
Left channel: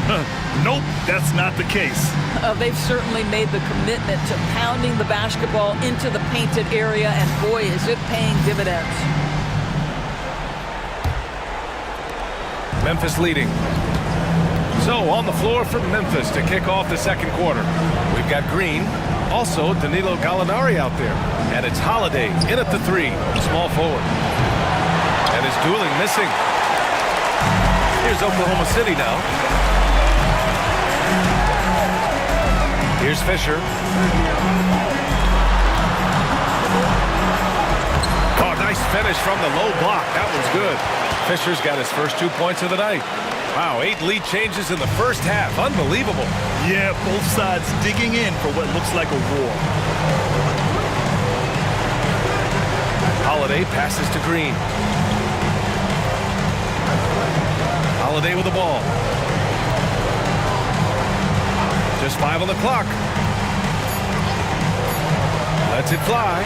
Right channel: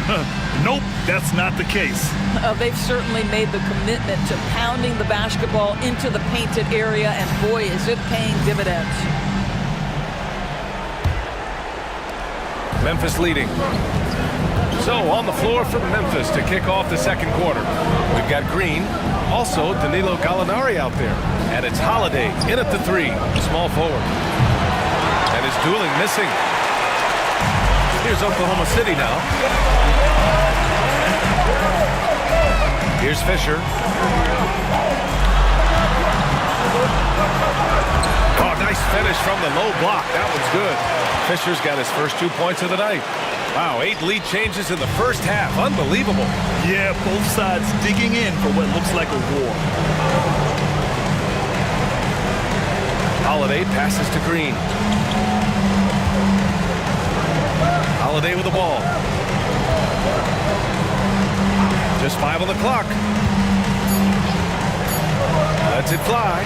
Nope, that's not the case. They've certainly made the commitment to pounding the basketball into the painted area, and boy, is it paying dividends. Memphis leading. So on the floor for Memphis to kick off the second quarter. We've got Green, also Danilo Gallinari out there. And it's Holiday in at the 3, small forward. And is Dooling missing. Here's Oklahoma City now. Here's Fisher. Oh, nice finish from the low block. That one's good. Fisher's got his first 2 points of the night. Wow, 8 lead changes in the first half. Unbelievable. Yeah, both sides digging in for what looks like a war. Holiday passes to Green. Holiday with the ball. Just 5 on the clock. Lets it fly.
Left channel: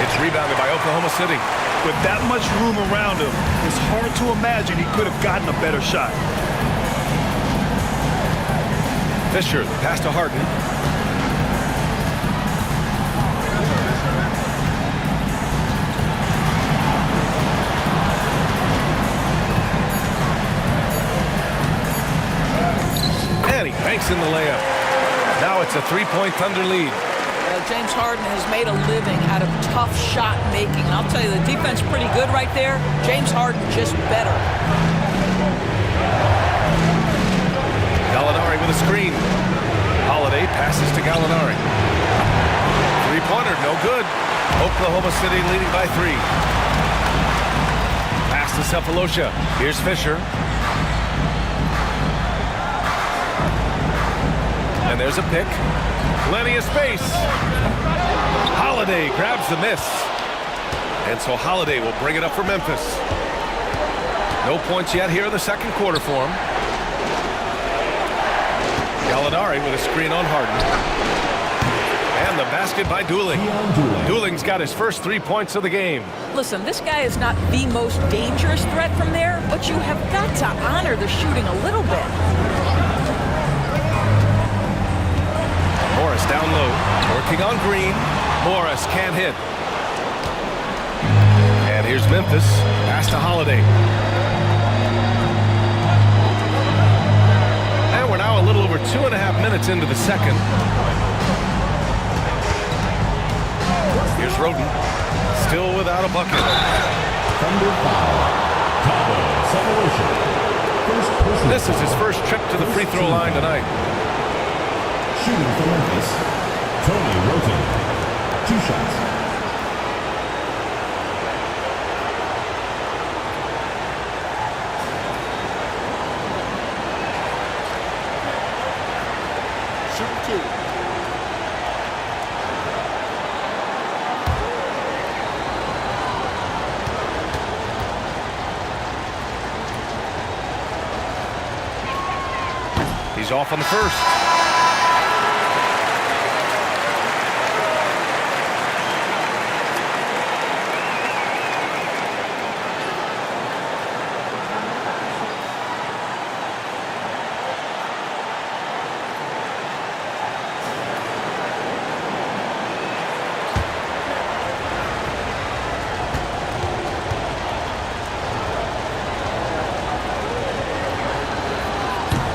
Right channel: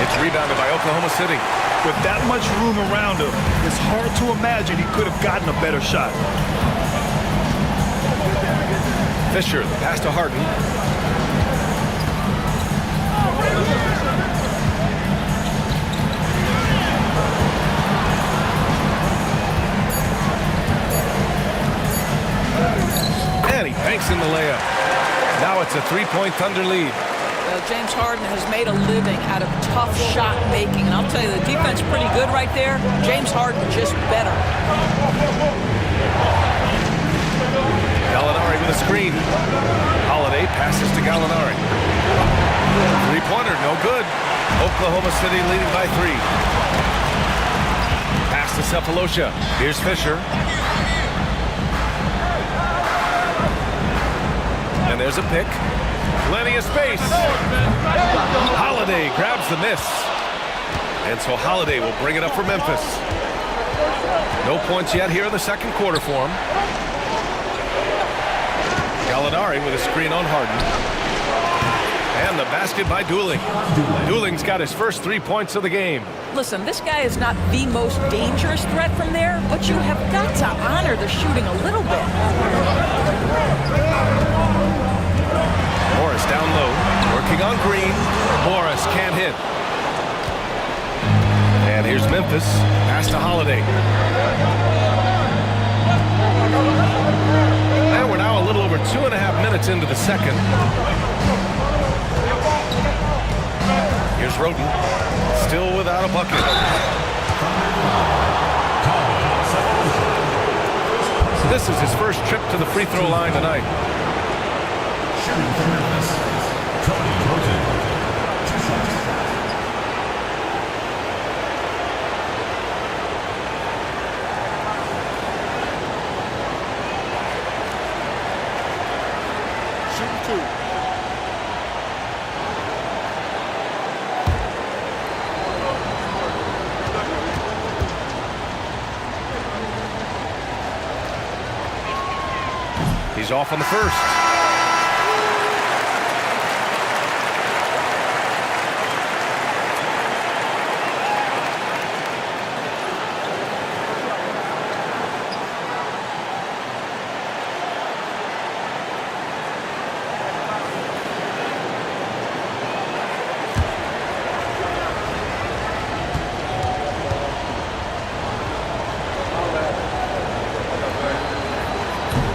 It's rebounded by Oklahoma City. With that much room around him, it's hard to imagine he could have gotten a better shot. Fisher, the pass to Harden. And he banks in the layup. Now it's a 3-point Thunder lead. James Harden has made a living out of tough shot making. And I'll tell you, the defense pretty good right there. James Harden just better. Gallinari with a screen. Holiday passes to Gallinari. 3-pointer, no good. Oklahoma City leading by 3. Pass to Cephalosha. Here's Fisher. And there's a pick. Plenty of space. Holiday grabs the miss. And so Holiday will bring it up for Memphis. No points yet here in the second quarter for him. Gallinari with a screen on Harden. And the basket by Dooling. Dooling's got his first 3 points of the game. Listen, this guy is not the most dangerous threat from there, but you have got to honor the shooting a little bit. Morris down low, working on Green. Morris can't hit. And here's Memphis, pass to Holiday. And we're now a little over 2.5 minutes into the second. Here's Roden, still without a bucket. This is his first trip to the free throw line tonight. Shooting for Memphis, Tony Roten. 2 shots. Shooting 2. He's off on the first.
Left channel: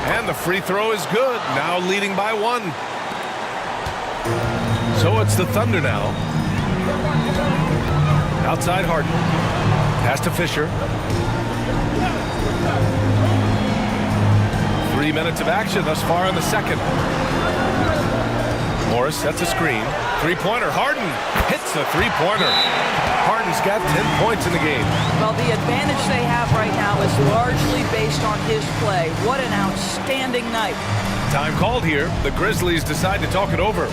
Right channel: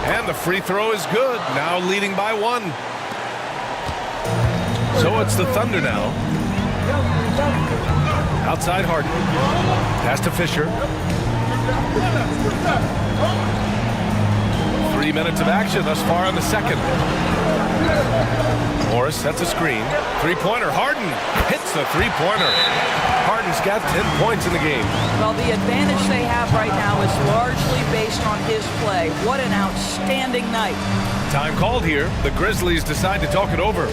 And the free throw is good, now leading by 1. So it's the Thunder now. Outside Harden. Pass to Fisher. 3 minutes of action thus far in the second. Morris sets a screen. Three-pointer. Harden hits the three-pointer. Harden's got 10 points in the game. Well, the advantage they have right now is largely based on his play. What an outstanding night. Time called here. The Grizzlies decide to talk it over.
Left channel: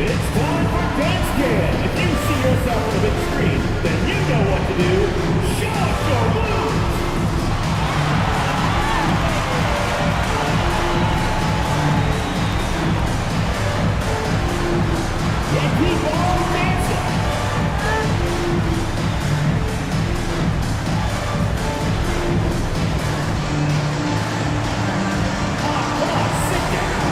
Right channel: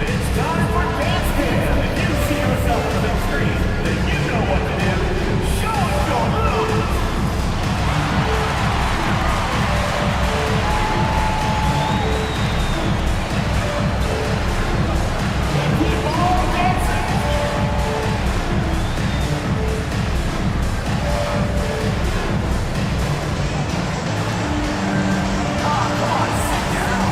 It's time for Dance Cam. If you see yourself on the big screen, then you know what to do. Show us your moves. And keep on dancing. Oh, come on, sit down.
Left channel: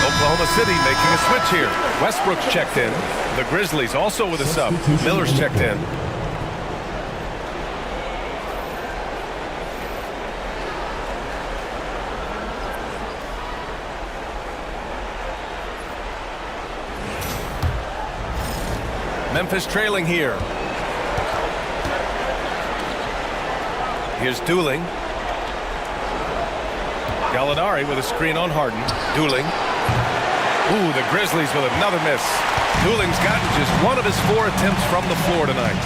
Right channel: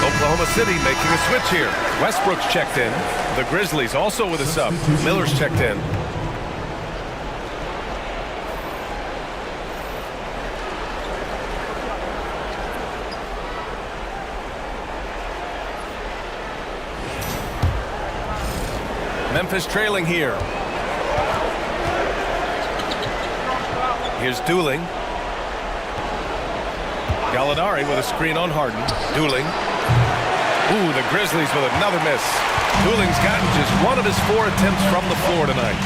Oklahoma City making a switch here. Westbrook's checked in. The Grizzlies also with a sub. Miller's checked in. Memphis trailing here. Here's Dooling. Gallinari with a screen on Harden. Dooling. Ooh, the Grizzlies with another miss. Dooling's gotten just one of his 4 attempts from the floor tonight.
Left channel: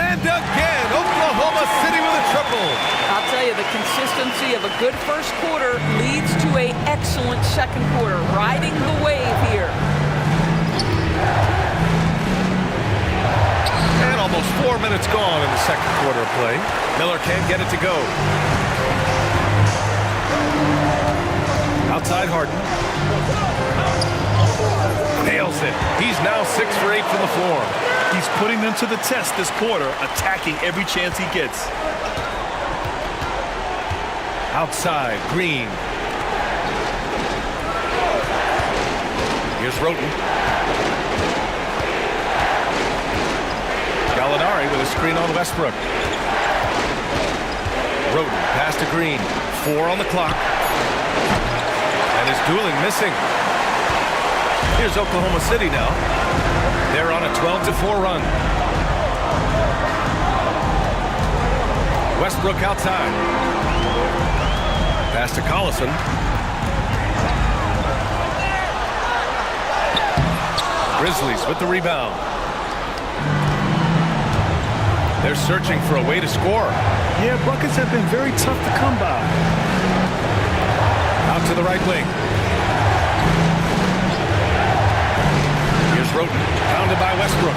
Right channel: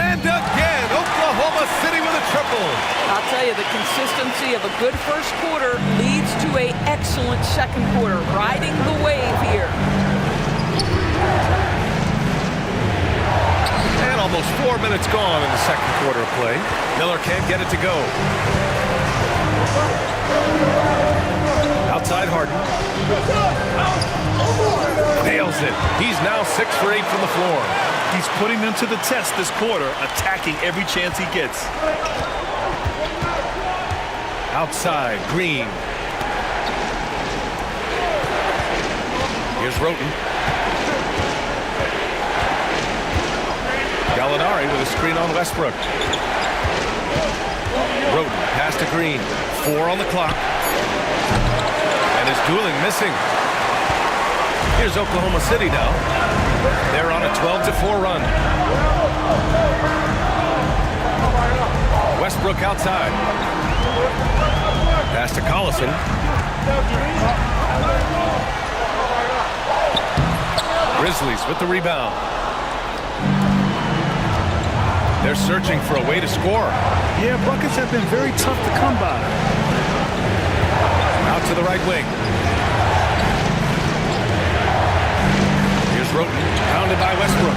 And again, Oklahoma City with a triple. I'll tell you, the consistency of a good first quarter leads to an excellent second quarter. Riding the wave here. And almost 4 minutes gone in the second quarter of play. Miller can't get it to go. Outside Harden. Nails it. He's now 6 for 8 from the floor. He's putting them to the test this quarter, attacking every chance he gets. Outside, Green. Here's Roten. Gallinari with a screen on Westbrook. Roten, pass to Green. 4 on the clock. And is Dooling missing. Here's Oklahoma City now. They're on a 12-4 run. Westbrook outside. Pass to Collison. Grizzlies with the rebound. They're searching for a way to score. Yeah, buckets have been very tough to come by. Out to the right wing. Here's Roten, pounded by Westbrook.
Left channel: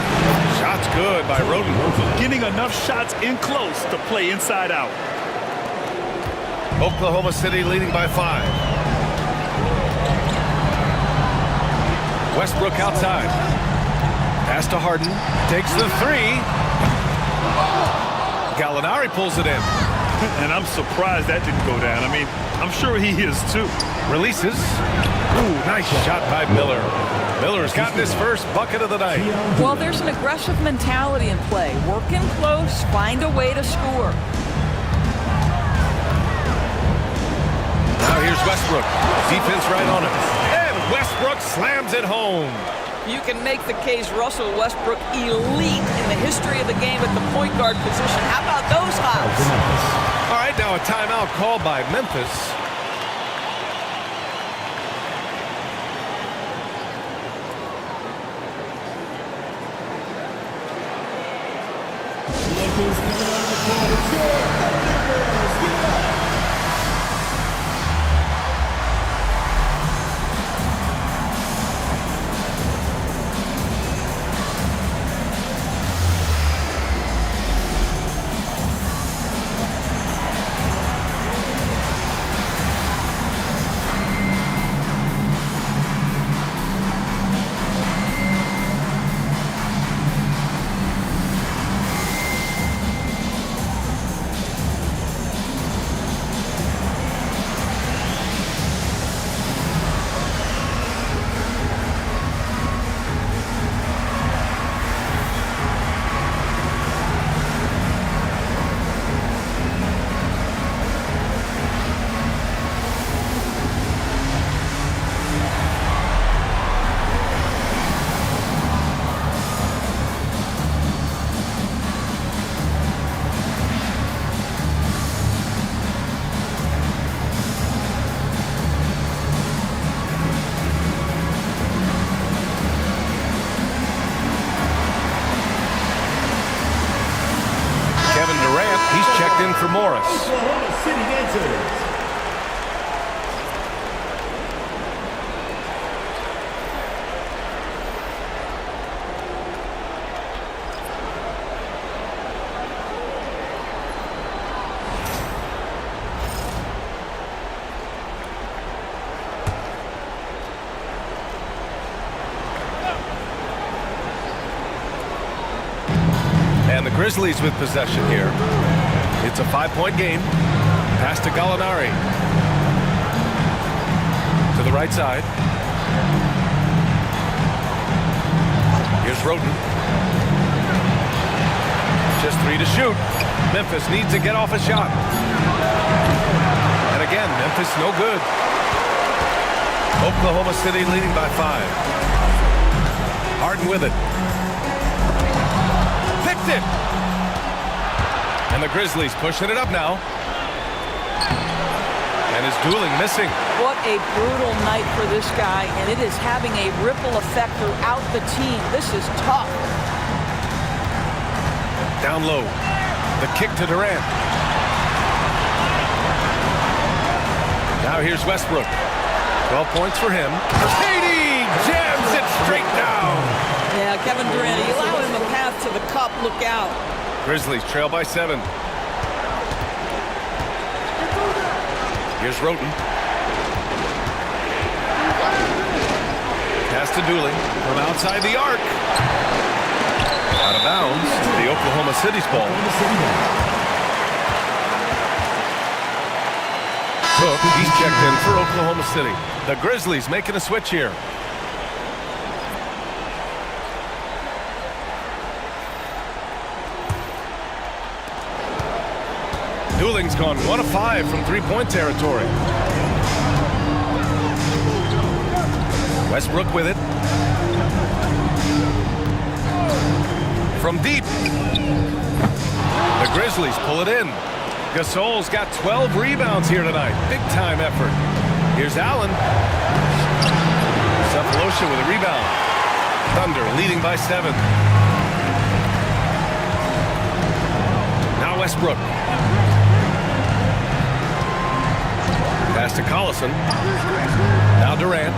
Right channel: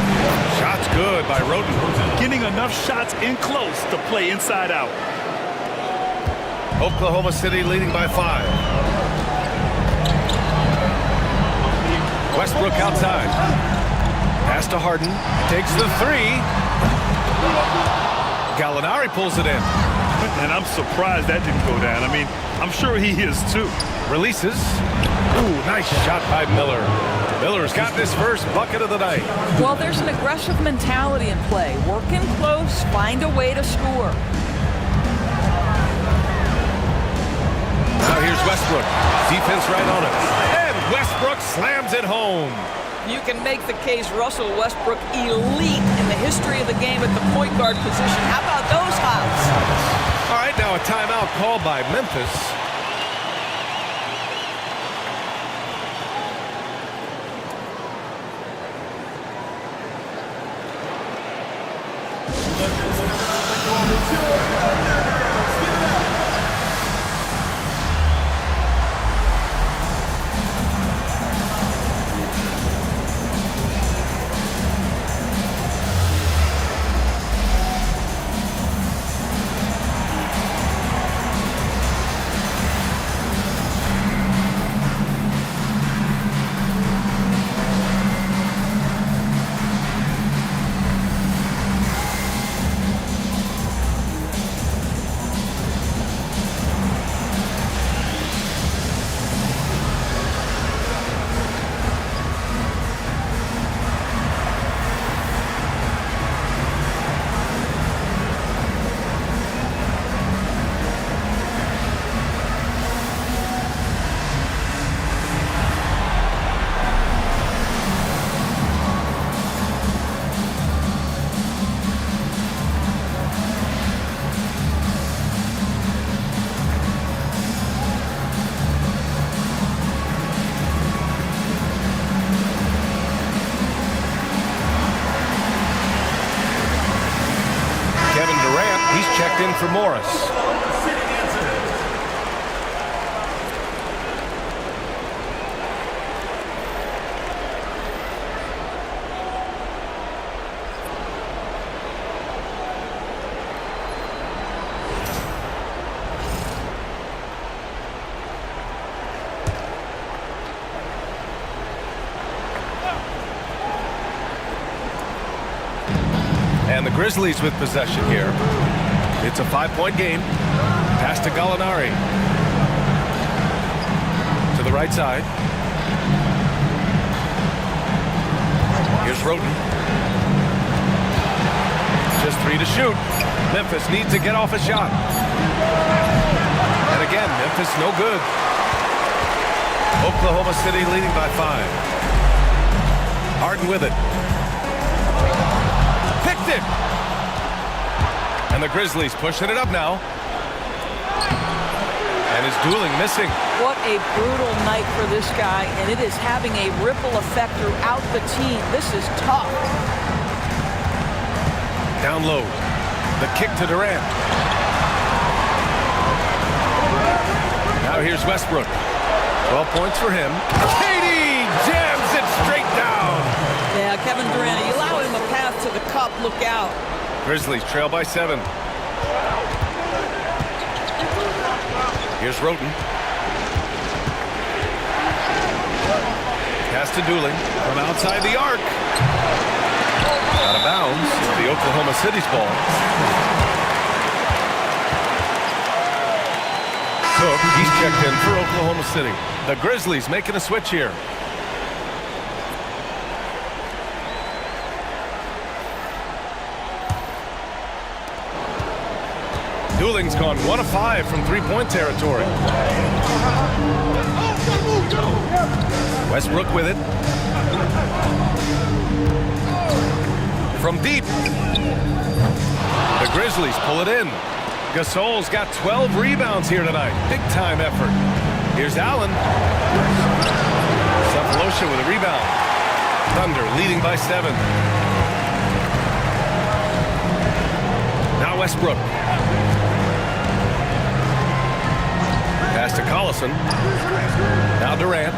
Shots good by Roten. Getting enough shots in close to play inside out. Oklahoma City leading by 5. Westbrook outside. Pass to Harden. Takes the 3. Gallinari pulls it in. And I'm surprised that didn't go down. I mean, I'm sure he is too. Releases. Ooh, nice shot by Miller. Miller's gotten his first bucket of the night. Well, there's an aggressive mentality in play. Work in close, find a way to score. Now here's Westbrook. Defense right on him. And Westbrook slams it home. You can make the case Russell Westbrook elite in the history of the game at the point guard position. How about those hops? All right, now a timeout called by Memphis. Kevin Durant, he's checked in for Morris. Oklahoma City visitors. And the Grizzlies with possession here. It's a 5-point game. Pass to Gallinari. To the right side. Here's Roten. Just 3 to shoot. Memphis needs to get off a shot. And again, Memphis no good. Oklahoma City leading by 5. Harden with it. Picked it. And the Grizzlies pushing it up now. And is Dooling missing. What a brutal night for this guy, and it is having a ripple effect throughout the team. This is tough. Down low. The kick to Durant. Now here's Westbrook. 12 points for him. Katie jams it straight down. Yeah, Kevin Durant, you allow him a path to the cup. Look out. Grizzlies trail by 7. Here's Roten. Pass to Dooling from outside the arc. Out of bounds into the Oklahoma City's ball. Cook, he's checked in for Oklahoma City. The Grizzlies making a switch here. Dooling's gone 1 of 5 from 3-point territory. Westbrook with it. From deep. The Grizzlies pull it in. Gasol's got 12 rebounds here tonight. Big-time effort. Here's Allen. Cephalosha with a rebound. Thunder leading by 7. Now Westbrook. Pass to Collison. Now Durant.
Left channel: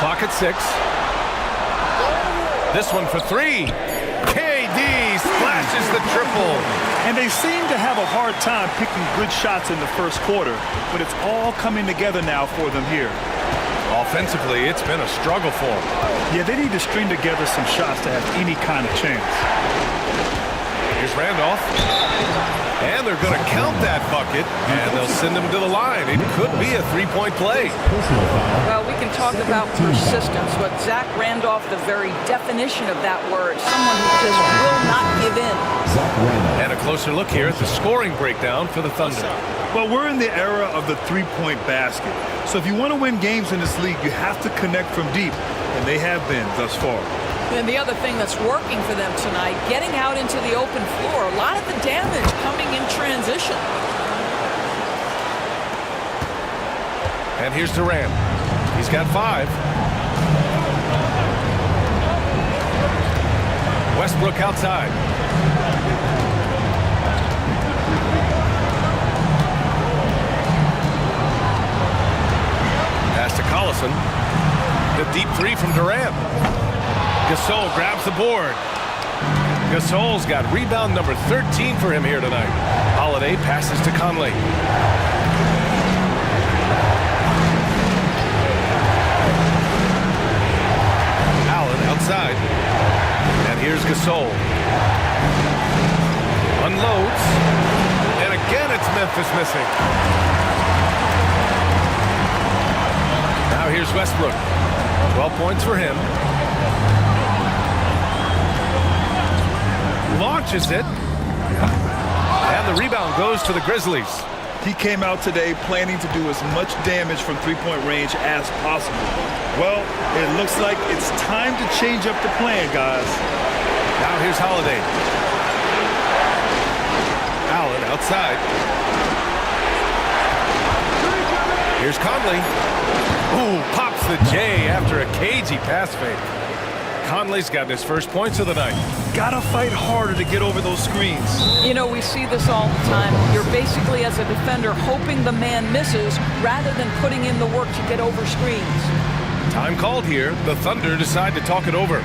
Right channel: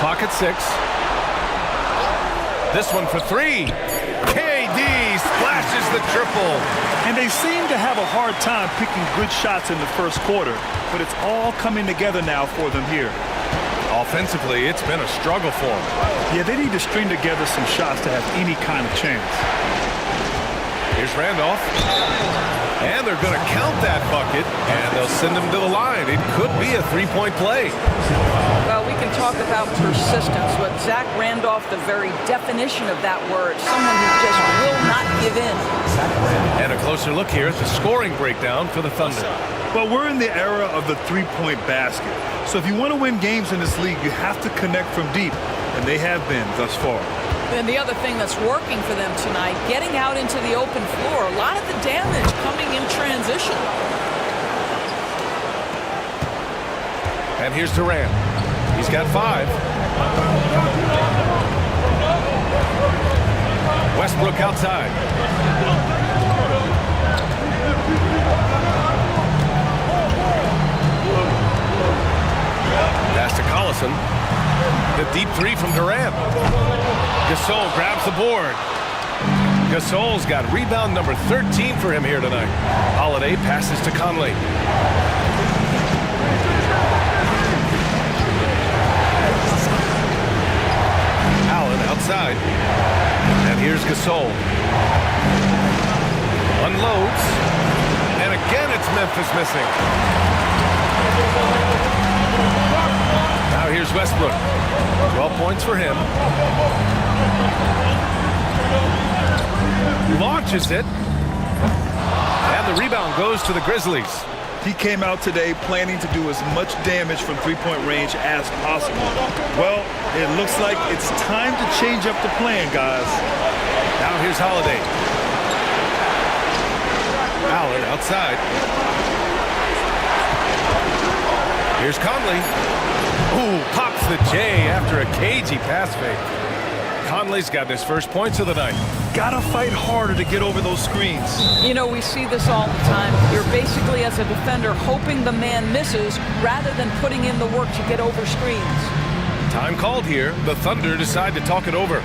Clock at 6. This one for 3. KD splashes the triple. And they seem to have a hard time picking good shots in the first quarter, but it's all coming together now for them here. Offensively, it's been a struggle for them. Yeah, they need to string together some shots to have any kind of chance. Here's Randolph. And they're going to count that bucket, and they'll send him to the line. It could be a 3-point play. Well, we can talk about persistence, but Zach Randolph, the very definition of that word, someone who just will not give in. And a closer look here at the scoring breakdown for the Thunder. Well, we're in the era of the three-point basket. So if you want to win games in this league, you have to connect from deep, and they have been thus far. And the other thing that's working for them tonight, getting out into the open floor, a lot of the damage coming in transition. And here's Durant. He's got 5. Westbrook outside. Pass to Collison. The deep 3 from Durant. Gasol grabs the board. Gasol's got rebound number 13 for him here tonight. Holiday passes to Conley. Allen outside. And here's Gasol. Unloads. And again it's Memphis missing. Now here's Westbrook. 12 points for him. Launches it. And the rebound goes to the Grizzlies. He came out today planning to do as much damage from three-point range as possible. Well, it looks like it's time to change up the plan, guys. Now here's Holiday. Allen outside. Here's Conley. Ooh, pops the J after a cagey pass fake. Conley's got his first points of the night. Gotta fight harder to get over those screens. You know, we see this all the time. You're basically, as a defender, hoping the man misses rather than putting in the work to get over screens. Time called here. The Thunder decide to talk it over.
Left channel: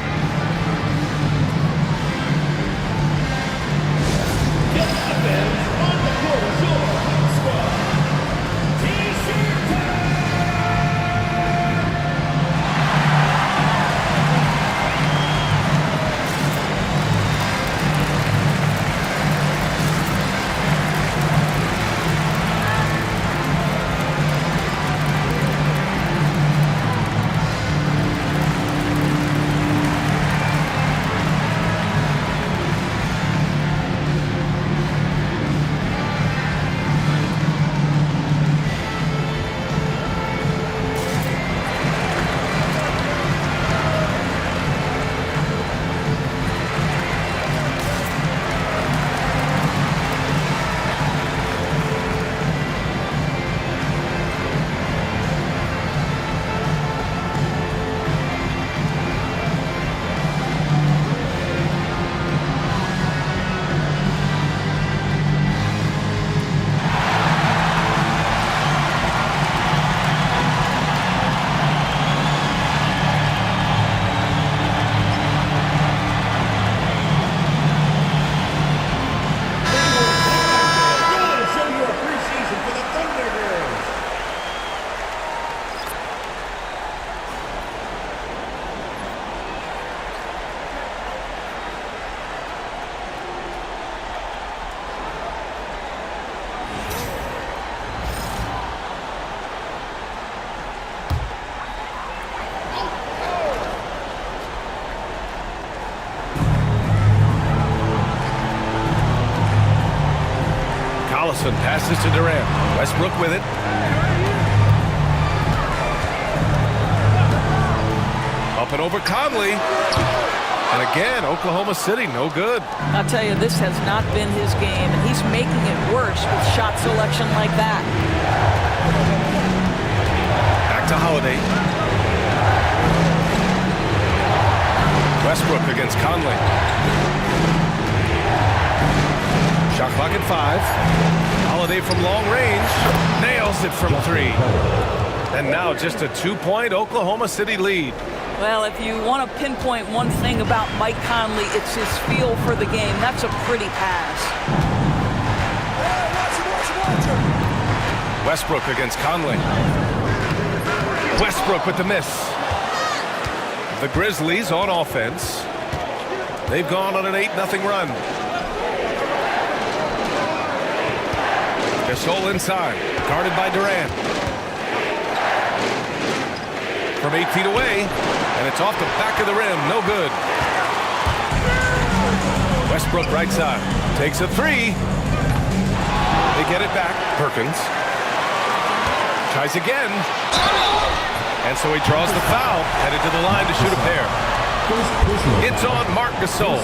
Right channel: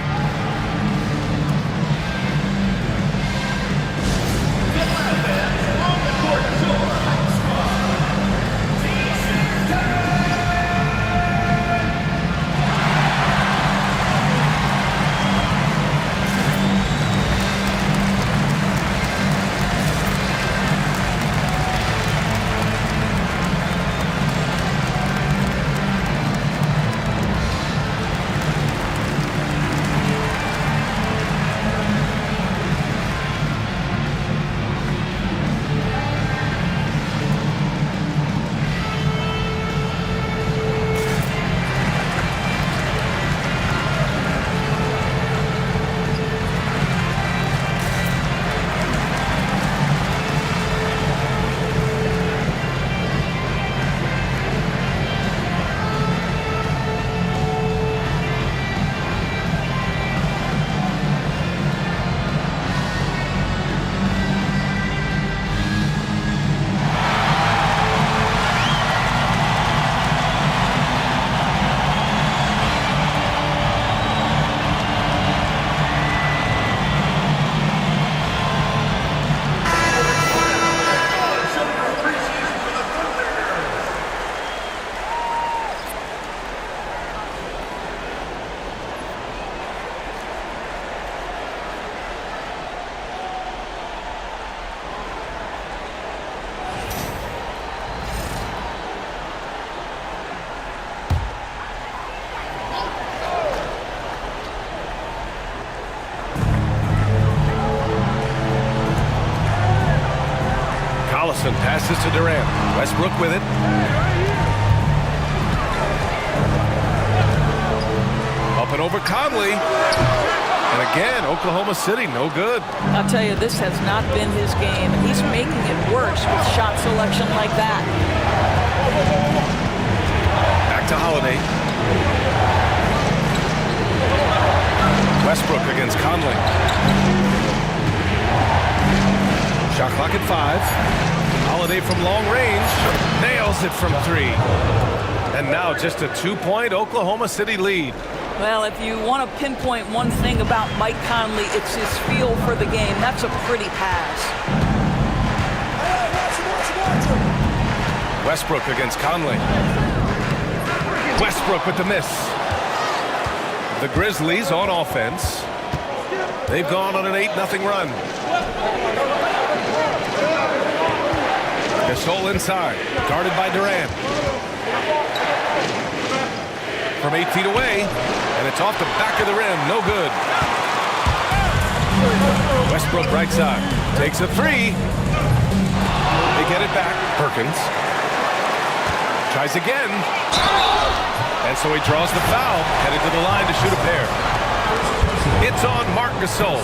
Collison passes to Durant. Westbrook with it. Up and over Conley. And again, Oklahoma City, no good. I'll tell you, this has not been his game, and he's making it worse with shot selection like that. Back to Holiday. Westbrook against Conley. Shot clock at 5. Holiday from long range. Nails it from 3. And now just a 2-point Oklahoma City lead. Well, if you want to pinpoint one thing about Mike Conley, it's his feel for the game. That's a pretty pass. Westbrook against Conley. Westbrook with the miss. The Grizzlies on offense. They've gone on an 8-0 run. Gasol inside, guarded by Durant. From 8 feet away, and it's off the back of the rim, no good. Westbrook right side, takes a 3. They get it back, Perkins. Tries again. And so he draws the foul, headed to the line to shoot a pair. It's on Marc Gasol.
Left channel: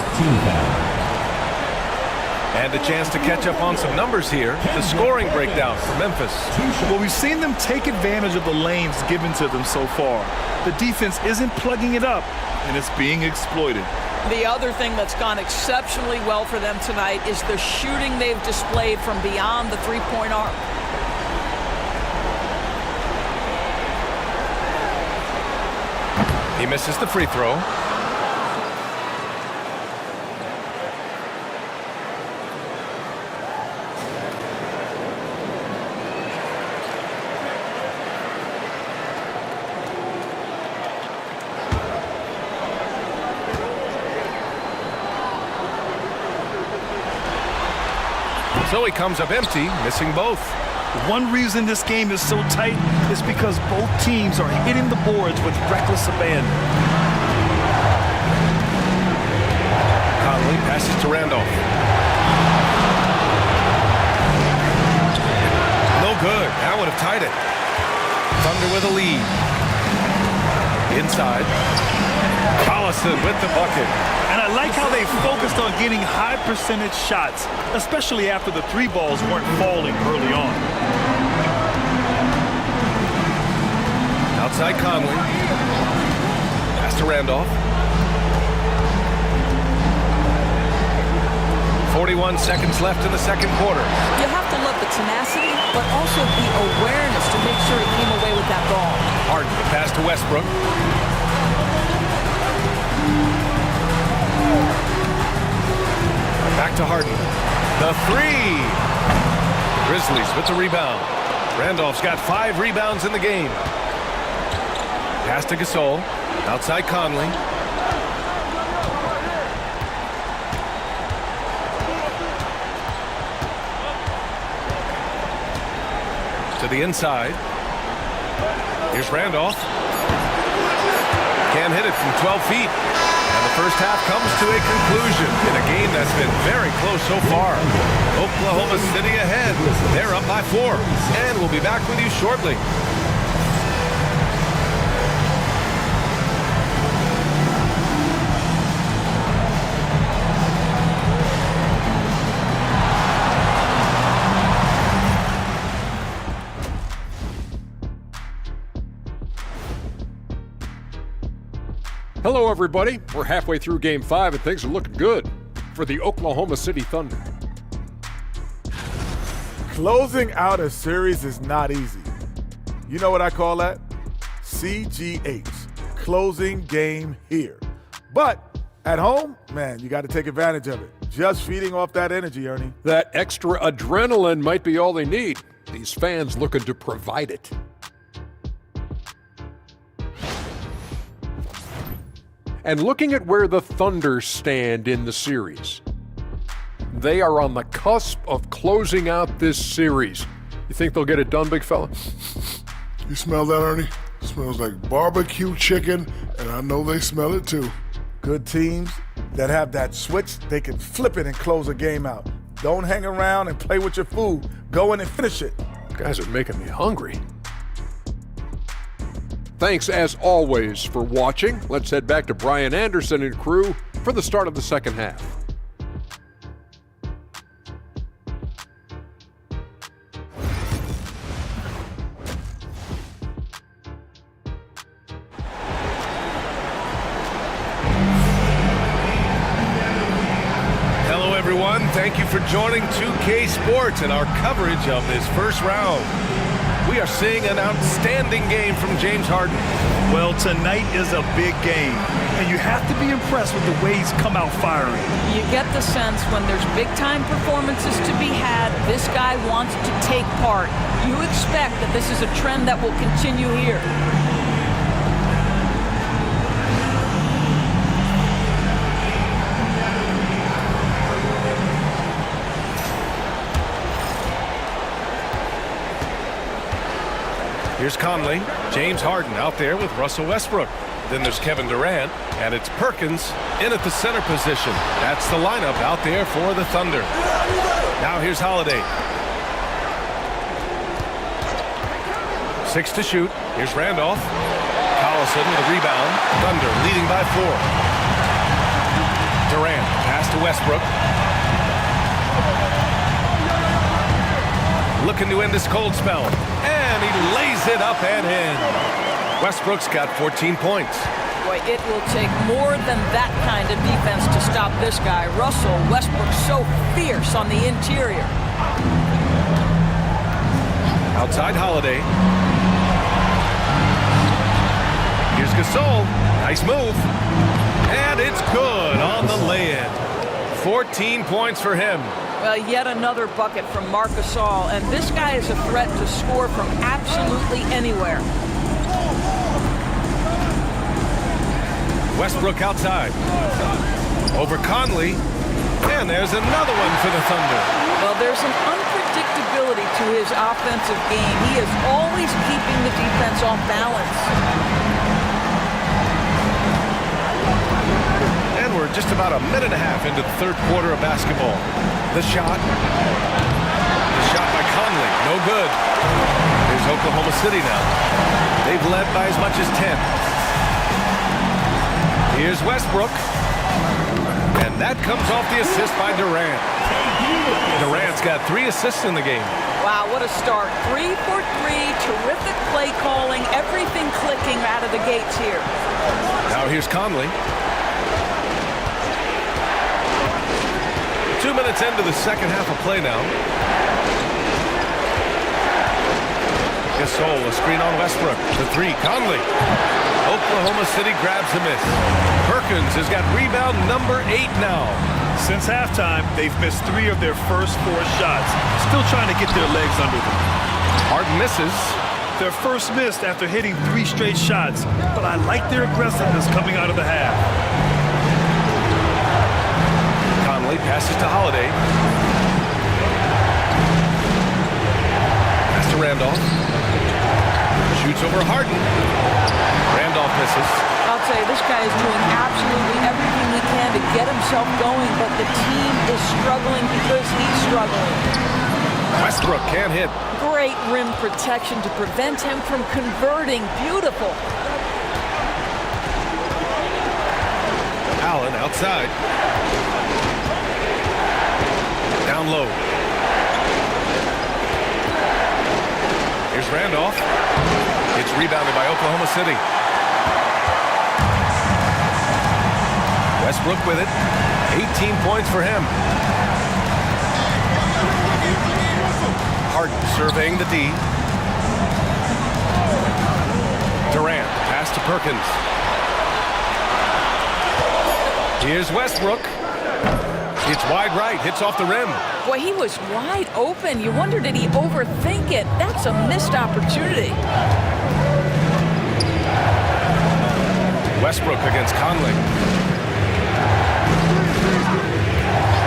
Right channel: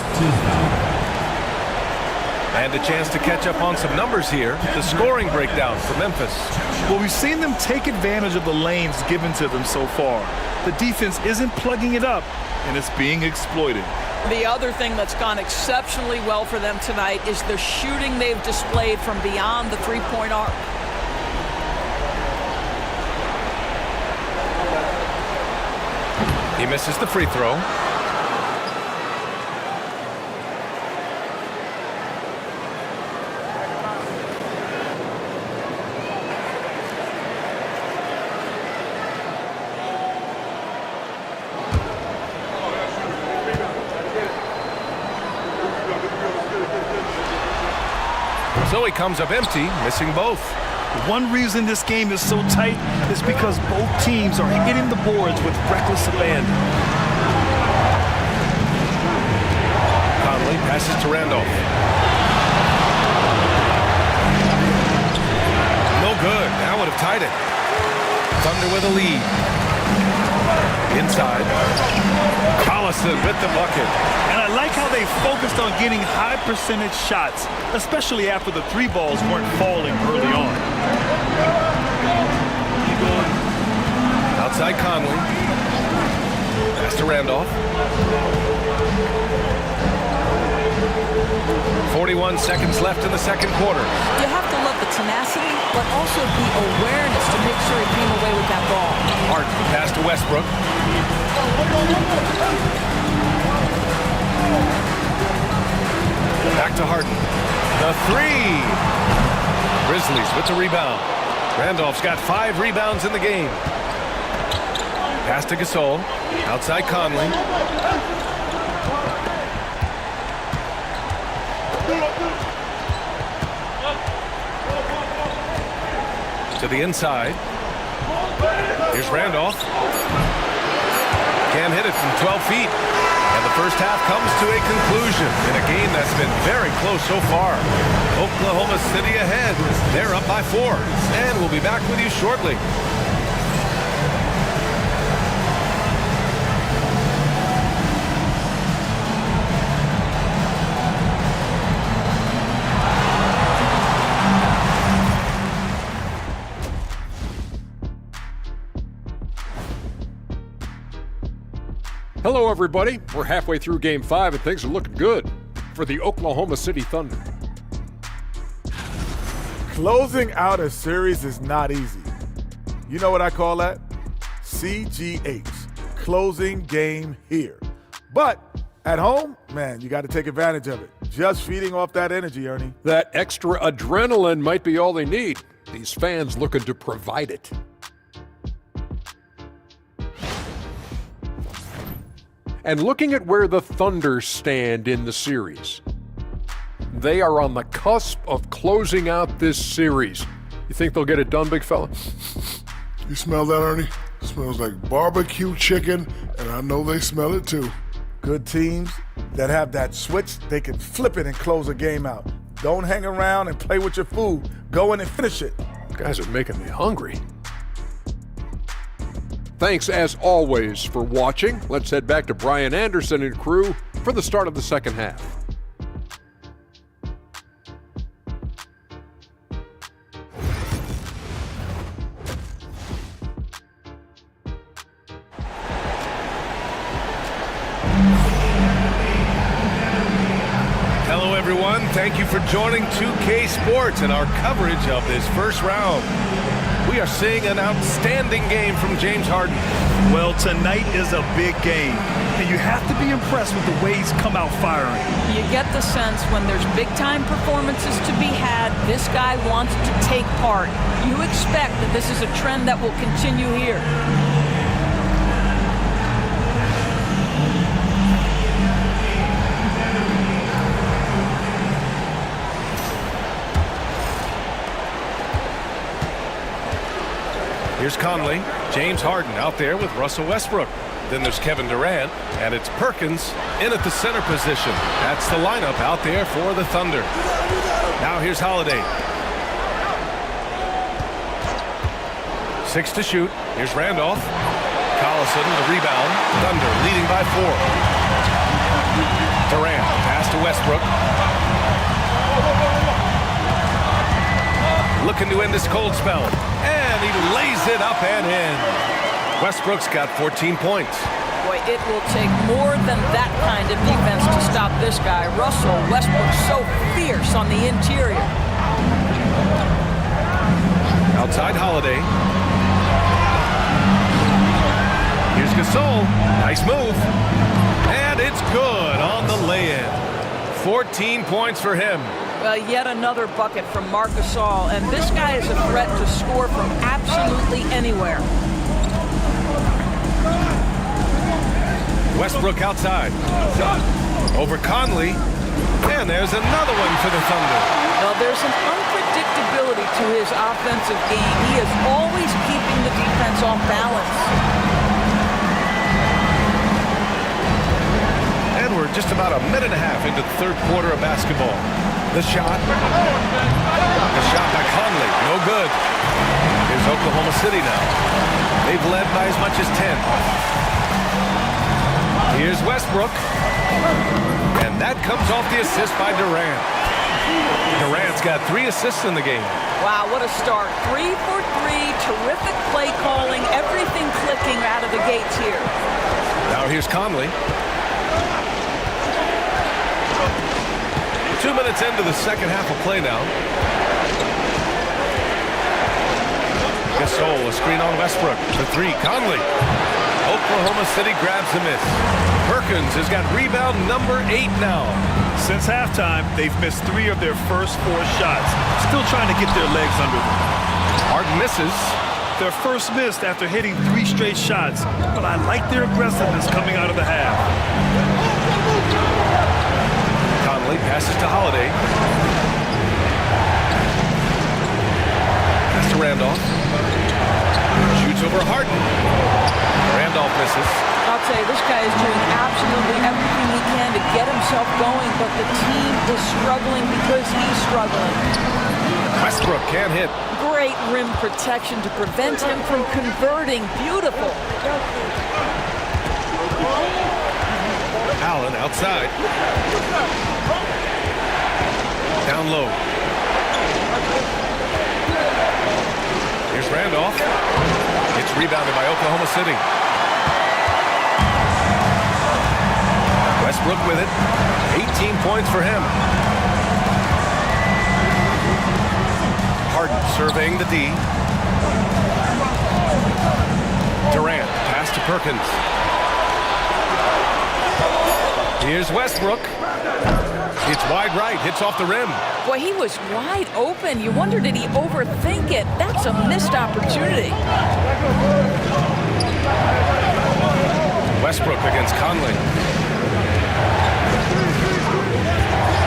And a chance to catch up on some numbers here. The scoring breakdown for Memphis. Well, we've seen them take advantage of the lanes given to them so far. The defense isn't plugging it up, and it's being exploited. The other thing that's gone exceptionally well for them tonight is the shooting they've displayed from beyond the three-point arc. He misses the free throw. So he comes up empty, missing both. One reason this game is so tight is because both teams are hitting the boards with reckless abandon. Conley passes to Randolph. No good. That would have tied it. Thunder with a lead. Inside. Collison with the bucket. And I like how they focused on getting high percentage shots, especially after the 3 balls weren't falling early on. Outside Conley. Pass to Randolph. 41 seconds left in the second quarter. You have to love the tenacity, but also the awareness to make sure he came away with that ball. Harden, the pass to Westbrook. Back to Harden. The 3. Grizzlies with the rebound. Randolph's got 5 rebounds in the game. Pass to Gasol. Outside Conley. To the inside. Here's Randolph. Can't hit it from 12 feet. And the first half comes to a conclusion in a game that's been very close so far. Oklahoma City ahead. They're up by 4. And we'll be back with you shortly. Hello, everybody. We're halfway through Game 5, and things are looking good for the Oklahoma City Thunder. Closing out a series is not easy. You know what I call that? CGH, closing game here. But at home, man, you got to take advantage of it. Just feeding off that energy, Ernie. That extra adrenaline might be all they need. These fans looking to provide it. And looking at where the Thunder stand in the series, they are on the cusp of closing out this series. You think they'll get it done, big fella? You smell that, Ernie? It smells like barbecue chicken, and I know they smell it too. Good teams that have that switch, they can flip it and close a game out. Don't hang around and play with your food. Go in and finish it. You guys are making me hungry. Thanks, as always, for watching. Let's head back to Brian Anderson and crew for for the start of the second half. Hello, everyone. Thank you for joining 2K Sports and our coverage of this first round. We are seeing an outstanding game from James Harden. Well, tonight is a big game, and you have to be impressed with the way he's come out firing. You get the sense when there's big-time performances to be had, this guy wants to take part. You expect that this is a trend that will continue here. Here's Conley. James Harden out there with Russell Westbrook. Then there's Kevin Durant, and it's Perkins in at the center position. That's the lineup out there for the Thunder. Now here's Holiday. 6 to shoot. Here's Randolph. Collison with a rebound. Thunder leading by 4. Durant pass to Westbrook. Looking to end this cold spell. And he lays it up and in. Westbrook's got 14 points. Boy, it will take more than that kind of defense to stop this guy. Russell Westbrook so fierce on the interior. Outside Holiday. Here's Gasol. Nice move. And it's good on the lay-in. 14 points for him. Well, yet another bucket from Marc Gasol, and this guy is a threat to score from absolutely anywhere. Westbrook outside. Over Conley. And there's another one for the Thunder. Well, there's an unpredictability to his offensive game. He is always keeping the defense off balance. And we're just about a minute and a half into the third quarter of basketball. The shot. The shot by Conley. No good. Here's Oklahoma City now. They've led by as much as 10. Here's Westbrook. And that comes off the assist by Durant. Durant's got 3 assists in the game. Wow, what a start. 3 for 3. Terrific play calling. Everything clicking out of the gates here. Now here's Conley. 2 minutes into the second half of play now. Gasol, a screen on Westbrook. The 3, Conley. Oklahoma City grabs a miss. Perkins has got rebound number 8 now. Since halftime, they've missed 3 of their first 4 shots. Still trying to get their legs under them. Harden misses. Their first missed after hitting 3 straight shots, but I like their aggressiveness coming out of the half. Conley passes to Holiday. Pass to Randolph. Shoots over Harden. Randolph misses. I'll tell you, this guy is doing absolutely everything he can to get himself going, but the team is struggling because he's struggling. Westbrook can't hit. Great rim protection to prevent him from converting. Beautiful. Allen outside. Down low. Here's Randolph. It's rebounded by Oklahoma City. Westbrook with it. 18 points for him. Harden surveying the D. Durant, pass to Perkins. Here's Westbrook. It's wide right, hits off the rim. Boy, he was wide open. You wonder, did he overthink it? That's a missed opportunity. Westbrook against Conley.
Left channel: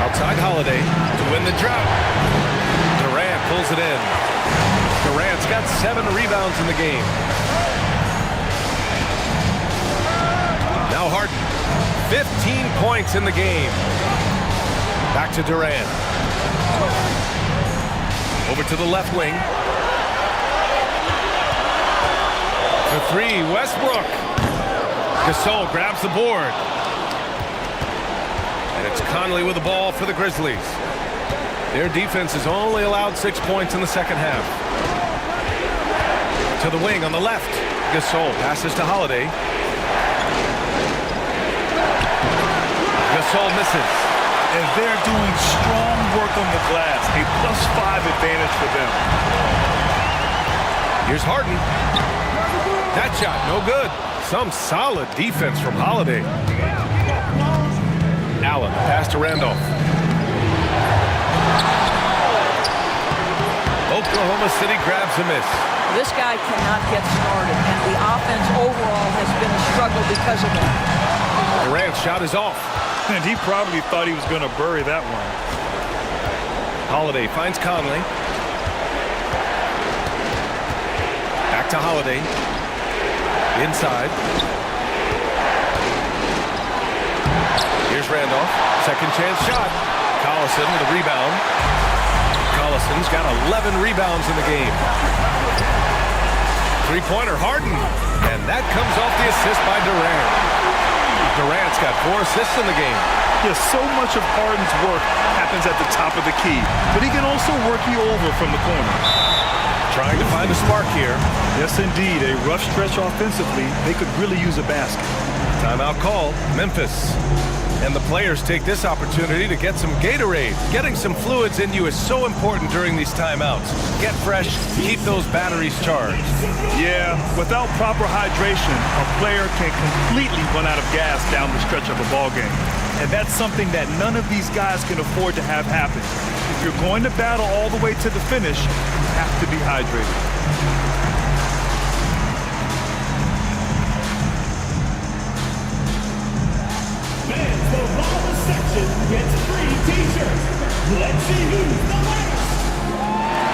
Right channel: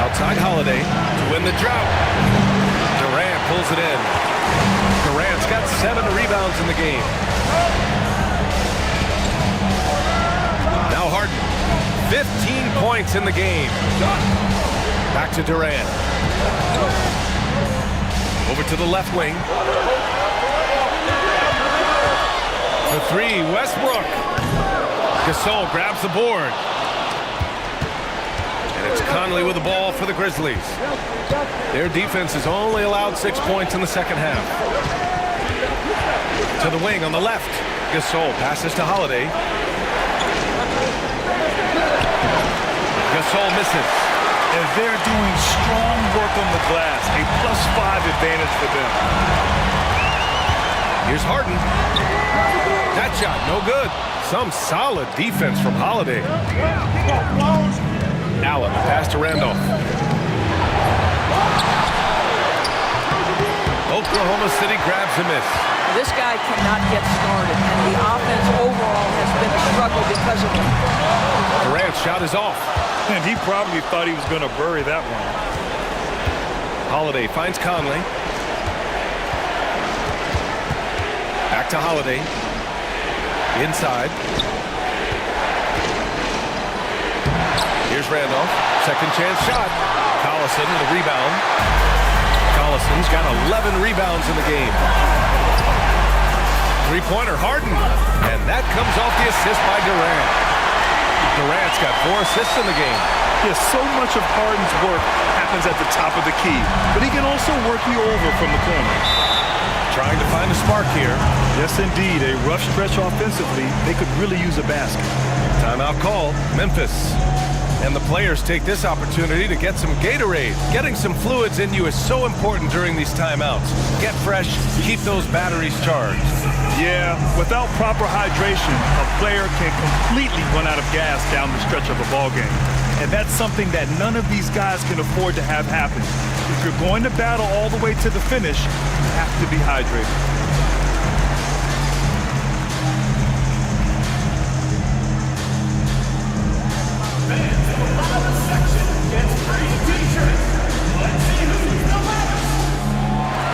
Outside Holiday to win the drought. Durant pulls it in. Durant's got 7 rebounds in the game. Now Harden. 15 points in the game. Back to Durant. Over to the left wing. For 3, Westbrook. Gasol grabs the board. And it's Conley with the ball for the Grizzlies. Their defense has only allowed 6 points in the second half. To the wing on the left. Gasol passes to Holiday. Gasol misses. And they're doing strong work on the glass. A +5 advantage for them. Here's Harden. That shot, no good. Some solid defense from Holiday. Allen, pass to Randolph. Oklahoma City grabs a miss. This guy cannot get started, and the offense overall has been a struggle because of it. Durant's shot is off. And he probably thought he was going to bury that one. Holiday finds Conley. Back to Holiday. Inside. Here's Randolph. Second chance shot. Collison with a rebound. Collison's got 11 rebounds in the game. Three-pointer, Harden. And that comes off the assist by Durant. Durant's got 4 assists in the game. Yes, so much of Harden's work happens at the top of the key, but he can also work you over from the corners. Trying to find a spark here. Yes, indeed. A rough stretch offensively. They could really use a basket. Timeout call, Memphis. And the players take this opportunity to get some Gatorade. Getting some fluids in you is so important during these timeouts. Get fresh, keep those batteries charged. Yeah, without proper hydration, a player can completely run out of gas down the stretch of a ball game. And that's something that none of these guys can afford to have happen. If you're going to battle all the way to the finish, you have to be hydrated. Gets free t-shirts. Let's see who's the last. Who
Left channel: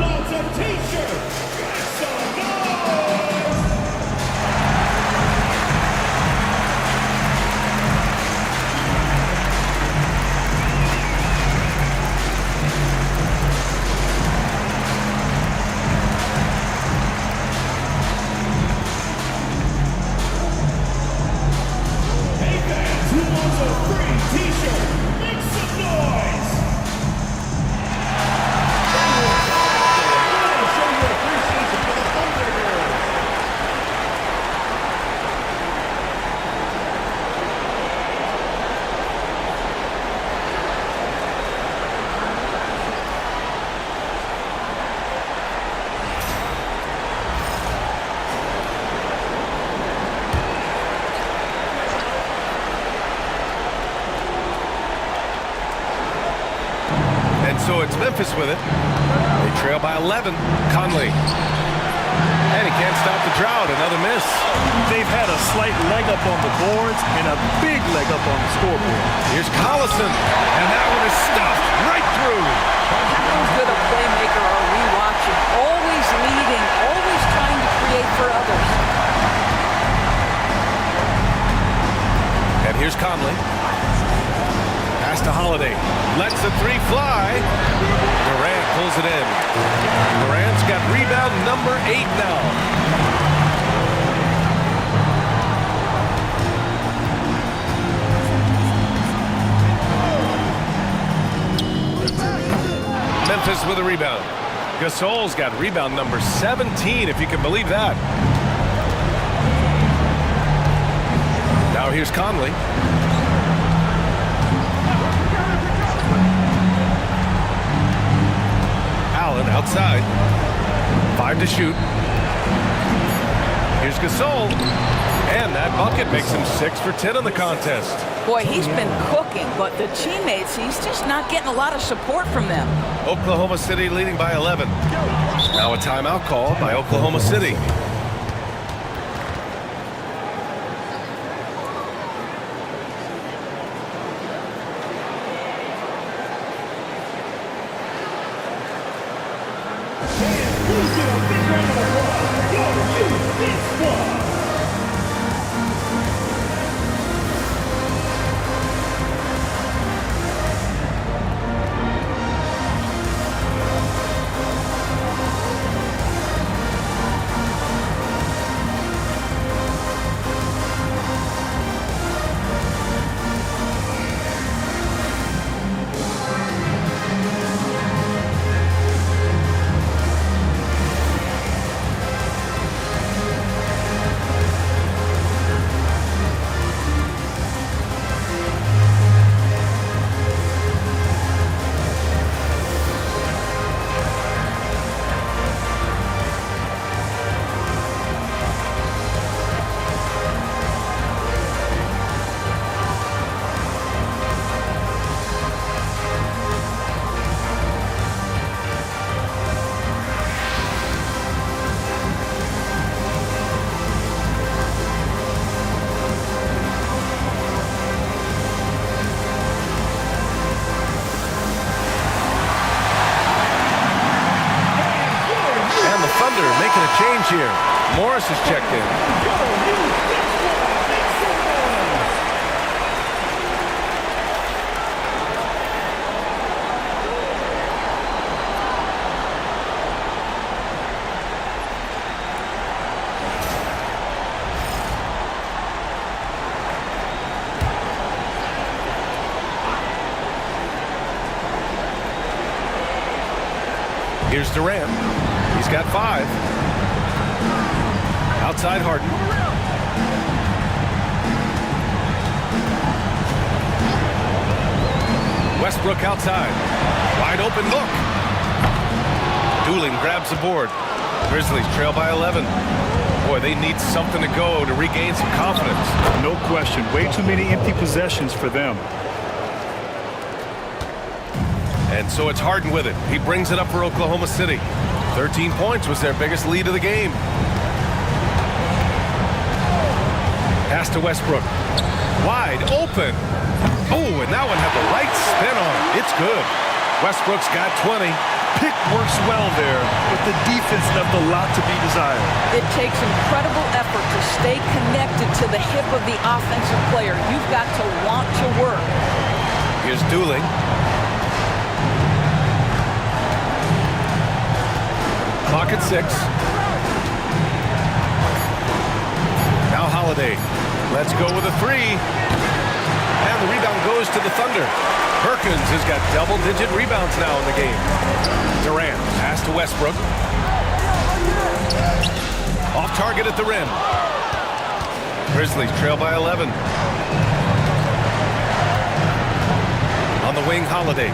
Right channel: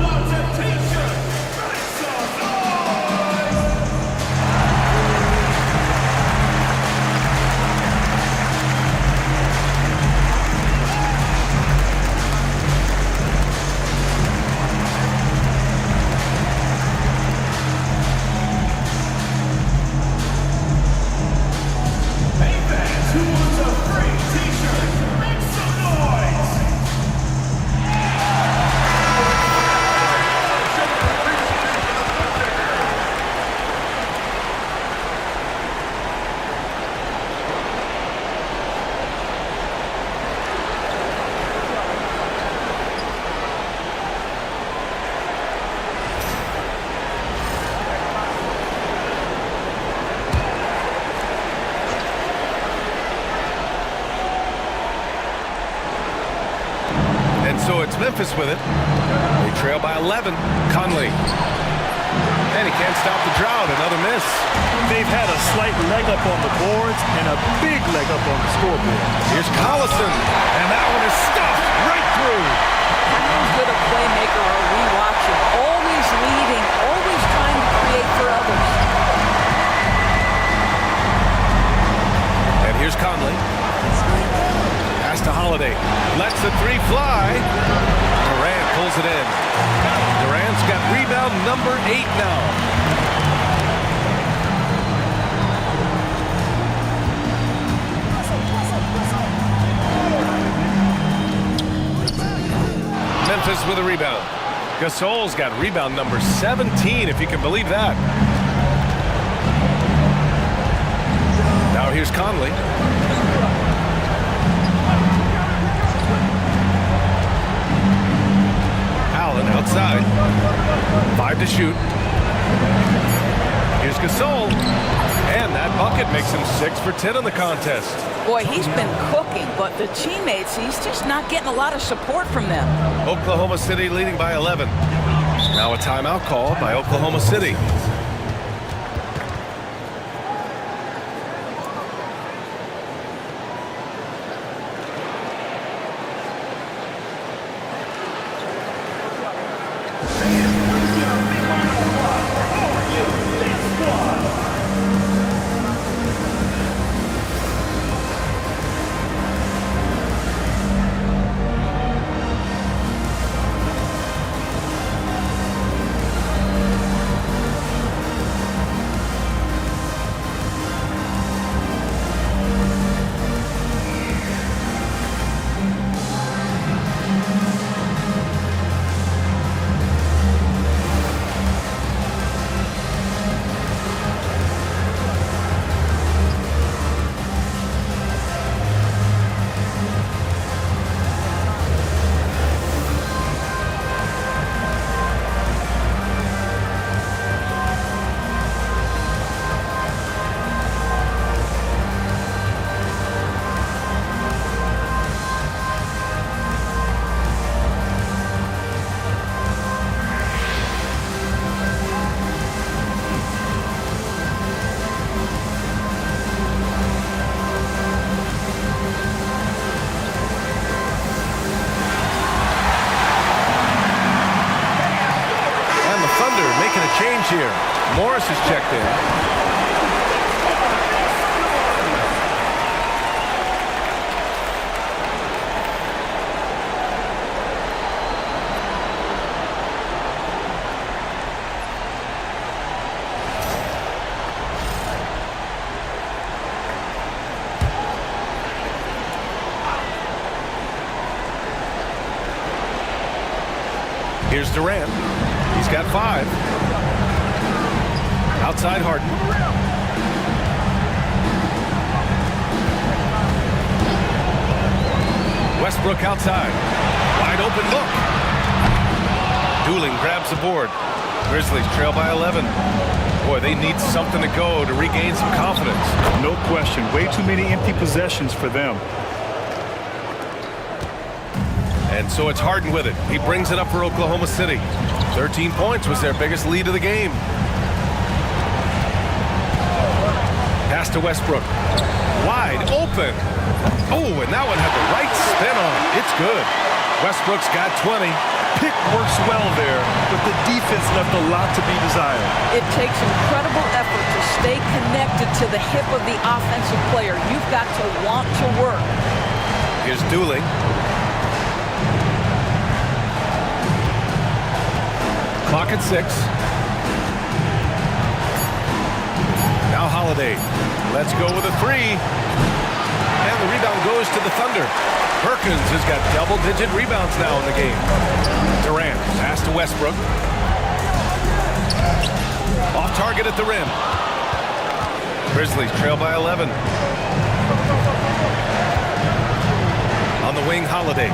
wants a t-shirt? Make some noise. Who wants a free t-shirt? Make some noise! And so it's Memphis with it. They trail by 11. Conley. And he can't stop the drought. Another miss. They've had a slight leg up on the boards and a big leg up on the scoreboard. Here's Collison. And that one is stuffed right through. How good a playmaker are we watching? Always leading, always trying to create for others. And here's Conley. Pass to Holiday. Lets the three fly. Durant pulls it in. Durant's got rebound number 8 now. Memphis with a rebound. Gasol's got rebound number 17, if you can believe that. Now here's Conley. Allen outside. 5 to shoot. Here's Gasol. And that bucket makes him 6 for 10 in the contest. Boy, he's been cooking, but the teammates, he's just not getting a lot of support from them. Oklahoma City leading by 11. Now a timeout call by Oklahoma City. Thunder making a change here. Morris is checked in. Here's Durant. He's got 5. Outside Harden. Westbrook outside. Wide open look. Dooling grabs the board. Grizzlies trail by 11. Boy, they need something to go to regain some confidence. No question. Way too many empty possessions for them. And so it's Harden with it. He brings it up for Oklahoma City. 13 points was their biggest lead of the game. Pass to Westbrook. Wide open. Oh, and that one had the right spin on it. It's good. Westbrook's got 20. Pick works well there, but the defense left a lot to be desired. It takes incredible effort to stay connected to the hip of the offensive player. You've got to want to work. Here's Dooling. Clock at 6. Now Holiday. Let's go with a 3. And the rebound goes to the Thunder. Perkins has got double-digit rebounds now in the game. Durant, pass to Westbrook. Off target at the rim. Grizzlies trail by 11. On the wing, Holiday.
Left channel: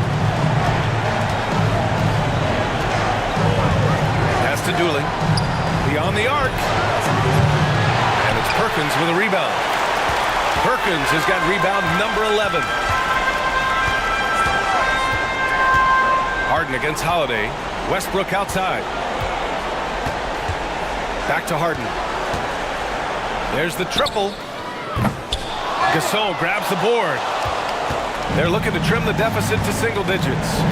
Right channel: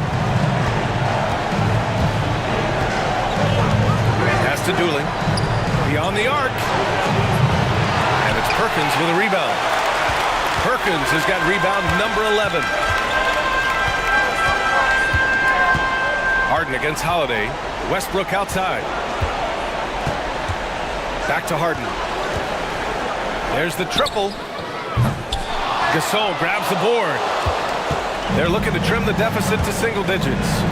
Pass to Dooling. Beyond the arc. And it's Perkins with a rebound. Perkins has got rebound number 11. Harden against Holiday. Westbrook outside. Back to Harden. There's the triple. Gasol grabs the board. They're looking to trim the deficit to single digits.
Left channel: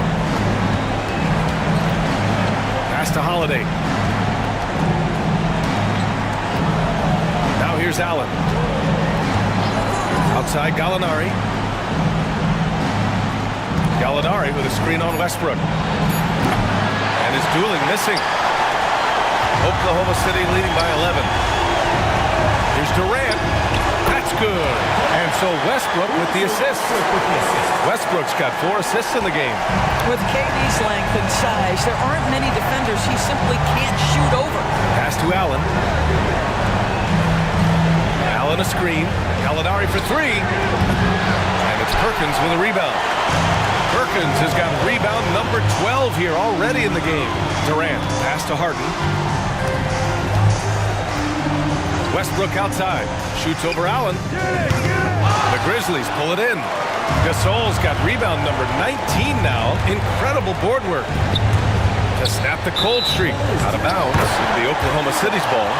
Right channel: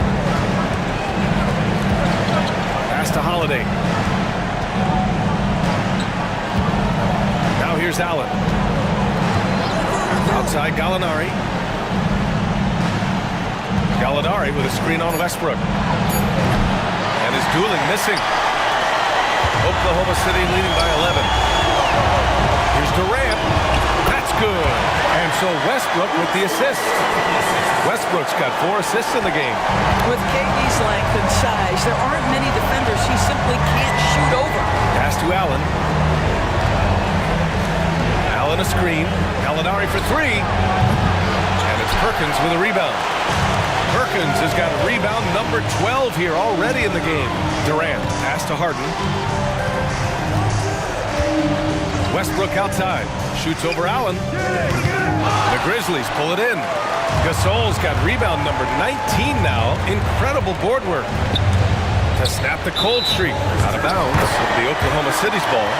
Pass to Holiday. Now here's Allen. Outside Gallinari. Gallinari with a screen on Westbrook. And is Dooling missing. Oklahoma City leading by 11. Here's Durant. That's good. And so Westbrook with the assist. Westbrook's got 4 assists in the game. With KD's length and size, there aren't many defenders he simply can't shoot over. Pass to Allen. Allen a screen. Gallinari for 3. And it's Perkins with a rebound. Perkins has got rebound number 12 here already in the game. Durant, pass to Harden. Westbrook outside. Shoots over Allen. The Grizzlies pull it in. Gasol's got rebound number 19 now. Incredible board work. To snap the cold streak. Out of bounds. It'll be Oklahoma City's ball.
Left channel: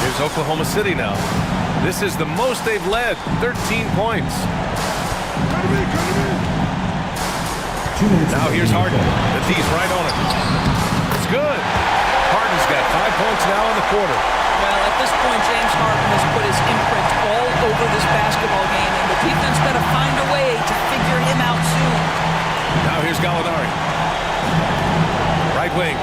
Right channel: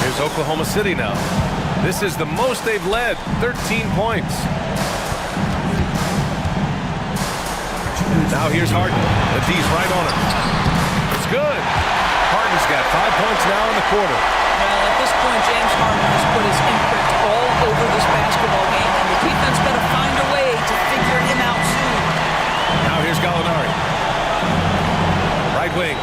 Here's Oklahoma City now. This is the most they've led, 13 points. Now here's Harden. The D's right on him. It's good. Harden's got 5 points now in the quarter. Well, at this point, James Harden has put his imprint all over this basketball game, and the defense better find a way to figure him out soon. Now here's Gallinari. Right wing.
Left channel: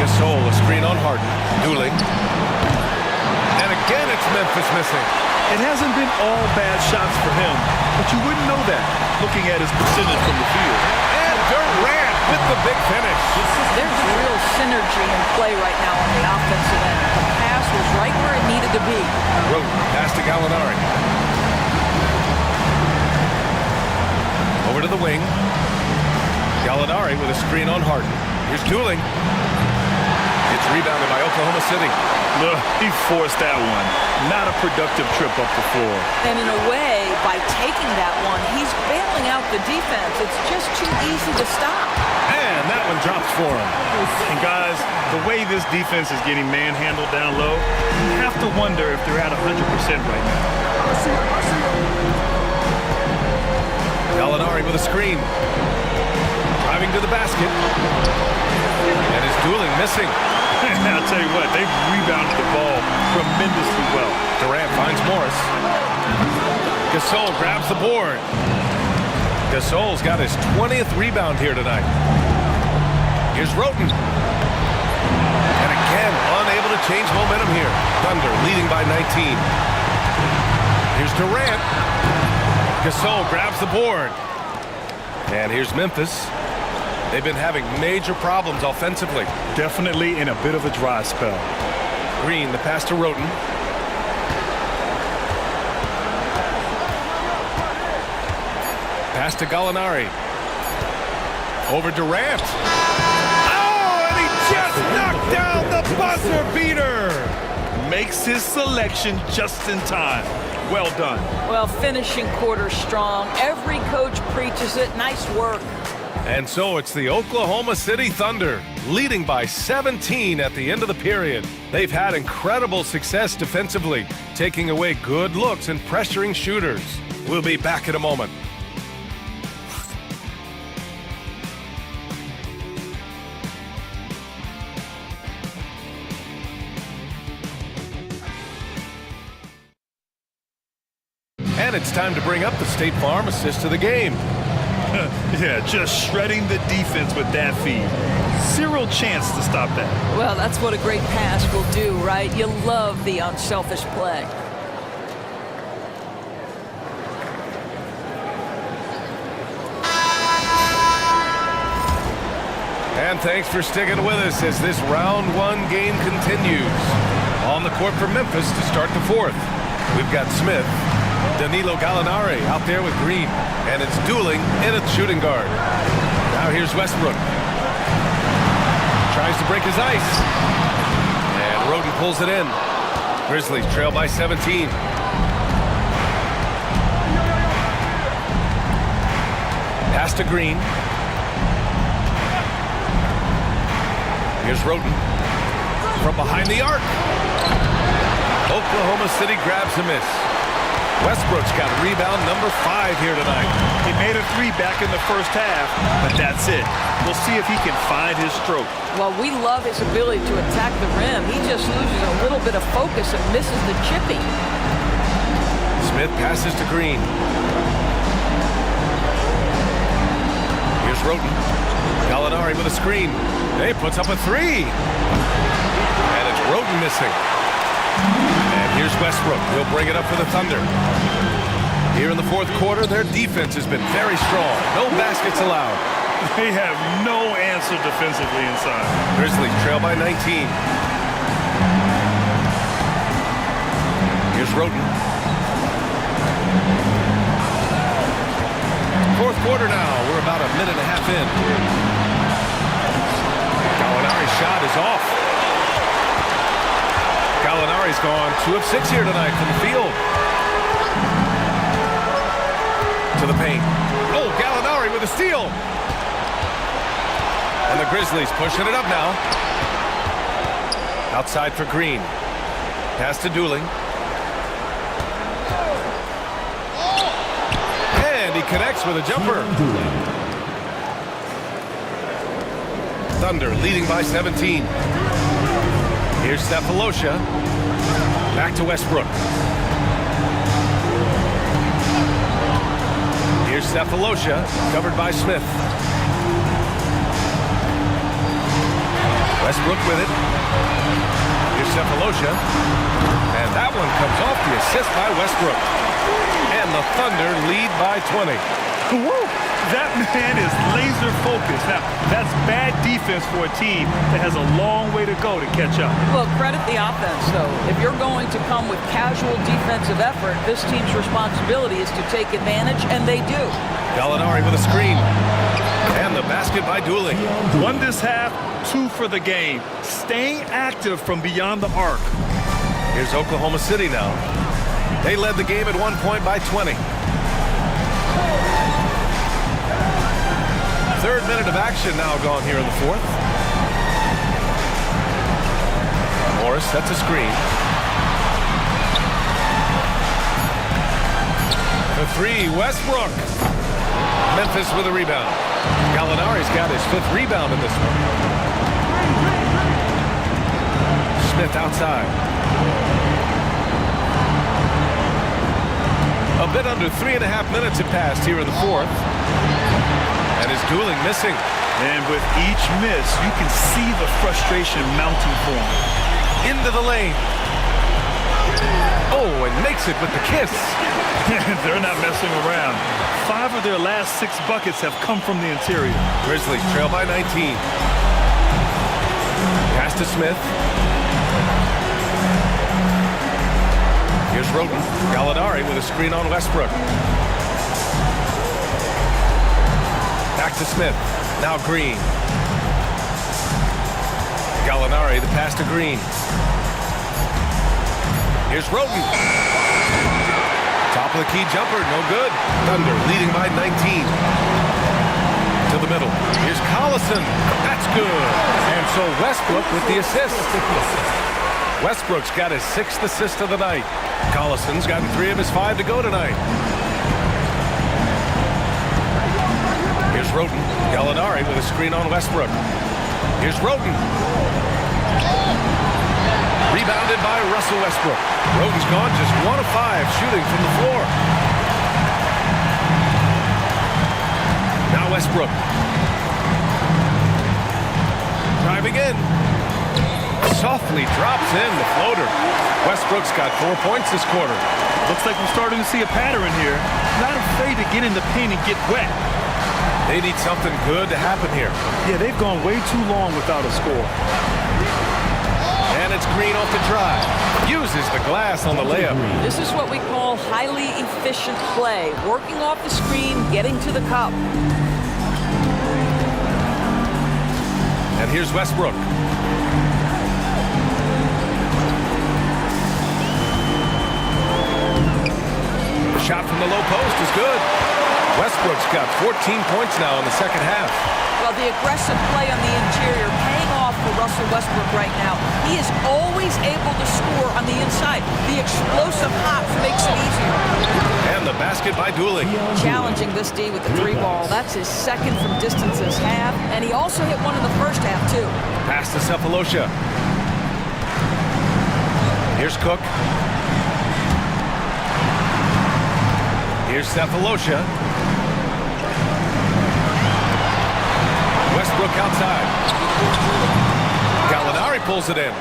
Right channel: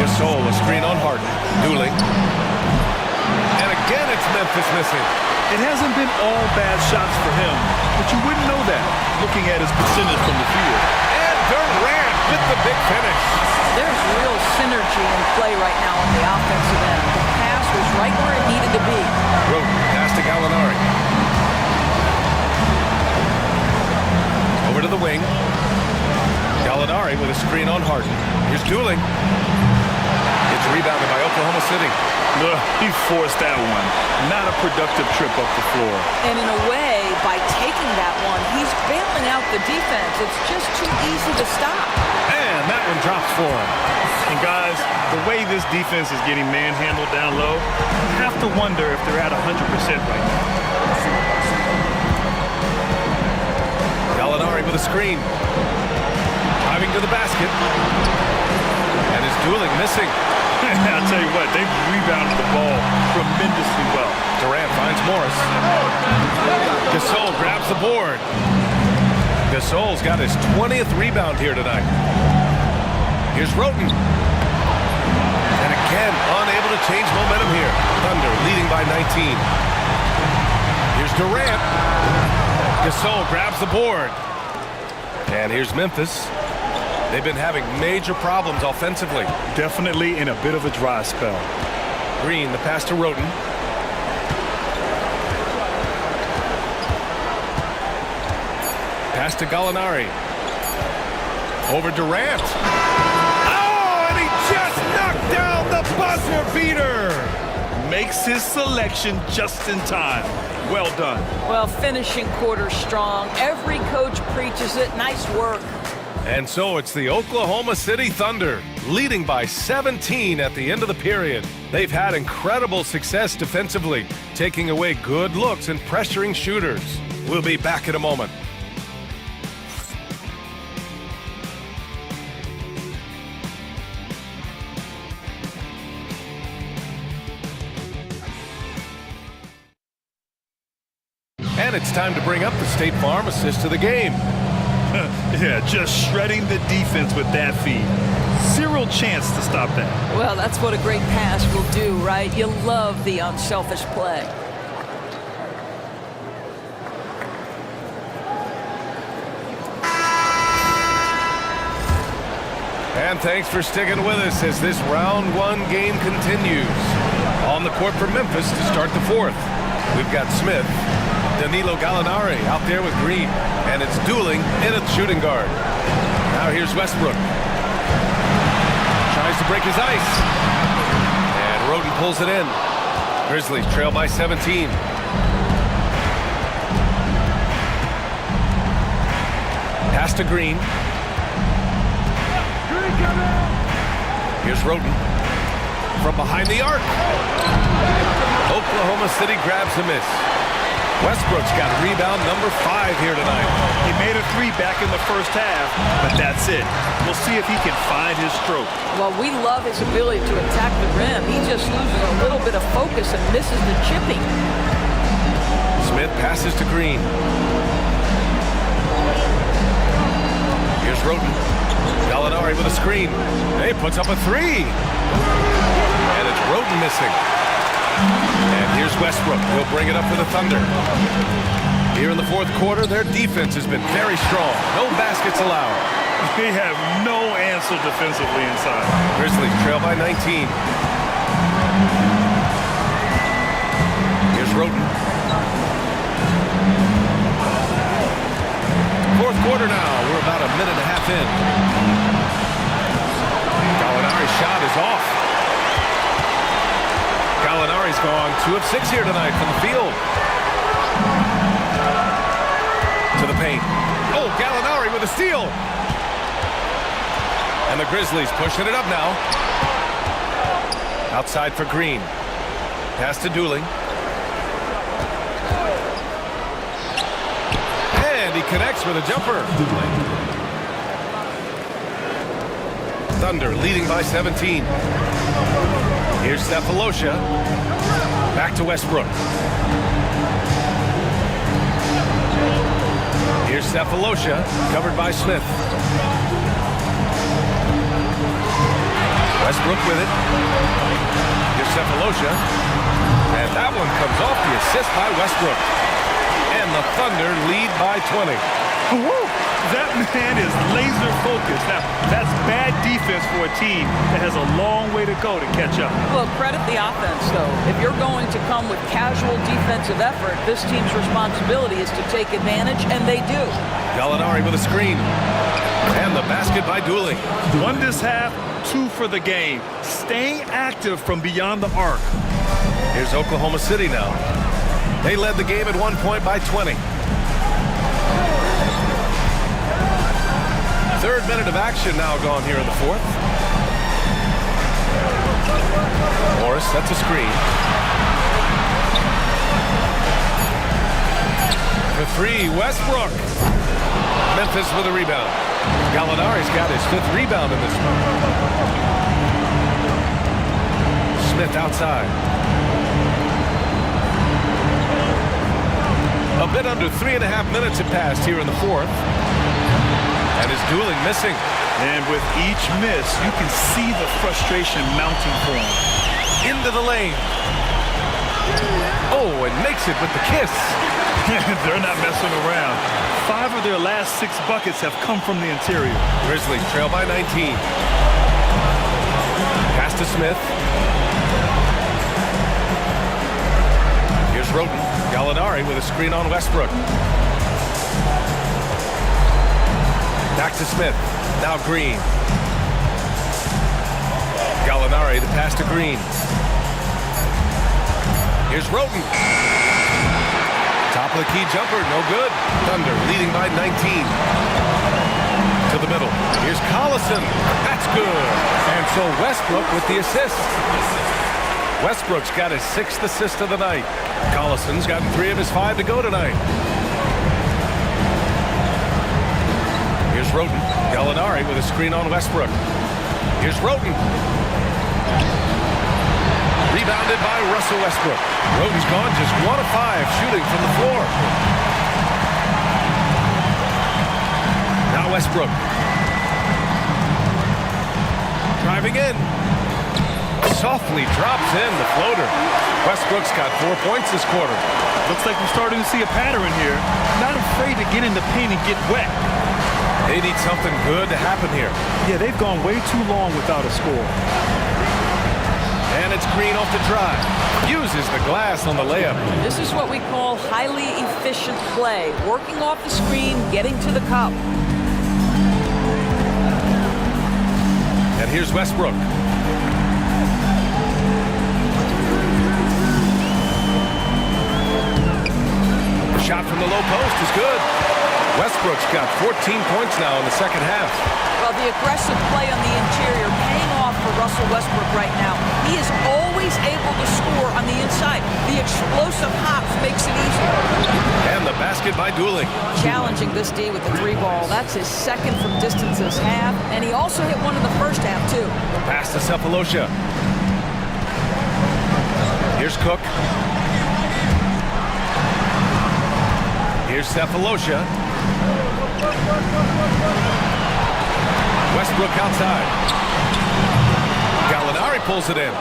Gasol, a screen on Harden. Dooling. And again, it's Memphis missing. It hasn't been all bad shots for him, but you wouldn't know that looking at his percentage from the field. And Durant with the big finish. There's real synergy in play right now on the offensive end. The pass was right where it needed to be. Roten, pass to Gallinari. Over to the wing. Gallinari with a screen on Harden. Here's Dooling. It's rebounded by Oklahoma City. He forced that one. Not a productive trip up the floor. And in a way, by taking that one, he's bailing out the defense. It's just too easy to stop. And that one drops for him. And guys, the way this defense is getting manhandled down low, you have to wonder if they're at 100% right now. Gallinari with a screen. Driving to the basket. And is dueling missing. I'll tell you what, they've rebounded the ball tremendously well. Durant finds Morris. Gasol grabs the board. Gasol's got his 20th rebound here tonight. Here's Roten. And again, unable to change momentum here. Thunder leading by 19. Here's Durant. Gasol grabs the board. And here's Memphis. They've been having major problems offensively. Definitely in a bit of a dry spell. Green, the pass to Roten. Pass to Gallinari. Over Durant. Oh, and he just knocked down the buzzer beater. Makes his selection just in time. Well done. Well, finishing quarter strong. Every coach preaches it. Nice work. And so it's the Oklahoma City Thunder, leading by 17 at the end of the period. They've had incredible success defensively, taking away good looks and pressuring shooters. We'll be back in a moment. And it's time to bring up the State Farm assist of the game. Yeah, just shredding the defense with that feed. Zero chance to stop that. Well, that's what a great pass will do, right? You love the unselfish play. And thanks for sticking with us as this round one game continues. On the court for Memphis to start the fourth. We've got Smith, Danilo Gallinari out there with Green. And it's dueling in a shooting guard. Now here's Westbrook. Tries to break his ice. And Roten pulls it in. Grizzlies trail by 17. Pass to Green. Here's Roten. From behind the arc. Oklahoma City grabs a miss. Westbrook's got rebound number 5 here tonight. He made a 3 back in the first half, but that's it. We'll see if he can find his stroke. Well, we love his ability to attack the rim. He just loses a little bit of focus and misses the chippy. Smith passes to Green. Here's Roten. Gallinari with a screen. He puts up a 3. And it's Roten missing. And here's Westbrook. He'll bring it up for the Thunder. Here in the fourth quarter, their defense has been very strong. No baskets allowed. They have no answer defensively inside. Grizzlies trail by 19. Here's Roten. Fourth quarter now. We're about a minute and a half in. Gallinari's shot is off. Gallinari's gone 2 of 6 here tonight from the field. To the paint. Oh, Gallinari with a steal. And the Grizzlies pushing it up now. Outside for Green. Pass to Dooling. And he connects with a jumper. Thunder leading by 17. Here's Cephalosha. Back to Westbrook. Here's Cephalosha, covered by Smith. Westbrook with it. Here's Cephalosha. And that one comes off the assist by Westbrook. And the Thunder lead by 20. Woo! That man is laser focused. Now, that's bad defense for a team that has a long way to go to catch up. Well, credit the offense, though. If you're going to come with casual defensive effort, this team's responsibility is to take advantage, and they do. Gallinari with a screen. And the basket by Dooling. 1 this half, 2 for the game. Staying active from beyond the arc. Here's Oklahoma City now. They led the game at 1 point by 20. Third minute of action now gone here in the fourth. Morris sets a screen. For three, Westbrook. Memphis with a rebound. Gallinari's got his 5th rebound in this one. Smith outside. A bit under 3.5 minutes have passed here in the fourth. And his dueling missing. And with each miss, you can see the frustration mounting for him. Into the lane. Oh, and makes it with the kiss. They're not messing around. 5 of their last 6 buckets have come from the interior. Grizzlies trail by 19. Pass to Smith. Here's Roten. Gallinari with a screen on Westbrook. Back to Smith. Now Green. Gallinari, the pass to Green. Here's Roten. Top of the key jumper, no good. Thunder leading by 19. To the middle. Here's Collison. That's good. And so Westbrook with the assist. Westbrook's got his 6th assist of the night. Collison's gotten 3 of his 5 to go tonight. Here's Roten. Gallinari with a screen on Westbrook. Here's Roten. Rebounded by Russell Westbrook. Roten's gone just 1 of 5 shooting from the floor. Now Westbrook. Driving in. Softly drops in the floater. Westbrook's got 4 points this quarter. Looks like we're starting to see a pattern here. Not afraid to get in the paint and get wet. They need something good to happen here. Yeah, they've gone way too long without a score. And it's Green off the drive. Uses the glass on the layup. This is what we call highly efficient play. Working off the screen, getting to the cup. And here's Westbrook. Shot from the low post is good. Westbrook's got 14 points now in the second half. Well, the aggressive play on the interior paying off for Russell Westbrook right now. He is always able to score on the inside. The explosive hops makes it easier. And the basket by Dueling. Challenging this D with the 3-ball. That's his 2nd from distance this half. And he also hit one in the first half, too. Pass to Cephalosha. Here's Cook. Here's Cephalosha. Westbrook outside. Gallinari pulls it in.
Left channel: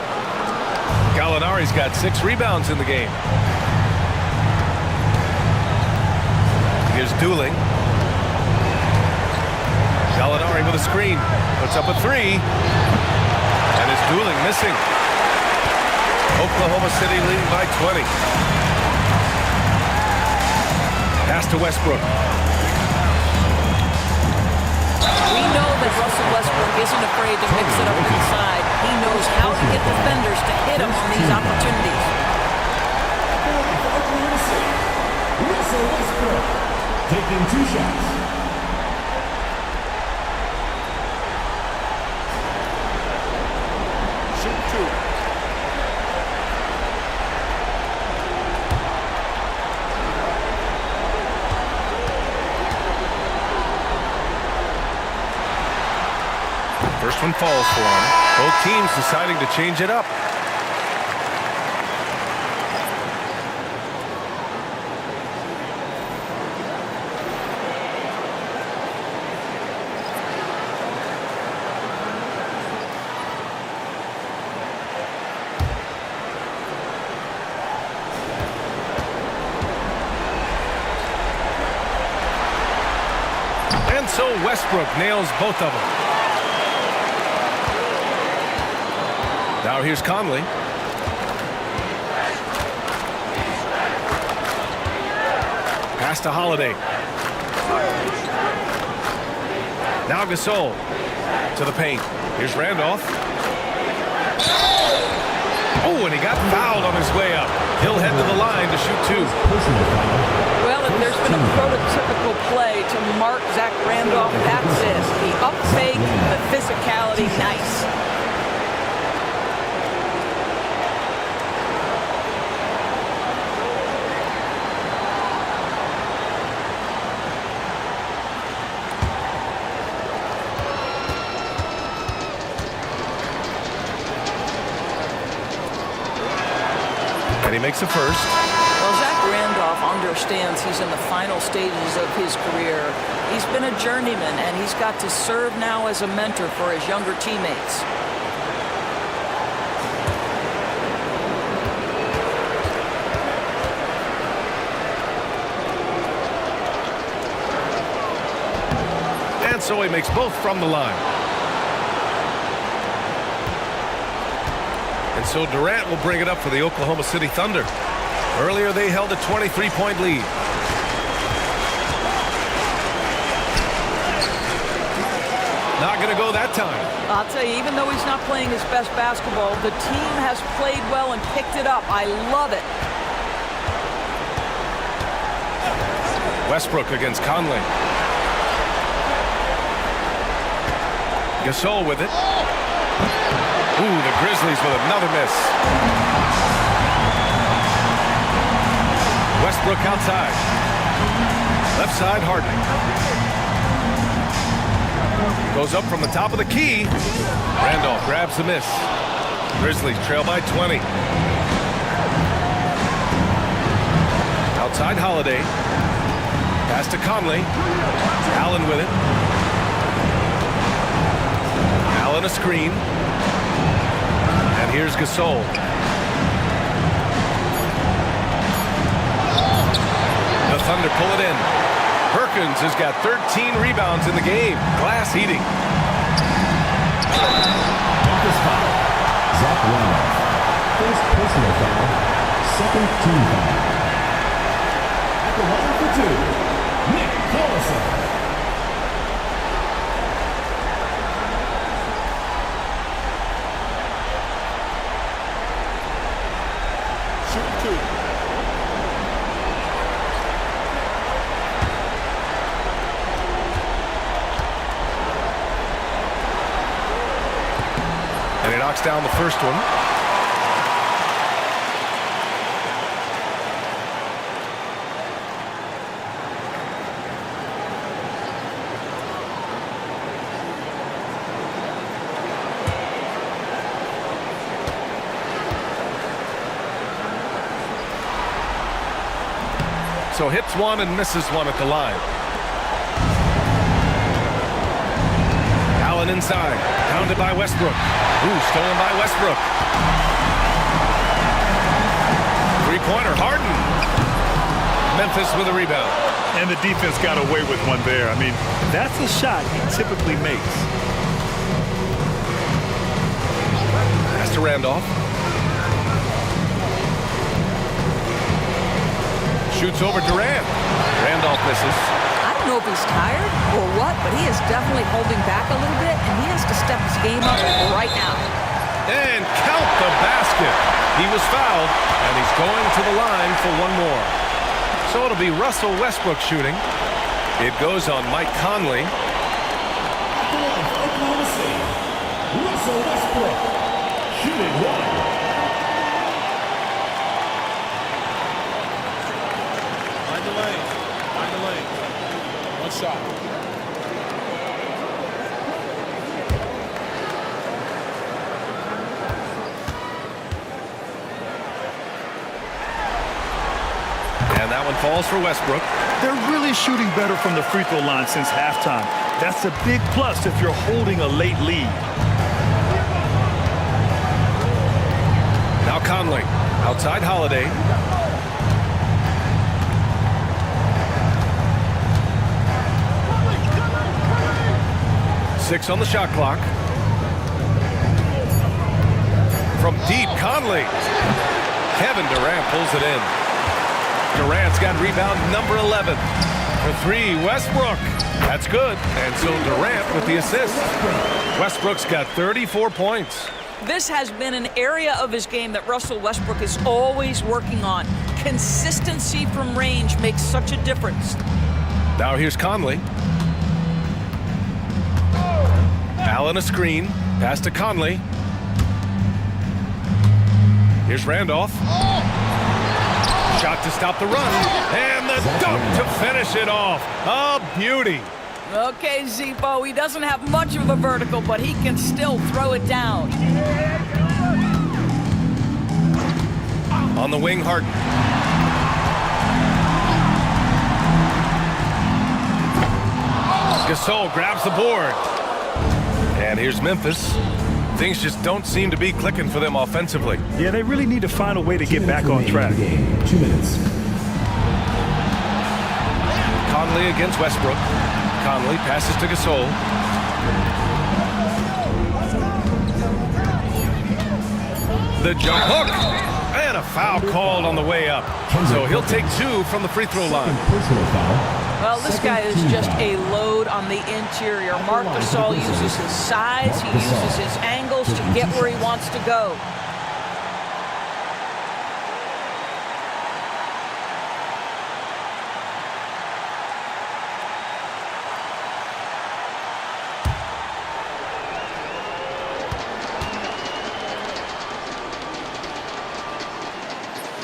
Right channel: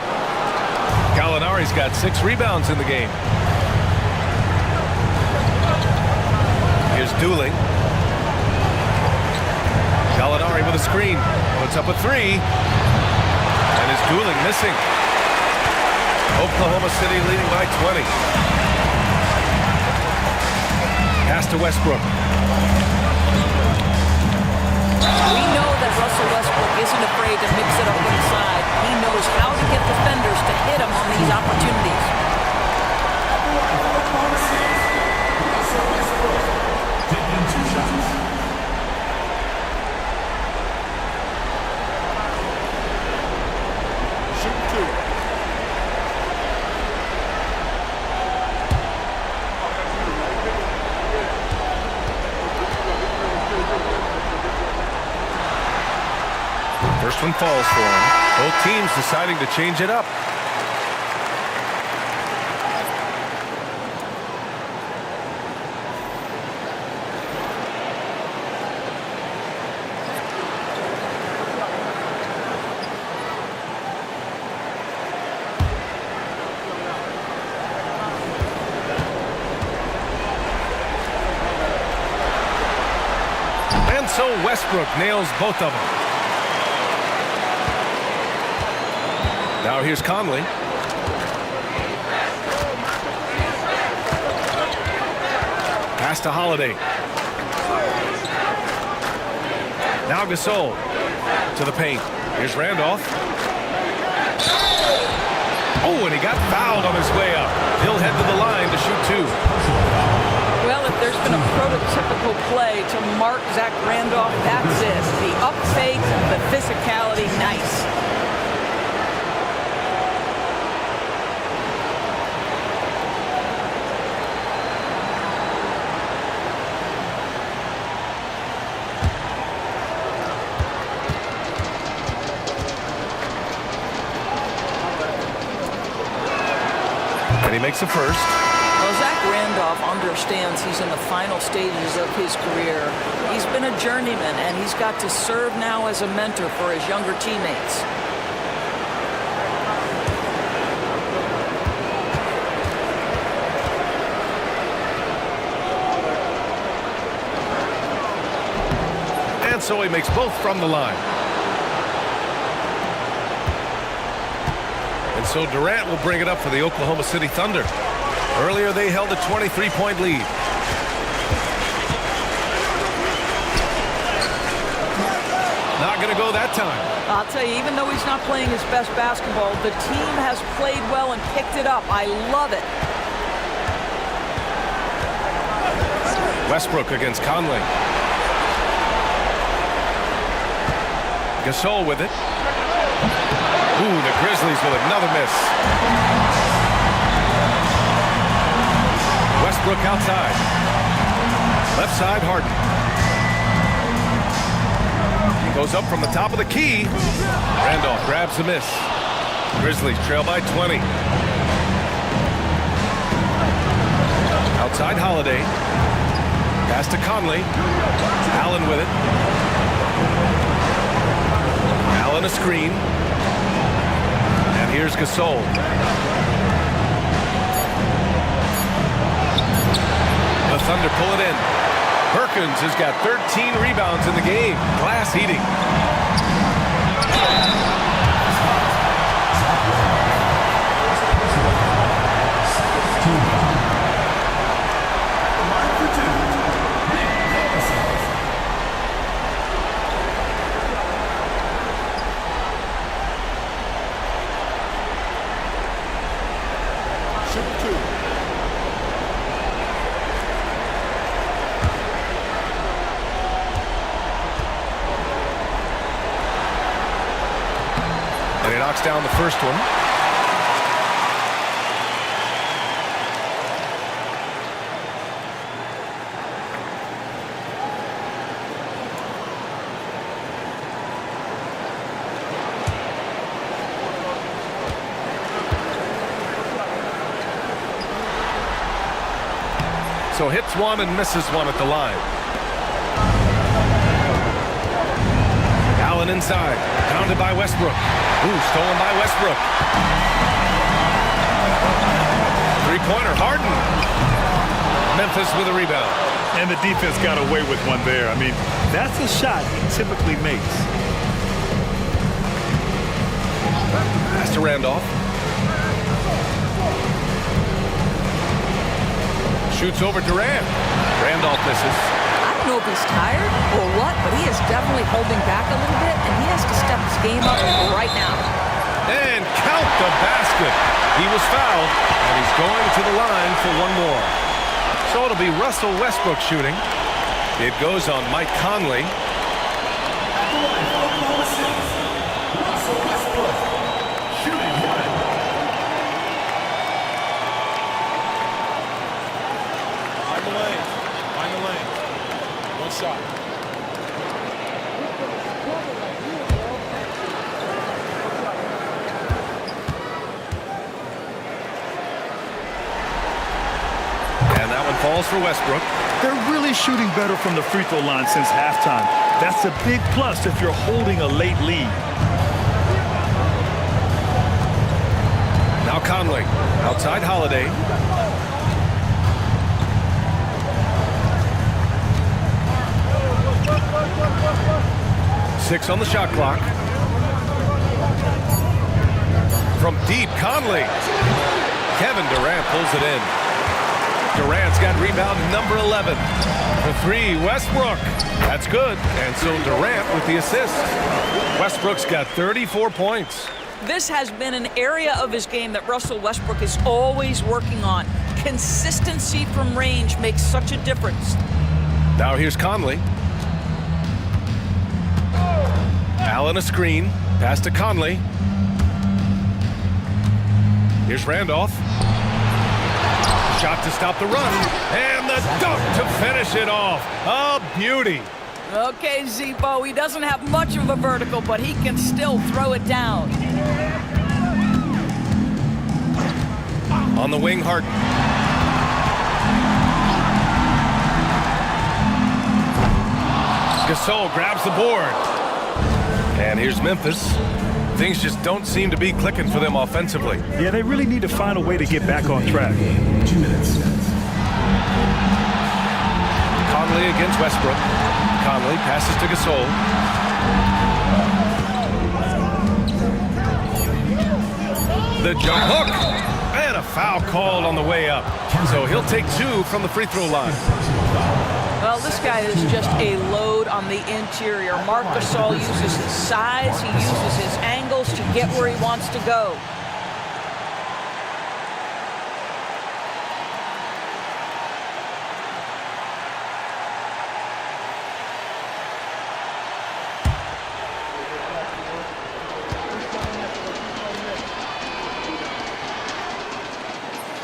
Gallinari's got 6 rebounds in the game. Here's Dueling. Gallinari with a screen. Puts up a 3. And is Dueling missing. Oklahoma City leading by 20. Pass to Westbrook. We know that Russell Westbrook isn't afraid to mix it up inside. He knows how to get defenders to hit him on these opportunities. Russell Westbrook taking 2 shots. Shoot 2. First one falls for him. Both teams deciding to change it up. And so Westbrook nails both of them. Now here's Conley. Pass to Holiday. Now Gasol to the paint. Here's Randolph. Oh, and he got fouled on his way up. He'll head to the line to shoot 2. Well, if there's been a prototypical play to mark Zach Randolph, that's it. The up fake, the physicality, nice. And he makes the first. Well, Zach Randolph understands he's in the final stages of his career. He's been a journeyman, and he's got to serve now as a mentor for his younger teammates. And so he makes both from the line. And so Durant will bring it up for the Oklahoma City Thunder. Earlier, they held a 23-point lead. Not going to go that time. I'll tell you, even though he's not playing his best basketball, the team has played well and picked it up. I love it. Westbrook against Conley. Gasol with it. Ooh, the Grizzlies with another miss. Westbrook outside. Left side, Harden. Goes up from the top of the key. Randolph grabs the miss. Grizzlies trail by 20. Outside Holiday. Pass to Conley. Allen with it. Allen a screen. And here's Gasol. The Thunder pull it in. Perkins has got 13 rebounds in the game. Glass heating. Zach Randolph. First personal foul. Second team foul. At the line for 2, Nick Collison. Shoot 2. And he knocks down the first one. So hits one and misses one at the line. Allen inside. Pounded by Westbrook. Ooh, stolen by Westbrook. Three-pointer, Harden. Memphis with a rebound. And the defense got away with one there. I mean, that's a shot he typically makes. Pass to Randolph. Shoots over Durant. Randolph misses. I don't know if he's tired or what, but he is definitely holding back a little bit, and he has to step his game up right now. And count the basket. He was fouled, and he's going to the line for one more. So it'll be Russell Westbrook shooting. It goes on Mike Conley. At the line for Oklahoma City, Russell Westbrook. Shooting 1. Find the lane. Find the lane. One shot. And that one falls for Westbrook. They're really shooting better from the free throw line since halftime. That's a big plus if you're holding a late lead. Now Conley. Outside Holiday. Six on the shot clock. From deep, Conley. Kevin Durant pulls it in. Durant's got rebound number 11. For 3, Westbrook. That's good. And so Durant with the assist. Westbrook's got 34 points. This has been an area of his game that Russell Westbrook is always working on. Consistency from range makes such a difference. Now here's Conley. Allen a screen. Pass to Conley. Here's Randolph. Shot to stop the run. And the dunk to finish it off. A beauty. Okay, Zippo, he doesn't have much of a vertical, but he can still throw it down. On the wing, Harden. Gasol grabs the board. And here's Memphis. Things just don't seem to be clicking for them offensively. Yeah, they really need to find a way to get back on track. 2 minutes. Conley against Westbrook. Conley passes to Gasol. The jump hook. And a foul called on the way up. So he'll take 2 from the free throw line. Well, this guy is just a load on the interior. Marc Gasol uses his size, he uses his angles to get where he wants to go.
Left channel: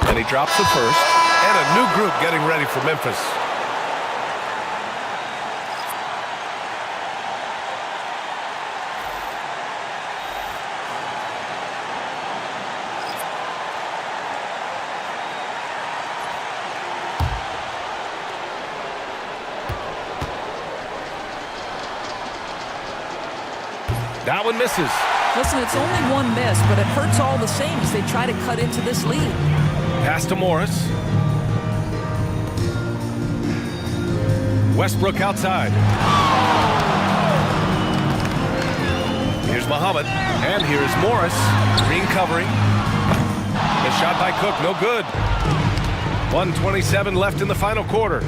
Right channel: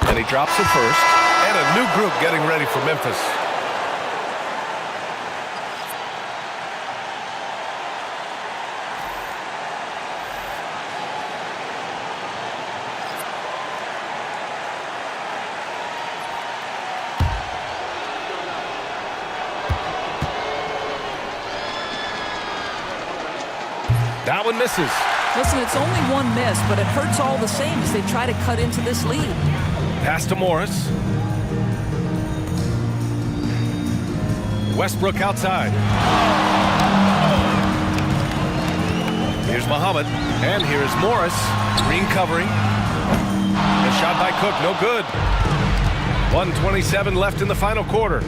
And he drops it first. And a new group getting ready for Memphis. That one misses. Listen, it's only one miss, but it hurts all the same as they try to cut into this lead. Pass to Morris. Westbrook outside. Here's Muhammad. And here's Morris. Green covering. The shot by Cook, no good. 1:27 left in the final quarter.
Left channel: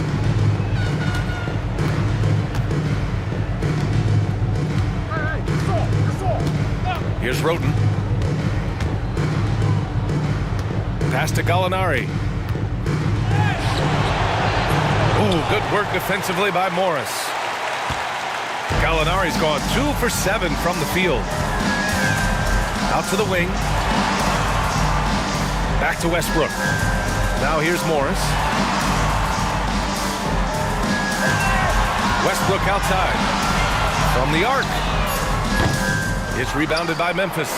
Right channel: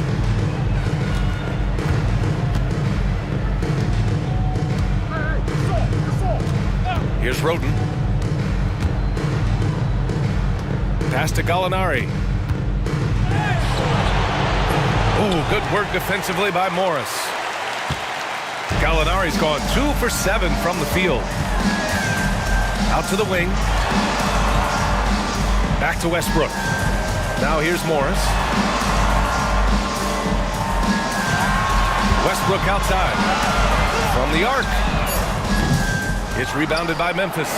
Here's Roden. Pass to Gallinari. Oh, good work defensively by Morris. Gallinari's gone 2 for 7 from the field. Out to the wing. Back to Westbrook. Now here's Morris. Westbrook outside. From the arc. It's rebounded by Memphis.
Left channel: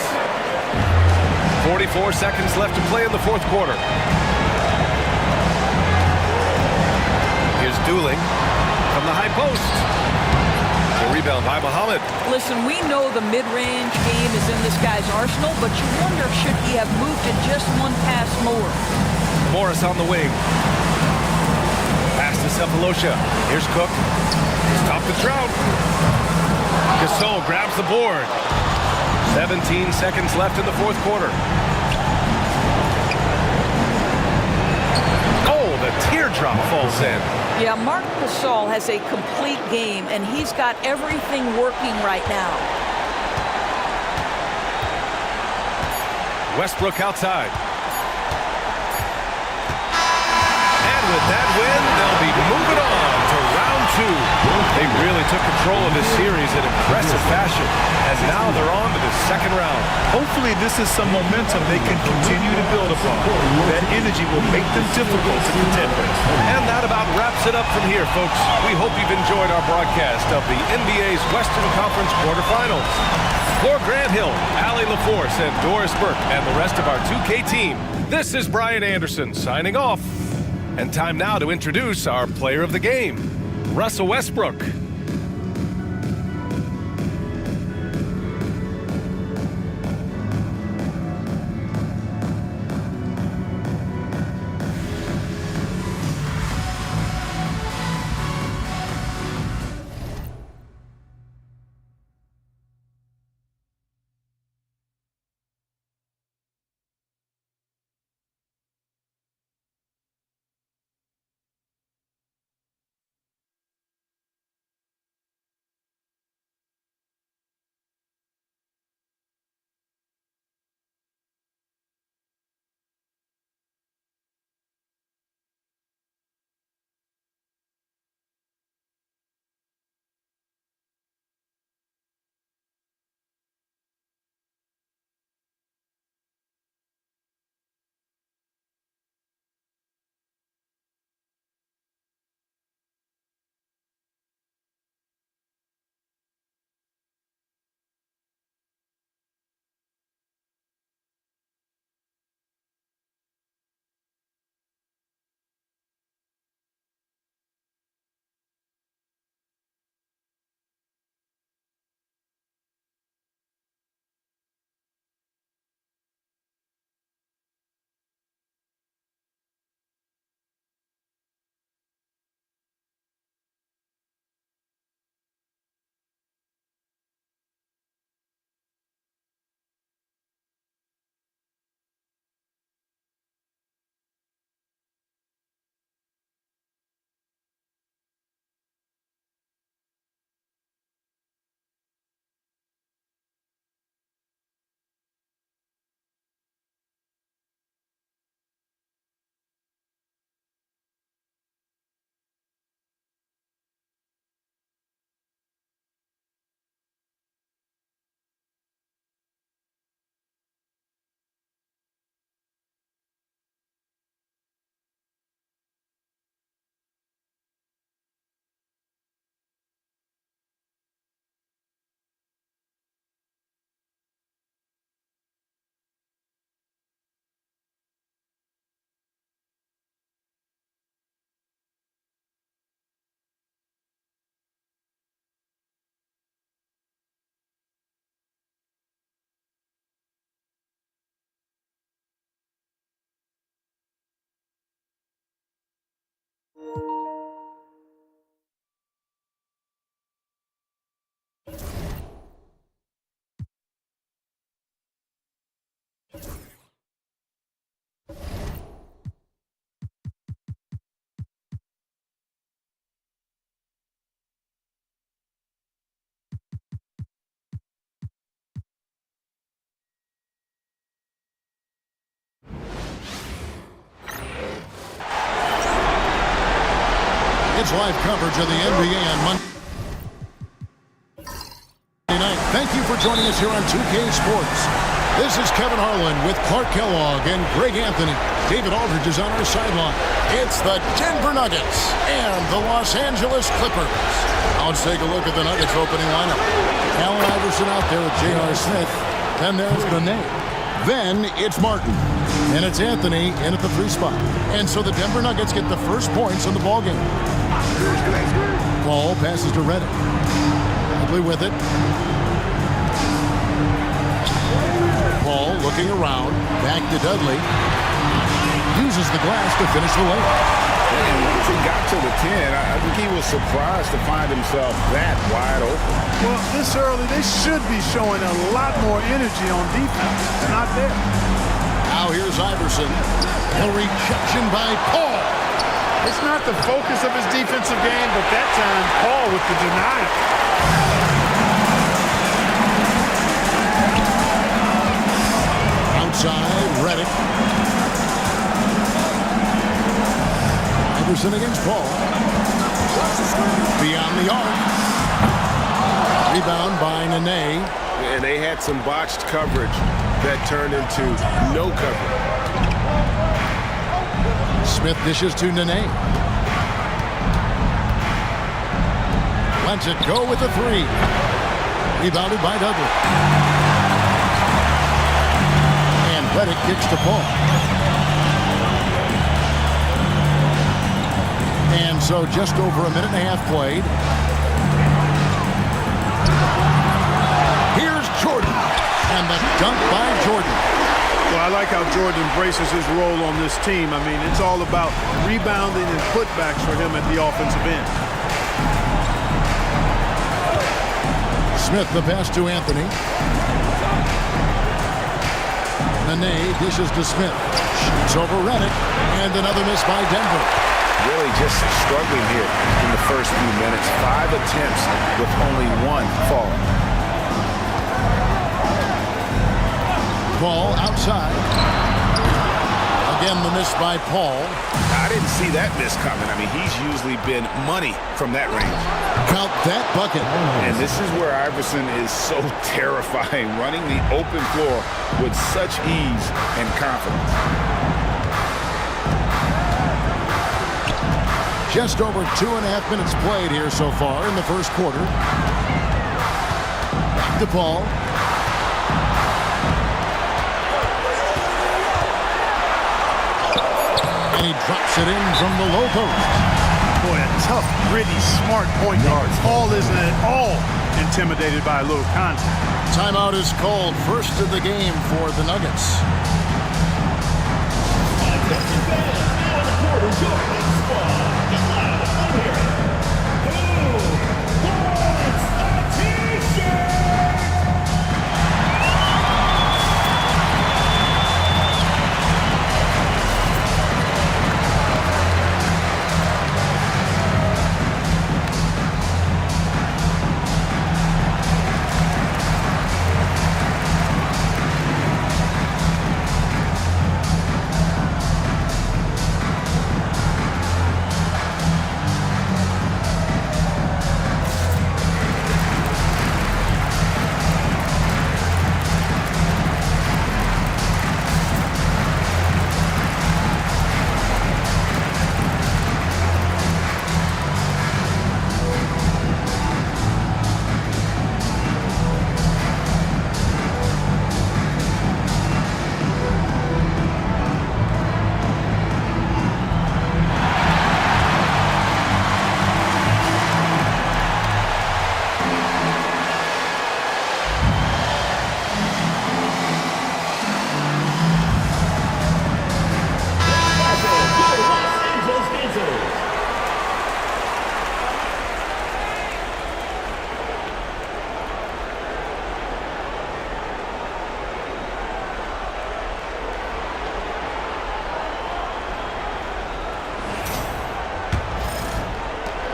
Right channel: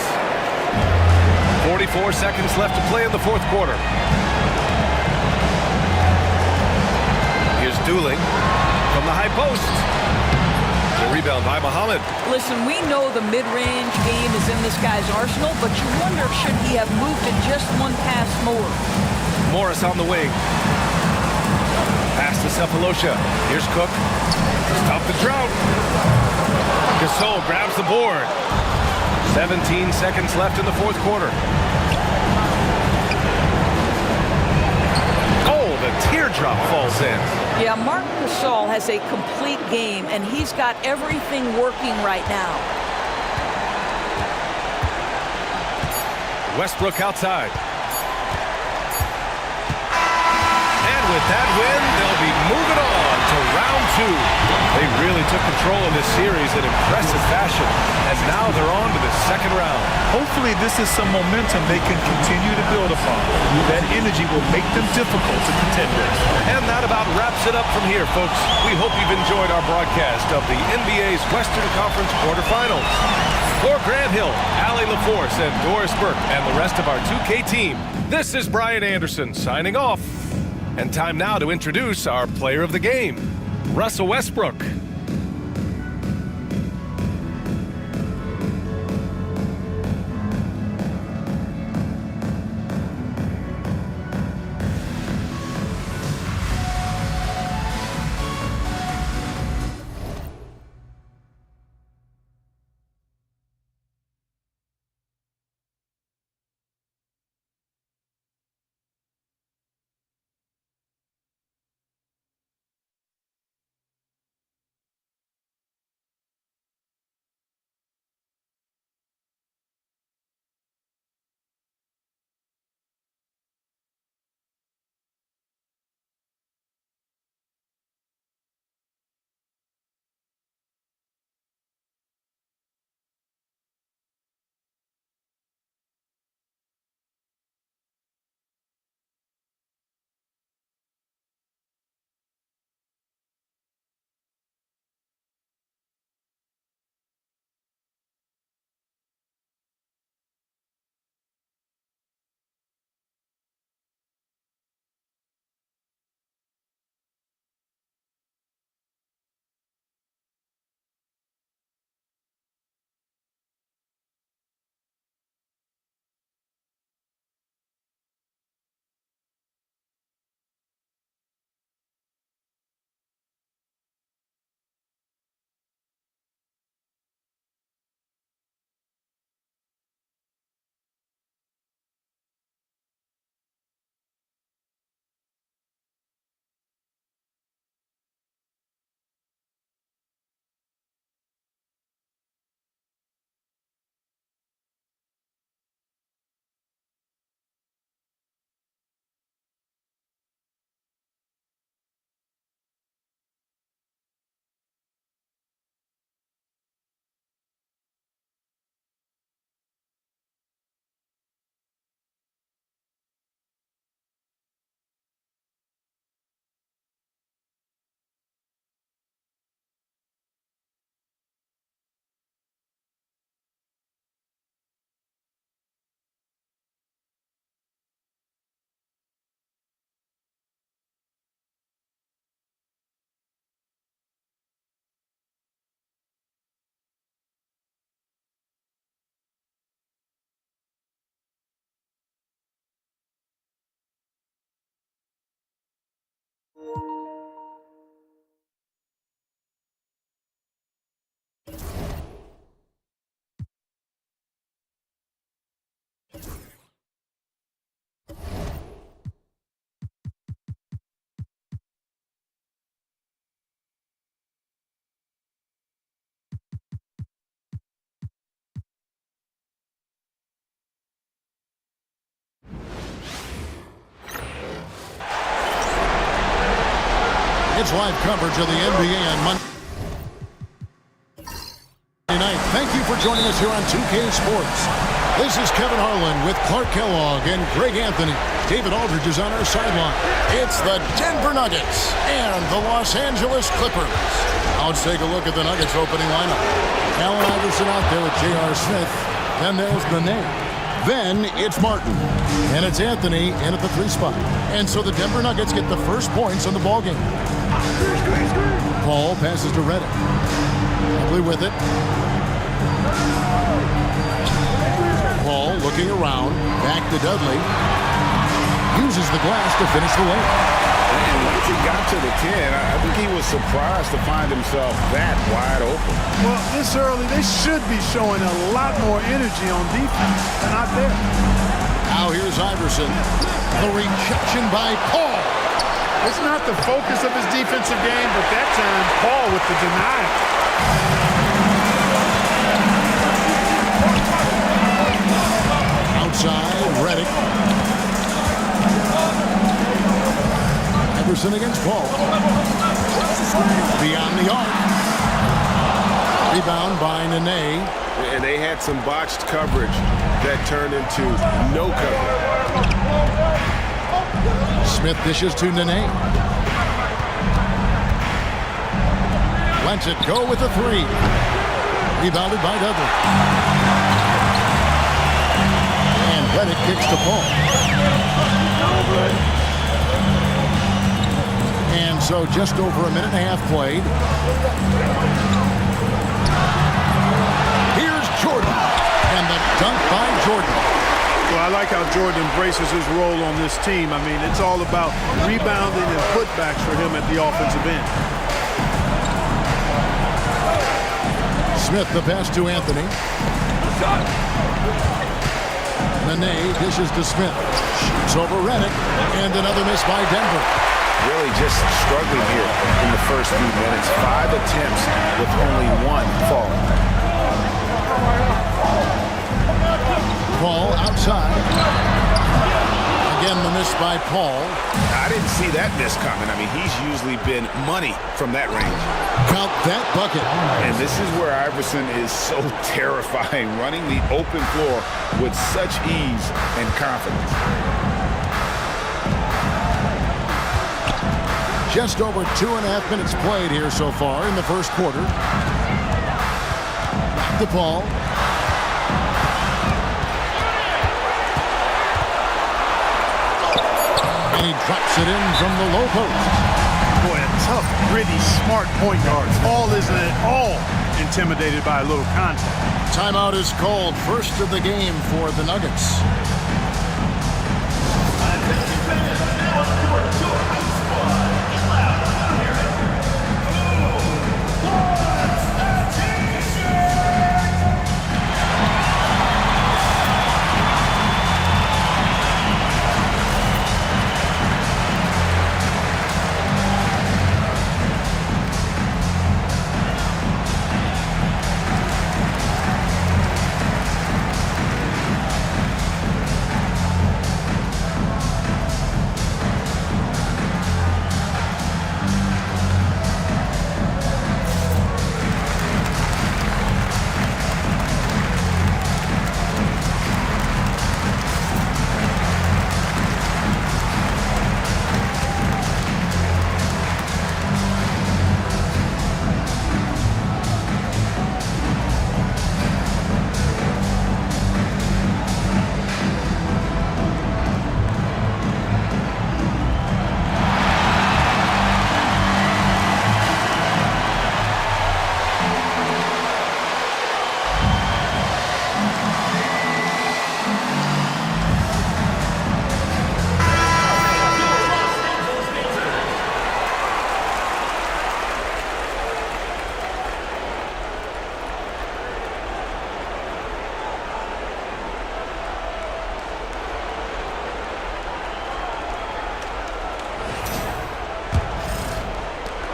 44 seconds left to play in the fourth quarter. Here's Dooling from the high post. The rebound by Muhammad. Listen, we know the mid-range game is in this guy's arsenal, but you wonder, should he have moved it just one pass more? Morris on the wing. Pass to Cephalosha. Here's Cook to stop the drought. Gasol grabs the board. 17 seconds left in the fourth quarter. Oh, the teardrop falls in. Yeah, Marc Gasol has a complete game, and he's got everything working right now. Westbrook outside. And with that win, they'll be moving on to round 2. They really took control of this series in impressive fashion, and now they're on to the second round. Hopefully this is some momentum they can continue to build upon. That energy will make them difficult to contend with. And that about wraps it up from here, folks. We hope you've enjoyed our broadcast of the NBA's Western Conference quarterfinals. For Grant Hill, Allie LaForce, and Doris Burke, and the rest of our 2K team, this is Brian Anderson signing off. And time now to introduce our player of the game, Russell Westbrook. It's live coverage of the NBA on Monday night. Thank you for joining us here on 2K Sports. This is Kevin Harlan with Clark Kellogg and Greg Anthony. David Aldridge is on our sideline. It's the Denver Nuggets and the Los Angeles Clippers. Now let's take a look at the Nuggets opening lineup. Allen Iverson out there with J.R. Smith. Then there's Nene. Then it's Martin. And it's Anthony in at the 3 spot. And so the Denver Nuggets get the first points on the ballgame. Paul passes to Redick. Ugly with it. Paul looking around. Back to Dudley. Uses the glass to finish the layup. And once he got to the 10, I think he was surprised to find himself that wide open. Well, this early, they should be showing a lot more energy on defense. It's not there. Now here's Iverson. The rejection by Paul. It's not the focus of his defensive game, but that time, Paul with the denial. Outside, Redick. Iverson against Paul. Beyond the arc. Rebound by Nene. And they had some botched coverage that turned into no coverage. Smith dishes to Nene. Lets it go with a 3. Rebounded by Dudley. And Redick kicks to Paul. And so just over a minute and a half played. Here's Jordan. And the dunk by Jordan. Well, I like how Jordan embraces his role on this team. I mean, it's all about rebounding and putbacks for him at the offensive end. Smith the pass to Anthony. Nene dishes to Smith. Shoots over Redick. And another miss by Denver. Really just struggling here in the first few minutes. 5 attempts with only 1 fall. Paul outside. Again, the miss by Paul. I didn't see that miss coming. I mean, he's usually been money from that range. Count that bucket. And this is where Iverson is so terrifying, running the open floor with such ease and confidence. Just over 2.5 minutes played here so far in the first quarter. Back to Paul. And he drops it in from the low post. Boy, a tough, gritty, smart point guard. Paul isn't at all intimidated by a little contact. Timeout is called. First of the game for the Nuggets.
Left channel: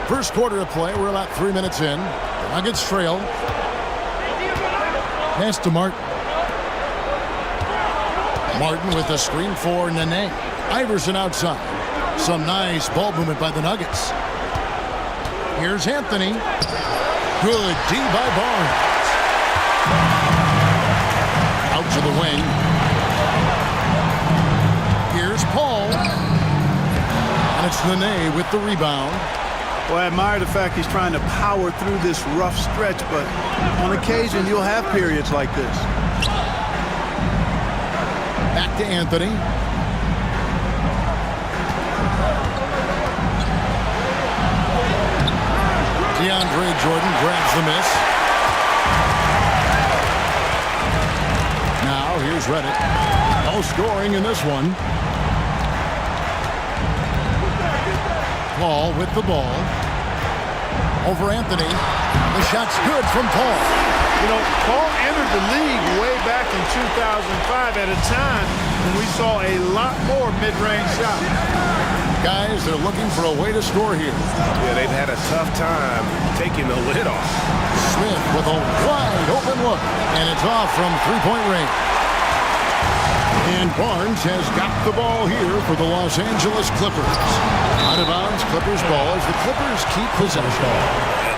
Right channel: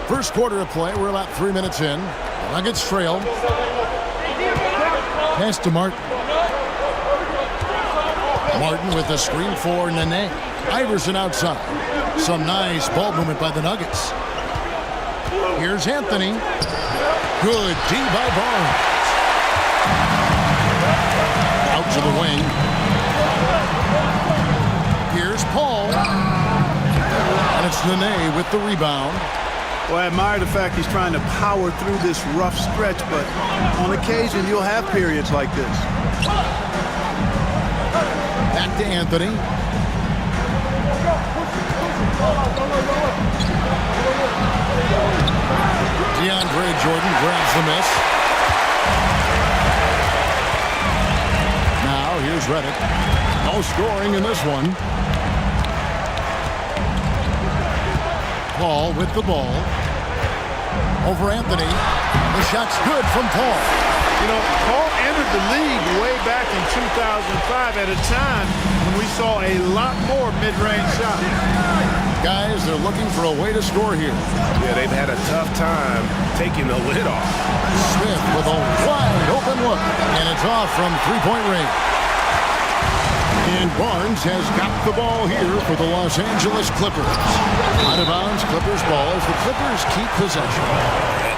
First quarter of play. We're about 3 minutes in. The Nuggets trail. Pass to Martin. Martin with the screen for Nene. Iverson outside. Some nice ball movement by the Nuggets. Here's Anthony. Good D by Barnes. Out to the wing. Here's Paul. And it's Nene with the rebound. Well, I admire the fact he's trying to power through this rough stretch, but on occasion you'll have periods like this. Back to Anthony. DeAndre Jordan grabs the miss. Now here's Redick. No scoring in this one. Paul with the ball. Over Anthony. The shot's good from Paul. You know, Paul entered the league way back in 2005 at a time when we saw a lot more mid-range shots. Guys, they're looking for a way to score here. Yeah, they've had a tough time taking the lid off. Smith with a wide open look, and it's off from three-point range. And Barnes has got the ball here for the Los Angeles Clippers. Out of bounds, Clippers ball as the Clippers keep possession.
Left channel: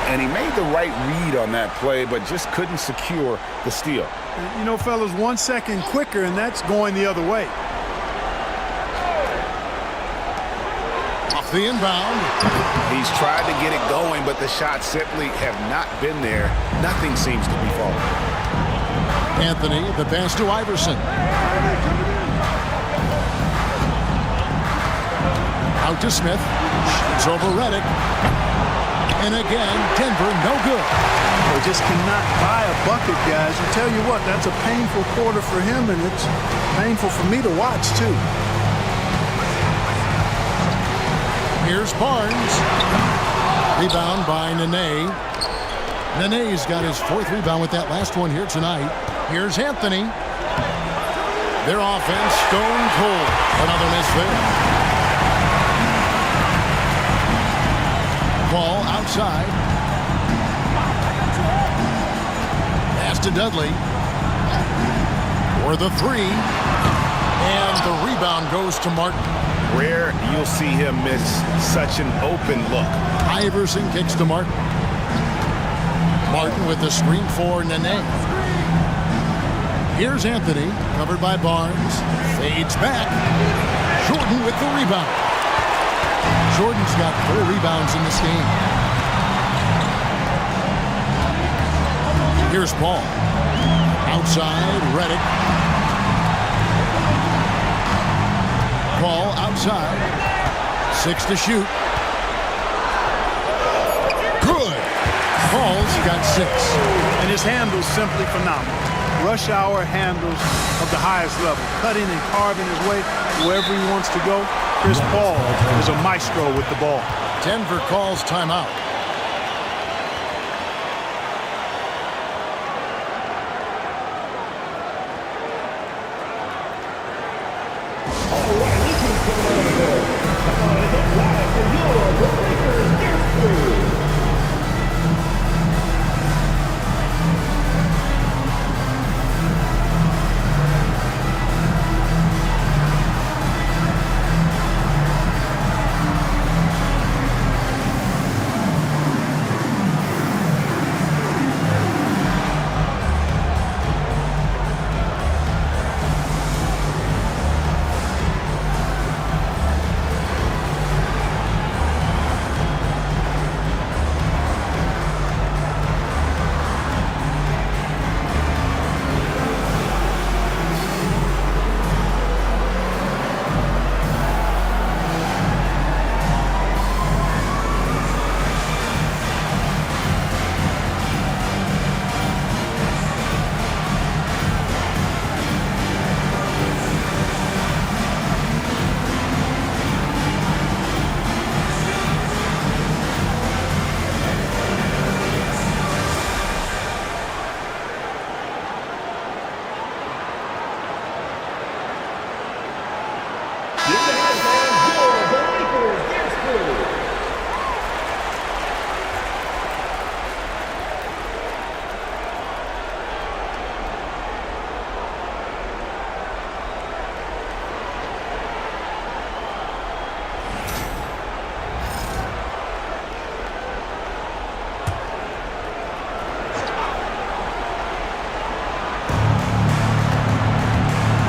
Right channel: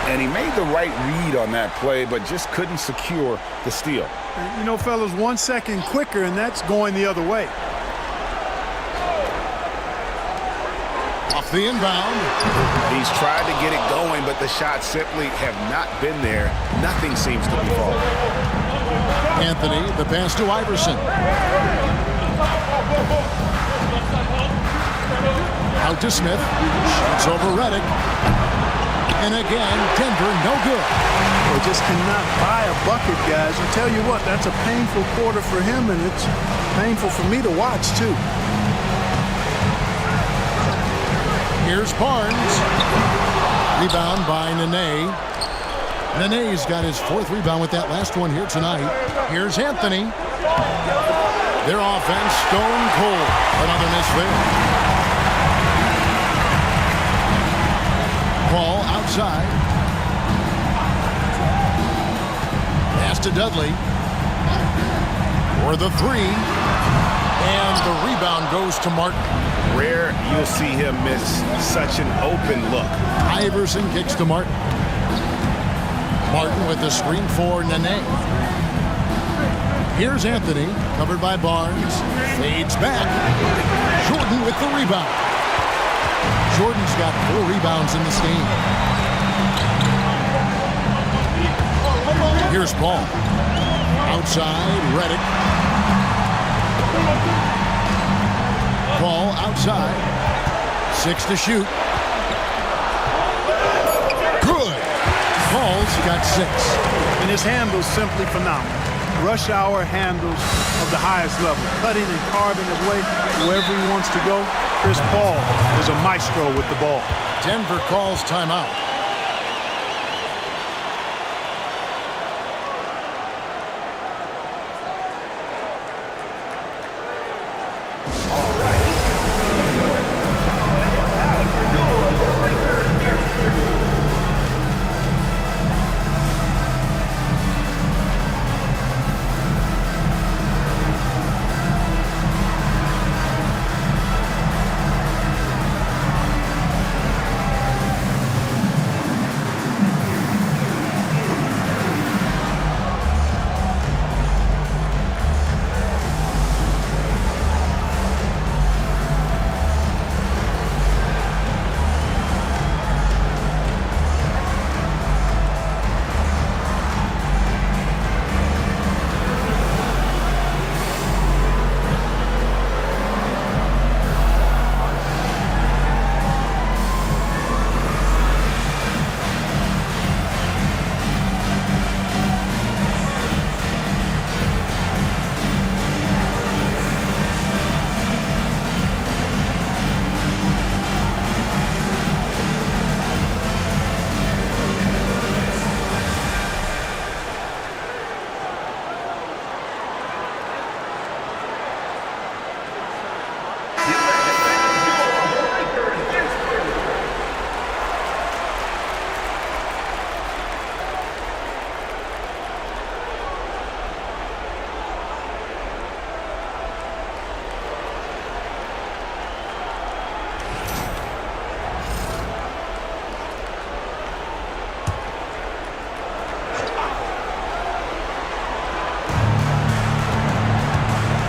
And he made the right read on that play, but just couldn't secure the steal. You know, fellas, 1 second quicker, and that's going the other way. Off the inbound. He's tried to get it going, but the shots simply have not been there. Nothing seems to be falling. Anthony, the pass to Iverson. Out to Smith. Shoots over Redick. And again, Denver, no good. Well, just cannot buy a bucket, guys. I'll tell you what, that's a painful quarter for him, and it's painful for me to watch, too. Here's Barnes. Rebound by Nene. Nene's got his fourth rebound with that last one here tonight. Here's Anthony. Their offense stone cold. Another miss there. Ball outside. Pass to Dudley. For the three. And the rebound goes to Martin. Rare you'll see him miss such an open look. Iverson kicks to Martin. Martin with the screen for Nene. Here's Anthony, covered by Barnes. Fades back. Jordan with the rebound. Jordan's got 4 rebounds in this game. Here's Paul. Outside, Redick. Paul outside. 6 to shoot. Good. Paul's got 6. And his handle's simply phenomenal. Rush hour handles of the highest level. Cutting and carving his way wherever he wants to go. Chris Paul is a maestro with the ball. Denver calls timeout.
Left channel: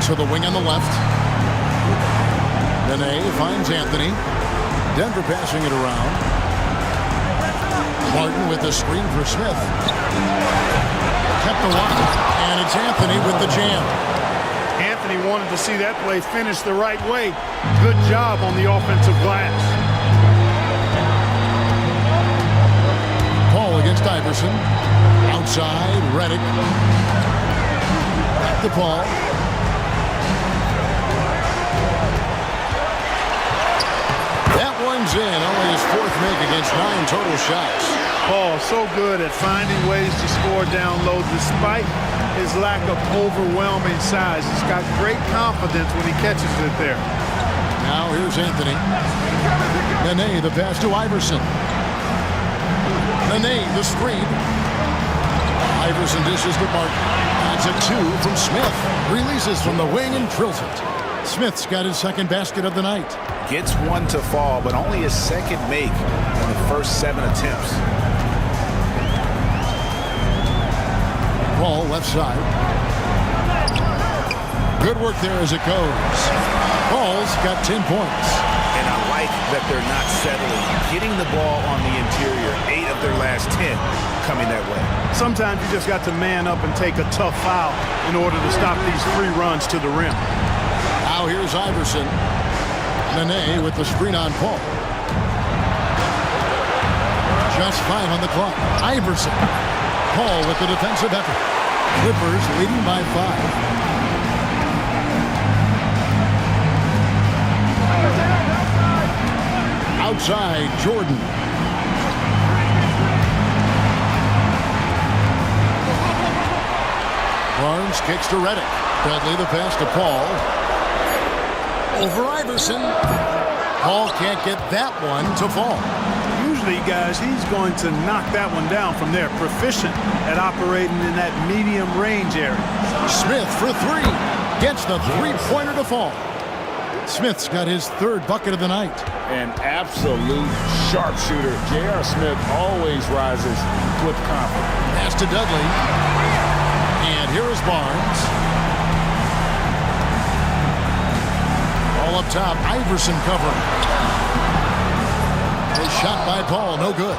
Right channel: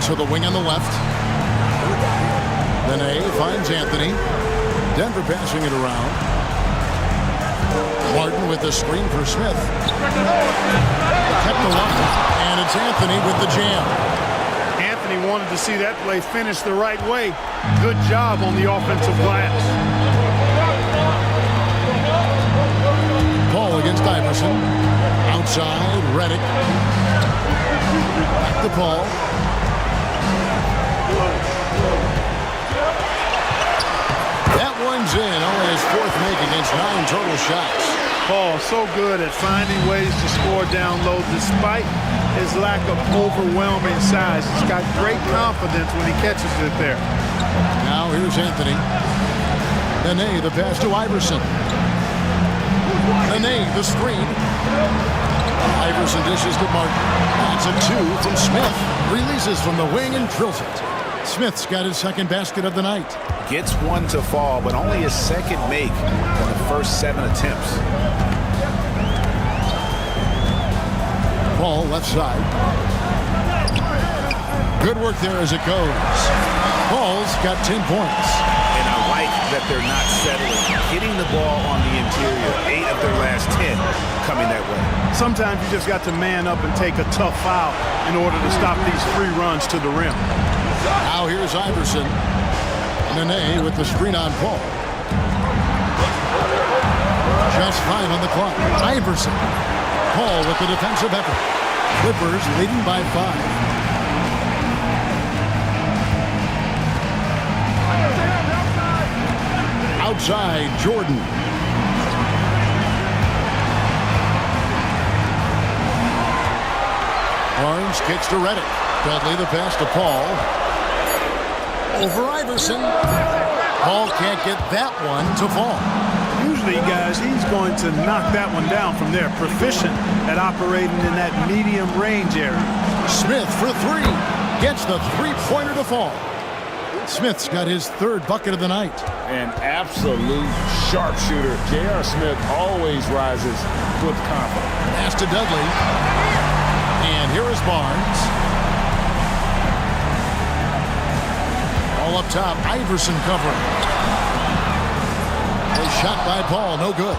To the wing on the left. Nene finds Anthony. Denver passing it around. Martin with the screen for Smith. Kept alive, and it's Anthony with the jam. Anthony wanted to see that play finish the right way. Good job on the offensive glass. Paul against Iverson. Outside, Redick. Back to Paul. That one's in. Only his fourth make against 9 total shots. Paul so good at finding ways to score down low despite his lack of overwhelming size. He's got great confidence when he catches it there. Now here's Anthony. Nene the pass to Iverson. Nene the screen. Iverson dishes to Martin. That's a 2 from Smith. Releases from the wing and drills it. Smith's got his second basket of the night. Gets one to fall, but only his second make in the first 7 attempts. Paul left side. Good work there as it goes. Paul's got 10 points. And I like that they're not settling. Getting the ball on the interior, 8 of their last 10 coming that way. Sometimes you just got to man up and take a tough foul in order to stop these free runs to the rim. Now here's Iverson. Nene with the screen on Paul. Just 5 on the clock. Iverson. Paul with the defensive effort. Clippers leading by 5. Outside, Jordan. Barnes kicks to Redick. Dudley the pass to Paul. Over Iverson. Paul can't get that one to fall. Usually, guys, he's going to knock that one down from there. Proficient at operating in that medium range area. Smith for 3. Gets the three-pointer to fall. Smith's got his 3rd bucket of the night. An absolute sharpshooter. J.R. Smith always rises with confidence. Pass to Dudley. And here is Barnes. All up top, Iverson covering. A shot by Paul, no good.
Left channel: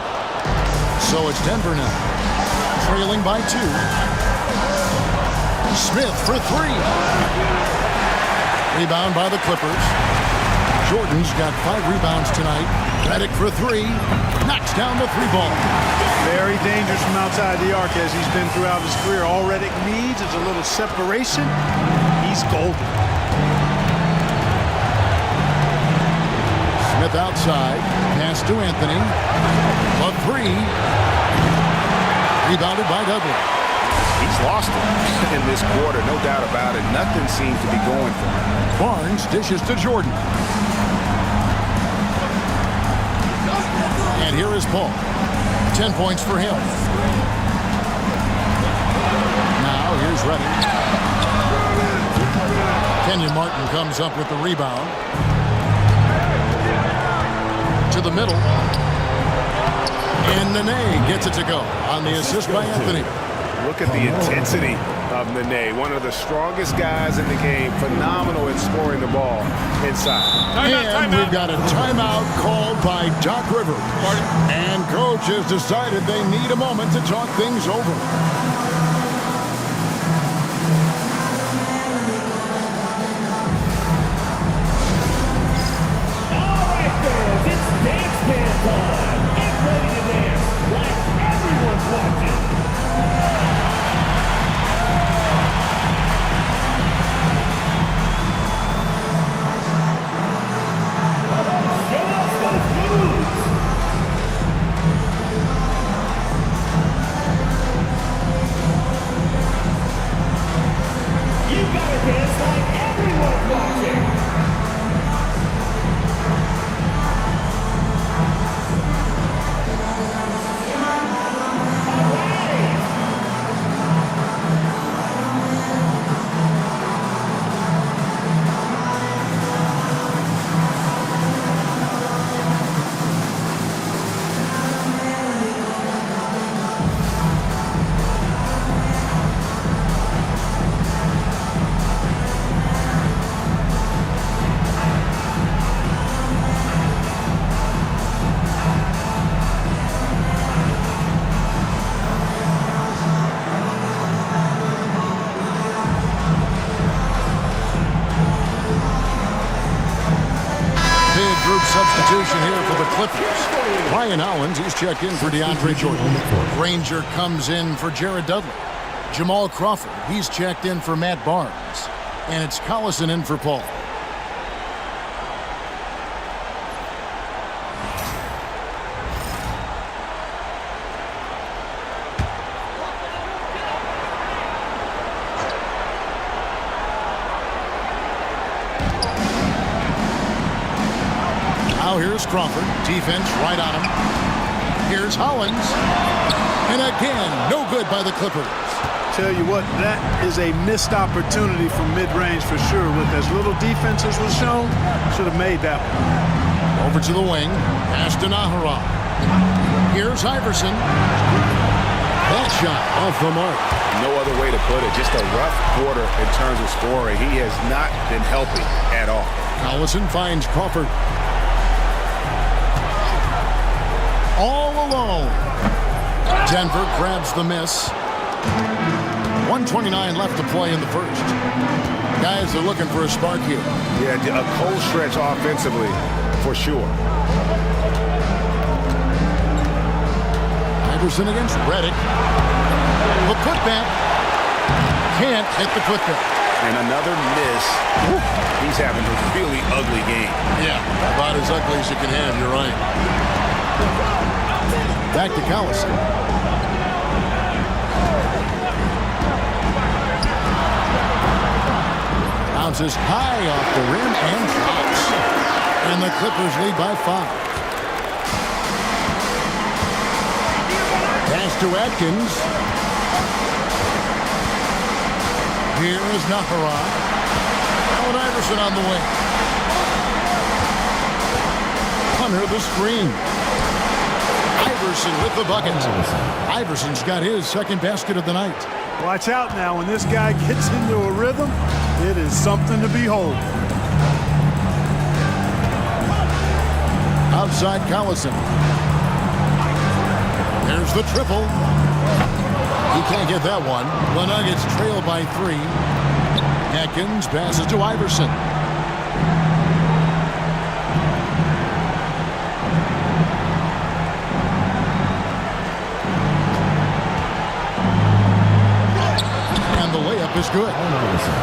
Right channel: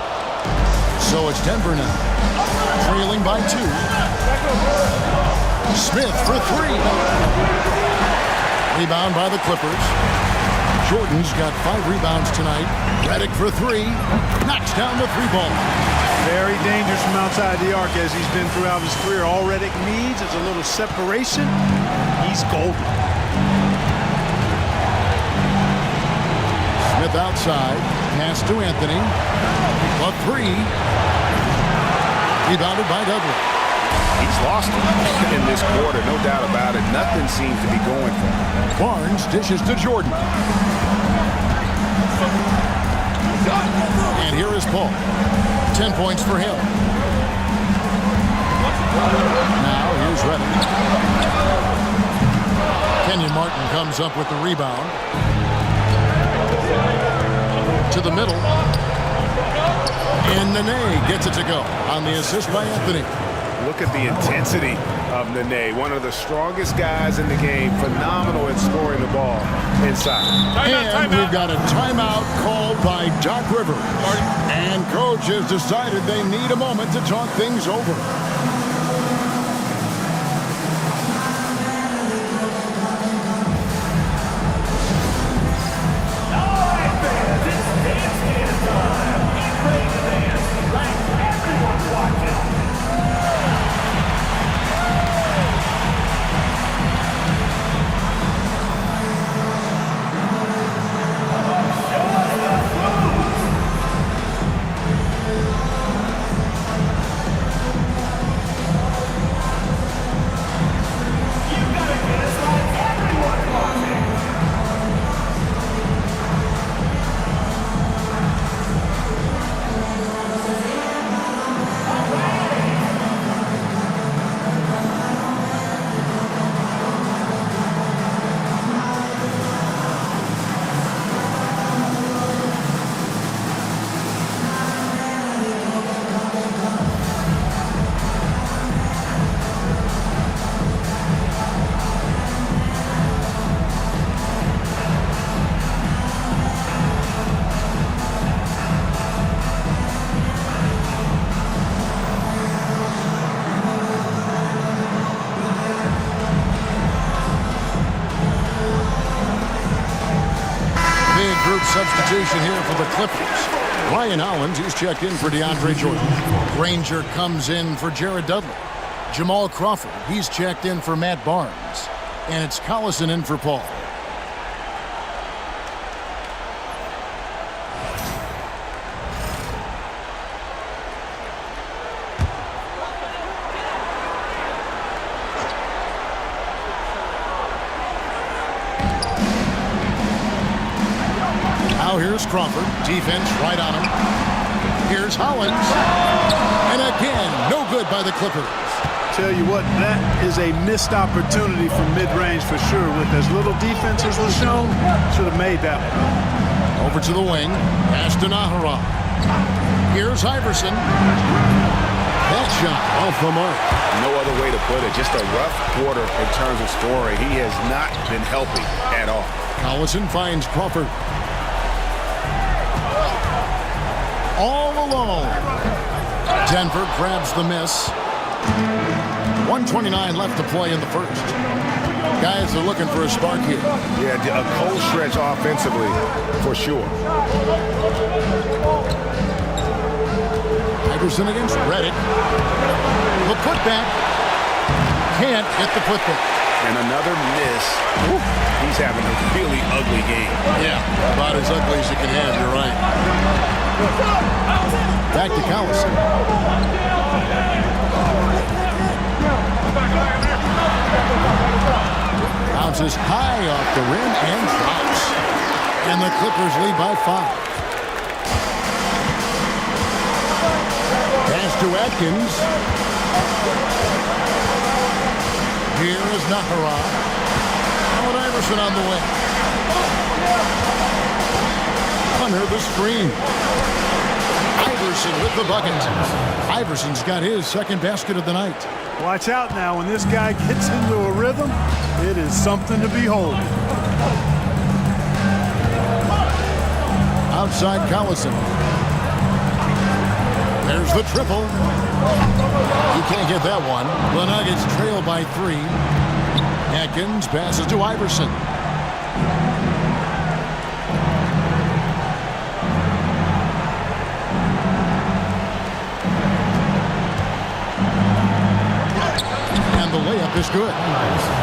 So it's Denver now, trailing by 2. Smith for 3. Rebound by the Clippers. Jordan's got 5 rebounds tonight. Redick for 3. Knocks down the 3-ball. Very dangerous from outside the arc as he's been throughout his career. All Redick needs is a little separation. He's golden. Smith outside. Pass to Anthony. A 3. Rebounded by Dudley. He's lost it in this quarter, no doubt about it. Nothing seems to be going for him. Barnes dishes to Jordan. And here is Paul. 10 points for him. Now here's Redick. Kenyon Martin comes up with the rebound. To the middle. And Nene gets it to go on the assist by Anthony. Look at the intensity of Nene, one of the strongest guys in the game. Phenomenal at scoring the ball inside. And we've got a timeout called by Doc Rivers. And coach has decided they need a moment to talk things over. group substitution here for the Clippers. Ryan Hollins, he's checked in for DeAndre Jordan. Granger comes in for Jared Dudley. Jamal Crawford, he's checked in for Matt Barnes. And it's Collison in for Paul. Now here's Crawford. Defense right on him. Here's Hollins. And again, no good by the Clippers. Tell you what, that is a missed opportunity from mid-range for sure. With as little defense as was shown, should have made that one. Over to the wing. Pass to Nahara. Here's Iverson. That shot off the mark. No other way to put it. Just a rough quarter in terms of scoring. He has not been helping at all. Collison finds Crawford. All alone. Denver grabs the miss. 1:29 left to play in the first. Guys are looking for a spark here. Yeah, a cold stretch offensively, for sure. Iverson against Redick. The putback. Can't hit the putback. And another miss. Woo. He's having a really ugly game. Yeah, about as ugly as you can have, you're right. Back to Collison. Bounces high off the rim and drops. And the Clippers lead by 5. Pass to Atkins. Here is Nahara. Allen Iverson on the wing. Under the screen. Iverson with the bucket. Iverson's got his second basket of the night. Watch out now. When this guy gets into a rhythm, it is something to behold. Outside Collison. There's the triple. He can't get that one. The Nuggets trail by 3. Atkins passes to Iverson. And the layup is good.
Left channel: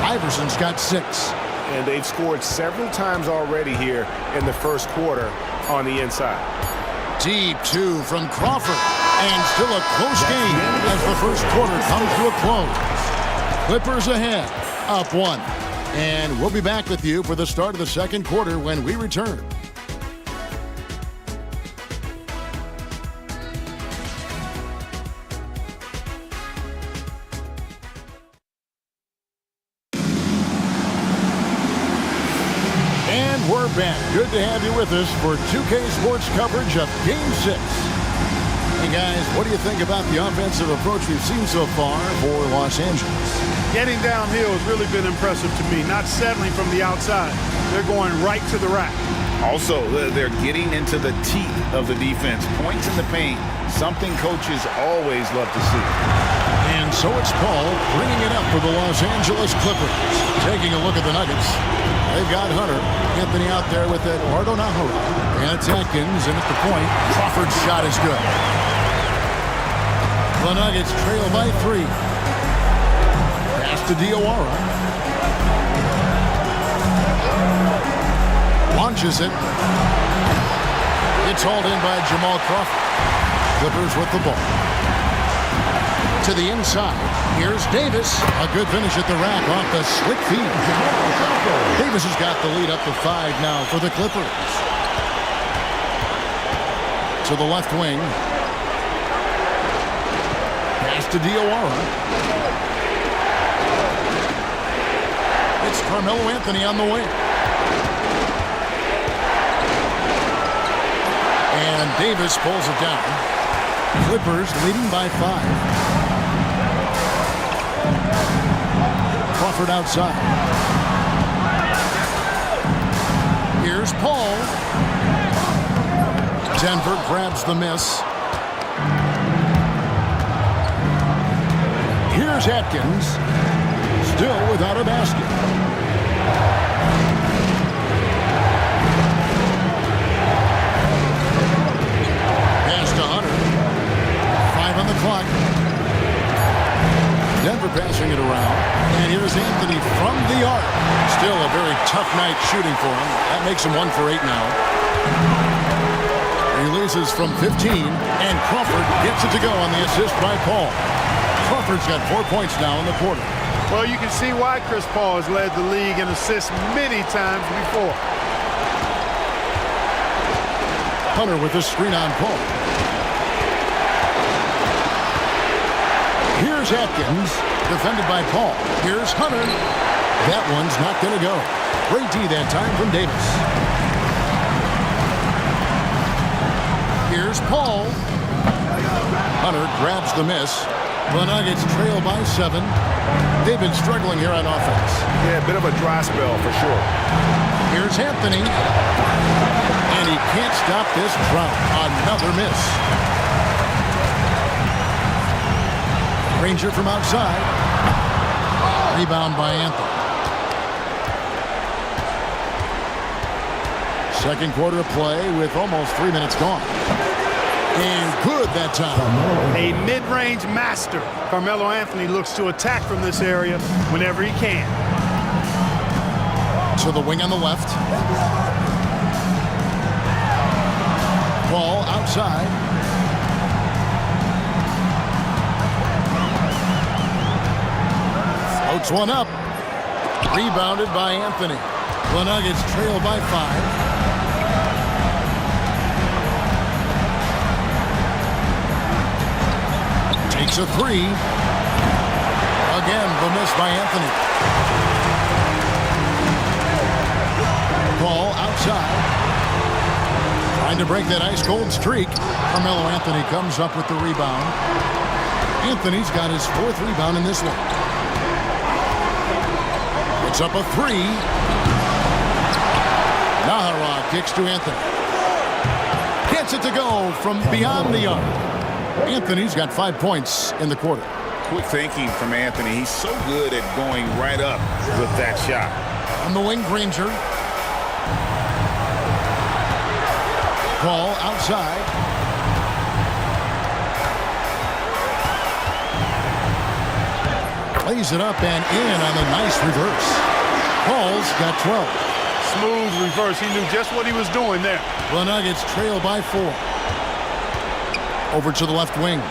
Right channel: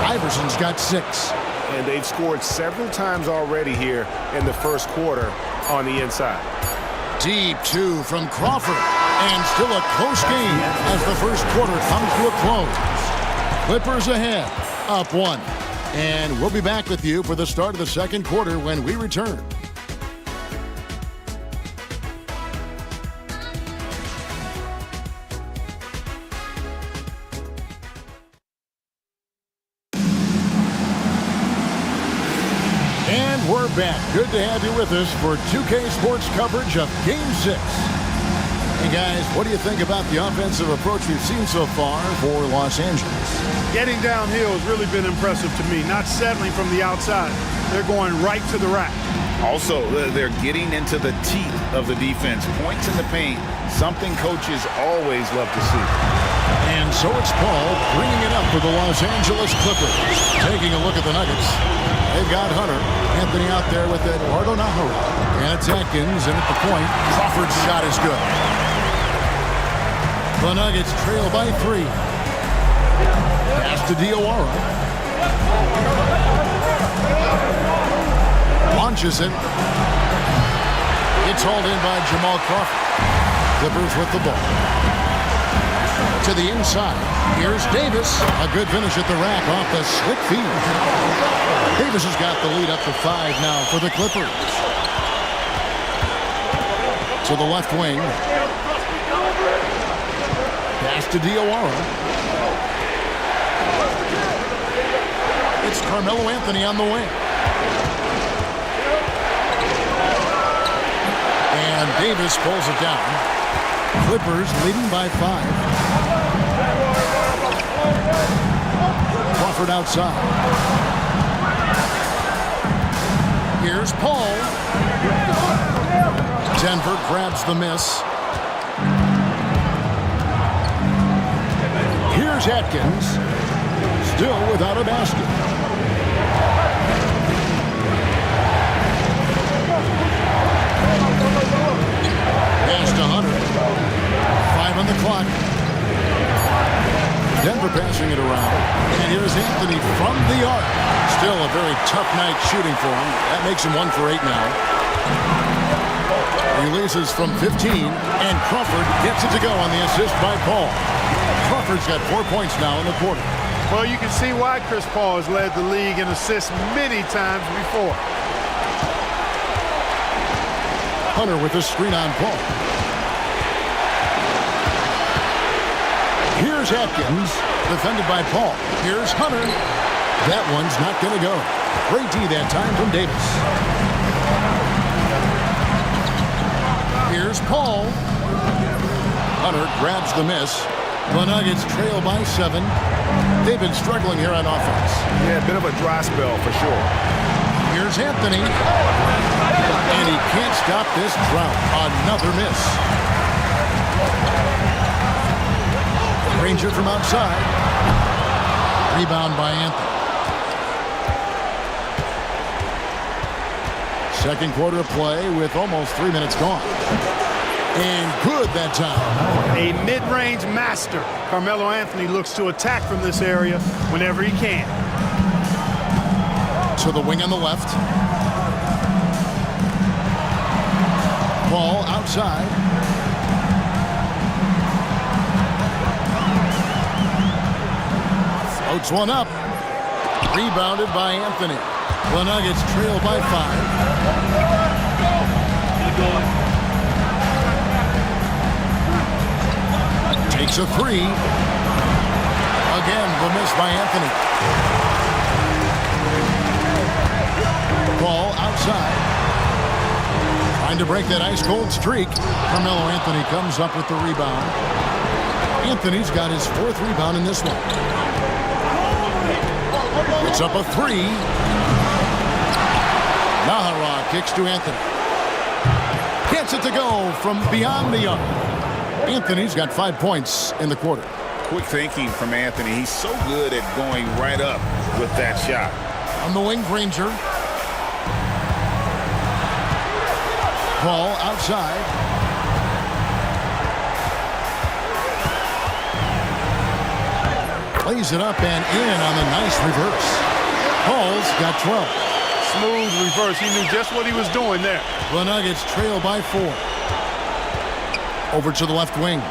Iverson's got 6. And they've scored several times already here in the first quarter on the inside. Deep 2 from Crawford. And still a close game as the first quarter comes to a close. Clippers ahead, up 1. And we'll be back with you for the start of the second quarter when we return. And we're back. Good to have you with us for 2K Sports coverage of Game 6. Hey guys, what do you think about the offensive approach we've seen so far for Los Angeles? Getting downhill has really been impressive to me. Not settling from the outside. They're going right to the rack. Also, they're getting into the teeth of the defense. Points in the paint, something coaches always love to see. And so it's Paul bringing it up for the Los Angeles Clippers. Taking a look at the Nuggets. They've got Hunter. Anthony out there with Eduardo Nahara. And it's Atkins, and at the point, Crawford's shot is good. The Nuggets trail by 3. Pass to Diawara. Launches it. It's hauled in by Jamal Crawford. Clippers with the ball. To the inside. Here's Davis. A good finish at the rack off the slick feed. Davis has got the lead up to 5 now for the Clippers. To the left wing. Pass to Diawara. It's Carmelo Anthony on the wing. And Davis pulls it down. Clippers leading by 5. Crawford outside. Here's Paul. Denver grabs the miss. Here's Atkins. Still without a basket. for passing it around. And here's Anthony from the arc. Still a very tough night shooting for him. That makes him 1 for 8 now. Releases from 15, and Crawford gets it to go on the assist by Paul. Crawford's got 4 points now in the quarter. Well, you can see why Chris Paul has led the league in assists many times before. Hunter with a screen on Paul. Here's Atkins, defended by Paul. Here's Hunter. That one's not going to go. Great D that time from Davis. Here's Paul. Hunter grabs the miss. The Nuggets trail by 7. They've been struggling here on offense. Yeah, a bit of a dry spell for sure. Here's Anthony. And he can't stop this drought. Another miss. Ranger from outside. Rebound by Anthony. Second quarter of play with almost 3 minutes gone. And good that time. A mid-range master. Carmelo Anthony looks to attack from this area whenever he can. To the wing on the left. Ball outside. Floats one up. Rebounded by Anthony. The Nuggets trail by 5. Takes a 3. Again, the miss by Anthony. Ball outside. Trying to break that ice-cold streak. Carmelo Anthony comes up with the rebound. Anthony's got his 4th rebound in this one. It's up a 3. Naghahanap kicks to Anthony. Gets it to go from beyond the arc. Anthony's got 5 points in the quarter. Quick thinking from Anthony. He's so good at going right up with that shot. On the wing, Granger. Paul outside. Plays it up and in on the nice reverse. Paul's got 12. Smooth reverse. He knew just what he was doing there. The Nuggets trail by 4. Over to the left wing.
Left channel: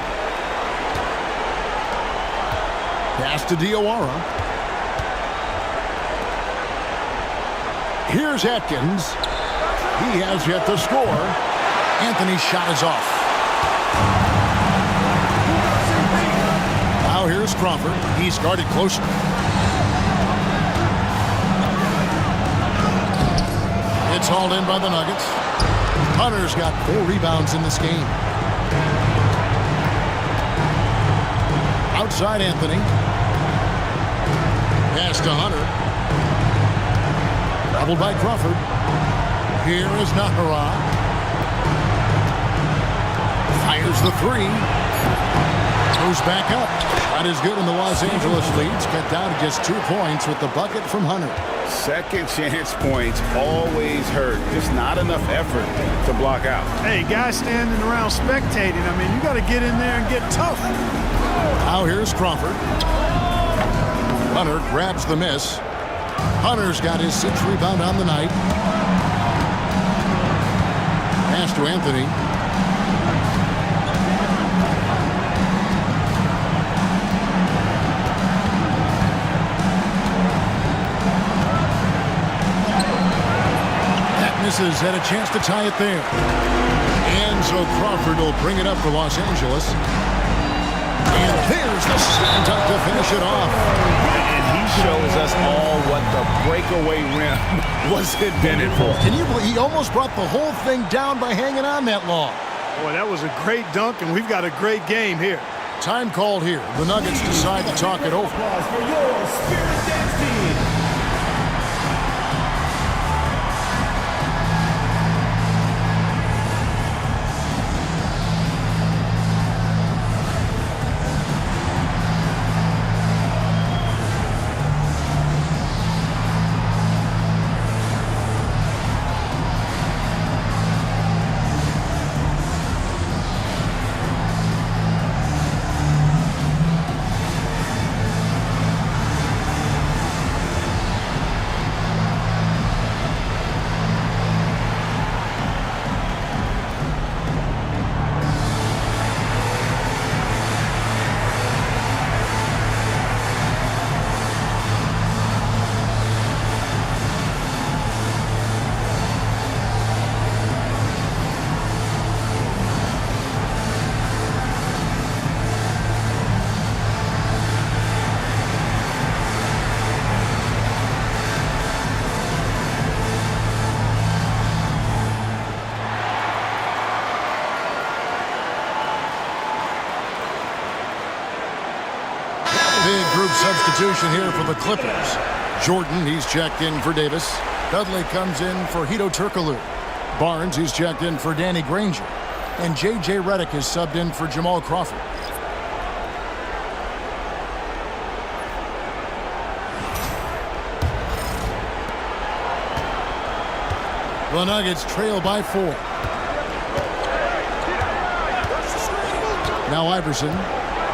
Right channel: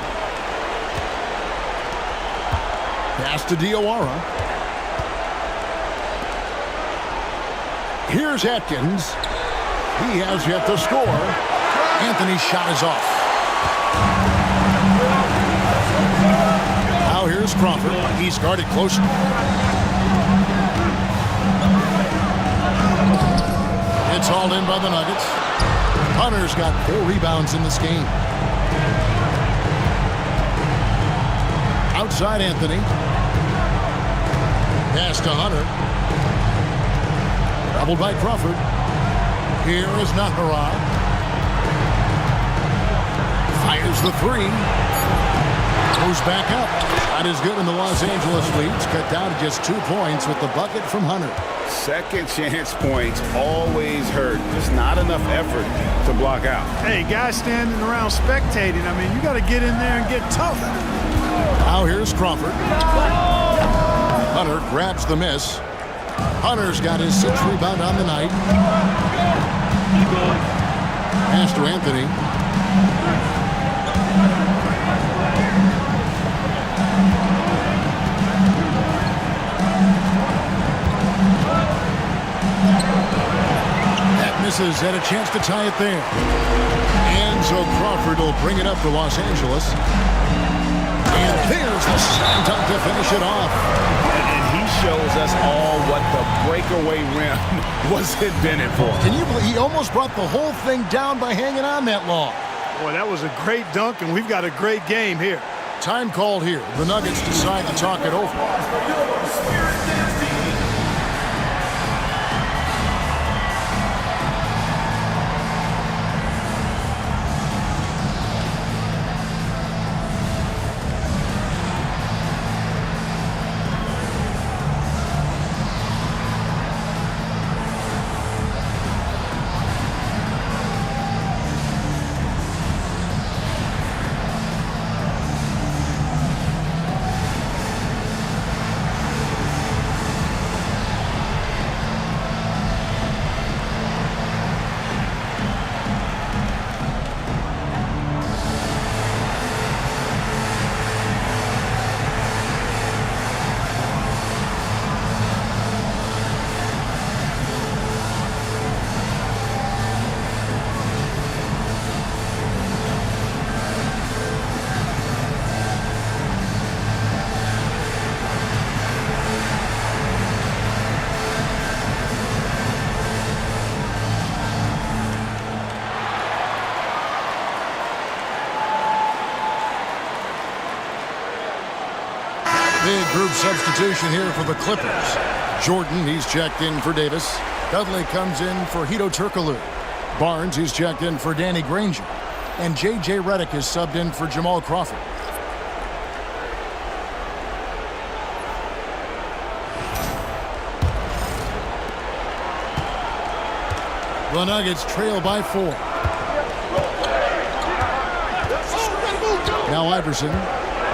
Pass to Jowa. Here's Atkins. He has yet to score. Anthony's shot is off. Now here's Crawford. He's guarded closer. It's hauled in by the Nuggets. Hunter's got 4 rebounds in this game. Outside Anthony. Pass to Hunter. Doubled by Crawford. Here is Naghahanap. Fires the 3. Goes back up. That is good, and the Los Angeles leads cut down to just 2 points with the bucket from Hunter. Second chance points always hurt. Just not enough effort to block out. Hey, guys standing around spectating. I mean, you got to get in there and get tough. Now here's Crawford. Hunter grabs the miss. Hunter's got his 6th rebound on the night. Pass to Anthony. That misses, had a chance to tie it there. And so Crawford will bring it up for Los Angeles. And there's the slam dunk to finish it off. And he shows us all what the breakaway rim was invented for. Can you believe he almost brought the whole thing down by hanging on that long? Boy, that was a great dunk, and we've got a great game here. Time called here. The Nuggets decide to talk it over. Big group substitution here for the Clippers. Jordan, he's checked in for Davis. Dudley comes in for Hito Turkoglu. Barnes, he's checked in for Danny Granger. And J.J. Redick is subbed in for Jamal Crawford. The Nuggets trail by 4. Now Iverson.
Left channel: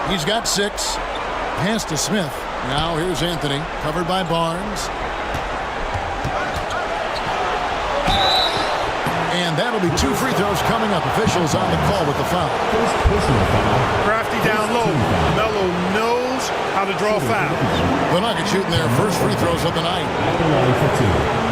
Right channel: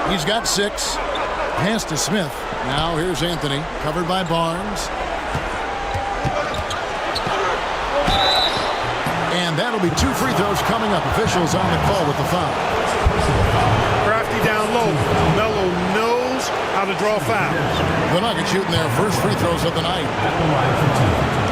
He's got 6. Pass to Smith. Now here's Anthony. Covered by Barnes. And that'll be 2 free throws coming up. Officials on the call with the foul. Crafty down low. Melo knows how to draw fouls. The Nuggets shooting their first free throws of the night. At the line for 2.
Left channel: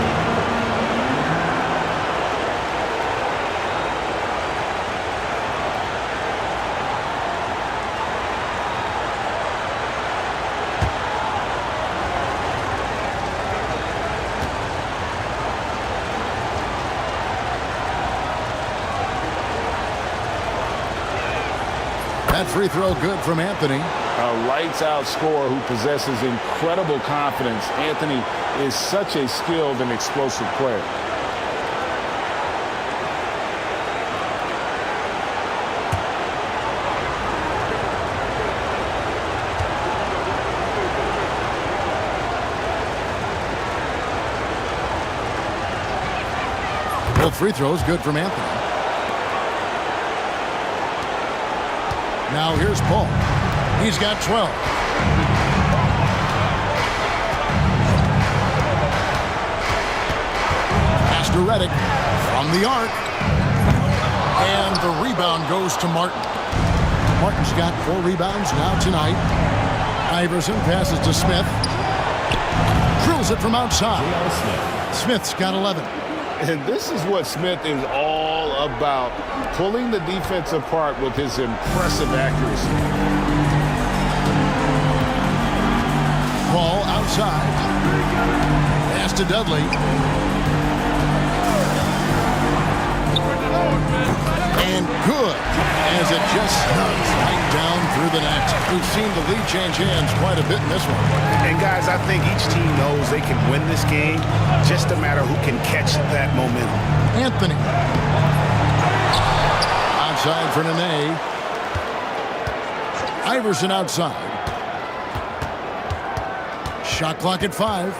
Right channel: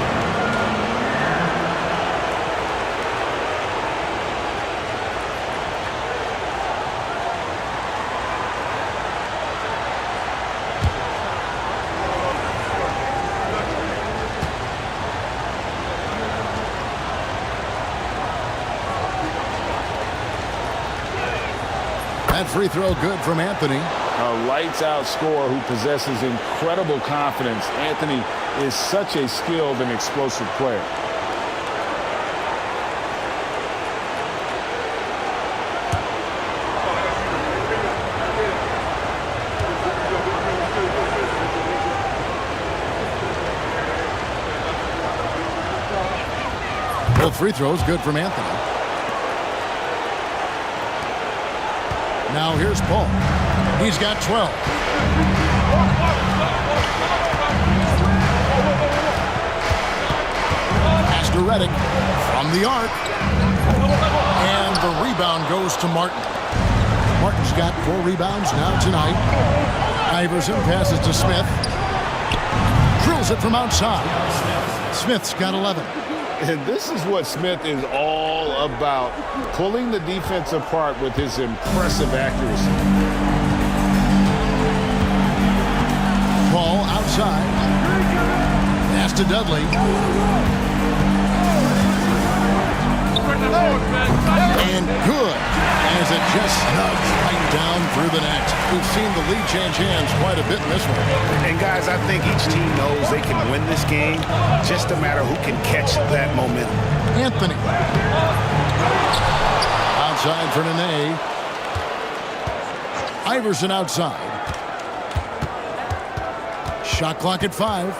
That free throw good from Anthony. A lights-out scorer who possesses incredible confidence. Anthony is such a skilled and explosive player. Both free throws good from Anthony. Now here's Paul. He's got 12. Pass to Redick from the arc. And the rebound goes to Martin. Martin's got 4 rebounds now tonight. Iverson passes to Smith. Drills it from outside. Smith's got 11. And this is what Smith is all about, pulling the defense apart with his impressive accuracy. Paul outside. Pass to Dudley. And good, as it just snugs right down through the net. We've seen the lead change hands quite a bit in this one. And guys, I think each team knows they can win this game, just a matter who can catch that momentum. Anthony. Outside for Nene. Iverson outside. Shot clock at 5.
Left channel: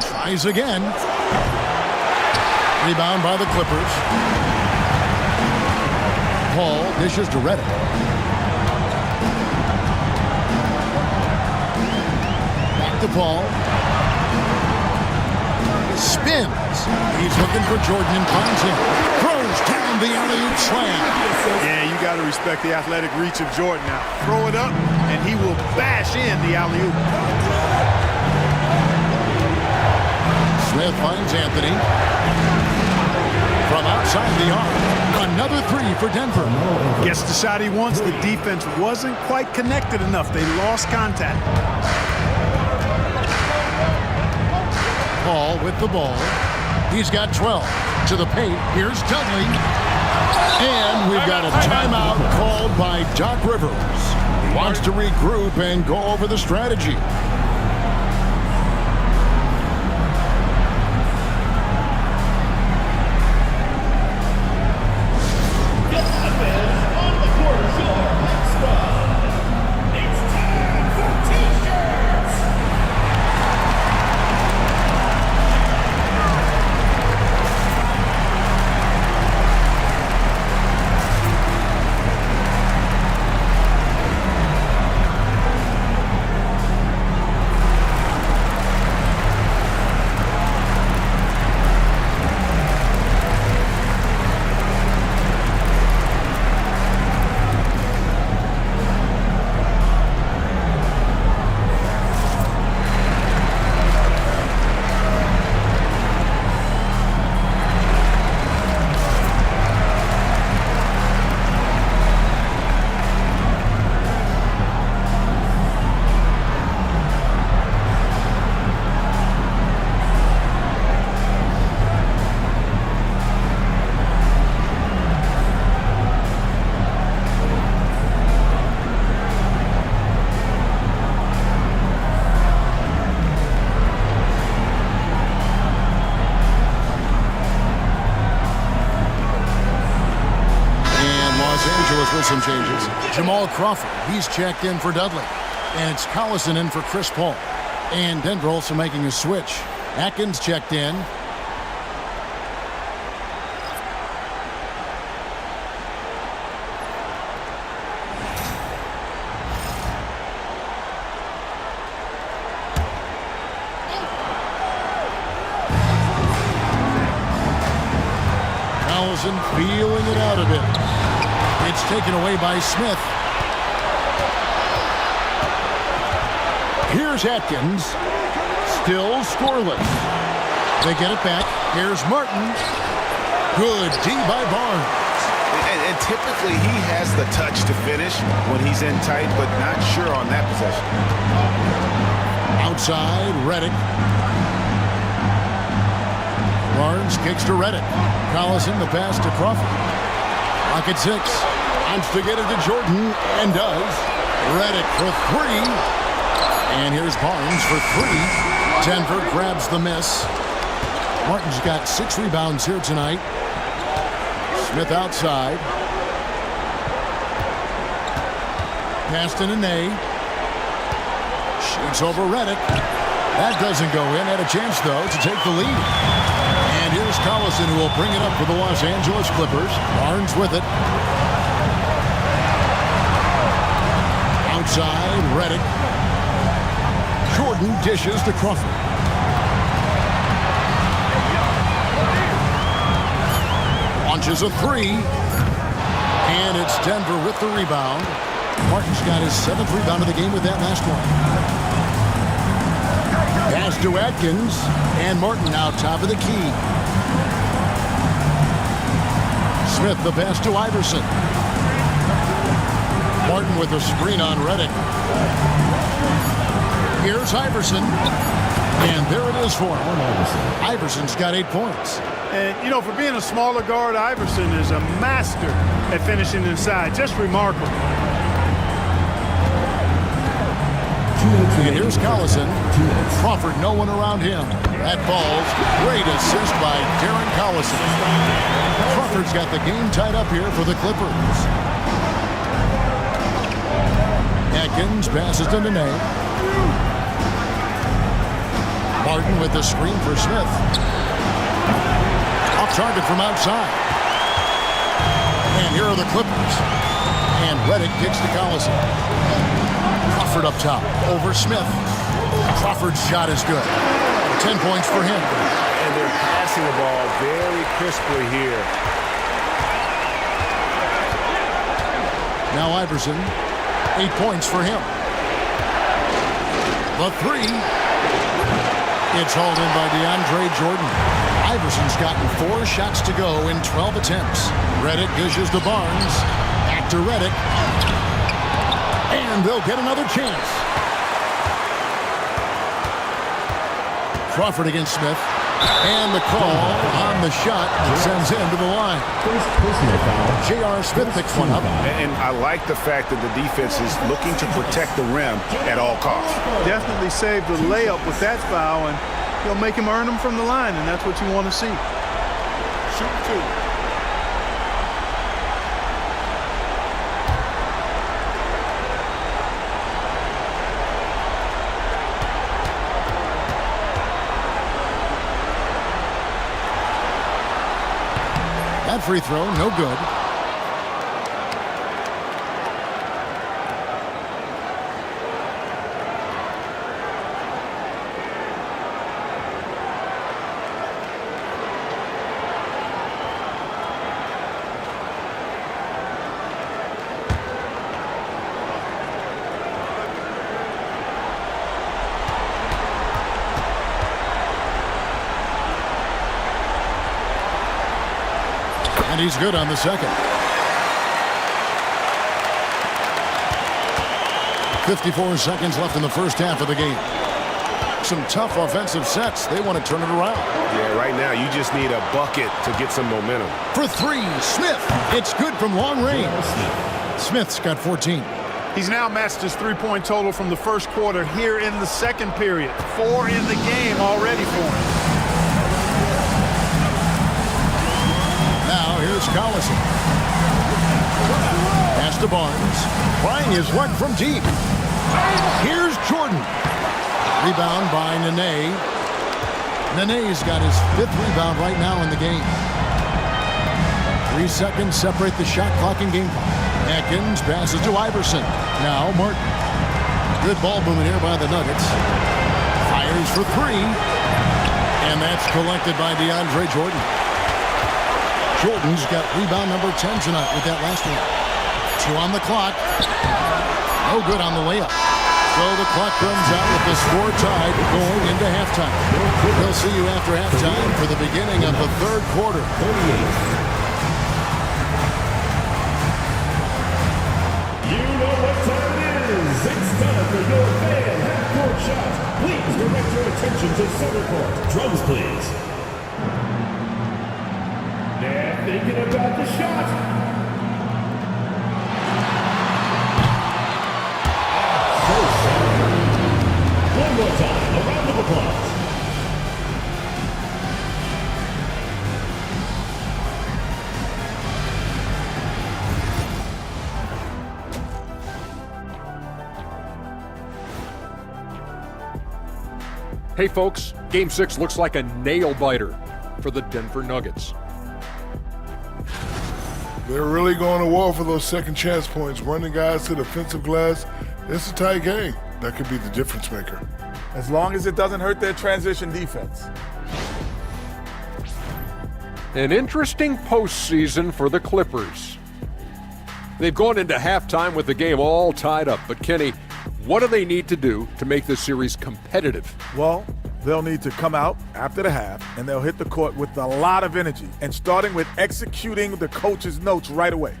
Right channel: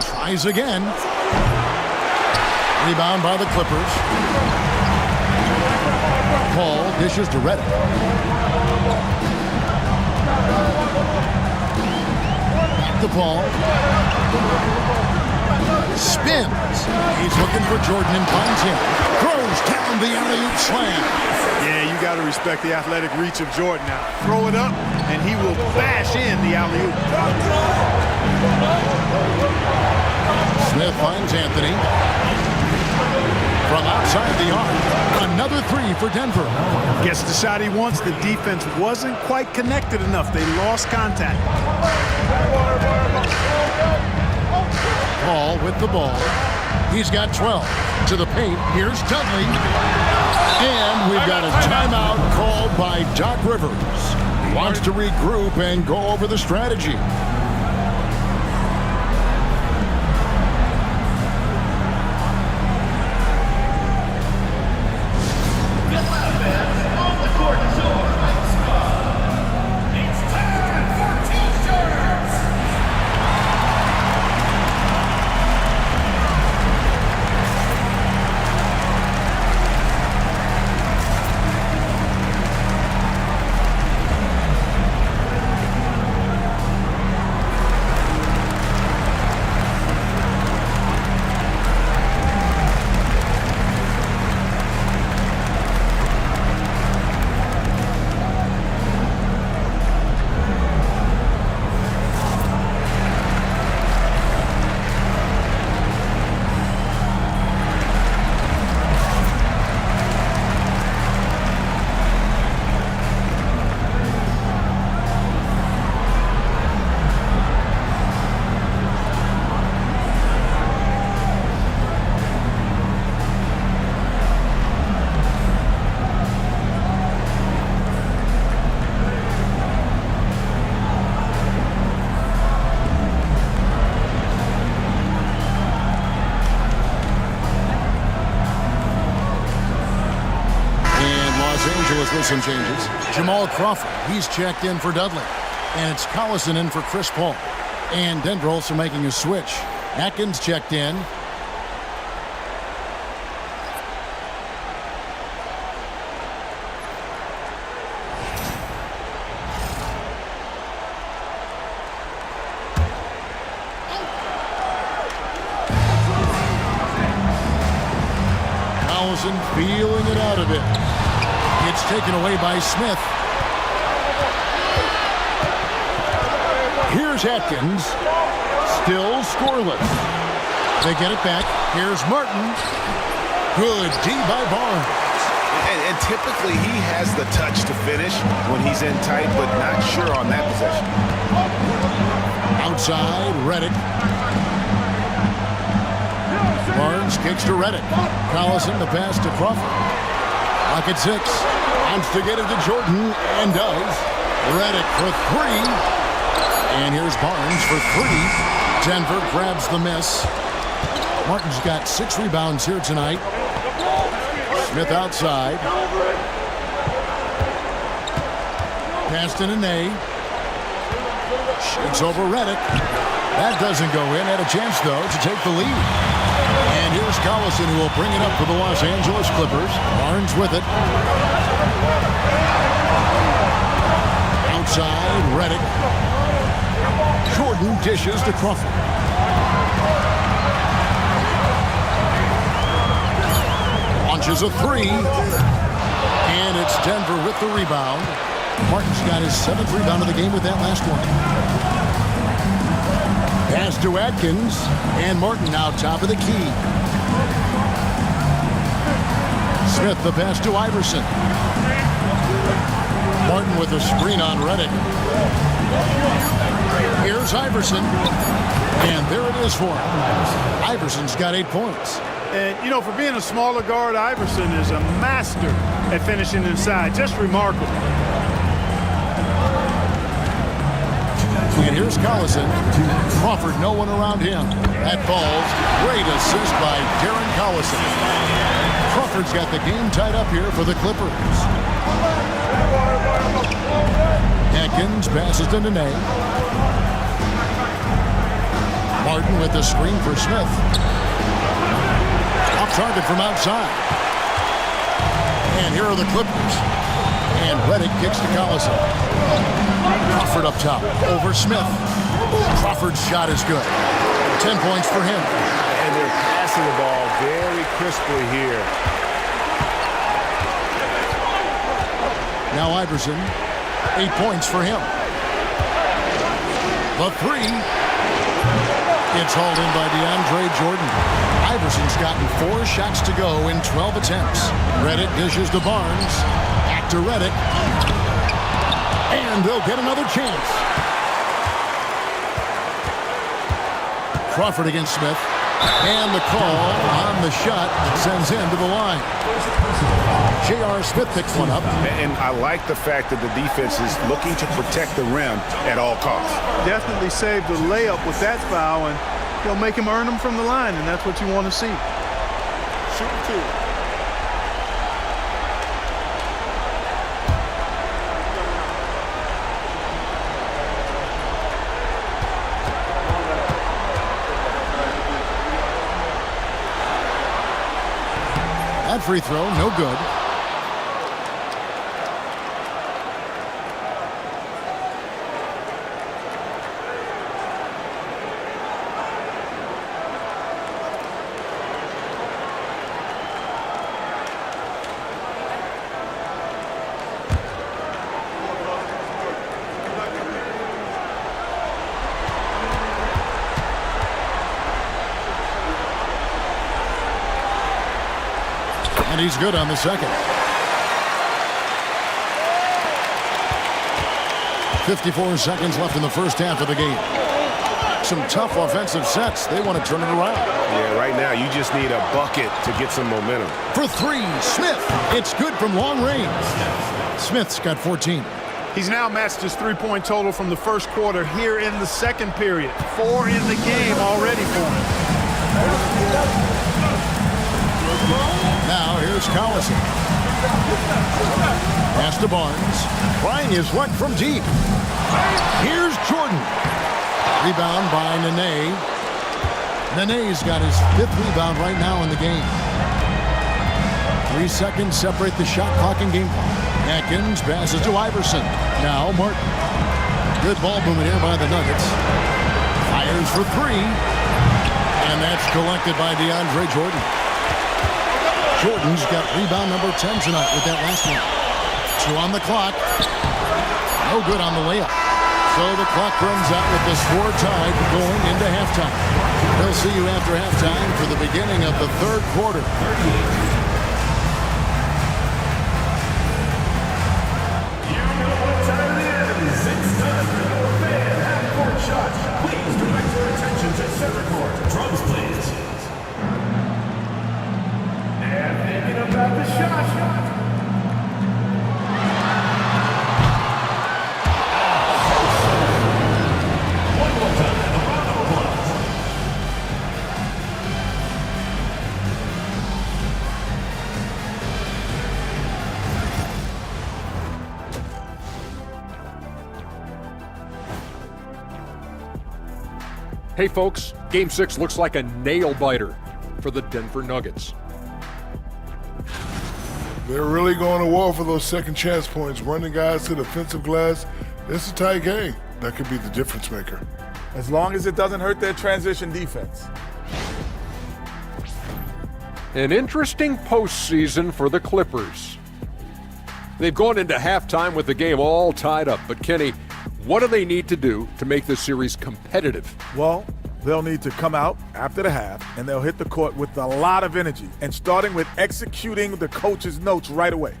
Tries again. Rebound by the Clippers. Paul dishes to Redick. Back to Paul. Spins. He's looking for Jordan and finds him. Throws down the alley-oop slam. Yeah, you got to respect the athletic reach of Jordan now. Throw it up, and he will bash in the alley-oop. Smith finds Anthony. From outside the arc, another 3 for Denver. Gets the shot he wants. The defense wasn't quite connected enough. They lost contact. Paul with the ball. He's got 12. To the paint. Here's Dudley. And we've got a timeout called by Doc Rivers. He wants to regroup and go over the strategy. Angeles with some changes. Jamal Crawford, he's checked in for Dudley. And it's Collison in for Chris Paul. And Denver also making a switch. Atkins checked in. Collison feeling it out a bit. It's taken away by Smith. Here's Atkins. Still scoreless. They get it back. Here's Martin. Good D by Barnes. And typically he has the touch to finish when he's in tight, but not sure on that possession. Outside, Redick. Barnes kicks to Redick. Collison the pass to Crawford. Clock at 6. Wants to get it to Jordan, and does. Redick for 3. And here's Barnes for 3. Denver grabs the miss. Martin's got 6 rebounds here tonight. Smith outside. Pass to Nene. Shoots over Redick. That doesn't go in. Had a chance, though, to take the lead. And here's Collison, who will bring it up for the Los Angeles Clippers. Barnes with it. Outside, Redick. Jordan dishes to Crawford. Launches a 3. And it's Denver with the rebound. Martin's got his 7th rebound of the game with that last one. Pass to Atkins. And Martin now top of the key. Smith the pass to Iverson. Martin with a screen on Redick. Here's Iverson. And there it is for him. Iverson's got 8 points. And, you know, for being a smaller guard, Iverson is a master at finishing inside. Just remarkable. And here's Collison. Crawford, no one around him. That falls. Great assist by Darren Collison. Crawford's got the game tied up here for the Clippers. Atkins passes to Nene. Martin with the screen for Smith. Off target from outside. And here are the Clippers. And Redick kicks to Collison. Crawford up top over Smith. Crawford's shot is good. 10 points for him. And they're passing the ball very crisply here. Now Iverson. 8 points for him. The 3. It's hauled in by DeAndre Jordan. Iverson's gotten 4 shots to go in 12 attempts. Redick dishes to Barnes. Back to Redick. And they'll get another chance. Crawford against Smith. And the call on the shot that sends him to the line. First personal foul. J.R. Smith picks one up. And I like the fact that the defense is looking to protect the rim at all costs. Definitely saved the layup with that foul, and he'll make him earn them from the line, and that's what you want to see. Shooting 2. That free throw, no good. And he's good on the second. 54 seconds left in the first half of the game. Some tough offensive sets. They want to turn it around. Yeah, right now you just need a bucket to get some momentum. For 3, Smith. It's good from long range. Smith's got 14. He's now matched his three-point total from the first quarter here in the second period. 4 in the game already for him. Now here's Collison. Pass to Barnes. Trying his luck from deep. Here's Jordan. Rebound by Nene. Nene's got his 5th rebound right now in the game. 3 seconds separate the shot clock and game clock. Atkins passes to Iverson. Now Martin. Good ball movement here by the Nuggets. Fires for 3. And that's collected by DeAndre Jordan. Jordan's got rebound number 10 tonight with that last one. 2 on the clock. No good on the layup. So the clock runs out with the score tied going into halftime. We'll see you after halftime for the beginning of the 3rd quarter. 38. Shot. Please direct your attention to center court. Drums, please. And thinking about the shot. So center. One more time. A round of applause. Hey folks, Game 6 looks like a nail-biter for the Denver Nuggets. They're really going to war for those second chance points, running guys to the offensive glass. It's a tight game. That could be the difference maker. As long as it doesn't hurt their transition defense. An interesting postseason for the Clippers. They've gone into halftime with the game all tied up, but Kenny, what do they need to do to make this series competitive? Well, they'll need to come out after the half, and they'll hit the court with a lot of energy, and starting with executing the coach's notes right away.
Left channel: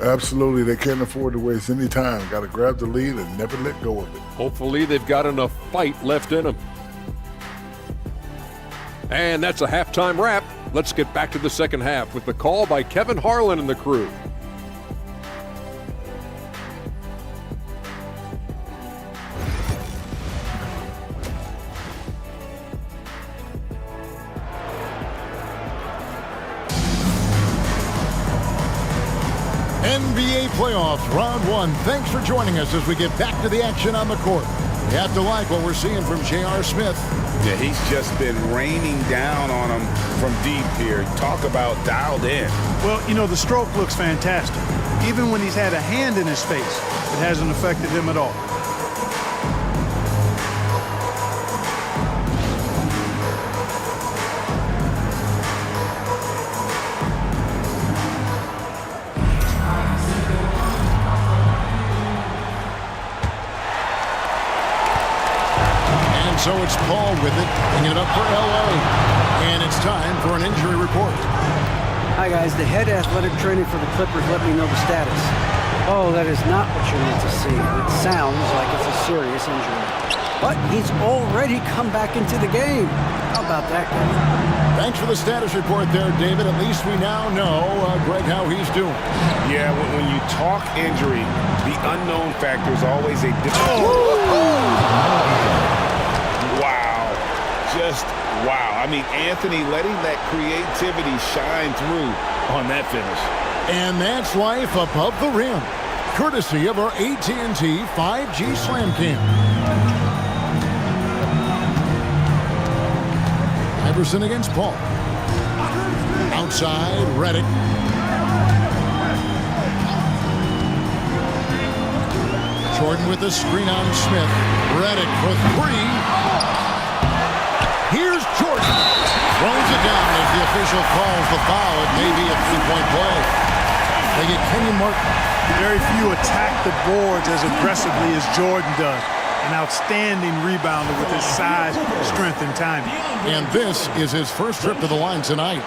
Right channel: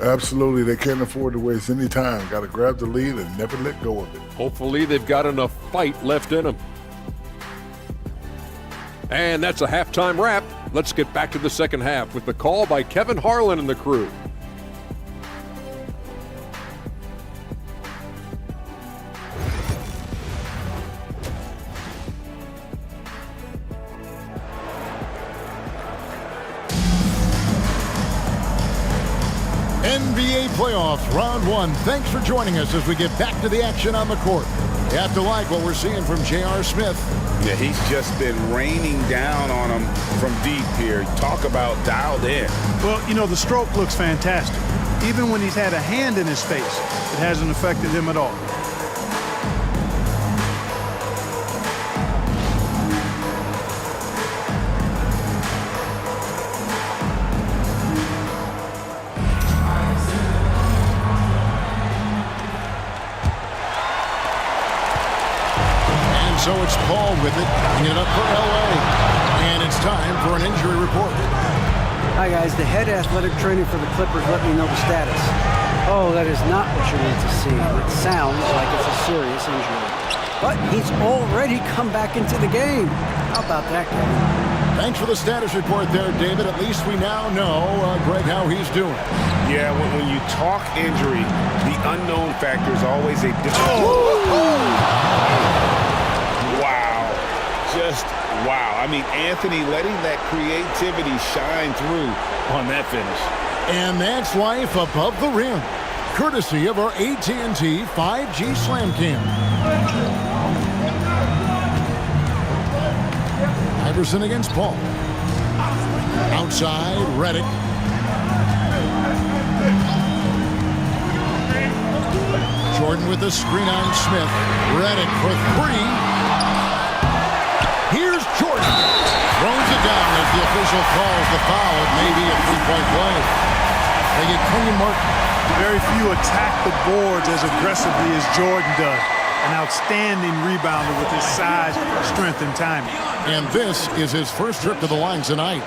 Absolutely. They can't afford to waste any time. Got to grab the lead and never let go of it. Hopefully they've got enough fight left in them. And that's a halftime wrap. Let's get back to the second half with the call by Kevin Harlan and the crew. NBA playoffs, round 1. Thanks for joining us as we get back to the action on the court. You have to like what we're seeing from J.R. Smith. Yeah, he's just been raining down on him from deep here. Talk about dialed in. Well, you know, the stroke looks fantastic. Even when he's had a hand in his face, it hasn't affected him at all. So it's Paul with it, bringing it up for L.A. And it's time for an injury report. Hi, guys. The head athletic trainer for the Clippers let me know the status. Oh, that is not what you need to see. It sounds like it's a serious injury. But he's already come back into the game. How about that, Kevin? Thanks for the status report there, David. At least we now know, Greg, how he's doing. Yeah, when you talk injury, the unknown factor is always a different... Wow. Just wow. I mean, Anthony letting that creativity shine through on that finish. And that's life above the rim, courtesy of our AT&T 5G Slam Cam. Iverson against Paul. Outside, Redick. Jordan with the screen on Smith. Redick for 3. Here's Jordan. Throws it down as the official calls the foul. It may be a three-point play. They get Kenyon Martin. Very few attack the boards as aggressively as Jordan does. An outstanding rebounder with his size, strength, and timing. And this is his first trip to the line tonight.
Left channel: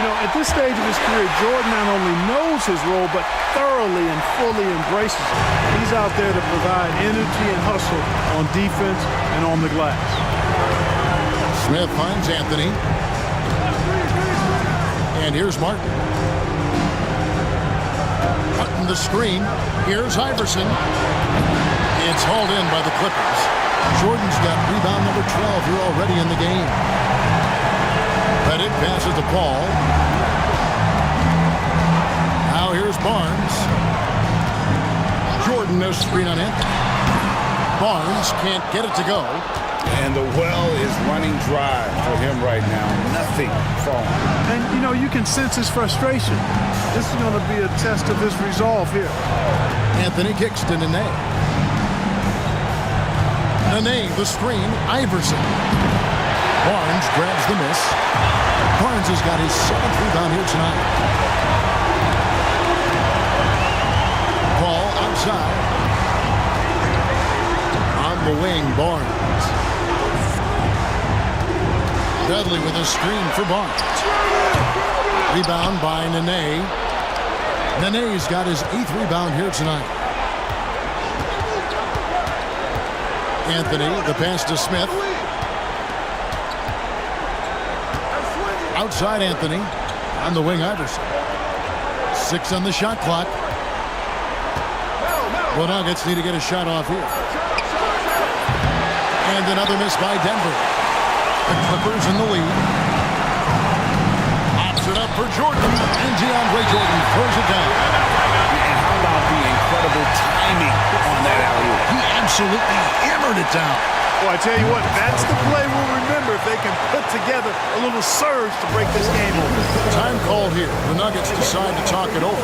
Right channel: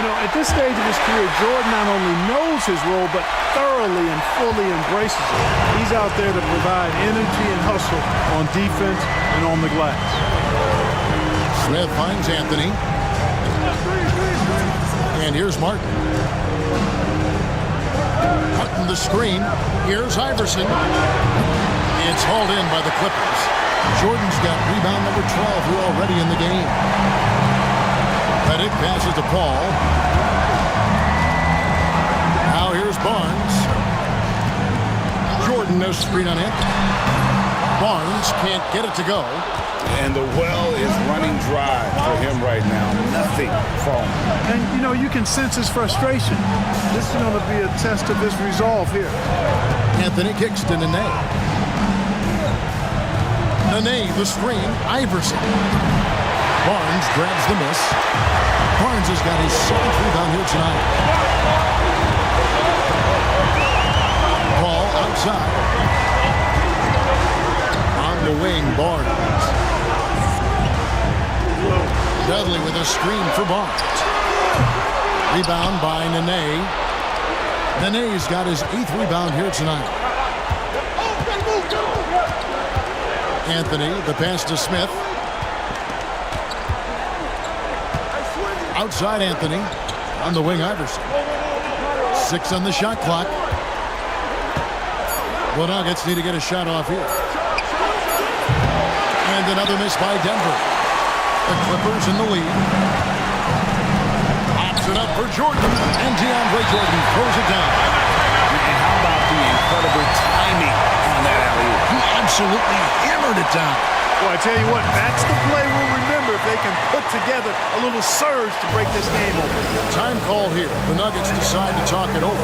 You know, at this stage of his career, Jordan not only knows his role, but thoroughly and fully embraces it. He's out there to provide energy and hustle on defense and on the glass. Smith finds Anthony. And here's Martin. Cutting the screen. Here's Iverson. It's hauled in by the Clippers. Jordan's got rebound number 12 here already in the game. Redick passes to Paul. Now here's Barnes. Jordan, no screen on Anthony. Barnes can't get it to go. And the well is running dry for him right now. Nothing falling. And, you know, you can sense his frustration. This is going to be a test of his resolve here. Anthony kicks to Nene. Nene, the screen. Iverson. Barnes grabs the miss. Barnes has got his 7th rebound here tonight. Paul outside. On the wing, Barnes. Dudley with a screen for Barnes. Rebound by Nene. Nene's got his 8th rebound here tonight. Anthony, the pass to Smith. Outside Anthony. On the wing, Iverson. 6 on the shot clock. The Nuggets need to get a shot off here. And another miss by Denver. The Clippers in the lead. Pops it up for Jordan. And DeAndre Jordan throws it down. And how about the incredible timing on that alley-oop? He absolutely hammered it down. Well, I tell you what, that's the play we'll remember if they can put together a little surge to break this game open. Time called here. The Nuggets decide to talk it over.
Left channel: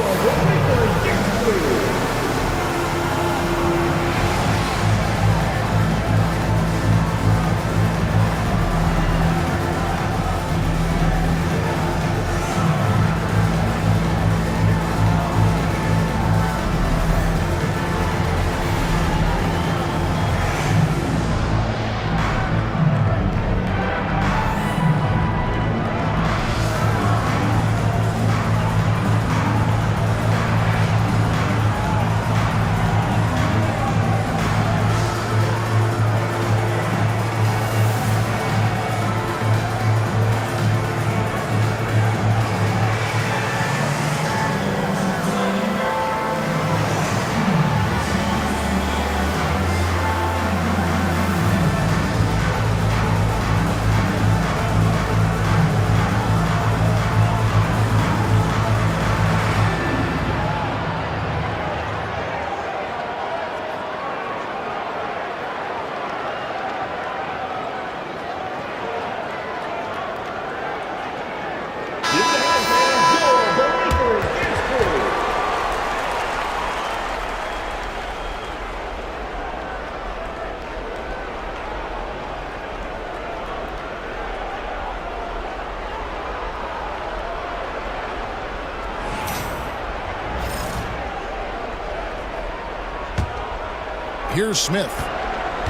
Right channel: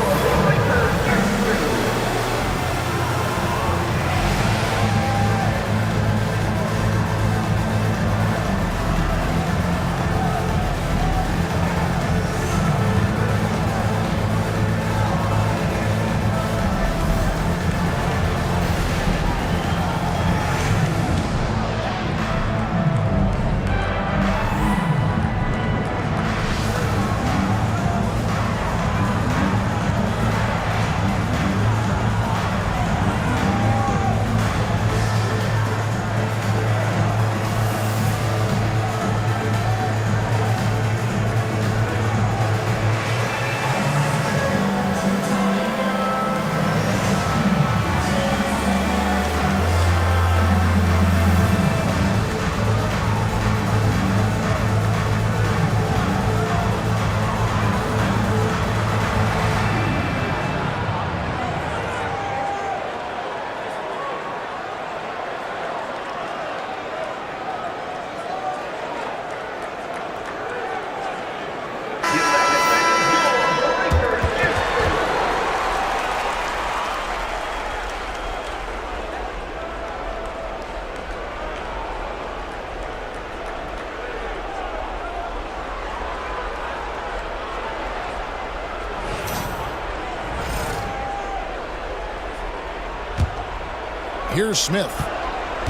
Here's Smith.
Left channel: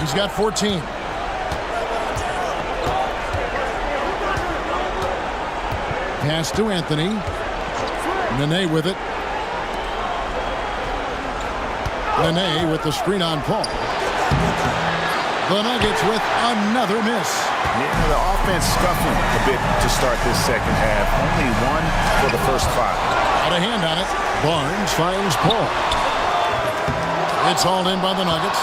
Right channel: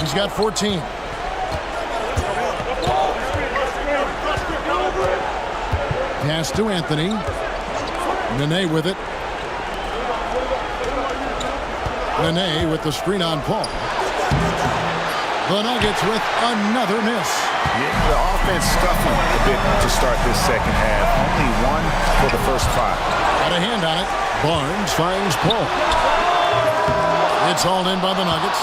He's got 14. Pass to Anthony. Nene with it. Nene with the screen on Paul. The Nuggets with another miss. Yeah, the offense scuffling a bit to start this second half. Only 1 for the first 5. Got a hand on it. Barnes finds Paul. It's hauled in by the Nuggets.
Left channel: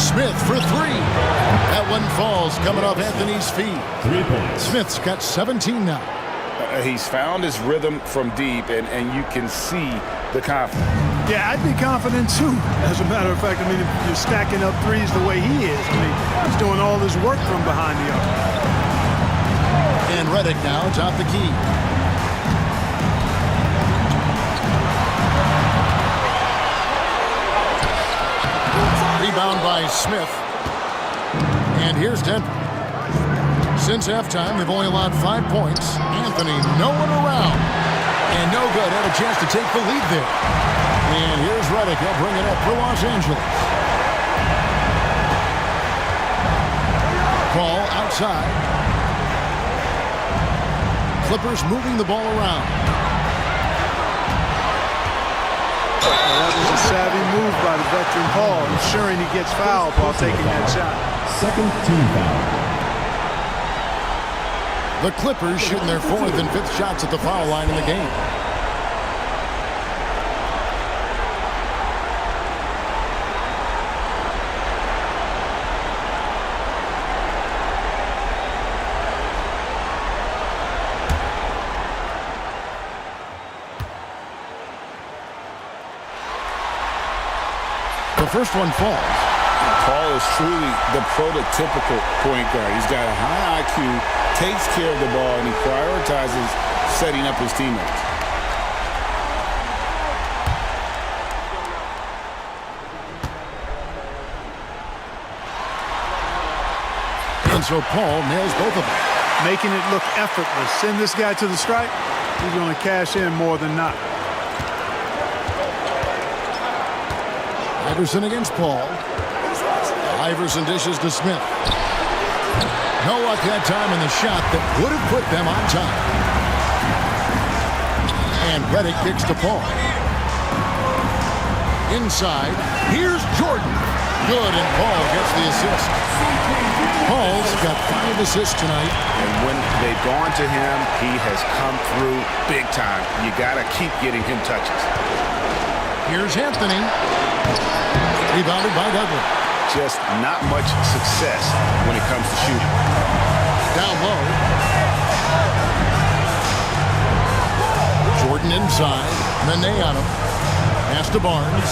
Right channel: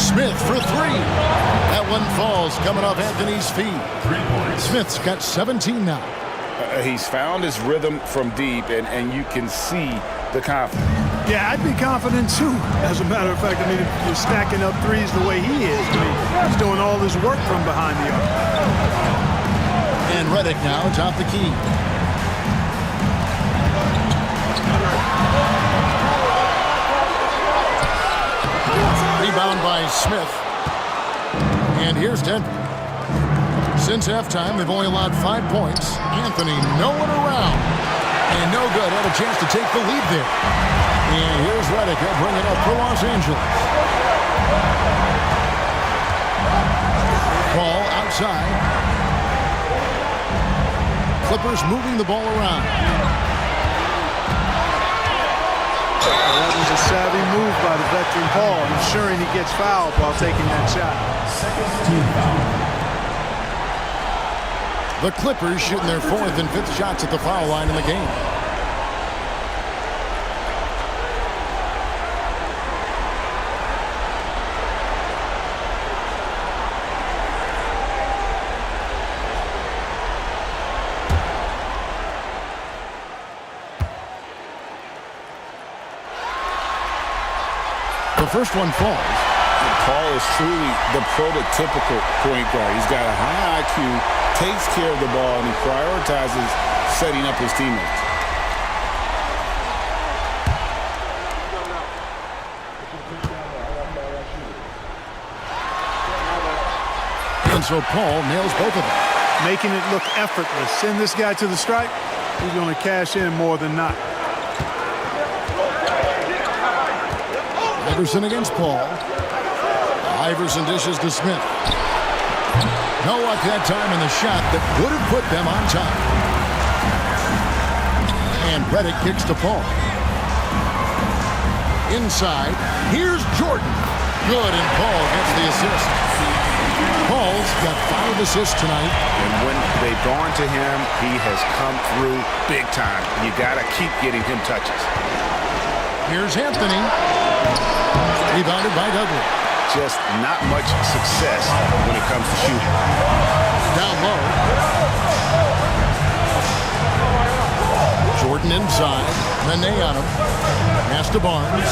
Smith for 3. That one falls coming off Anthony's feet. 3 points. Smith's got 17 now. He's found his rhythm from deep, and you can see the confidence. Yeah, I'd be confident too. As a matter of fact, I mean, if you're stacking up threes the way he is, I mean, he's doing all his work from behind the arc. And Redick now top the key. Rebound by Smith. And here's Denver. Since halftime, they've only allowed 5 points. Anthony nowhere around. And no good. Had a chance to take the lead there. And here's Redick. He'll bring it up for Los Angeles. Ball outside. Clippers moving the ball around. That was a savvy move by the veteran Paul, ensuring he gets fouled while taking that shot. Second team foul. The Clippers shooting their 4th and 5th shots at the foul line in the game. The first one falls. Paul is truly the prototypical point guard. He's got a high IQ, takes care of the ball, and he prioritizes setting up his teammates. And so Paul nails both of them. Making it look effortless. Send this guy to the stripe. He's going to cash in more than not. Iverson against Paul. Iverson dishes to Smith. No luck that time in the shot that would have put them on top. And Reddick kicks to Paul. Inside, here's Jordan. Good, and Paul gets the assist. Paul's got 5 assists tonight. And when they've gone to him, he has come through big time. You got to keep getting him touches. Here's Anthony. Rebounded by Dudley. Just not much success when it comes to shooting. Down low. Jordan inside. Nene on him. Pass to Barnes.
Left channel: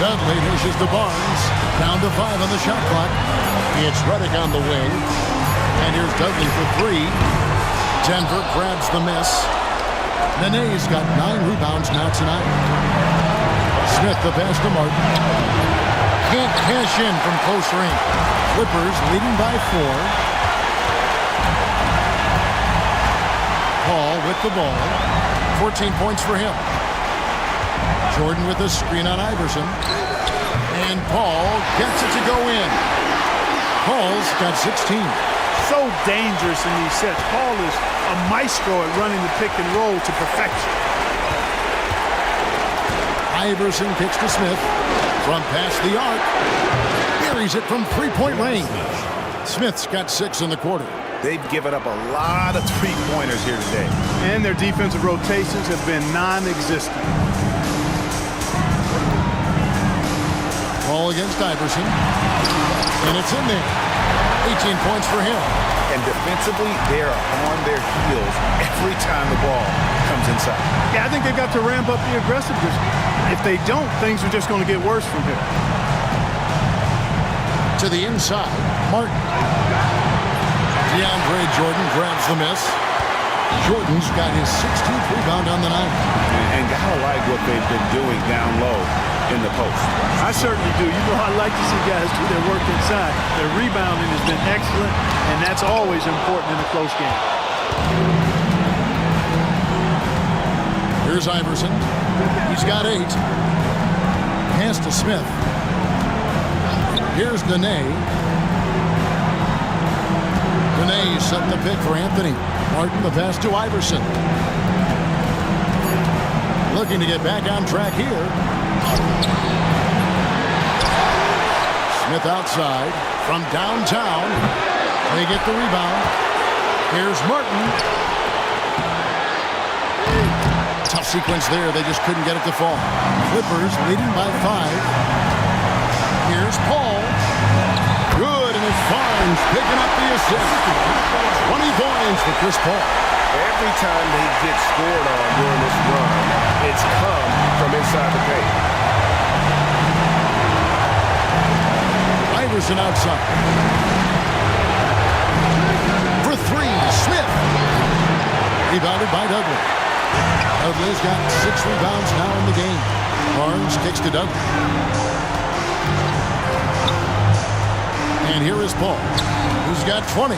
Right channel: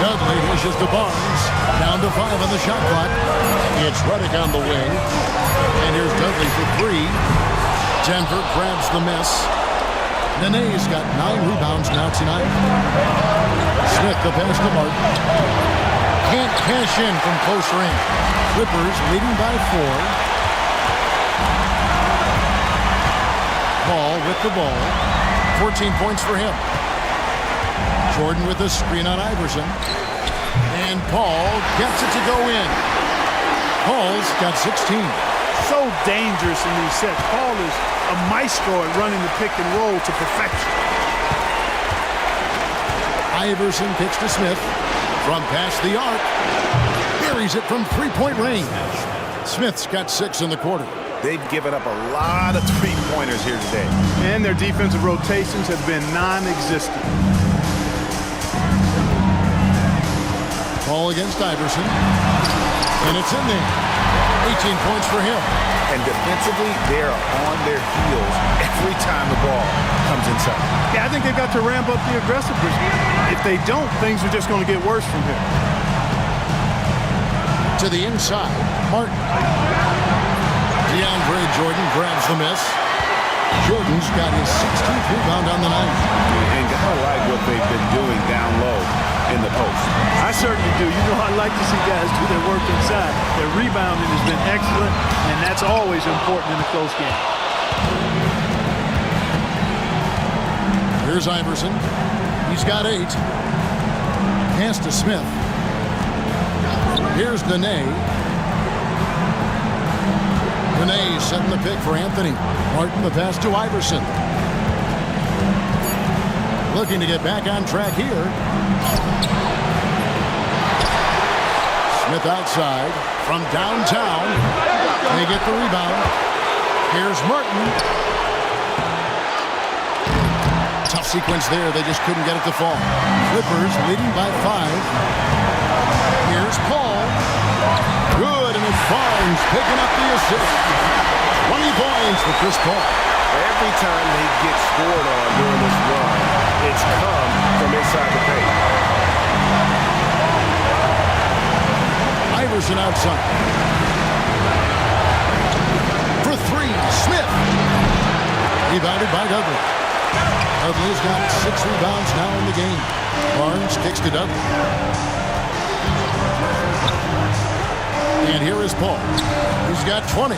Dudley dishes to Barnes. Down to 5 on the shot clock. It's Reddick on the wing. And here's Dudley for 3. Denver grabs the miss. Nene's got 9 rebounds now tonight. Smith the pass to Martin. Can't cash in from close range. Clippers leading by 4. Paul with the ball. 14 points for him. Jordan with a screen on Iverson. And Paul gets it to go in. Paul's got 16. So dangerous in these sets. Paul is a maestro at running the pick and roll to perfection. Iverson kicks to Smith. From past the arc. Buries it from 3-point range. Smith's got 6 in the quarter. They've given up a lot of three-pointers here today. And their defensive rotations have been non-existent. Paul against Iverson. And it's in there. 18 points for him. And defensively, they are on their heels every time the ball comes inside. Yeah, I think they've got to ramp up the aggressiveness. If they don't, things are just going to get worse from here. To the inside, Martin. DeAndre Jordan grabs the miss. Jordan's got his 16th rebound on the night. And gotta like what they've been doing down low in the post. I certainly do. You know, I like to see guys do their work inside. Their rebounding has been excellent, and that's always important in a close game. Here's Iverson. He's got 8. Pass to Smith. Here's Nene. Nene setting the pick for Anthony. Martin the pass to Iverson. Looking to get back on track here. Smith outside from downtown. They get the rebound. Here's Martin. Tough sequence there. They just couldn't get it to fall. Clippers leading by 5. Here's Paul. Good, and it's Barnes picking up the assist. 20 points for Chris Paul. Every time they get scored on during this run, it's come from inside the paint. Iverson outside. For 3, Smith. Rebounded by Dudley. Dudley's got 6 rebounds now in the game. Barnes kicks to Dudley. And here is Paul, who's got 20.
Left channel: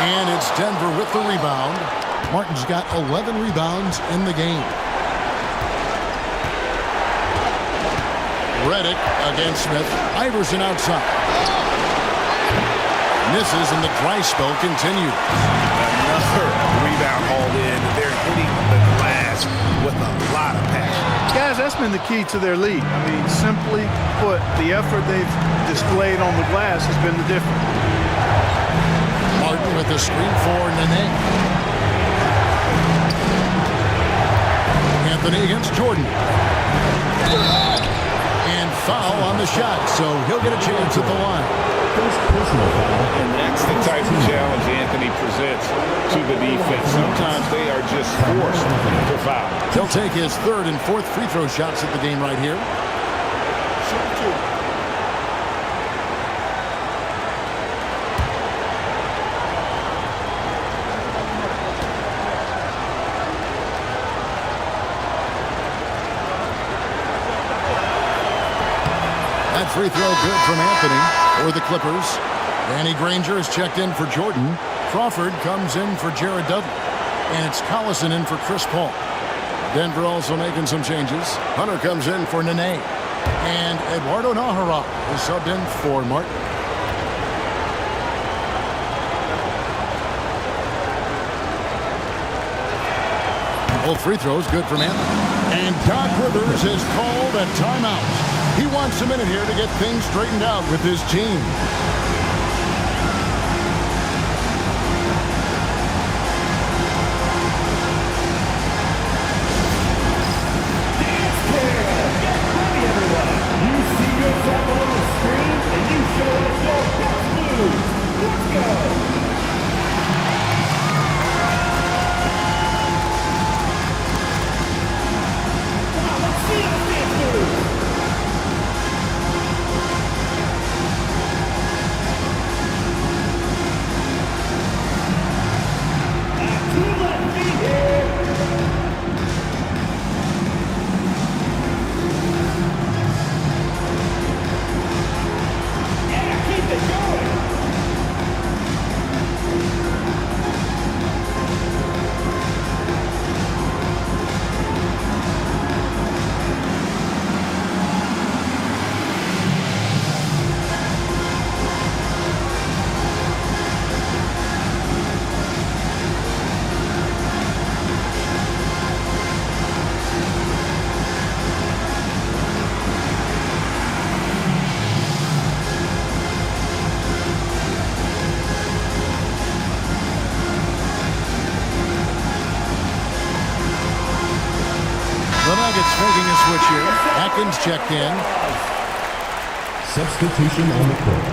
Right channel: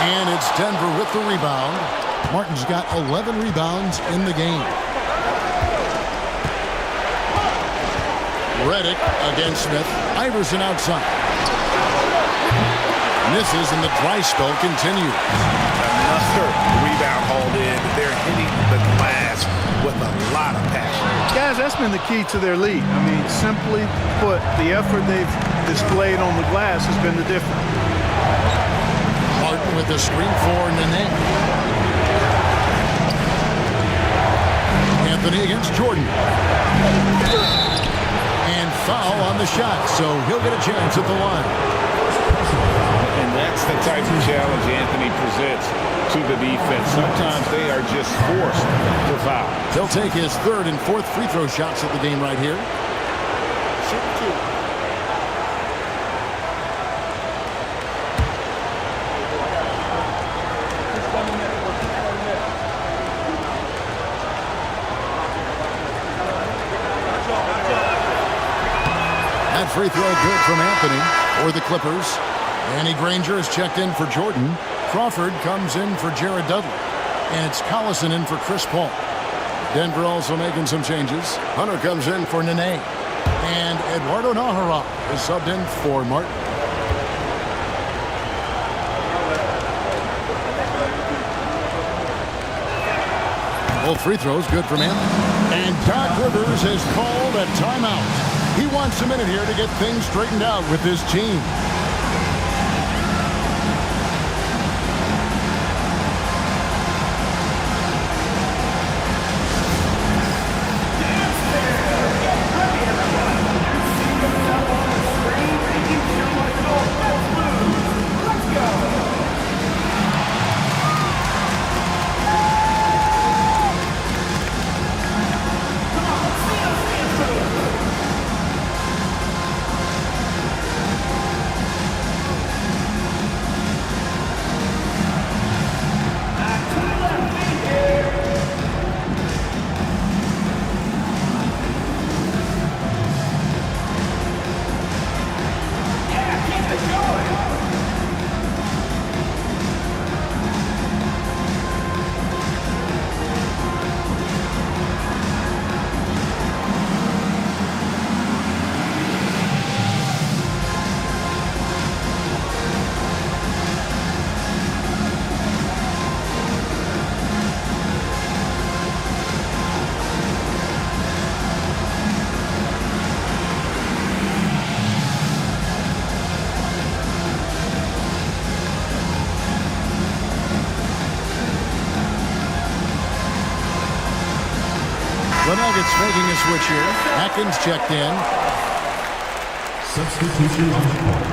And it's Denver with the rebound. Martin's got 11 rebounds in the game. Reddick against Smith. Iverson outside. Misses, and the dry spell continues. Another rebound hauled in. They're hitting the glass with a lot of passion. Guys, that's been the key to their lead. I mean, simply put, the effort they've displayed on the glass has been the difference. Martin with the screen for Nene. Anthony against Jordan. And foul on the shot, so he'll get a chance at the line. And that's the type of challenge Anthony presents to the defense. Sometimes they are just forced to foul. He'll take his third and fourth free throw shots at the game right here. Shoot 2. That free throw good from Anthony for the Clippers. Danny Granger is checked in for Jordan. Crawford comes in for Jared Dudley. And it's Collison in for Chris Paul. Denver also making some changes. Hunter comes in for Nene. And Eduardo Nahara is subbed in for Martin. Both free throws good from Anthony. And Doc Rivers has called a timeout. He wants a minute here to get things straightened out with his team. The Nuggets making a switch here. Atkins checked in. Substitution on the court.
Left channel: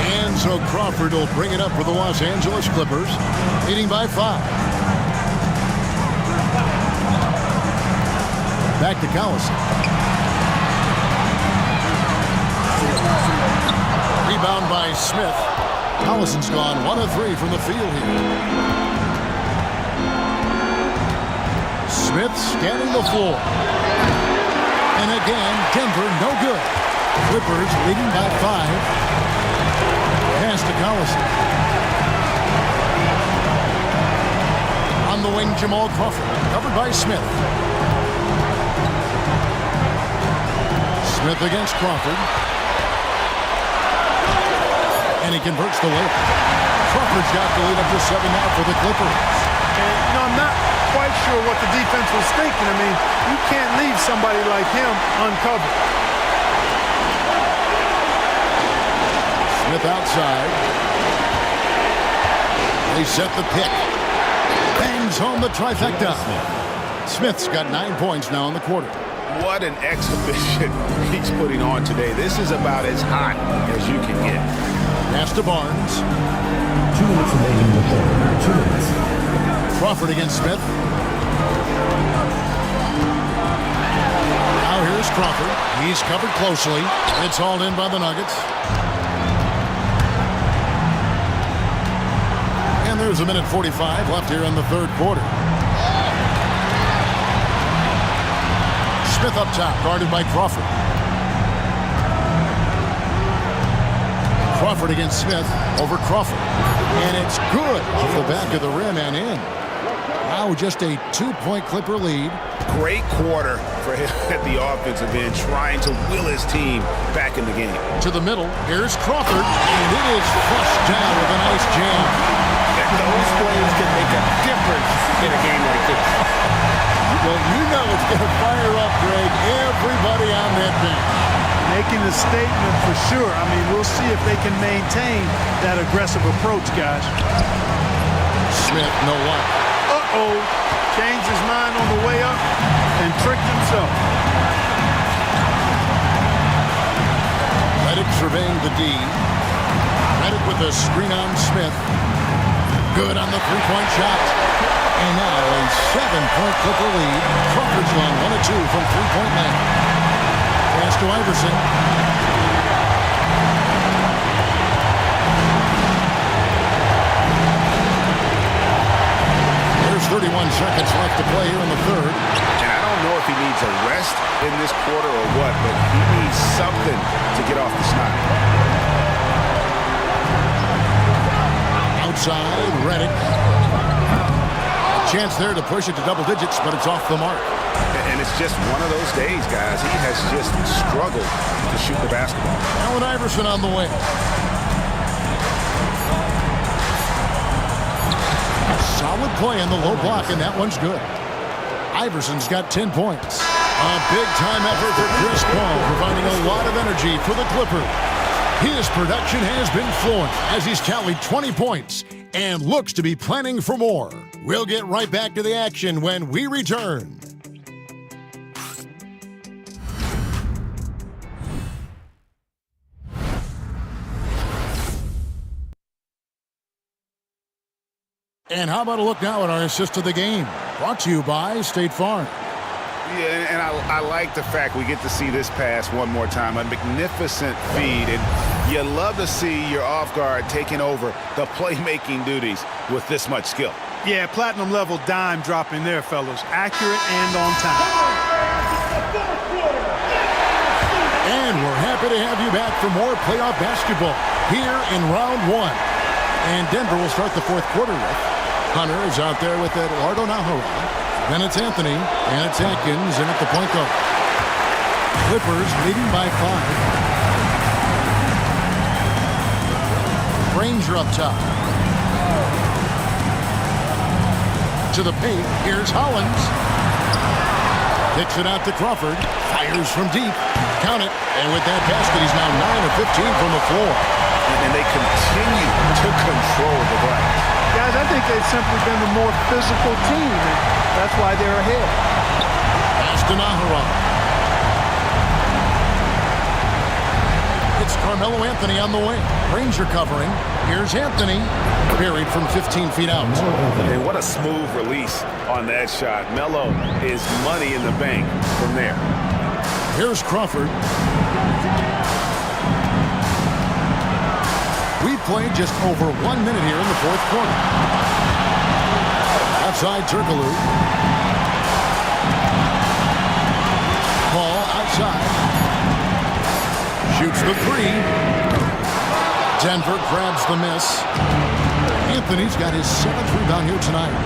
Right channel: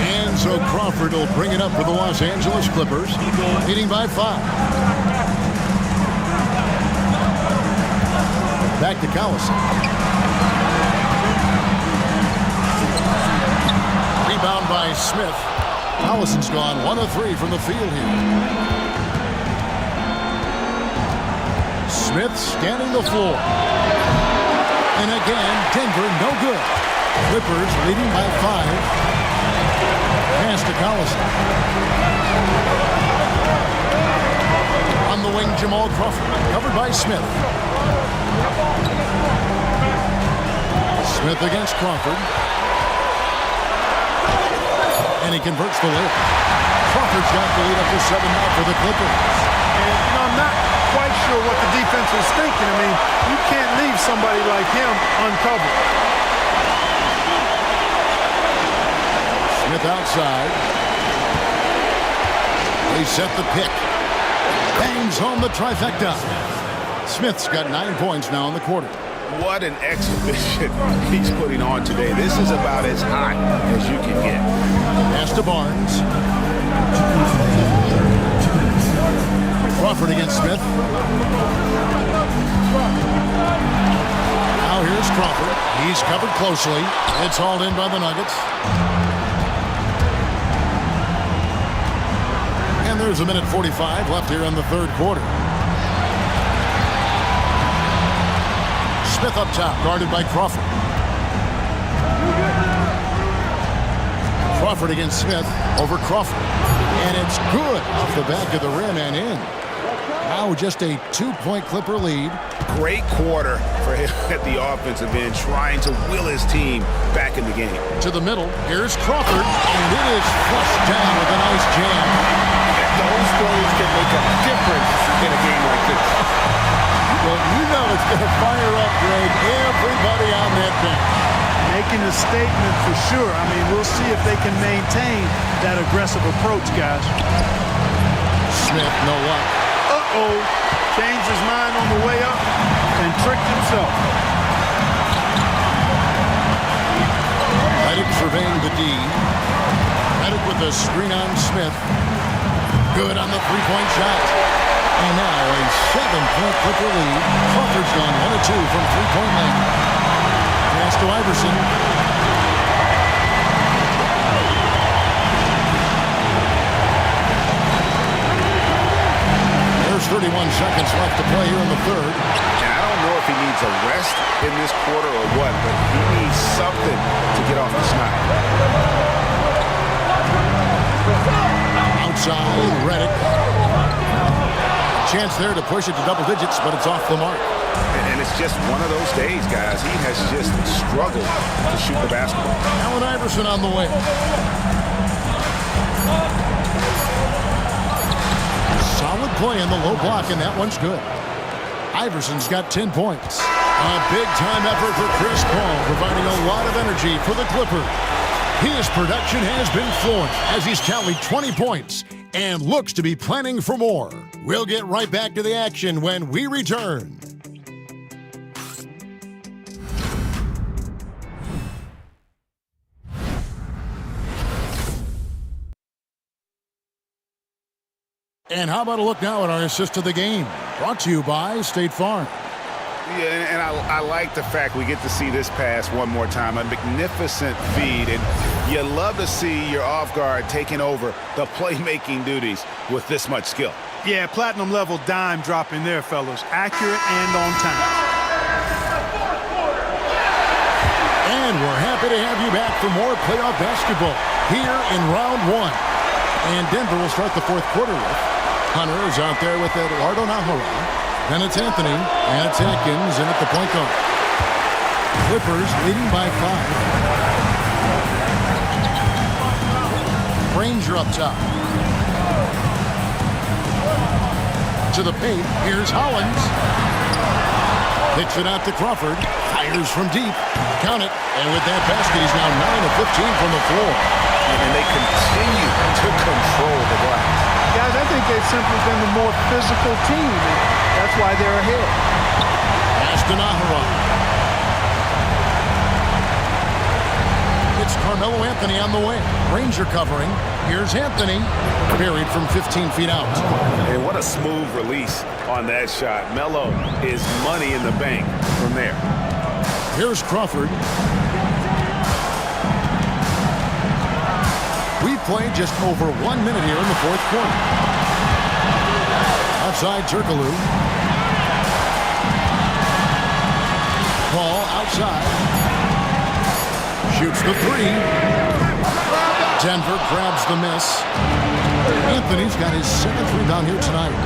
And so Crawford will bring it up for the Los Angeles Clippers, leading by 5. Back to Collison. Rebound by Smith. Collison's gone 1 of 3 from the field here. Smith scanning the floor. And again, Denver no good. Clippers leading by 5. Pass to Collison. On the wing, Jamal Crawford. Covered by Smith. Smith against Crawford. And he converts the layup. Crawford's got the lead up to 7 now for the Clippers. And, I'm not quite sure what the defense was thinking. I mean, you can't leave somebody like him uncovered. Smith outside. They set the pick. Bangs home the trifecta. Smith's got 9 points now in the quarter. What an exhibition he's putting on today. This is about as hot as you can get. Pass to Barnes. 2 minutes. Crawford against Smith. Now here's Crawford. He's covered closely. It's hauled in by the Nuggets. And there's 1:45 left here in the third quarter. Smith up top, guarded by Crawford. Crawford against Smith over Crawford. And it's good off the back of the rim and in. Now just a 2-point Clipper lead. Great quarter for him at the offensive end, trying to will his team back in the game. To the middle, here's Crawford, and it is flushed down with a nice jam. And those plays can make a difference in a game like this. Well, you know it's going to fire up, Greg, everybody on that bench. Making a statement for sure. I mean, we'll see if they can maintain that aggressive approach, guys. Smith, no luck. Uh-oh. Changed his mind on the way up and tricked himself. Reddick surveying the D. Reddick with a screen on Smith. Good on the three-point shot. And now a 7-point Clipper lead. Crawford's gone 1 of 2 from three-point land. Pass to Iverson. There's 31 seconds left to play here in the third. And I don't know if he needs a rest in this quarter or what, but he needs something to get off the schneid. Outside, Reddick. A chance there to push it to double digits, but it's off the mark. And it's just one of those days, guys. He has just struggled to shoot the basketball. Allen Iverson on the way. Solid play in the low block, and that one's good. Iverson's got 10 points. A big-time effort for Chris Paul, providing a lot of energy for the Clippers. His production has been flowing as he's tallied 20 points and looks to be planning for more. We'll get right back to the action when we return. And how about a look now at our assist of the game? Brought to you by State Farm. Yeah, and I like the fact we get to see this pass one more time. A magnificent feed, and you love to see your off guard taking over the playmaking duties with this much skill. Yeah, platinum level dime dropping there, fellas. Accurate and on time. And we're happy to have you back for more playoff basketball here in round one. And Denver will start the fourth quarter with Hunter is out there with Eduardo Nahara. Then it's Anthony, and it's Atkins, and at the point guard. Clippers leading by 5. Granger up top. To the paint, here's Hollins. Kicks it out to Crawford. Fires from deep. Count it. And with that basket, he's now 9 of 15 from the floor. And they continue to control the glass. Guys, I think they've simply been the more physical team, and that's why they're ahead. Pass to Nahara. It's Carmelo Anthony on the way. Granger covering. Here's Anthony. Buried from 15 feet out. And what a smooth release on that shot. Melo is money in the bank from there. Here's Crawford. We've played just over 1 minute here in the fourth quarter. Outside Turkoglu. Ball outside. Shoots the three. Denver grabs the miss. Anthony's got his 7th rebound here tonight.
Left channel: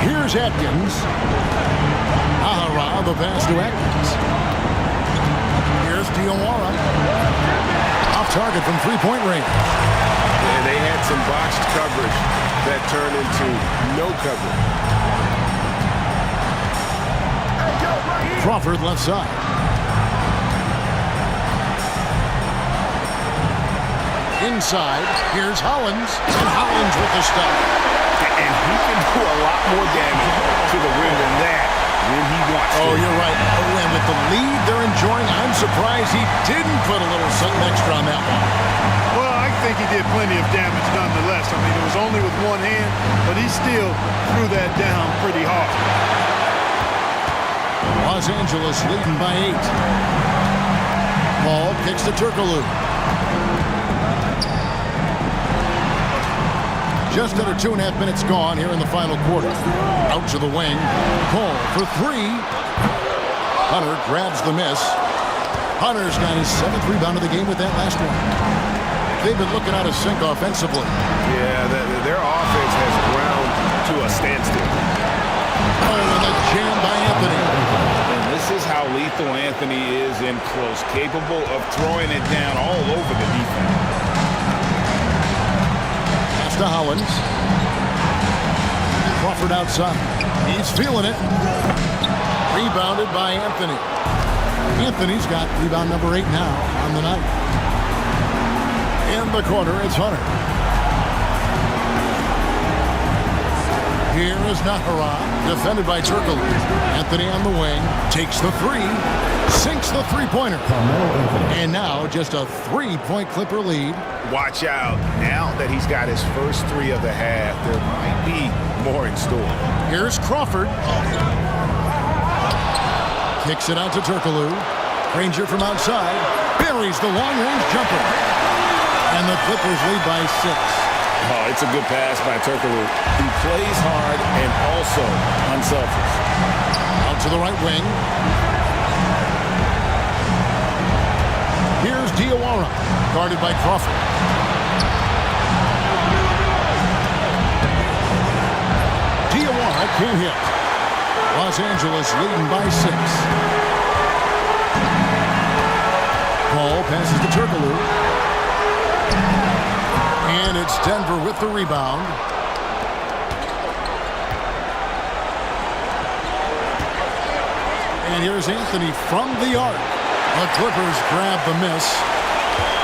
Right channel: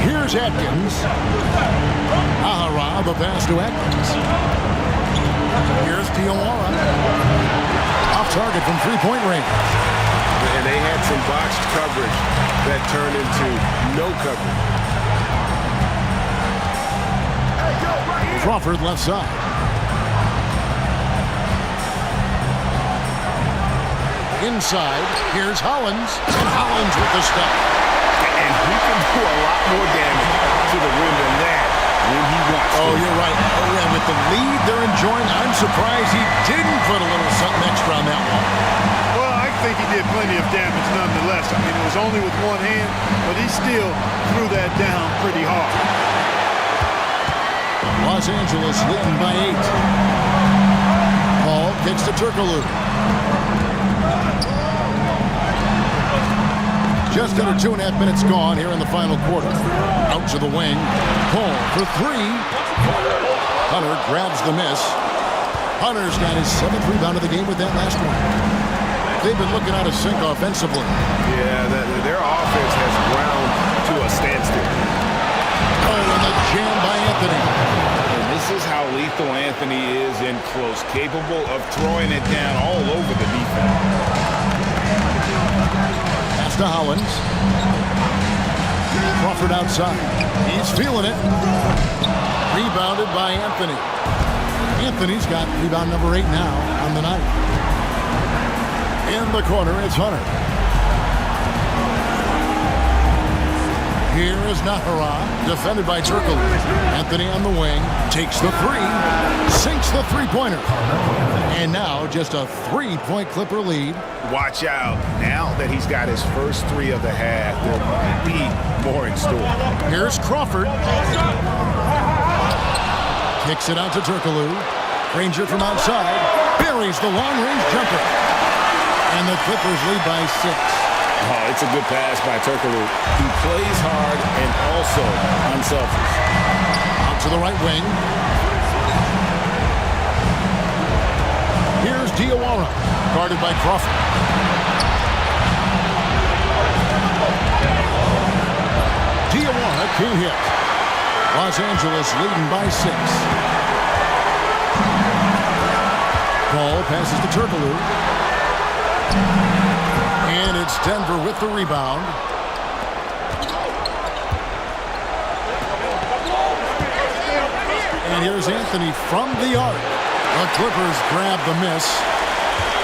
Here's Atkins. Nahara, the pass to Atkins. Here's Diawara. Off target from three-point range. And they had some botched coverage that turned into no coverage. Crawford left side. Inside, here's Hollins. And Hollins with the stop. And he can do a lot more damage to the rim than that when he wants to. Oh, you're right. Oh, and with the lead they're enjoying, I'm surprised he didn't put a little something extra on that one. Well, I think he did plenty of damage nonetheless. I mean, it was only with one hand, but he still threw that down pretty hard. Los Angeles leading by 8. Paul kicks to Turkoglu. Just under 2.5 minutes gone here in the final quarter. Out to the wing. Cole for three. Hunter grabs the miss. Hunter's got his 7th rebound of the game with that last one. They've been looking out of sync offensively. Yeah, their offense has ground to a standstill. Oh, and the jam by Anthony. And this is how lethal Anthony is in close, capable of throwing it down all over the defense. Pass to Hollins. Crawford outside. He's feeling it. Rebounded by Anthony. Anthony's got rebound number 8 now on the night. In the corner, it's Hunter. Here is Nahara, defended by Turkle. Anthony on the wing, takes the three, sinks the three-pointer. And now just a 3-point Clipper lead. Watch out. Now that he's got his first 3 of the half, there might be more in store. Here's Crawford. Kicks it out to Turkoglu. Granger from outside buries the long-range jumper. And the Clippers lead by 6. Oh, it's a good pass by Turkoglu. He plays hard and also unselfish. Out to the right wing. Here's Diawara, guarded by Crawford. Diawara can't hit. Los Angeles leading by 6. Ball passes to Turkoglu. And it's Denver with the rebound. And here's Anthony from the arc. The Clippers grab the miss.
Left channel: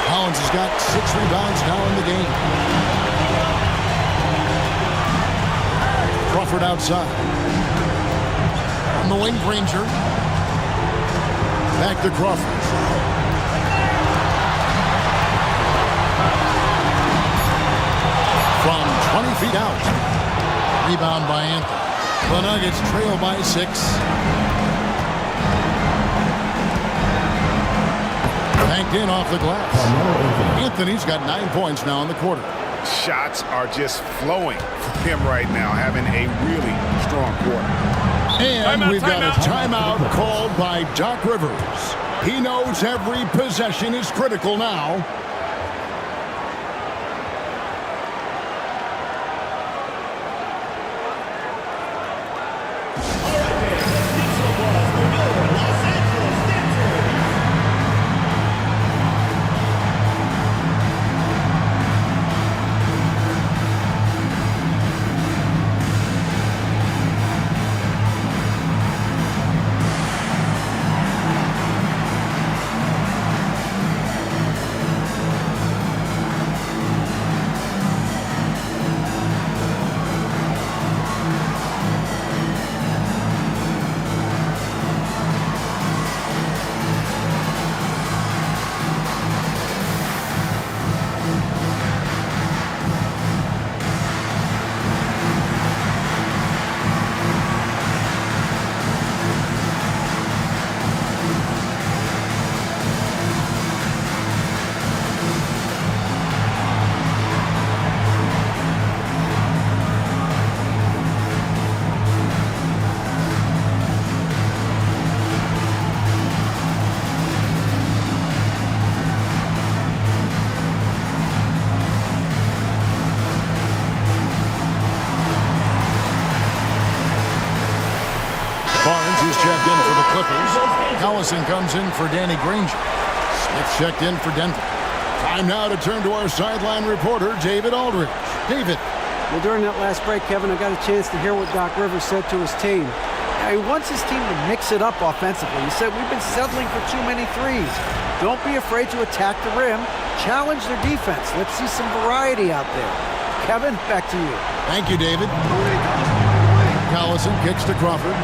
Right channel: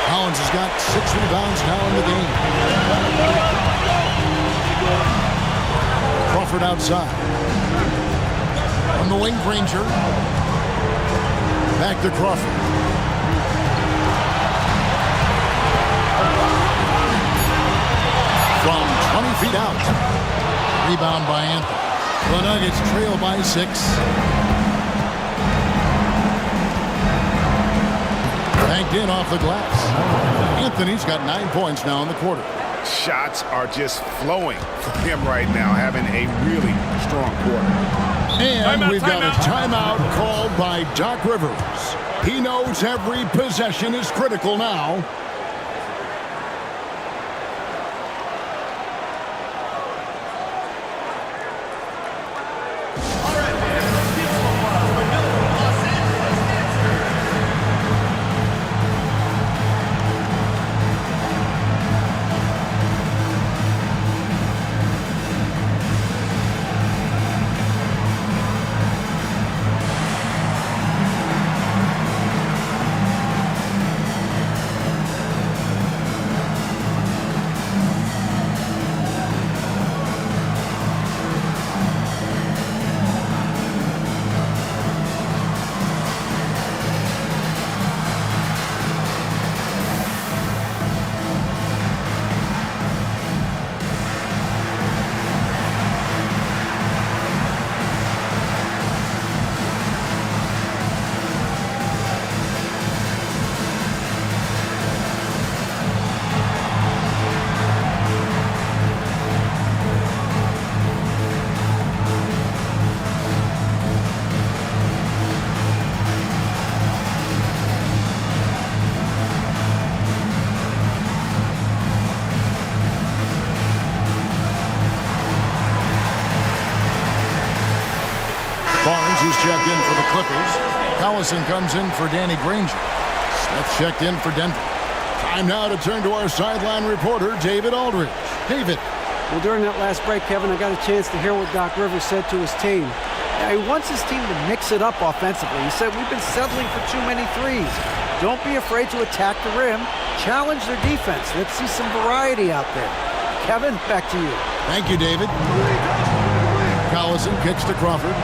Hollins has got 6 rebounds now in the game. Crawford outside. On the wing, Granger. Back to Crawford. From 20 feet out. Rebound by Anthony. The Nuggets trail by 6. Banked in off the glass. Anthony's got 9 points now in the quarter. Shots are just flowing for him right now, having a really strong quarter. And we've got a timeout called by Doc Rivers. He knows every possession is critical now. Barnes is checked in for the Clippers. Collison comes in for Danny Granger. Smith checked in for Denver. Time now to turn to our sideline reporter, David Aldridge. David. Well, during that last break, Kevin, I got a chance to hear what Doc Rivers said to his team. Now, he wants his team to mix it up offensively. He said, we've been settling for too many threes. Don't be afraid to attack the rim. Challenge their defense. Let's see some variety out there. Kevin, back to you. Thank you, David. Collison kicks to Crawford.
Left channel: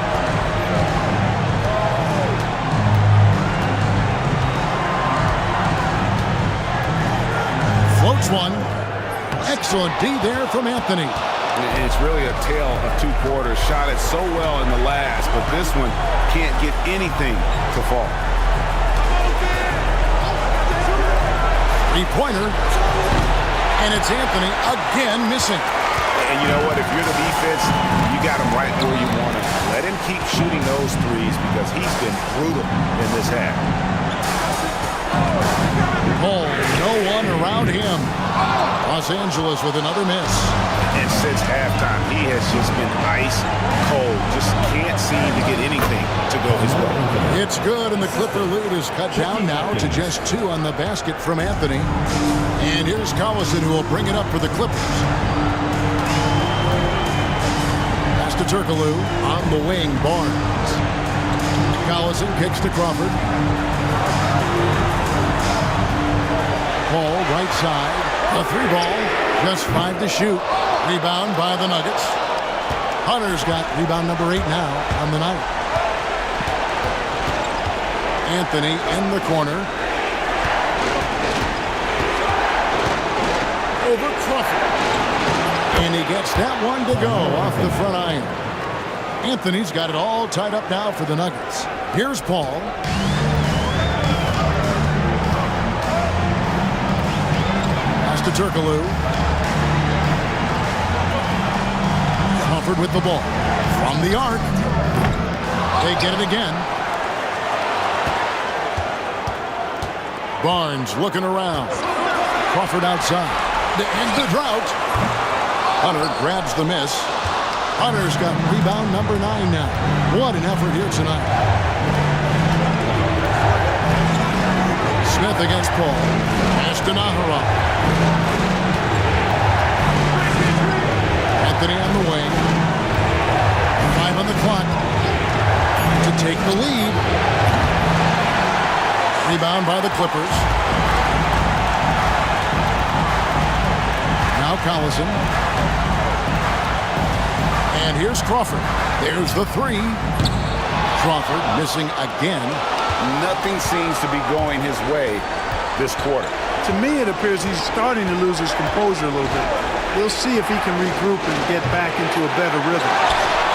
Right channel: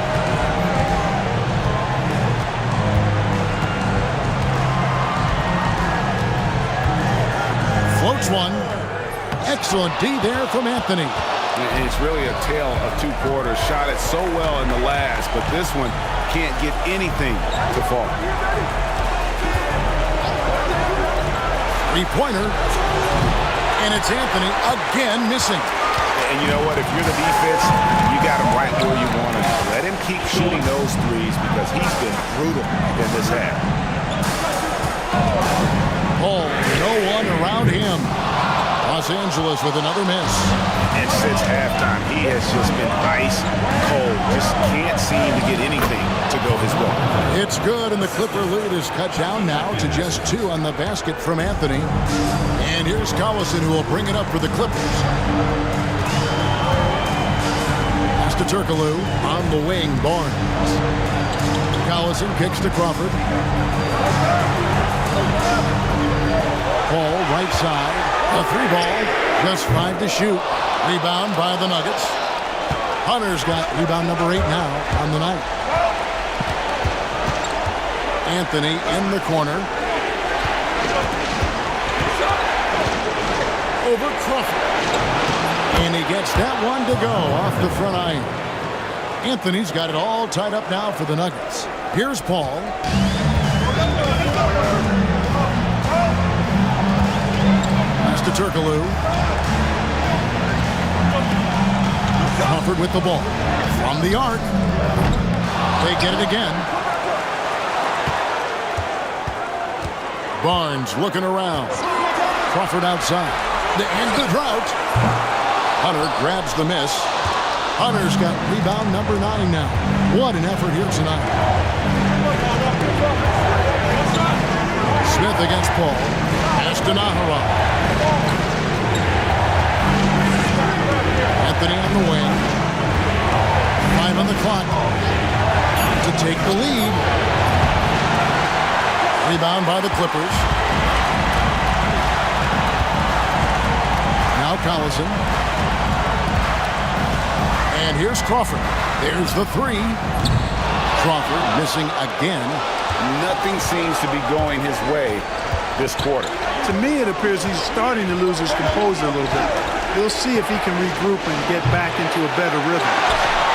Floats one. Excellent D there from Anthony. It's really a tale of 2 quarters. Shot it so well in the last, but this one can't get anything to fall. 3-pointer. And it's Anthony again missing. And you know what? If you're the defense, you got him right where you want him. Let him keep shooting those threes because he's been brutal in this half. Paul, no one around him. Los Angeles with another miss. And since halftime, he has just been ice cold. Just can't seem to get anything to go his way. It's good, and the Clipper lead is cut down now to just 2 on the basket from Anthony. And here's Collison, who will bring it up for the Clippers. Pass to Turkoglu on the wing, Barnes. Collison kicks to Crawford. Paul, right side. A 3-ball, just 5 to shoot. Rebound by the Nuggets. Hunter's got rebound number 8 now on the night. Anthony in the corner. Over Crawford. And he gets that one to go off the front iron. Anthony's got it all tied up now for the Nuggets. Here's Paul. Pass to Turkoglu. Crawford with the ball. From the arc. They get it again. Barnes looking around. Crawford outside. To end the drought. Hunter grabs the miss. Hunter's got rebound number 9 now. What an effort here tonight. Smith against Paul. Pass to naghahanap. Anthony on the wing. 5 on the clock to take the lead. Rebound by the Clippers. Now Collison. And here's Crawford. There's the 3. Crawford missing again. Nothing seems to be going his way this quarter. To me, it appears he's starting to lose his composure a little bit. We'll see if he can regroup and get back into a better rhythm.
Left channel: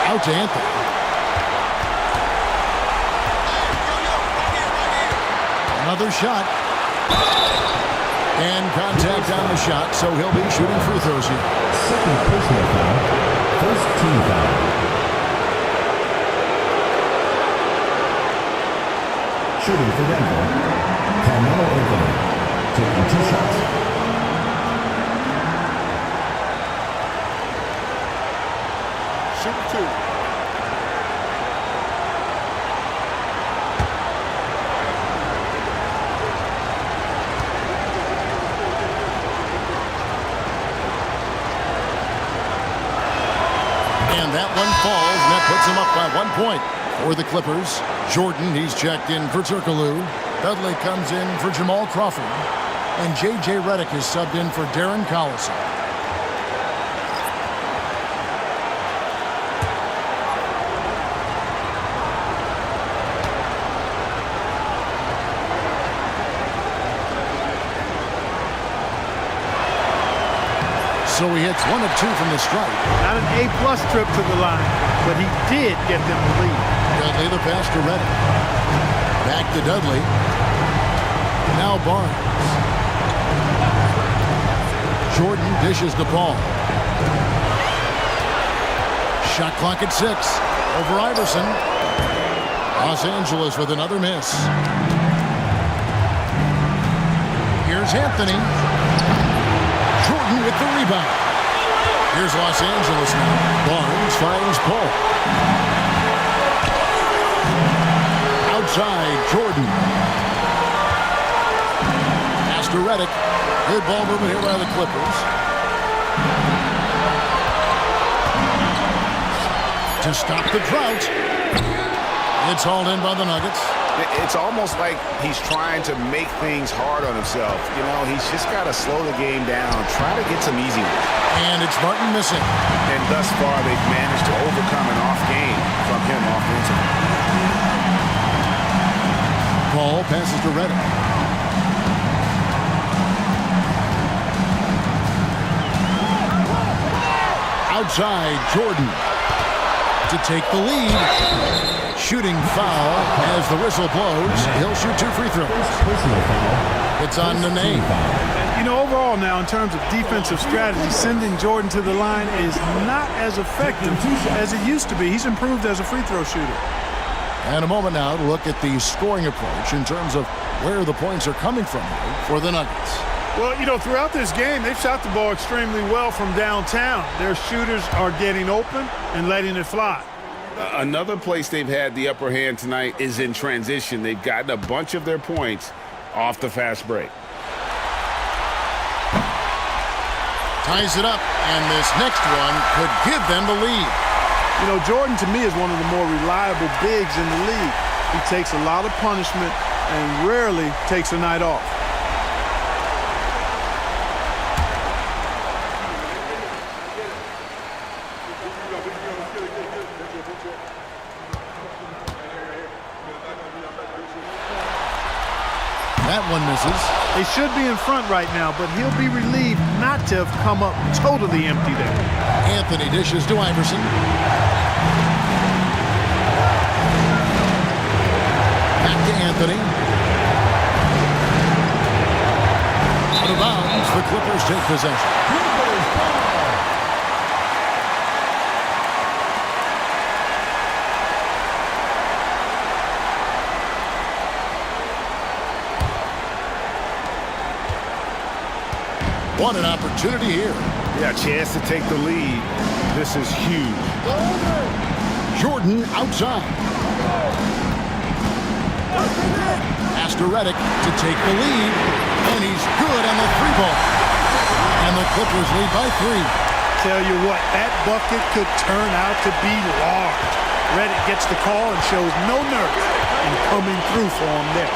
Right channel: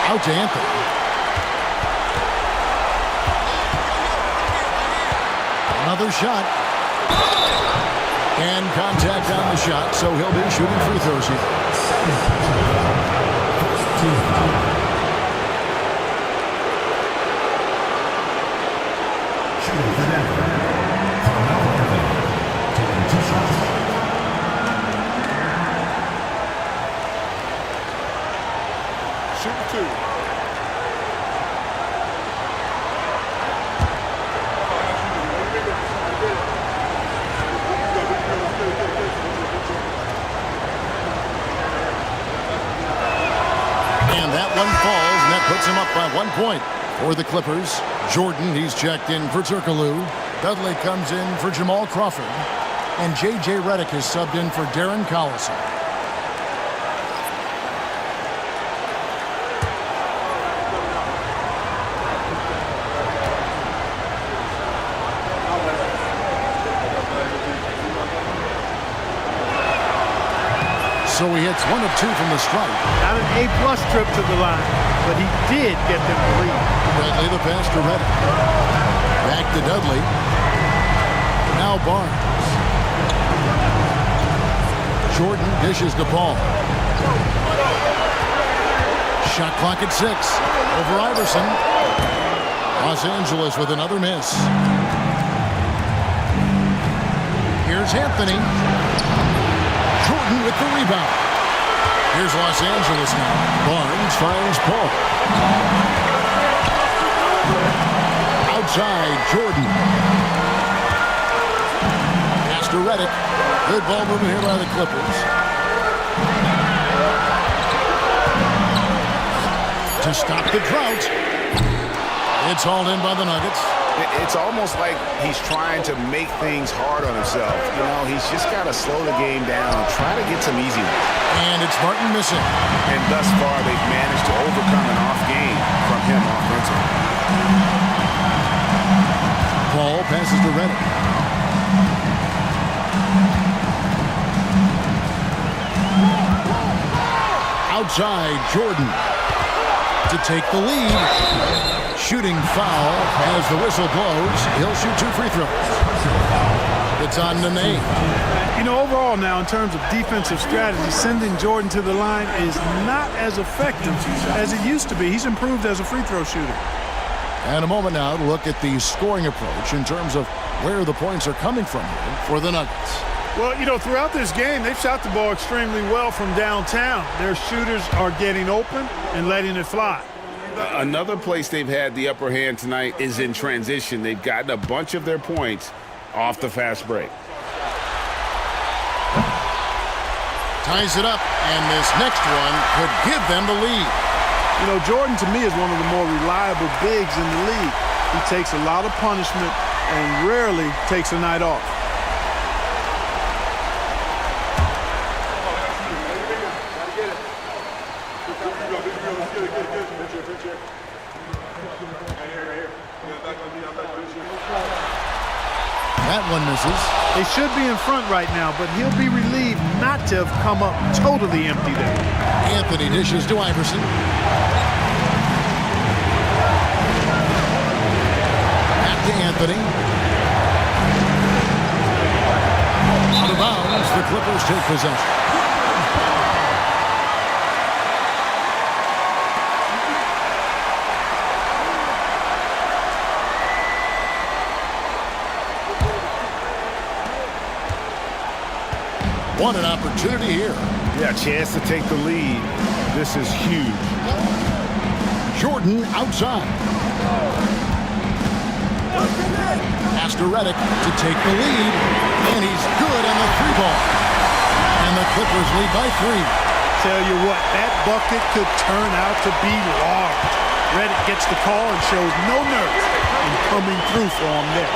Out to Anthony. Another shot. And contact on the shot, so he'll be shooting free throws here. Second personal foul. First team foul. Shooting for Denver, Carmelo Anthony, taking 2 shots. Shooting 2. And that one falls, and that puts him up by 1 point. For the Clippers, Jordan, he's checked in for Turkoglu. Dudley comes in for Jamal Crawford. And J.J. Redick is subbed in for Darren Collison. So he hits 1 of 2 from the stripe. Not an A-plus trip to the line, but he did get them the lead. Dudley the pass to Redick. Back to Dudley. Now Barnes. Jordan dishes to Paul. Shot clock at 6. Over Iverson. Los Angeles with another miss. Here's Anthony. Jordan with the rebound. Here's Los Angeles now. Barnes finds Paul. Outside, Jordan. Pass to Redick. Good ball movement here by the Clippers. To stop the drought. It's hauled in by the Nuggets. It's almost like he's trying to make things hard on himself. You know, he's just got to slow the game down, try to get some easy ones. And it's Martin missing. And thus far, they've managed to overcome an off game from him offensively. Paul passes to Redick. Outside, Jordan to take the lead. Shooting foul as the whistle blows. He'll shoot 2 free throws. Personal foul. It's on Nene. You know, overall now, in terms of defensive strategy, sending Jordan to the line is not as effective as it used to be. He's improved as a free throw shooter. And a moment now to look at the scoring approach in terms of where the points are coming from here for the Nuggets. Well, you know, throughout this game, they've shot the ball extremely well from downtown. Their shooters are getting open and letting it fly. Another place they've had the upper hand tonight is in transition. They've gotten a bunch of their points off the fast break. Ties it up, and this next one could give them the lead. You know, Jordan, to me, is one of the more reliable bigs in the league. He takes a lot of punishment and rarely takes a night off. That one misses. They should be in front right now, but he'll be relieved not to have come up totally empty there. Anthony dishes to Iverson. Back to Anthony. Out of bounds, the Clippers take possession. What an opportunity here. Yeah, chance to take the lead. This is huge. Jordan outside. Pass to Redick to take the lead. And he's good on the three ball. And the Clippers lead by 3. Tell you what, that bucket could turn out to be large. Redick gets the call and shows no nerves in coming through for him there.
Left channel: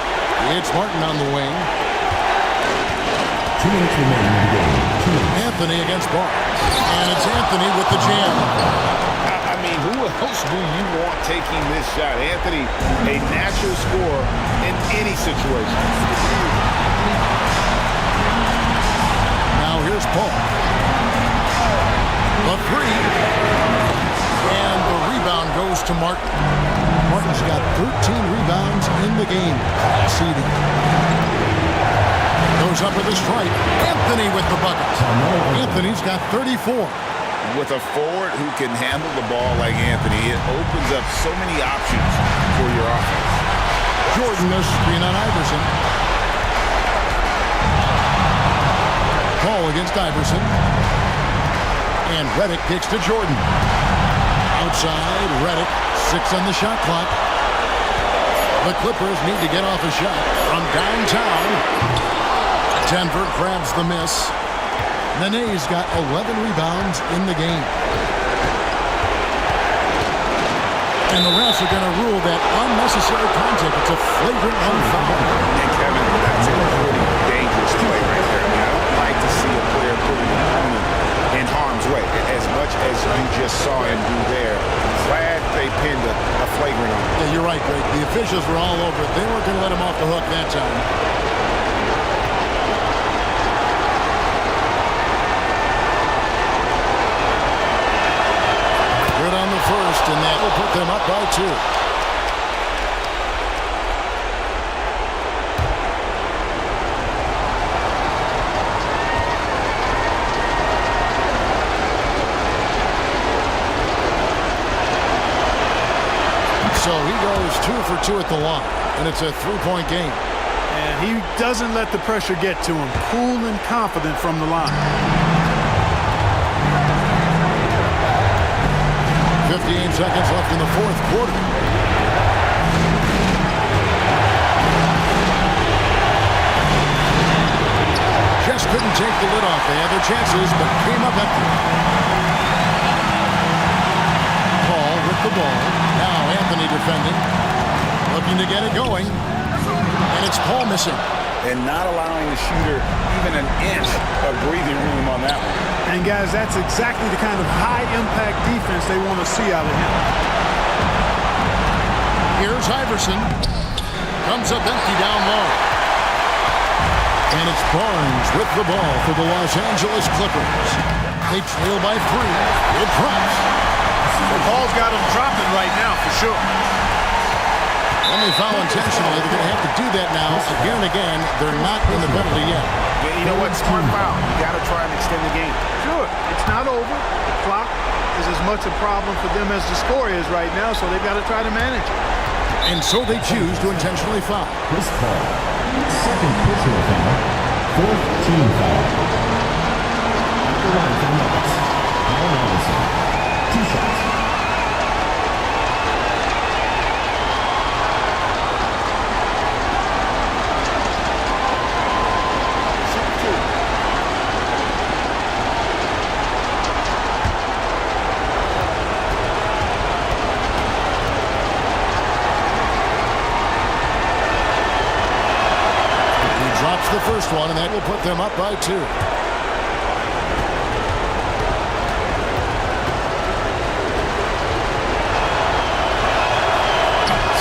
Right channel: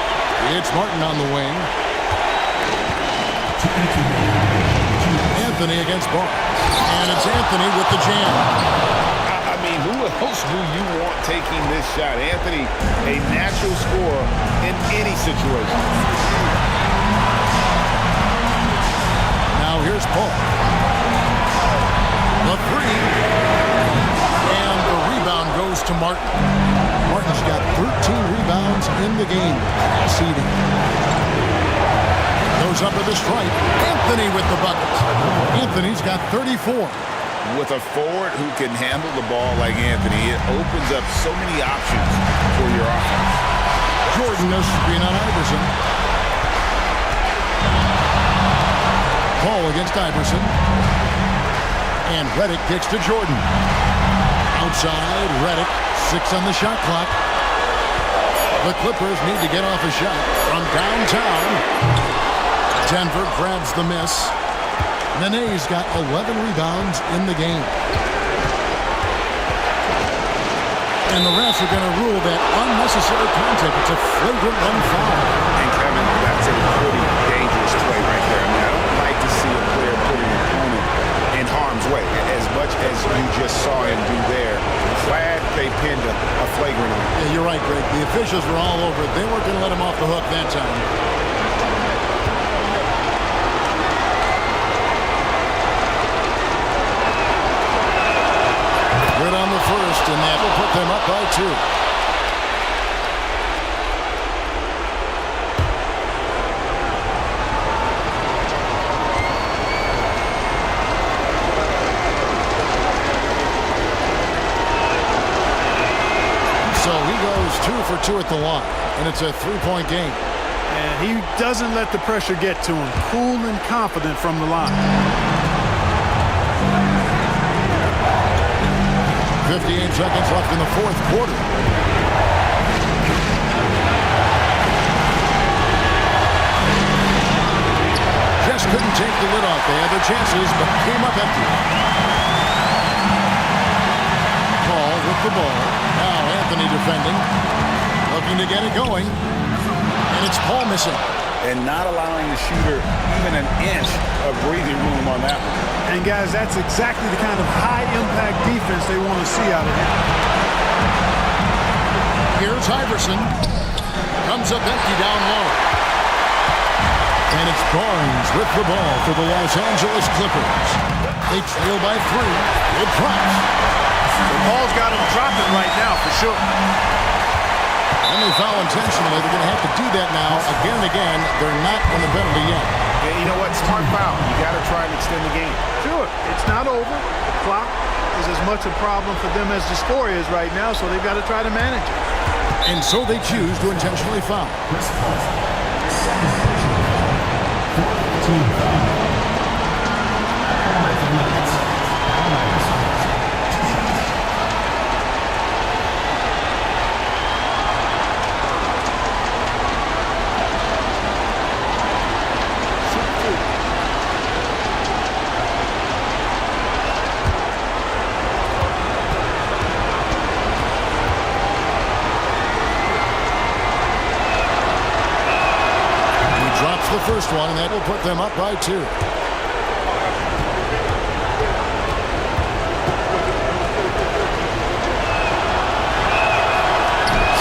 It's Martin on the wing. Anthony against Barnes. And it's Anthony with the jam. I mean, who else do you want taking this shot? Anthony, a natural scorer in any situation. Now here's Paul. The 3. And the rebound goes to Martin. Martin's got 13 rebounds in the game. Seeding. Goes up with a stripe. Anthony with the buckets. Anthony's got 34. With a forward who can handle the ball like Anthony, it opens up so many options for your offense. Jordan a screen on Iverson. Paul against Iverson. And Redick kicks to Jordan. Outside, Redick, 6 on the shot clock. The Clippers need to get off a shot from downtown. Denver grabs the miss. Nene's got 11 rebounds in the game. And the refs are going to rule that unnecessary contact. It's a flagrant foul. And Kevin, that's a pretty dangerous play right there. I mean, I don't like to see a player put an opponent in harm's way, as much as you just saw him do there. Glad they pinned a flagrant on him. Yeah, you're right, Greg. The officials were all over it. They weren't going to let him off the hook that time. Good on the first, and that will put them up by 2. So he goes 2 for 2 at the line, and it's a 3-point game. And he doesn't let the pressure get to him. Cool and confident from the line. 58 seconds left in the 4th quarter. Just couldn't take the lid off. They had their chances, but came up empty. Paul with the ball. Now Anthony defending. Looking to get it going. And it's Paul missing. And not allowing the shooter even an inch of breathing room on that one. And guys, that's exactly the kind of high-impact defense they want to see out of him. Here's Iverson. Comes up empty down low. And it's Barnes with the ball for the Los Angeles Clippers. They trail by 3. It drops. Well, Paul's got him dropping right now for sure. And they foul intentionally. They're going to have to do that now again and again. They're not in the penalty yet. You know what? Smart foul. You got to try and extend the game. Sure. It's not over. The clock is as much a problem for them as the score is right now, so they've got to try to manage it. And so they choose to intentionally foul. Chris Paul, second personal foul, fourth team foul. At the line for the Nuggets, Al Iverson, 2 shots. Drops the first one, and that will put them up by 2.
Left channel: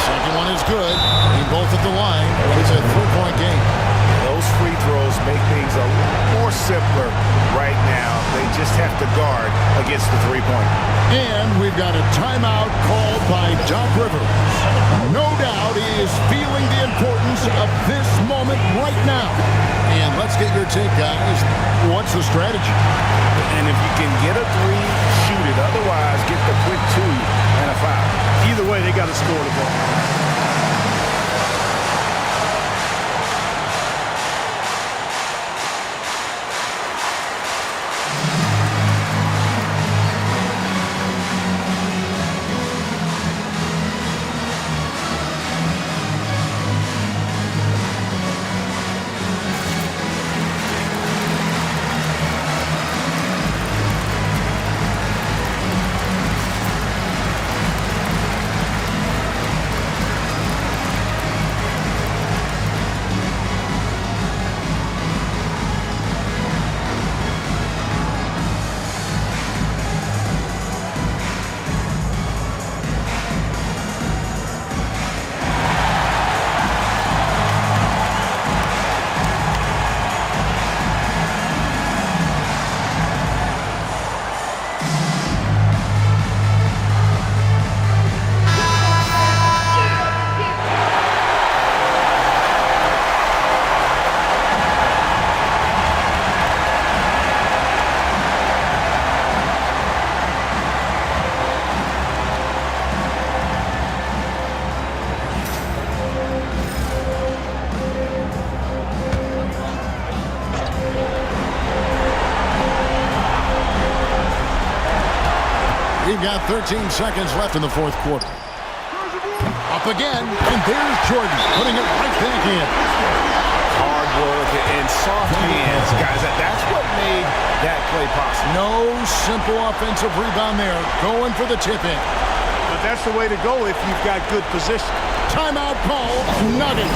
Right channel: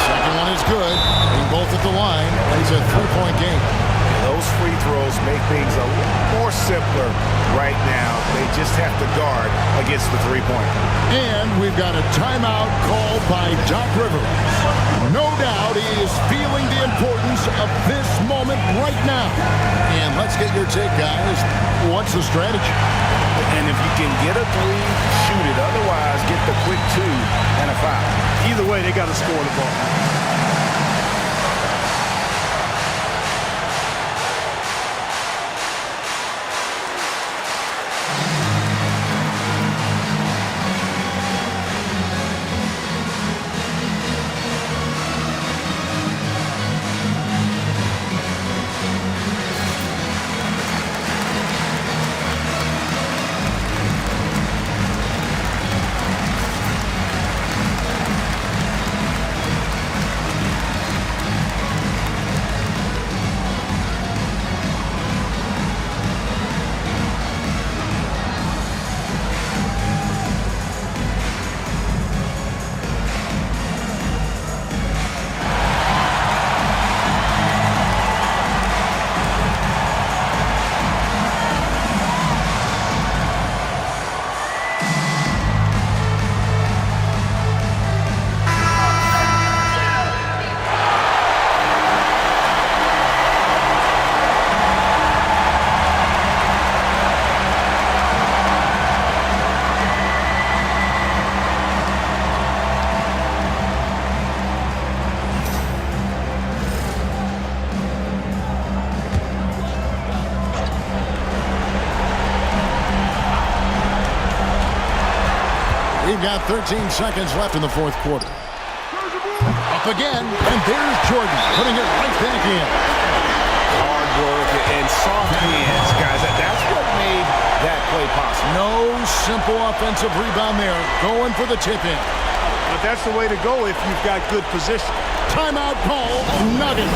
Second one is good. Hitting both at the line. It's a 3-point game. Yeah, those free throws make things a little more simpler right now. They just have to guard against the three-pointer. And we've got a timeout called by Doc Rivers. No doubt he is feeling the importance of this moment right now. And let's get your take, guys. What's the strategy? And if you can get a 3, shoot it. Otherwise, get the quick 2 and a foul. Either way, they got to score the ball. We've got 13 seconds left in the fourth quarter. Up again, and there's Jordan putting it right back in. Hard work and soft hands, guys. That's what made that play possible. No simple offensive rebound there. Going for the tip-in. But that's the way to go if you've got good position. Timeout call, Nuggets.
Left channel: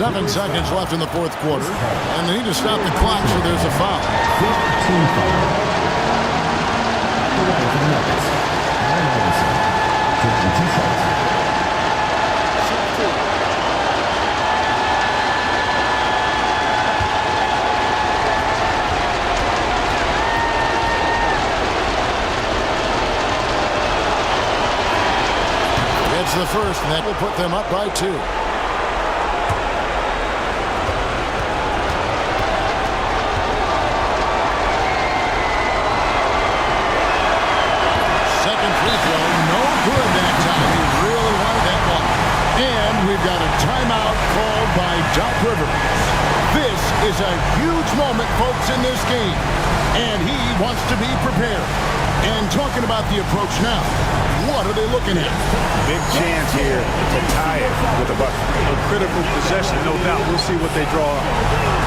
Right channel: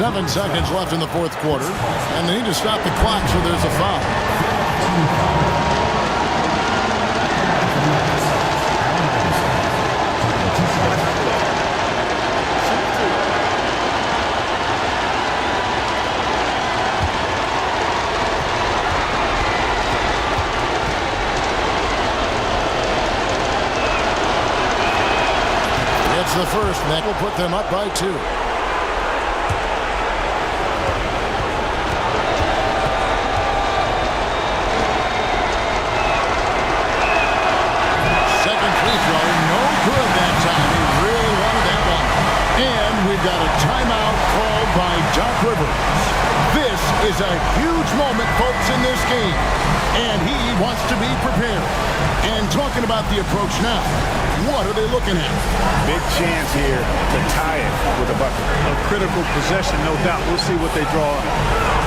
Seven seconds left in the fourth quarter, and they need to stop the clock, so there's a foul. It's the first, and that will put them up by 2. Second free throw, no good that time. He really wanted that one. And we've got a timeout called by Doc Rivers. This is a huge moment, folks, in this game. And he wants to be prepared. And talking about the approach now, what are they looking at? Big chance here to tie it with a bucket. A critical possession, no doubt. We'll see what they draw up.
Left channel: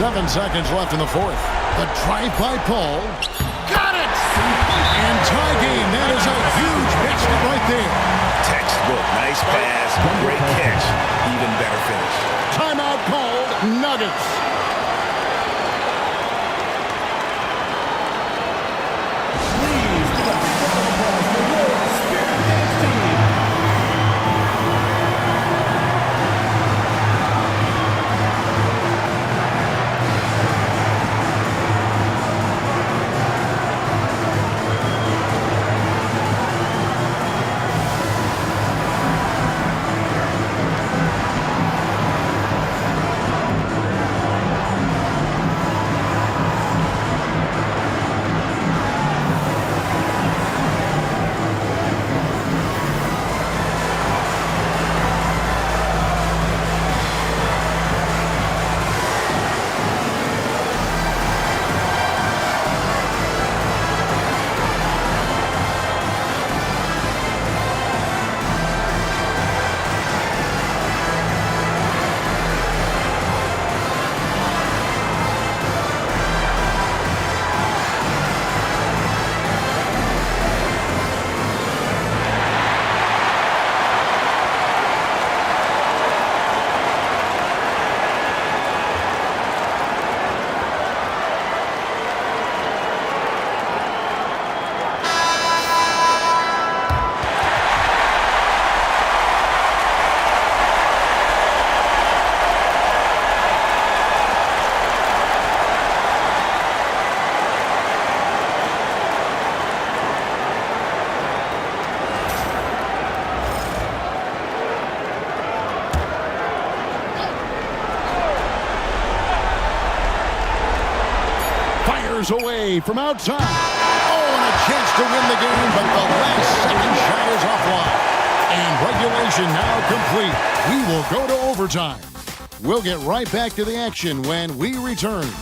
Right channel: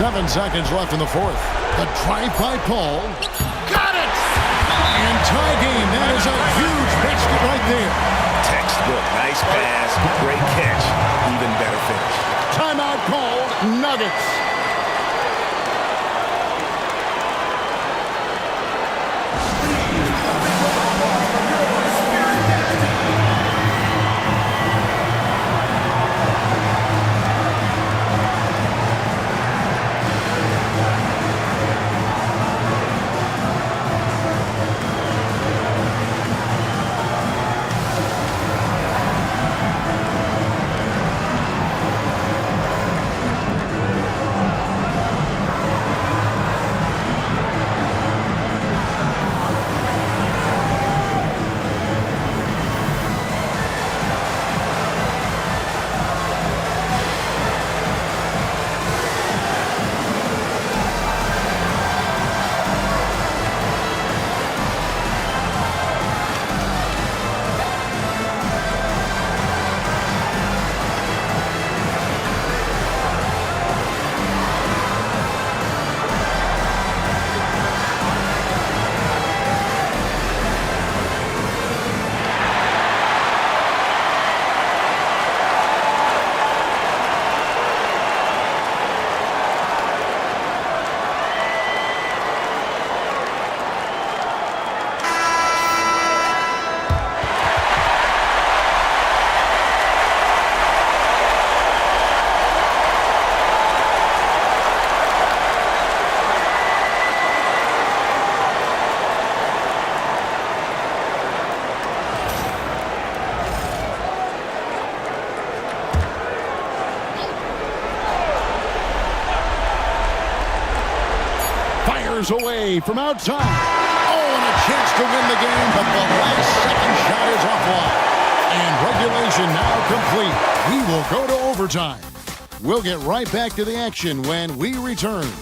Seven seconds left in the fourth. The drive by Paul. Got it! And tie game. That is a huge basket right there. Textbook. Nice pass. Great catch. Even better finish. Timeout called. Nuggets. Away from outside. Oh, and a chance to win the game, but the last second shot is offline. And regulation now complete. We will go to overtime. We'll get right back to the action when we return.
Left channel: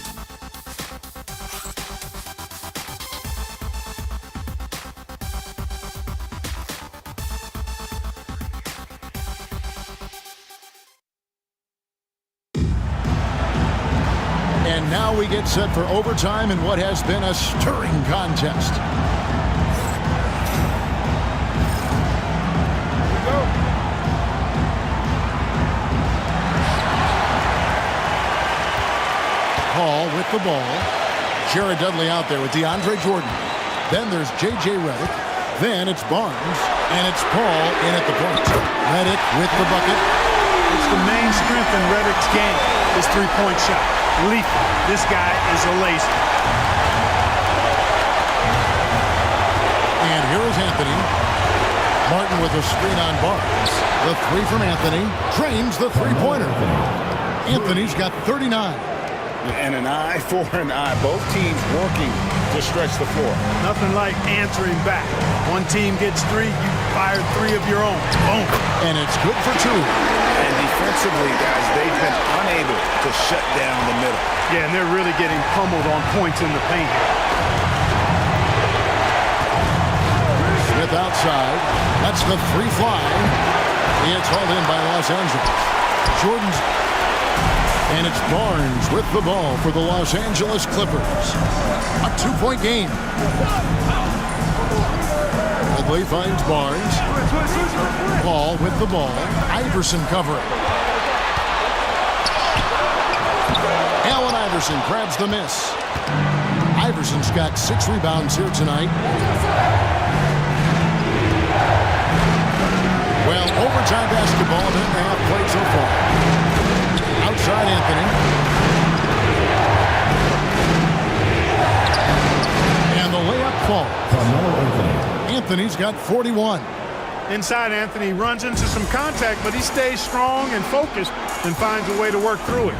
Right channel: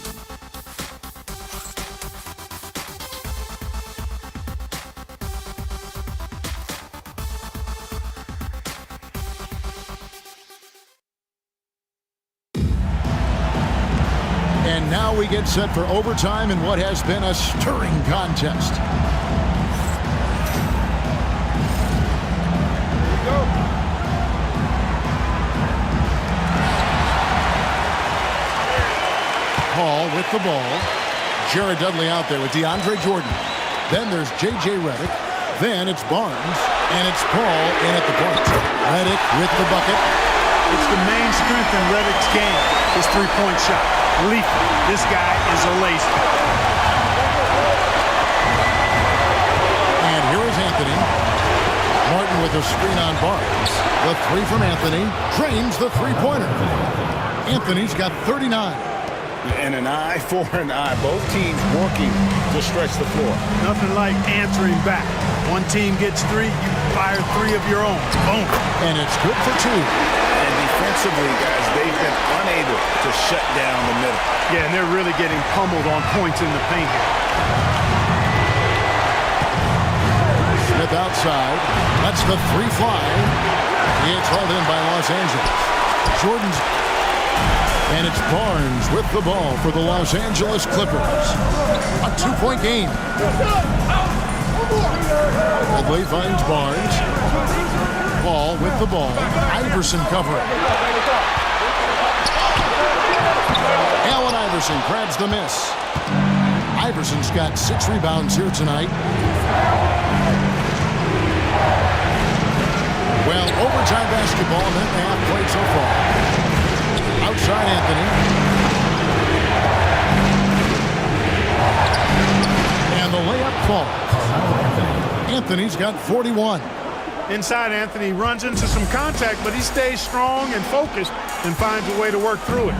And now we get set for overtime in what has been a stirring contest. Here we go. Paul with the ball. Jared Dudley out there with DeAndre Jordan. Then there's J.J. Redick. Then it's Barnes, and it's Paul in at the point. Reddick with the bucket. It's the main strength in Reddick's game, his three-point shot. Lethal. This guy is a laser. And here is Anthony. Martin with a screen on Barnes. The three from Anthony drains the three-pointer. Anthony's got 39. And an eye for an eye. Both teams working to stretch the floor. Nothing like answering back. One team gets three, you fire three of your own. Boom. And it's good for two. And defensively, guys, they've been unable to shut down the middle. Yeah, and they're really getting pummeled on points in the paint here. Smith outside. Lets the three fly. It's hauled in by Los Angeles. Jordan's. And it's Barnes with the ball for the Los Angeles Clippers. A two-point game. Dudley finds Barnes. Paul with the ball. Iverson covering. Allen Iverson grabs the miss. Iverson's got 6 rebounds here tonight. Well, overtime basketball, a minute and a half played so far. Outside Anthony. And the layup falls. Anthony's got 41. Inside, Anthony runs into some contact, but he stays strong and focused and finds a way to work through it.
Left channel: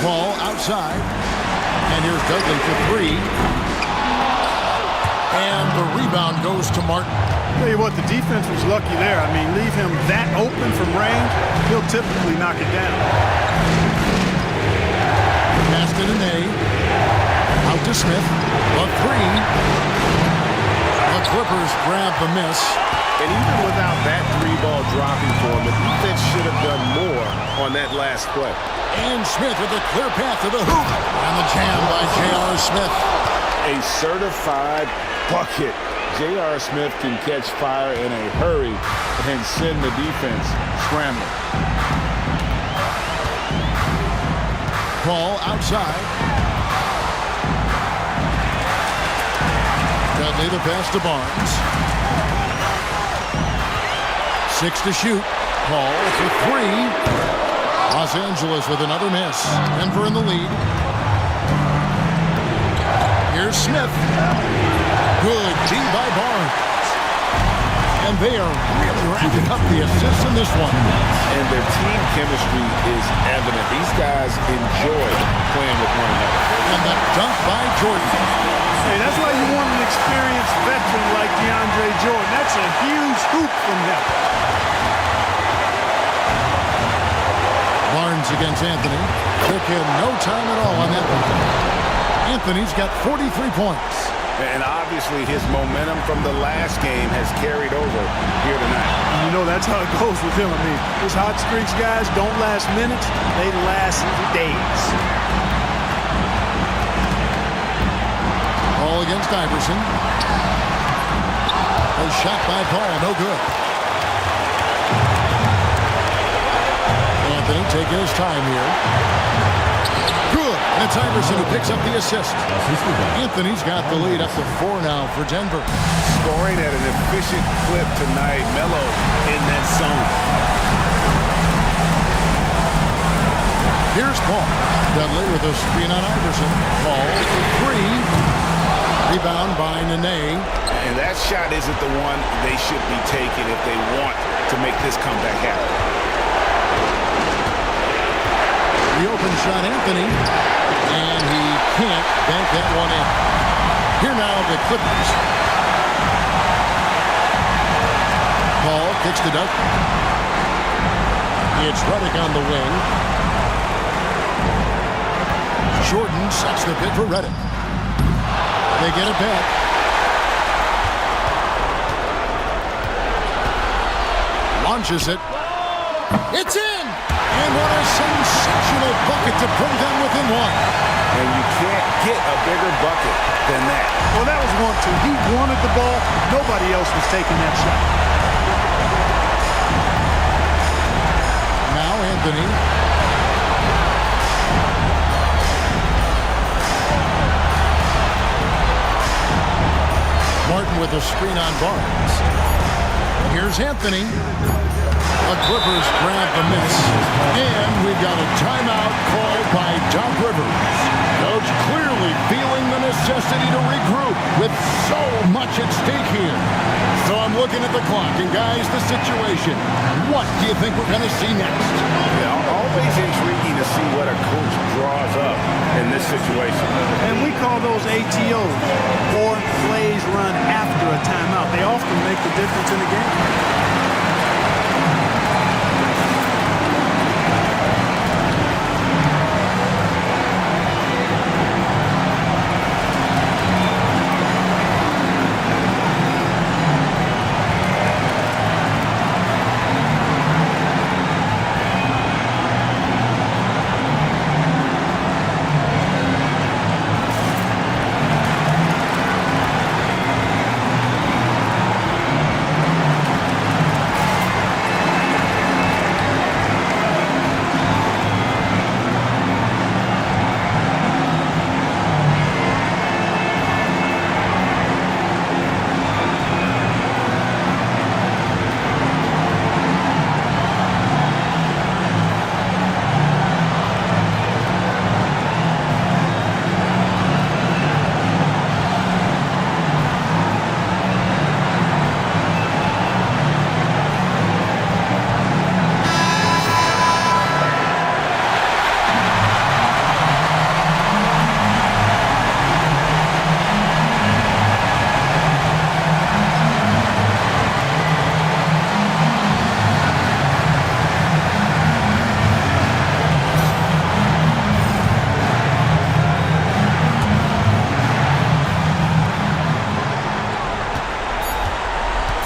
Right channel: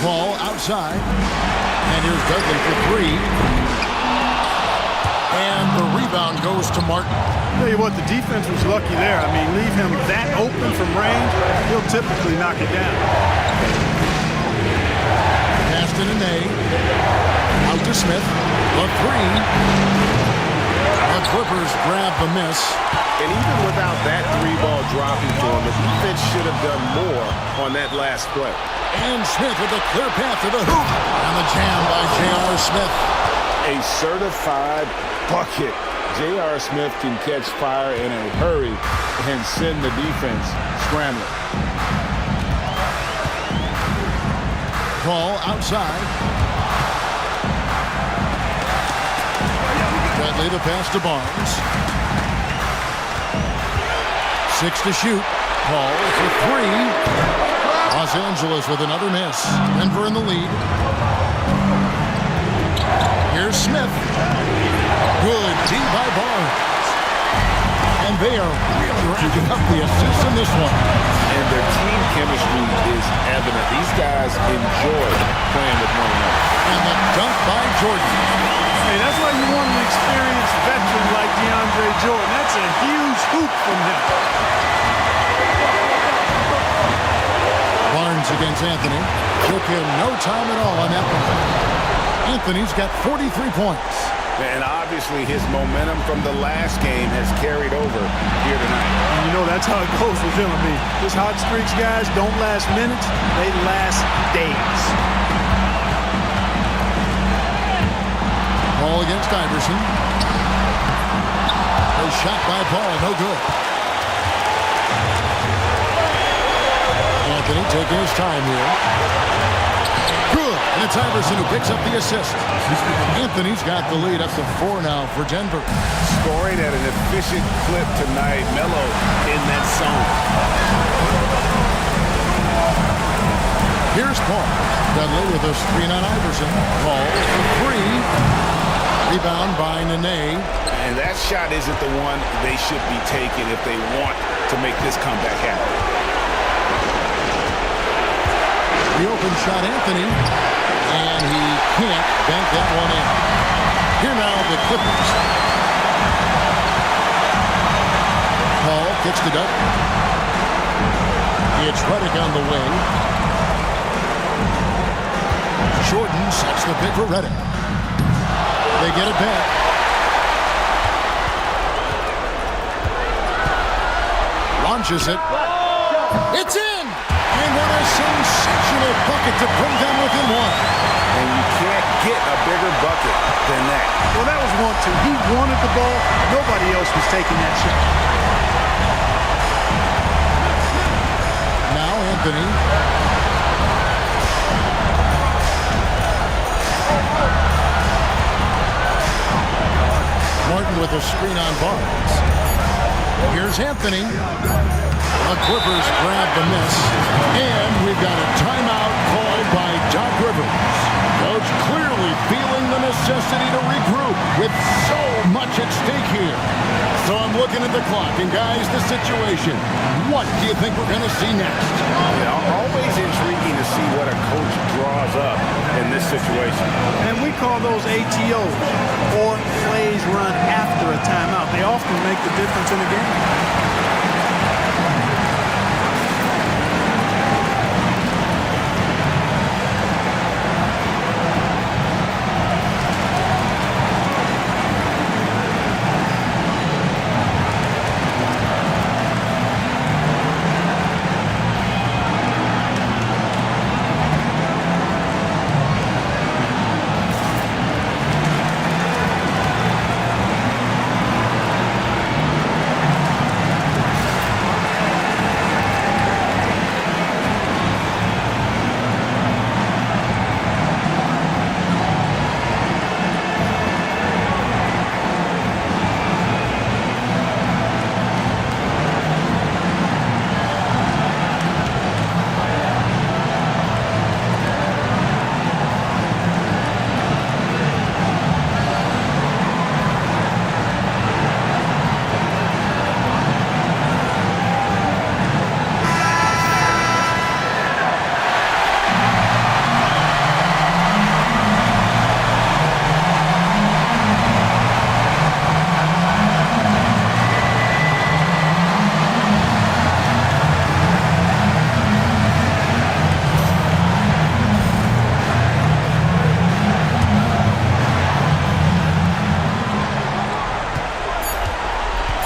Paul outside. And here's Dudley for three. And the rebound goes to Martin. Tell you what, the defense was lucky there. I mean, leave him that open from range, he'll typically knock it down. Pass to Nene. Out to Smith. The three. The Clippers grab the miss. And even without that three ball dropping for him, the defense should have done more on that last play. And Smith with a clear path to the hoop. And the jam by J.R. Smith. A certified bucket. J.R. Smith can catch fire in a hurry and send the defense scrambling. Paul outside. Dudley the pass to Barnes. 6 to shoot. Paul for three. Los Angeles with another miss. Denver in the lead. Here's Smith. Good D by Barnes. And they are really racking up the assists in this one. And their team chemistry is evident. These guys enjoy playing with one another. And the dunk by Jordan. Hey, that's why you want an experienced veteran like DeAndre Jordan. That's a huge hoop from him. Barnes against Anthony. Took him no time at all on that one. Anthony's got 43 points. And obviously his momentum from the last game has carried over here tonight. And you know that's how it goes with him. I mean, his hot streaks, guys, don't last minutes. They last days. Paul against Iverson. A shot by Paul, no good. Anthony taking his time here. Good, and it's Iverson who picks up the assist. Anthony's got the lead up to 4 now for Denver. Scoring at an efficient clip tonight. Melo in that zone. Here's Paul. Dudley with a screen on Iverson. Paul for three. Rebound by Nene. And that shot isn't the one they should be taking if they want to make this comeback happen. The open shot, Anthony. And he can't bank that one in. Here now, the Clippers. Paul kicks to Doug. It's Reddick on the wing. Jordan sets the pick for Reddick. They get it back. Launches it. It's in! And what a sensational bucket to bring them within one. And you can't get a bigger bucket than that. Well, that was 1-2. He wanted the ball. Nobody else was taking that shot. Now Anthony. Martin with a screen on Barnes. Here's Anthony. The Clippers grab the miss. And we've got a timeout called by Doc Rivers. Coach clearly feeling the necessity to regroup with so much at stake here. So I'm looking at the clock, and guys, the situation. What do you think we're going to see next? Yeah, always intriguing to see what a coach draws up in this situation. And we call those ATOs, or plays run after a timeout. They often make the difference in the game.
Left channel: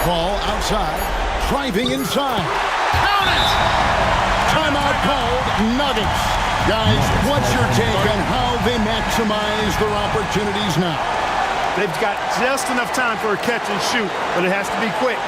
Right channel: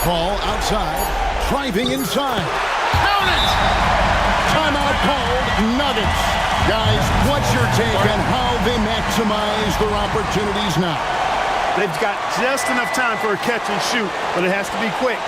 Ball outside, driving inside. Count it! Timeout called, Nuggets. Guys, what's your take on how they maximize their opportunities now? They've got just enough time for a catch and shoot, but it has to be quick.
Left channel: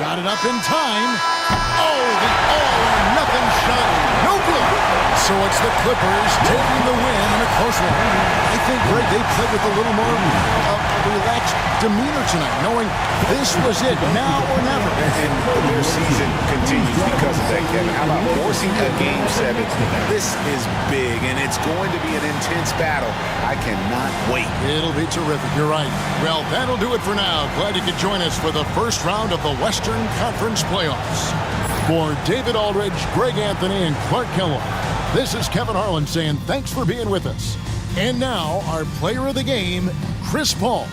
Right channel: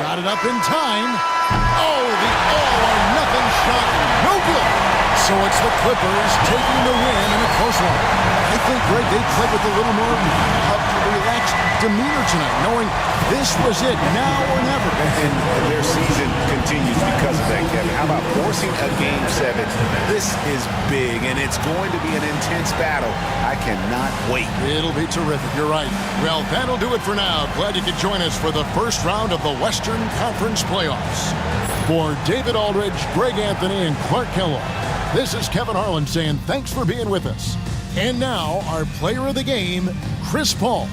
Got it up in time. Oh, the all-or-nothing shot. No good. So it's the Clippers taking the win in a close one. I think, Greg, they played with a little more relaxed demeanor tonight, knowing this was it, now or never. And their season continues because of that, Kevin. How about forcing a Game 7? This is big, and it's going to be an intense battle. I cannot wait. It'll be terrific. You're right. Well, that'll do it for now. Glad you could join us for the first round of the Western Conference Playoffs. For David Aldridge, Greg Anthony, and Clark Kellogg, this is Kevin Harlan saying thanks for being with us. And now, our player of the game, Chris Paul.